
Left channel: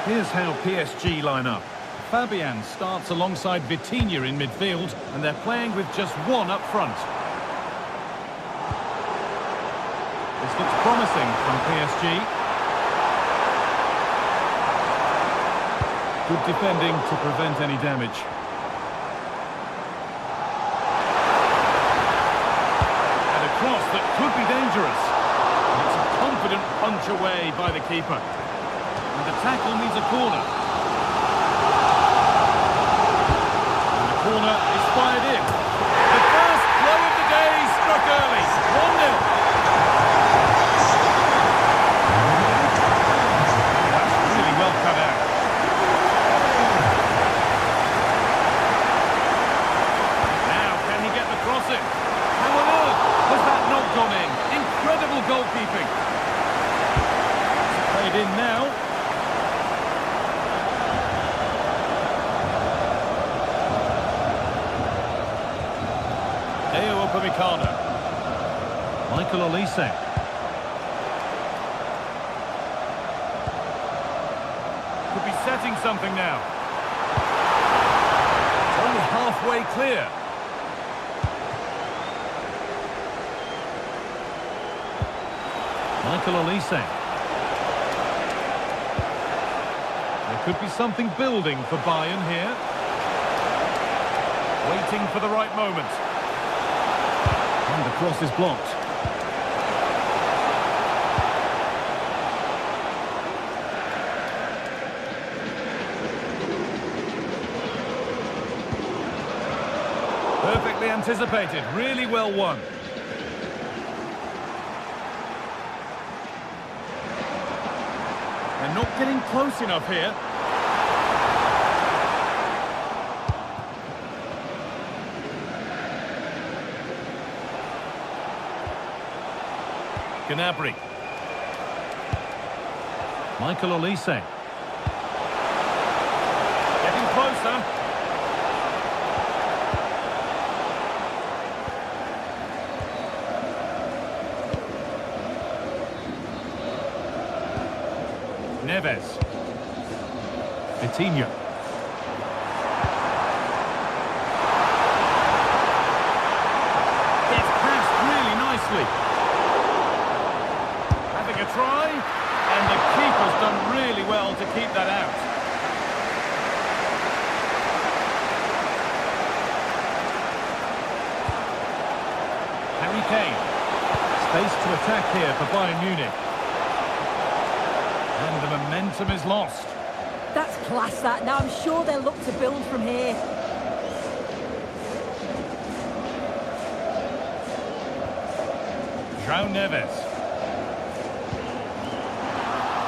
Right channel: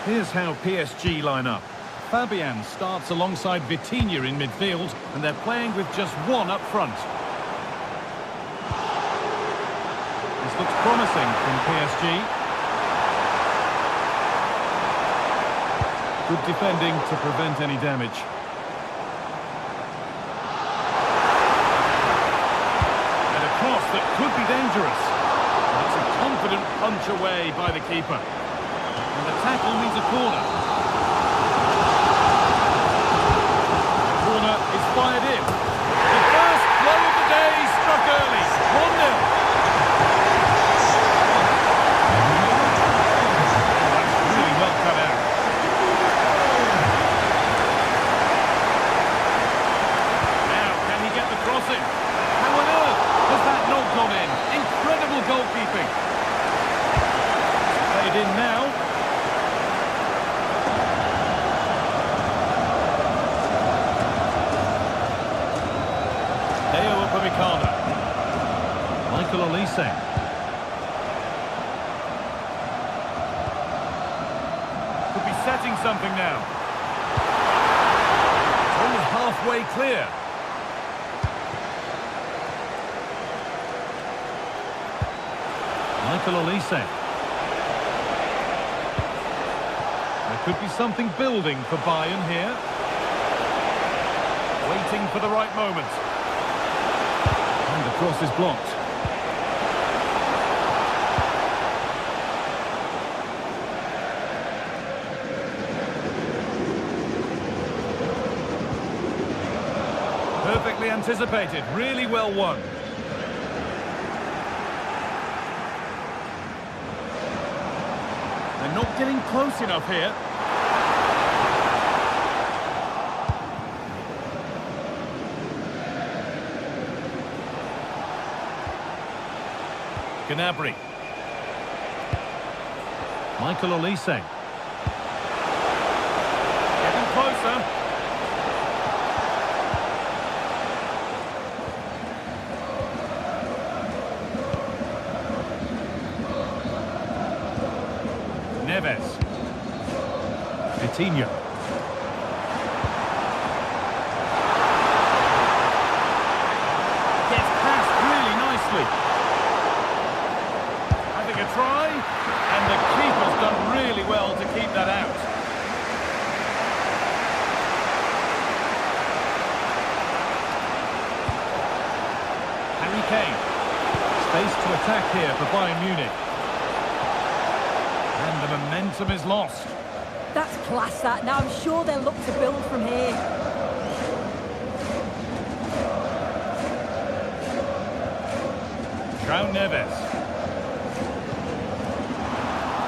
Here's how PSG line up. Fabian starts alongside Vitinha in midfield, and they're playing with just one up front. This looks promising from PSG. Good defending to prevent any damage. And a cross that could be dangerous. And it's a confident punch away by the keeper. And the tackle needs a corner. And the corner is fired in. The first blow of the day struck early. 1-0. That's really well cut out. Get the cross in. How on earth has that not gone in? Incredible goalkeeping. It's played in now. Deo Upamecano. Michael Olise. Could be setting something now. It's only halfway clear. Michael Olise. There could be something building for Bayern here. Waiting for the right moment. And the cross is blocked. Perfectly anticipated, really well won. They're not getting close enough here. Gnabry. Michael Olise. Getting closer. Neves. Vitinha. Gets past really nicely. Having a try, and the keeper's done really well to keep that out. Harry Kane. Space to attack here for Bayern Munich. And the momentum is lost. That's class, that. Now I'm sure they'll look to build from here. João Neves.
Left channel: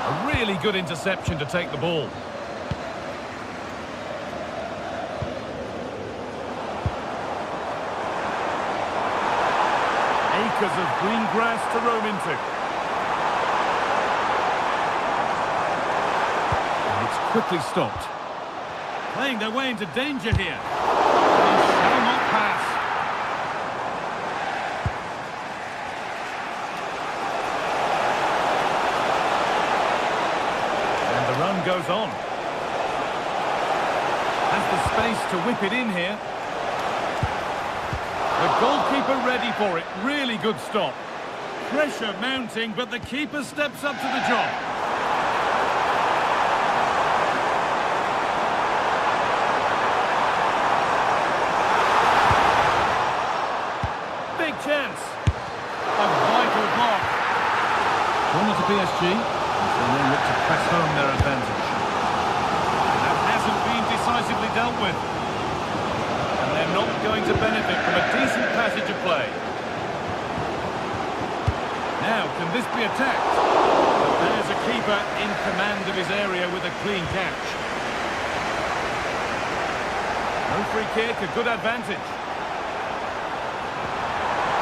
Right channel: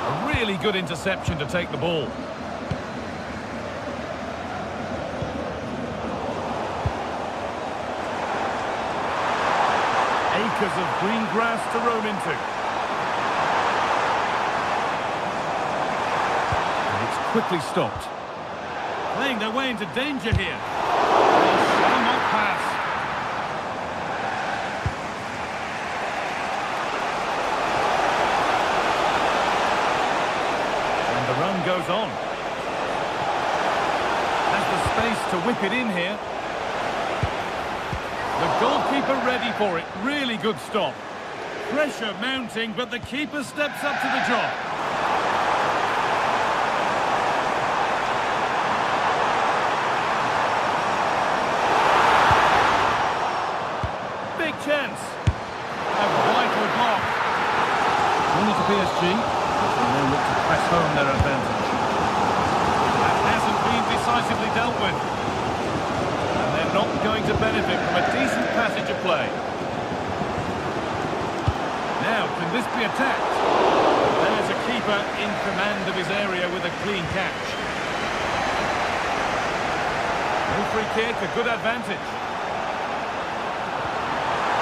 A really good interception to take the ball. Acres of green grass to roam into. Quickly stopped. Playing their way into danger here. They shall not pass. And the run goes on. Has the space to whip it in here. The goalkeeper ready for it. Really good stop. Pressure mounting, but the keeper steps up to the job. Chance. A vital block. Corner to PSG. As they now look to press home their advantage. That hasn't been decisively dealt with. And they're not going to benefit from a decent passage of play. Now, can this be attacked? But there's a keeper in command of his area with a clean catch. No free kick, a good advantage.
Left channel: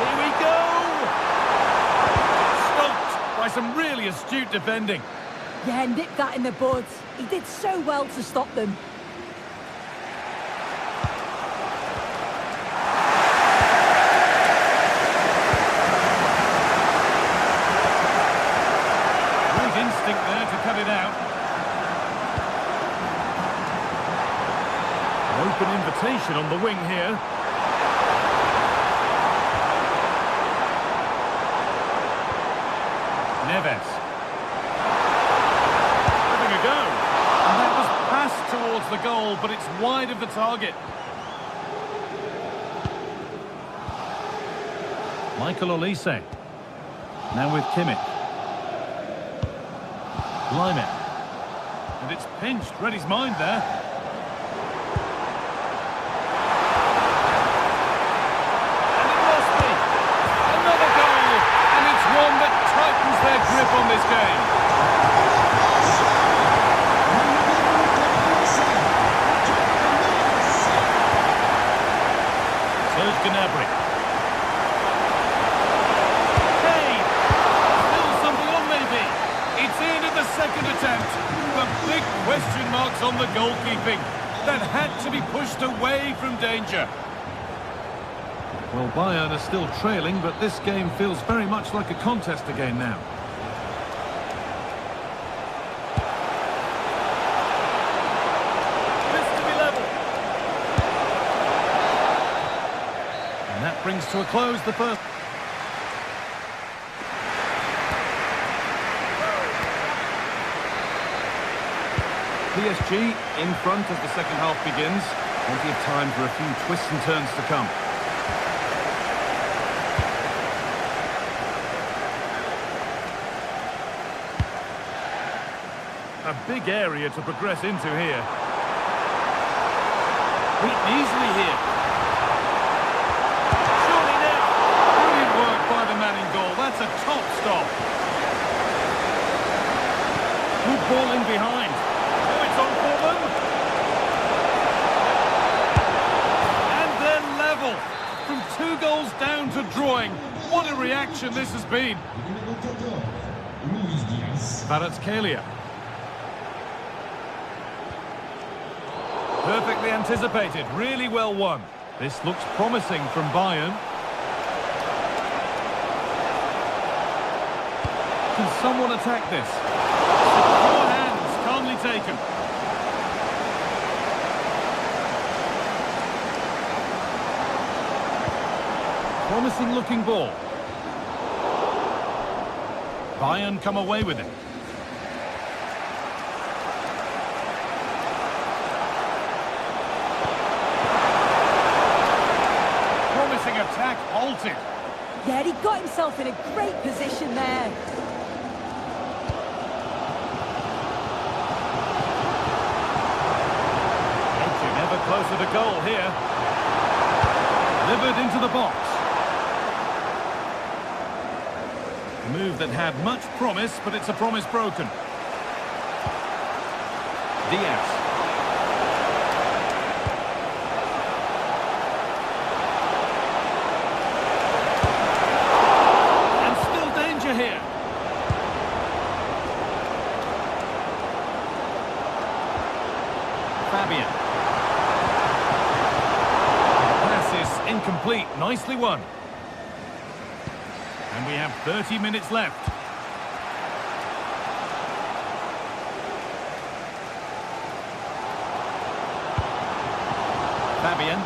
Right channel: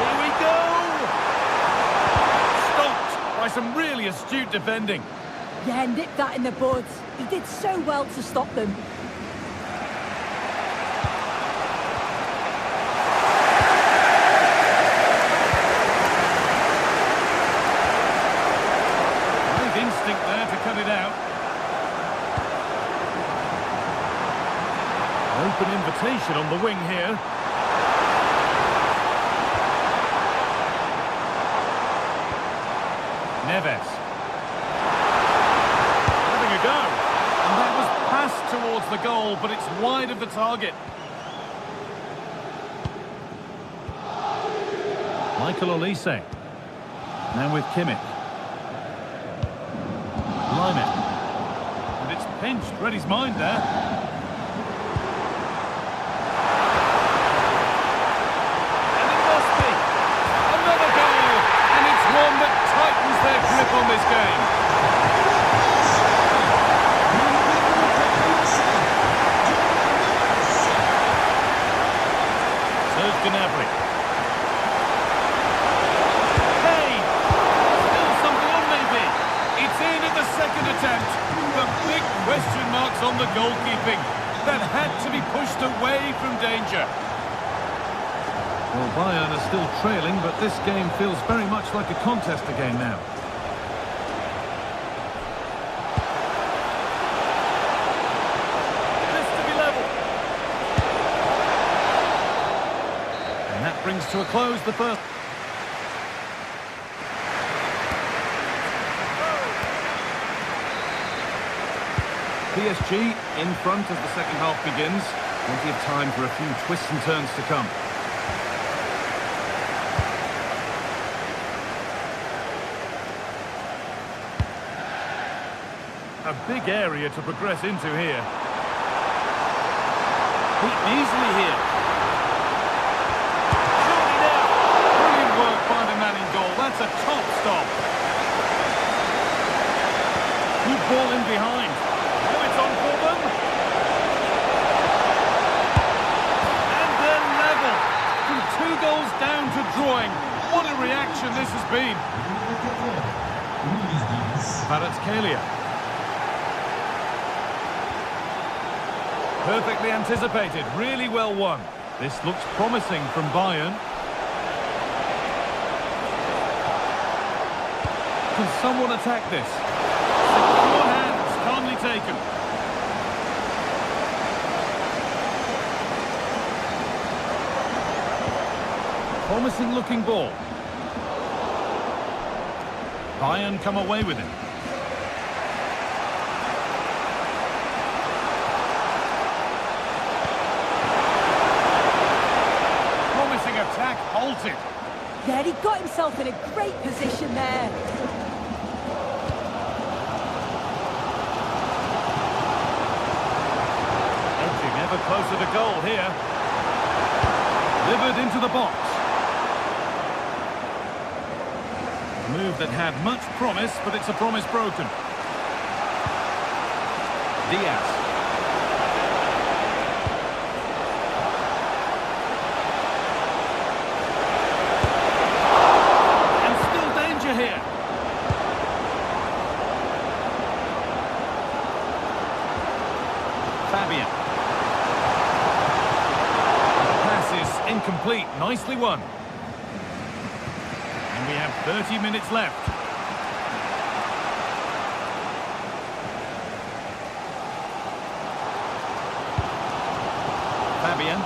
Here we go! Stopped by some really astute defending. Yeah, nipped that in the bud. He did so well to stop them. Great instinct there to cut it out. An open invitation on the wing here. Neves. Having a go. And that was passed towards the goal, but it's wide of the target. Michael Olise. Now with Kimmich. Lyman. And it's pinched. Read his mind there. And it must be. Another goal. And it's one that tightens their grip on this game. Serge Gnabry. Hey! Still something on maybe. It's in at the second attempt. But big question marks on the goalkeeping. That had to be pushed away from danger. Well, Bayern are still trailing, but this game feels very much like a contest again now. This to be level. And that brings to a close the first. PSG in front as the second half begins. Plenty of time for a few twists and turns to come. A big area to progress into here. Beaten easily here. Surely now. Brilliant work by the man in goal. That's a top stop. Good ball in behind. Now it's on for them. And they're level. From 2 goals down to drawing. What a reaction this has been. Kvaratskhelia. Perfectly anticipated, really well won. This looks promising from Bayern. Can someone attack this? Secure hands, calmly taken. Promising looking ball. Bayern come away with it. Attack halted. Yeah, he got himself in a great position there. Edging ever closer to goal here. Delivered into the box. A move that had much promise, but it's a promise broken. Diaz. Here. Fabian. And the pass is incomplete. Nicely won. And we have 30 minutes left. Fabian.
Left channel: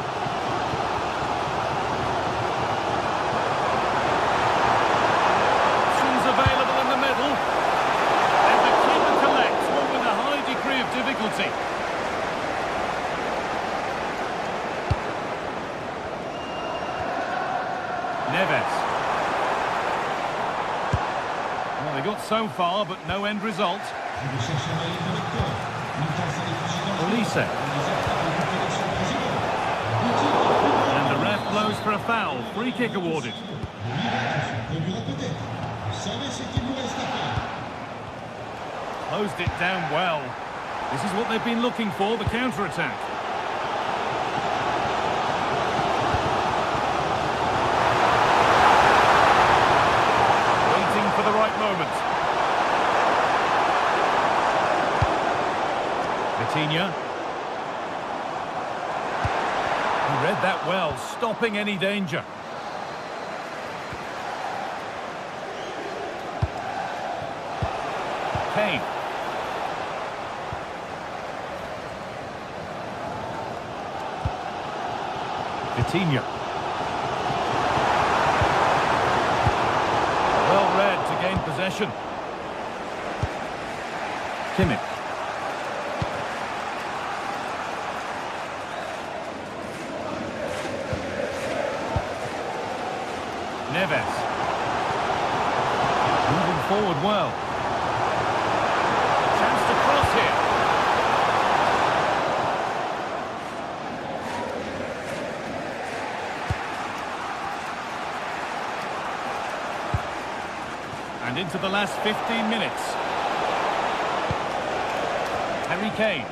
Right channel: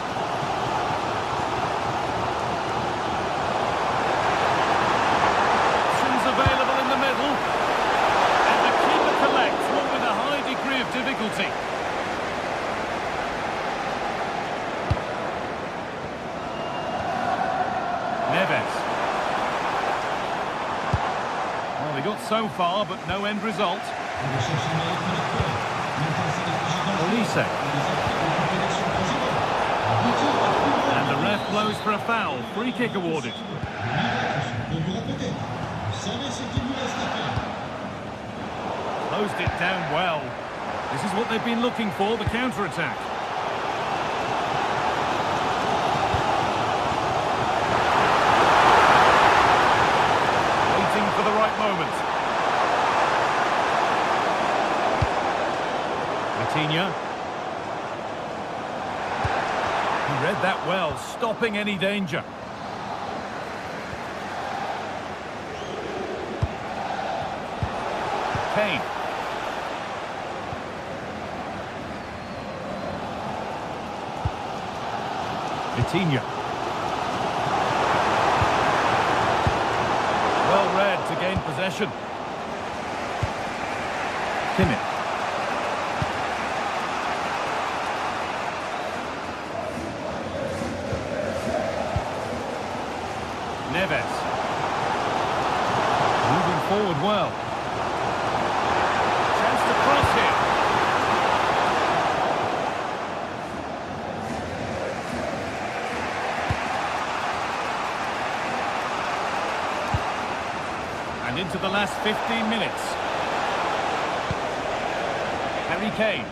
Available in the middle, and the keeper collects one with a high degree of difficulty. Neves. Well, they got so far, but no end result. Olise. And the ref blows for a foul. Free kick awarded. Closed it down well. This is what they've been looking for, the counter-attack. Waiting for the right moment. Vitinha. He read that well, stopping any danger. Kane. Vitinha. Well read to gain possession. Kimmich. Neves. Moving forward well. Chance to cross here. And into the last 15 minutes. Harry Kane.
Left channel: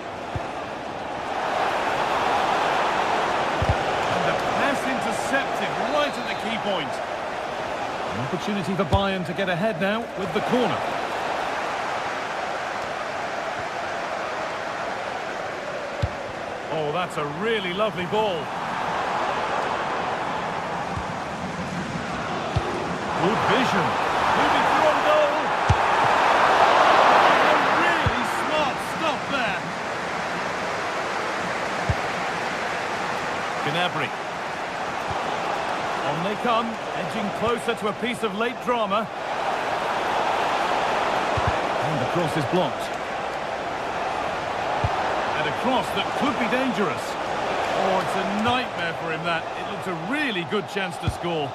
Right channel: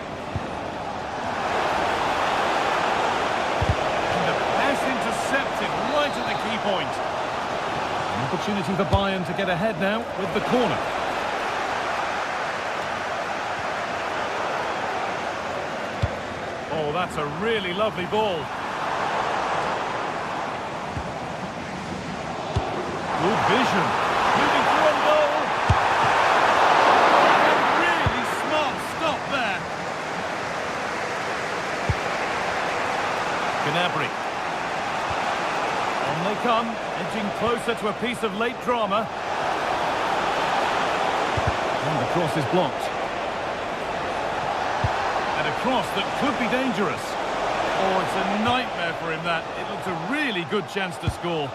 And the pass intercepted right at the key point. An opportunity for Bayern to get ahead now with the corner. Oh, that's a really lovely ball. Good vision. Moving through on goal. A really smart stop there. Gnabry. On they come, edging closer to a piece of late drama. And the cross is blocked. And a cross that could be dangerous. Oh, it's a nightmare for him, that. It looks a really good chance to score.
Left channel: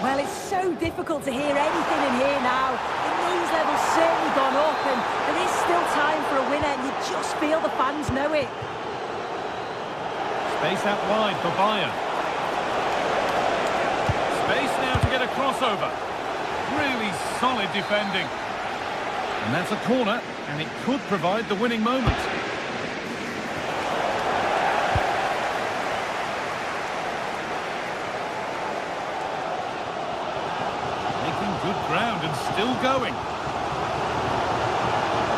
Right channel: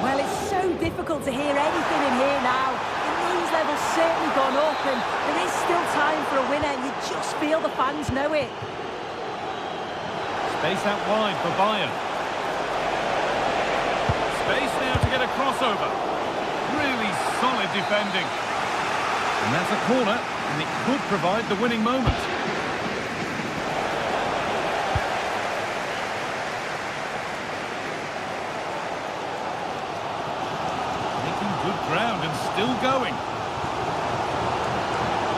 Well, it's so difficult to hear anything in here now. The noise level's certainly gone up, and there is still time for a winner, and you just feel the fans know it. Space out wide for Bayern. Space now to get a crossover. Really solid defending. And that's a corner, and it could provide the winning moment. Making good ground and still going.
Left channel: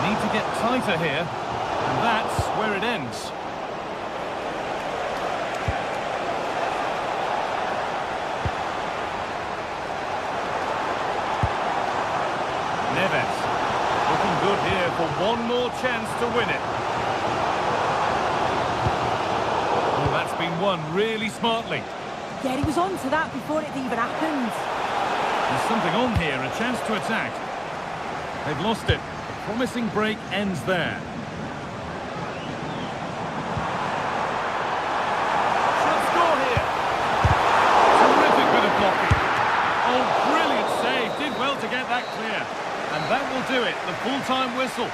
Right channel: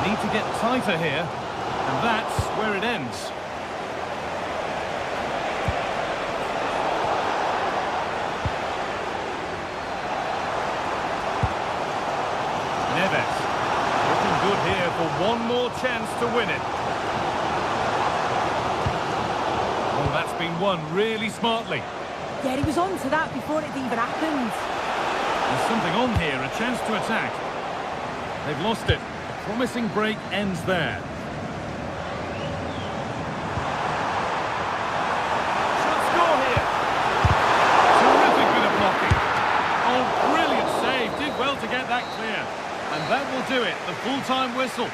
Need to get tighter here, and that's where it ends. Neves, looking good here for one more chance to win it. Oh, that's been won really smartly. Yeah, he was on to that before it even happened. There's something on here, a chance to attack. They've lost it. A promising break ends there. Should score here. Terrific bit of blocking. Oh, brilliant save. Did well to get that clear. And that will do it, the full-time whistle.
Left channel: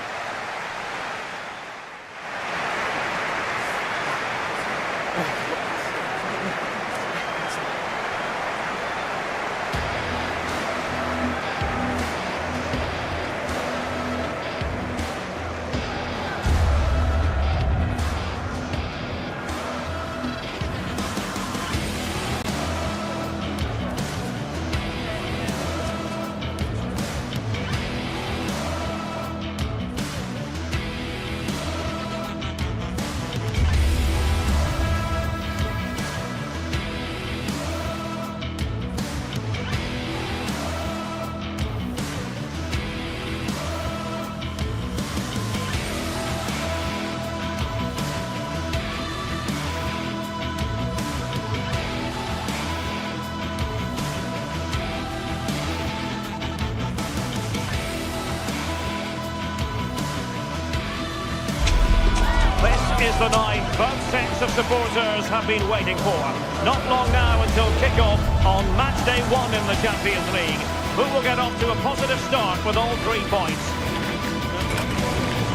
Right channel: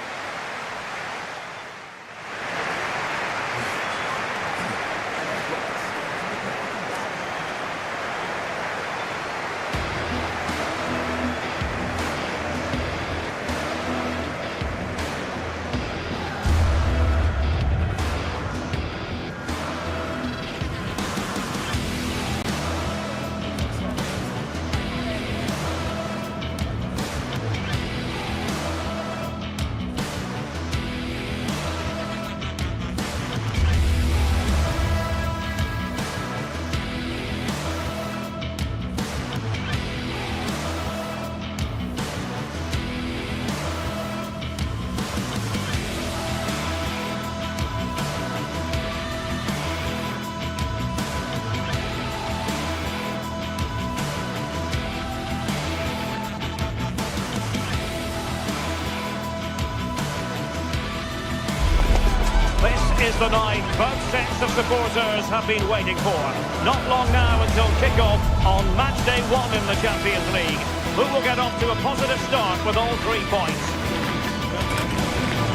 Is the night both sets of supporters have been waiting for. Not long now until kick-off on match day 1 in the Champions League. Who will get off to a positive start with all 3 points?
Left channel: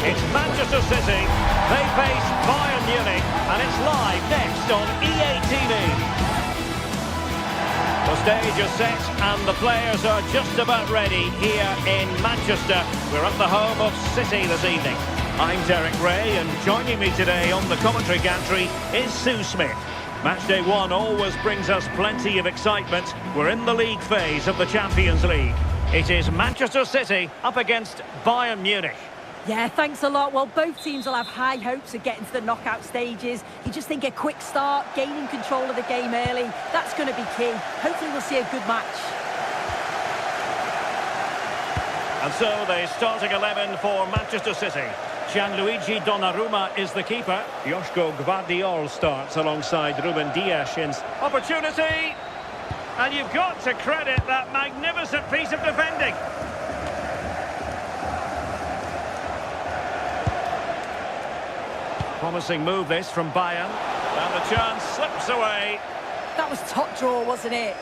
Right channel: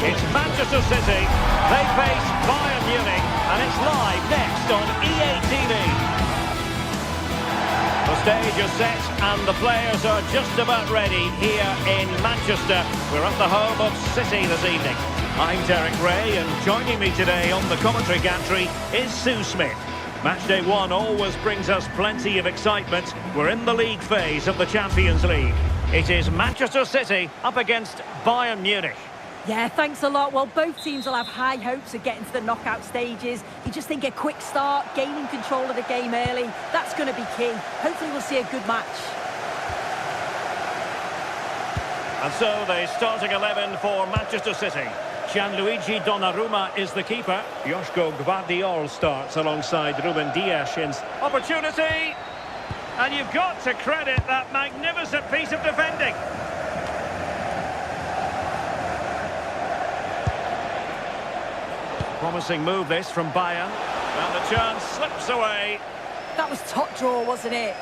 It's Manchester City. They face Bayern Munich, and it's live next on EA TV. The stage is set and the players are just about ready here in Manchester. We're at the home of City this evening. I'm Derek Ray, and joining me today on the commentary gantry is Sue Smith. Matchday 1 always brings us plenty of excitement. We're in the league phase of the Champions League. It is Manchester City up against Bayern Munich. Yeah, thanks a lot. Well, both teams will have high hopes of getting to the knockout stages. You just think a quick start, gaining control of the game early, that's going to be key. Hopefully we'll see a good match. And so the starting 11 for Manchester City. Gianluigi Donnarumma is the keeper. Joško Gvardiol starts alongside Ruben Dias. Opportunity! And you've got to credit that magnificent piece of defending. Promising move this from Bayern. And the chance slips away. That was top draw, wasn't it?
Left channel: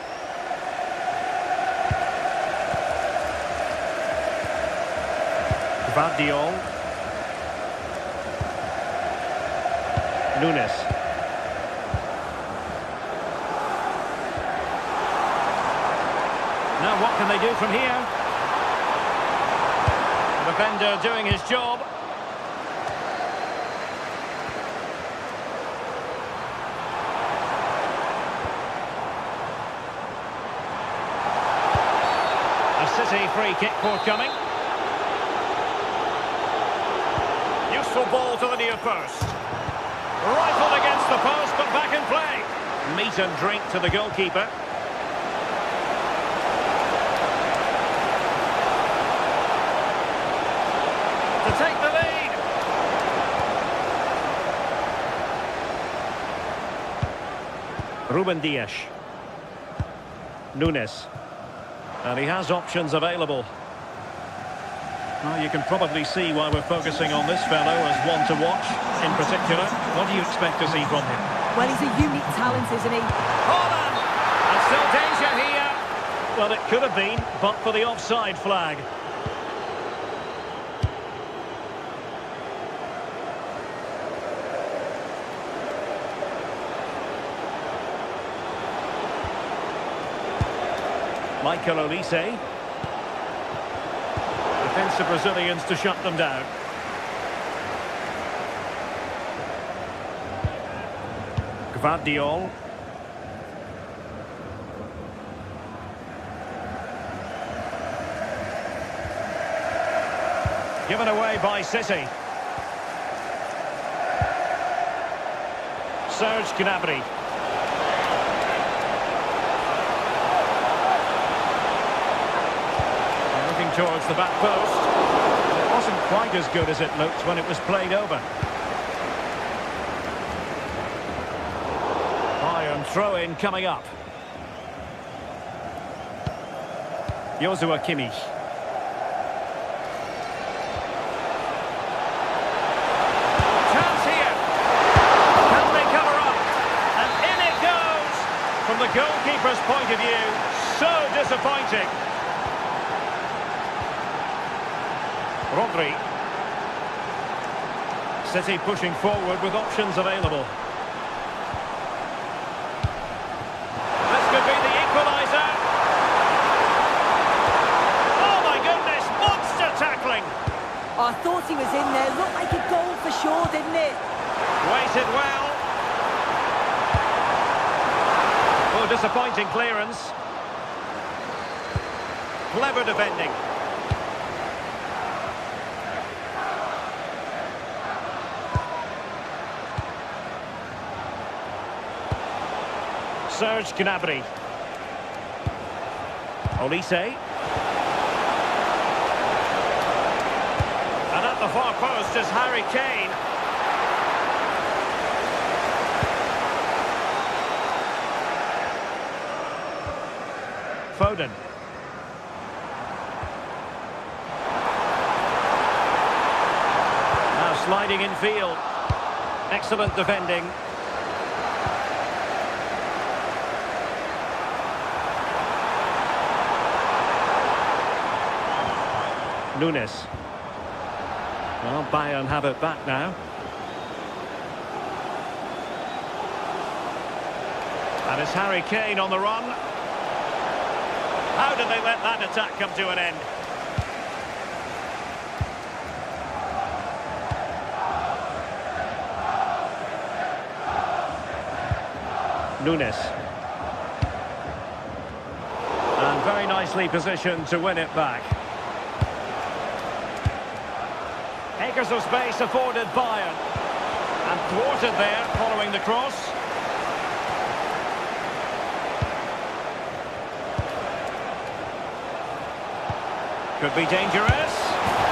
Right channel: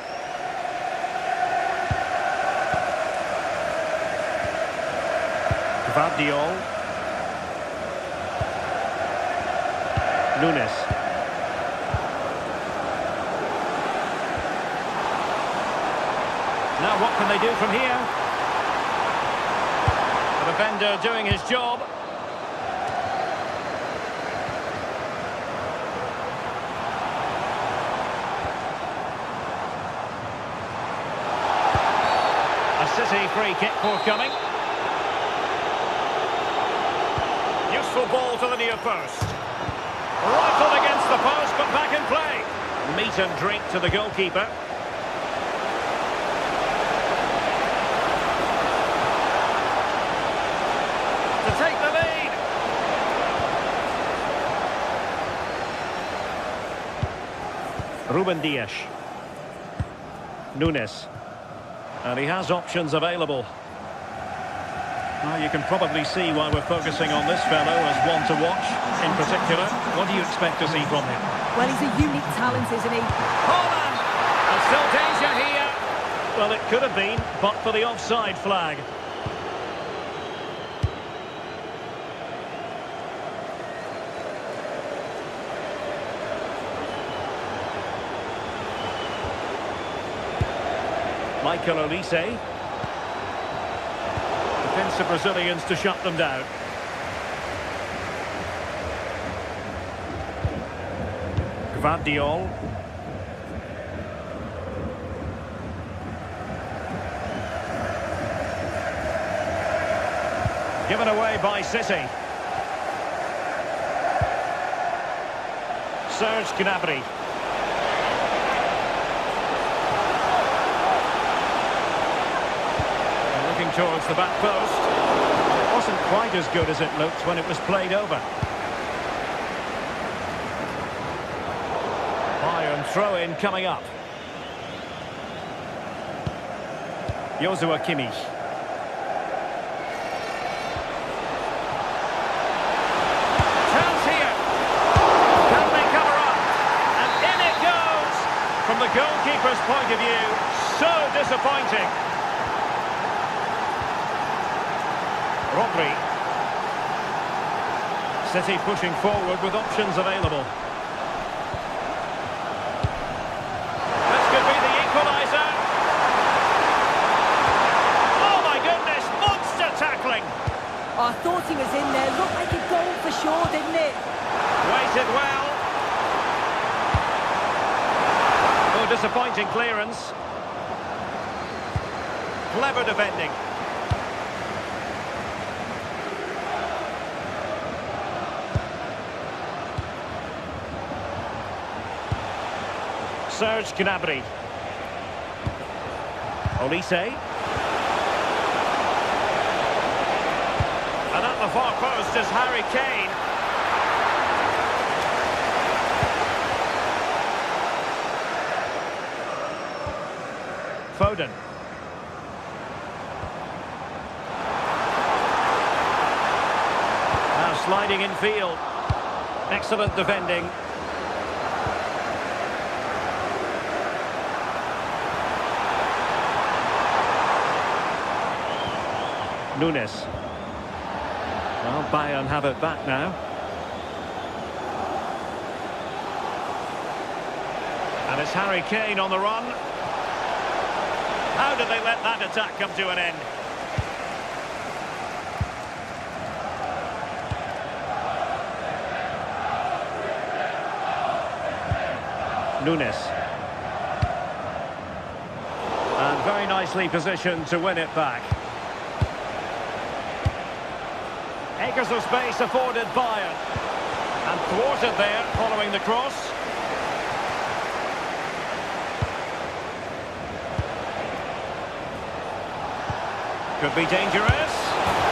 Gvardiol. Nunes. Now what can they do from here? The defender doing his job. A City free kick forthcoming. Useful ball to the near post. Rifled against the post, but back in play. Meat and drink to the goalkeeper. To take the lead. Ruben Dias. Nunes. And he has options available. Well, you can probably see why we're focusing on this fellow as one to watch in particular. What do you expect to see from him? Well, he's a unique talent, isn't he? Holland! And still danger here. Well, it could have been, but for the offside flag. Michael Olise. Defensive Brazilians to shut them down. Gvardiol. Given away by City. Serge Gnabry. Looking towards the back post. It wasn't quite as good as it looked when it was played over. Bayern throw-in coming up. Joshua Kimmich. Chance here. Can they cover up? And in it goes. From the goalkeeper's point of view, so disappointing. Rodri. City pushing forward with options available. This could be the equaliser. Oh my goodness, monster tackling. Oh, I thought he was in there. Looked like a goal for sure, didn't it? Waited well. Oh, disappointing clearance. Clever defending. Serge Gnabry. Olise. And at the far post is Harry Kane. Foden. Now sliding in field. Excellent defending. Nunes. Well, Bayern have it back now. And it's Harry Kane on the run. How did they let that attack come to an end? Nunes. And very nicely positioned to win it back. Acres of space afforded Bayern. And thwarted there following the cross. Could be dangerous.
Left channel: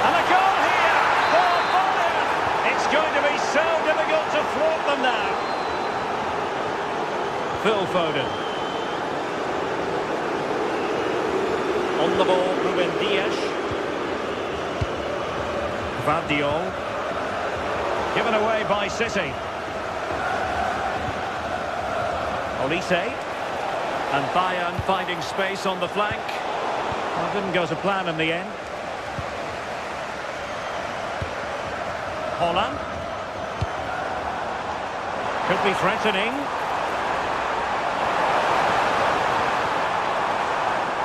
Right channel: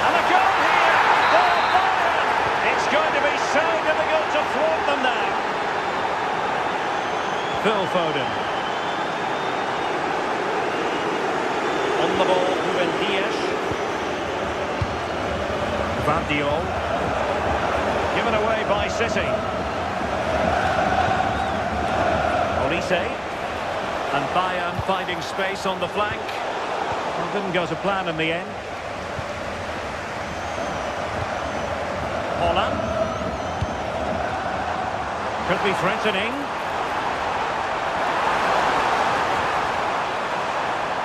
And a goal here for Bayern. It's going to be so difficult to thwart them now. Phil Foden. On the ball, Ruben Dias. Gvardiol. Given away by City. Olise. And Bayern finding space on the flank. Well, didn't go to plan in the end. Holland. Could be threatening.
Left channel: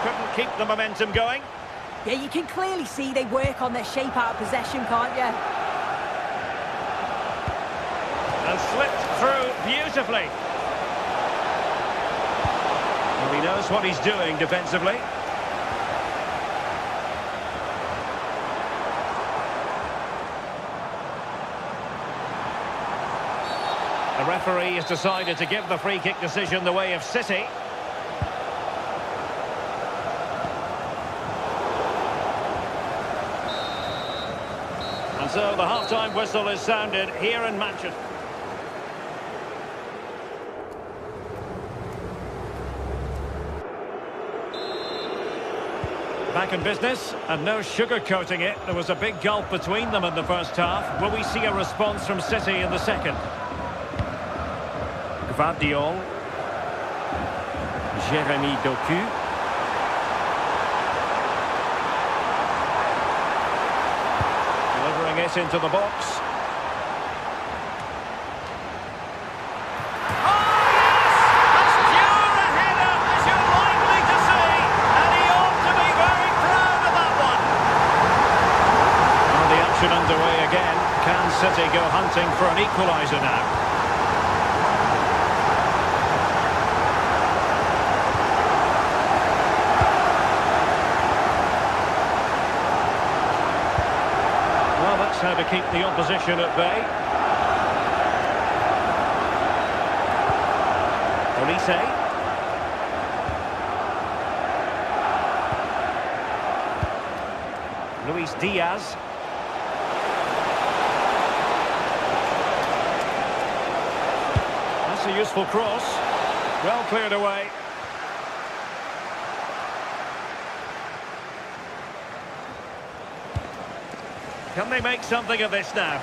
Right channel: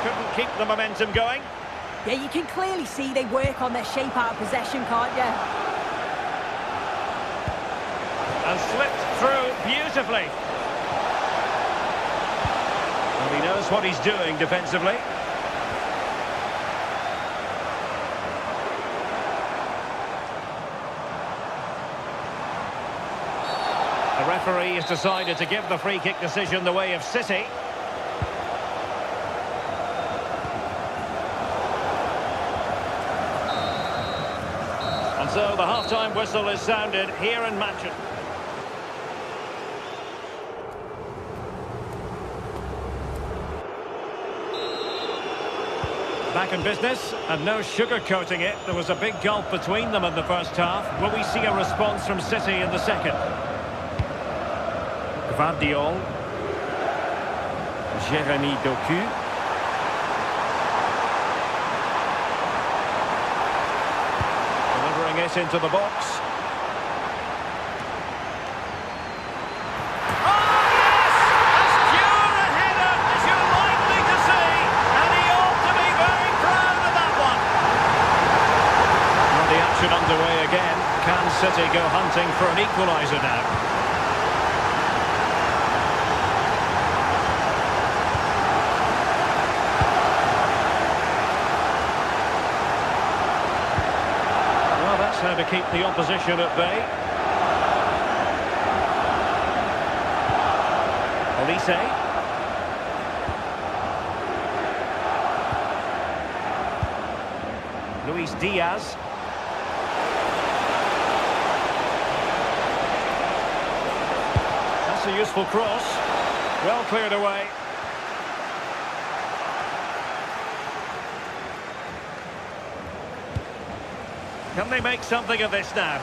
Couldn't keep the momentum going. Yeah, you can clearly see they work on their shape out of possession, can't you? And slipped through beautifully. Well, he knows what he's doing defensively. The referee has decided to give the free kick decision the way of City. And so the half-time whistle is sounded here in Manchester. Back in business, and no sugarcoating it. There was a big gulf between them in the first half. Will we see a response from City in the second? Gvardiol. Jeremy Doku. Delivering it into the box. Oh, yes! As pure a header as you're likely to see, and he ought to be very proud of that one. Well, the action underway again. Can City go hunting for an equaliser now? Well, that's how to keep the opposition at bay. Olise. Luis Diaz. That's a useful cross. Well cleared away. Can they make something of this now?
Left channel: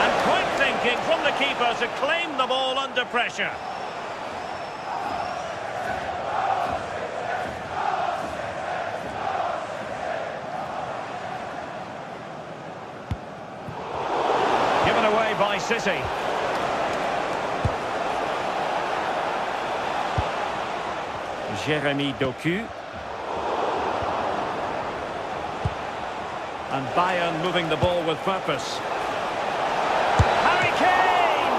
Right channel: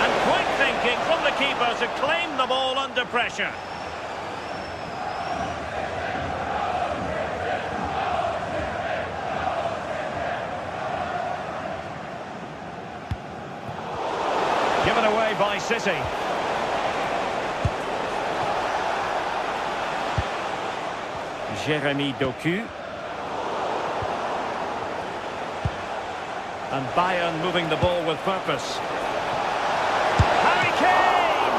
And quick thinking from the keeper to claim the ball under pressure. Given away by City. Jeremy Doku. And Bayern moving the ball with purpose. Harry Kane!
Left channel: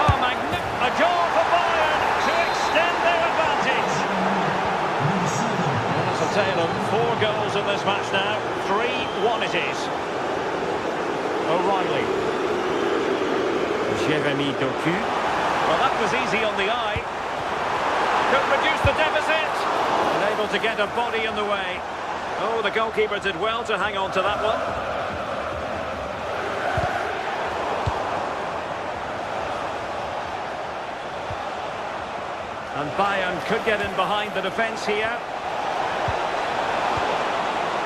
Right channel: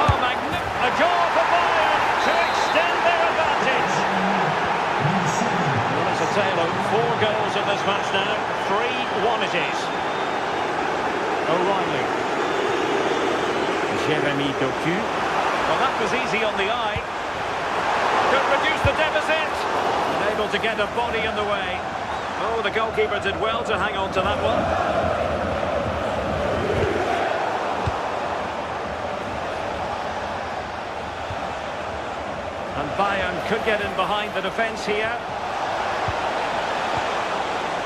Oh, a goal for Bayern to extend their advantage. Well, it's a tale of 4 goals in this match now. 3-1 it is. O'Reilly. Jeremy Doku. Well, that was easy on the eye. Could reduce the deficit. Unable to get a body in the way. Oh, the goalkeeper did well to hang on to that one. And Bayern could get in behind the defence here.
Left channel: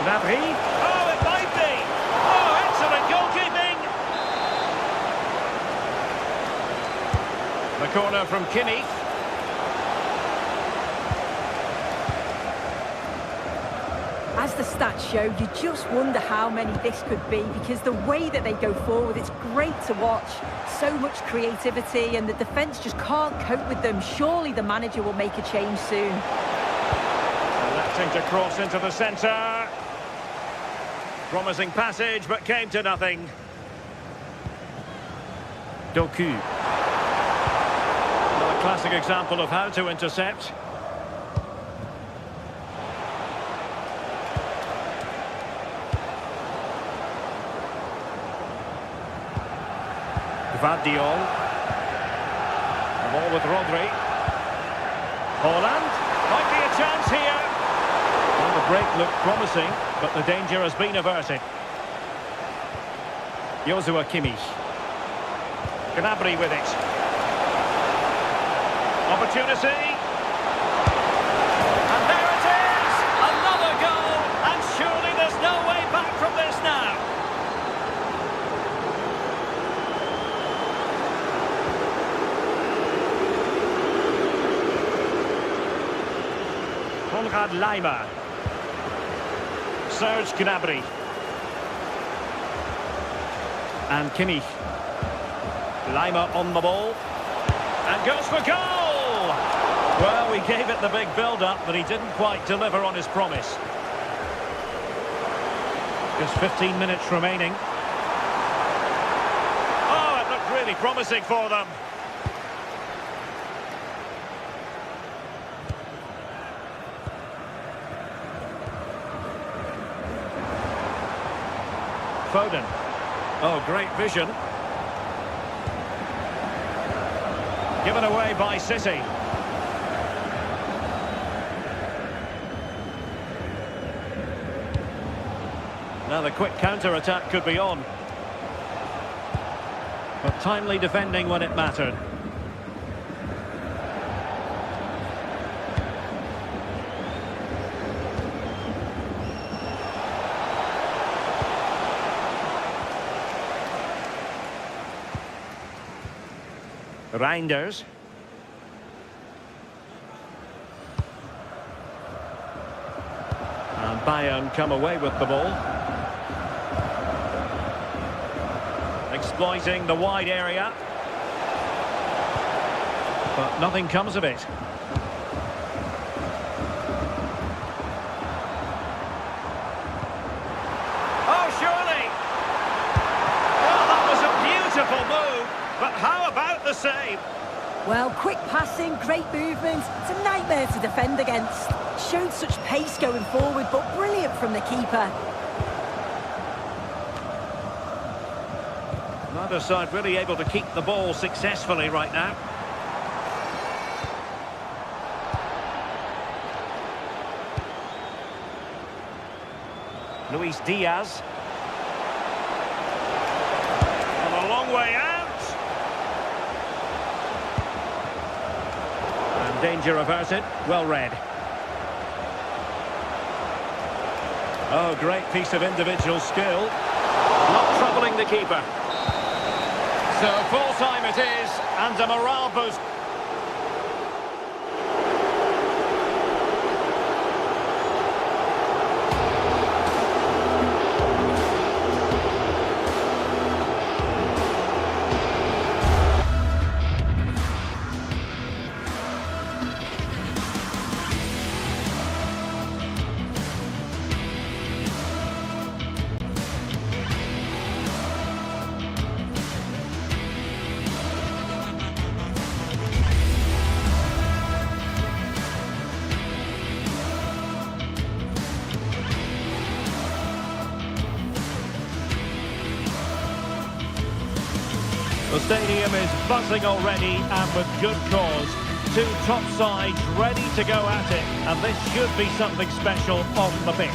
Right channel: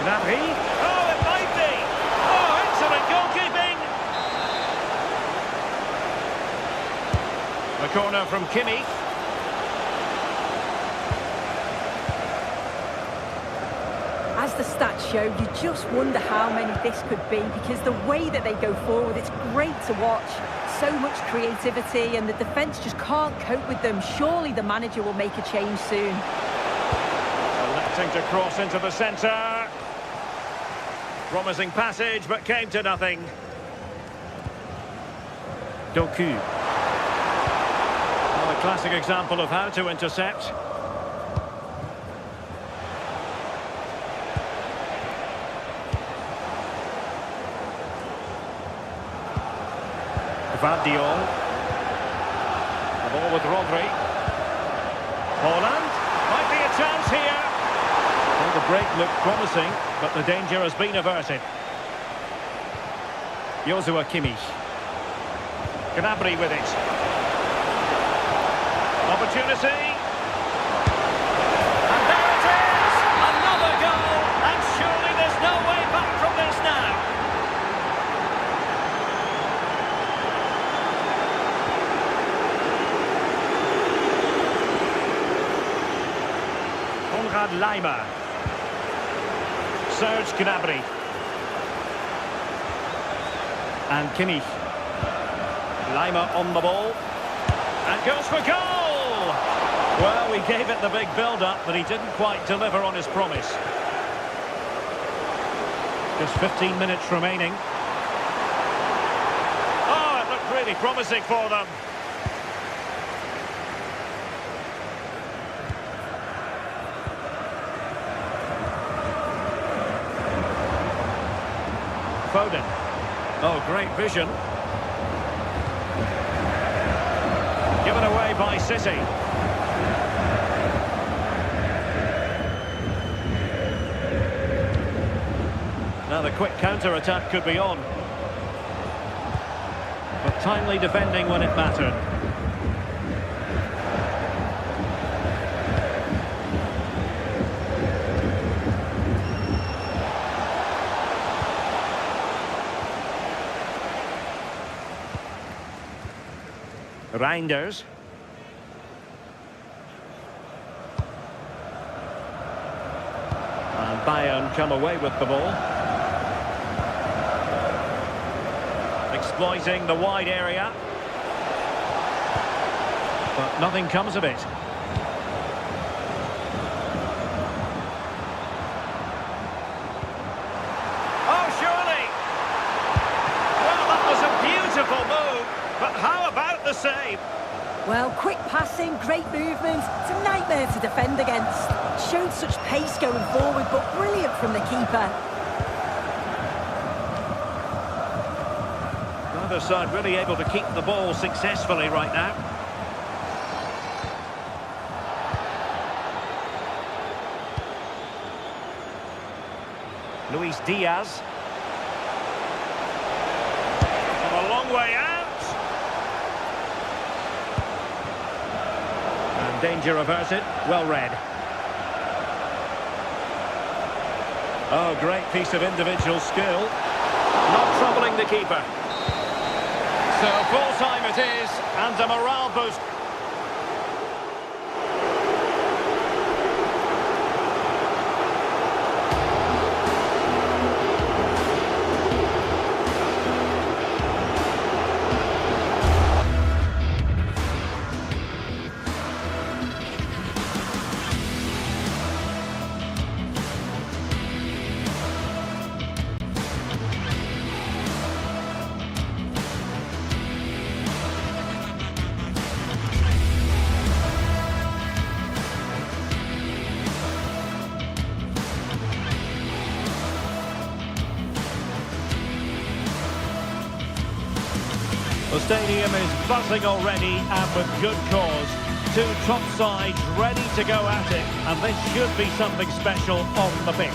Gnabry. Oh, it might be. Oh, excellent goalkeeping. The corner from Kimmich. As the stats show, you just wonder how many this could be, because the way that they go forward, it's great to watch. So much creativity, and the defence just can't cope with them. Surely the manager will make a change soon. Electing to cross into the centre. Promising passage, but came to nothing. Doku. Well, a classic example of how to intercept. Gvardiol. The ball with Rodri. Holland. Might be a chance here. Well, the break looked promising, but the danger has been averted. Joshua Kimmich. Gnabry with it. Opportunity. And Konrad Laimer. Serge Gnabry. And Kimmich. Laimer on the ball. And goes for goal! Well, we gave it the big build-up, but he didn't quite deliver on his promise. Just 15 minutes remaining. Oh, it looked really promising for them. Foden. Oh, great vision. Given away by City. Now the quick counter-attack could be on. But timely defending when it mattered. Reinders. And Bayern come away with the ball. Exploiting the wide area. But nothing comes of it. Oh, surely! Well, that was a beautiful move. But how about the save? Well, quick passing, great movement. It's a nightmare to defend against. Showed such pace going forward, but brilliant from the keeper. Neither side really able to keep the ball successfully right now. Luis Diaz. From a long way out. And danger averted. Well read. Oh, great piece of individual skill. Not troubling the keeper. So full time it is, and a morale boost. The stadium is buzzing already, and with good cause. Two top sides ready to go at it, and this should be something special on the pitch.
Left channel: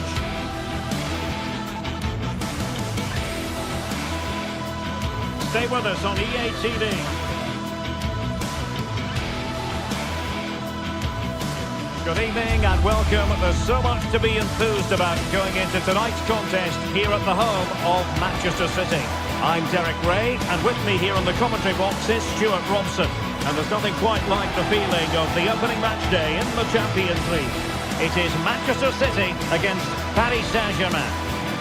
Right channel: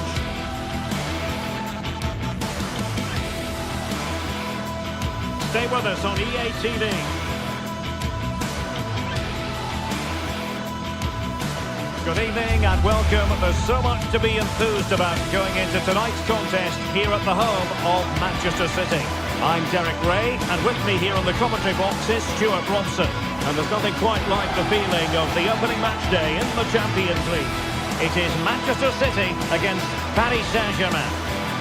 Stay with us on EA TV. Good evening and welcome. There's so much to be enthused about going into tonight's contest here at the home of Manchester City. I'm Derek Ray, and with me here on the commentary box is Stuart Robson. And there's nothing quite like the feeling of the opening match day in the Champions League. It is Manchester City against Paris Saint-Germain.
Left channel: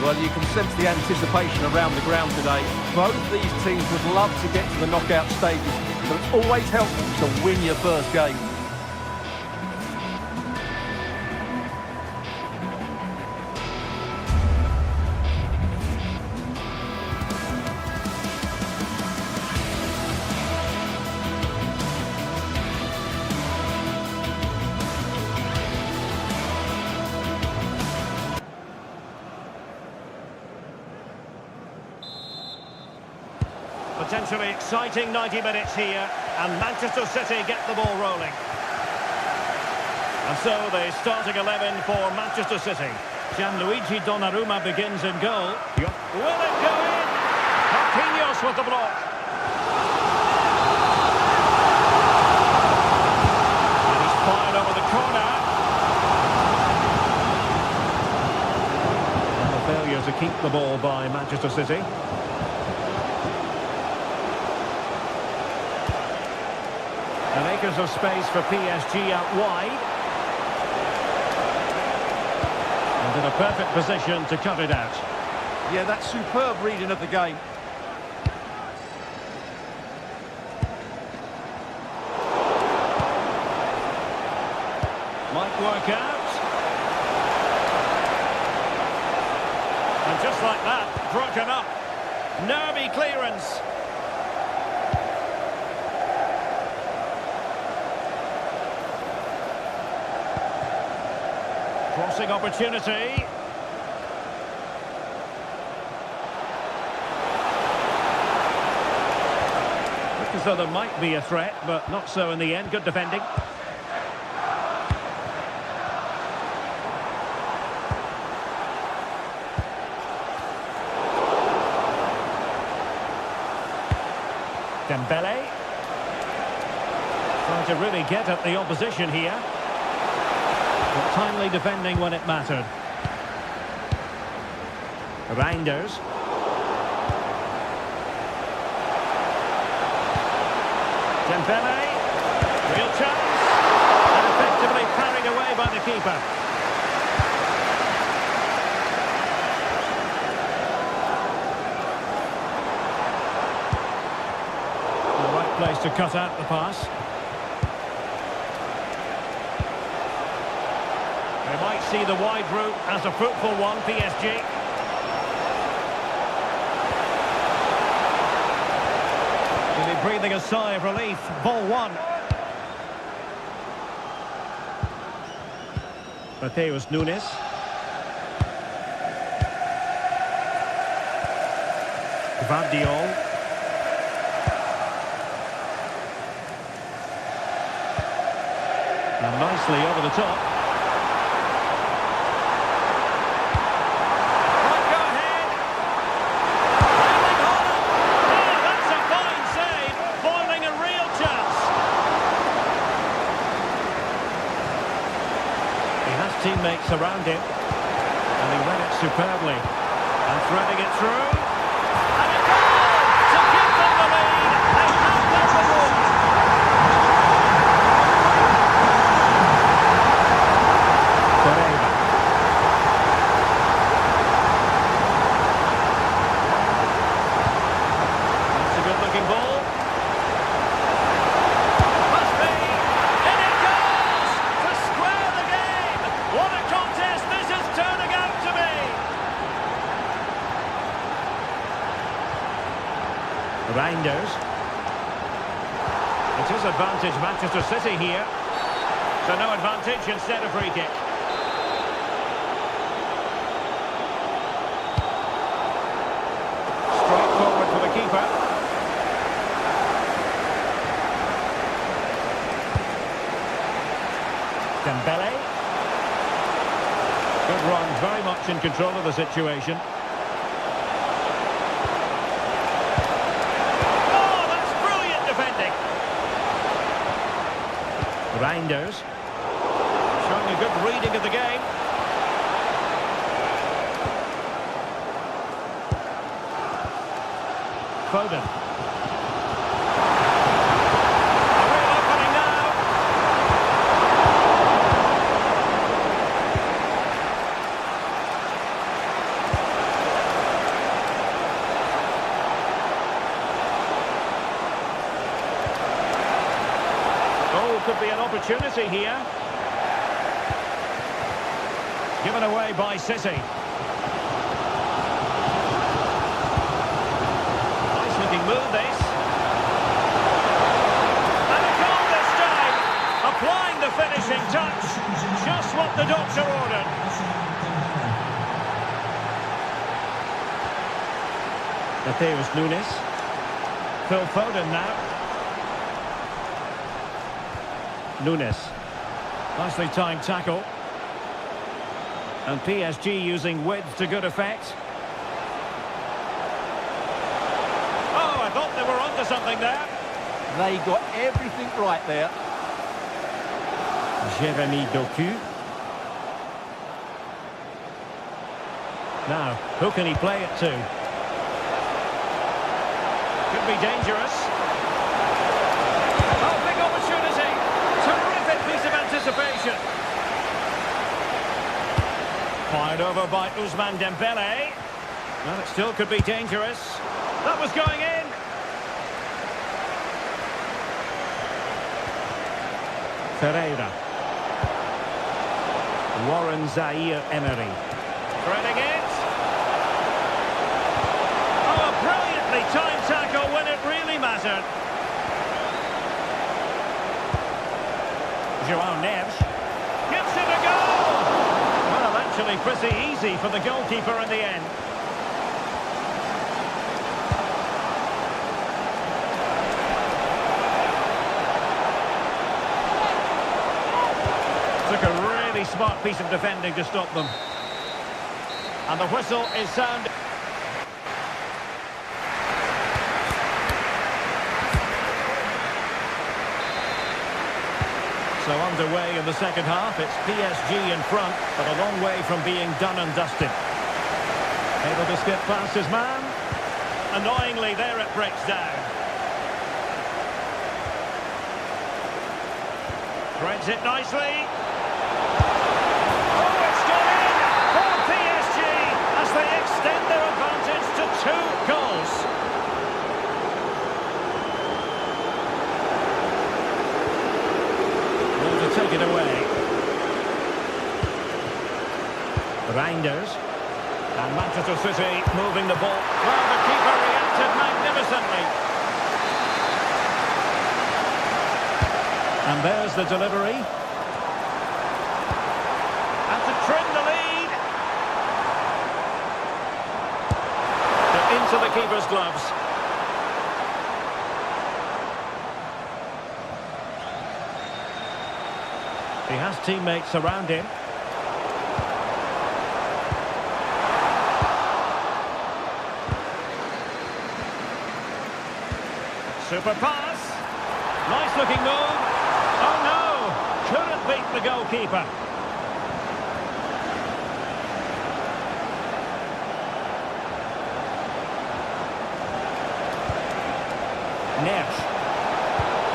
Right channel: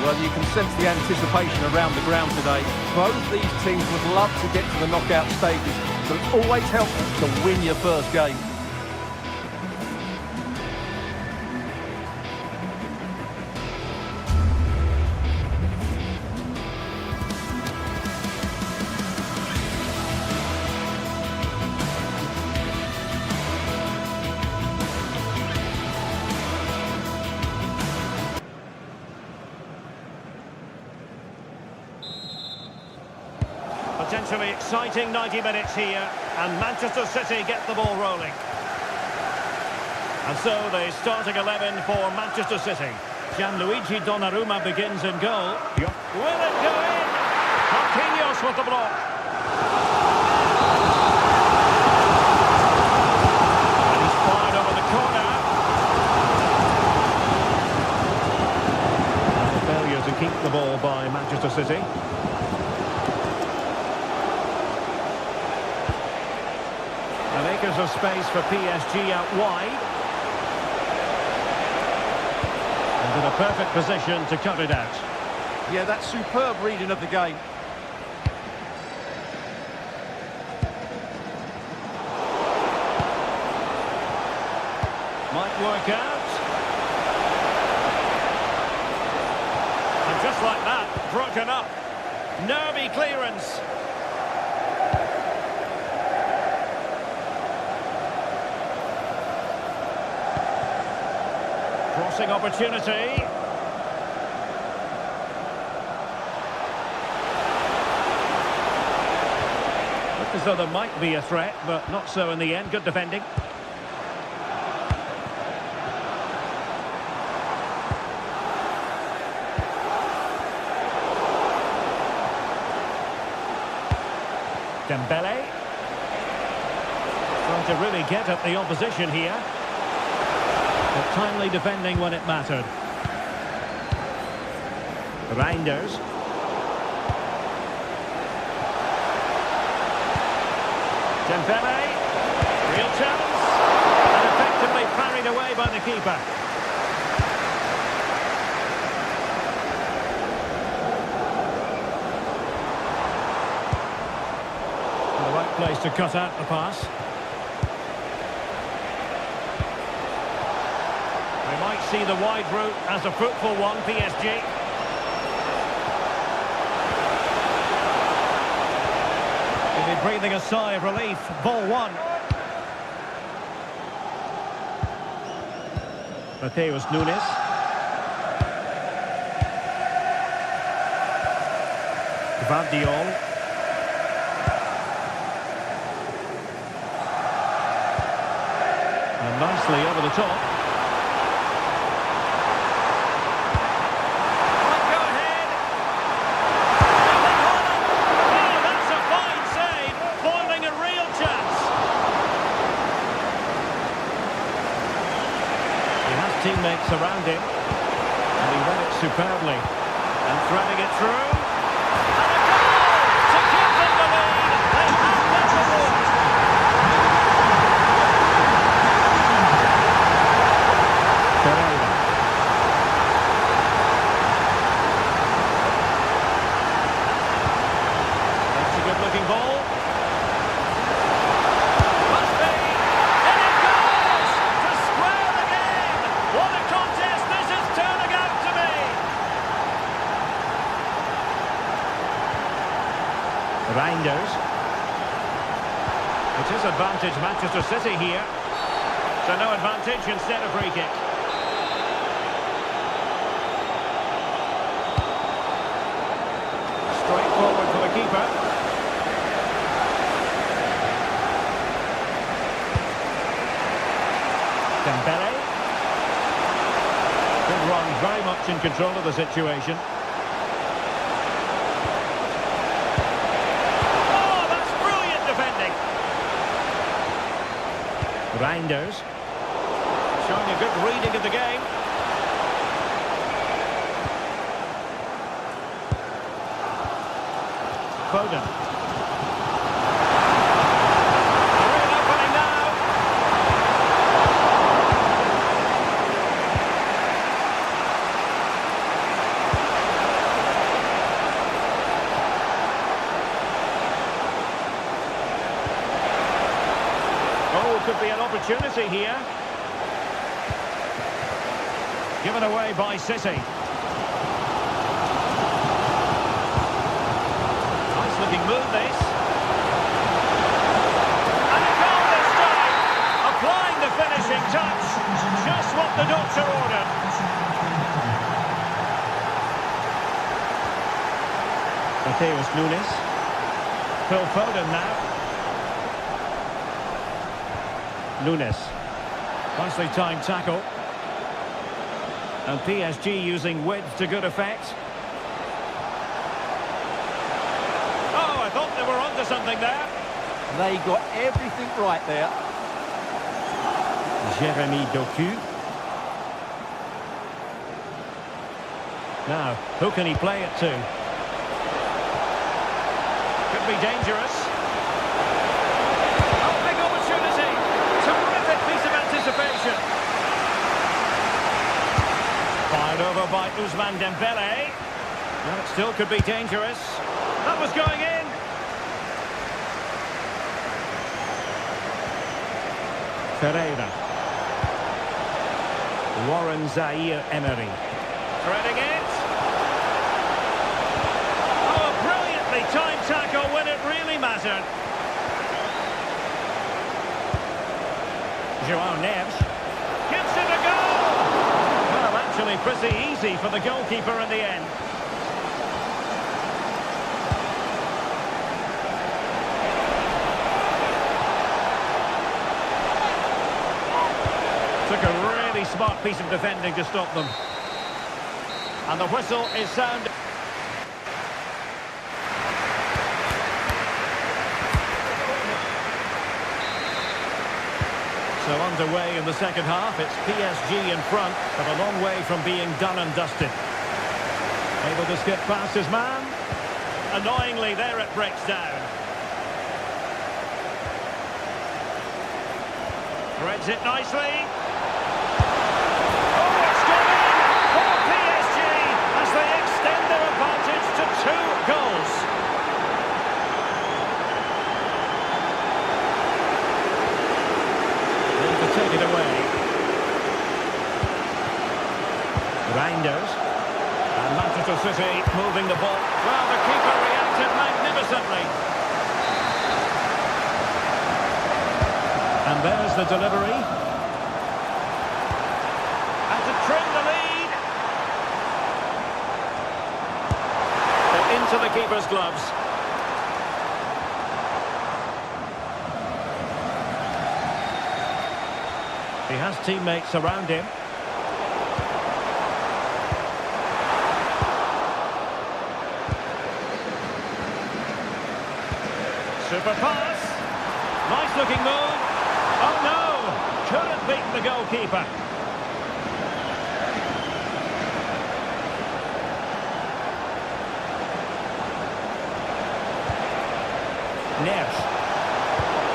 Well, you can sense the anticipation around the ground today. Both these teams would love to get to the knockout stages, so it's always helpful to win your first game. Potentially exciting 90 minutes here, and Manchester City get the ball rolling. And so the starting 11 for Manchester City. Gianluigi Donnarumma begins in goal. Will it go in? Marquinhos with the block. And he's fired over the corner. And a failure to keep the ball by Manchester City. And acres of space for PSG out wide. And in a perfect position to cut it out. Yeah, that's superb reading of the game. Might work out. And just like that, broken up. Nervy clearance. Crossing opportunity. Looked as though there might be a threat, but not so in the end. Good defending. Dembele. Trying to really get at the opposition here. But timely defending when it mattered. Reinders. Dembele. Real chance. And effectively parried away by the keeper. The right place to cut out the pass. We might see the wide route as a fruitful one, PSG. He'll be breathing a sigh of relief. Ball one. Mateus Nunes. Gvardiol. And nicely over the top. Might go ahead. Erling Haaland. Oh, that's a fine save. Foiling a real chance. He has teammates around him. And he read it superbly. And threading it through. And a goal to give them the lead. They have their reward. Pereira. That's a good-looking ball. Must be. And it goes to square the game. What a contest this is turning out to be. Reinders. It is advantage Manchester City here. So no advantage instead of free kick. Straight forward for the keeper. Dembele. Good run, very much in control of the situation. Oh, that's brilliant defending. Reinders. Showing a good reading of the game. Foden. A real opening now. Oh, could be an opportunity here. Given away by City. Nice looking move this. And a goal this time. Applying the finishing touch. Just what the doctor ordered. Mateus Nunes. Phil Foden now. Nunes. Nicely timed tackle. And PSG using width to good effect. Oh, I thought they were onto something there. They got everything right there. Jeremy Doku. Now, who can he play it to? Could be dangerous. Oh, big opportunity. Terrific piece of anticipation. Fired over by Ousmane Dembele. Well, it still could be dangerous. That was going in. Ferreira. Warren Zaire-Emery. Threading it. Oh, a brilliantly timed tackle when it really mattered. João Neves. Gives it a go. Well, actually pretty easy for the goalkeeper in the end. Took a really smart piece of defending to stop them. And the whistle is sounded. So underway in the second half, it's PSG in front, but a long way from being done and dusted. Able to skip past his man. Annoyingly, there it breaks down. Threads it nicely. Oh, it's gone in for PSG as they extend their advantage to 2 goals. To take it away. Reinders. And Manchester City moving the ball. Well, the keeper reacted magnificently. And there's the delivery. And to trim the lead. But into the keeper's gloves. He has teammates around him. Super pass. Nice looking move. Oh no! Couldn't beat the goalkeeper. Neves.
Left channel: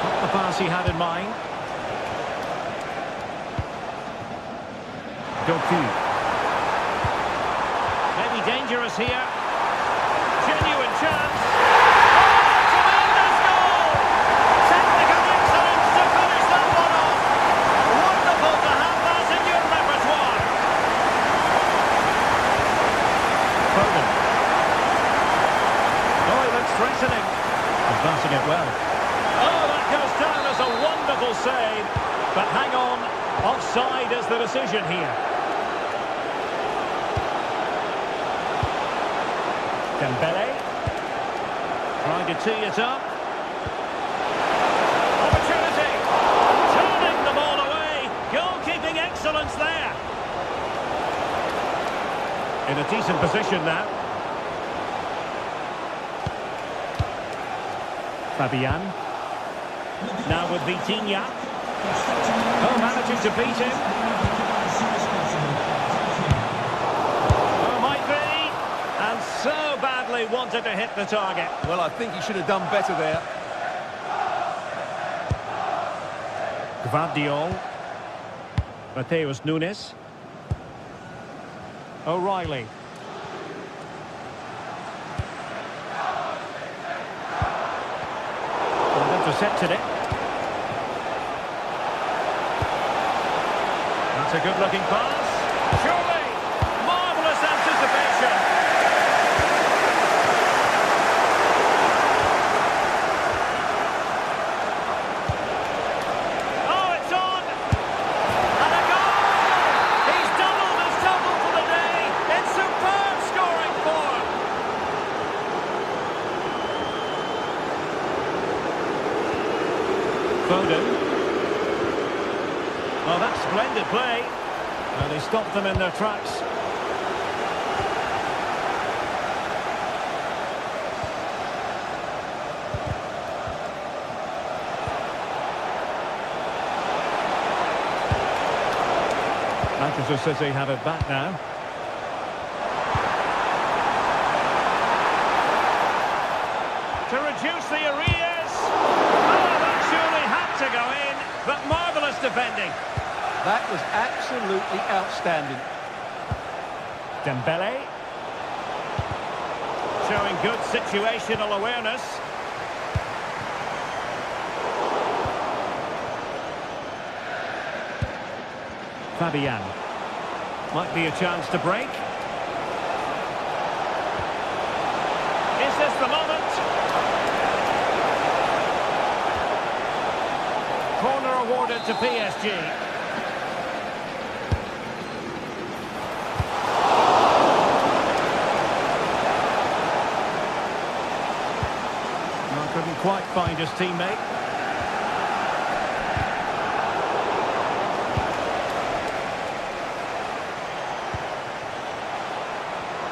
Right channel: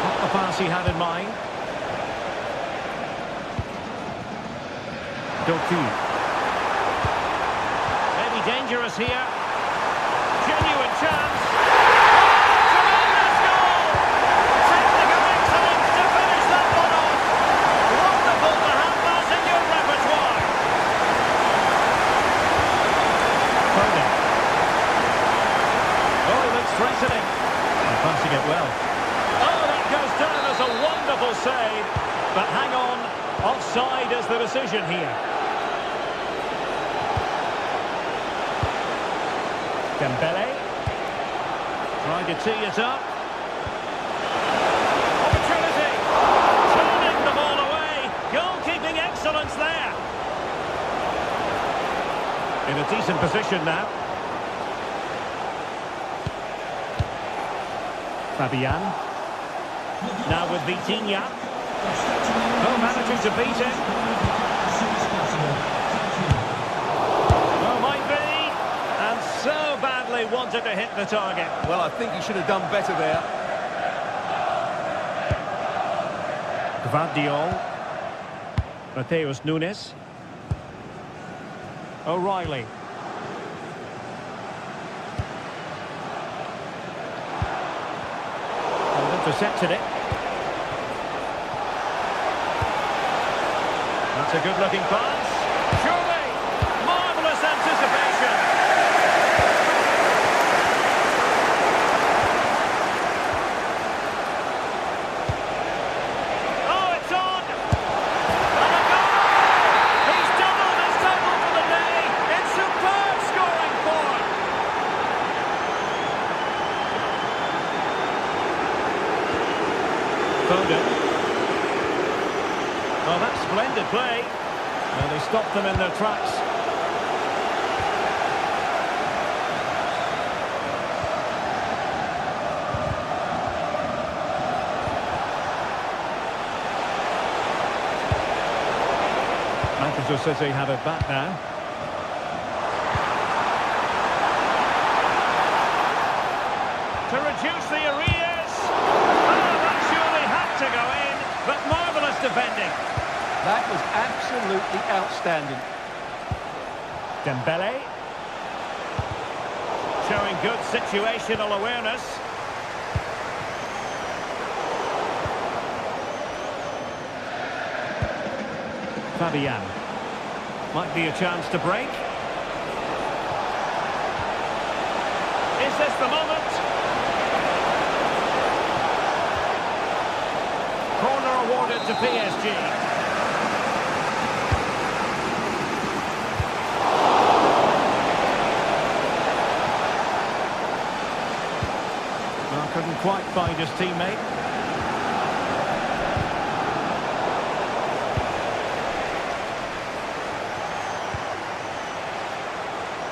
Not the pass he had in mind. Doku. Maybe dangerous here. Genuine chance. Oh, tremendous goal! Technical excellence to finish that one off. Wonderful to have that in your repertoire. Foden. Oh, he looks threatening. And passing it well. Oh, that goes down as a wonderful save. But hang on, offside is the decision here. Dembele. Trying to tee it up. Opportunity. Turning the ball away. Goalkeeping excellence there. In a decent position now. Fabian. Now with Vitinha. Oh, managing to beat him. Oh, might be. And so badly wanted to hit the target. Well, I think he should have done better there. Gvardiol. Mateus Nunes. O'Reilly. And intercepted it. That's a good-looking pass. Surely, marvellous anticipation. Oh, it's on! And a goal! He's doubled his total for the day in superb scoring form. Foden. Oh, that's splendid play. Well, they stopped them in their tracks. Manchester City have it back now. To reduce the arrears. Oh, that surely had to go in, but marvellous defending. That was absolutely outstanding. Dembele. Showing good situational awareness. Fabian. Might be a chance to break. Is this the moment? Corner awarded to PSG. Well, couldn't quite find his teammate.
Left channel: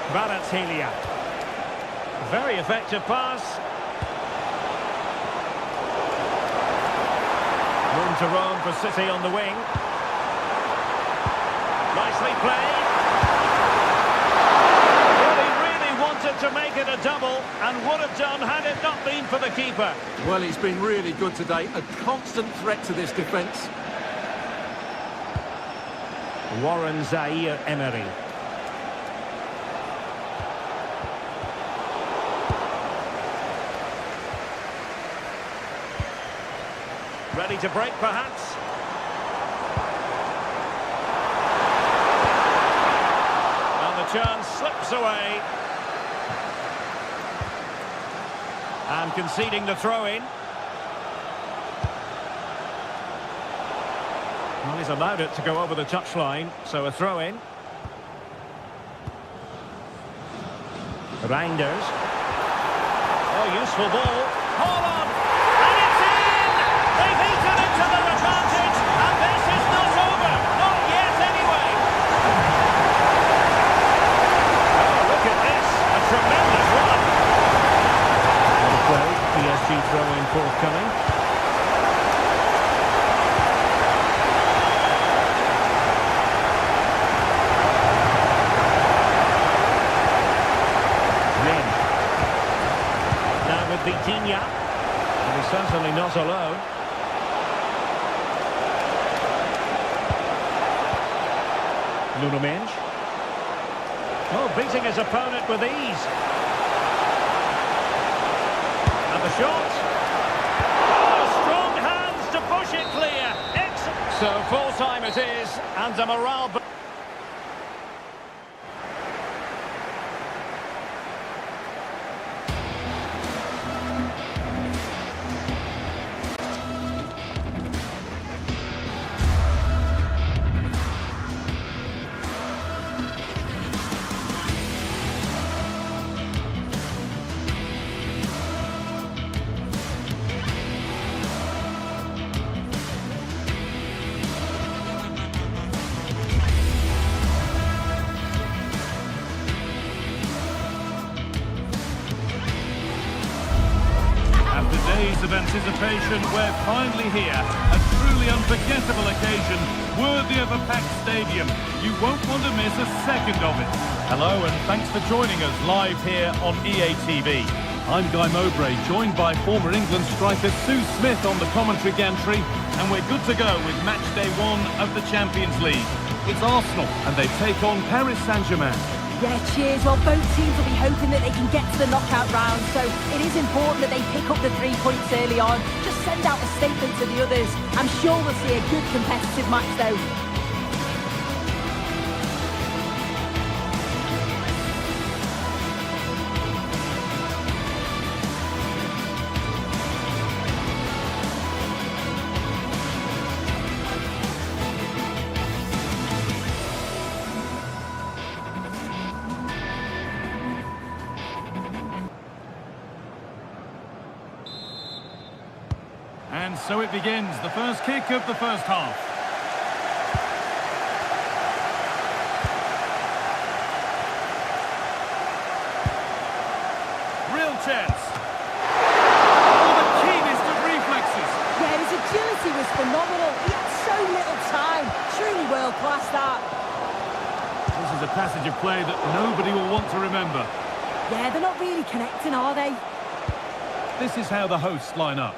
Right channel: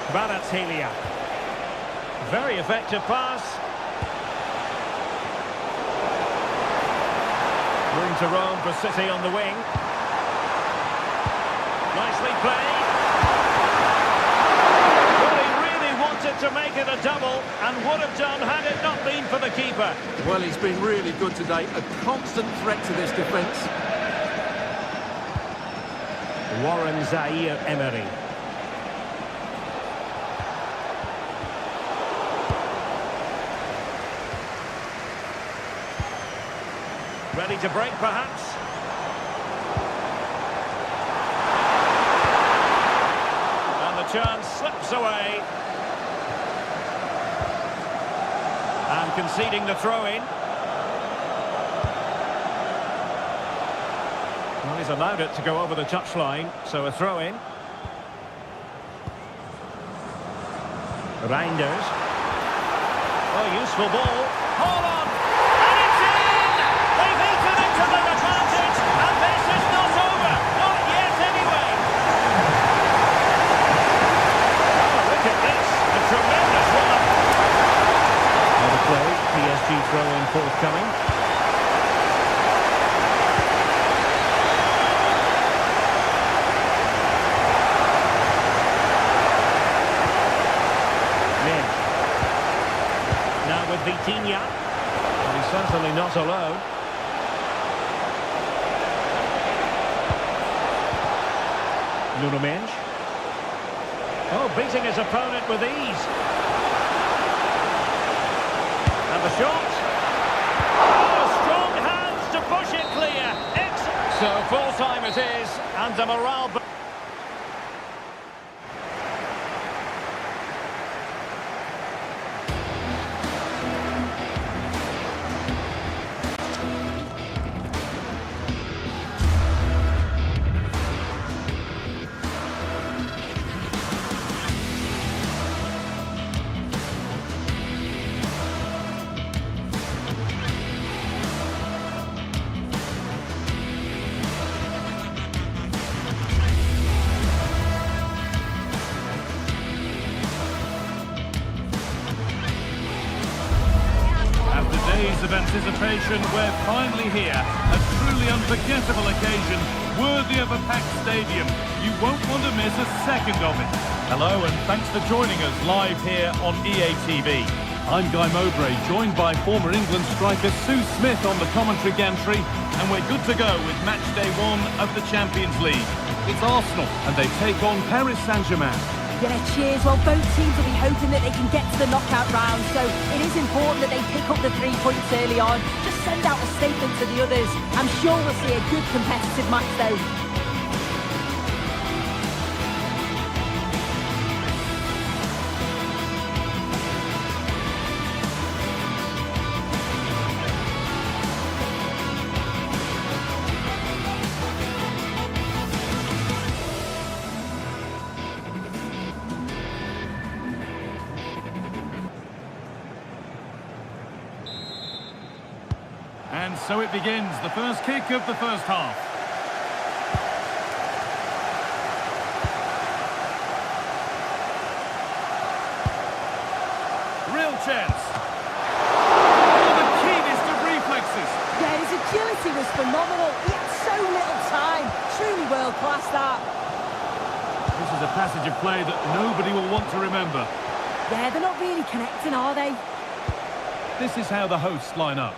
Kvaratskhelia. Very effective pass. Room to roam for City on the wing. Nicely played. Well, he really wanted to make it a double and would have done had it not been for the keeper. Well, he's been really good today. A constant threat to this defence. Warren Zaire-Emery. Ready to break, perhaps. And the chance slips away. And conceding the throw-in. Well, he's allowed it to go over the touchline, so a throw-in. Reinders. Oh, useful ball. Hold on! They've eaten into their advantage, and this is not over. Not yet, anyway. Oh, look at this. A tremendous run. On the play, PSG throw-in forthcoming. Min. Now with Vitinha. And he's certainly not alone. Nuno Mendes. Oh, beating his opponent with ease. And the shot. Oh, strong hands to push it clear. So full time it is, and a morale. Days of anticipation, we're finally here. A truly unforgettable occasion, worthy of a packed stadium. You won't want to miss a second of it. Hello and thanks for joining us live here on EA TV. I'm Guy Mowbray, joined by former England striker Sue Smith on the commentary gantry, and we're good to go with match day 1 of the Champions League. It's Arsenal and they take on Paris Saint-Germain. Yeah, cheers. Well, both teams will be hoping that they can get to the knockout round, so it is important that they pick up the 3 points early on. Just send out a statement to the others. I'm sure we'll see a good competitive match, though. And so it begins, the first kick of the first half. Real chance. Oh, the keenest of reflexes. Yeah, his agility was phenomenal. He had so little time. Truly world-class, that. This is a passage of play that nobody will want to remember. Yeah, they're not really connecting, are they? This is how the hosts line up.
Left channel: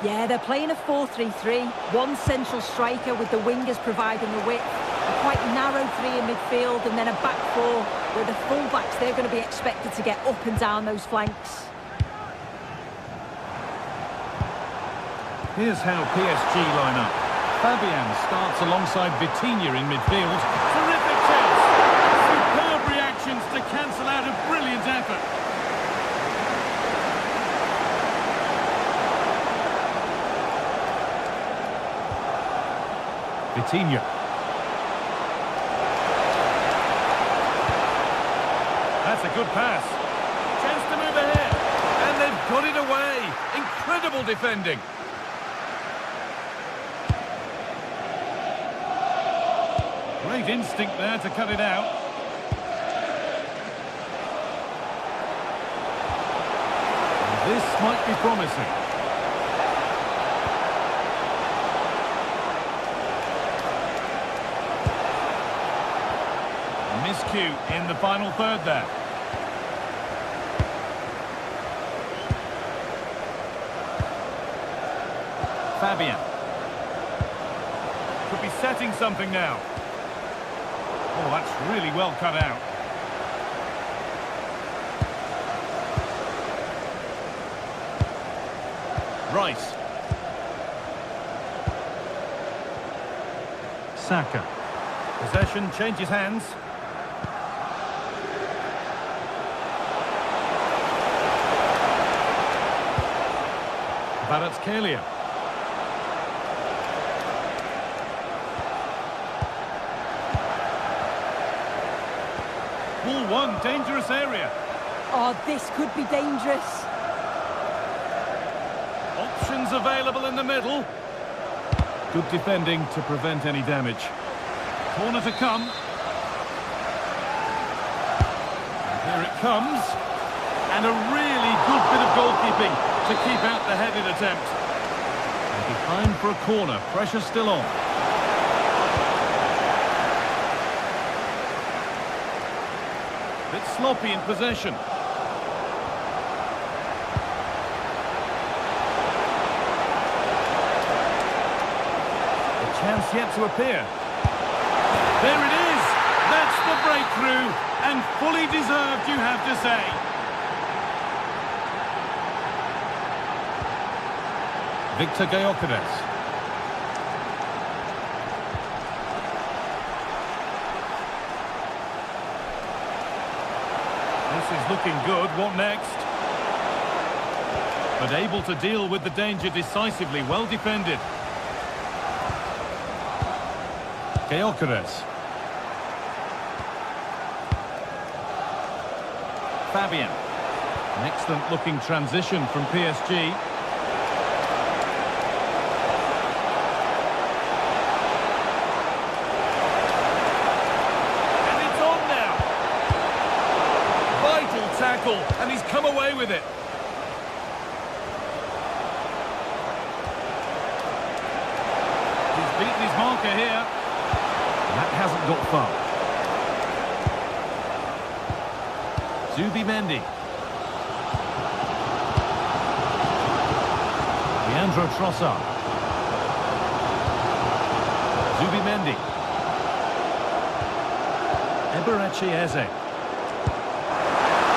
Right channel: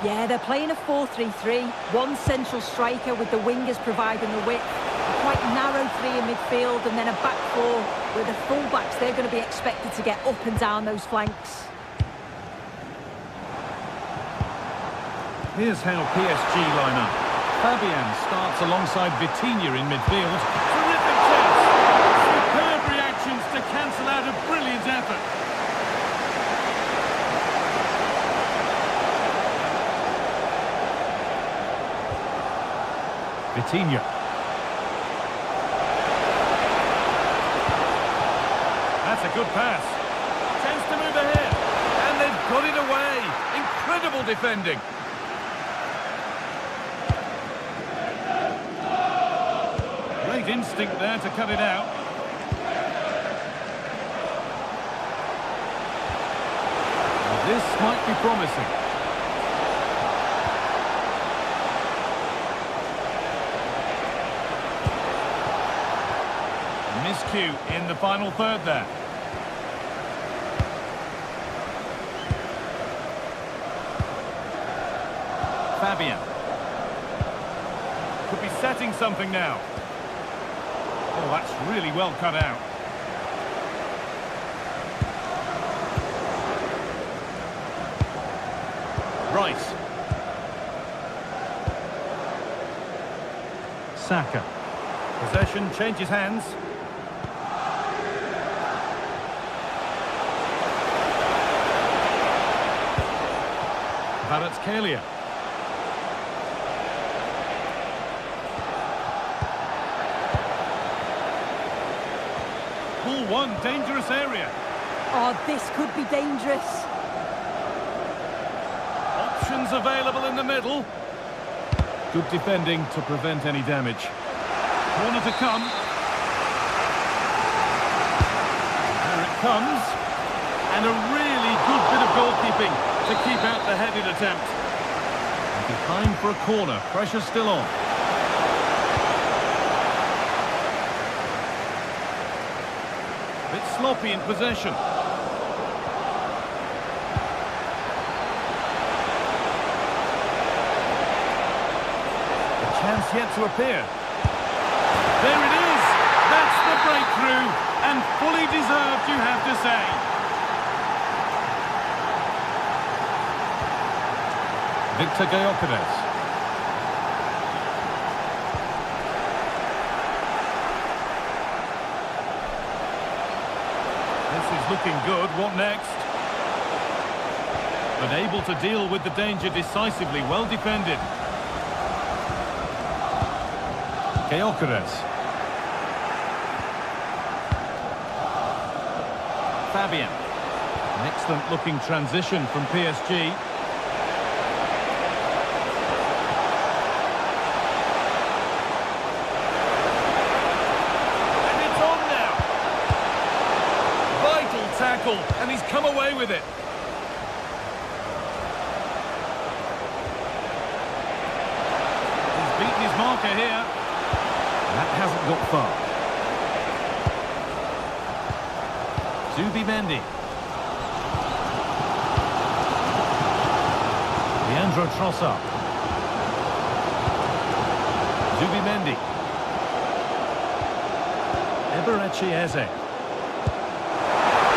Yeah, they're playing a 4-3-3. One central striker with the wingers providing the width. A quite narrow three in midfield and then a back four where the full-backs, they're going to be expected to get up and down those flanks. Here's how PSG line up. Fabian starts alongside Vitinha in midfield. Terrific chance! Superb reactions to cancel out a brilliant effort. Vitinha. That's a good pass. Chance to move ahead. And they've got it away. Incredible defending. Great instinct there to cut it out. And this might be promising. Miscue in the final third there. Fabian. Could be setting something now. Oh, that's really well cut out. Rice. Saka. Possession changes hands. Kvaratskhelia. Ball one, dangerous area. Oh, this could be dangerous. Options available in the middle. Good defending to prevent any damage. Corner to come. Here it comes. And a really good bit of goalkeeping to keep out the headed attempt. And behind for a corner. Pressure still on. Bit sloppy in possession. A chance yet to appear. There it is! That's the breakthrough, and fully deserved, you have to say. Victor Gyökeres. This is looking good. What next? But able to deal with the danger decisively. Well defended. Gyökeres. Fabian. An excellent looking transition from PSG. And it's on now. Vital tackle, and he's come away with it. He's beaten his marker here. That hasn't got far. Zubimendi. Leandro Trossard. Zubimendi. Eberechi Eze.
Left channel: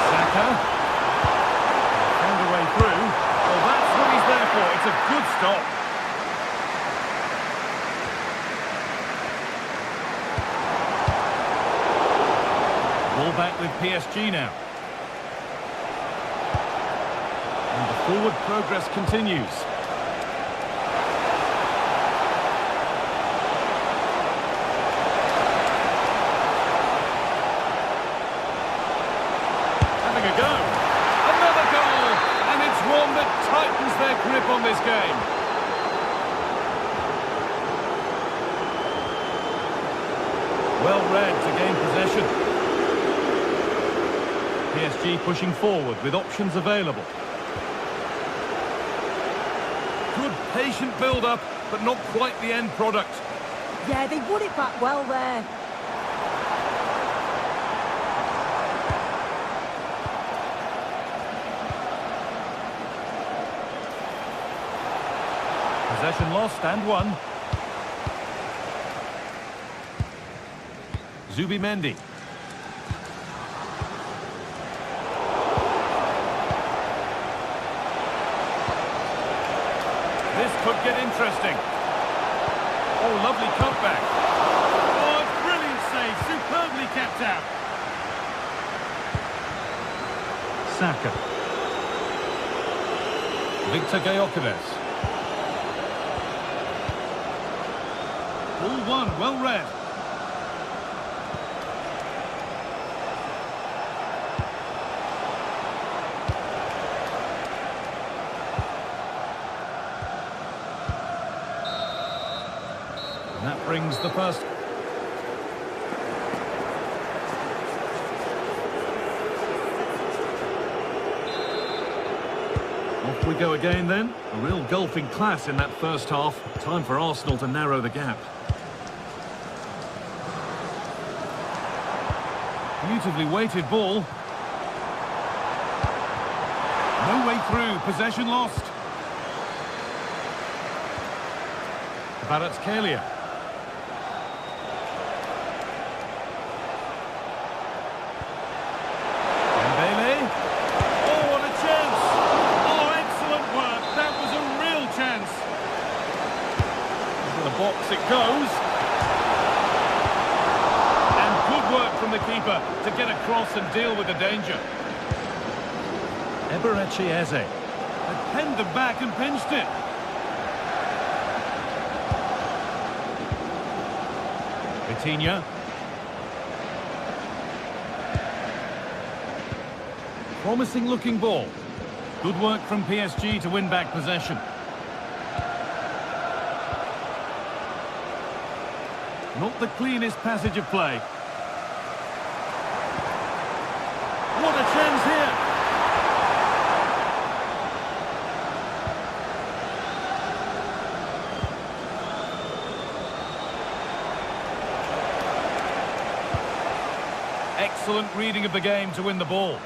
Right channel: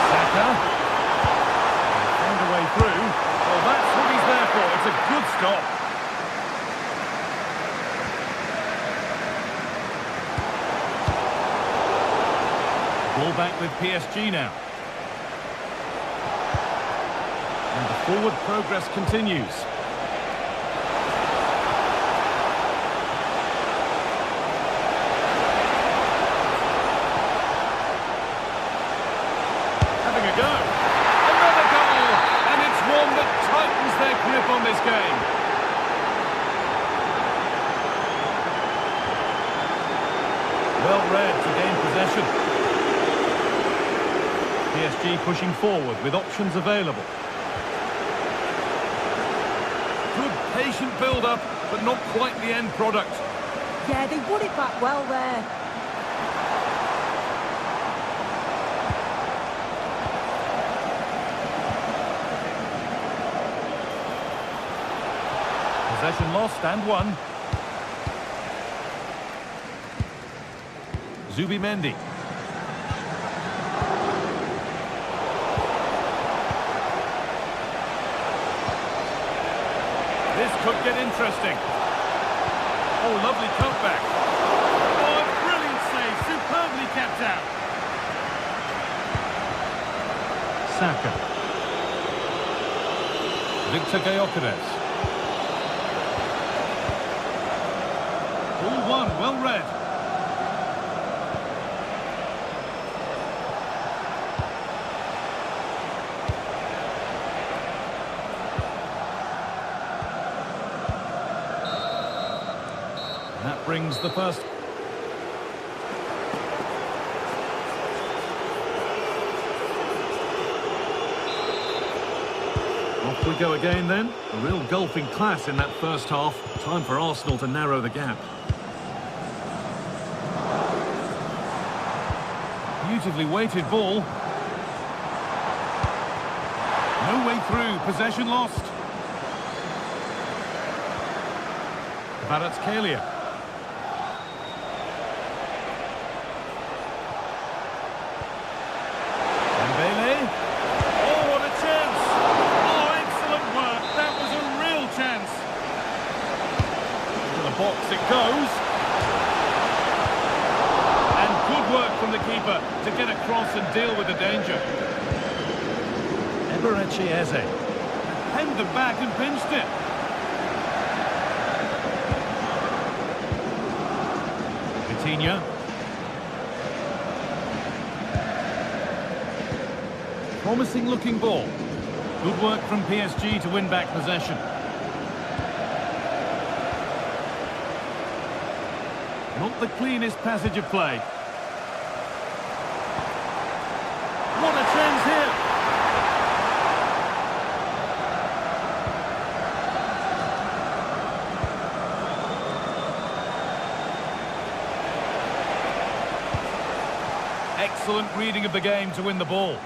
Saka. Found a way through. Well, that's what he's there for. It's a good stop. Ball back with PSG now. And the forward progress continues. Having a go. Another goal! And it's one that tightens their grip on this game. Well read to gain possession. PSG pushing forward with options available. Good patient build-up, but not quite the end product. Yeah, they won it back well there. Possession lost and won. Zubimendi. This could get interesting. Oh, lovely cutback. Oh, a brilliant save. Superbly kept out. Saka. Victor Gyökeres. Ball one, well read. And that brings the first. Off we go again then. A real golfing class in that first half. Time for Arsenal to narrow the gap. Beautifully weighted ball. No way through. Possession lost. Kvaratskhelia. Dembele. Oh, what a chance! Oh, excellent work. That was a real chance. Into the box it goes. And good work from the keeper to get across and deal with the danger. Eberechi Eze had penned them back and pinched it. Vitinha. Promising looking ball. Good work from PSG to win back possession. Not the cleanest passage of play. What a chance here! Excellent reading of the game to win the ball.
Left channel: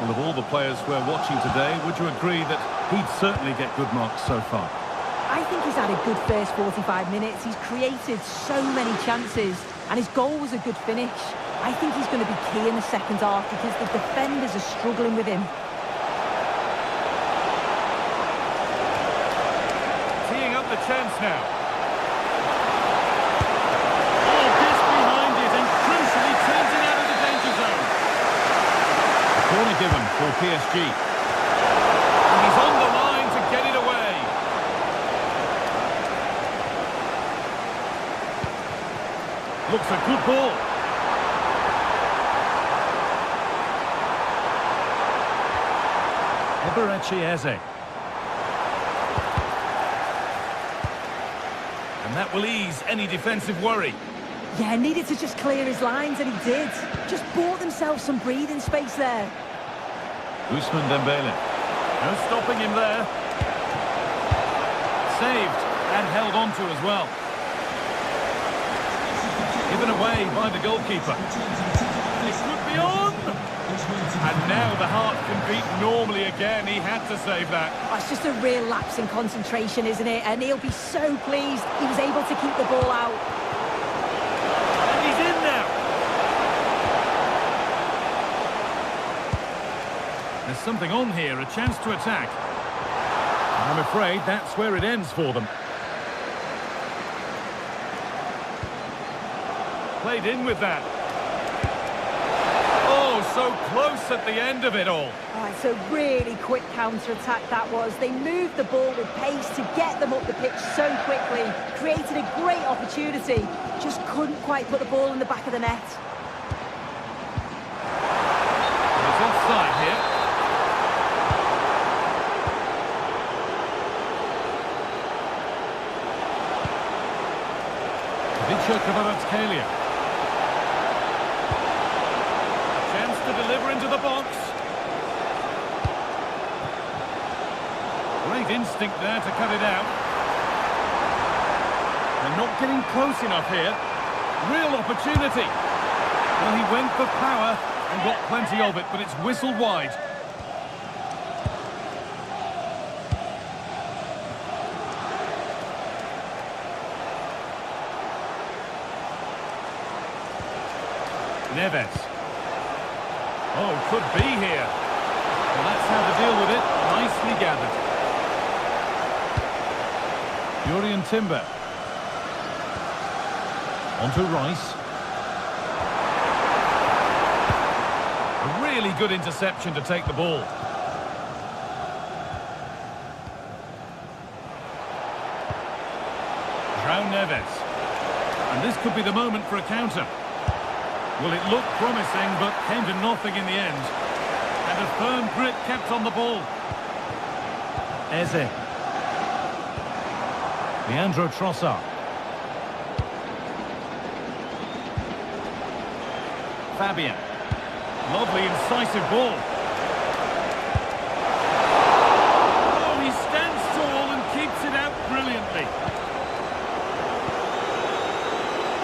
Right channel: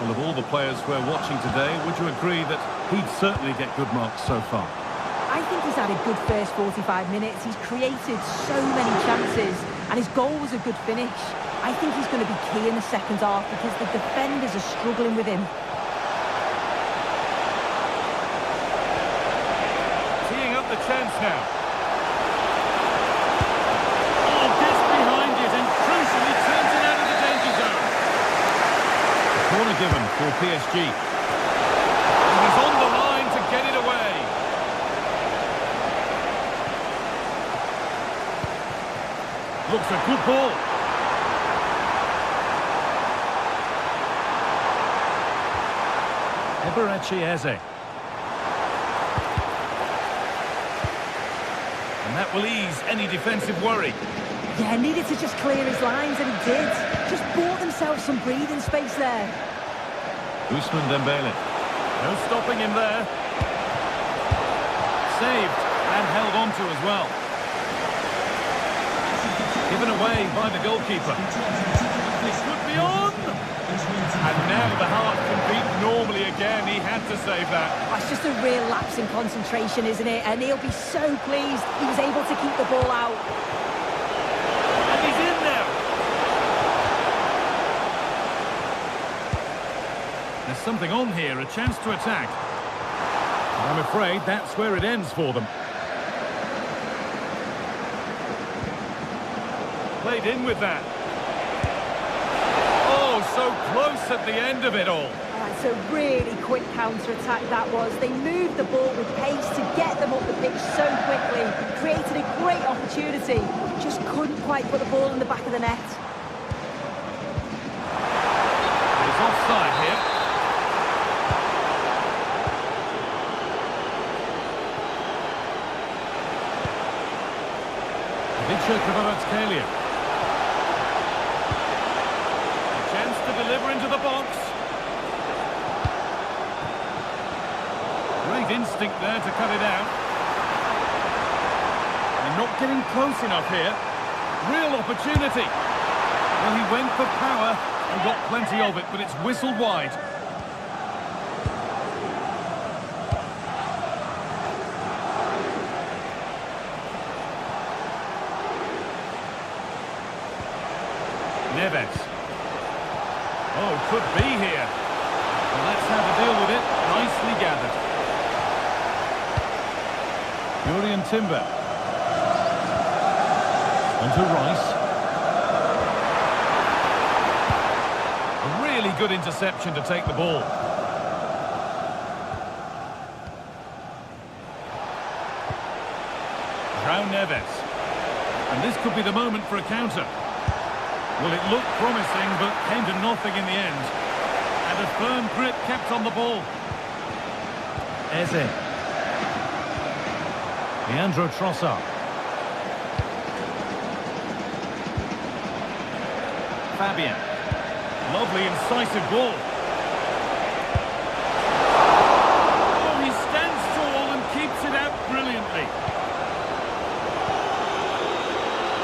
Well, of all the players we're watching today, would you agree that he'd certainly get good marks so far? I think he's had a good first 45 minutes. He's created so many chances, and his goal was a good finish. I think he's going to be key in the second half because the defenders are struggling with him. Teeing up the chance now. Oh, gets behind it and crucially turns it out of the danger zone. A corner given for PSG. And he's on the line to get it away. Looks a good ball. Eberechi Eze. And that will ease any defensive worry. Yeah, needed to just clear his lines, and he did. Just bought themselves some breathing space there. Ousmane Dembele. No stopping him there. Saved and held on to as well. Given away by the goalkeeper. This could be on! And now the heart can beat normally again. He had to save that. Oh, it's just a real lapse in concentration, isn't it? And he'll be so pleased he was able to keep the ball out. And he's in now. There's something on here, a chance to attack. And I'm afraid that's where it ends for them. Played in with that. Oh, so close at the end of it all. Oh, it's a really quick counter-attack that was. They moved the ball with pace to get them up the pitch so quickly. Created a great opportunity. Just couldn't quite put the ball in the back of the net. It's offside here. Victor Kvaratskhelia. Chance to deliver into the box. Great instinct there to cut it out. And not getting close enough here. Real opportunity. Well, he went for power and got plenty of it, but it's whistled wide. Neves. Oh, could be here. Well, that's how to deal with it. Nicely gathered. Jurriën Timber. Onto Rice. A really good interception to take the ball. João Neves. And this could be the moment for a counter. Well, it looked promising, but came to nothing in the end. And a firm grip kept on the ball. Eze. Leandro Trossard. Fabian. Lovely, incisive ball. Oh, he stands tall and keeps it out brilliantly.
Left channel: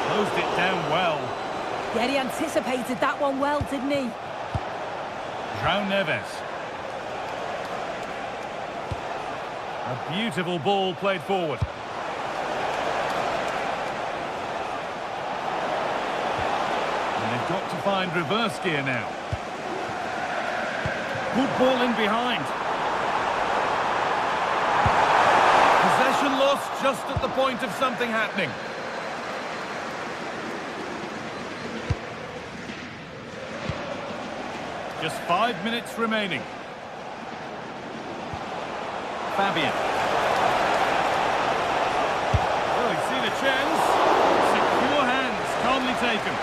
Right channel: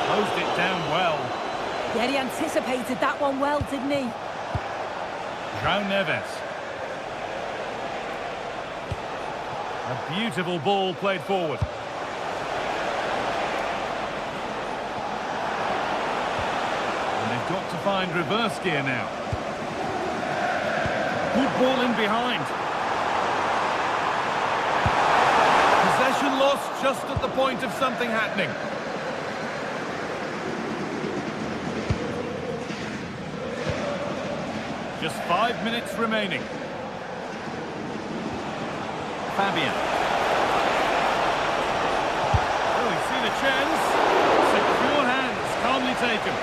Closed it down well. Yeah, he anticipated that one well, didn't he? João Neves. A beautiful ball played forward. And they've got to find reverse gear now. Good ball in behind. Possession lost just at the point of something happening. Just 5 minutes remaining. Fabian. Oh, he's seen a chance. Secure hands, calmly taken.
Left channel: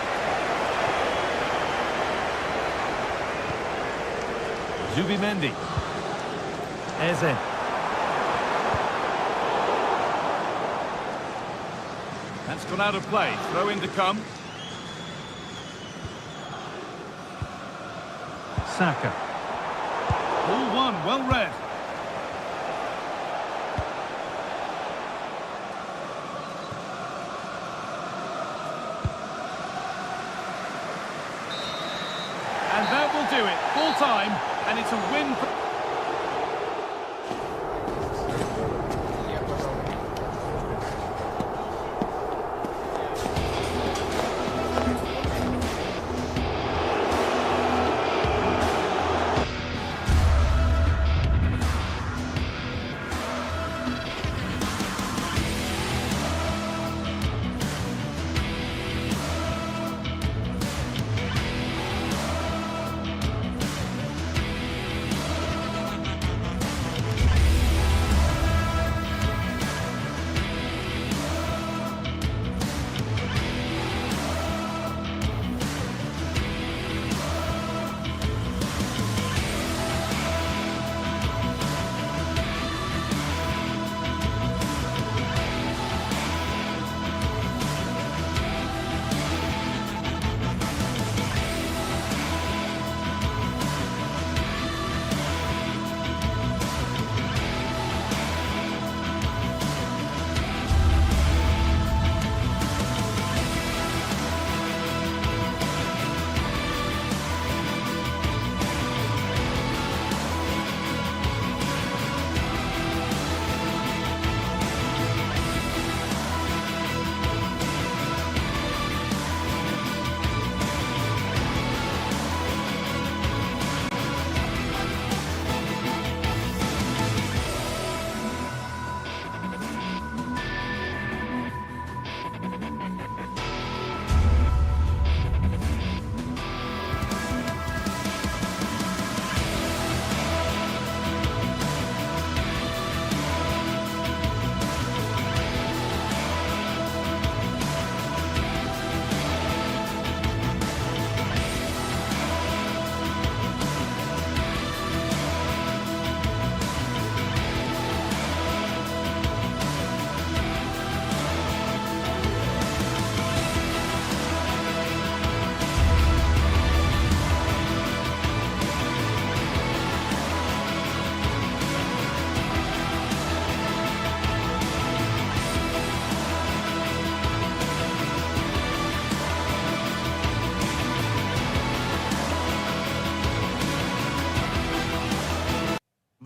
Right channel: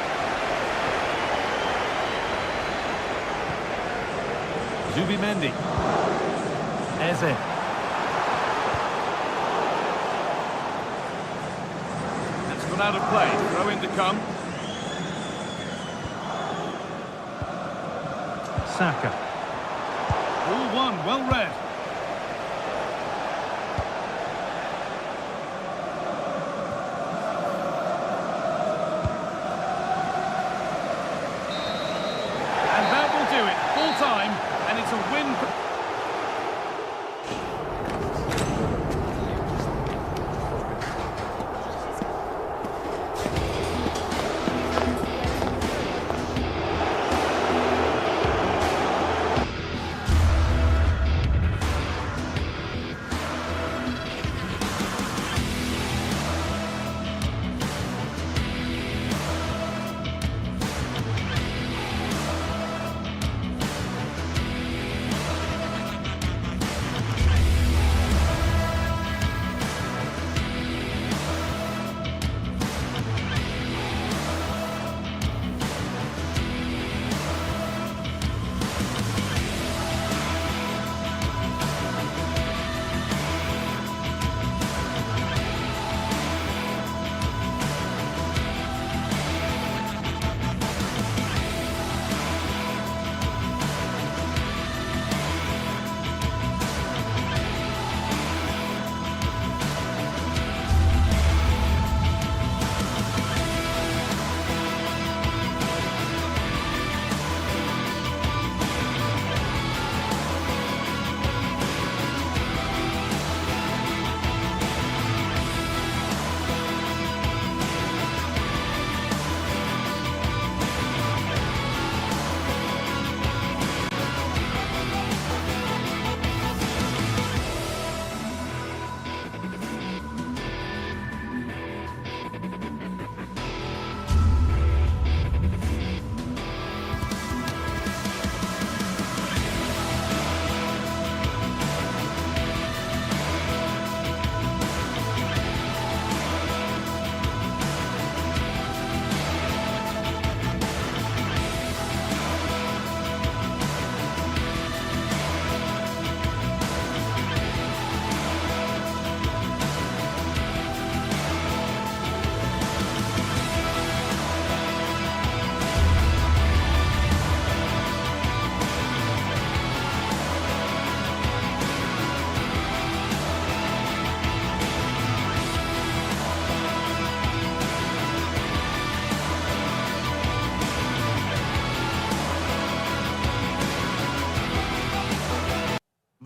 Zubimendi. Eze. That's gone out of play. Throw in to come. Saka. Ball one, well read. And that will do it. Full time, and it's a win.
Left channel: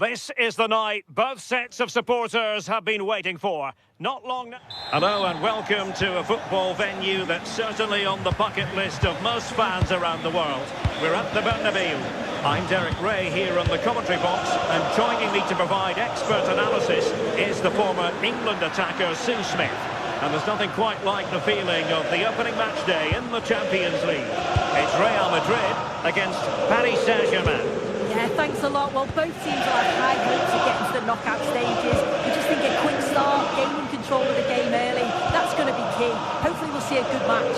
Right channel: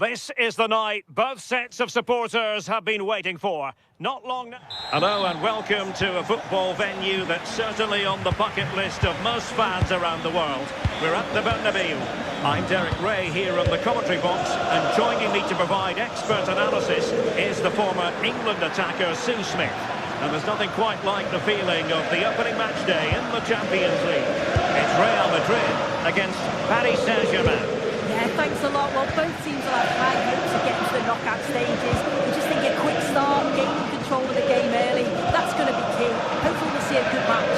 This is the night both sets of supporters have been waiting for. Not long now. Hello and welcome to a football venue that's certainly on the bucket list of most fans around the world. We're at the Bernabeu. I'm Derek Ray here on the commentary box, and joining me to provide expert analysis is the former England attacker Sue Smith. And there's nothing quite like the feeling of the opening match day in the Champions League. It's Real Madrid against Paris Saint-Germain. Yeah, thanks a lot. Well, both teams will have high hopes of getting to the knockout stages. You just think a quick start, gaining control of the game early, that's going to be key. Hopefully we'll see a good match.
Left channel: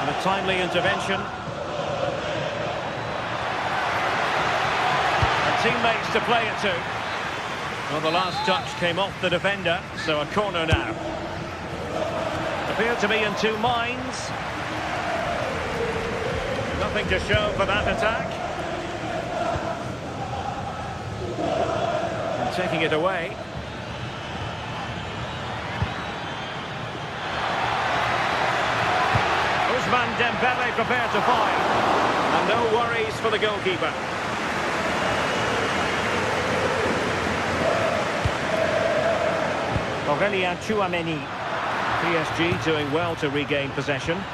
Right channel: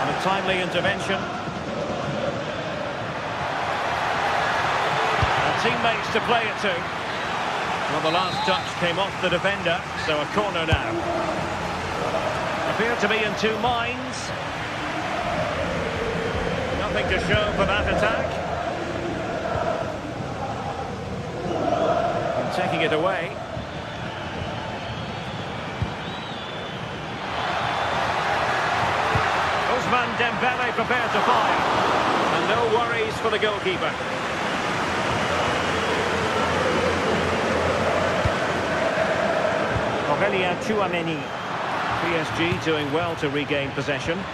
And a timely intervention. And teammates to play it to. Well, the last touch came off the defender, so a corner now. Appear to be in two minds. Nothing to show for that attack. And taking it away. Ousmane Dembele prepared to fire. And no worries for the goalkeeper. Aurélien Tchouameni. PSG doing well to regain possession.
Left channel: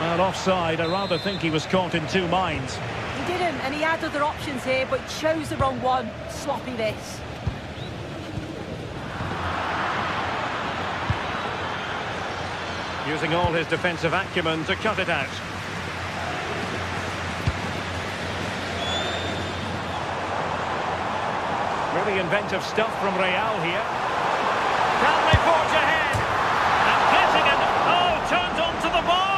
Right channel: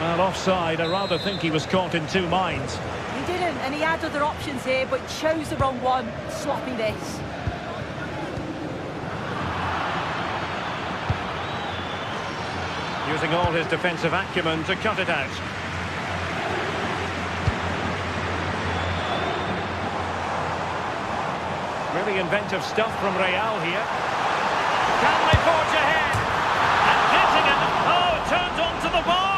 Well, offside. I rather think he was caught in two minds. He didn't, and he had other options here, but chose the wrong one. Sloppy this. Using all his defensive acumen to cut it out. Really inventive stuff from Real here. Can they forge ahead? And getting it. Oh, turned onto the bar.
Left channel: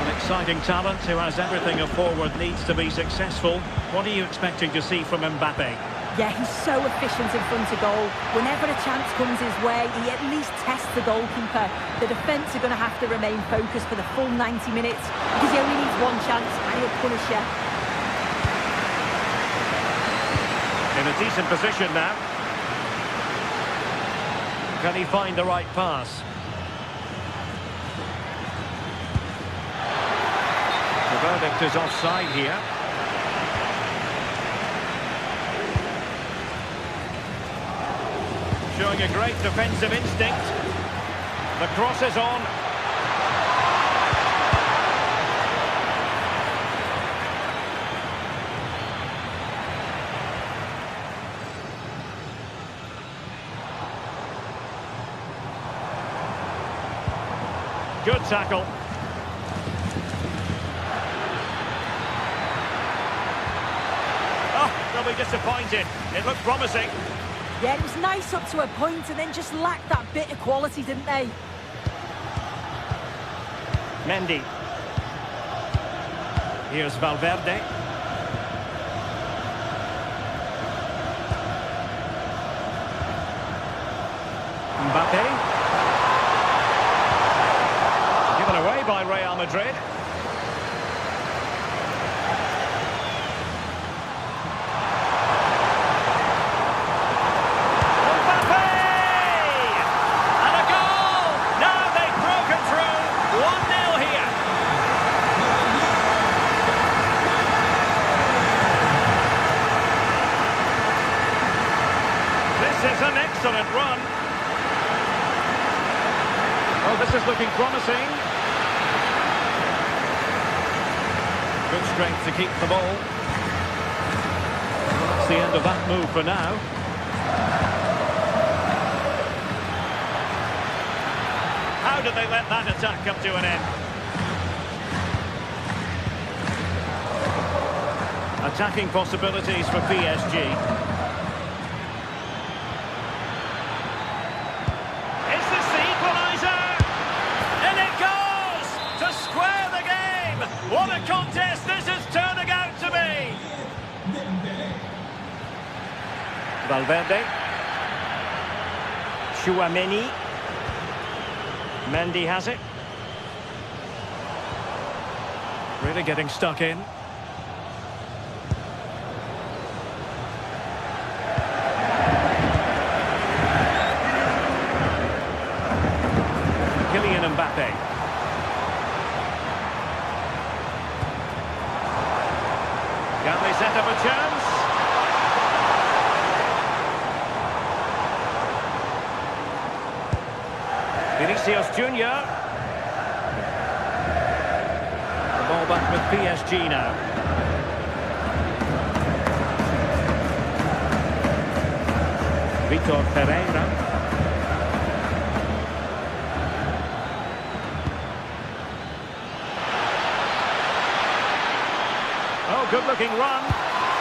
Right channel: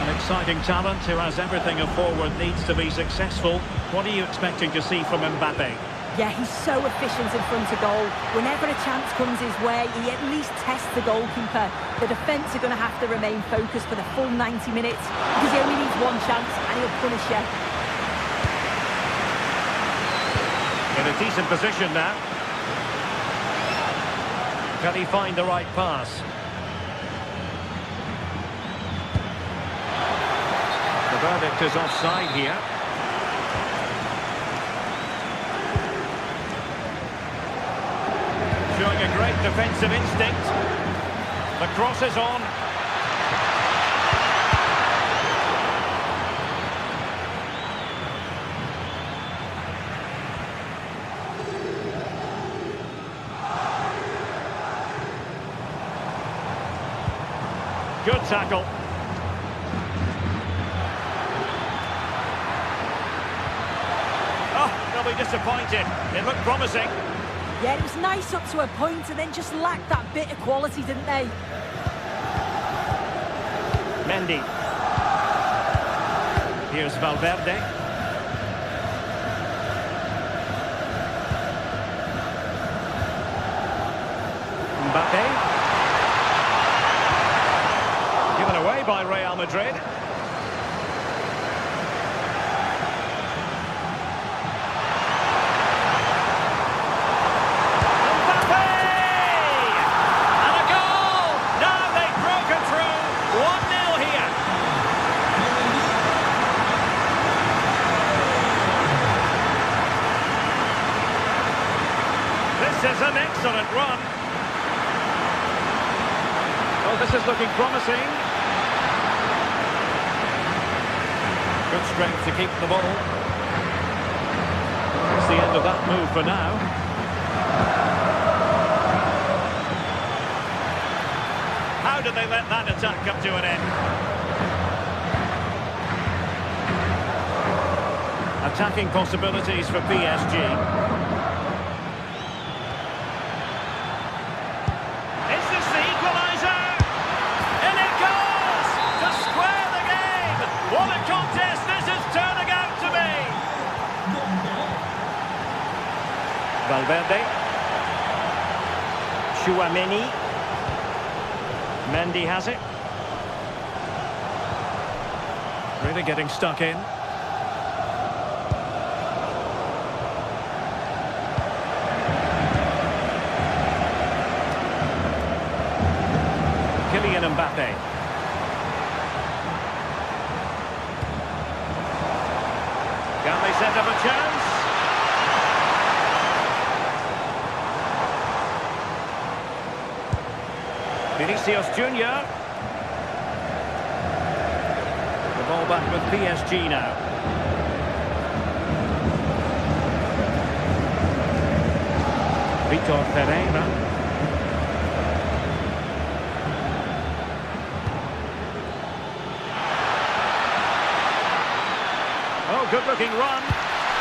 An exciting talent who has everything a forward needs to be successful. What are you expecting to see from Mbappe? Yeah, he's so efficient in front of goal. Whenever a chance comes his way, he at least tests the goalkeeper. The defence are going to have to remain focused for the full 90 minutes because he only needs one chance and he'll punish you. In a decent position now. Can he find the right pass? The verdict is offside here. Showing a great defensive instinct. The cross is on. Good tackle. Oh, they'll be disappointed. It looked promising. Yeah, it was nice up to a point and then just lacked that bit of quality, didn't they? Mendy. Here's Valverde. Mbappe. Given away by Real Madrid. Mbappe! And a goal! Now they've broken through. 1-0 here. This is an excellent run. Oh, this is looking promising. Good strength to keep the ball. Well, that's the end of that move for now. How did they let that attack come to an end? Attacking possibilities for PSG. Is this the equaliser? And it goes to square the game. What a contest this is turning out to be. Valverde. Tchouameni. Mendy has it. Really getting stuck in. Kylian Mbappe. Can they set up a chance? Vinicius Junior. The ball back with PSG now. Vitor Pereira. Oh, good-looking run.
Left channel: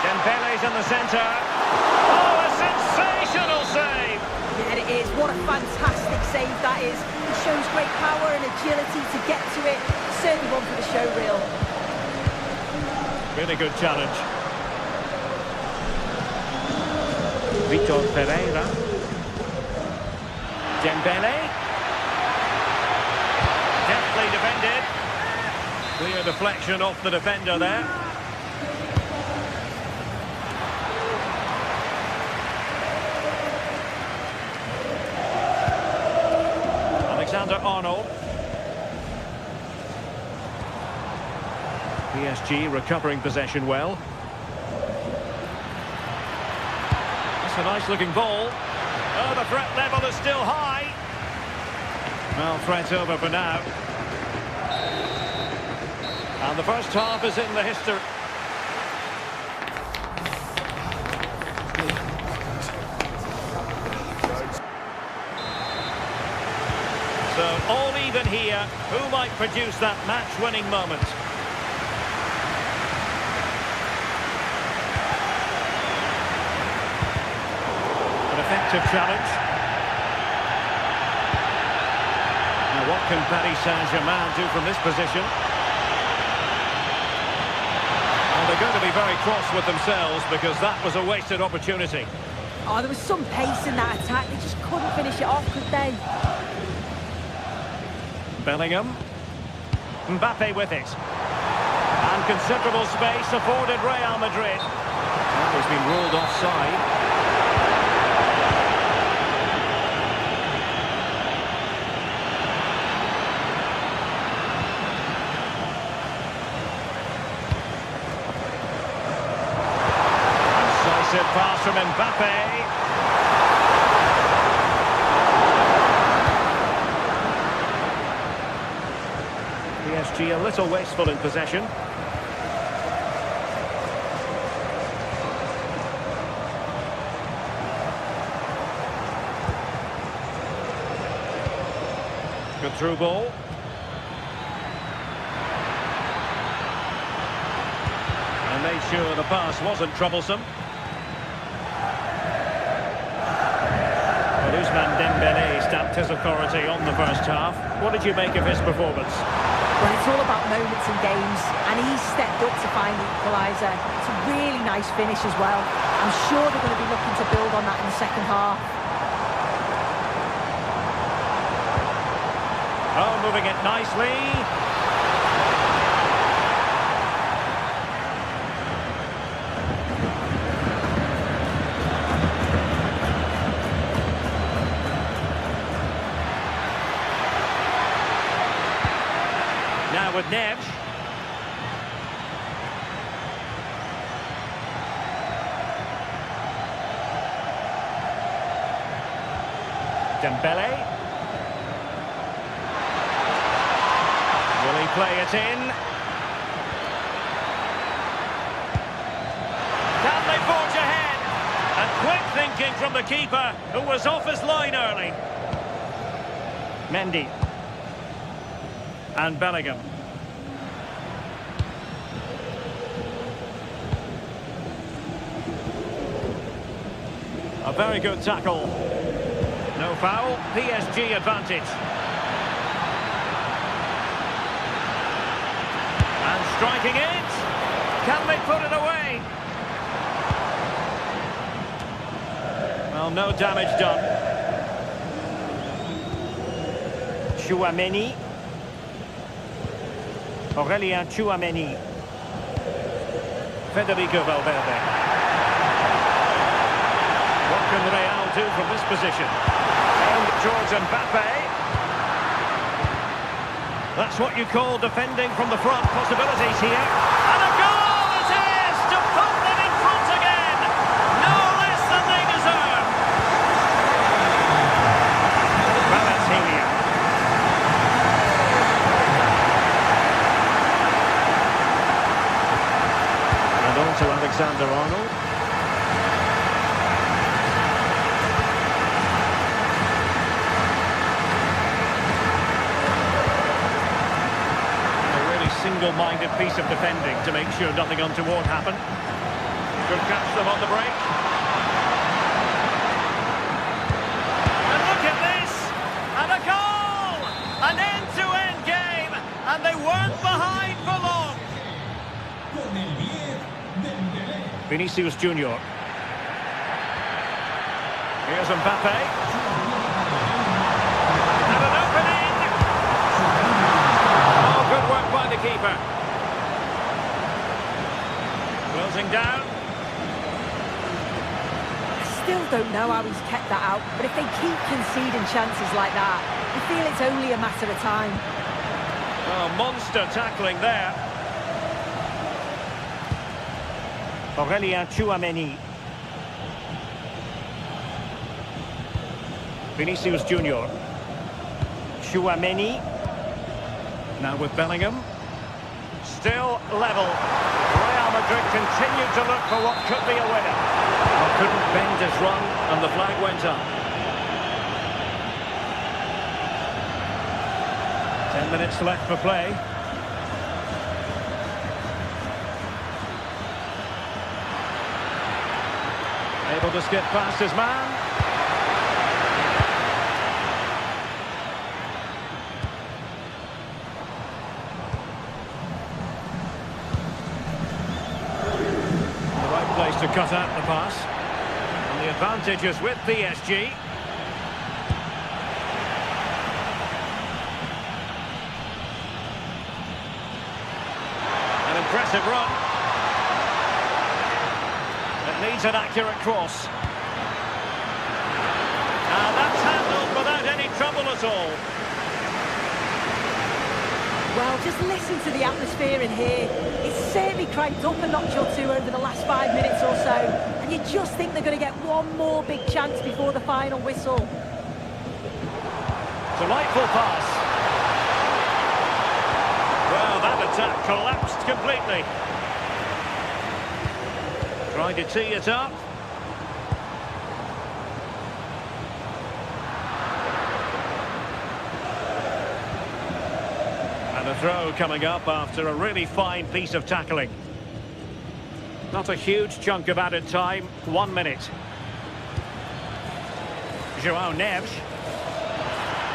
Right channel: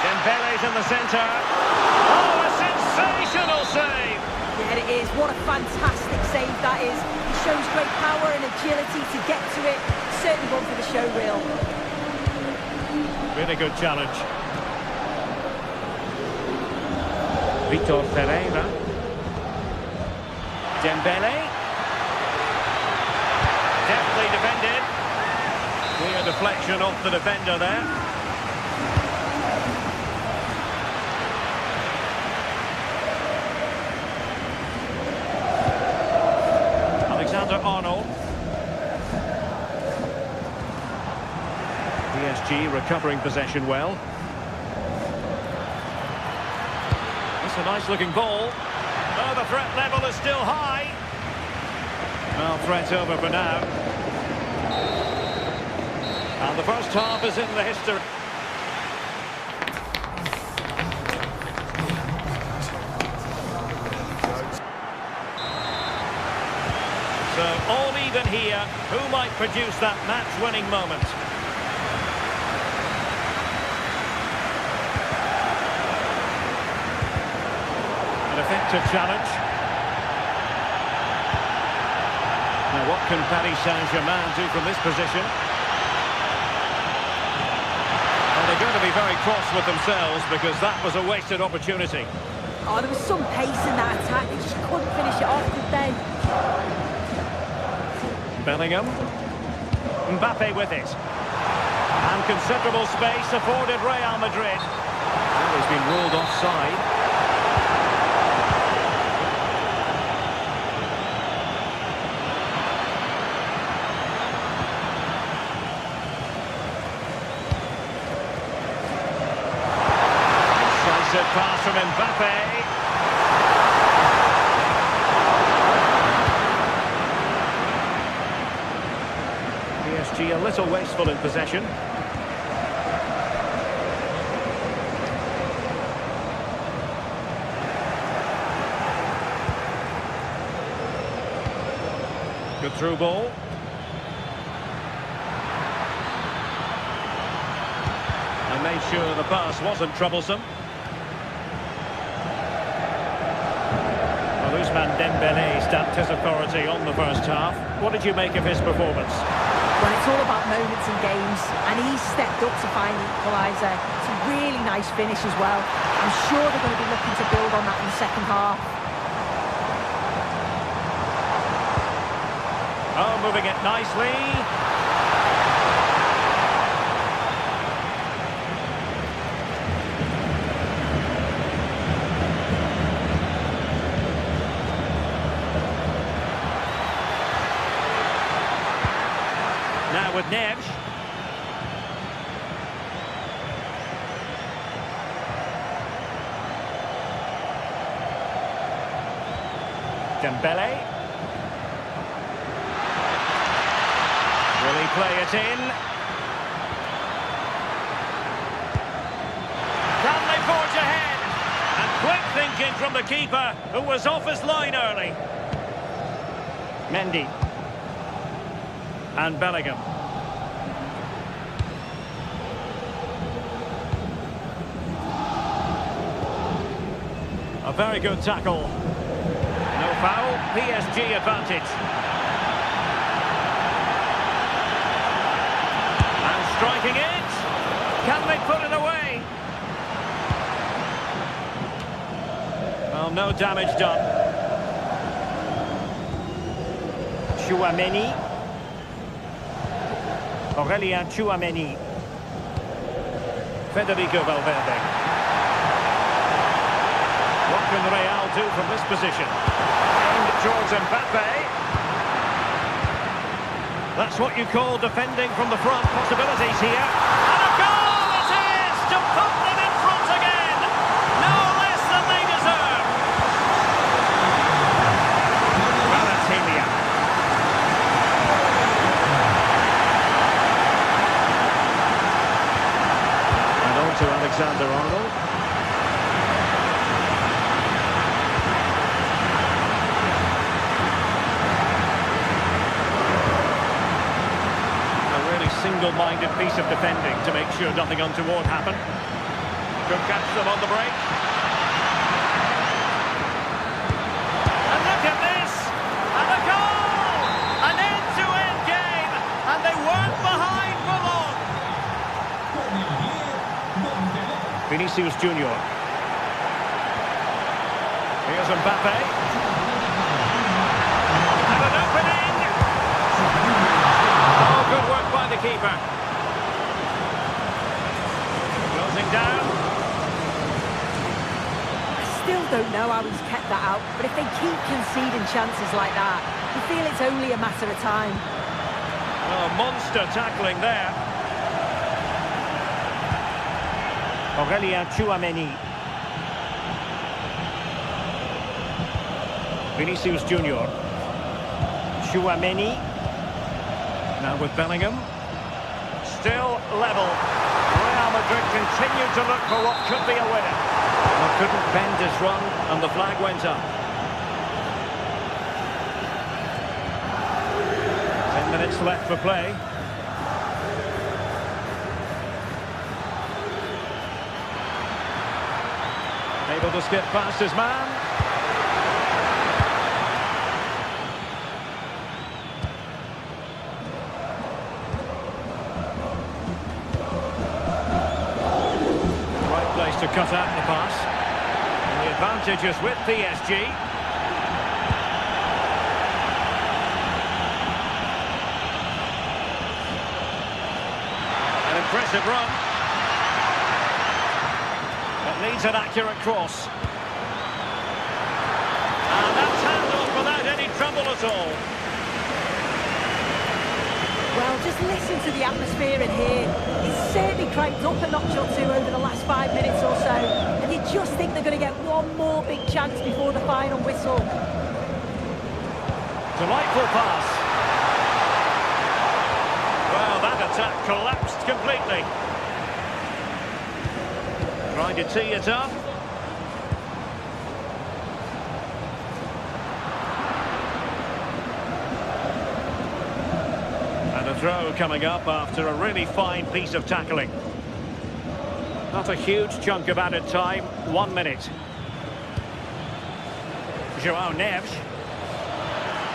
Dembele's in the centre. Oh, a sensational save! Yeah, it is. What a fantastic save that is. He shows great power and agility to get to it. Certainly one for the show reel. Really good challenge. Vitor Pereira. Dembele. Deftly defended. Clear deflection off the defender there. Alexander-Arnold. PSG recovering possession well. That's a nice looking ball. Oh, the threat level is still high. Well, threat over for now. And the first half is in the history. So, all even here. Who might produce that match-winning moment? An effective challenge. Now, what can Paris Saint-Germain do from this position? Well, they're going to be very cross with themselves because that was a wasted opportunity. Oh, there was some pace in that attack. They just couldn't finish it off, could they? Bellingham. Mbappe with it. And considerable space afforded Real Madrid. Well, he's been ruled offside. Incisive pass from Mbappe. PSG a little wasteful in possession. Good through ball. And made sure the pass wasn't troublesome. Well, Ousmane Dembele stamped his authority on the first half. What did you make of his performance? Well, it's all about moments in games, and he stepped up to find the equaliser. It's a really nice finish as well. I'm sure they're going to be looking to build on that in the second half. Oh, moving it nicely. Now with Neves. Dembele. Will he play it in? Can they forge ahead? And quick thinking from the keeper, who was off his line early. Mendy. And Bellingham. A very good tackle. No foul, PSG advantage. And striking it. Can they put it away? Well, no damage done. Tchouaméni. Aurélien Tchouaméni. Federico Valverde. What can Real do from this position? Aimed towards Mbappe. That's what you call defending from the front. Possibilities here. And a goal it is to Alexander-Arnold. A really single-minded piece of defending to make sure nothing untoward happened. Could catch them on the break. And look at this! And a goal! An end-to-end game! And they weren't behind for long! Vinicius Junior. Here's Mbappe. And an opening! Oh, good work by the keeper. Closing down. Still don't know how he's kept that out, but if they keep conceding chances like that, you feel it's only a matter of time. Oh, monster tackling there. Aurelien Tchouameni. Vinicius Junior. Tchouameni. Now with Bellingham. Still level. Real Madrid continue to look for what could be a winner. Well, couldn't bend his run, and the flag went up. 10 minutes left for play. Able to skip past his man. The right place to cut out the pass. And the advantage is with PSG. An impressive run. It needs an accurate cross. And that's handled without any trouble at all. Well, just listen to the atmosphere in here. It's certainly cranked up a notch or two over the last 5 minutes or so. And you just think they're going to get one more big chance before the final whistle. Delightful pass. Well, that attack collapsed completely. Trying to tee it up. And a throw coming up after a really fine piece of tackling. Not a huge chunk of added time, 1 minute. João Neves.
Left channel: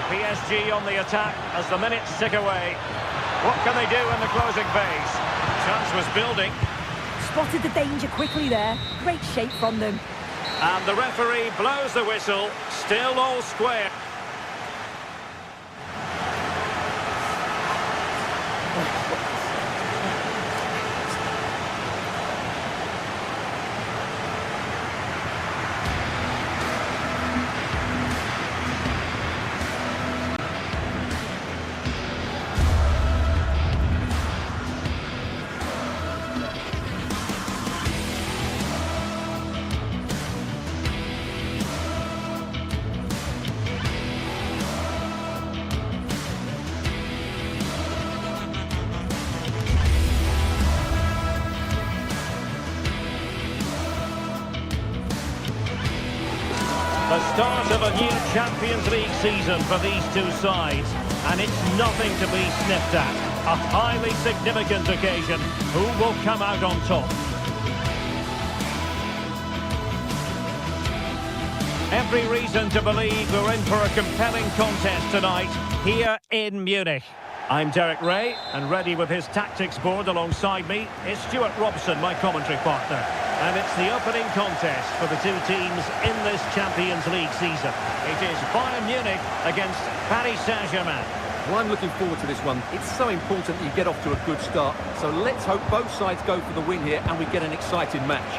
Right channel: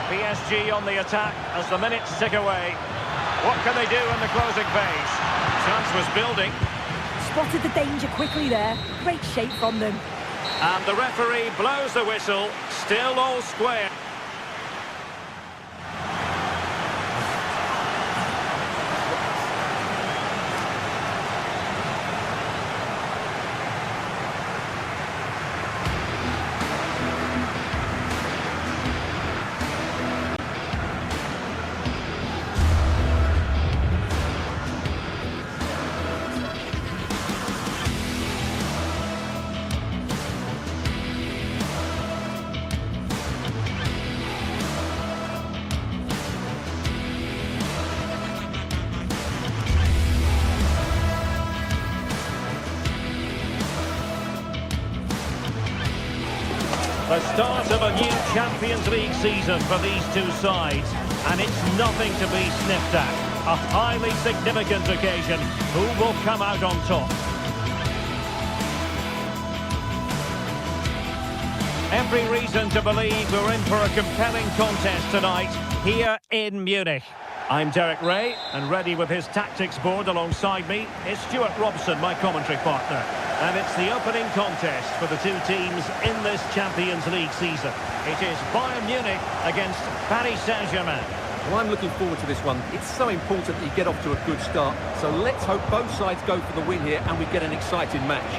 PSG on the attack as the minutes tick away. What can they do in the closing phase? Chance was building. Spotted the danger quickly there. Great shape from them. And the referee blows the whistle. Still all square. The start of a new Champions League season for these two sides, and it's nothing to be sniffed at. A highly significant occasion. Who will come out on top? Every reason to believe we're in for a compelling contest tonight here in Munich. I'm Derek Ray, and ready with his tactics board alongside me is Stuart Robson, my commentary partner. And it's the opening contest for the two teams in this Champions League season. It is Bayern Munich against Paris Saint-Germain. Well, I'm looking forward to this one. It's so important that you get off to a good start. So let's hope both sides go for the win here and we get an exciting match.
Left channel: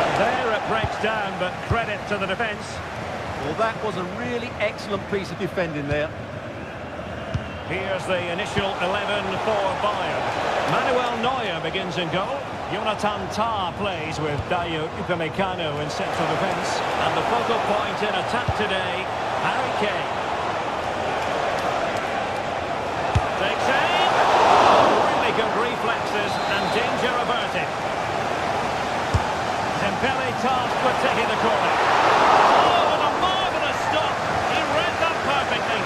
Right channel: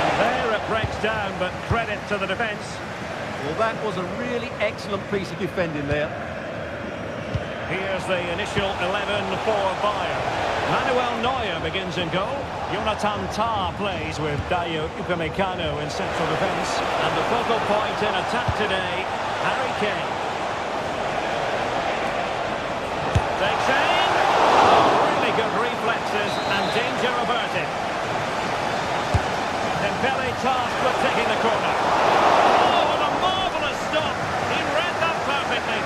And there it breaks down, but credit to the defence. Well, that was a really excellent piece of defending there. Here's the initial 11 for Bayern. Manuel Neuer begins in goal. Jonathan Tah plays with Dayo Upamecano in central defence. And the focal point in attack today, Harry Kane. Takes aim. and danger averted. Dembele tasked with taking the corner. Oh, and a marvellous stop. He read that perfectly.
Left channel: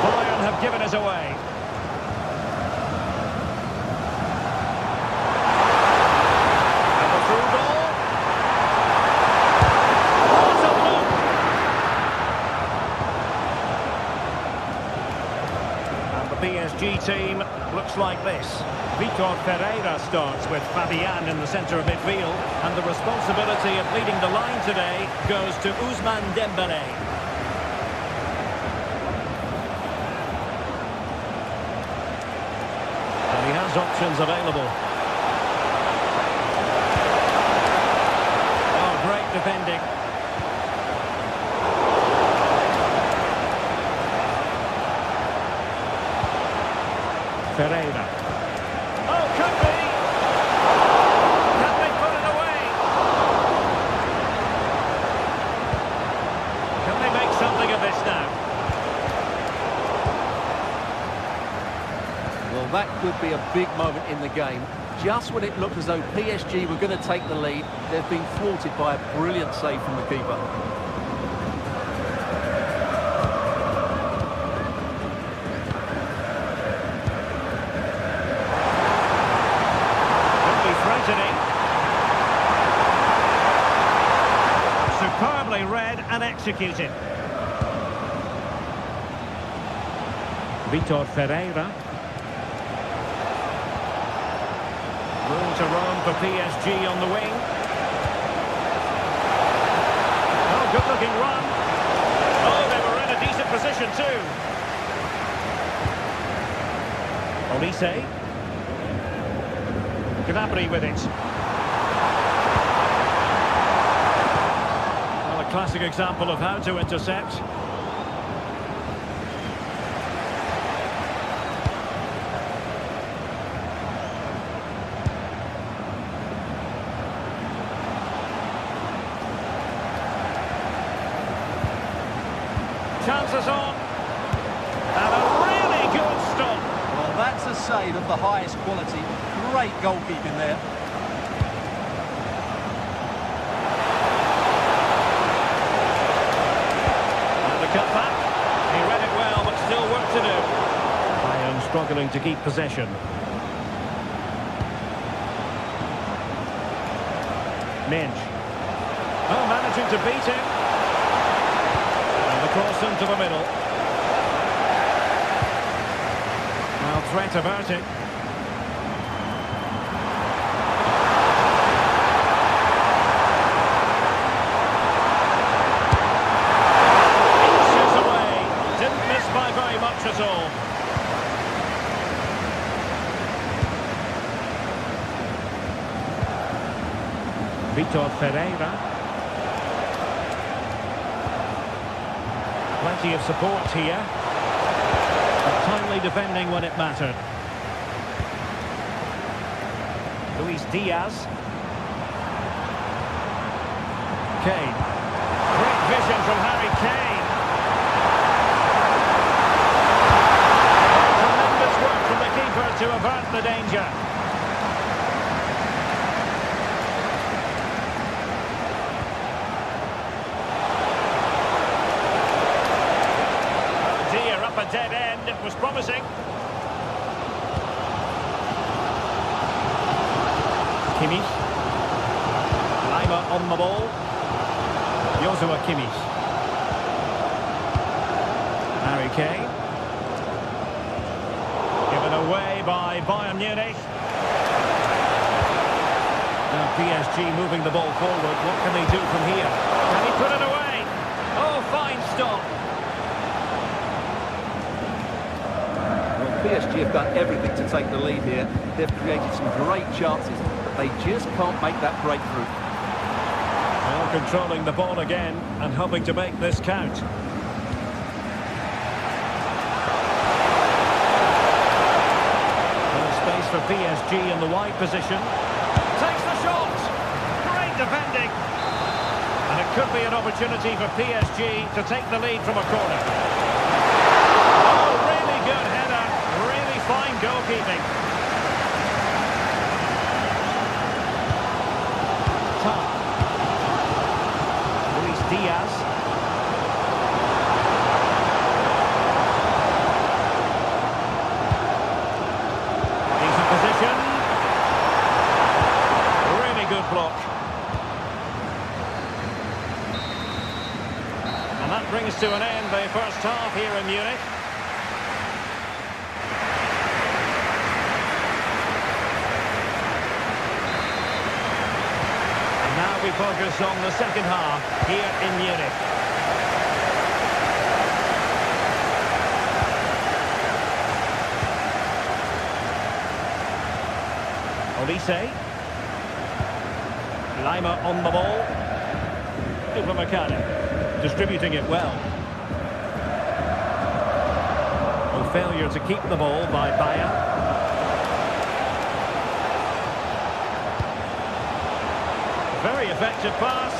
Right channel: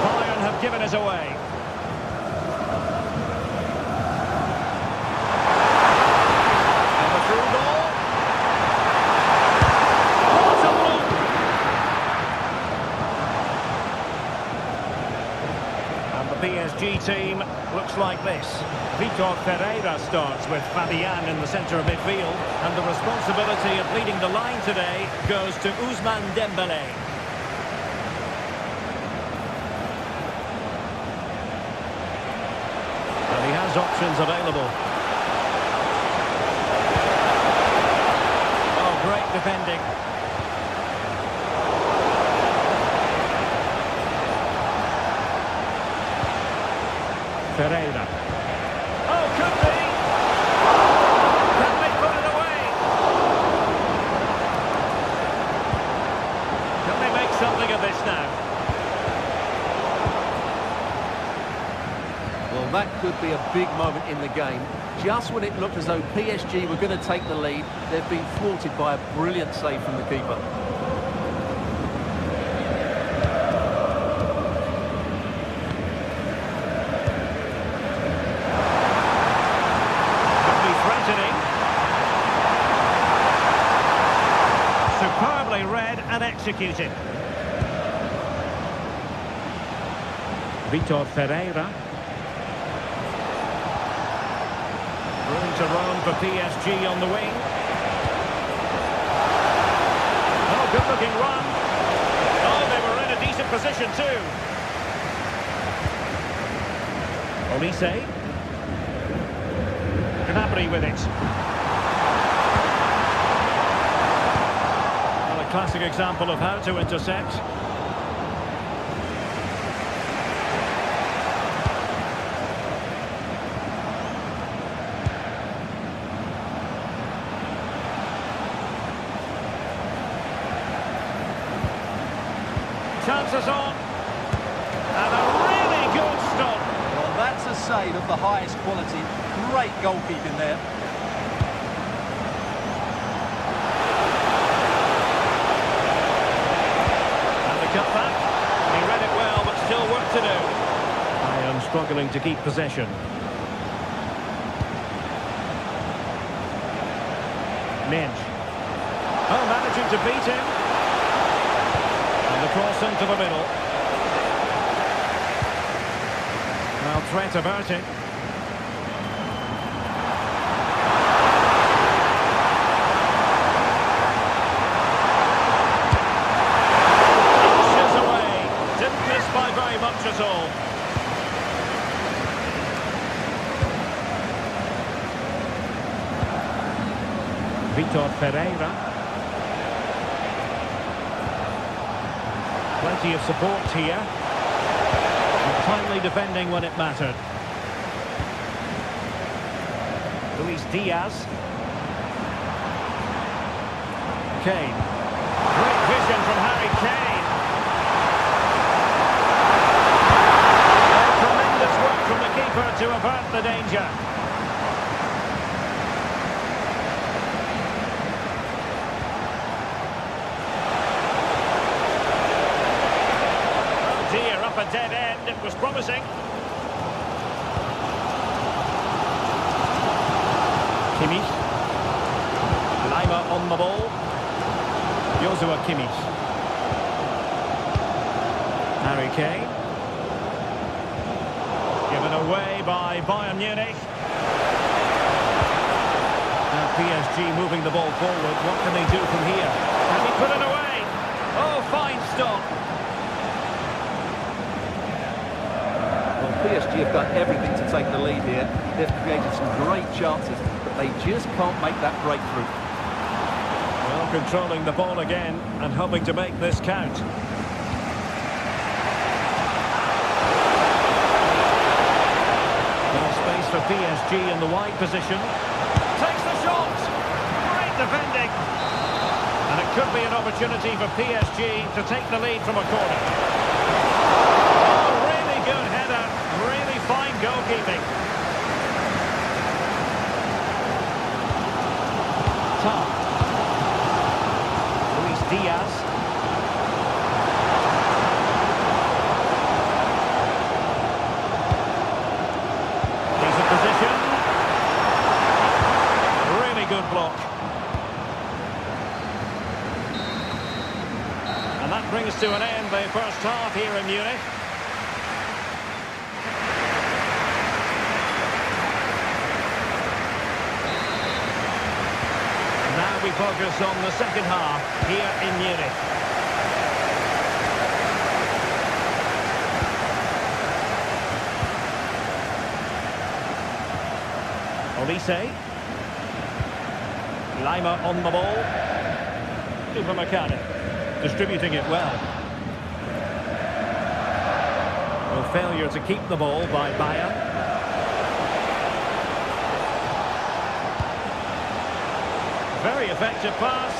Bayern have given us away. And the through ball. What a block! And the PSG team looks like this. Vitor Ferreira starts with Fabian in the centre of midfield, and the responsibility of leading the line today goes to Ousmane Dembele. And he has options available. Oh, great defending. Ferreira. Oh, could be! Can they put it away? Can they make something of this now? Well, that could be a big moment in the game. Just when it looked as though PSG were going to take the lead, they've been thwarted by a brilliant save from the keeper. Threatening. Superbly read and executed. Vitor Ferreira. Room to roam for PSG on the wing. Oh, good-looking run. Oh, they were in a decent position too. Olise. Gnabry with it. Well, a classic example of how to intercept. Chances on. And a really good stop. Well, that's a save of the highest quality. Great goalkeeping there. And the cutback. He read it well, but still work to do. Bayern struggling to keep possession. Minch. Oh, managing to beat him. And the cross into the middle. Well, threat averted. Inches away. Didn't miss by very much at all. Vitor Ferreira. Plenty of support here. But timely defending when it mattered. Luis Diaz. Kane. Great vision from Harry Kane. Oh, tremendous work from the keeper to avert the danger. Oh dear, up a dead end. It was promising. Kimmich. Lima on the ball. Joshua Kimmich. Harry Kane. Given away by Bayern Munich. Now PSG moving the ball forward. What can they do from here? Can he put it away? Oh, fine stop. Well, PSG have done everything to take the lead here. They've created some great chances, but they just can't make that breakthrough. Well, controlling the ball again and hoping to make this count. Well, space for PSG in the wide position. Takes the shot! Great defending! And it could be an opportunity for PSG to take the lead from a corner. Oh, really good header. Really fine goalkeeping. Tar. Luis Diaz. Decent position. Really good block. And that brings to an end the first half here in Munich. And now we focus on the second half here in Munich. Olise. Lima on the ball. Upamecano. Distributing it well. No failure to keep the ball by Bayer. Very effective pass.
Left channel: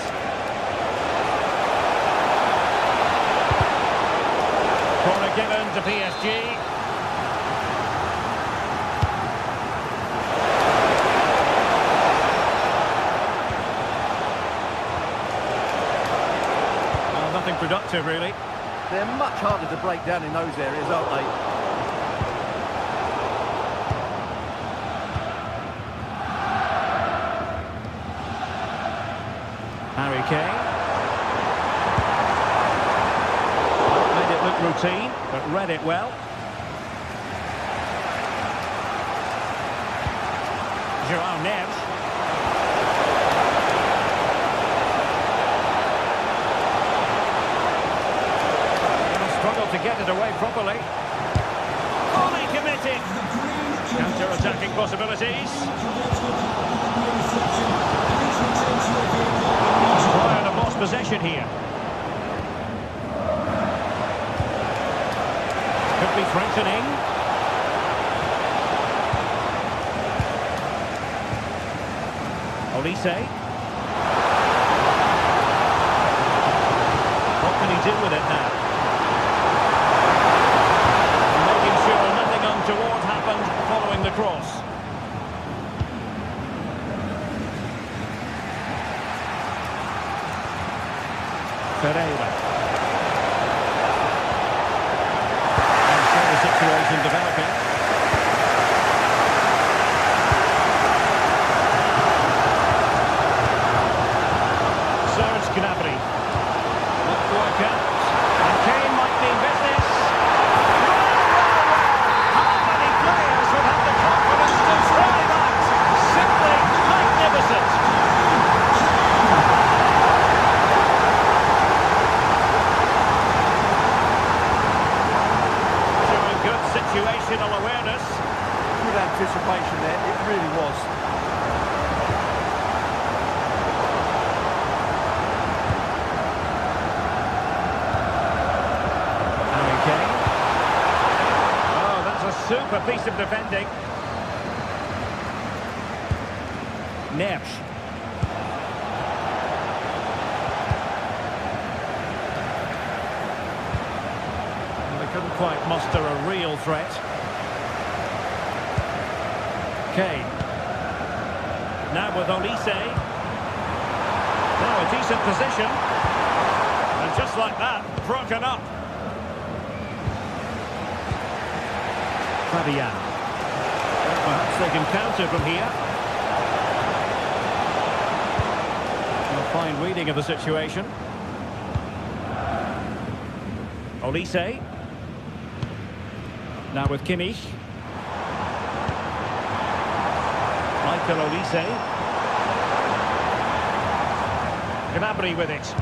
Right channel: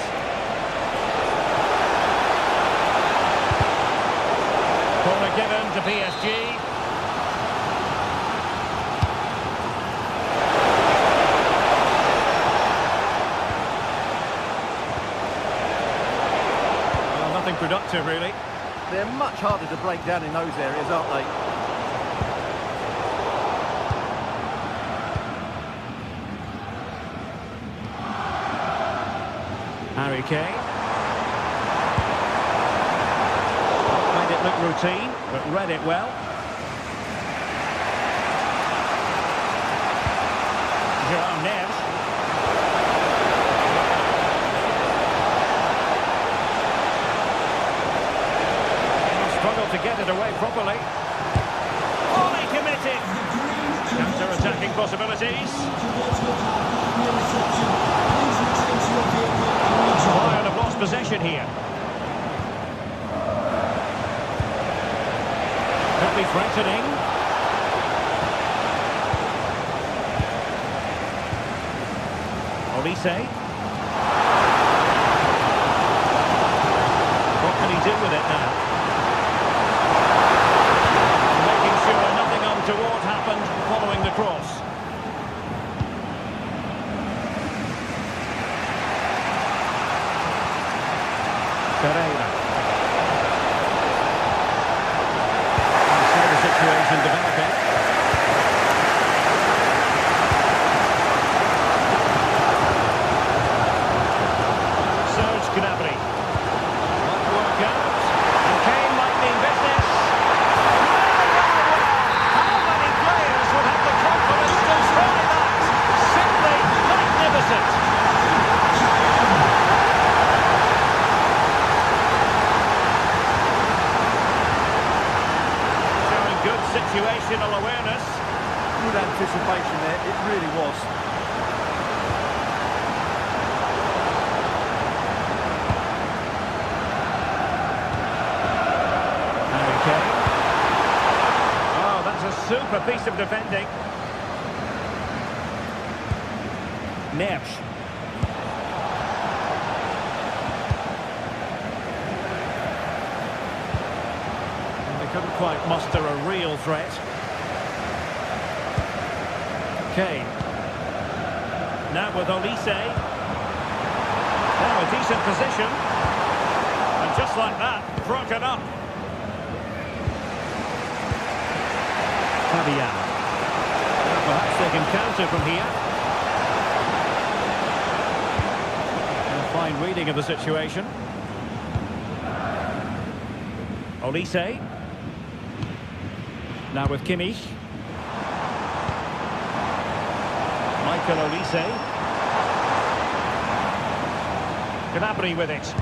Corner given to PSG. Nothing productive, really. They're much harder to break down in those areas, aren't they? Harry Kane. Made it look routine, but read it well. João Neves. Struggled to get it away properly. Fully committed. Counter-attacking possibilities. Bayern have lost possession here. Could be threatening. Olise. What can he do with it now? Sure, nothing untoward happened following the cross. Pereira. And so the situation developing. Serge Gnabry. Might work out. And Kane might mean business. Would have the confidence to try that. Simply magnificent. Showing good situational awareness. Good anticipation there, it really was. Harry Kane. That's a super piece of defending. Neves. They couldn't quite muster a real threat. Kane. Now with Olise. Now a decent position. And just like that, broken up. Fabian. Perhaps they can counter from here. A fine reading of the situation. Olise. Now with Kimmich. Michael Olise. Gnabry with it.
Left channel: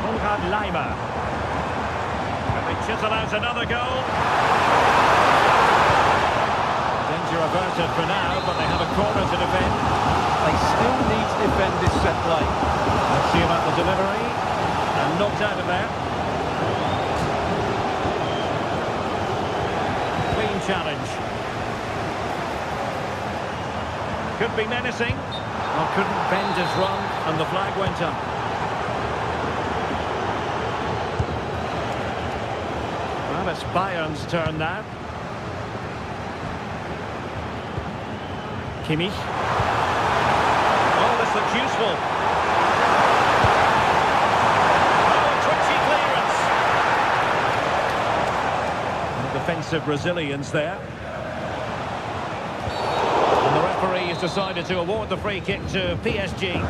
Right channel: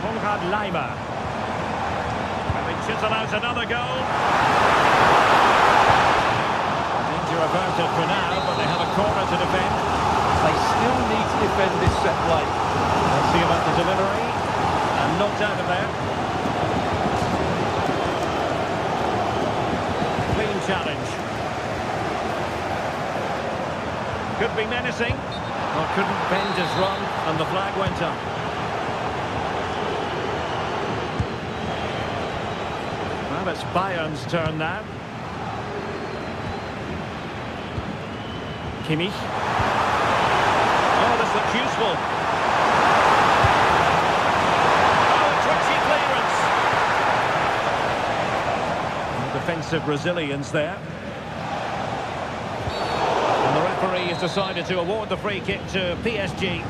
Konrad Laimer. Can they chisel out another goal? Danger averted for now, but they have a corner to defend. They still need to defend this set play. Let's see about the delivery. And knocked out of there. Clean challenge. Could be menacing. Well, couldn't bend his run, and the flag went up. Well, it's Bayern's turn now. Kimmich. Oh, this looks useful. Oh, a twitchy clearance. The defensive resilience there. And the referee has decided to award the free kick to PSG.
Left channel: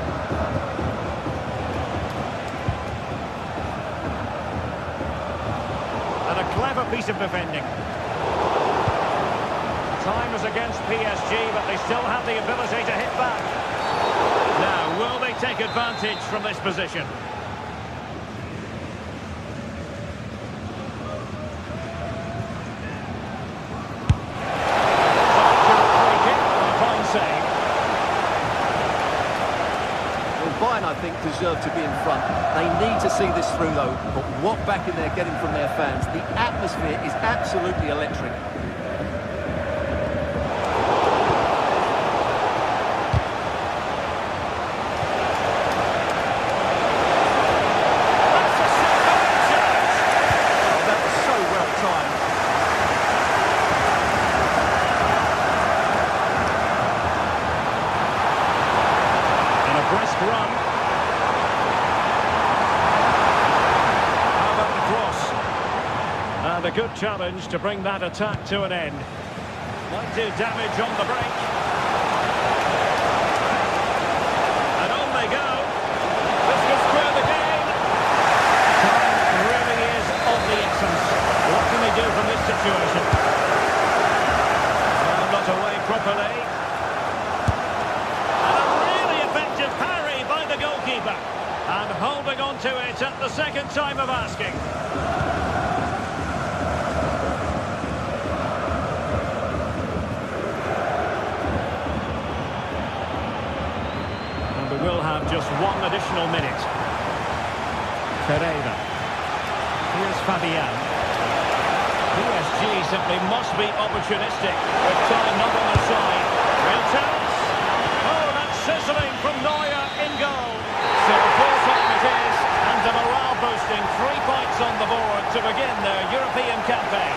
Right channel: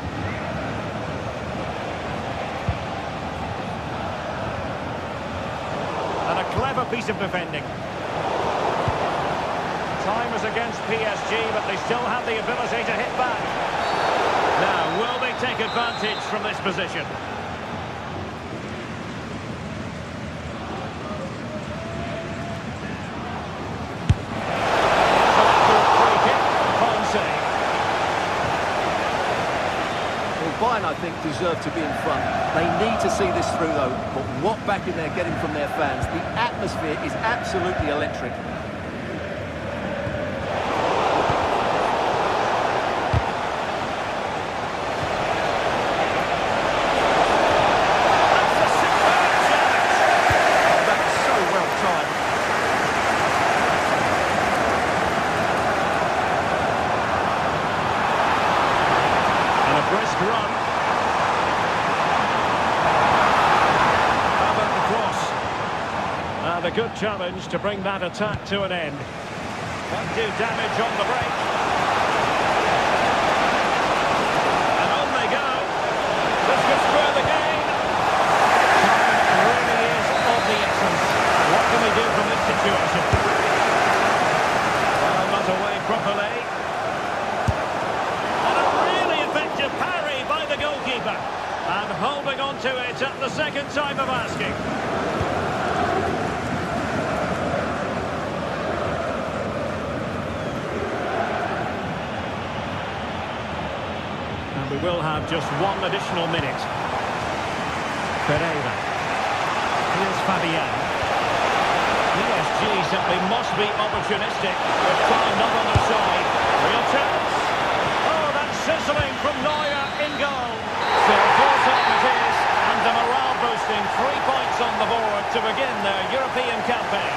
And a clever piece of defending. Time is against PSG, but they still have the ability to hit back. Now, will they take advantage from this position? That's an accurate free kick. Fine save. Well, Bayern, I think, deserve to be in front. They need to see this through, though. But what backing they're getting from their fans, the atmosphere is absolutely electric. That's a superb challenge. Oh, that was so well timed. And a brisk run. How about the cross? And a good challenge to bring that attack to an end. Might do damage on the break. And on they go. This could square the game. Time really is of the essence. What can they do from this situation? Well, not away properly. And a really effective parry by the goalkeeper. And holding on to it at the second time of asking. And we will have just one additional minute. Pereira. Here's Fabian. PSG simply must be opportunistic with time not on their side. Real chance. Oh, that's sizzling from Neuer in goal. So full time it is, and a morale boosting 3 points on the board to begin their European campaign.